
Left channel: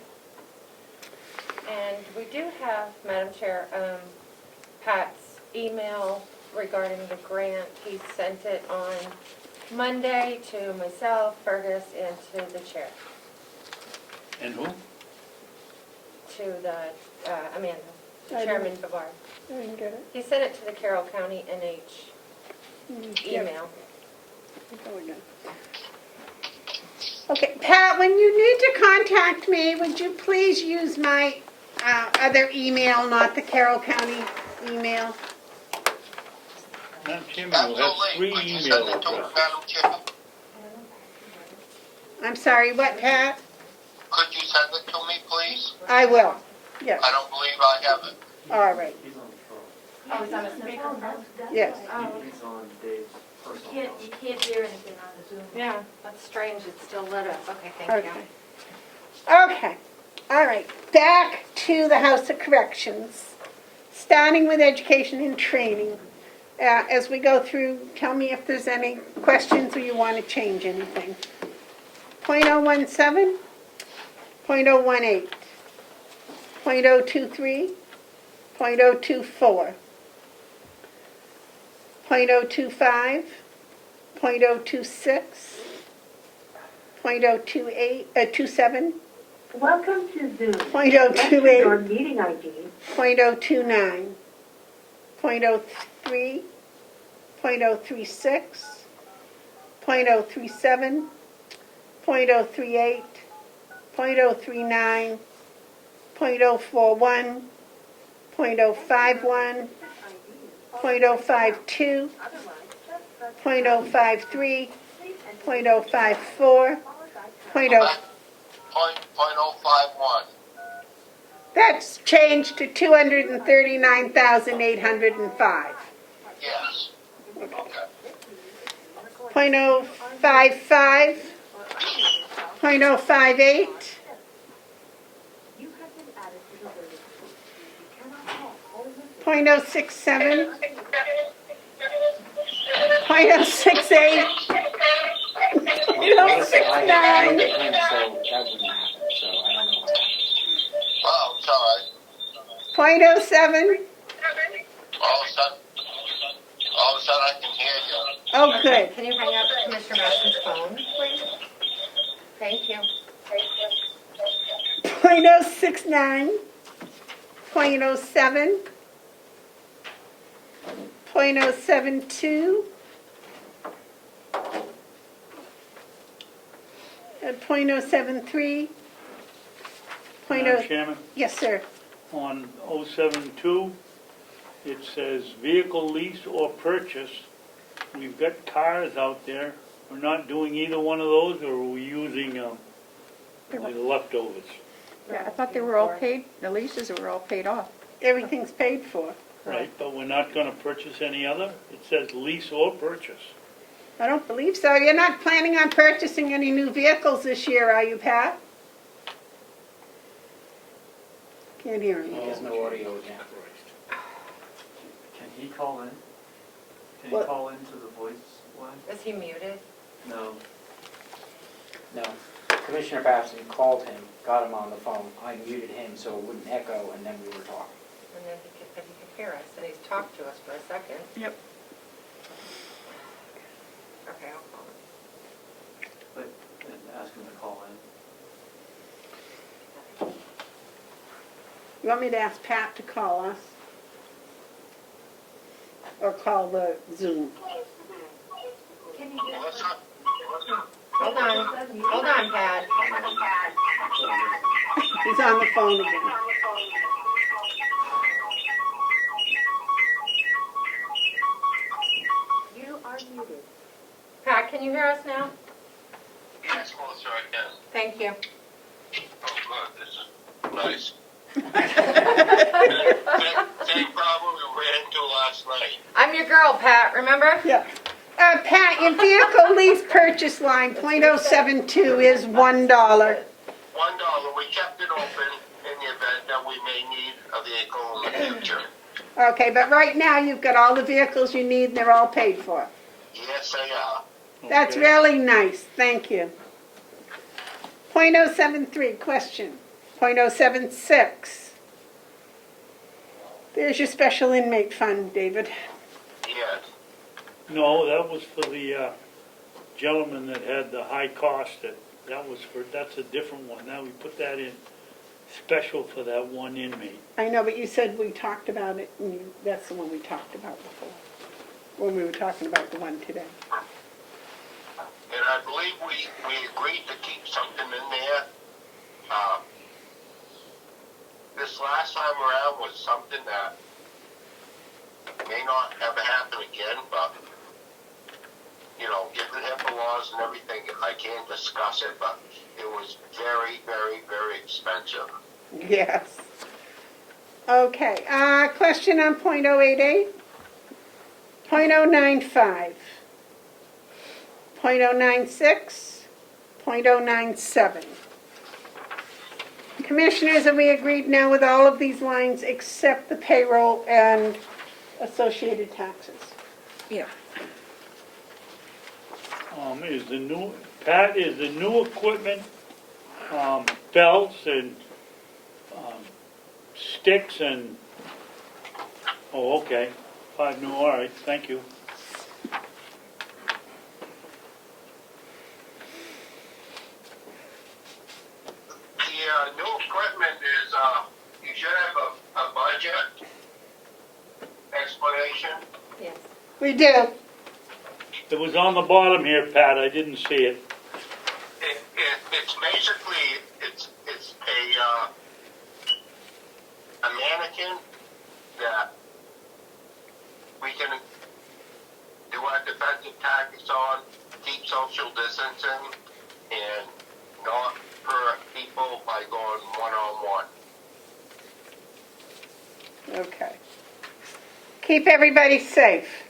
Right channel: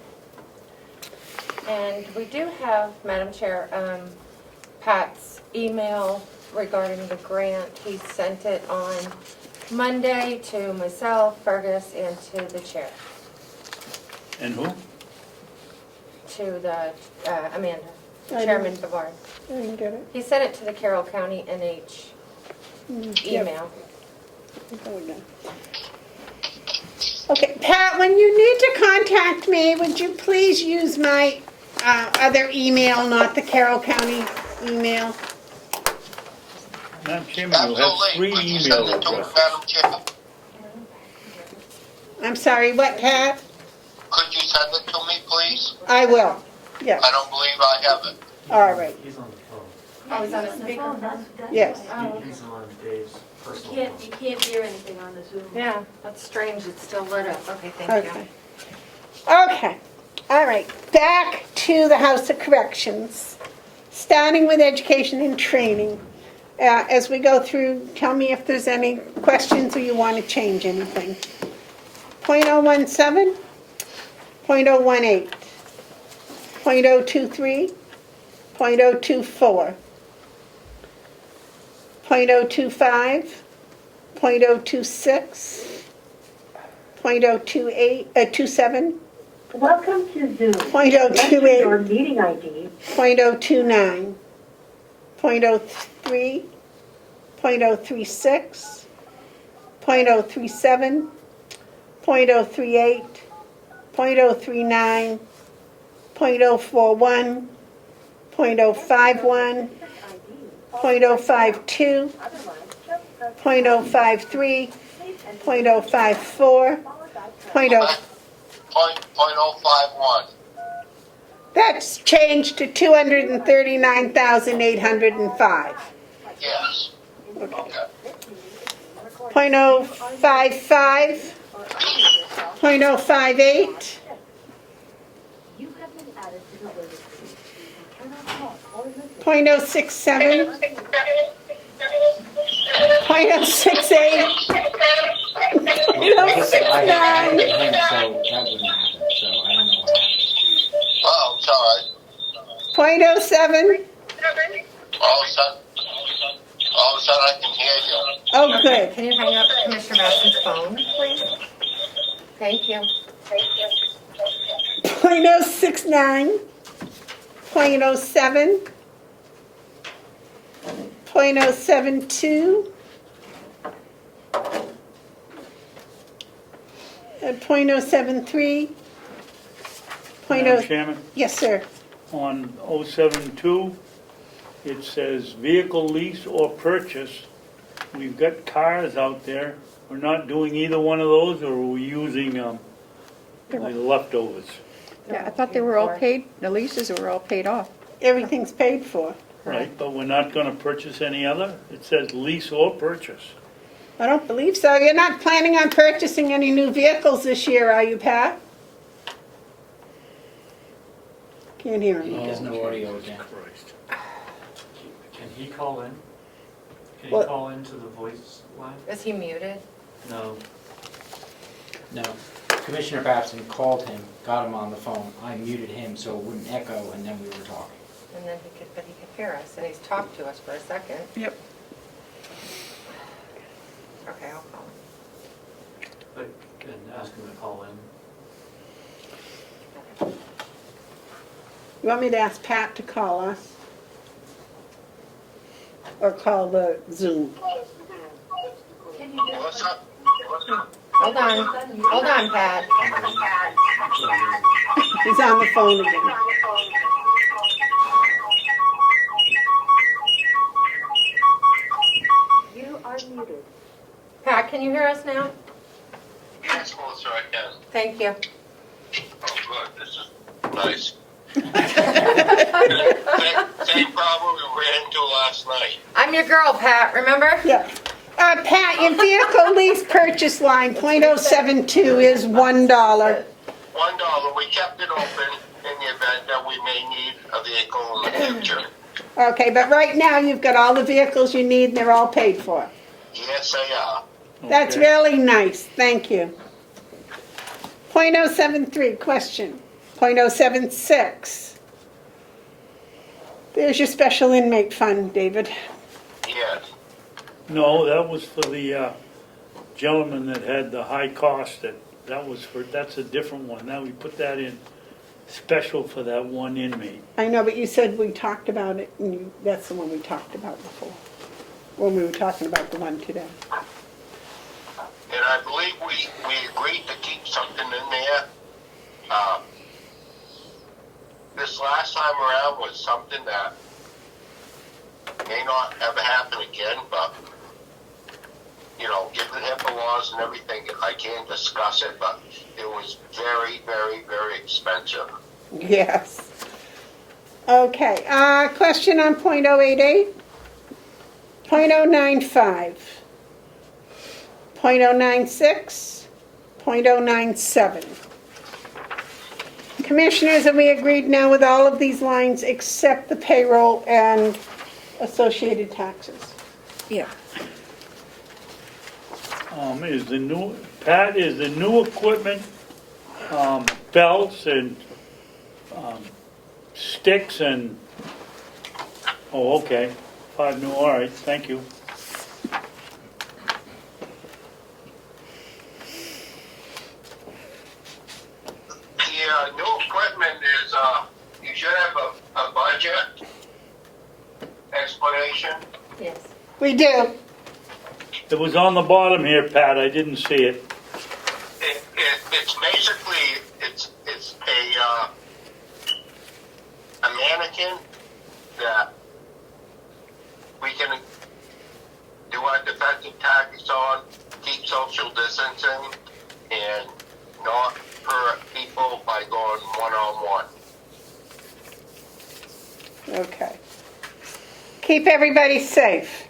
and we do have, Madam Chair, Pat's email regarding the grant. He sent it on Monday to myself, Fergus, and to the chair, And who? to the, Amanda, I Chairman Bavard. I didn't get it. He sent it to the Carroll County NH email. Okay, Pat, when you need to contact me, would you please use my other email, not the Carroll County email? Madam Chairman, you have Absolutely. 3 Could you send email it to me, addresses. Madam Chair? I'm sorry, what, Pat? Could you send it to me, please? I will. Yes. I don't believe I have it. All right. He's on the phone. Oh, he's on a speaker. Yes. He's on Dave's personal phone. You can't hear anything on the Zoom. Yeah, that's strange, it's still lit up. Okay, thank you. Okay. Okay. All right. Back to the House of Corrections. Starting with education and training. As we go through, tell me if there's any questions or you want to change anything. 0.017, 0.018, 0.023, 0.024, 0.025, 0.026, 0.027, Welcome to Zoom. 0.028, Your meeting ID. 0.029, 0.03, 0.036, 0.037, 0.038, 0.039, 0.041, 0.051, 0.052, 0.053, 0.054, .051. That's changed to 239,805. Yes. Okay. 0.055, 0.058, 0.067, 0.068, I had it him, so that didn't happen, so I don't know what happened. Oh, sorry. 0.07. All of a sudden I can hear you. Oh, good. Can you hang up Commissioner Madsen's phone, please? Thank you. 0.069, 0.07, 0.072, At .073. Madam Chairman, Yes, sir. on 072, it says vehicle lease or purchase. We've got cars out there. We're not doing either one of those, or are we using the leftovers? Yeah, I thought they were all paid, the leases were all paid off. Everything's paid for. Right, but we're not gonna purchase any other? It says lease or purchase. I don't believe so. You're not planning on purchasing any new vehicles this year, are you, Pat? Can't hear him. There's no audio again. Christ. Can he call in? Can What? he call into the voice line? Is he muted? No. No. Commissioner Babson called him, got him on the phone. I muted him so it wouldn't echo, and then we were talking. And then but he could hear us, and he's talked to us for a second. Yep. Okay, I'll call him. And ask him to call in. You want me to ask Pat to call us? Or call the Zoom? Melissa? Hold on, Pat. He's on the phone again. You are muted. Pat, can you hear us now? Yes, Melissa, I can. Thank you. Oh, good, this is nice. Same problem we ran into last night. I'm your girl, Pat, remember? Yeah. Pat, your vehicle lease purchase line, .072 is $1. $1, we kept it open in the event that we may need a vehicle in the future. Okay, but right now you've got all the vehicles you need and they're all paid for. Yes, they are. That's Okay. really nice, thank you. .073, question. .076. There's your special inmate fund, David. Yes. No, that was for the gentleman that had the high cost. That's a different one. Now we put that in special for that one inmate. I know, but you said we talked about it, and that's the one we talked about before, when we were talking about the one today. And I believe we agreed to keep something in there. This last time around was something that may not ever happen again, but, you know, given HIPAA laws and everything, I can't discuss it, but it was very, very, very expensive. Yes. Okay, question on .088, .095, .096, .097. Commissioners, have we agreed now with all of these lines except the payroll and associated taxes? Yeah. Is the new equipment, belts and, sticks and, oh, okay, 5 new, all right, thank you. The new equipment is, you should have a budget explanation. Yes. We do. It was on the bottom here, Pat, I didn't see it. It's basically, it's a mannequin that we can do our defensive tactics on, keep social distancing, and not hurt people by going one-on-one. Okay. Keep everybody safe.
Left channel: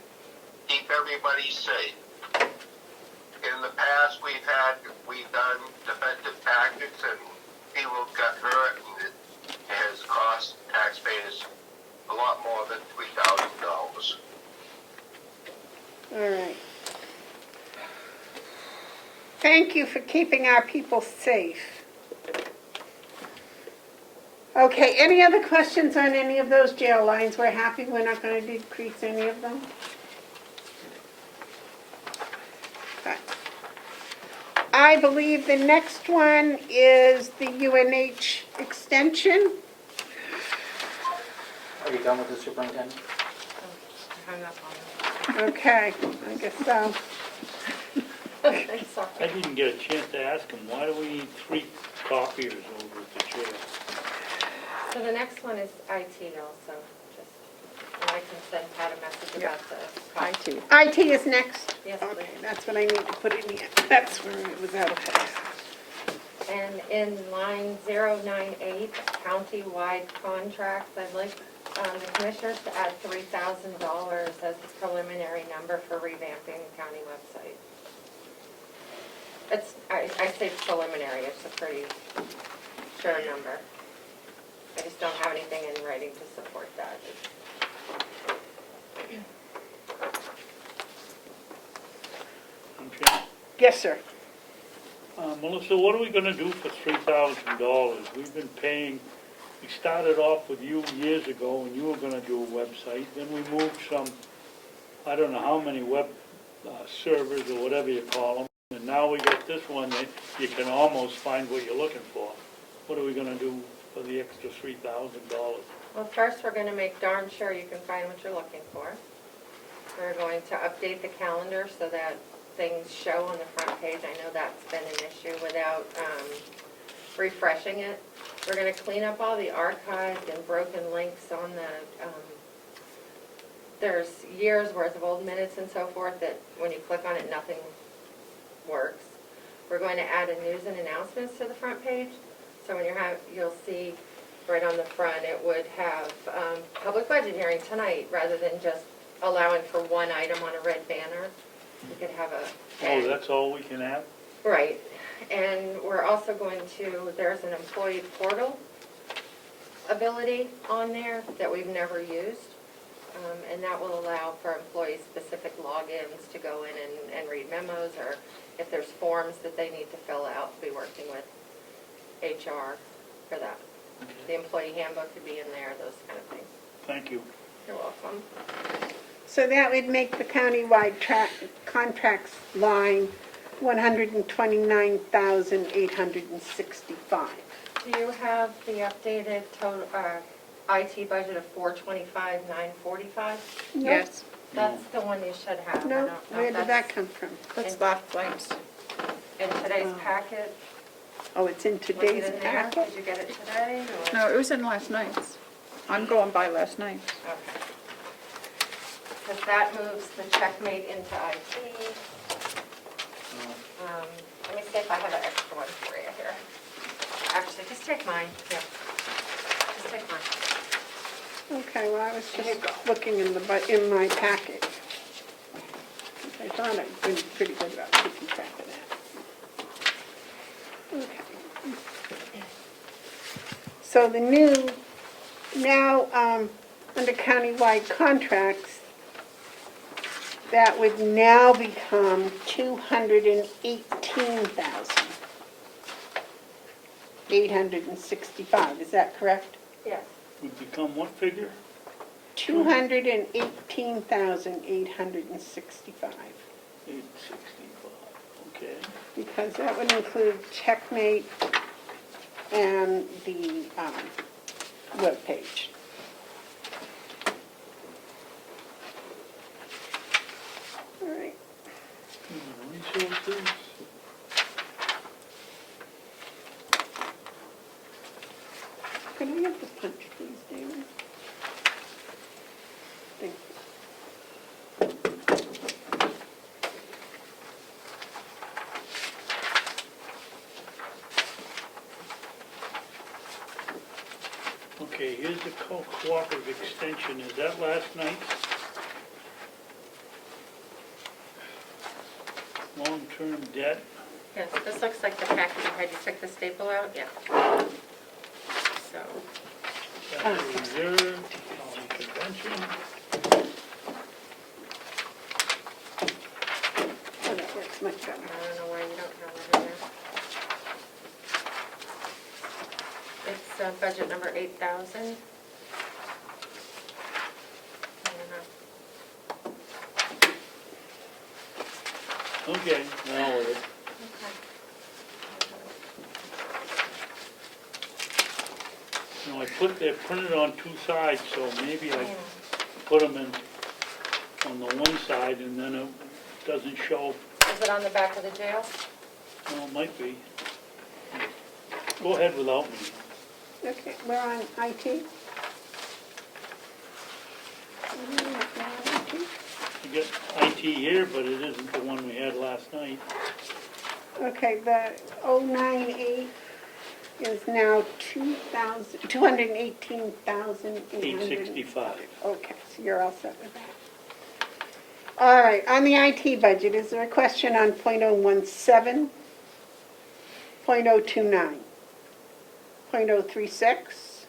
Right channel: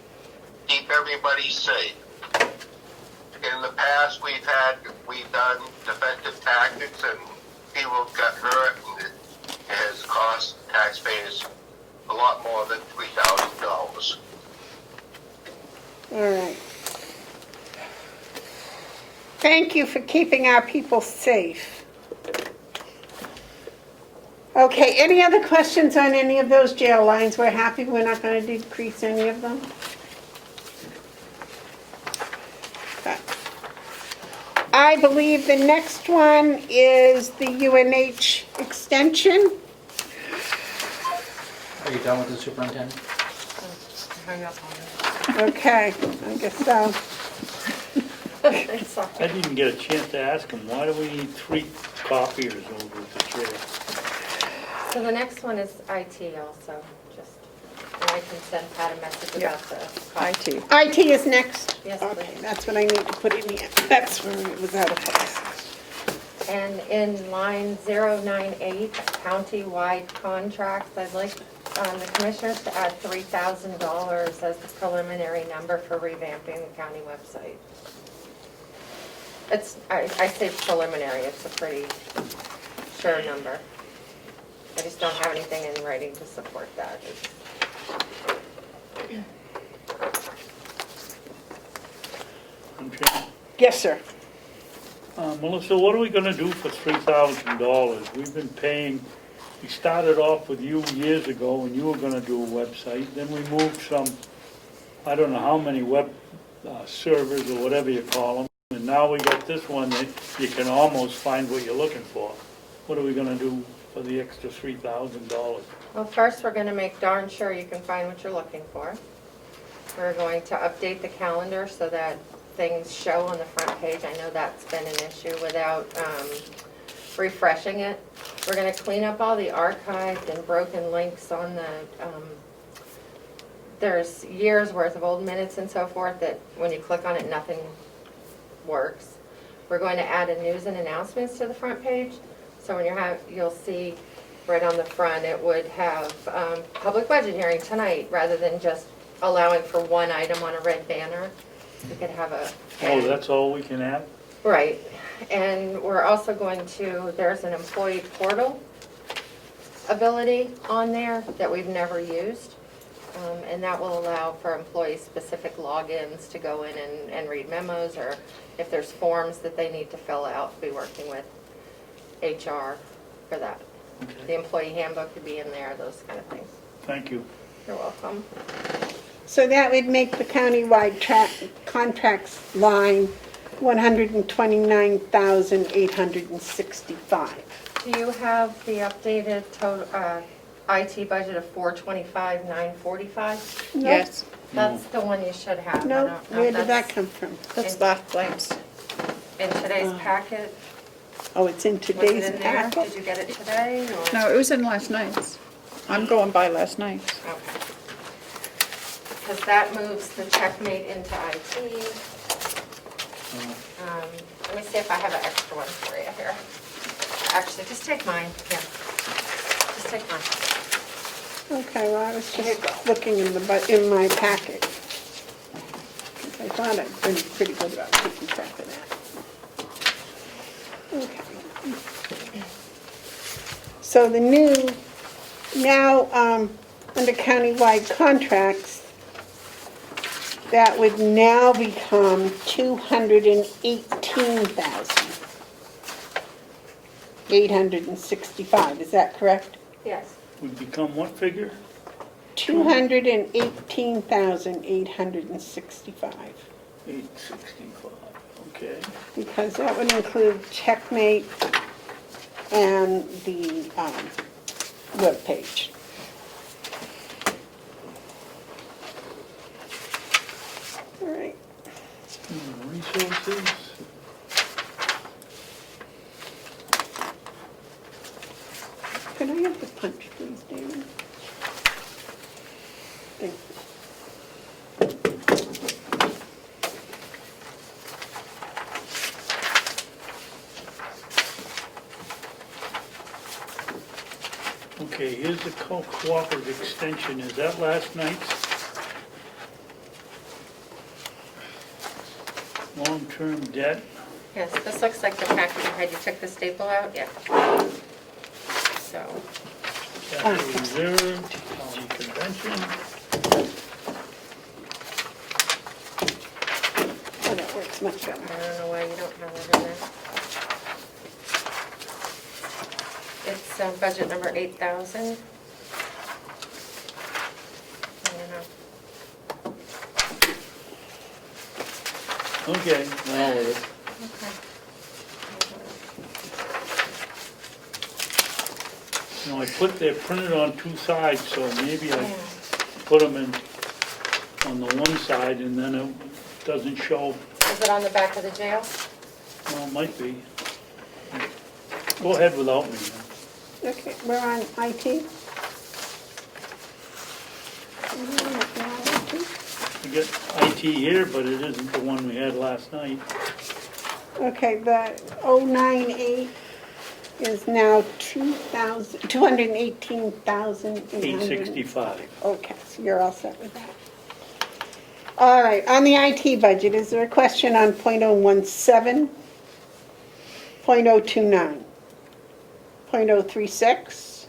Keep everybody safe. In the past, we've done defensive tactics, and people got hurt, and it has cost taxpayers a lot more than $3,000. All right. Thank you for keeping our people safe. Okay, any other questions on any of those jail lines? We're happy we're not going to decrease any of them? Okay. I believe the next one is the UNH extension. Are you done with the superintendent? Hung up on him. Okay, I guess so. Sorry. I didn't get a chance to ask him, why do we need 3 copiers over at the chair? So the next one is IT also, just, and I can send Pat a message about the. IT. IT is next? Yes, Okay, please. that's what I need to put in here. That's where it was out of place. And in line 098, county-wide contracts, I'd like the commissioners to add $3,000 as the preliminary number for revamping the county website. It's, I say preliminary, it's a pretty sure number. I just don't have anything in writing to support that. Okay. Yes, sir. Melissa, what are we gonna do for $3,000? We've been paying, we started off with you years ago when you were gonna do a website, then we moved some, I don't know how many web servers or whatever you call them, and now we got this one that you can almost find what you're looking for. What are we gonna do for the extra $3,000? Well, first, we're going to make darn sure you can find what you're looking for. We're going to update the calendar so that things show on the front page. I know that's been an issue without refreshing it. We're going to clean up all the archived and broken links on the, there's years worth of old minutes and so forth that when you click on it, nothing works. We're going to add a news and announcements to the front page. So when you'll see right on the front, it would have public budget hearing tonight rather than just allowing for one item on a red banner. You could have a. Oh, that's all we can have? Right. And we're also going to, there's an employee portal ability on there that we've never used. And that will allow for employee-specific logins to go in and read memos, or if there's forms that they need to fill out, be working with HR for that. Okay. The employee handbook could be in there, those kind of things. Thank you. You're welcome. So that would make the countywide contracts line $129,865. Do you have the updated total, IT budget of $425,945? Yes. That's the one you should have. I No, don't know where if did that come from? That's last glance. in today's packet? Oh, it's in Was today's it in there? packet? Did you get it today, or? No, it was in last night's. I'm going by last night's. Okay. Because that moves the checkmate into IT. Let me see if I have an extra one for you here. Actually, just take mine, yeah. Just take mine. Okay, well, I was just looking in my packet. I thought I'd been pretty good about keeping track of that. Okay. So the new, now, under countywide contracts, that would now become $218,865, is that correct? Yes. We become what figure? $218,865. 865, okay. Because that would include checkmate and the webpage. All right. Resources. Could I have the punch, please, David? Thank you. Okay, here's the cooperative extension. Is that last night's? Long-term debt. Yes, this looks like the packet you had. You took the staple out? Yeah. So, Capital reserve, county convention. Oh, that works much better. I don't know why you don't have that in there. It's budget number 8,000. I don't know. Okay, now it is. Okay. Now, they're printed on 2 sides, so maybe I put them in on the one side and then it doesn't show. So Is it on the back of the jail? Well, it might be. Go ahead without me. Okay, we're on IT. I get IT here, but it isn't the one we had last night. Okay, the 098 is now 218,800. 865. Okay, so you're all set with that. All right, on the IT budget, is there a question on .017, .029, .036,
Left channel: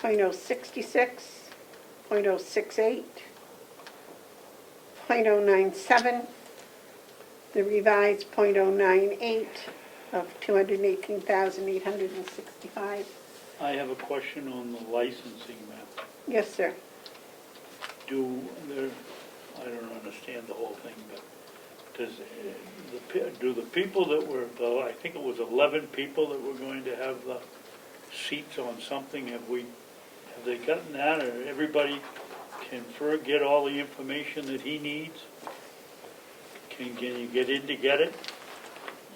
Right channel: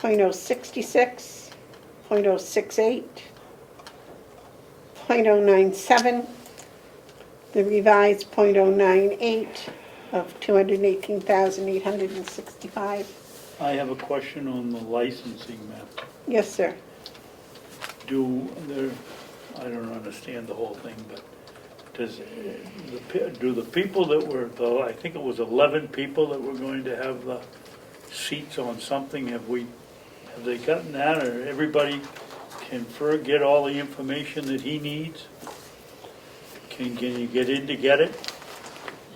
.066, .068, .097, the revised .098 of 218,865? I have a question on the licensing map. Yes, sir. Do I don't understand the whole thing, but do the people that were, I think it was 11 people that were going to have the seats on something, have they gotten that, or everybody can get all the information that he needs? Can you get in to get it?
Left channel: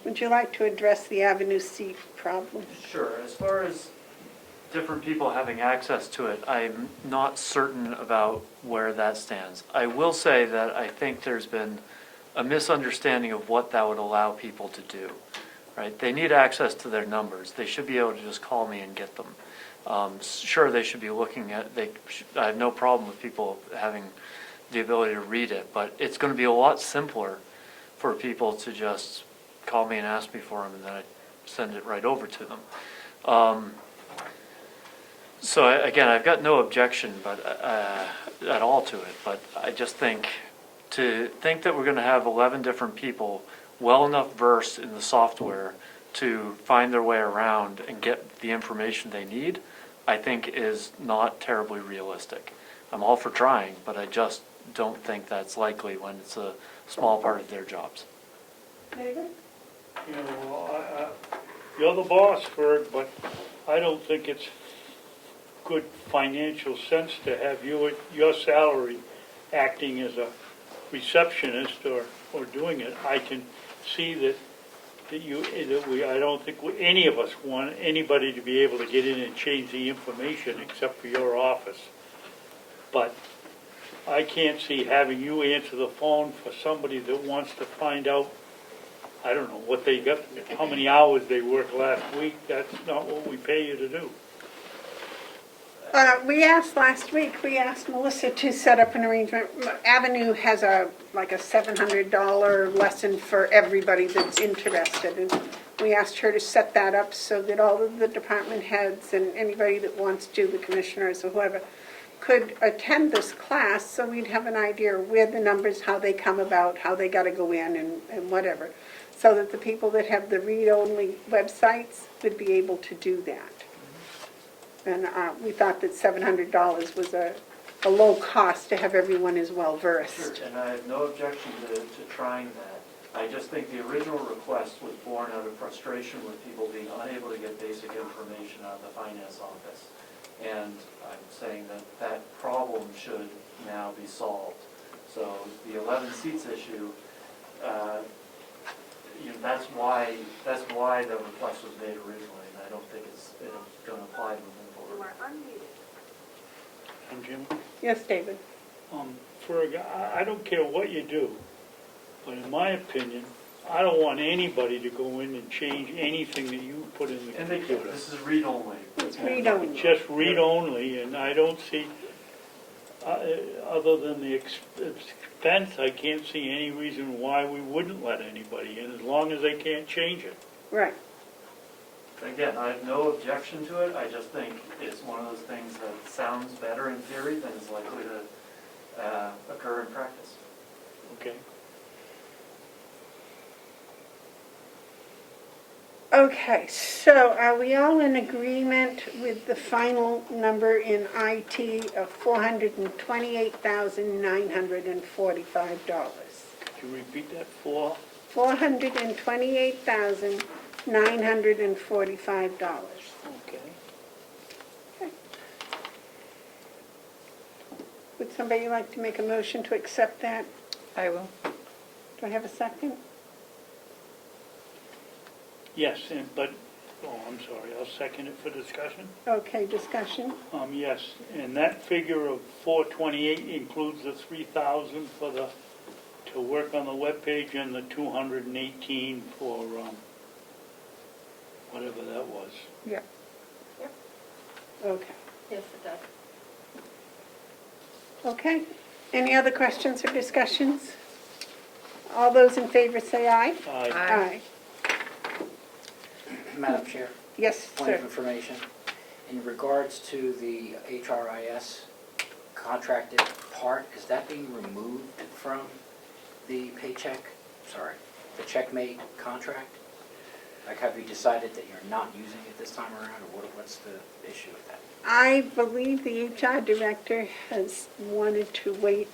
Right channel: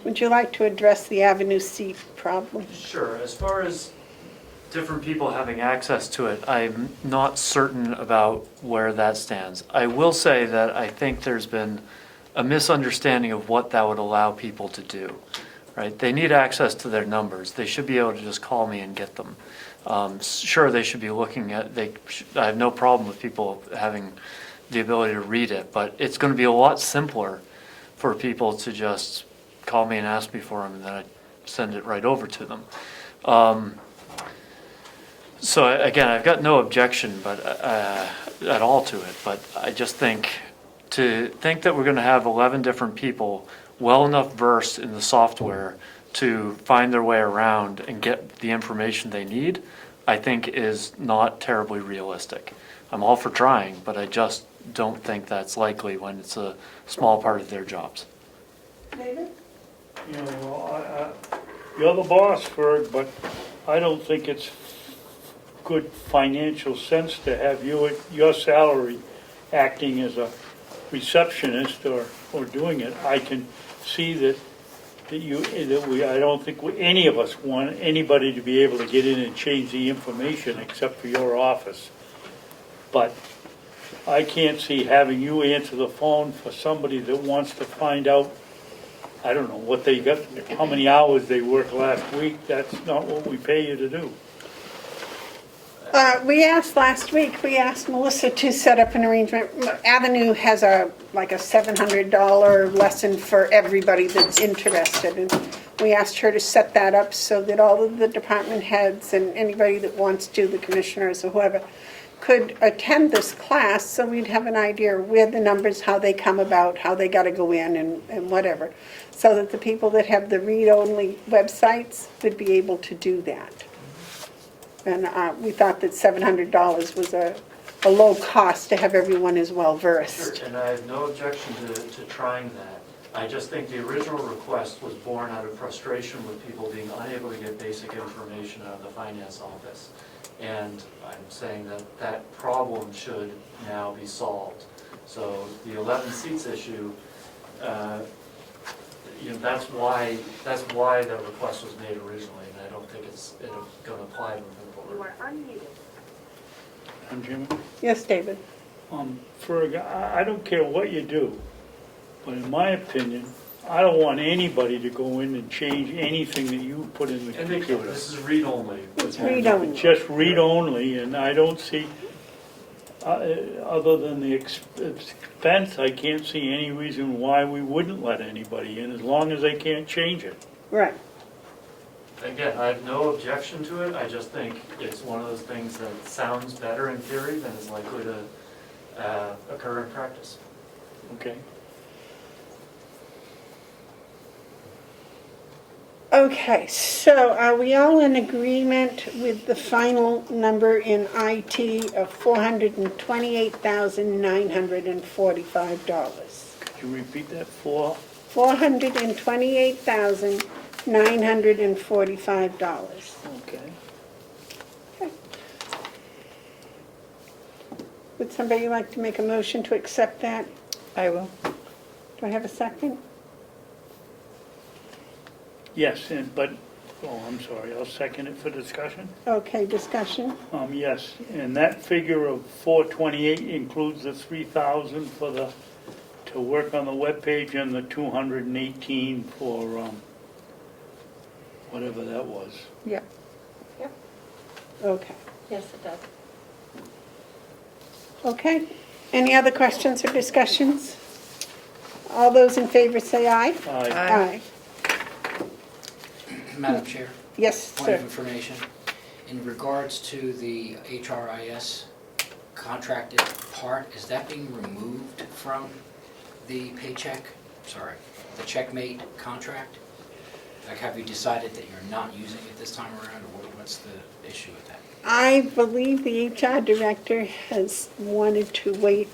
Would you like to address the Avenue seat problem? Sure. As far as different people having access to it, I'm not certain about where that stands. I will say that I think there's been a misunderstanding of what that would allow people to do, right? They need access to their numbers. They should be able to just call me and get them. Sure, they should be looking at, I have no problem with people having the ability to read it, but it's going to be a lot simpler for people to just call me and ask me for them, and then I send it right over to them. So again, I've got no objection at all to it, but I just think that we're going to have 11 different people well enough versed in the software to find their way around and get the information they need, I think is not terribly realistic. I'm all for trying, but I just don't think that's likely when it's a small part of their jobs. David? You know, you're the boss, Ferg, but I don't think it's good financial sense to have you at your salary acting as a receptionist or doing it. I can see that I don't think any of us want anybody to be able to get in and change the information except for your office. But I can't see having you answer the phone for somebody that wants to find out, I don't know, what they got, how many hours they worked last week. That's not what we pay you to do. We asked Melissa to set up an arrangement. Avenue has a $700 lesson for everybody that's interested. And we asked her to set that up so that all of the department heads and anybody that wants to, the commissioners or whoever, could attend this class so we'd have an idea where the numbers, how they come about, how they got to go in and whatever. So that the people that have the read-only websites would be able to do that. And we thought that $700 was a low cost to have everyone as well versed. Sure, and I have no objection to trying that. I just think the original request was born out of frustration with people being unable to get basic information out of the finance office. And I'm saying that problem should now be solved. So the 11 seats issue, that's why the request was made originally, and I don't think it's going to apply moving forward. You are unmuted. And Jim? Yes, David? Ferg, I don't care what you do, but in my opinion, I don't want anybody to go in and change anything that you put in the computer. This is read-only. It's read-only. Just read-only, and I don't see, other than the expense, I can't see any reason why we wouldn't let anybody in, as long as they can't change it. Right. Again, I have no objection to it. I just think it's one of those things that sounds better in theory than is likely to occur in practice. Okay. Okay, so are we all in agreement with the final number in IT of $428,945? Could you repeat that for? $428,945. Okay. Would somebody like to make a motion to accept that? I will. Do I have a second? Yes, but, I'm sorry, I'll second it for discussion. Okay, discussion. Yes, and that figure of 428 includes the 3,000 for to work on the webpage and the 218 for, whatever that was. Yeah. Yep. Okay. Yes, it does. Okay. Any other questions or discussions? All those in favor say aye. Aye. Aye. Madam Chair, Yes, point of sir. information. In regards to the HRIS contracted part, is that being removed from the the checkmate contract? Like, have you decided that you're not using it this time around, or what's the issue with that? I believe the HR director has wanted to wait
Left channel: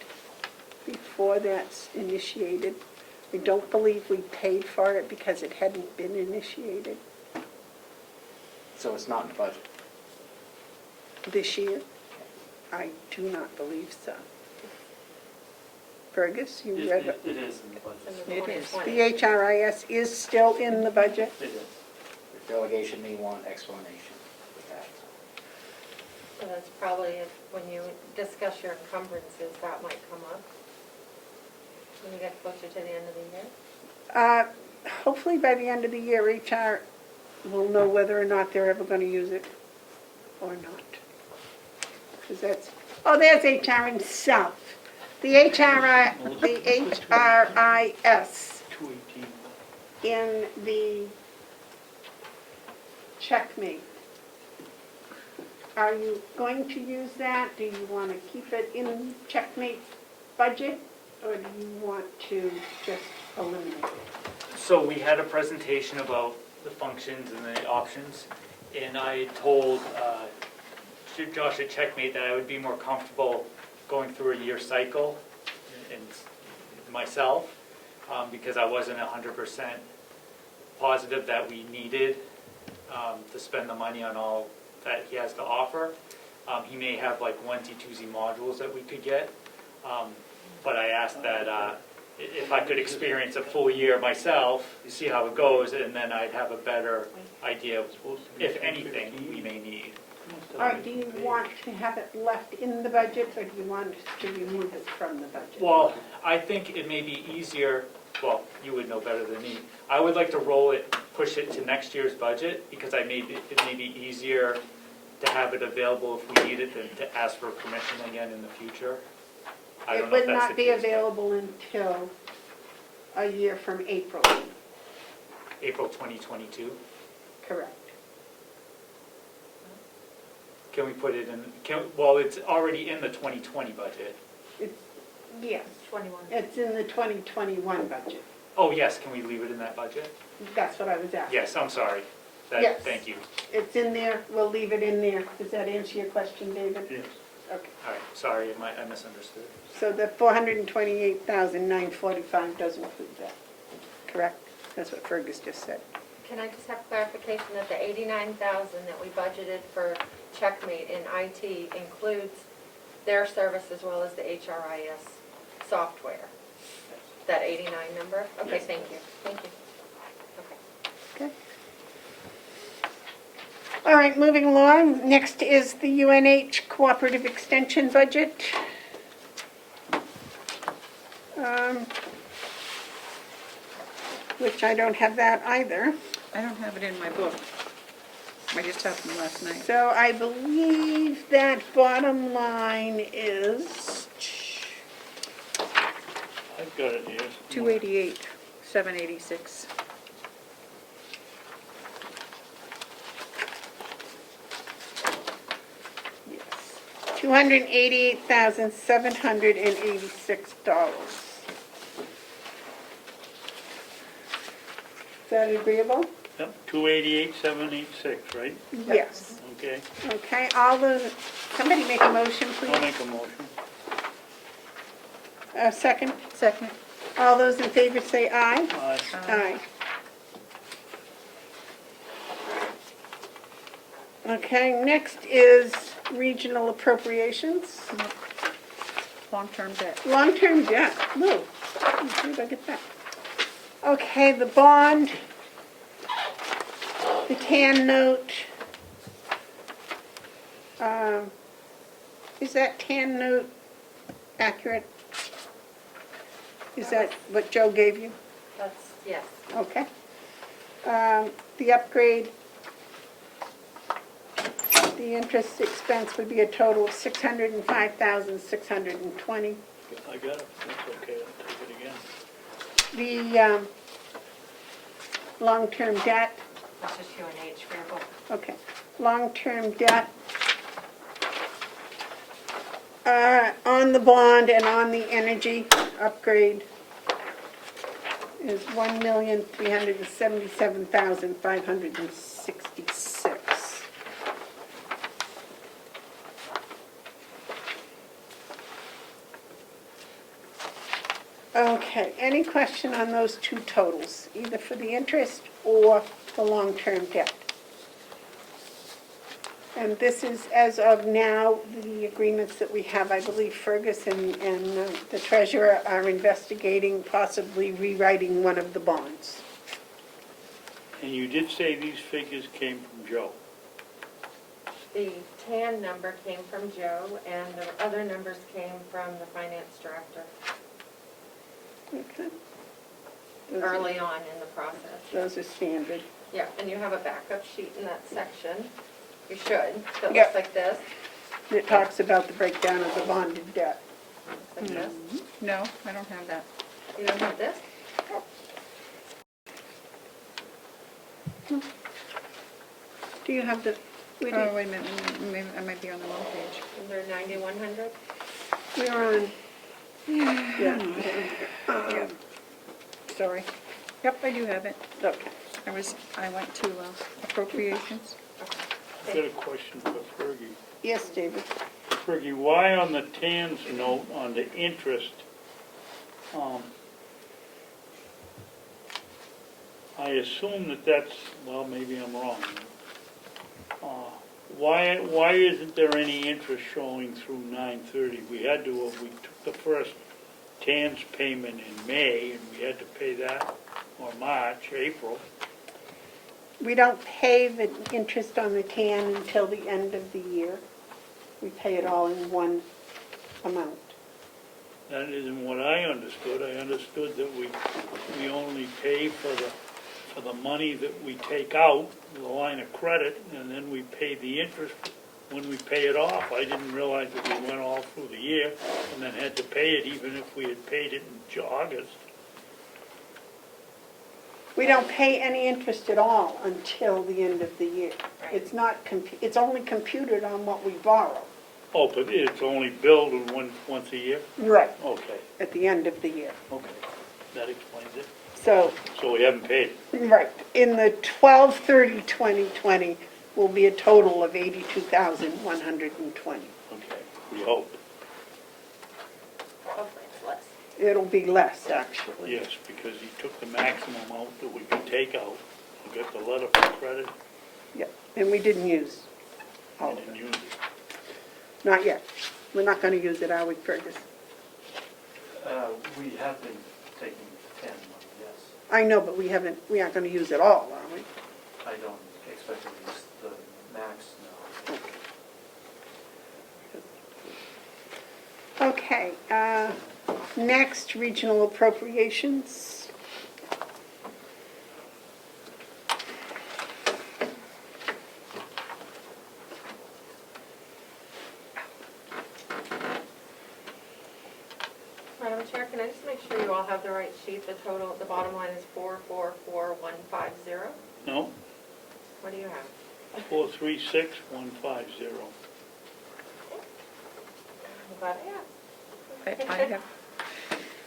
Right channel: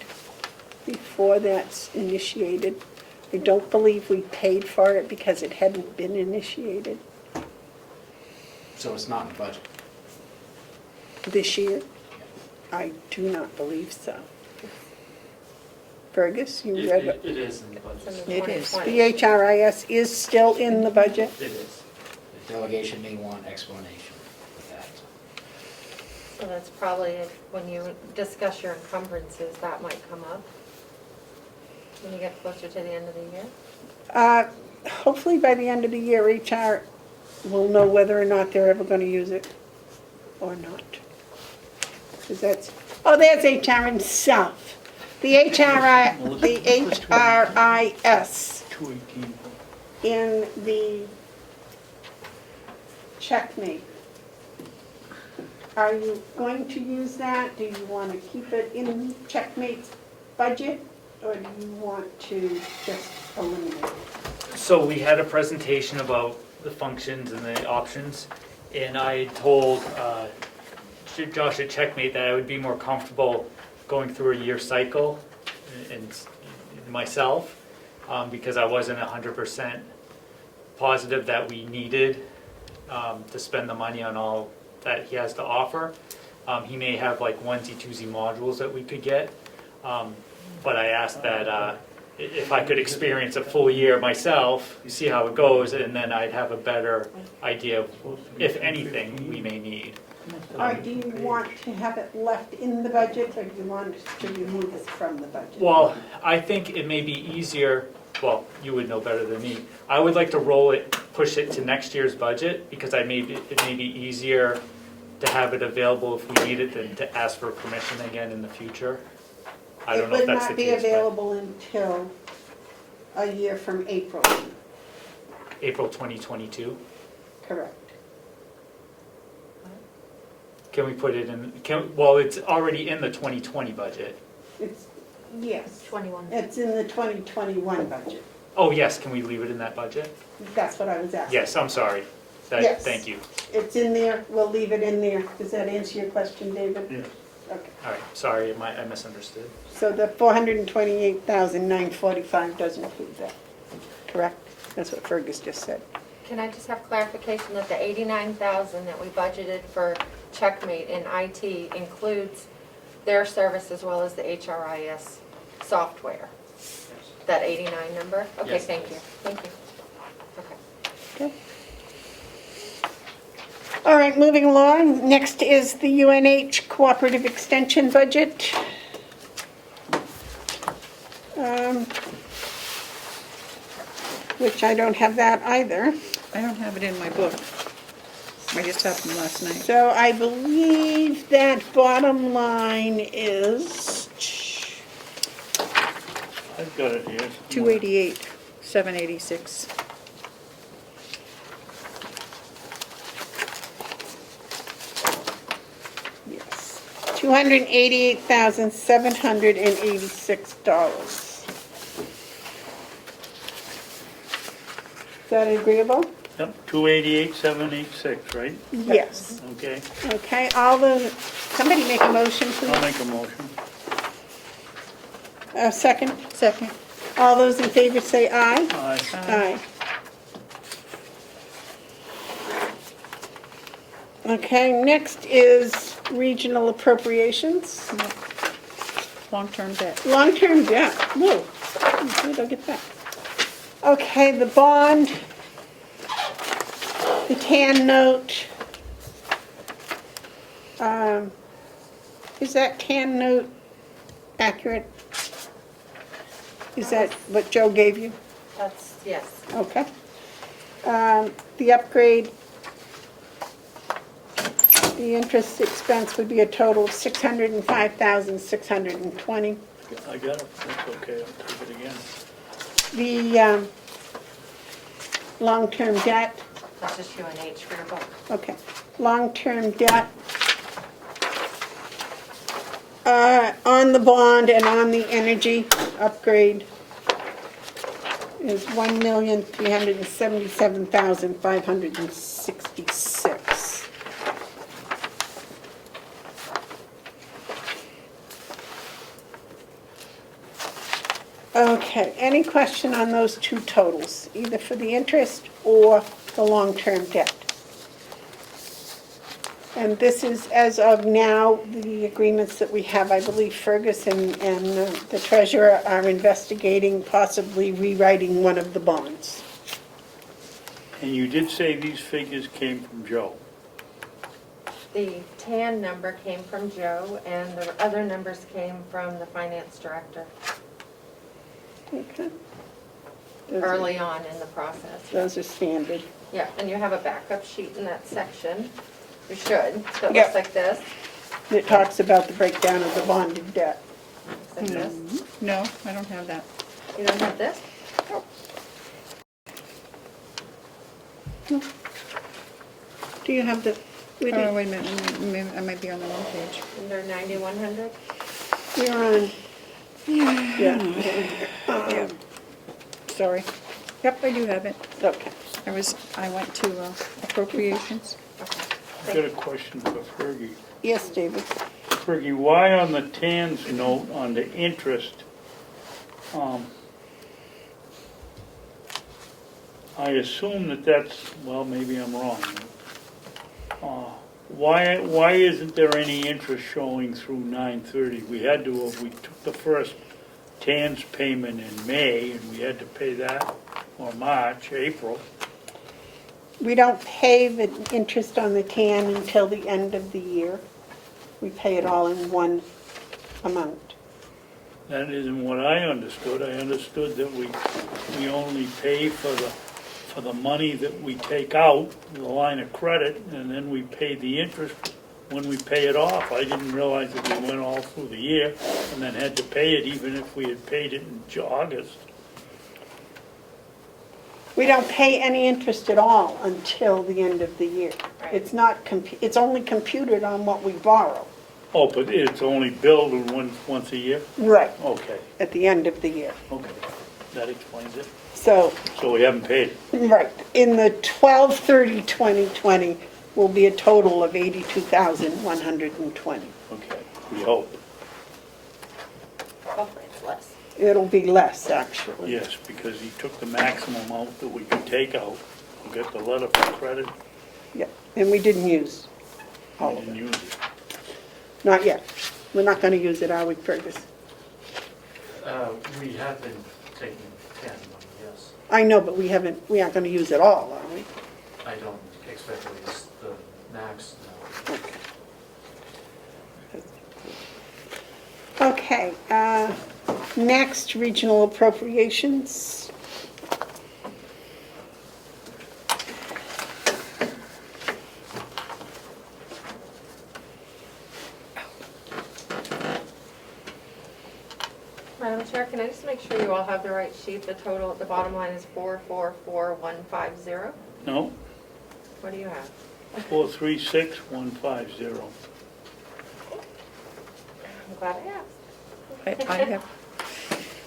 before that's initiated. I don't believe we paid for it because it hadn't been initiated So it's not in the budget? this year. I do not believe so. Fergus, you read it? It is in the budget. It is. The HRIS is still in the budget? It is. The delegation may want explanation with that. So that's probably, when you discuss your encumbrances, that might come up when you get closer to the end of the year. Hopefully by the end of the year, HR will know whether or not they're ever going to use it or not. Because there's HR himself. The HRIS 218. in the checkmate. Are you going to use that? Do you want to keep it in checkmate's budget? Or do you want to just eliminate it? So we had a presentation about the functions and the options, and I told Josh at Checkmate that I would be more comfortable going through a year cycle and myself, because I wasn't 100% positive that we needed to spend the money on all that he has to offer. He may have like onesie-twosie modules that we could get, but I asked that if I could experience a full year myself, see how it goes, and then I'd have a better idea of, if anything, we may need. Or do you want to have it left in the budget, or do you want to remove it from the budget? Well, I think it may be easier, well, you would know better than me. I would like to push it to next year's budget, because it may be easier to have it available if we need it than to ask for permission again in the future. I don't know if that's the case. It would not be available until a year from April. April 2022. Correct. Can we put it in, well, it's already in the 2020 budget. Yes. 21. It's in the 2021 budget. Oh, yes, can we leave it in that budget? That's what I was asking. Yes, I'm sorry. Yes. Thank you. It's in there, we'll leave it in there. Does that answer your question, David? Yes. Okay. All right, sorry, I misunderstood. So the 428,945 doesn't include that, correct? That's what Fergus just said. Can I just have clarification that the 89,000 that we budgeted for Checkmate in IT includes their service as well as the HRIS software? That 89 number? Okay, Yes, thank it you, is. thank you. Okay. Okay. All right, moving along. Next is the UNH Cooperative Extension budget. Which I don't have that either. I don't have it in my book. I just have them last night. So I believe that bottom line is, I've got it here. 288, 786. yes, $288,786. Is that agreeable? Yep, 288,786, right? Yes. Okay, Okay, somebody make a motion, please. I'll make a motion. Second? Second. All those in favor say aye. Aye. Aye. Okay, next is regional appropriations. Long-term debt. Long-term debt, whoa, where did I get that? Okay, the bond The TAN note, is that TAN note accurate? Is that what Joe gave you? That's, yes. Okay. The upgrade, the interest expense would be a total of $605,620. I got it, that's okay, I'll take it again. The long-term debt, That's just UNH for your book. okay, long-term debt on the bond and on the energy upgrade is $1,377,566. Okay, any question on those two totals, either for the interest or the long-term debt? And this is, as of now, the agreements that we have. I believe Fergus and the treasurer are investigating possibly rewriting one of the bonds. And you did say these figures came from Joe. The TAN number came from Joe, and the other numbers came from the finance director Okay. early on in the process. Those are standard. Yeah, and you have a backup sheet in that section. You should. That Yeah. looks like this. It talks about the breakdown of the bonded debt. Looks like this. No, I don't have that. You don't have this? Do you have the, we Oh, did, wait a minute, I might be on the wrong page. Under 9100? we're on, yeah. Sorry, Yep, I do have it. okay. I went to appropriations. I've got a question for Fergie. Yes, David? Fergie, why on the TAN's note on the interest, I assume that that's, well, maybe I'm wrong. Why isn't there any interest showing through 9/30? We had to, we took the first TAN's payment in May, and we had to pay that, or March, April. We don't pay the interest on the TAN until the end of the year. We pay it all in one amount. That isn't what I understood. I understood that we only pay for the money that we take out, the line of credit, and then we pay the interest when we pay it off. I didn't realize that we went all through the year and then had to pay it even if we had paid it in August. We don't pay any interest at all until the end of the year. It's not, it's only computed on what we borrow. Oh, but it's only billed once a year? Right. Okay, At the end of the year. okay. That explains it. So, So we haven't paid it. right, in the 12/30/2020 will be a total of $82,120. Okay, we hope. Hopefully it's less. It'll be less, actually. Yes, because he took the maximum amount that we could take out. We got the letter for credit. Yep, and we didn't use all We of didn't it. use it. Not yet. We're not going to use it, are we, Fergus? We have been taking TAN money, yes. I know, but we aren't going to use it all, are we? I don't expect to use the max, no. Okay, next, regional appropriations. Madam Chair, can I just make sure you all have the right sheet? The total, the bottom line is 444150. No, What do you have? 436,150. I'm glad I asked.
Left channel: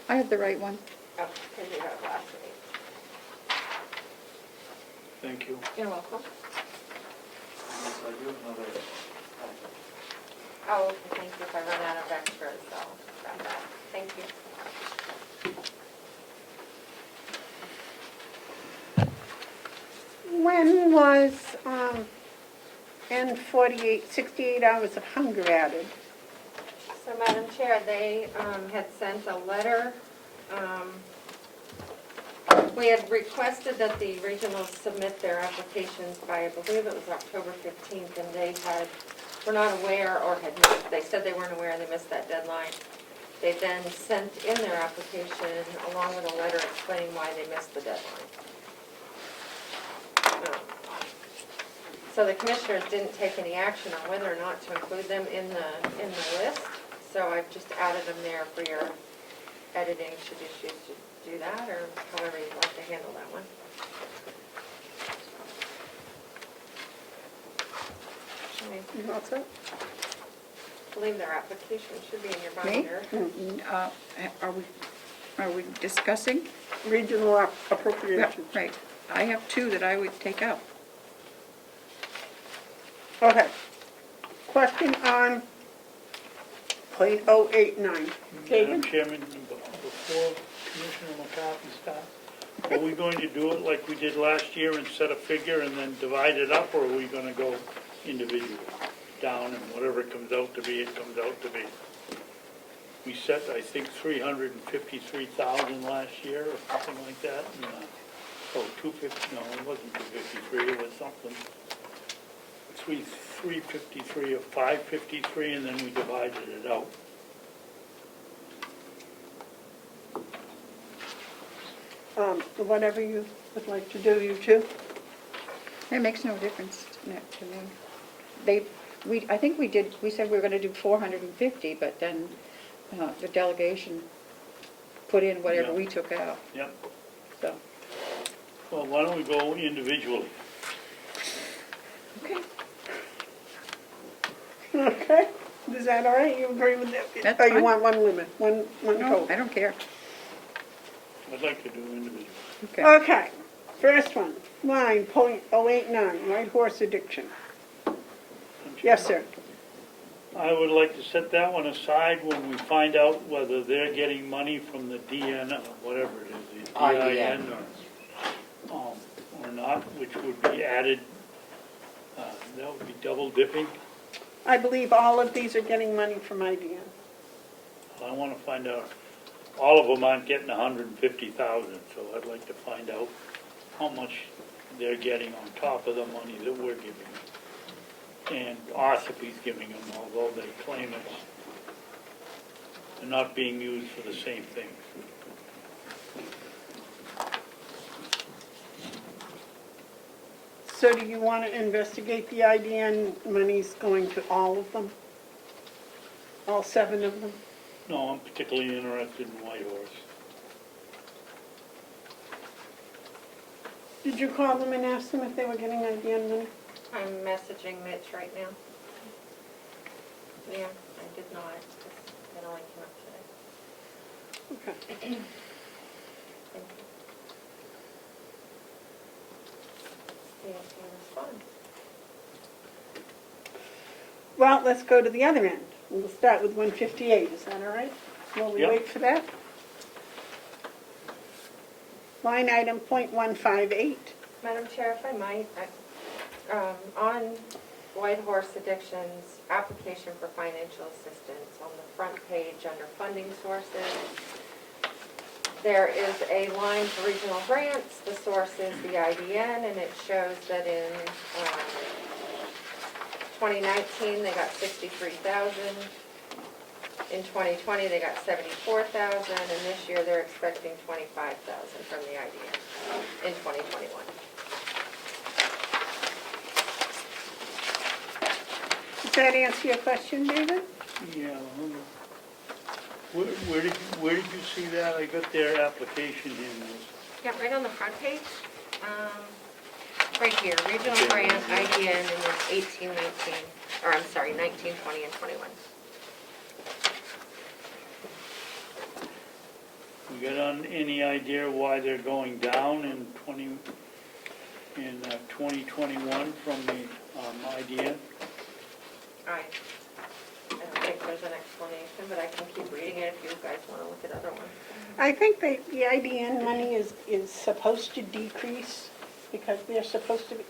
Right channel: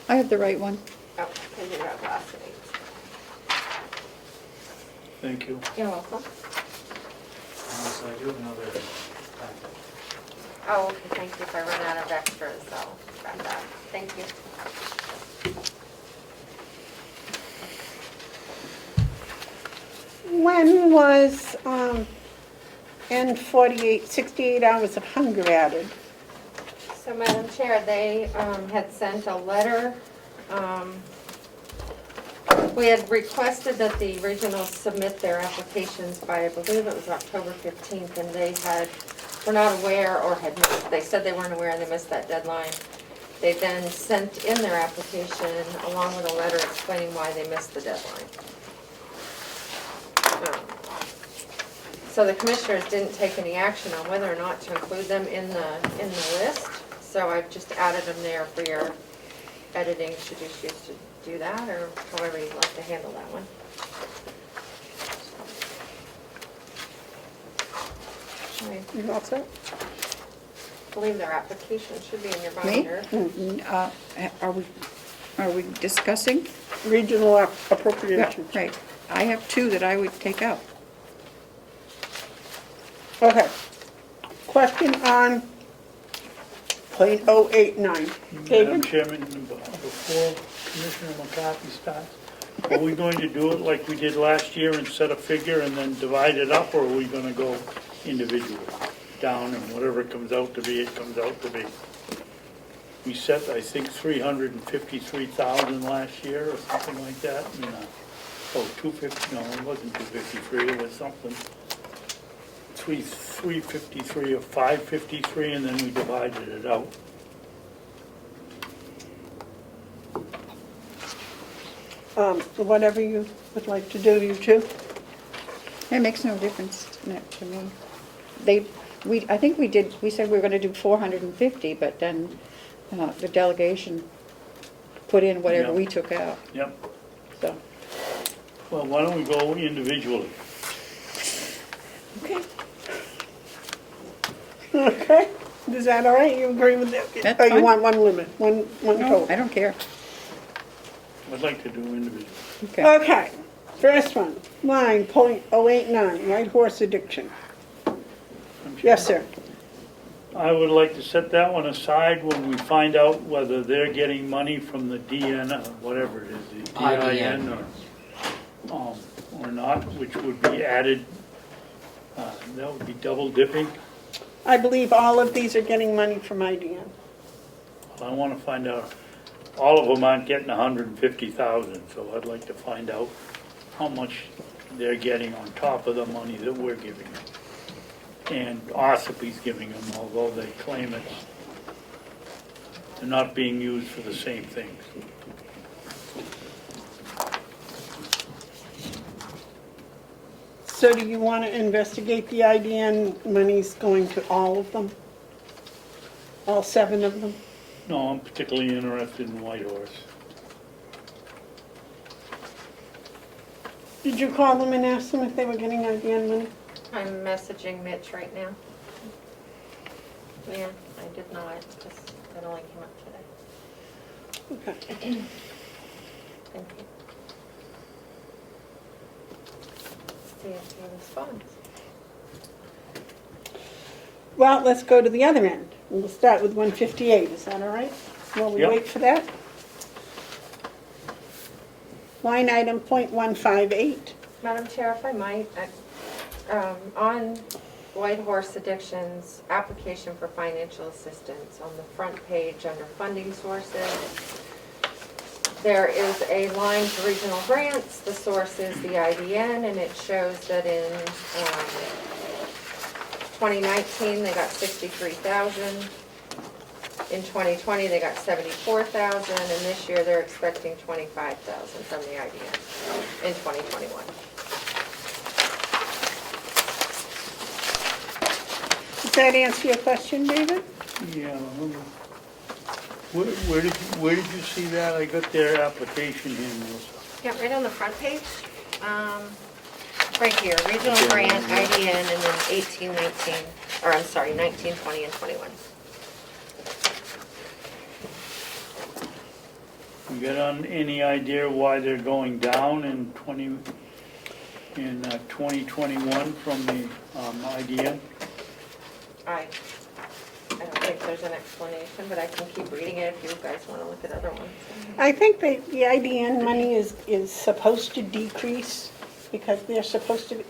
I have the right one. Oh, because you have last week. Thank you. You're welcome. So I do have another packet. Oh, okay, thank you. If I run out of extras, I'll grab that. Thank you. When was N48, 68 hours of hunger added? So, Madam Chair, they had sent a letter We had requested that the regionals submit their applications by, I believe it was October 15th, and they were not aware or had missed, they said they weren't aware and they missed that deadline. They then sent in their application along with a letter explaining why they missed the deadline. So the commissioners didn't take any action on whether or not to include them in the list. So I've just added them there for your editing, should you choose to do that, or however you'd like to handle that one. Okay. You all set? I believe their application should be in your binder. Are we discussing? Regional Yeah, appropriation. right. I have two that I would take out. Okay. Question on .089. Madam David? Chairman, before Commissioner McCarthy starts, are we going to do it like we did last year and set a figure and then divide it up, or are we gonna go individually, down, and whatever it comes out to be, it comes out to be? We set, I think, 353,000 last year, or something like that, and, 250, no, it wasn't 253, it was something. 353 or 553, and then we divided it out. Whatever you would like to do, you two. It makes no difference to one. I think we said we were gonna do 450, but then the delegation put in whatever Yeah. we took out, Yep. so. Well, why don't we go individually? Okay. Is that all right? You agree with that? That's Or you fine. want one limit, one No, total? I don't care. I'd like to do individually. Okay. Okay. First one, line .089, White Horse Addiction. Yes, sir. I would like to set that one aside when we find out whether they're getting money from the DN, whatever it is, the DIN, or not, which would be added. That would be double dipping. I believe all of these are getting money from IDN. I want to find out, all of them aren't getting 150,000, so I'd like to find out how much they're getting on top of the money that we're giving them. And Ossipe's giving them, although they claim they're not being used for the same things. So do you want to investigate the IDN monies going to all of them? All 7 of them? No, I'm particularly interested in White Horse. Did you call them and ask them if they were getting IDN money? I'm messaging Mitch right now. Yeah, I did not, because that only came up today. Okay. Thank you. See if he responds. Well, let's go to the other end. We'll start with 158, is that all right? While we Yep. wait for that? Line item .158. Madam Chair, if I might, on White Horse Addiction's application for financial assistance, on the front page under funding sources, there is a line for regional grants. The source is the IDN, and it shows that in 2019, they got 63,000. In 2020, they got 74,000, and this year they're expecting 25,000 from the IDN in 2021. Does that answer your question, David? Yeah. Where did you see that? I got their application here, Melissa. Yeah, right on the front page. Right here, regional grant, IDN, and then 18, 19, or I'm sorry, 19, 20, and 21. You got any idea why they're going down in 2021 from the IDN? I don't think there's an explanation, but I can keep reading it if you guys want to look at other ones. I think the IDN money is supposed to decrease because they're supposed to,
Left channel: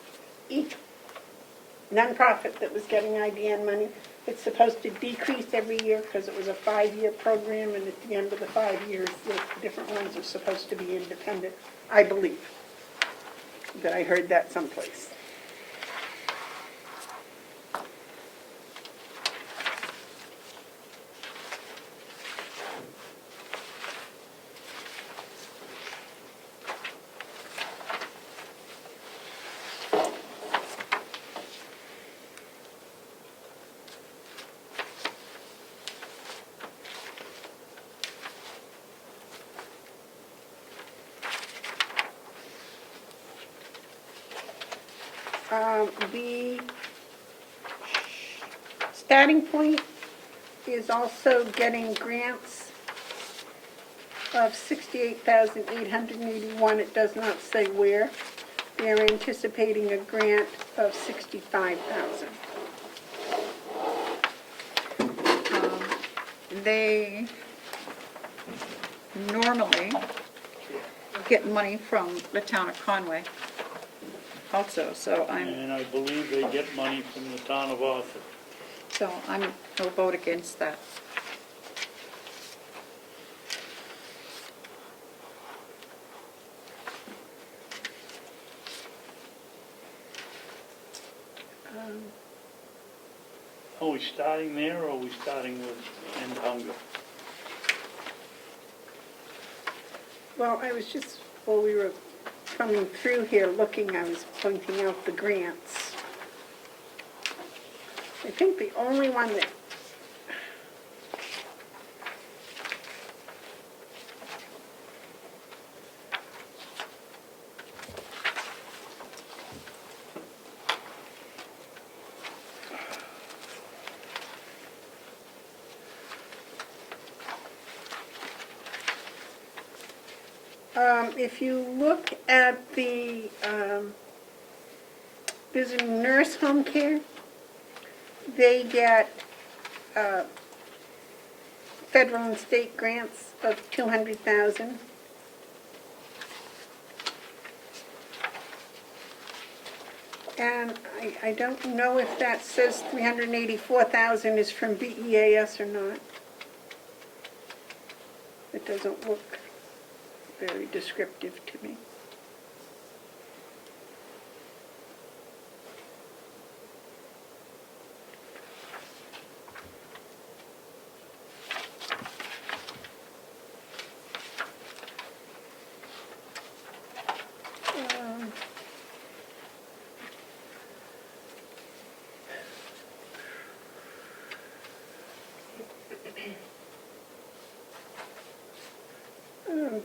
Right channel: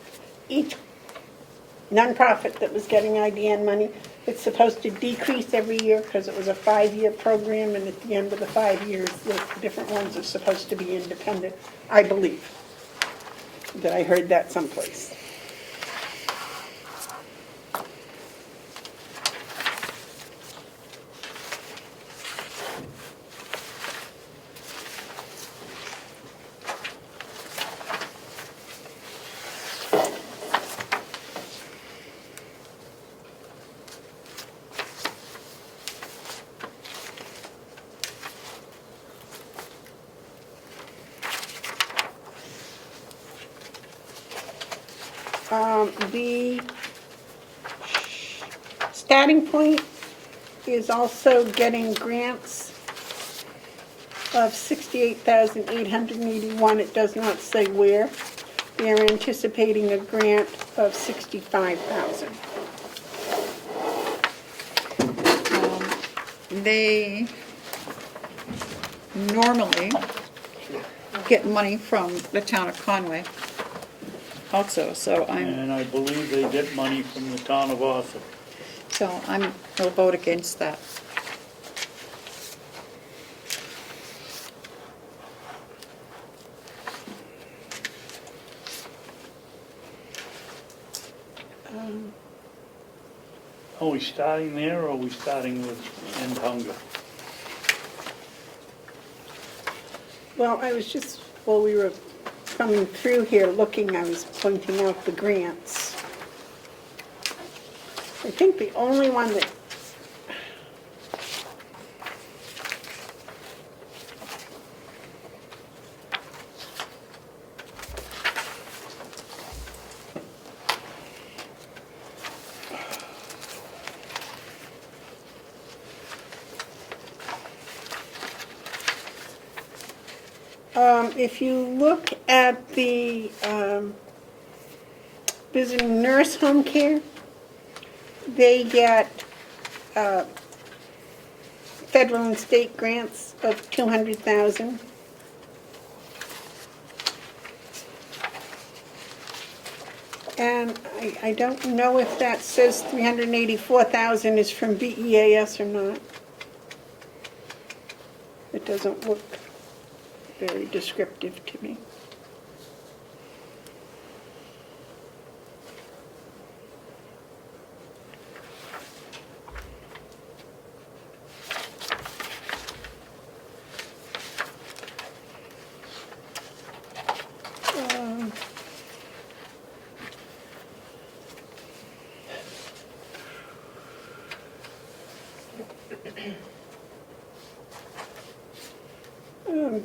nonprofit that was getting IDN money. It's supposed to decrease every year because it was a 5-year program, and at the end of the 5 years, the different ones are supposed to be independent, I believe. That I heard that someplace. The starting point is also getting grants of $68,881. It does not say where. They're anticipating a grant of $65,000. They normally get money from the town of Conway also, so And I believe they get money from the town of Ossitt. I'll vote against that. Are we starting there, or are we starting with end hunger? Well, I was just, while we were coming through here looking, I was pointing out the grants. I think the only one that if you look at the visiting nurse home care, they get federal and state grants of $200,000. And I don't know if that says $384,000 is from BEAS or not. It doesn't look very descriptive to me.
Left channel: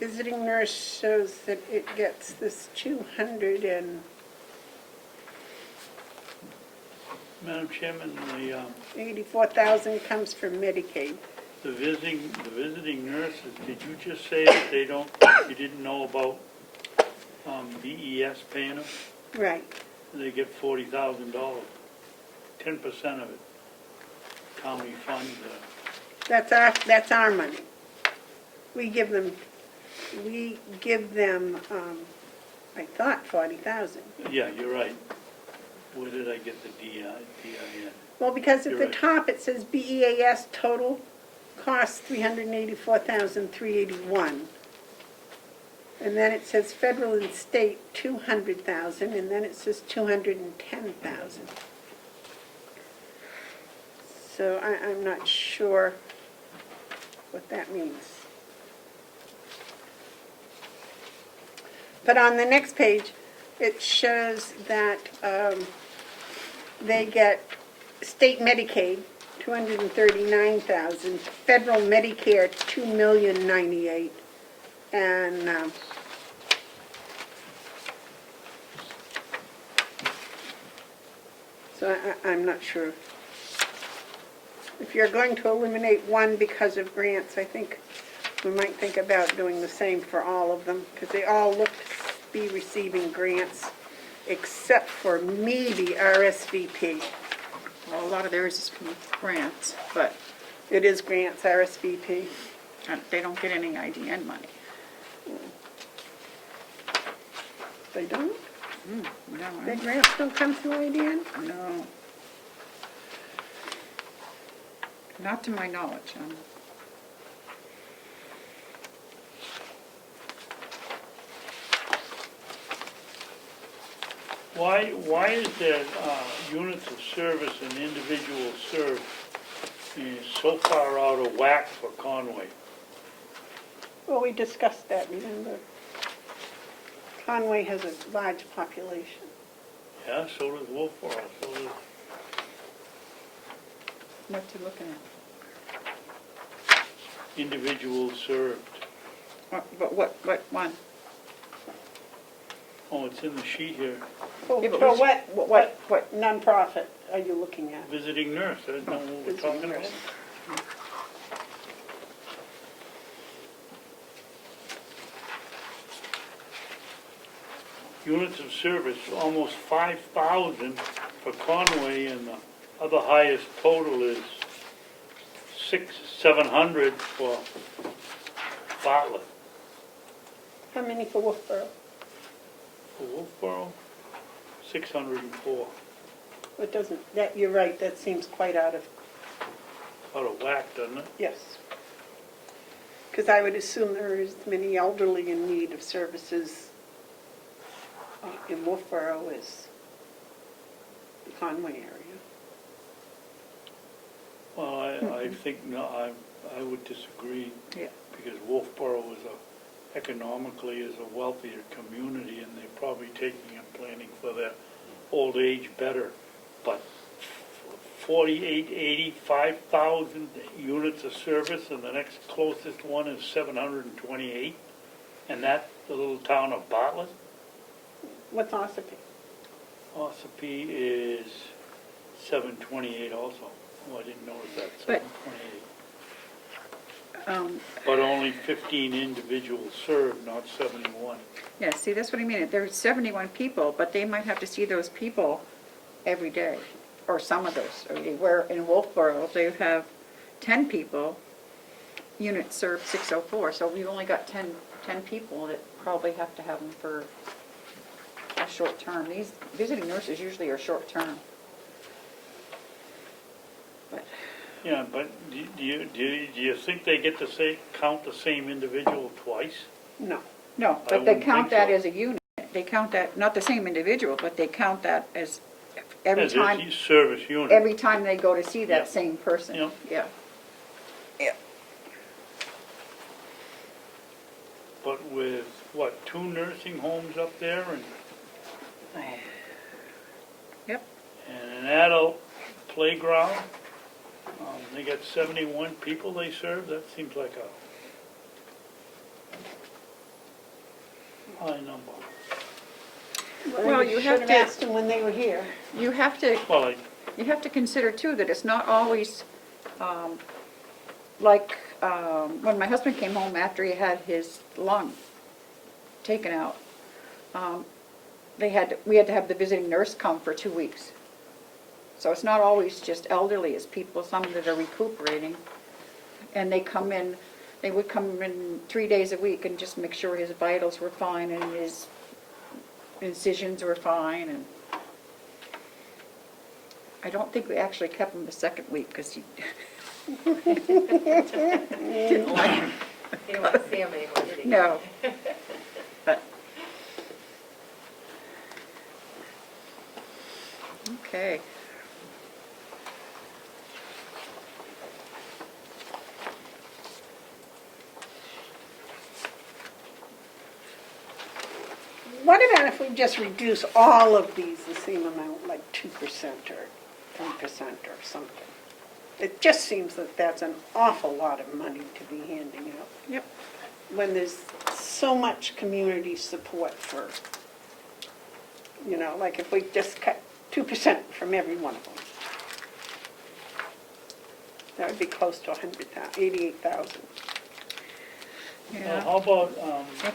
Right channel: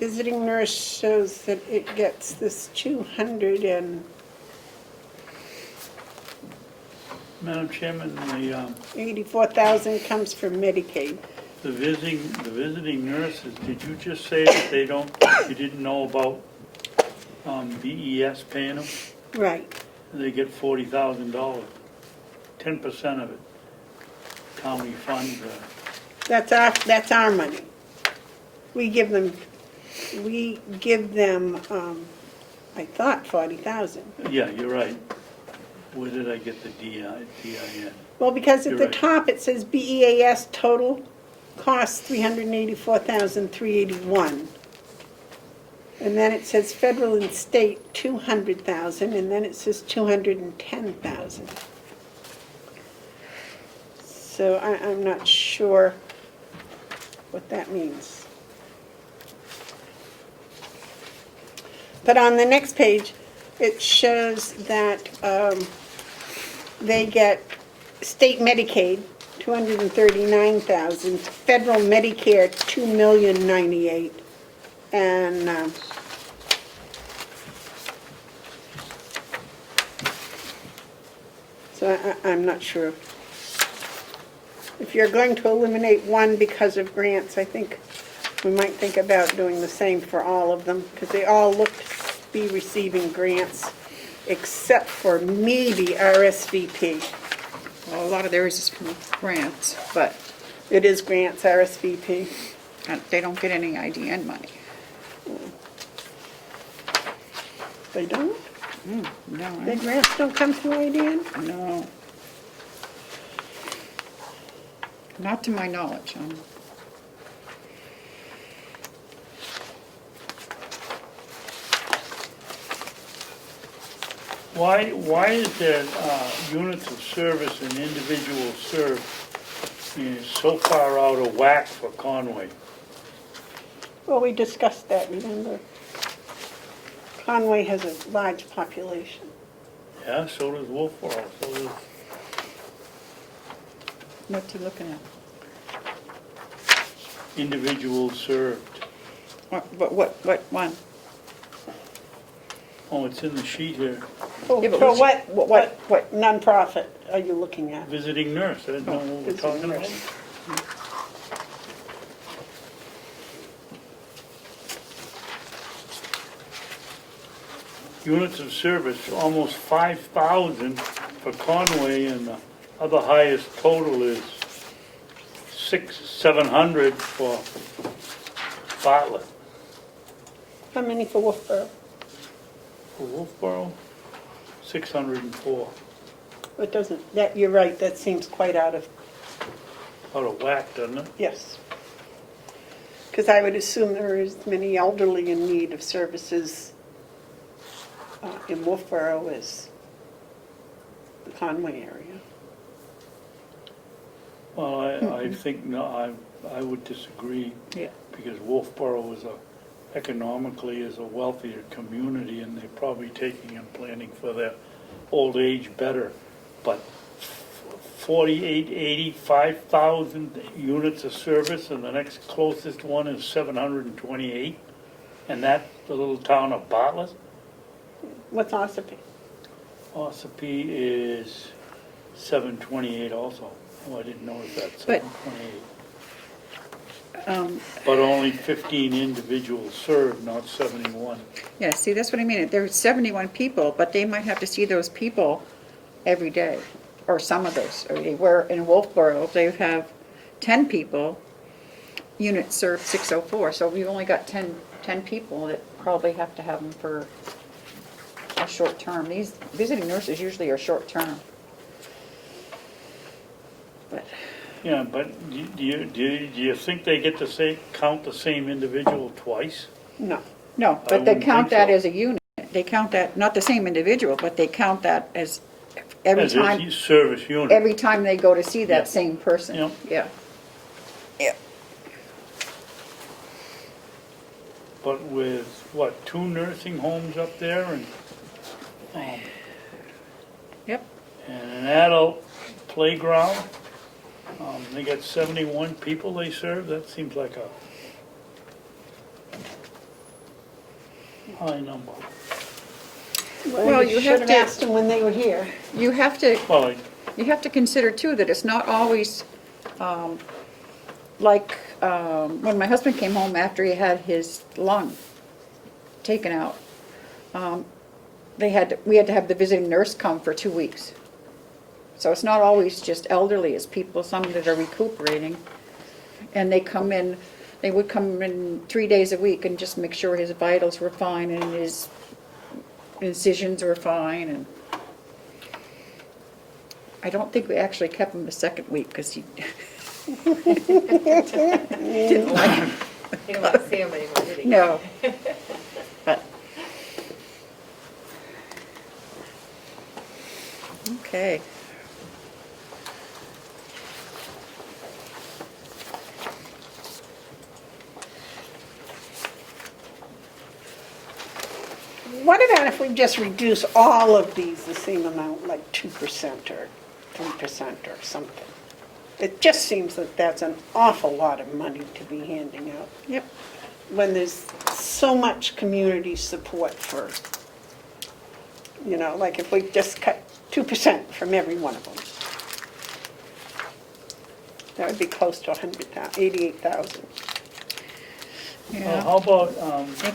Visiting nurse shows that it gets this 200 and Madam Chairman, the 84,000 comes from Medicaid. the visiting nurses, did you just say that you didn't know about BES paying them? Right. They get $40,000, 10% of it, county funds. That's our money. We give them, I thought 40,000. Yeah, you're right. Where did I get the DIN? Well, because at You're the right. top it says BEAS total cost $384,381. And then it says federal and state 200,000, and then it says 210,000. So I'm not sure what that means. But on the next page, it shows that they get state Medicaid, $239,000, federal Medicare, $2,098,000, and so I'm not sure. If you're going to eliminate one because of grants, I think we might think about doing the same for all of them, because they all look to be receiving grants, except for maybe RSVP. Well, a lot of theirs is from grants, but It is grants, RSVP. they don't get any IDN money. They don't? The grants don't come to light, Dan? No. Not to my knowledge. Why is that units of service and individuals served is so far out of whack for Conway? Well, we discussed that, remember? Conway has a large population. Yeah, so does Wolfboro, so does, What's he looking at? individuals served. What one? Oh, it's in the sheet here. For Yeah, but for which- what nonprofit are you looking at? Visiting nurse, I didn't know what we're Visiting talking about. nurse. Units of service, almost 5,000 for Conway, and the other highest total is 700 for Bartlett. How many for Wolfboro? For Wolfboro, 604. It doesn't, that, you're right, that seems quite out of, Whack, doesn't it? yes. Because I would assume there are as many elderly in need of services in Wolfboro as the Conway area. Well, I think, no, I would disagree. Yeah. Because Wolfboro economically is a wealthier community, and they're probably taking and planning for their old age better. But 48, 85,000 units of service, and the next closest one is 728, and that's the little town of Bartlett. What's Ossipee? Ossipee is 728 also. Oh, I didn't notice that, But- 728. Um, But only 15 individuals served, not 71. Yeah, see, that's what I mean. There's 71 people, but they might have to see those people every day, or some of those every day. Where in Wolfboro, they have 10 people, units served 604, so we only got 10 people that probably have to have them for a short term. These visiting nurses usually are short term. But Yeah, but do you think they get to count the same individual twice? No. no, I but they wouldn't count think that so. as a unit. They count that, not the same individual, but they count that as every As time. a service unit. Every time they go to see that Yeah. same person. Yeah. Yeah. Yeah. But with, what, 2 nursing homes up there and, Yep. and an adult playground? They got 71 people they serve? That seems like a high number. Well, you should have have to- asked them when they were here. You have to, Well, you have to consider too that it's not always, like, when my husband came home after he had his lung taken out, we had to have the visiting nurse come for 2 weeks. So it's not always just elderly, it's people, some that are recuperating. And they would come in 3 days a week and just make sure his vitals were fine and his incisions were fine. And I don't think we actually kept him the second week because he didn't like You don't want to see him anymore, did he? No. But, okay. What about if we just reduce all of these the same amount, like 2% or 3% or something? It just seems that that's an awful lot of money to be handing out. Yep. When there's so much community support for, like if we just cut 2% from every one of them. That would be close to 88,000. Well, how about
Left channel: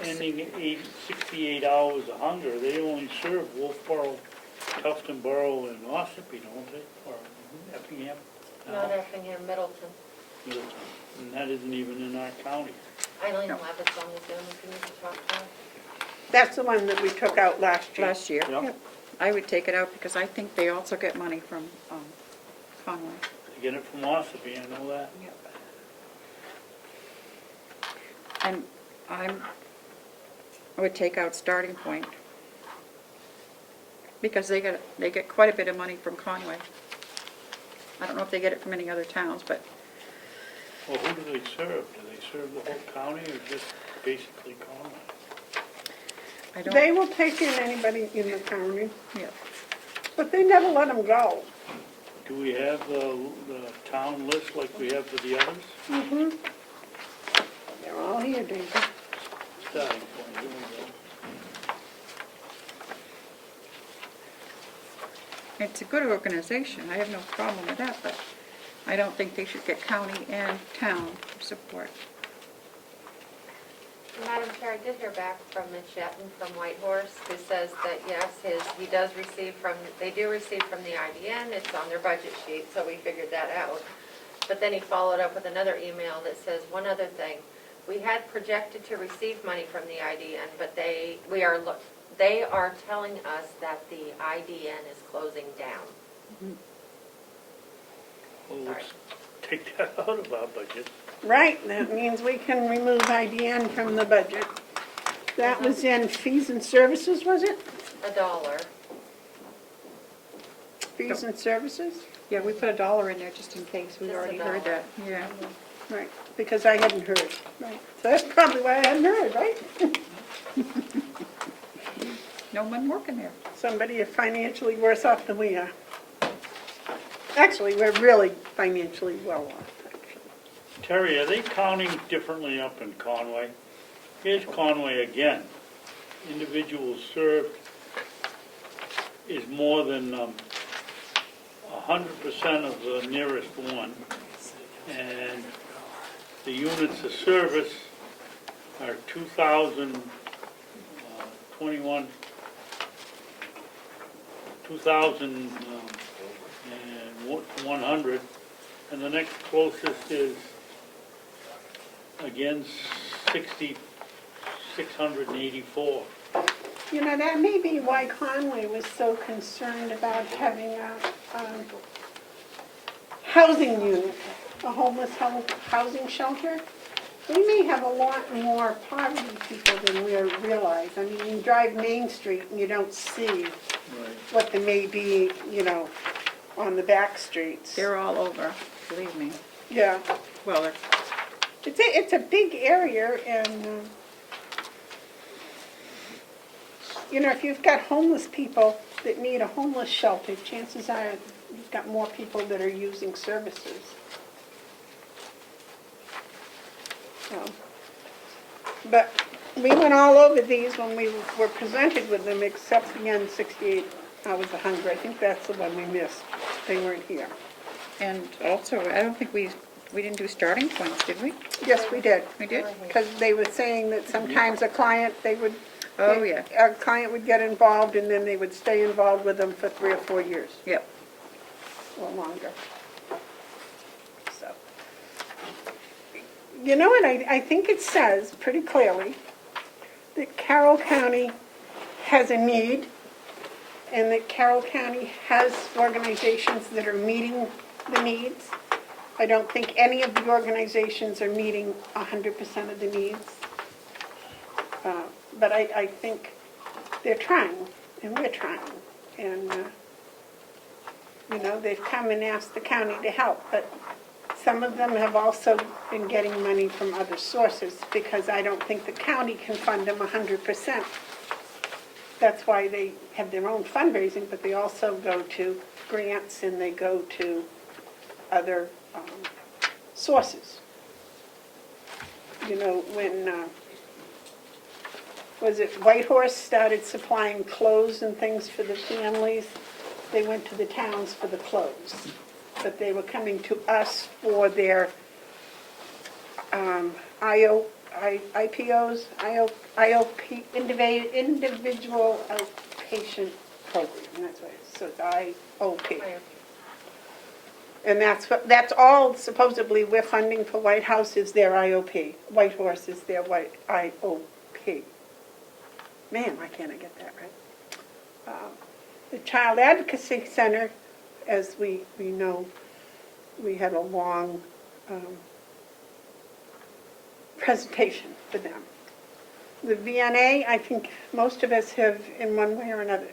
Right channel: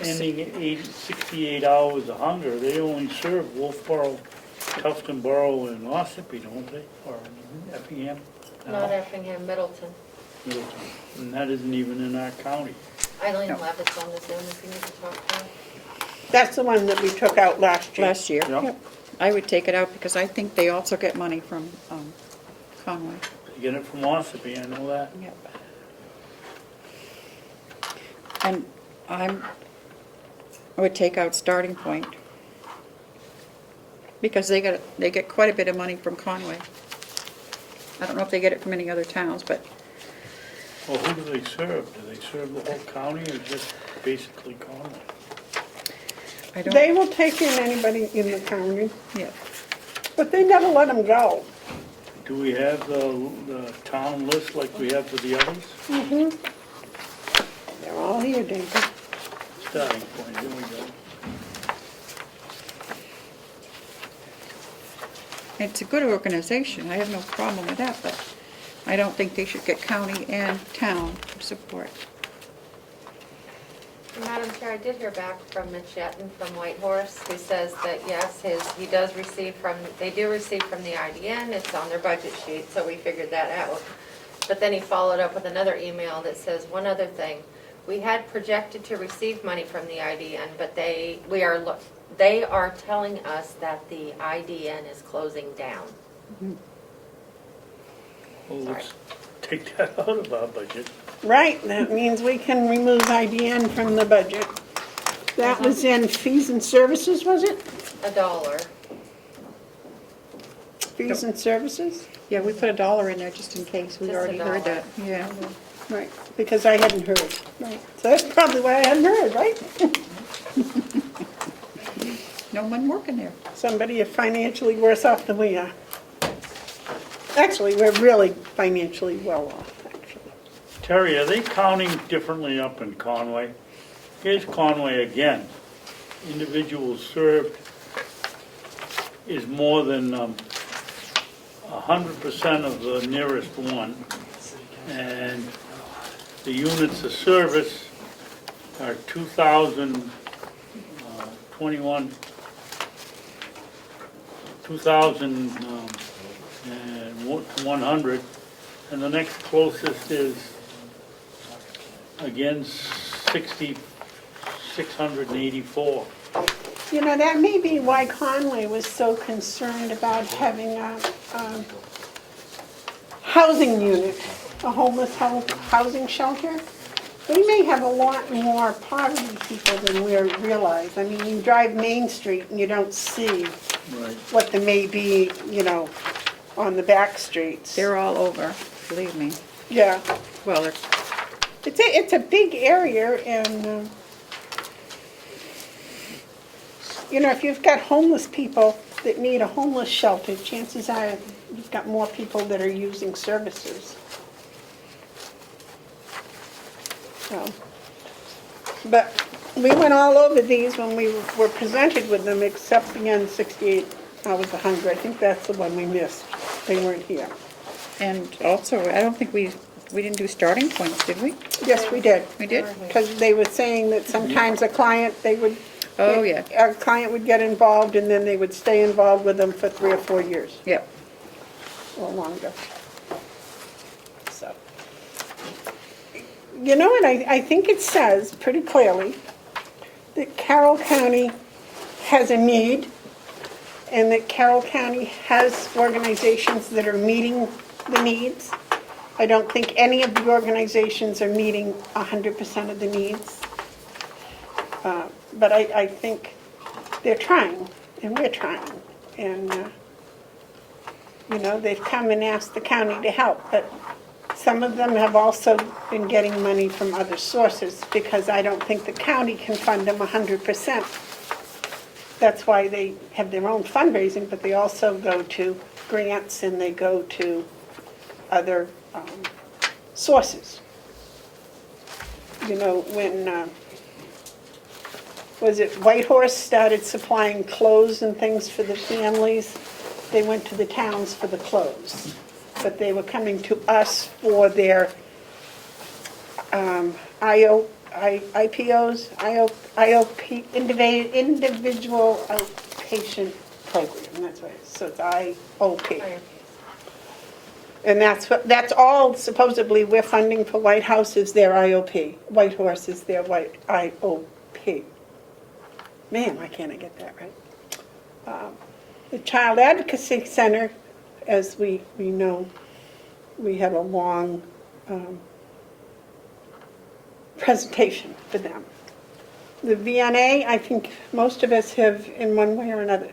ending 68 hours of hunger? They only serve Wolfboro, Tuftonboro, and Ossipee, don't they? Or Effingham? Not Effingham, Middleton. Middleton. And that isn't even in our county. Eileen Levitt's on the Zoom if you need to talk to her. That's the one that we took out last year. last year. Yeah. I would take it out because I think they also get money from Conway. They get it from Ossipee, I know that. And I would take out Starting Point because they get quite a bit of money from Conway. I don't know if they get it from any other towns, but Well, who do they serve? Do they serve the whole county or just basically Conway? I don't. They will take in anybody in the county, Yeah. but they never let them go. Do we have the town list like we have for the others? Mm-hmm. They're all here, David. Starting Point, here we go. It's a good organization. I have no problem with that, but I don't think they should get county and town support. Madam Chair, I did hear back from Mitch Yetton from Whitehorse, who says that yes, he does receive from, they do receive from the IDN, it's on their budget sheet, so we figured that out. But then he followed up with another email that says, one other thing, we had projected to receive money from the IDN, but they are telling us that the IDN is closing down. Well, Sorry. let's take that out of our budget. Right, that means we can remove IDN from the budget. That was in fees and services, was it? $1. Fees and services? Yeah, we put $1 in there just in case. We've Just already heard $1. that. Yeah. Right, because I hadn't heard. Right. So that's probably why I hadn't heard, right? No one working there. Somebody is financially worse off than we are. Actually, we're really financially well off, actually. Terry, are they counting differently up in Conway? Here's Conway again. Individuals served is more than 100% of the nearest one. And the units of service are 2,021, 2,100, and the next closest is, again, 684. You know, that may be why Conway was so concerned about having a housing unit, a homeless housing shelter. We may have a lot more poverty people than we realize. I mean, you drive Main Street and you don't see Right. what there may be, you know, on the back streets. They're all over, believe me. Yeah, Well, it's a big area, and you know, if you've got homeless people that need a homeless shelter, chances are you've got more people that are using services. So, but we went all over these when we were presented with them, except the N68 hours 100. I think that's the one we missed. They weren't here. and also, I don't think we didn't do Starting Points, did we? Yes, we did. We did? Because they were saying that sometimes a client, Oh, yeah. a client would get involved and then they would stay involved with them for 3 or 4 years Yep. or longer. So, you know what, I think it says pretty clearly that Carroll County has a need and that Carroll County has organizations that are meeting the needs. I don't think any of the organizations are meeting 100% of the needs. But I think they're trying, and we're trying. And, you know, they've come and asked the county to help, but some of them have also been getting money from other sources because I don't think the county can fund them 100%. That's why they have their own fundraising, but they also go to grants and they go to other sources. You know, when, was it Whitehorse started supplying clothes and things for the families, they went to the towns for the clothes. But they were coming to us for their IPOs, IOP, individual outpatient program, that's what it is, so it's IOP. And that's all supposedly we're funding for White House is their IOP. Whitehorse is their IOP. Man, why can't I get that right? The Child Advocacy Center, as we know, we had a long presentation for them. The VNA, I think most of us have, in one way or another,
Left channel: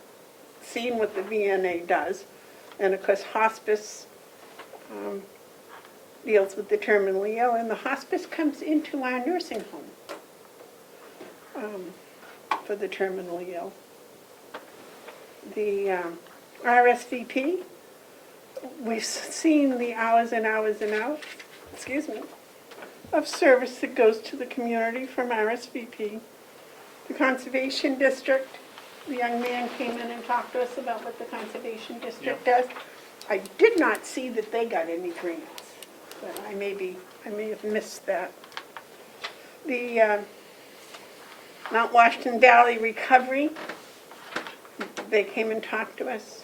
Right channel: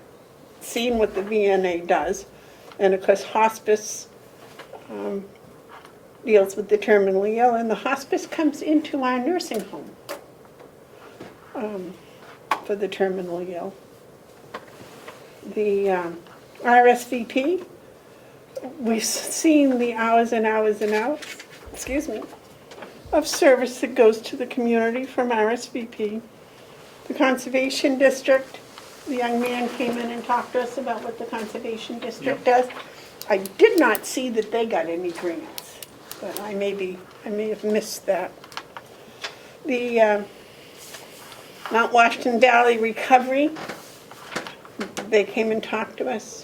seen what the VNA does. And of course, hospice deals with the terminally ill, and the hospice comes into our nursing home for the terminally ill. The RSVP, we've seen the hours and hours and hours, of service that goes to the community from RSVP. The Conservation District, the young man came in and talked to us about what the Conservation District does. I did not see that they got any grants, but I may have missed that. The Mount Washington Valley Recovery, they came and talked to us,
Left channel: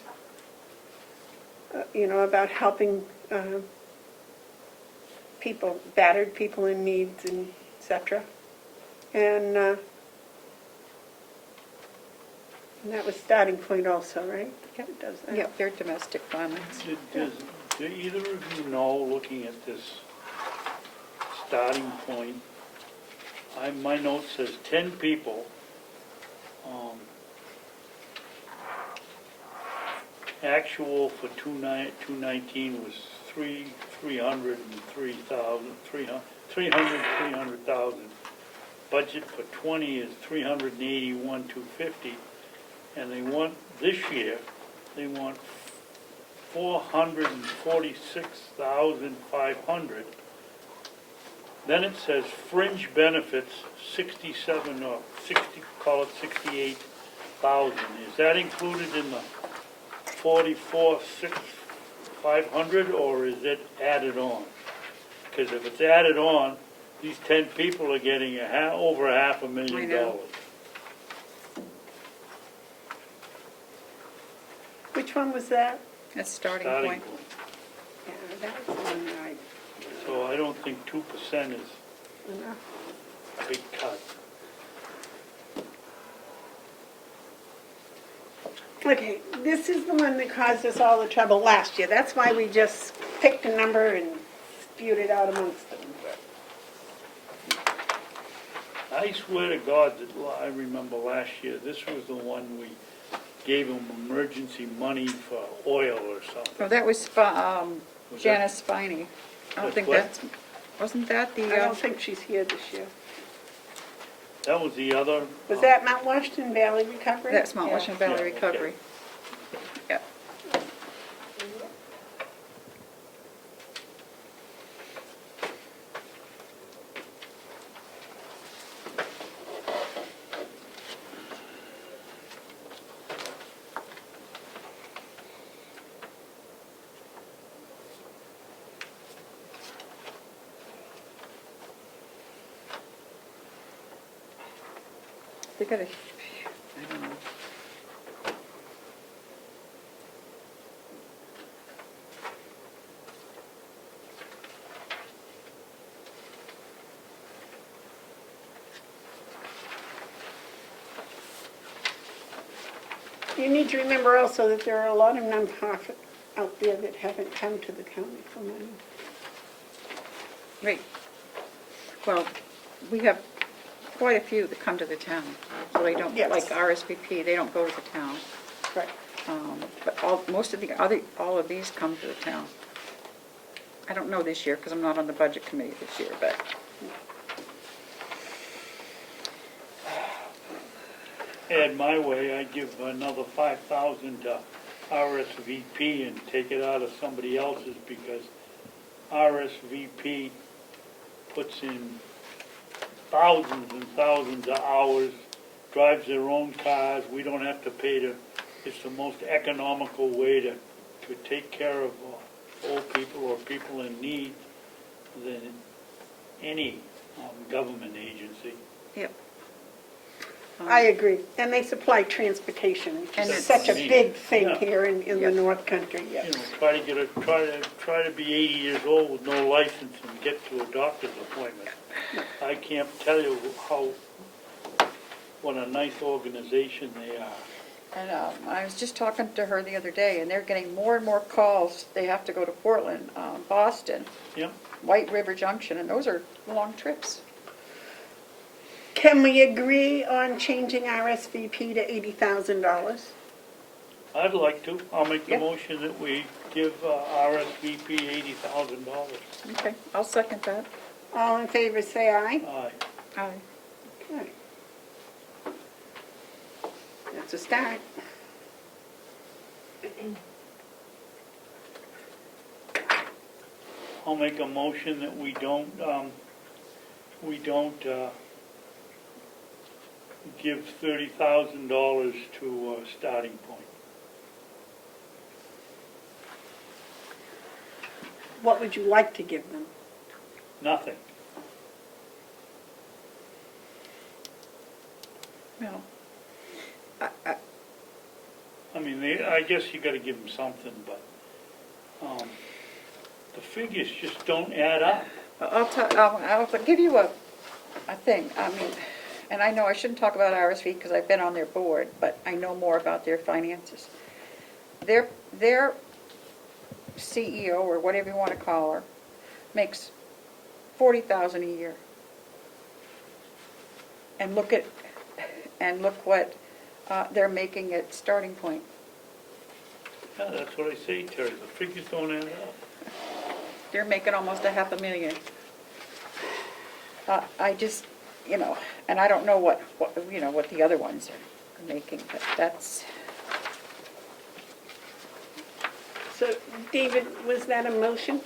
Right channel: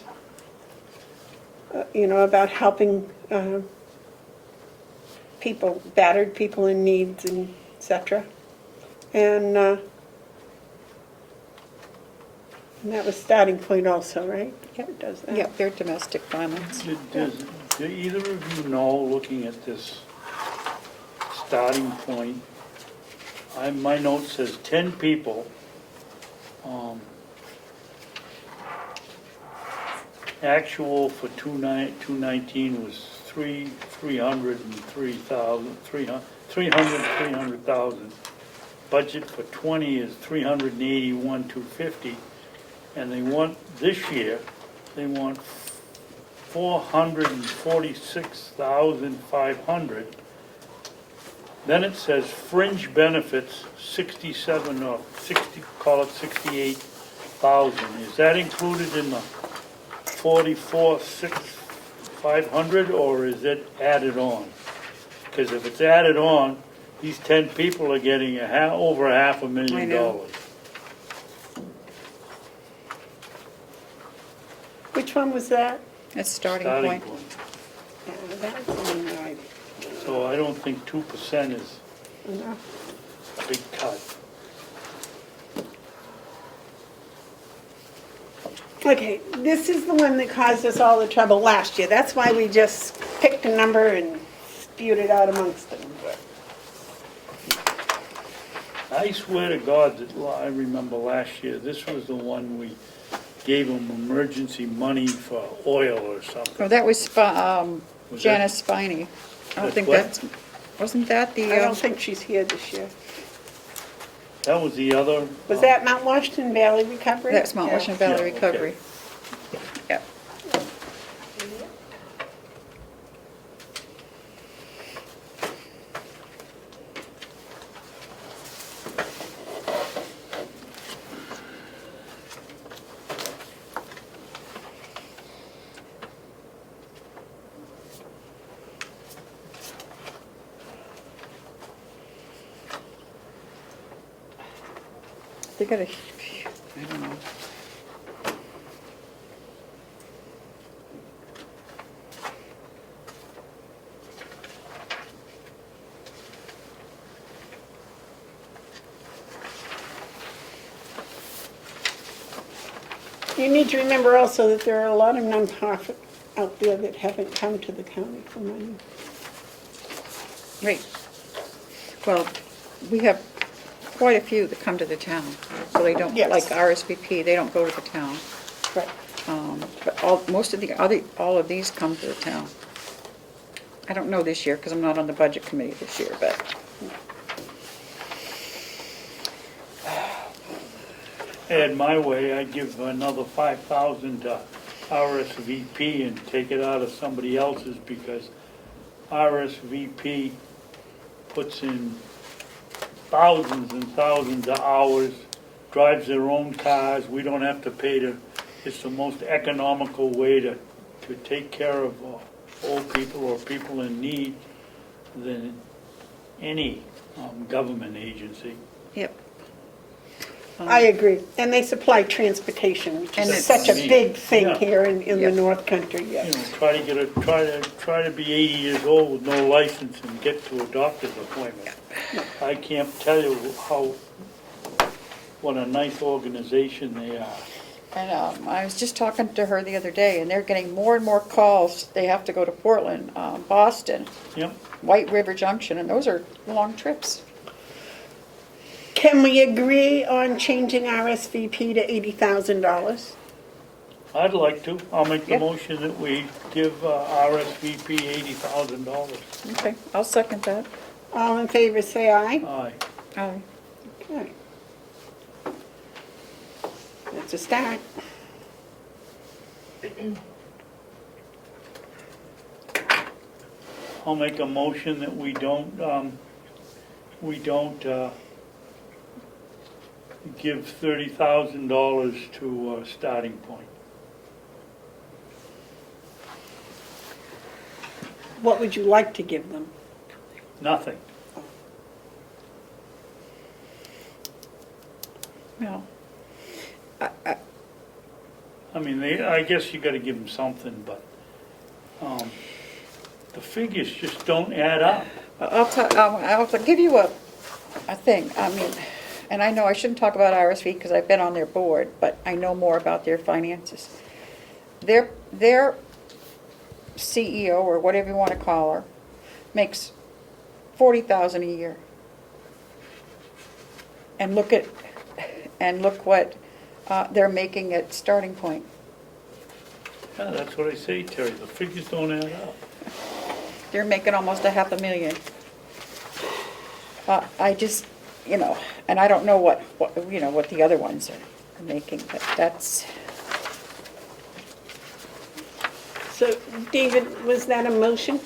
about helping people, battered people in needs, and et cetera. And that was Starting Point also, right? Yeah, it does that. Yeah, they're domestic violence. Do either of you know, looking at this Starting Point, my note says 10 people. Actual for 219 was 300,000. Budget for 20 is 381,250, and they want this year. They want 446,500. Then it says fringe benefits 67 or 60, call it 68,000. Is that included in the 44,500, or is it added on? Because if it's added on, these 10 people are getting over $500,000. Which one was that? That's Starting Point. Yeah, that was the one that I... So I don't think 2% is enough. a big cut. Okay, this is the one that caused us all the trouble last year. That's why we just picked a number and spewed it out amongst them. I swear to God that I remember last year, this was the one we gave them emergency money for oil or something. Oh, that was Was Janice Spiney. I don't That's think what? that's, wasn't that the? I don't think she's here this year. That was the other. Was that Mount Washington Valley Recovery? That's Mount Washington Valley Yeah, okay. Recovery. Yeah. They got a, I don't know. You need to remember also that there are a lot of nonprofits out there that haven't come to the county for money. Right. Well, we have quite a few that come to the town, so they don't, Yes. like RSVP, they don't go to the town. Right. But most of all of these come to the town. I don't know this year, because I'm not on the budget committee this year, but. Had my way, I'd give another 5,000 to RSVP and take it out of somebody else's, because RSVP puts in thousands and thousands of hours, drives their own cars. We don't have to pay to. It's the most economical way to take care of old people or people in need than any government agency. Yep. I agree. And they supply transportation, which And is it's- such a big thing Yeah. here in Yeah. the North Country, yes. You know, try to be 80 years old with no license and get to a doctor's appointment. I can't tell you how what a nice organization they are. And I was just talking to her the other day, and they're getting more and more calls. They have to go to Portland, Boston, Yep. White River Junction, and those are long trips. Can we agree on changing RSVP to $80,000? I'd like to. I'll make the Yeah. motion that we give RSVP $80,000. Okay, I'll second that. All in favor, say aye. Aye. Aye. Okay. That's a start. I'll make a motion that we don't give $30,000 to Starting Point. What would you like to give them? Nothing. No. I mean, I guess you gotta give them something, but, the figures just don't add up. I'll give you a thing. I mean, and I know I shouldn't talk about RSV because I've been on their board, but I know more about their finances. Their CEO, or whatever you want to call her, makes $40,000 a year. And look what they're making at Starting Point. Yeah, that's what I say, Terry, the figures don't add up. They're making almost $500,000. I just, and I don't know what the other ones are making, but that's, So, David, was that a motion?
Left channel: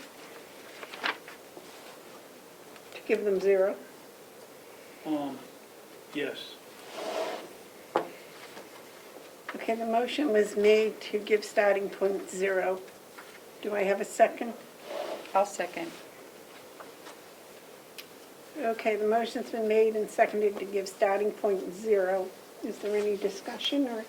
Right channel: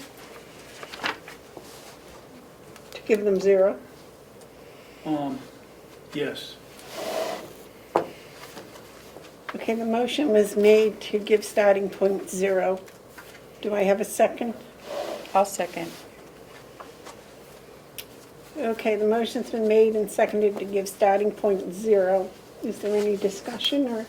To give them zero? Yes. Okay, the motion was made to give Starting Point zero. Do I have a second? I'll second. Okay, the motion's been made and seconded to give Starting Point zero. Is there any discussion or?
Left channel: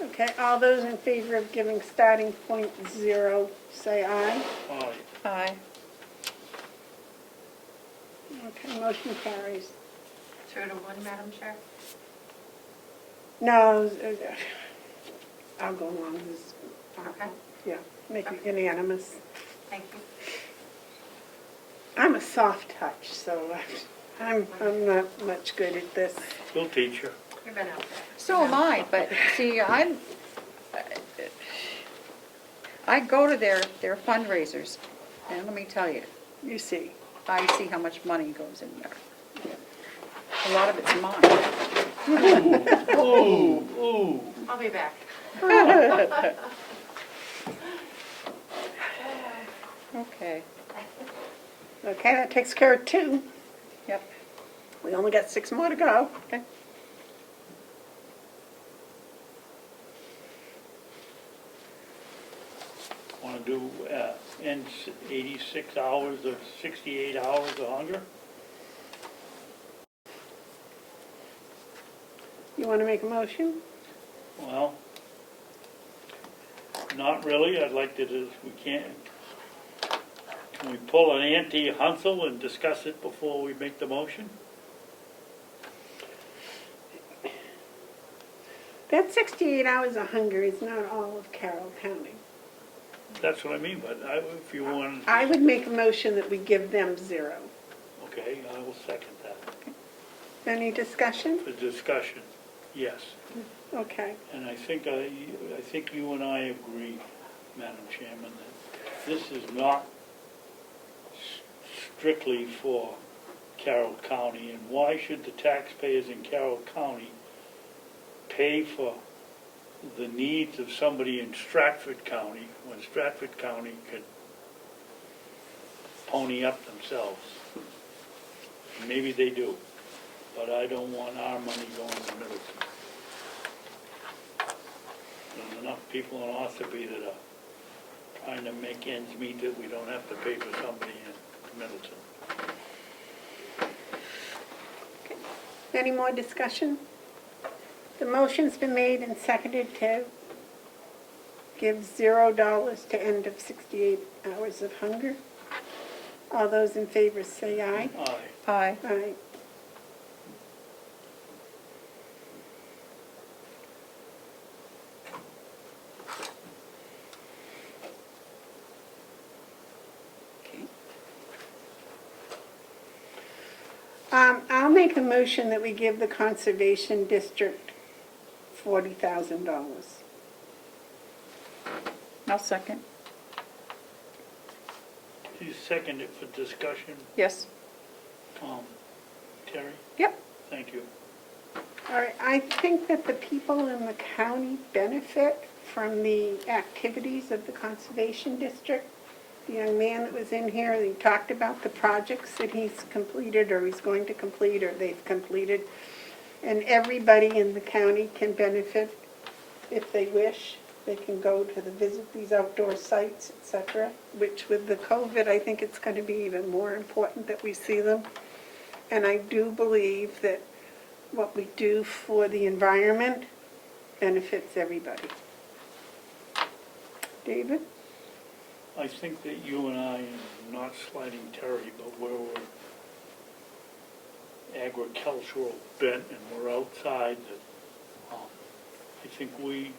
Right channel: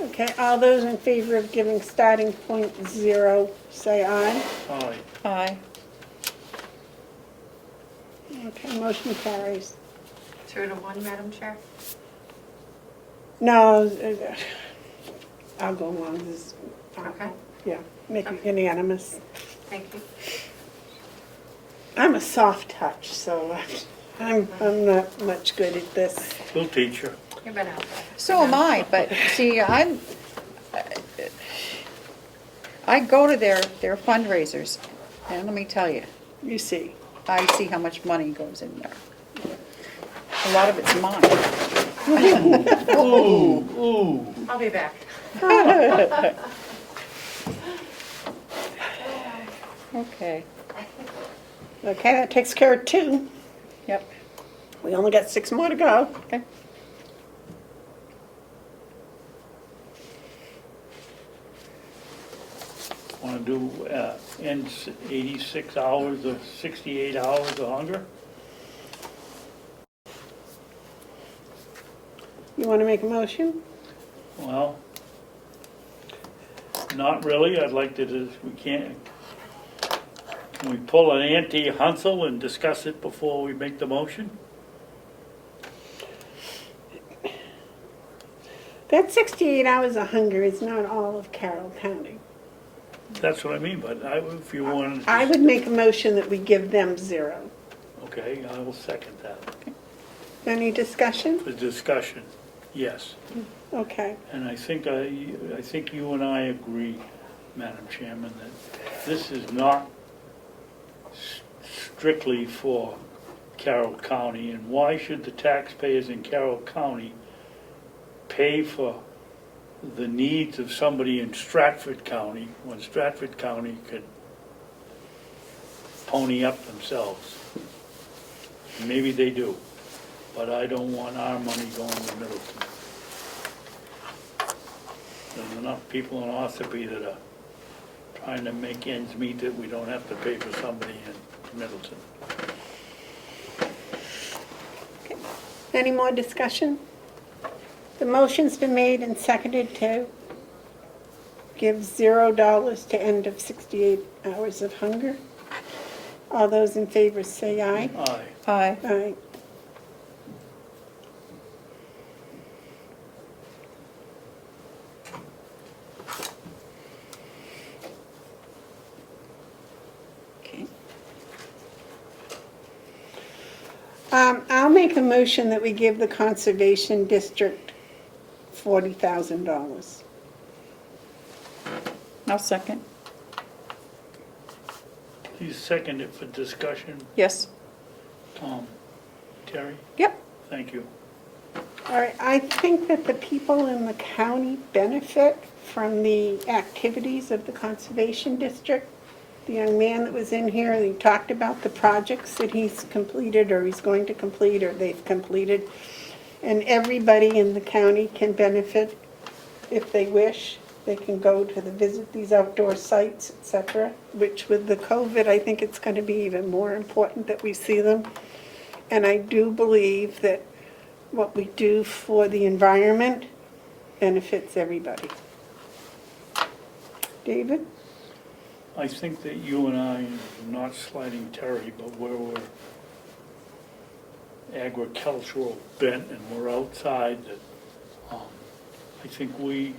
Okay, all those in favor of giving Starting Point zero, say aye. Aye. Aye. Okay, motion carries. 2-1, Madam Chair? No, I'll go along this. Okay. Yeah, make it unanimous. Thank you. I'm a soft touch, so I'm not much good at this. We'll teach her. You've been out there. So am I, but see, I go to their fundraisers, and let me tell you, You see. I see how much money goes in there. A lot of it's mine. Ooh. I'll be back. Okay. Okay, that takes care of 2. Yep. We only got 6 more to go. Okay. Want to do, end 86 hours of 68 hours of hunger? You want to make a motion? Well, not really. I'd like to, we can't, can we pull an anti-Hunsel and discuss it before we make the motion? That 68 hours of hunger is not all of Carroll County. That's what I mean, but if you want. I would make a motion that we give them 0. Okay, I will second that. Any discussion? The discussion, yes. Okay. And I think you and I agree, Madam Chairman, that this is not strictly for Carroll County. And why should the taxpayers in Carroll County pay for the needs of somebody in Stratford County when Stratford County could pony up themselves? Maybe they do, but I don't want our money going to Middleton. There's enough people in Ossipee that are trying to make ends meet that we don't have to pay for somebody in Middleton. Any more discussion? The motion's been made and seconded to give $0 to end of 68 hours of hunger. All those in favor say aye. Aye. Aye. Aye. I'll make a motion that we give the Conservation District $40,000. I'll second. You second it for discussion, Yes. Terry? Yep. Thank you. All right, I think that the people in the county benefit from the activities of the Conservation District. The young man that was in here, he talked about the projects that he's completed or he's going to complete or they've completed. And everybody in the county can benefit if they wish. They can go to visit these outdoor sites, etc., which with the COVID, I think it's going to be even more important that we see them. And I do believe that what we do for the environment benefits everybody. David? I think that you and I, not slighting Terry, but we're agricultural bent and we're outside, that I think we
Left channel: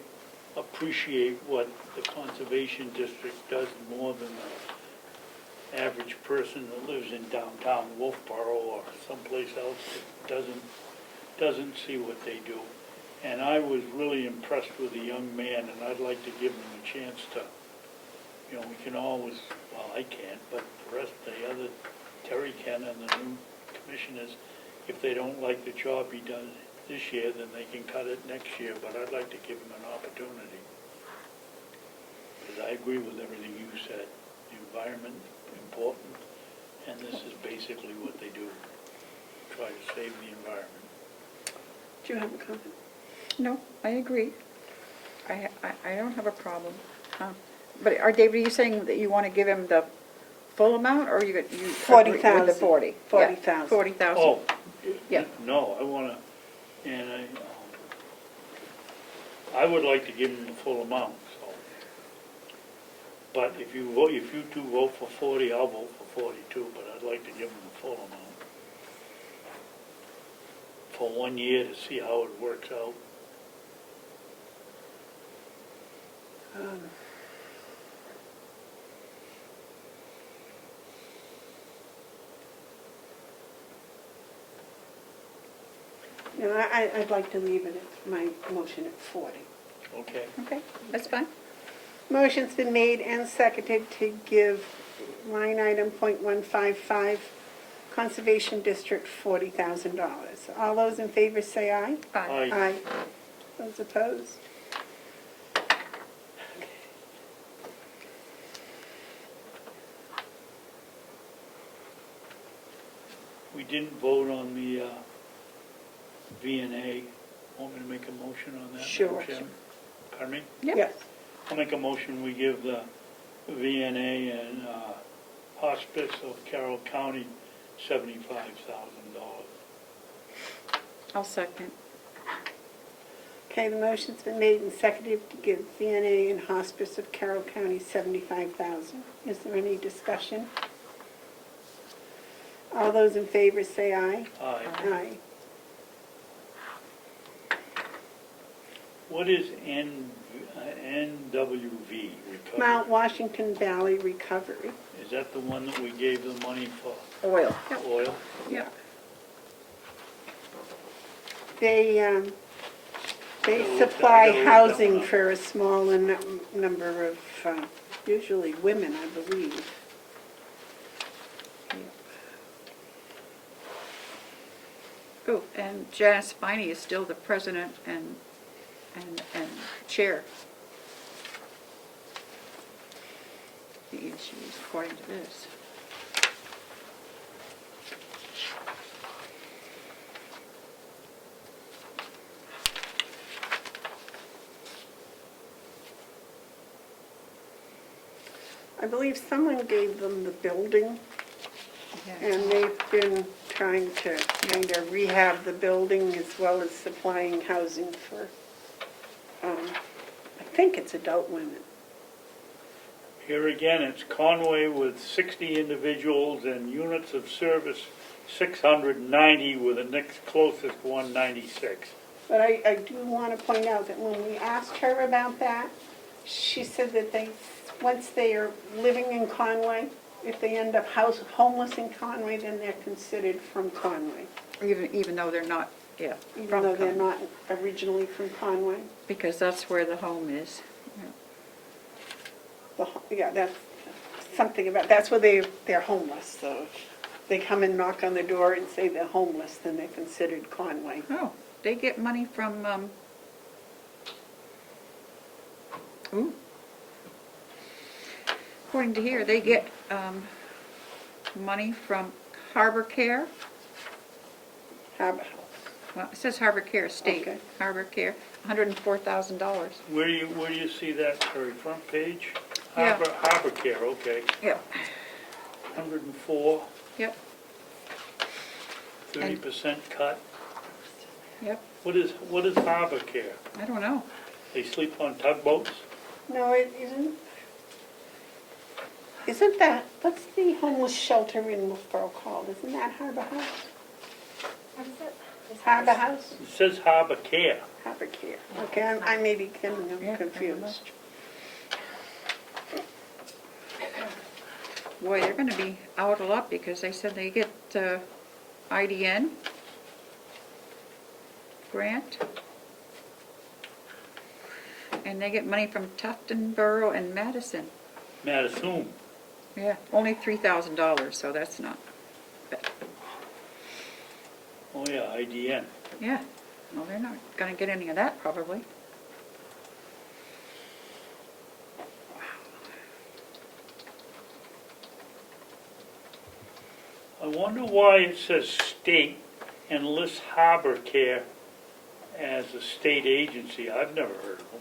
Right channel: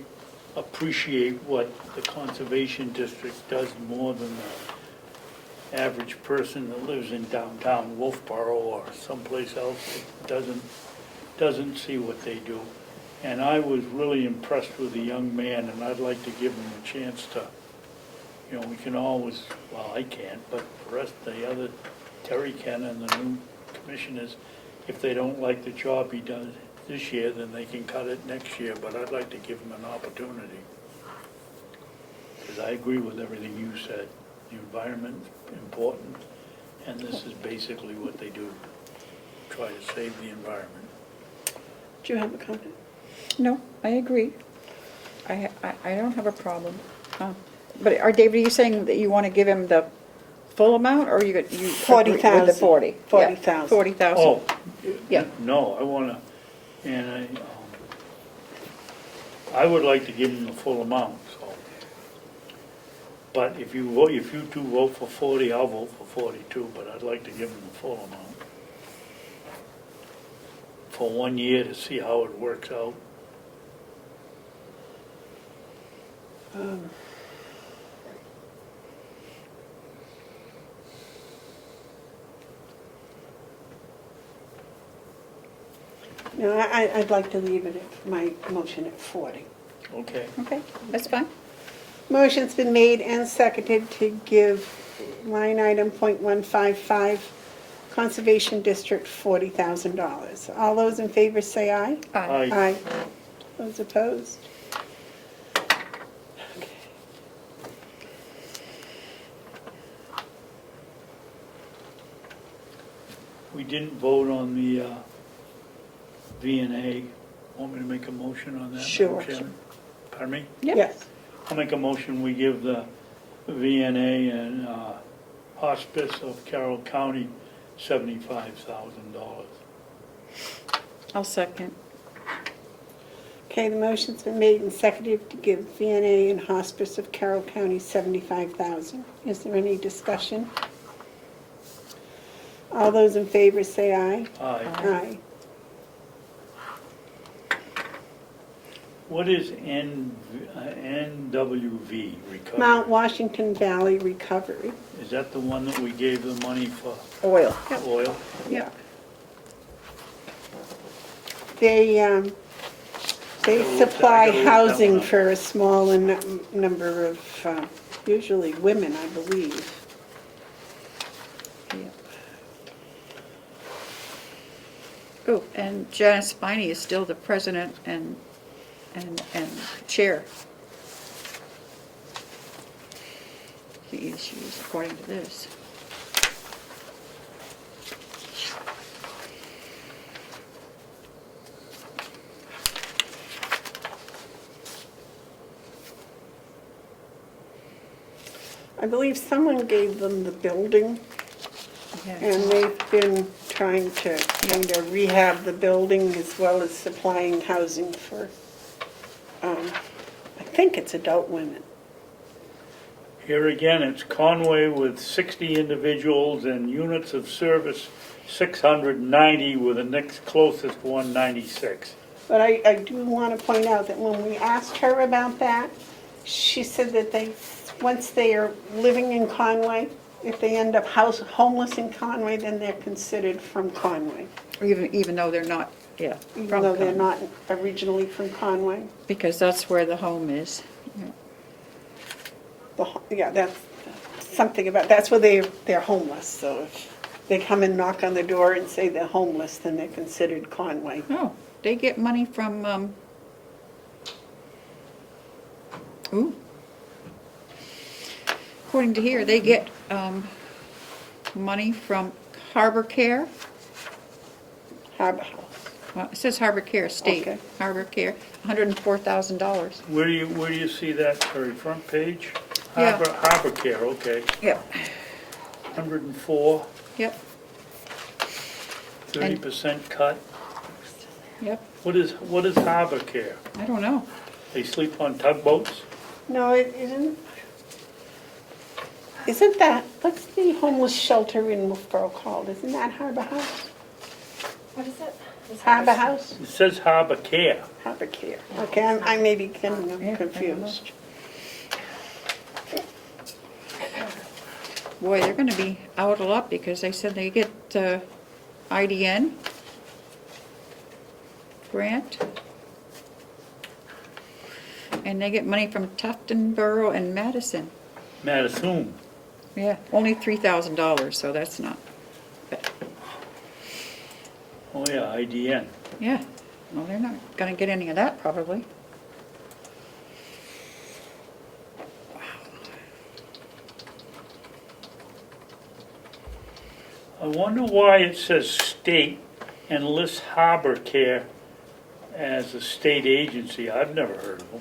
appreciate what the Conservation District does more than the average person that lives in downtown Wolfboro or someplace else that doesn't see what they do. And I was really impressed with the young man, and I'd like to give him a chance to, you know, we can always, well, I can't, but the rest of the other, Terry can and the new commissioners, if they don't like the job he does this year, then they can cut it next year, but I'd like to give him an opportunity. Because I agree with everything you said. The environment's important, and this is basically what they do, try to save the environment. Do you have a comment? No, I agree. I don't have a problem. No. But David, are you saying that you want to give him the full amount, or you 40,000. With the 40? 40,000. 40,000. Oh, Yeah. no, I want to, and I would like to give him the full amount, so. But if you two vote for 40, I'll vote for 42, but I'd like to give him the full amount. For 1 year to see how it works out. No, I'd like to leave it at my motion at 40. Okay. Okay, that's fine. Motion's been made and seconded to give line item .155 Conservation District $40,000. All those in favor say aye. Aye. Aye. Those opposed? We didn't vote on the V&A. Want me to make a motion on that? Sure. Madam Chairman? Pardon me? Yes. I'll make a motion, we give the V&A and Hospice of Carroll County $75,000. I'll second. Okay, the motion's been made and seconded to give V&A and Hospice of Carroll County $75,000. Is there any discussion? All those in favor say aye. Aye. Aye. What is NWV recovery? Mount Washington Valley Recovery. Is that the one that we gave the money for Oil. oil? Yeah. They supply housing for a small number of, usually women, I believe. Oh, and Janice Spiney is still the president and chair. She is, according to this. I believe someone gave them the building, and they've been trying to kind of rehab the building as well as supplying housing for, I think it's adult women. Here again, it's Conway with 60 individuals and units of service 690 with the next closest 196. But I do want to point out that when we asked her about that, she said that once they are living in Conway, if they end up homeless in Conway, then they're considered from Conway, Even though they're not, yeah. even though they're not originally from Conway. Because that's where the home is. Yeah, that's something about, that's where they're homeless. So if they come and knock on the door and say they're homeless, then they're considered Conway. Oh, they get money from, according to here, they get money from Harbor Care. Harbor House. Well, it says Harbor Care, State. Okay. Harbor Care, $104,000. Where do you see that, Terry? Front page? Yeah. Harbor Care, okay. Yep. 104, Yep, 30% cut. yep. What is Harbor Care? I don't know. They sleep on tugboats? No, it isn't. Isn't that, what's the homeless shelter in Wolfboro called? Isn't that Harbor House? What is it? Harbor House? It says Harbor Care. Harbor Care. Okay, I may be getting them Yeah, confused. Boy, they're gonna be out a lot because they said they get IDN grant. And they get money from Tufton Borough and Madison. Madison. Yeah, only $3,000, so that's not. Oh yeah, IDN. Yeah, well, they're not gonna get any of that probably. I wonder why it says state and lists Harbor Care as a state agency. I've never heard of them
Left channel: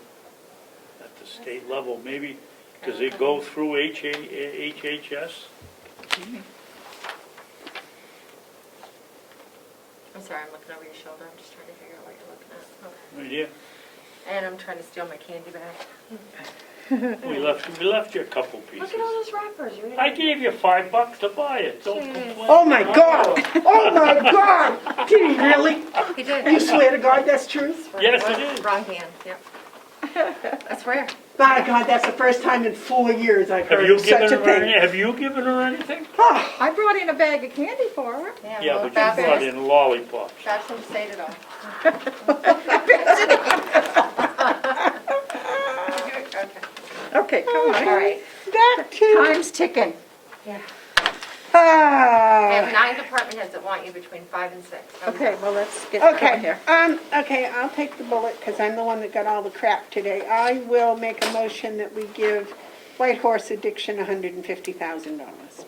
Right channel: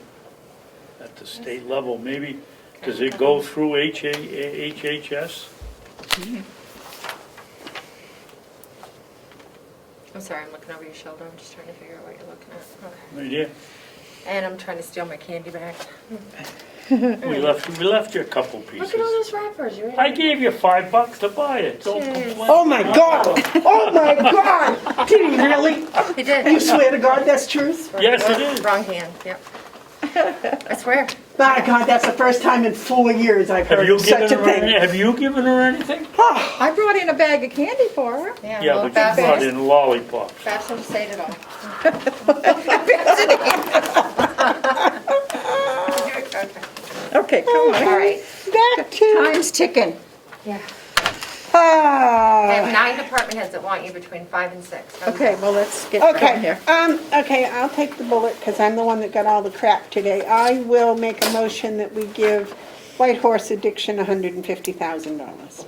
at the state level. Maybe, does it go through HHS? I'm sorry, I'm looking over your shoulder. I'm just trying to figure out what you're looking at. Okay. Right here. And I'm trying to steal my candy back. We left you a couple pieces. Look at all those wrappers. You're I gave you $5 to buy it. Don't complain. Oh my God! Oh my God! Did he really? He did. You swear to God that's truth? Yes, it is. Wrong hand, yep. I swear. My God, that's the first time in 4 years I've Have heard you of such given a her thing. Have you given her anything? I brought in a bag of candy for her. Yeah, well, but you brought in lollipops. Babson just ate it all. Okay, come on. All right. Back to... Time's ticking. Yeah. I have Ah. 9 department heads that want you between 5 and 6. How's Okay, that? well, let's get going Okay, here. okay, I'll take the bullet because I'm the one that got all the crap today. I will make a motion that we give White Horse Addiction $150,000.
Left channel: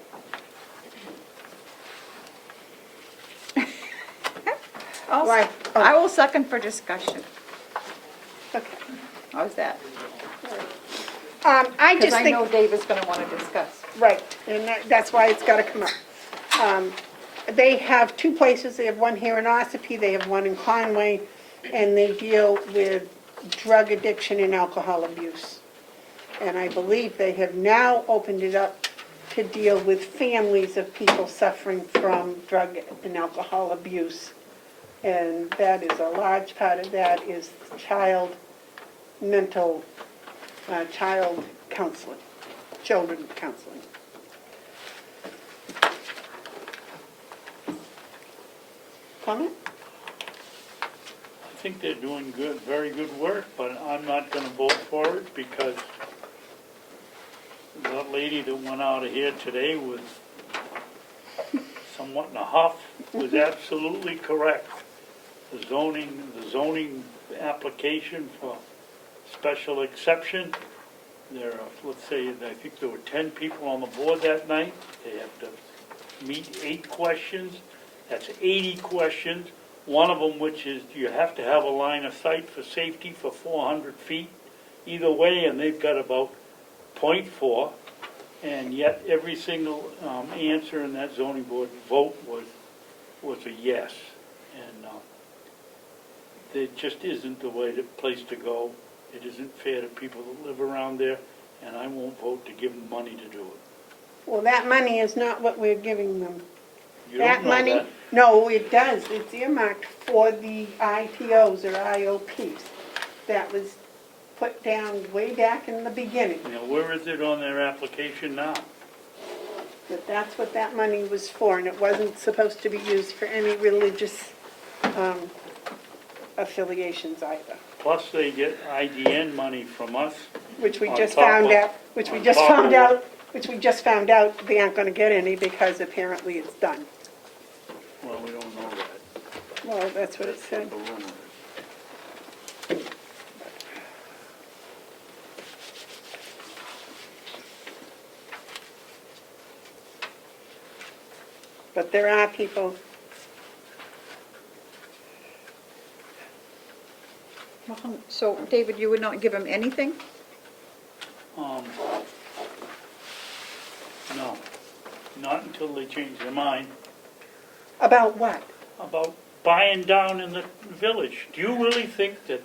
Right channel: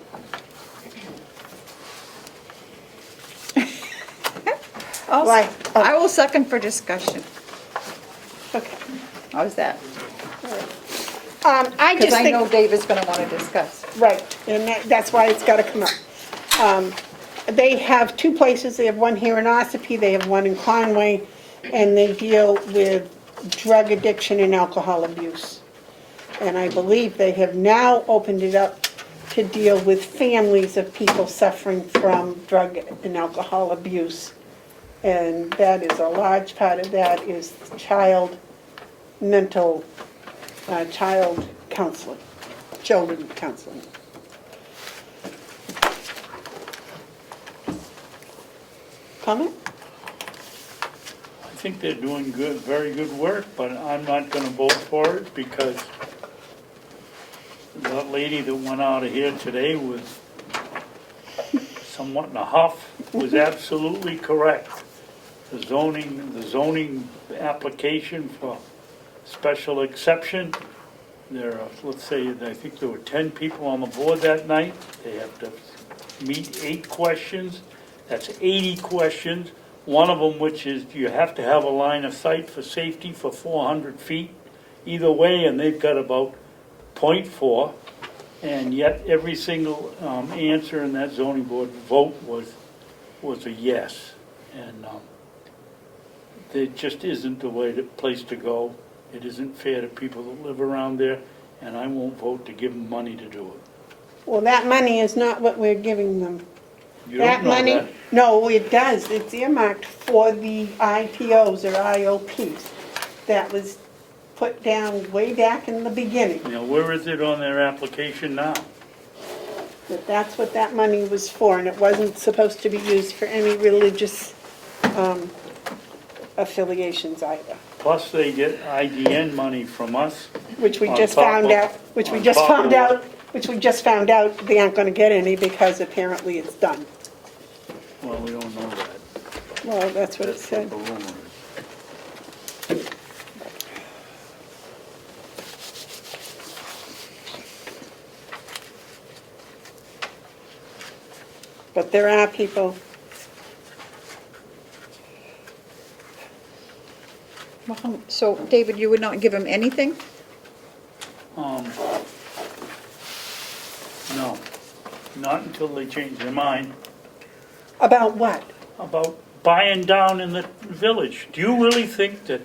Why? I will second for discussion. Okay. How's that? I Because just I think... know Dave is gonna wanna discuss. Right, and that's why it's got to come up. They have 2 places, they have one here in Ossipee, they have one in Conway, and they deal with drug addiction and alcohol abuse. And I believe they have now opened it up to deal with families of people suffering from drug and alcohol abuse. And that is a large part of that is child counseling, children counseling. Comment? I think they're doing good, very good work, but I'm not going to vote for it because that lady that went out of here today was somewhat in a huff, was absolutely correct. The zoning application for special exception, there are, let's say, I think there were 10 people on the board that night. They have to meet 8 questions. That's 80 questions. One of them, which is you have to have a line of sight for safety for 400 feet either way, and they've got about 0.4. And yet every single answer in that zoning board vote was a yes. And it just isn't the place to go. It isn't fair to people that live around there. and I won't vote to give them money to do it. Well, that money is not what we're giving them. You don't know money, that. no, it does. It's earmarked for the IPOs or IOPs. That was put down way back in the beginning. You know, where is it on their application now? That that's what that money was for, and it wasn't supposed to be used for any religious affiliations either. Plus, they get IDN money from us. Which we On just top found of- out, which we on just top of found what- out, which we just found out they aren't gonna get any because apparently it's done. Well, we don't know that. Well, that's what it That's said. what the rumor is. But there are people. So, David, you would not give them anything? No, not until they change their mind About what? about buying down in the village. Do you really think that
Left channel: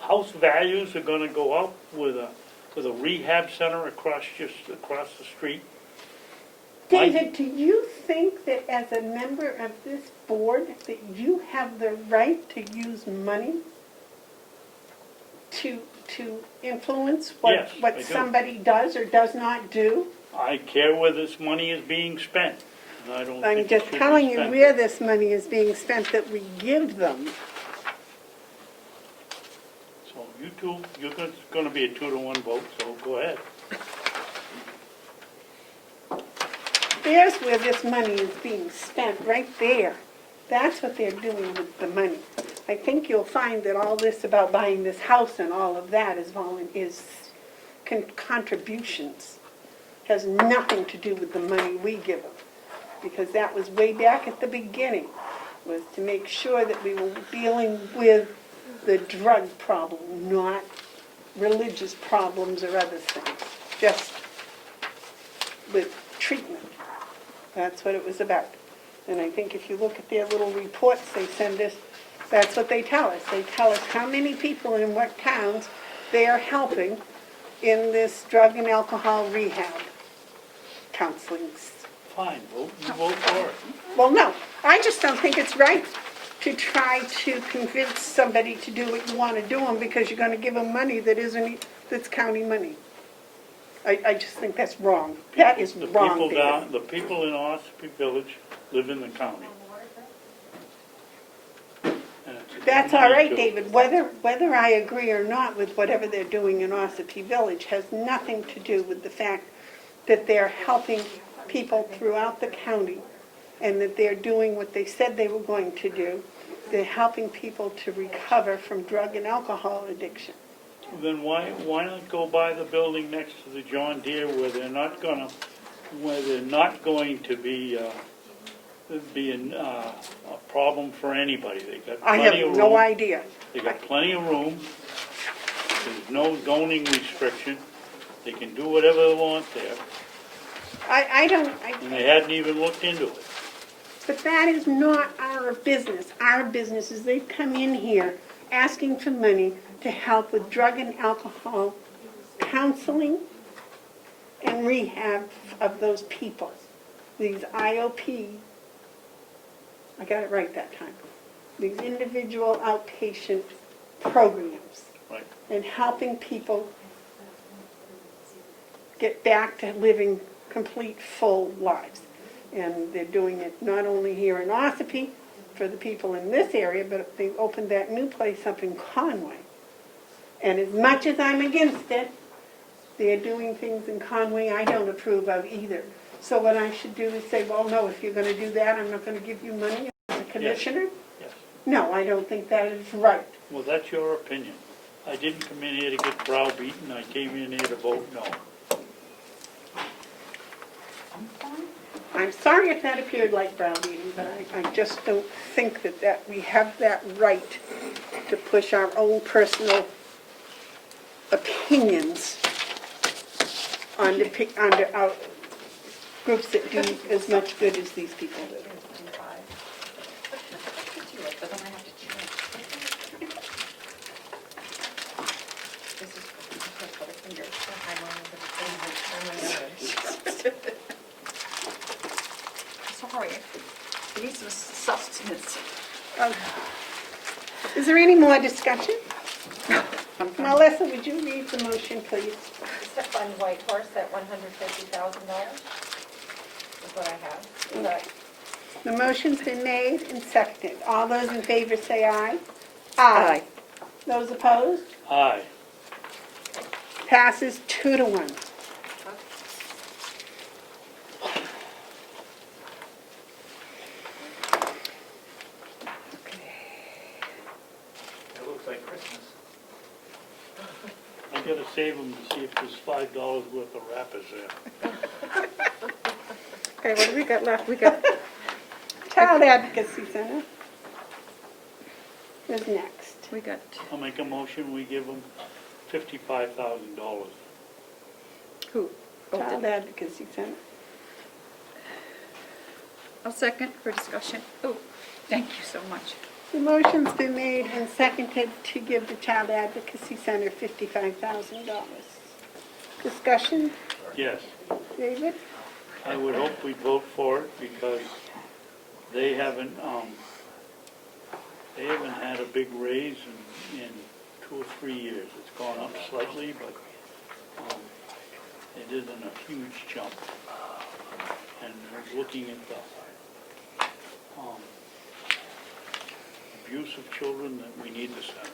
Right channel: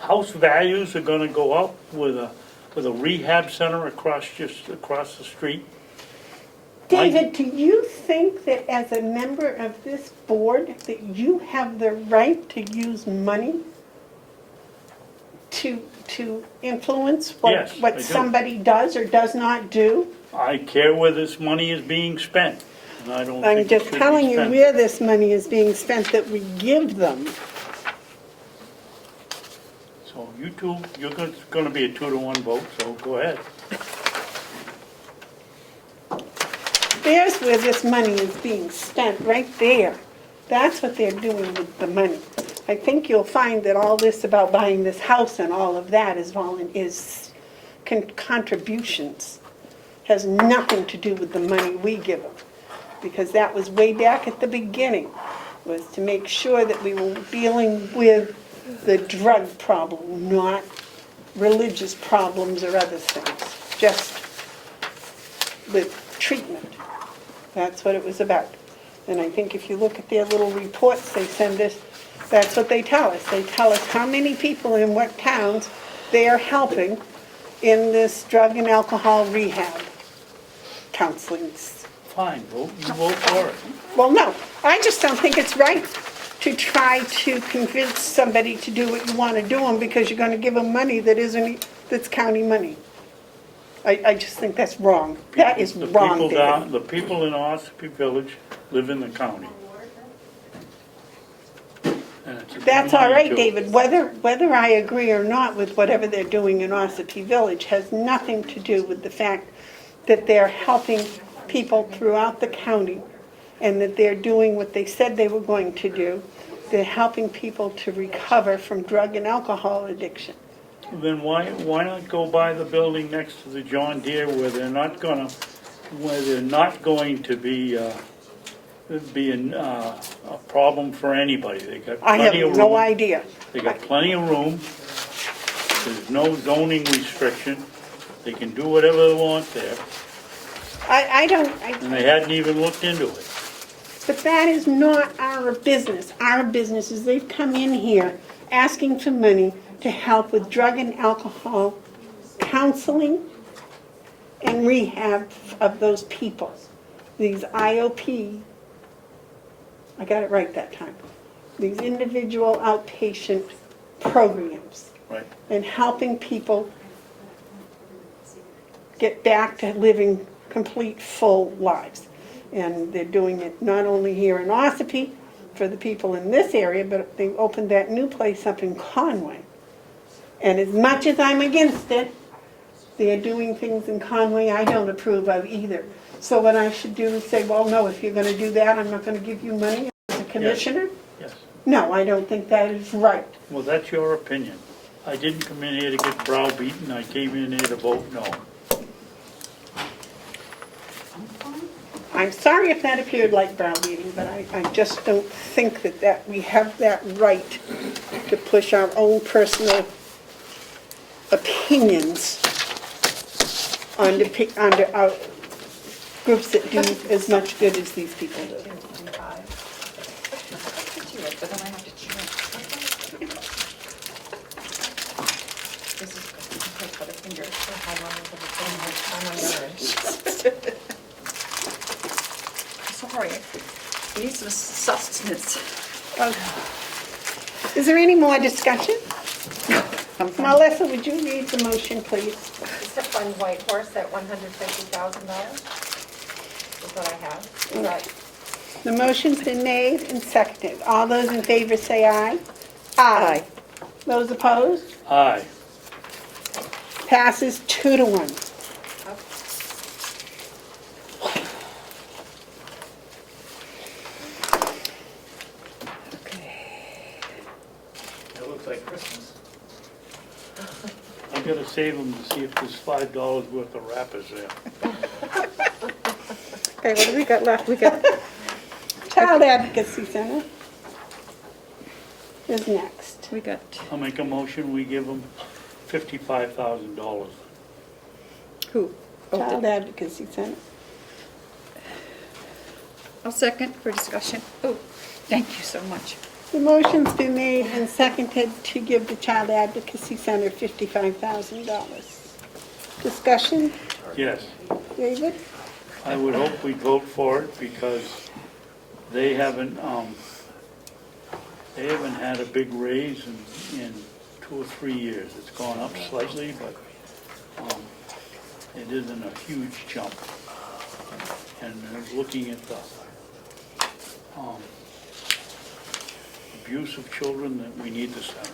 house values are gonna go up with a rehab center just across the street? David, do you think that as a member of this board, that you have the right to use money to influence Yes, I what do. somebody does or does not do? I care where this money is being spent, and I don't I'm think it just should be telling you spent. where this money is being spent that we give them. So you two, it's gonna be a 2-to-1 vote, so go ahead. There's where this money is being spent, right there. That's what they're doing with the money. I think you'll find that all this about buying this house and all of that is contributions. Has nothing to do with the money we give them. Because that was way back at the beginning, was to make sure that we were dealing with the drug problem, not religious problems or other things. Just with treatment. That's what it was about. And I think if you look at their little reports they send us, that's what they tell us. They tell us how many people in what towns they are helping in this drug and alcohol rehab counselings. Fine, you vote for it. Well, no, I just don't think it's right to try to convince somebody to do what you want to do them because you're going to give them money that's county money. I just think that's wrong. That is wrong, David. The people in Ossipee Village live in the county. And it's a That's all money right, to- David. Whether I agree or not with whatever they're doing in Ossipee Village has nothing to do with the fact that they're helping people throughout the county and that they're doing what they said they were going to do. They're helping people to recover from drug and alcohol addiction. Then why not go buy the building next to the John Deere where they're not going to be a problem for anybody? They got I plenty have of no room. idea. They got plenty of room. There's no zoning restriction. They can do whatever they want there. And they hadn't even looked into it. But that is not our business. Our business is they've come in here asking for money to help with drug and alcohol counseling and rehab of those people. These IOP, I got it right that time, these individual outpatient programs. Right. And helping people get back to living complete, full lives. And they're doing it not only here in Ossipee for the people in this area, but they opened that new place up in Conway. And as much as I'm against it, they're doing things in Conway I don't approve of either. So what I should do is say, well, no, if you're going to do that, I'm not going to give you money as a commissioner? Yes. No, I don't think that is right. Well, that's your opinion. I didn't come in here to get browbeaten. I came in here to vote no. I'm sorry if that appeared like browbeating, but I just don't think that we have that right to push our own personal opinions onto our groups that do as much good as these people do. I wanted to spend my time on yours. Sorry, need some sustenance. Is there any more discussion? Melissa, would you read the motion, please? Just to fund White Horse at $150,000 is what I have. Is that The motion's been made and seconded. All those in favor say aye. Aye. Those opposed? Aye. Passes 2-1. It looks like Christmas. I gotta save them to see if there's $5 worth of wrappers there. Okay, what do we got left? We got Child Advocacy Center is next. We got, I'll make a motion, we give them $55,000. who? Child Advocacy Center. I'll second for discussion. Oh, thank you so much. The motion's been made and seconded to give the Child Advocacy Center $55,000. Discussion, Yes, David? I would hope we'd vote for it because they haven't had a big raise in 2 or 3 years. It's gone up slightly, but it isn't a huge jump. And looking at the abuse of children, that we need the center.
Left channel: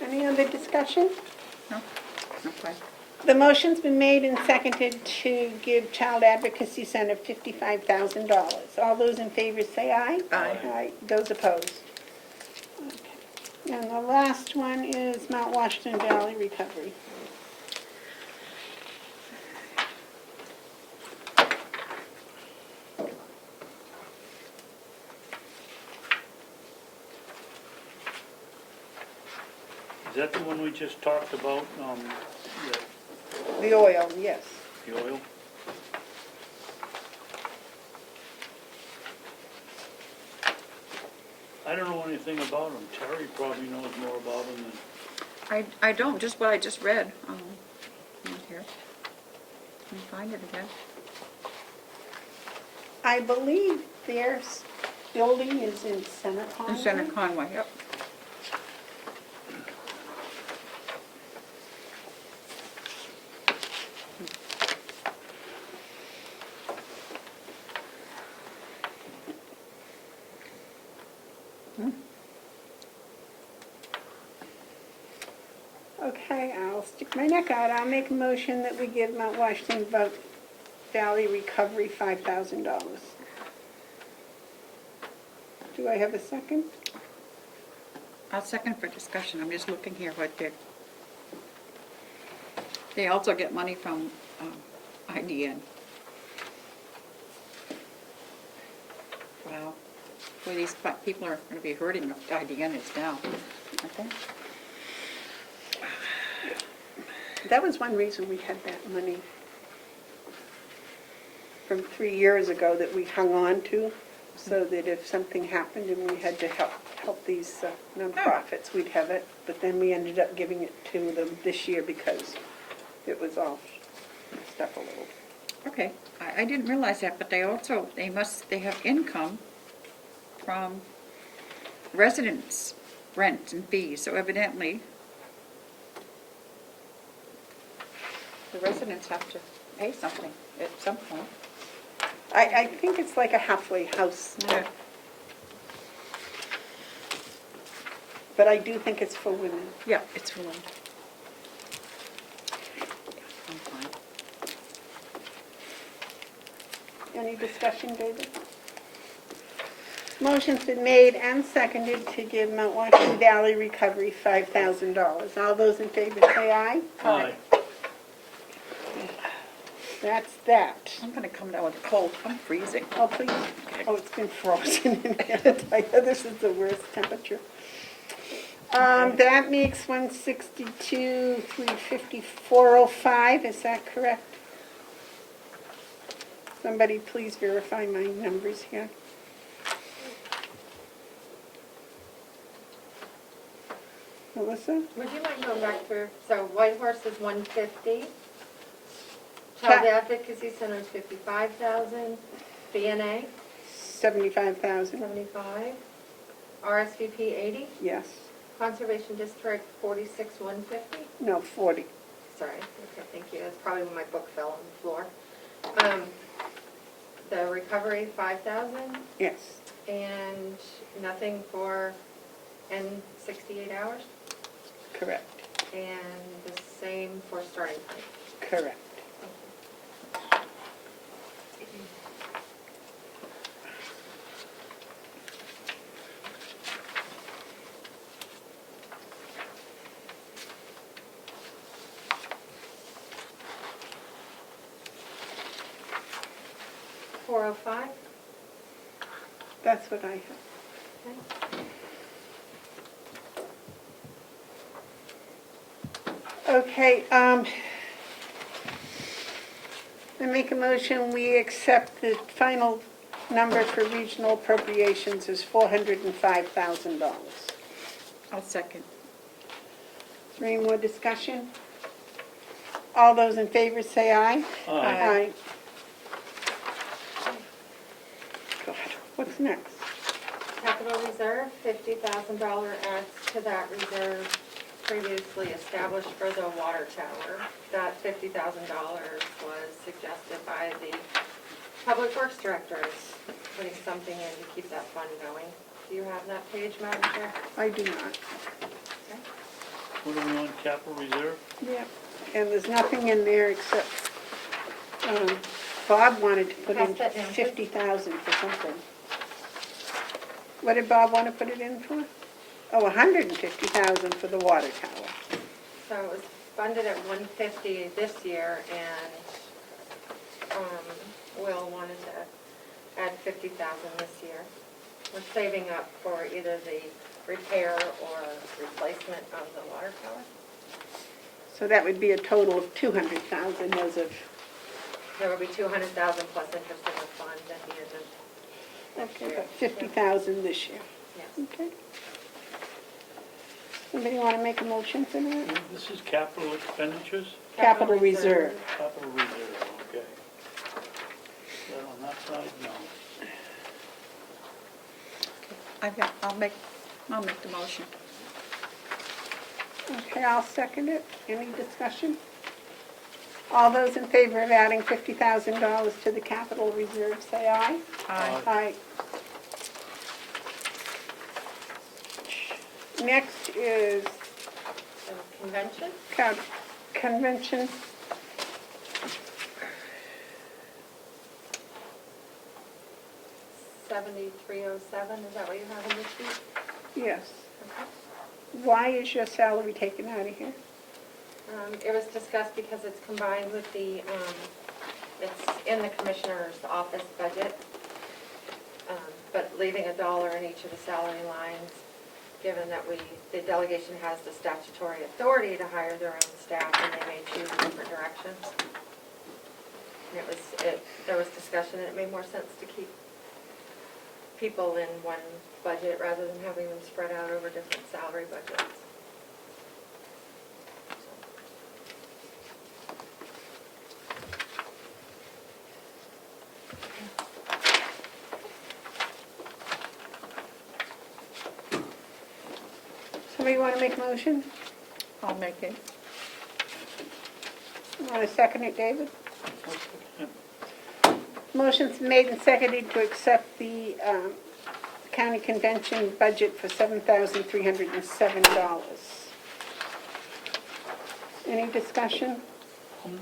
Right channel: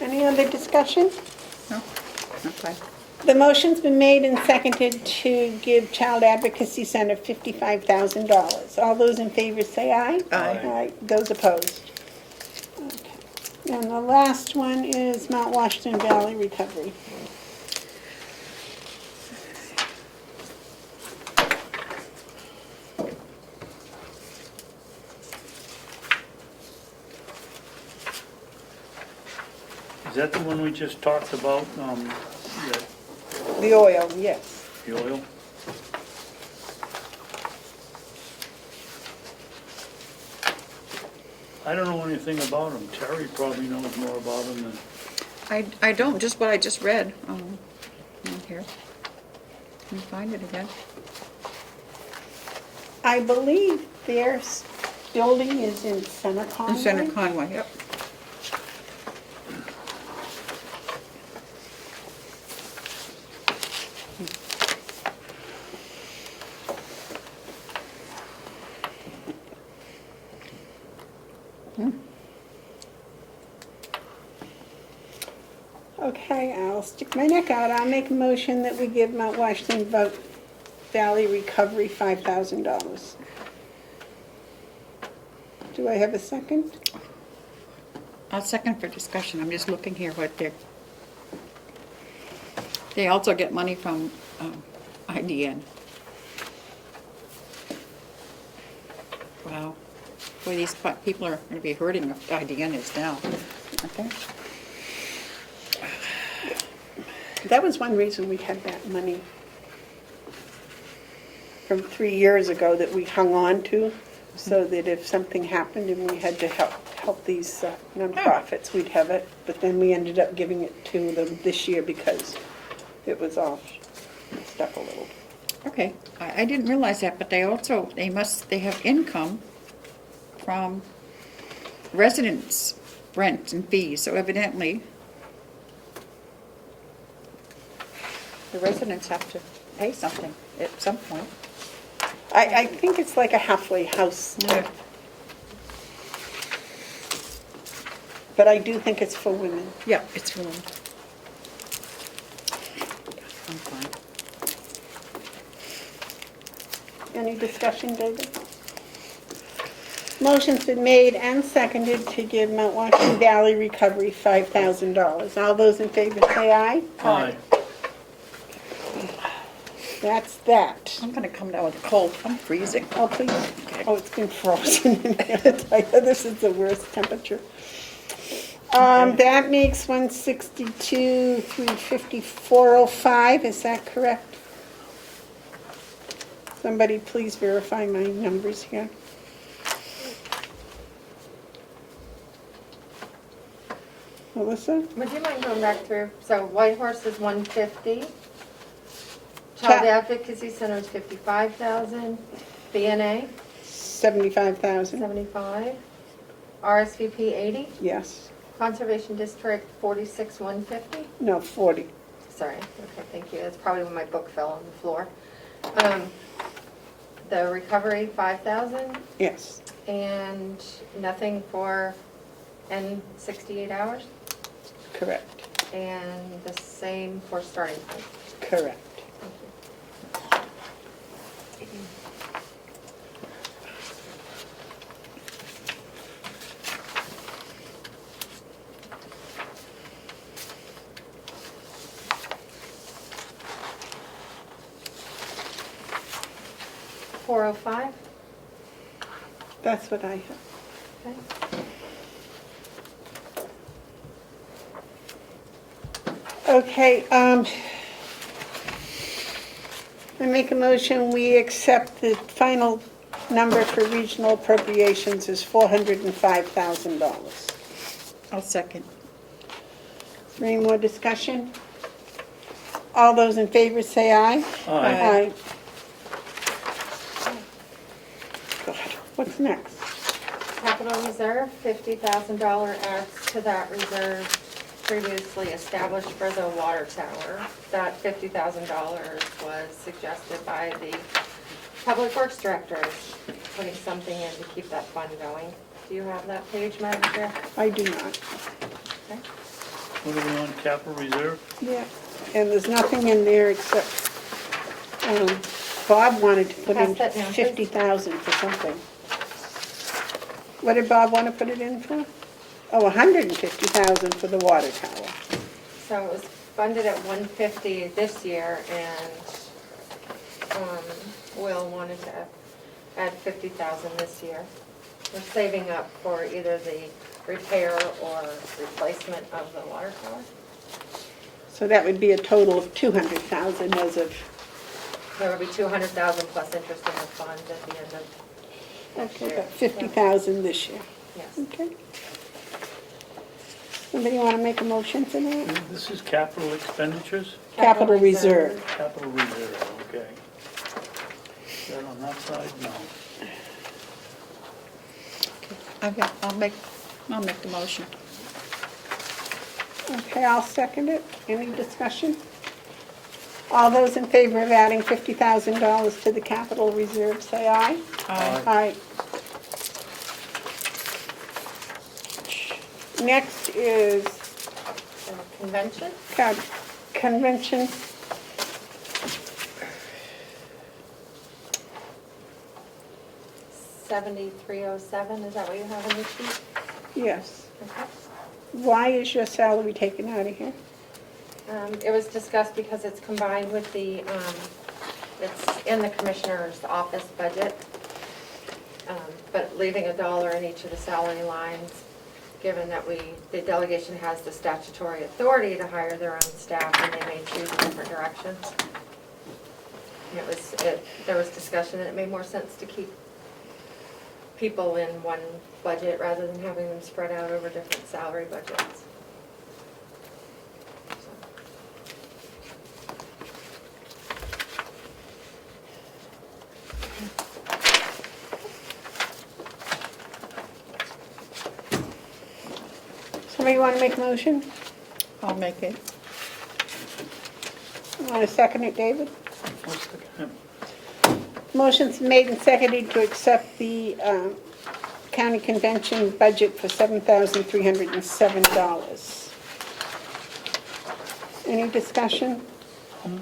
Any other discussion? No? Okay. The motion's been made and seconded to give Child Advocacy Center $55,000. All those in favor say aye. Aye. Those opposed? Okay. And the last one is Mount Washington Valley Recovery. Is that the one we just talked about, The oil, yes. the oil? I don't know anything about them. Terry probably knows more about them than... I don't, just what I just read. Right here. Can you find it again? I believe their building is in Center Conway. In Center Conway, yep. Okay, I'll stick my neck out. I'll make a motion that we give Mount Washington Valley Recovery $5,000. Do I have a second? I'll second for discussion. I'm just looking here what they also get money from IDN. Wow. Boy, these people are going to be hurting if IDN is down. Okay. That was one reason we had that money from 3 years ago that we hung on to, so that if something happened and we had to help these nonprofits, we'd have it. But then we ended up giving it to them this year because it was all messed up a little. Okay, I didn't realize that, but they have income from residents' rent and fees, so evidently the residents have to pay something at some point. I think it's like a halfway house type. But I do think it's for women. Yeah, it's for them. I'm fine. Any discussion, David? Motion's been made and seconded to give Mount Washington Valley Recovery $5,000. All those in favor say aye. Aye. That's that. I'm gonna come down with a cold, I'm freezing. Oh, please. Oh, it's been frozen in here. I tell you, this is the worst temperature. That makes 162, 350, 405. Is that correct? Somebody please verify my numbers here. Melissa? Would you mind going back through? So White Horse is 150. Child Advocacy Center is 55,000. BNA 75,000. 75. RSVP 80. Yes. Conservation District 46,150. No, 40. Sorry. Okay, thank you. That's probably when my book fell on the floor. The recovery 5,000. Yes. And nothing for N 68 hours. Correct. And the same for starting point. Correct. $405. That's what I have. Okay, I make a motion, we accept the final number for regional appropriations is $405,000. I'll second. Any more discussion? All those in favor say aye. Aye. God, what's next? Capital Reserve, $50,000 adds to that reserve previously established for the water tower. That $50,000 was suggested by the Public Works Directors, putting something in to keep that fund going. Do you have that page, Madam Chair? I do not. Okay. What are we on, capital reserve? Yeah, and there's nothing in there except, Bob wanted to put in Pass that down, please. 50,000 for something. What did Bob want to put it in for? Oh, 150,000 for the water tower. So it was funded at 150 this year, and Will wanted to add 50,000 this year. We're saving up for either the repair or replacement of the water tower. So that would be a total of 200,000 as of, There will be 200,000 plus interest in the fund at the end of next okay, year. about 50,000 this year. Yes. Okay. Somebody want to make a motion for that? This is capital expenditures? Capital reserve. Capital reserve, okay. Is that on that side? No. I'll make the motion. Okay, I'll second it. Any discussion? All those in favor of adding $50,000 to the capital reserve, say aye. Aye. Aye. Next is Convention? convention. $7307, is that what you have in your sheet? Yes. Okay. Why is your salary taken out of here? It was discussed because it's combined with the, it's in the commissioner's office budget, but leaving $1 in each of the salary lines, given that the delegation has the statutory authority to hire their own staff, and they may choose different directions. There was discussion that it made more sense to keep people in one budget rather than having them spread out over different salary budgets. Somebody want to make a motion? I'll make it. Want to second it, David? I'll second it. Motion's made and seconded to accept the county convention budget for $7,307. Any discussion?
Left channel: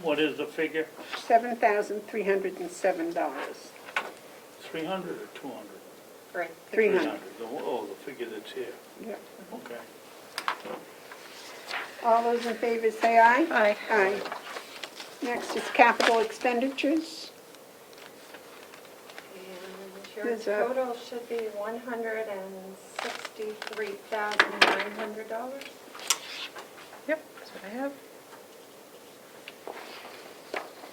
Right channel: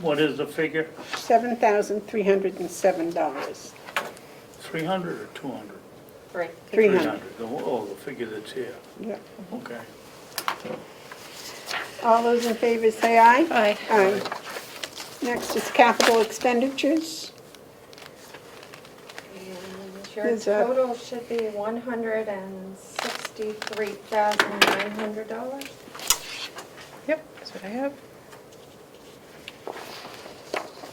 What is the figure? $7,307. 300 or 200? Right. 300. Oh, the figure that's here. Yeah. Okay. All those in favor say aye. Aye. Aye. Next is capital expenditures. And your Is that- total should be $163,900. Yep, that's what I have.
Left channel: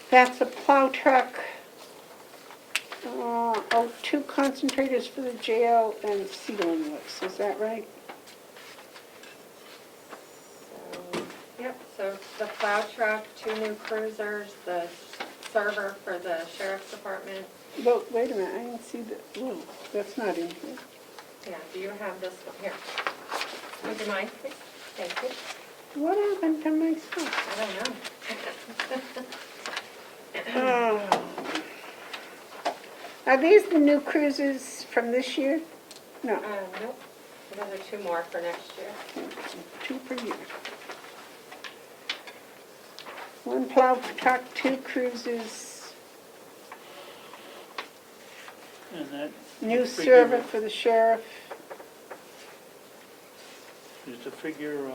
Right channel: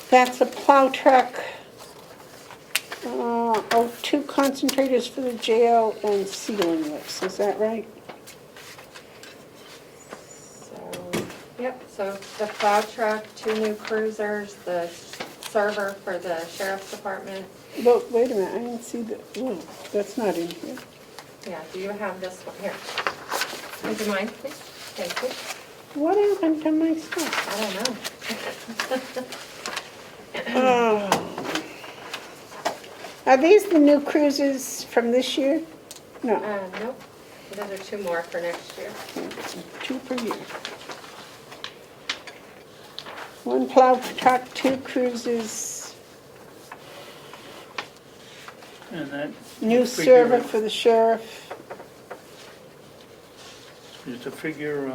That's a plow truck, 2 concentrators for the jail and ceiling lifts, is that right? Yep, so the plow truck, 2 new cruisers, the server for the sheriff's department. Well, wait a minute, I didn't see the, oh, that's not in here. Yeah, do you have this one here? Would you mind, please? Thank you. What happened to my stuff? I don't know. Oh. Are these the new cruisers from this year? No, Nope, those are 2 more for next year. 2 per year. 1 plow truck, 2 cruisers, And that new figure server for the sheriff. is the figure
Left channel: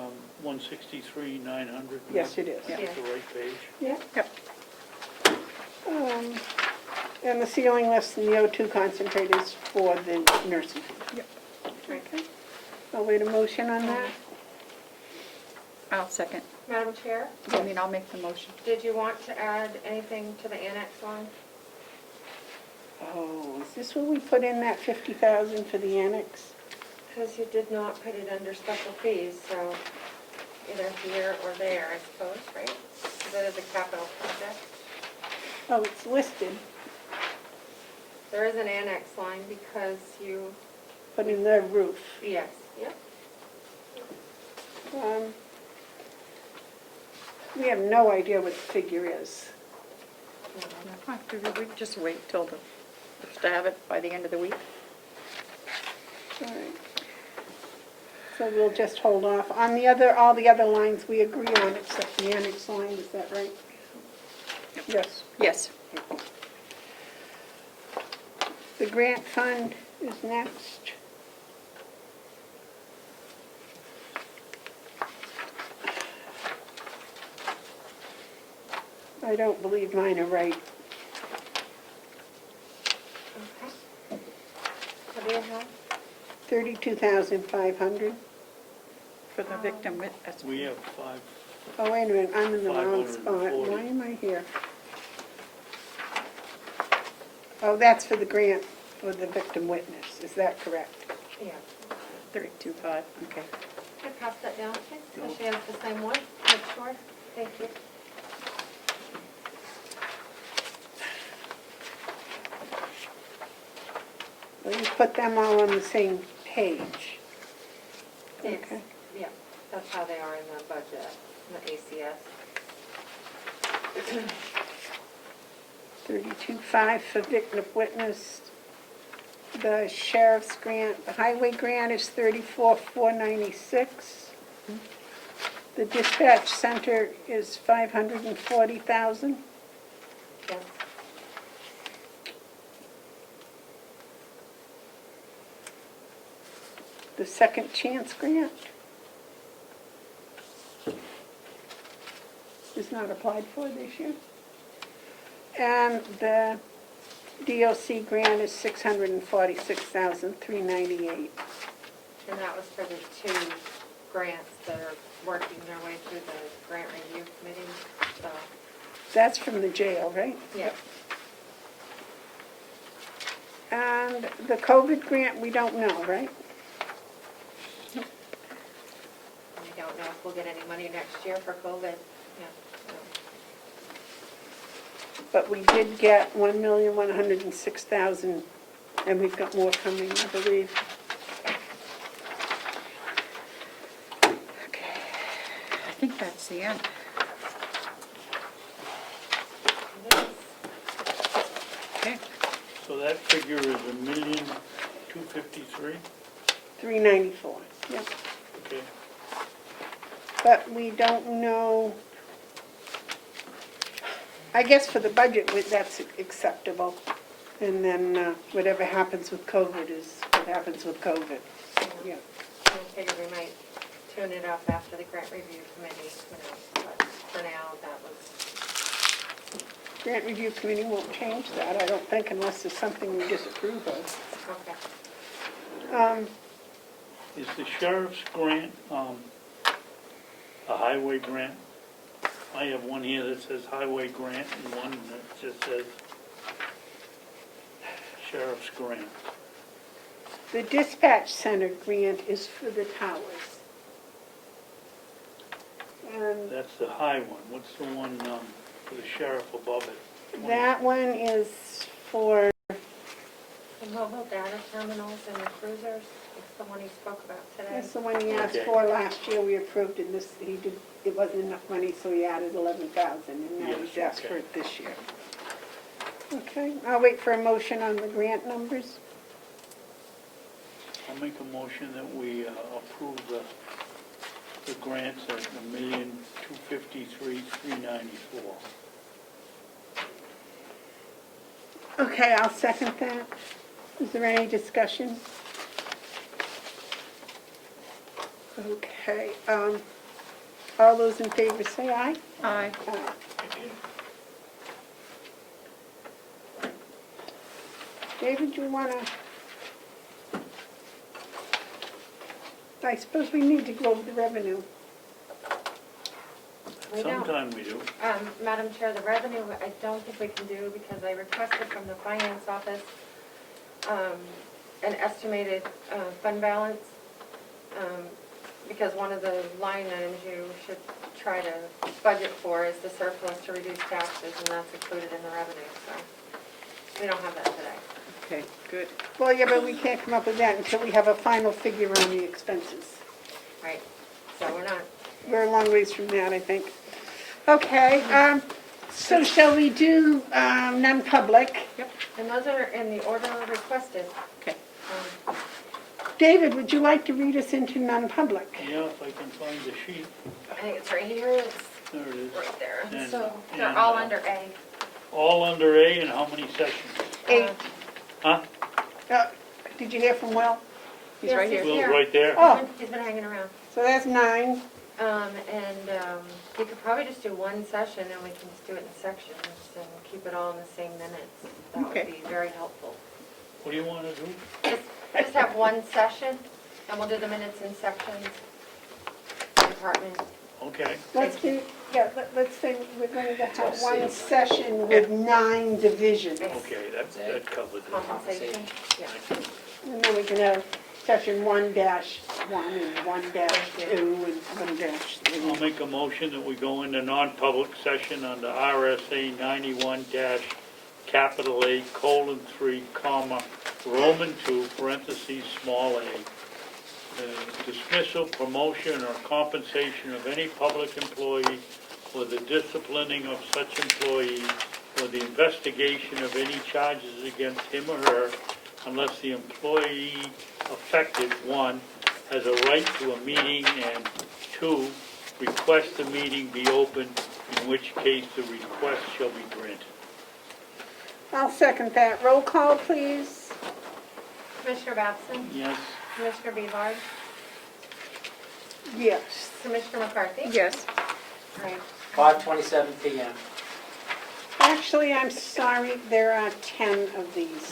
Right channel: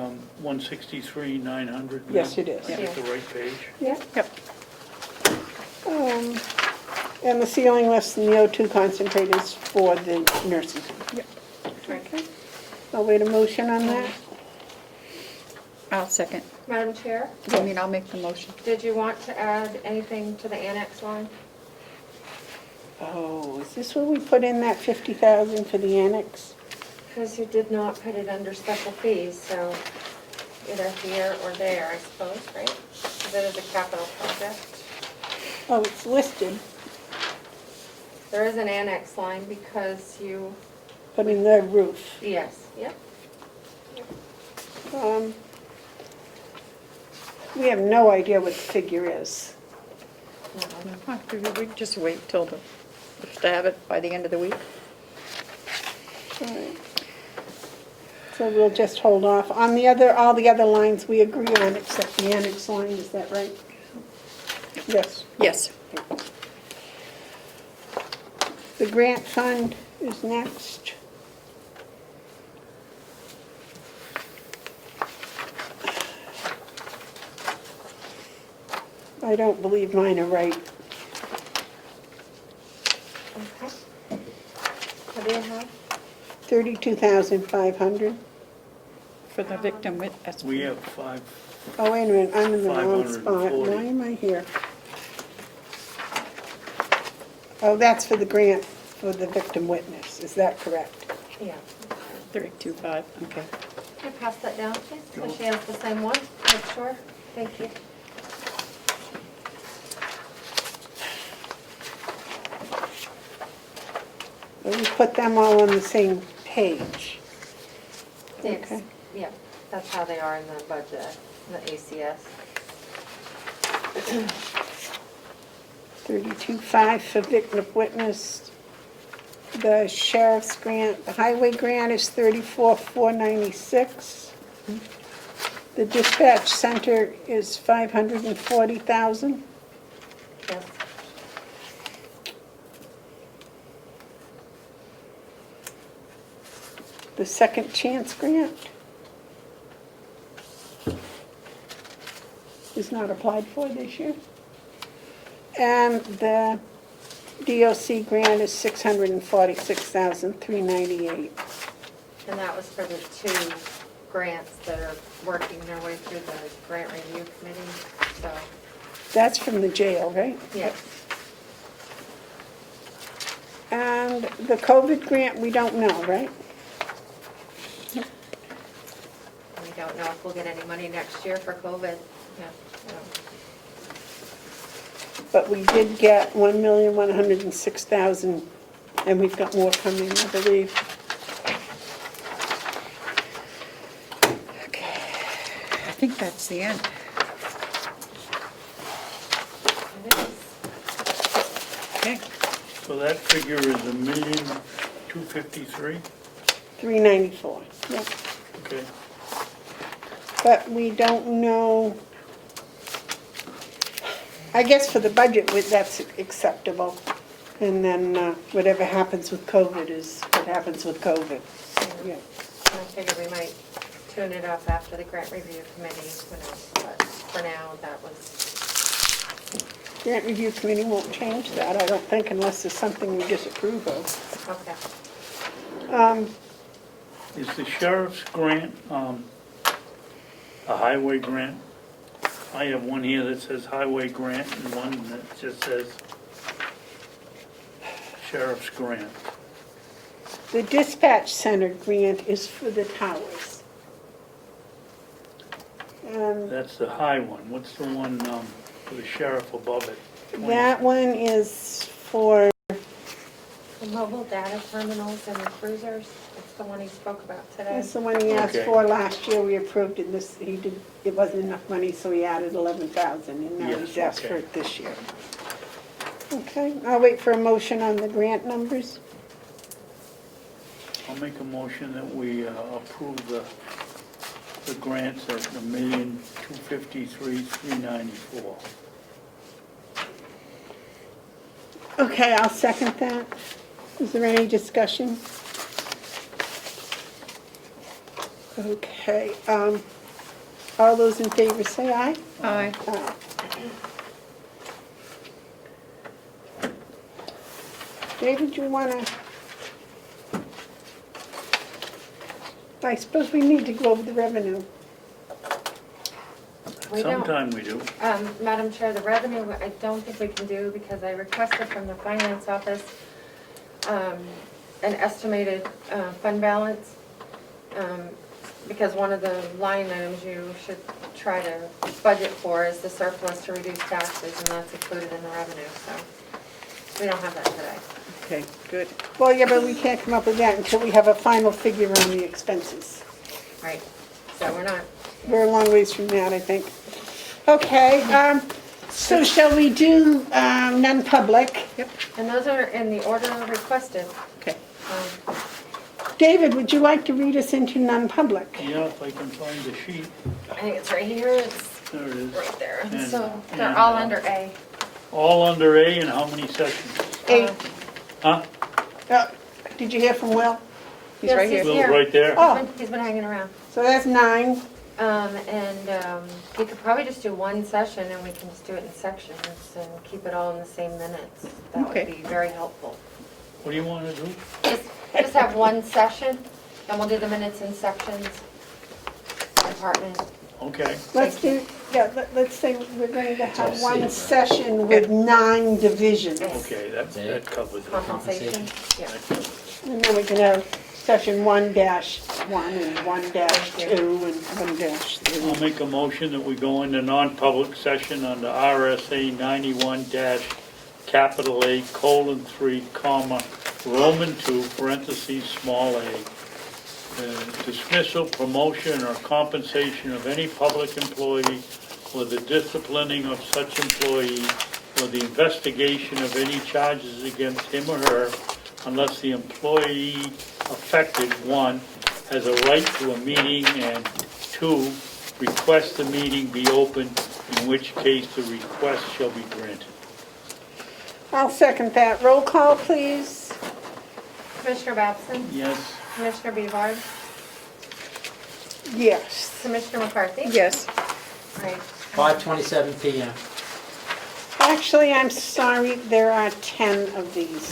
163,900. Yes, it is. I get the right page. Yeah. Yep. And the ceiling lifts and the O2 concentrators for the nursing home. Yep. Okay. I'll wait a motion on that. I'll second. Madam Chair, I mean, I'll make the motion. did you want to add anything to the annex line? Oh, is this where we put in that 50,000 for the annex? Because you did not put it under special fees, so either here or there, I suppose, right? Because it is a capital project. Oh, it's listed. There is an annex line because you, Put in the roof. yes, yep. We have no idea what the figure is. We just wait till to have it by the end of the week. All right. So we'll just hold off. On the other, all the other lines we agree on except the annex line, is that right? Yes. Yes. The grant fund is next. I don't believe mine are right. Okay. What do you have? 32,500. For the victim witness. We have 5. Oh, wait a minute, I'm in the wrong spot. 540. Why am I here? Oh, that's for the grant for the victim witness, is that correct? Yeah. 32.5, okay. Can I pass that down, please? So she has the same one, make sure. Thank you. Well, we put them all on the same page. Yes. Okay. Yeah, that's how they are in the budget, the ACS. 32.5 for victim witness. The sheriff's grant, the highway grant is 34,496. The dispatch center is 540,000. Yes. The second chance grant is not applied for this year. And the DOC grant is 646,398. And that was for the 2 grants that are working their way through the grant review committee, so, That's from the jail, right? yes. And the COVID grant, we don't know, right? We don't know if we'll get any money next year for COVID. Yeah. But we did get 1,106,000, and we've got more coming, I believe. Okay. I think that's the end. It is. Okay. So that figure is 1,253,000? 394, yep. Okay. But we don't know, I guess for the budget, that's acceptable. And then whatever happens with COVID is what happens with COVID. Yeah. I figured we might tune it up after the grant review committee, who knows, but for now, that was, Grant review committee won't change that, I don't think, unless there's something we disapprove of. okay. Is the sheriff's grant a highway grant? I have one here that says highway grant and one that just says sheriff's grant. The dispatch center grant is for the towers. That's the high one. What's the one for the sheriff above it? That one is for, The mobile data terminals and the cruisers, it's the one he spoke about today. that's the one he asked Okay. for last year, we approved it, this, he did, it wasn't enough money, so he added 11,000, and now Yes, he's asked for okay. it this year. Okay, I'll wait for a motion on the grant numbers. I'll make a motion that we approve the grants at $1,253,394. Okay, I'll second that. Is there any discussion? Okay, all those in favor say aye. Aye. Aye. David, you wanna? I suppose we need to go over the revenue. We don't. Sometime we do. Madam Chair, the revenue, I don't think we can do because I requested from the finance office an estimated fund balance, because one of the line items you should try to budget for is the surplus to reduce taxes, and that's included in the revenue, so we don't have that today. Okay, good. Well, yeah, but we can't come up with that until we have a final figure on the expenses. Right, so we're not. We're a long ways from that, I think. Okay, so shall we do non-public? Yep, and those are in the order requested. Okay. David, would you like to read us into non-public? Yeah, if I can find the sheet. I think it's right here, it's There it is. right there, And- so they're and, all under A. All under A, and how many sessions? 8. Huh? Did you hear from Will? He's right here. Yes, Will's here. right there? Oh. He's been hanging around. So that's 9. We could probably just do one session and we can just do it in sections and keep it all in the same minutes. That would Okay. be very helpful. What do you want to do? Just have one session and we'll do the minutes in sections. Department. Okay. Let's do, yeah, let's say we're going to have one session with 9 divisions. Okay, that covers it. Compensation. Yeah. And then we can have session 1-1 and 1-2 and 1-3. I'll make a motion that we go into non-public session under RSA 91-A:3, Roman 2, parentheses, small a. Dismissal, promotion, or compensation of any public employee, or the disciplining of such employee, or the investigation of any charges against him or her, unless the employee affected, 1, has a right to a meeting, and 2, request the meeting be open, in which case the request shall be granted. I'll second that. Roll call, please. Commissioner Babson? Yes? Commissioner Bevard? Yes. Commissioner McCarthy? Yes. All right. 5:27 PM. Actually, I'm sorry, there are 10 of these.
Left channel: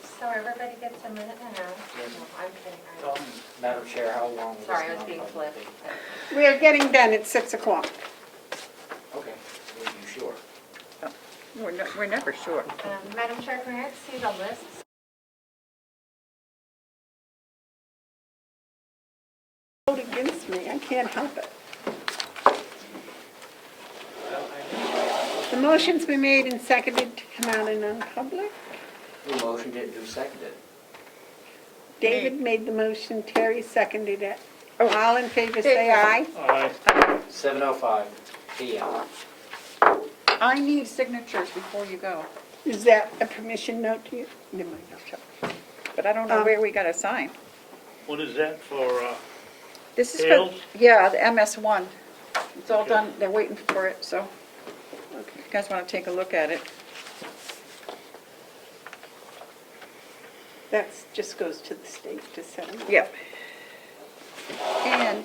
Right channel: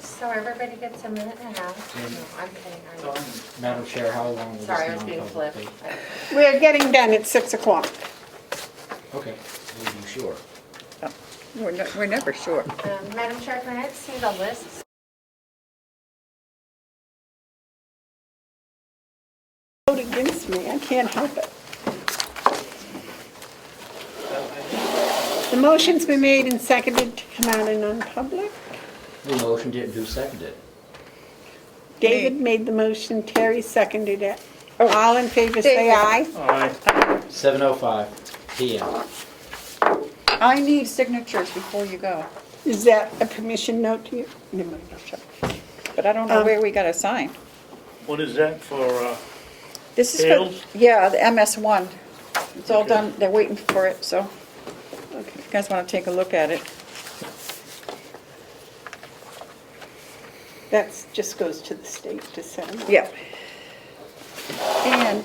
So everybody gets a minute and a half? No, I'm kidding. Madam Chair, how long will this Sorry, I was being non-public flip. take? We're getting done at 6 o'clock. Okay, are you sure? We're never sure. Madam Chair, can I see the list? Vote against me, I can't help it. The motion's been made and seconded to come out in non-public. Who motioned it and who seconded it? David made the motion, Terry seconded it. All in favor say aye. Aye. 7:05 PM. I need signatures before you go, Is that a permission note to you? Never mind, I'll shut up. but I don't know where we gotta sign. What is that for, This is Sales? yeah, the MS1. It's all Okay. done, they're waiting for it, so Okay. you guys wanna take a look at it. That just goes to the state to set them up. Yeah. And then,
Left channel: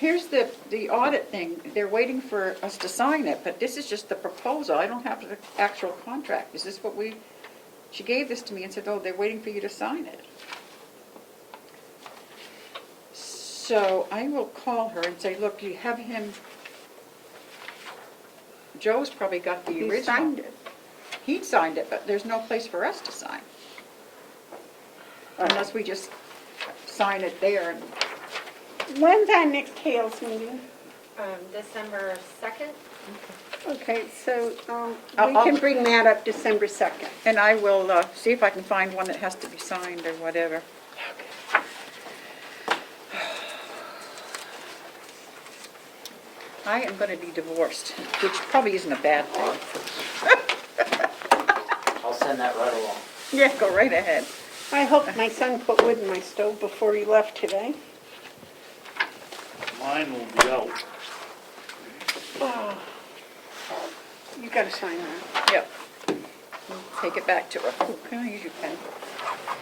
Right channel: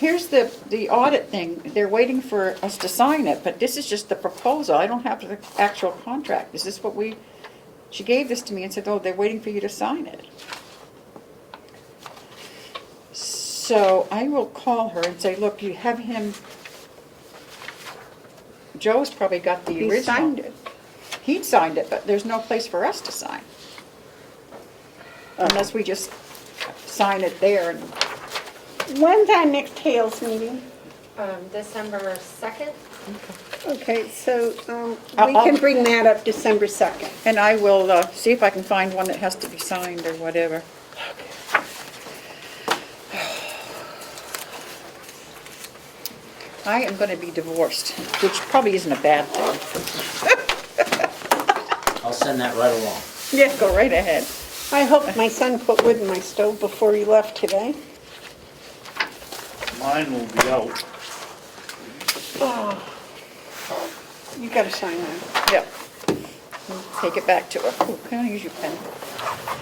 here's the audit thing. They're waiting for us to sign it, but this is just the proposal. I don't have the actual contract. Is this what she gave this to me and said, oh, they're waiting for you to sign it. So I will call her and say, look, you have him, Joe's probably got the original. He signed it. He signed it, but there's no place for us to sign. Unless we just sign it there and When's our next Hales meeting? December 2nd? Okay, so we I'll- can bring that up December 2nd. And I will see if I can find one that has to be signed or whatever. I am gonna be divorced, which probably isn't a bad thing. I'll send that right along. Yeah, go right ahead. I hope my son put wood in my stove before he left today. Mine will be out. Oh. You gotta sign that. Yep. Take it back to her. Oh, can I use your pen?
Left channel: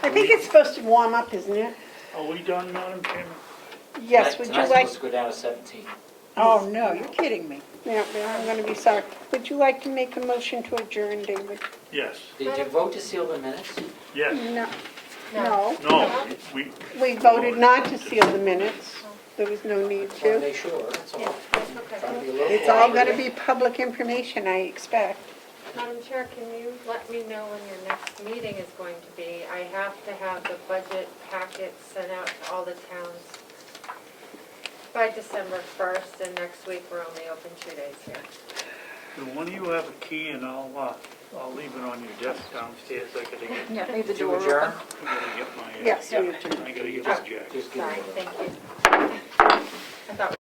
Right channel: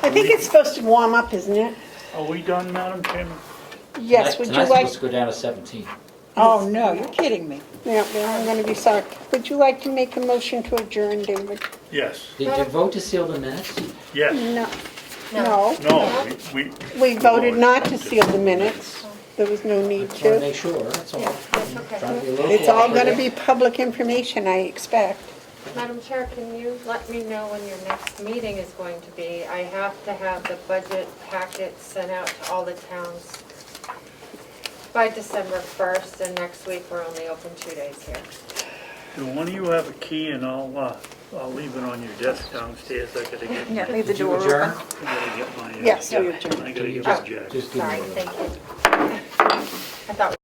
I think it's supposed to warm up, isn't it? Are we done, Madam Chairman? Yes, would you Tonight's like? supposed to go down to 17. Oh, no, you're kidding me. Yeah, I'm gonna be sorry. Would you like to make a motion to adjourn, David? Yes. Did you vote to seal the minutes? Yes. No. No. No, we. We voted not to seal the minutes. There was no need Just want to to. make sure, that's all. Yeah, that's okay. Trying to be a little It's all gonna cooperative. be public information, I expect. Madam Chair, can you let me know when your next meeting is going to be? I have to have the budget packet sent out to all the towns by December 1st, and next week we're only open 2 days here. Do one of you have a key and I'll leave it on your desk downstairs. I gotta get. Yeah, leave the Did you door adjourn? open. I gotta get my. Yes, we I adjourned. gotta get Just- my jacket. Just give me Sorry, a- thank you. I thought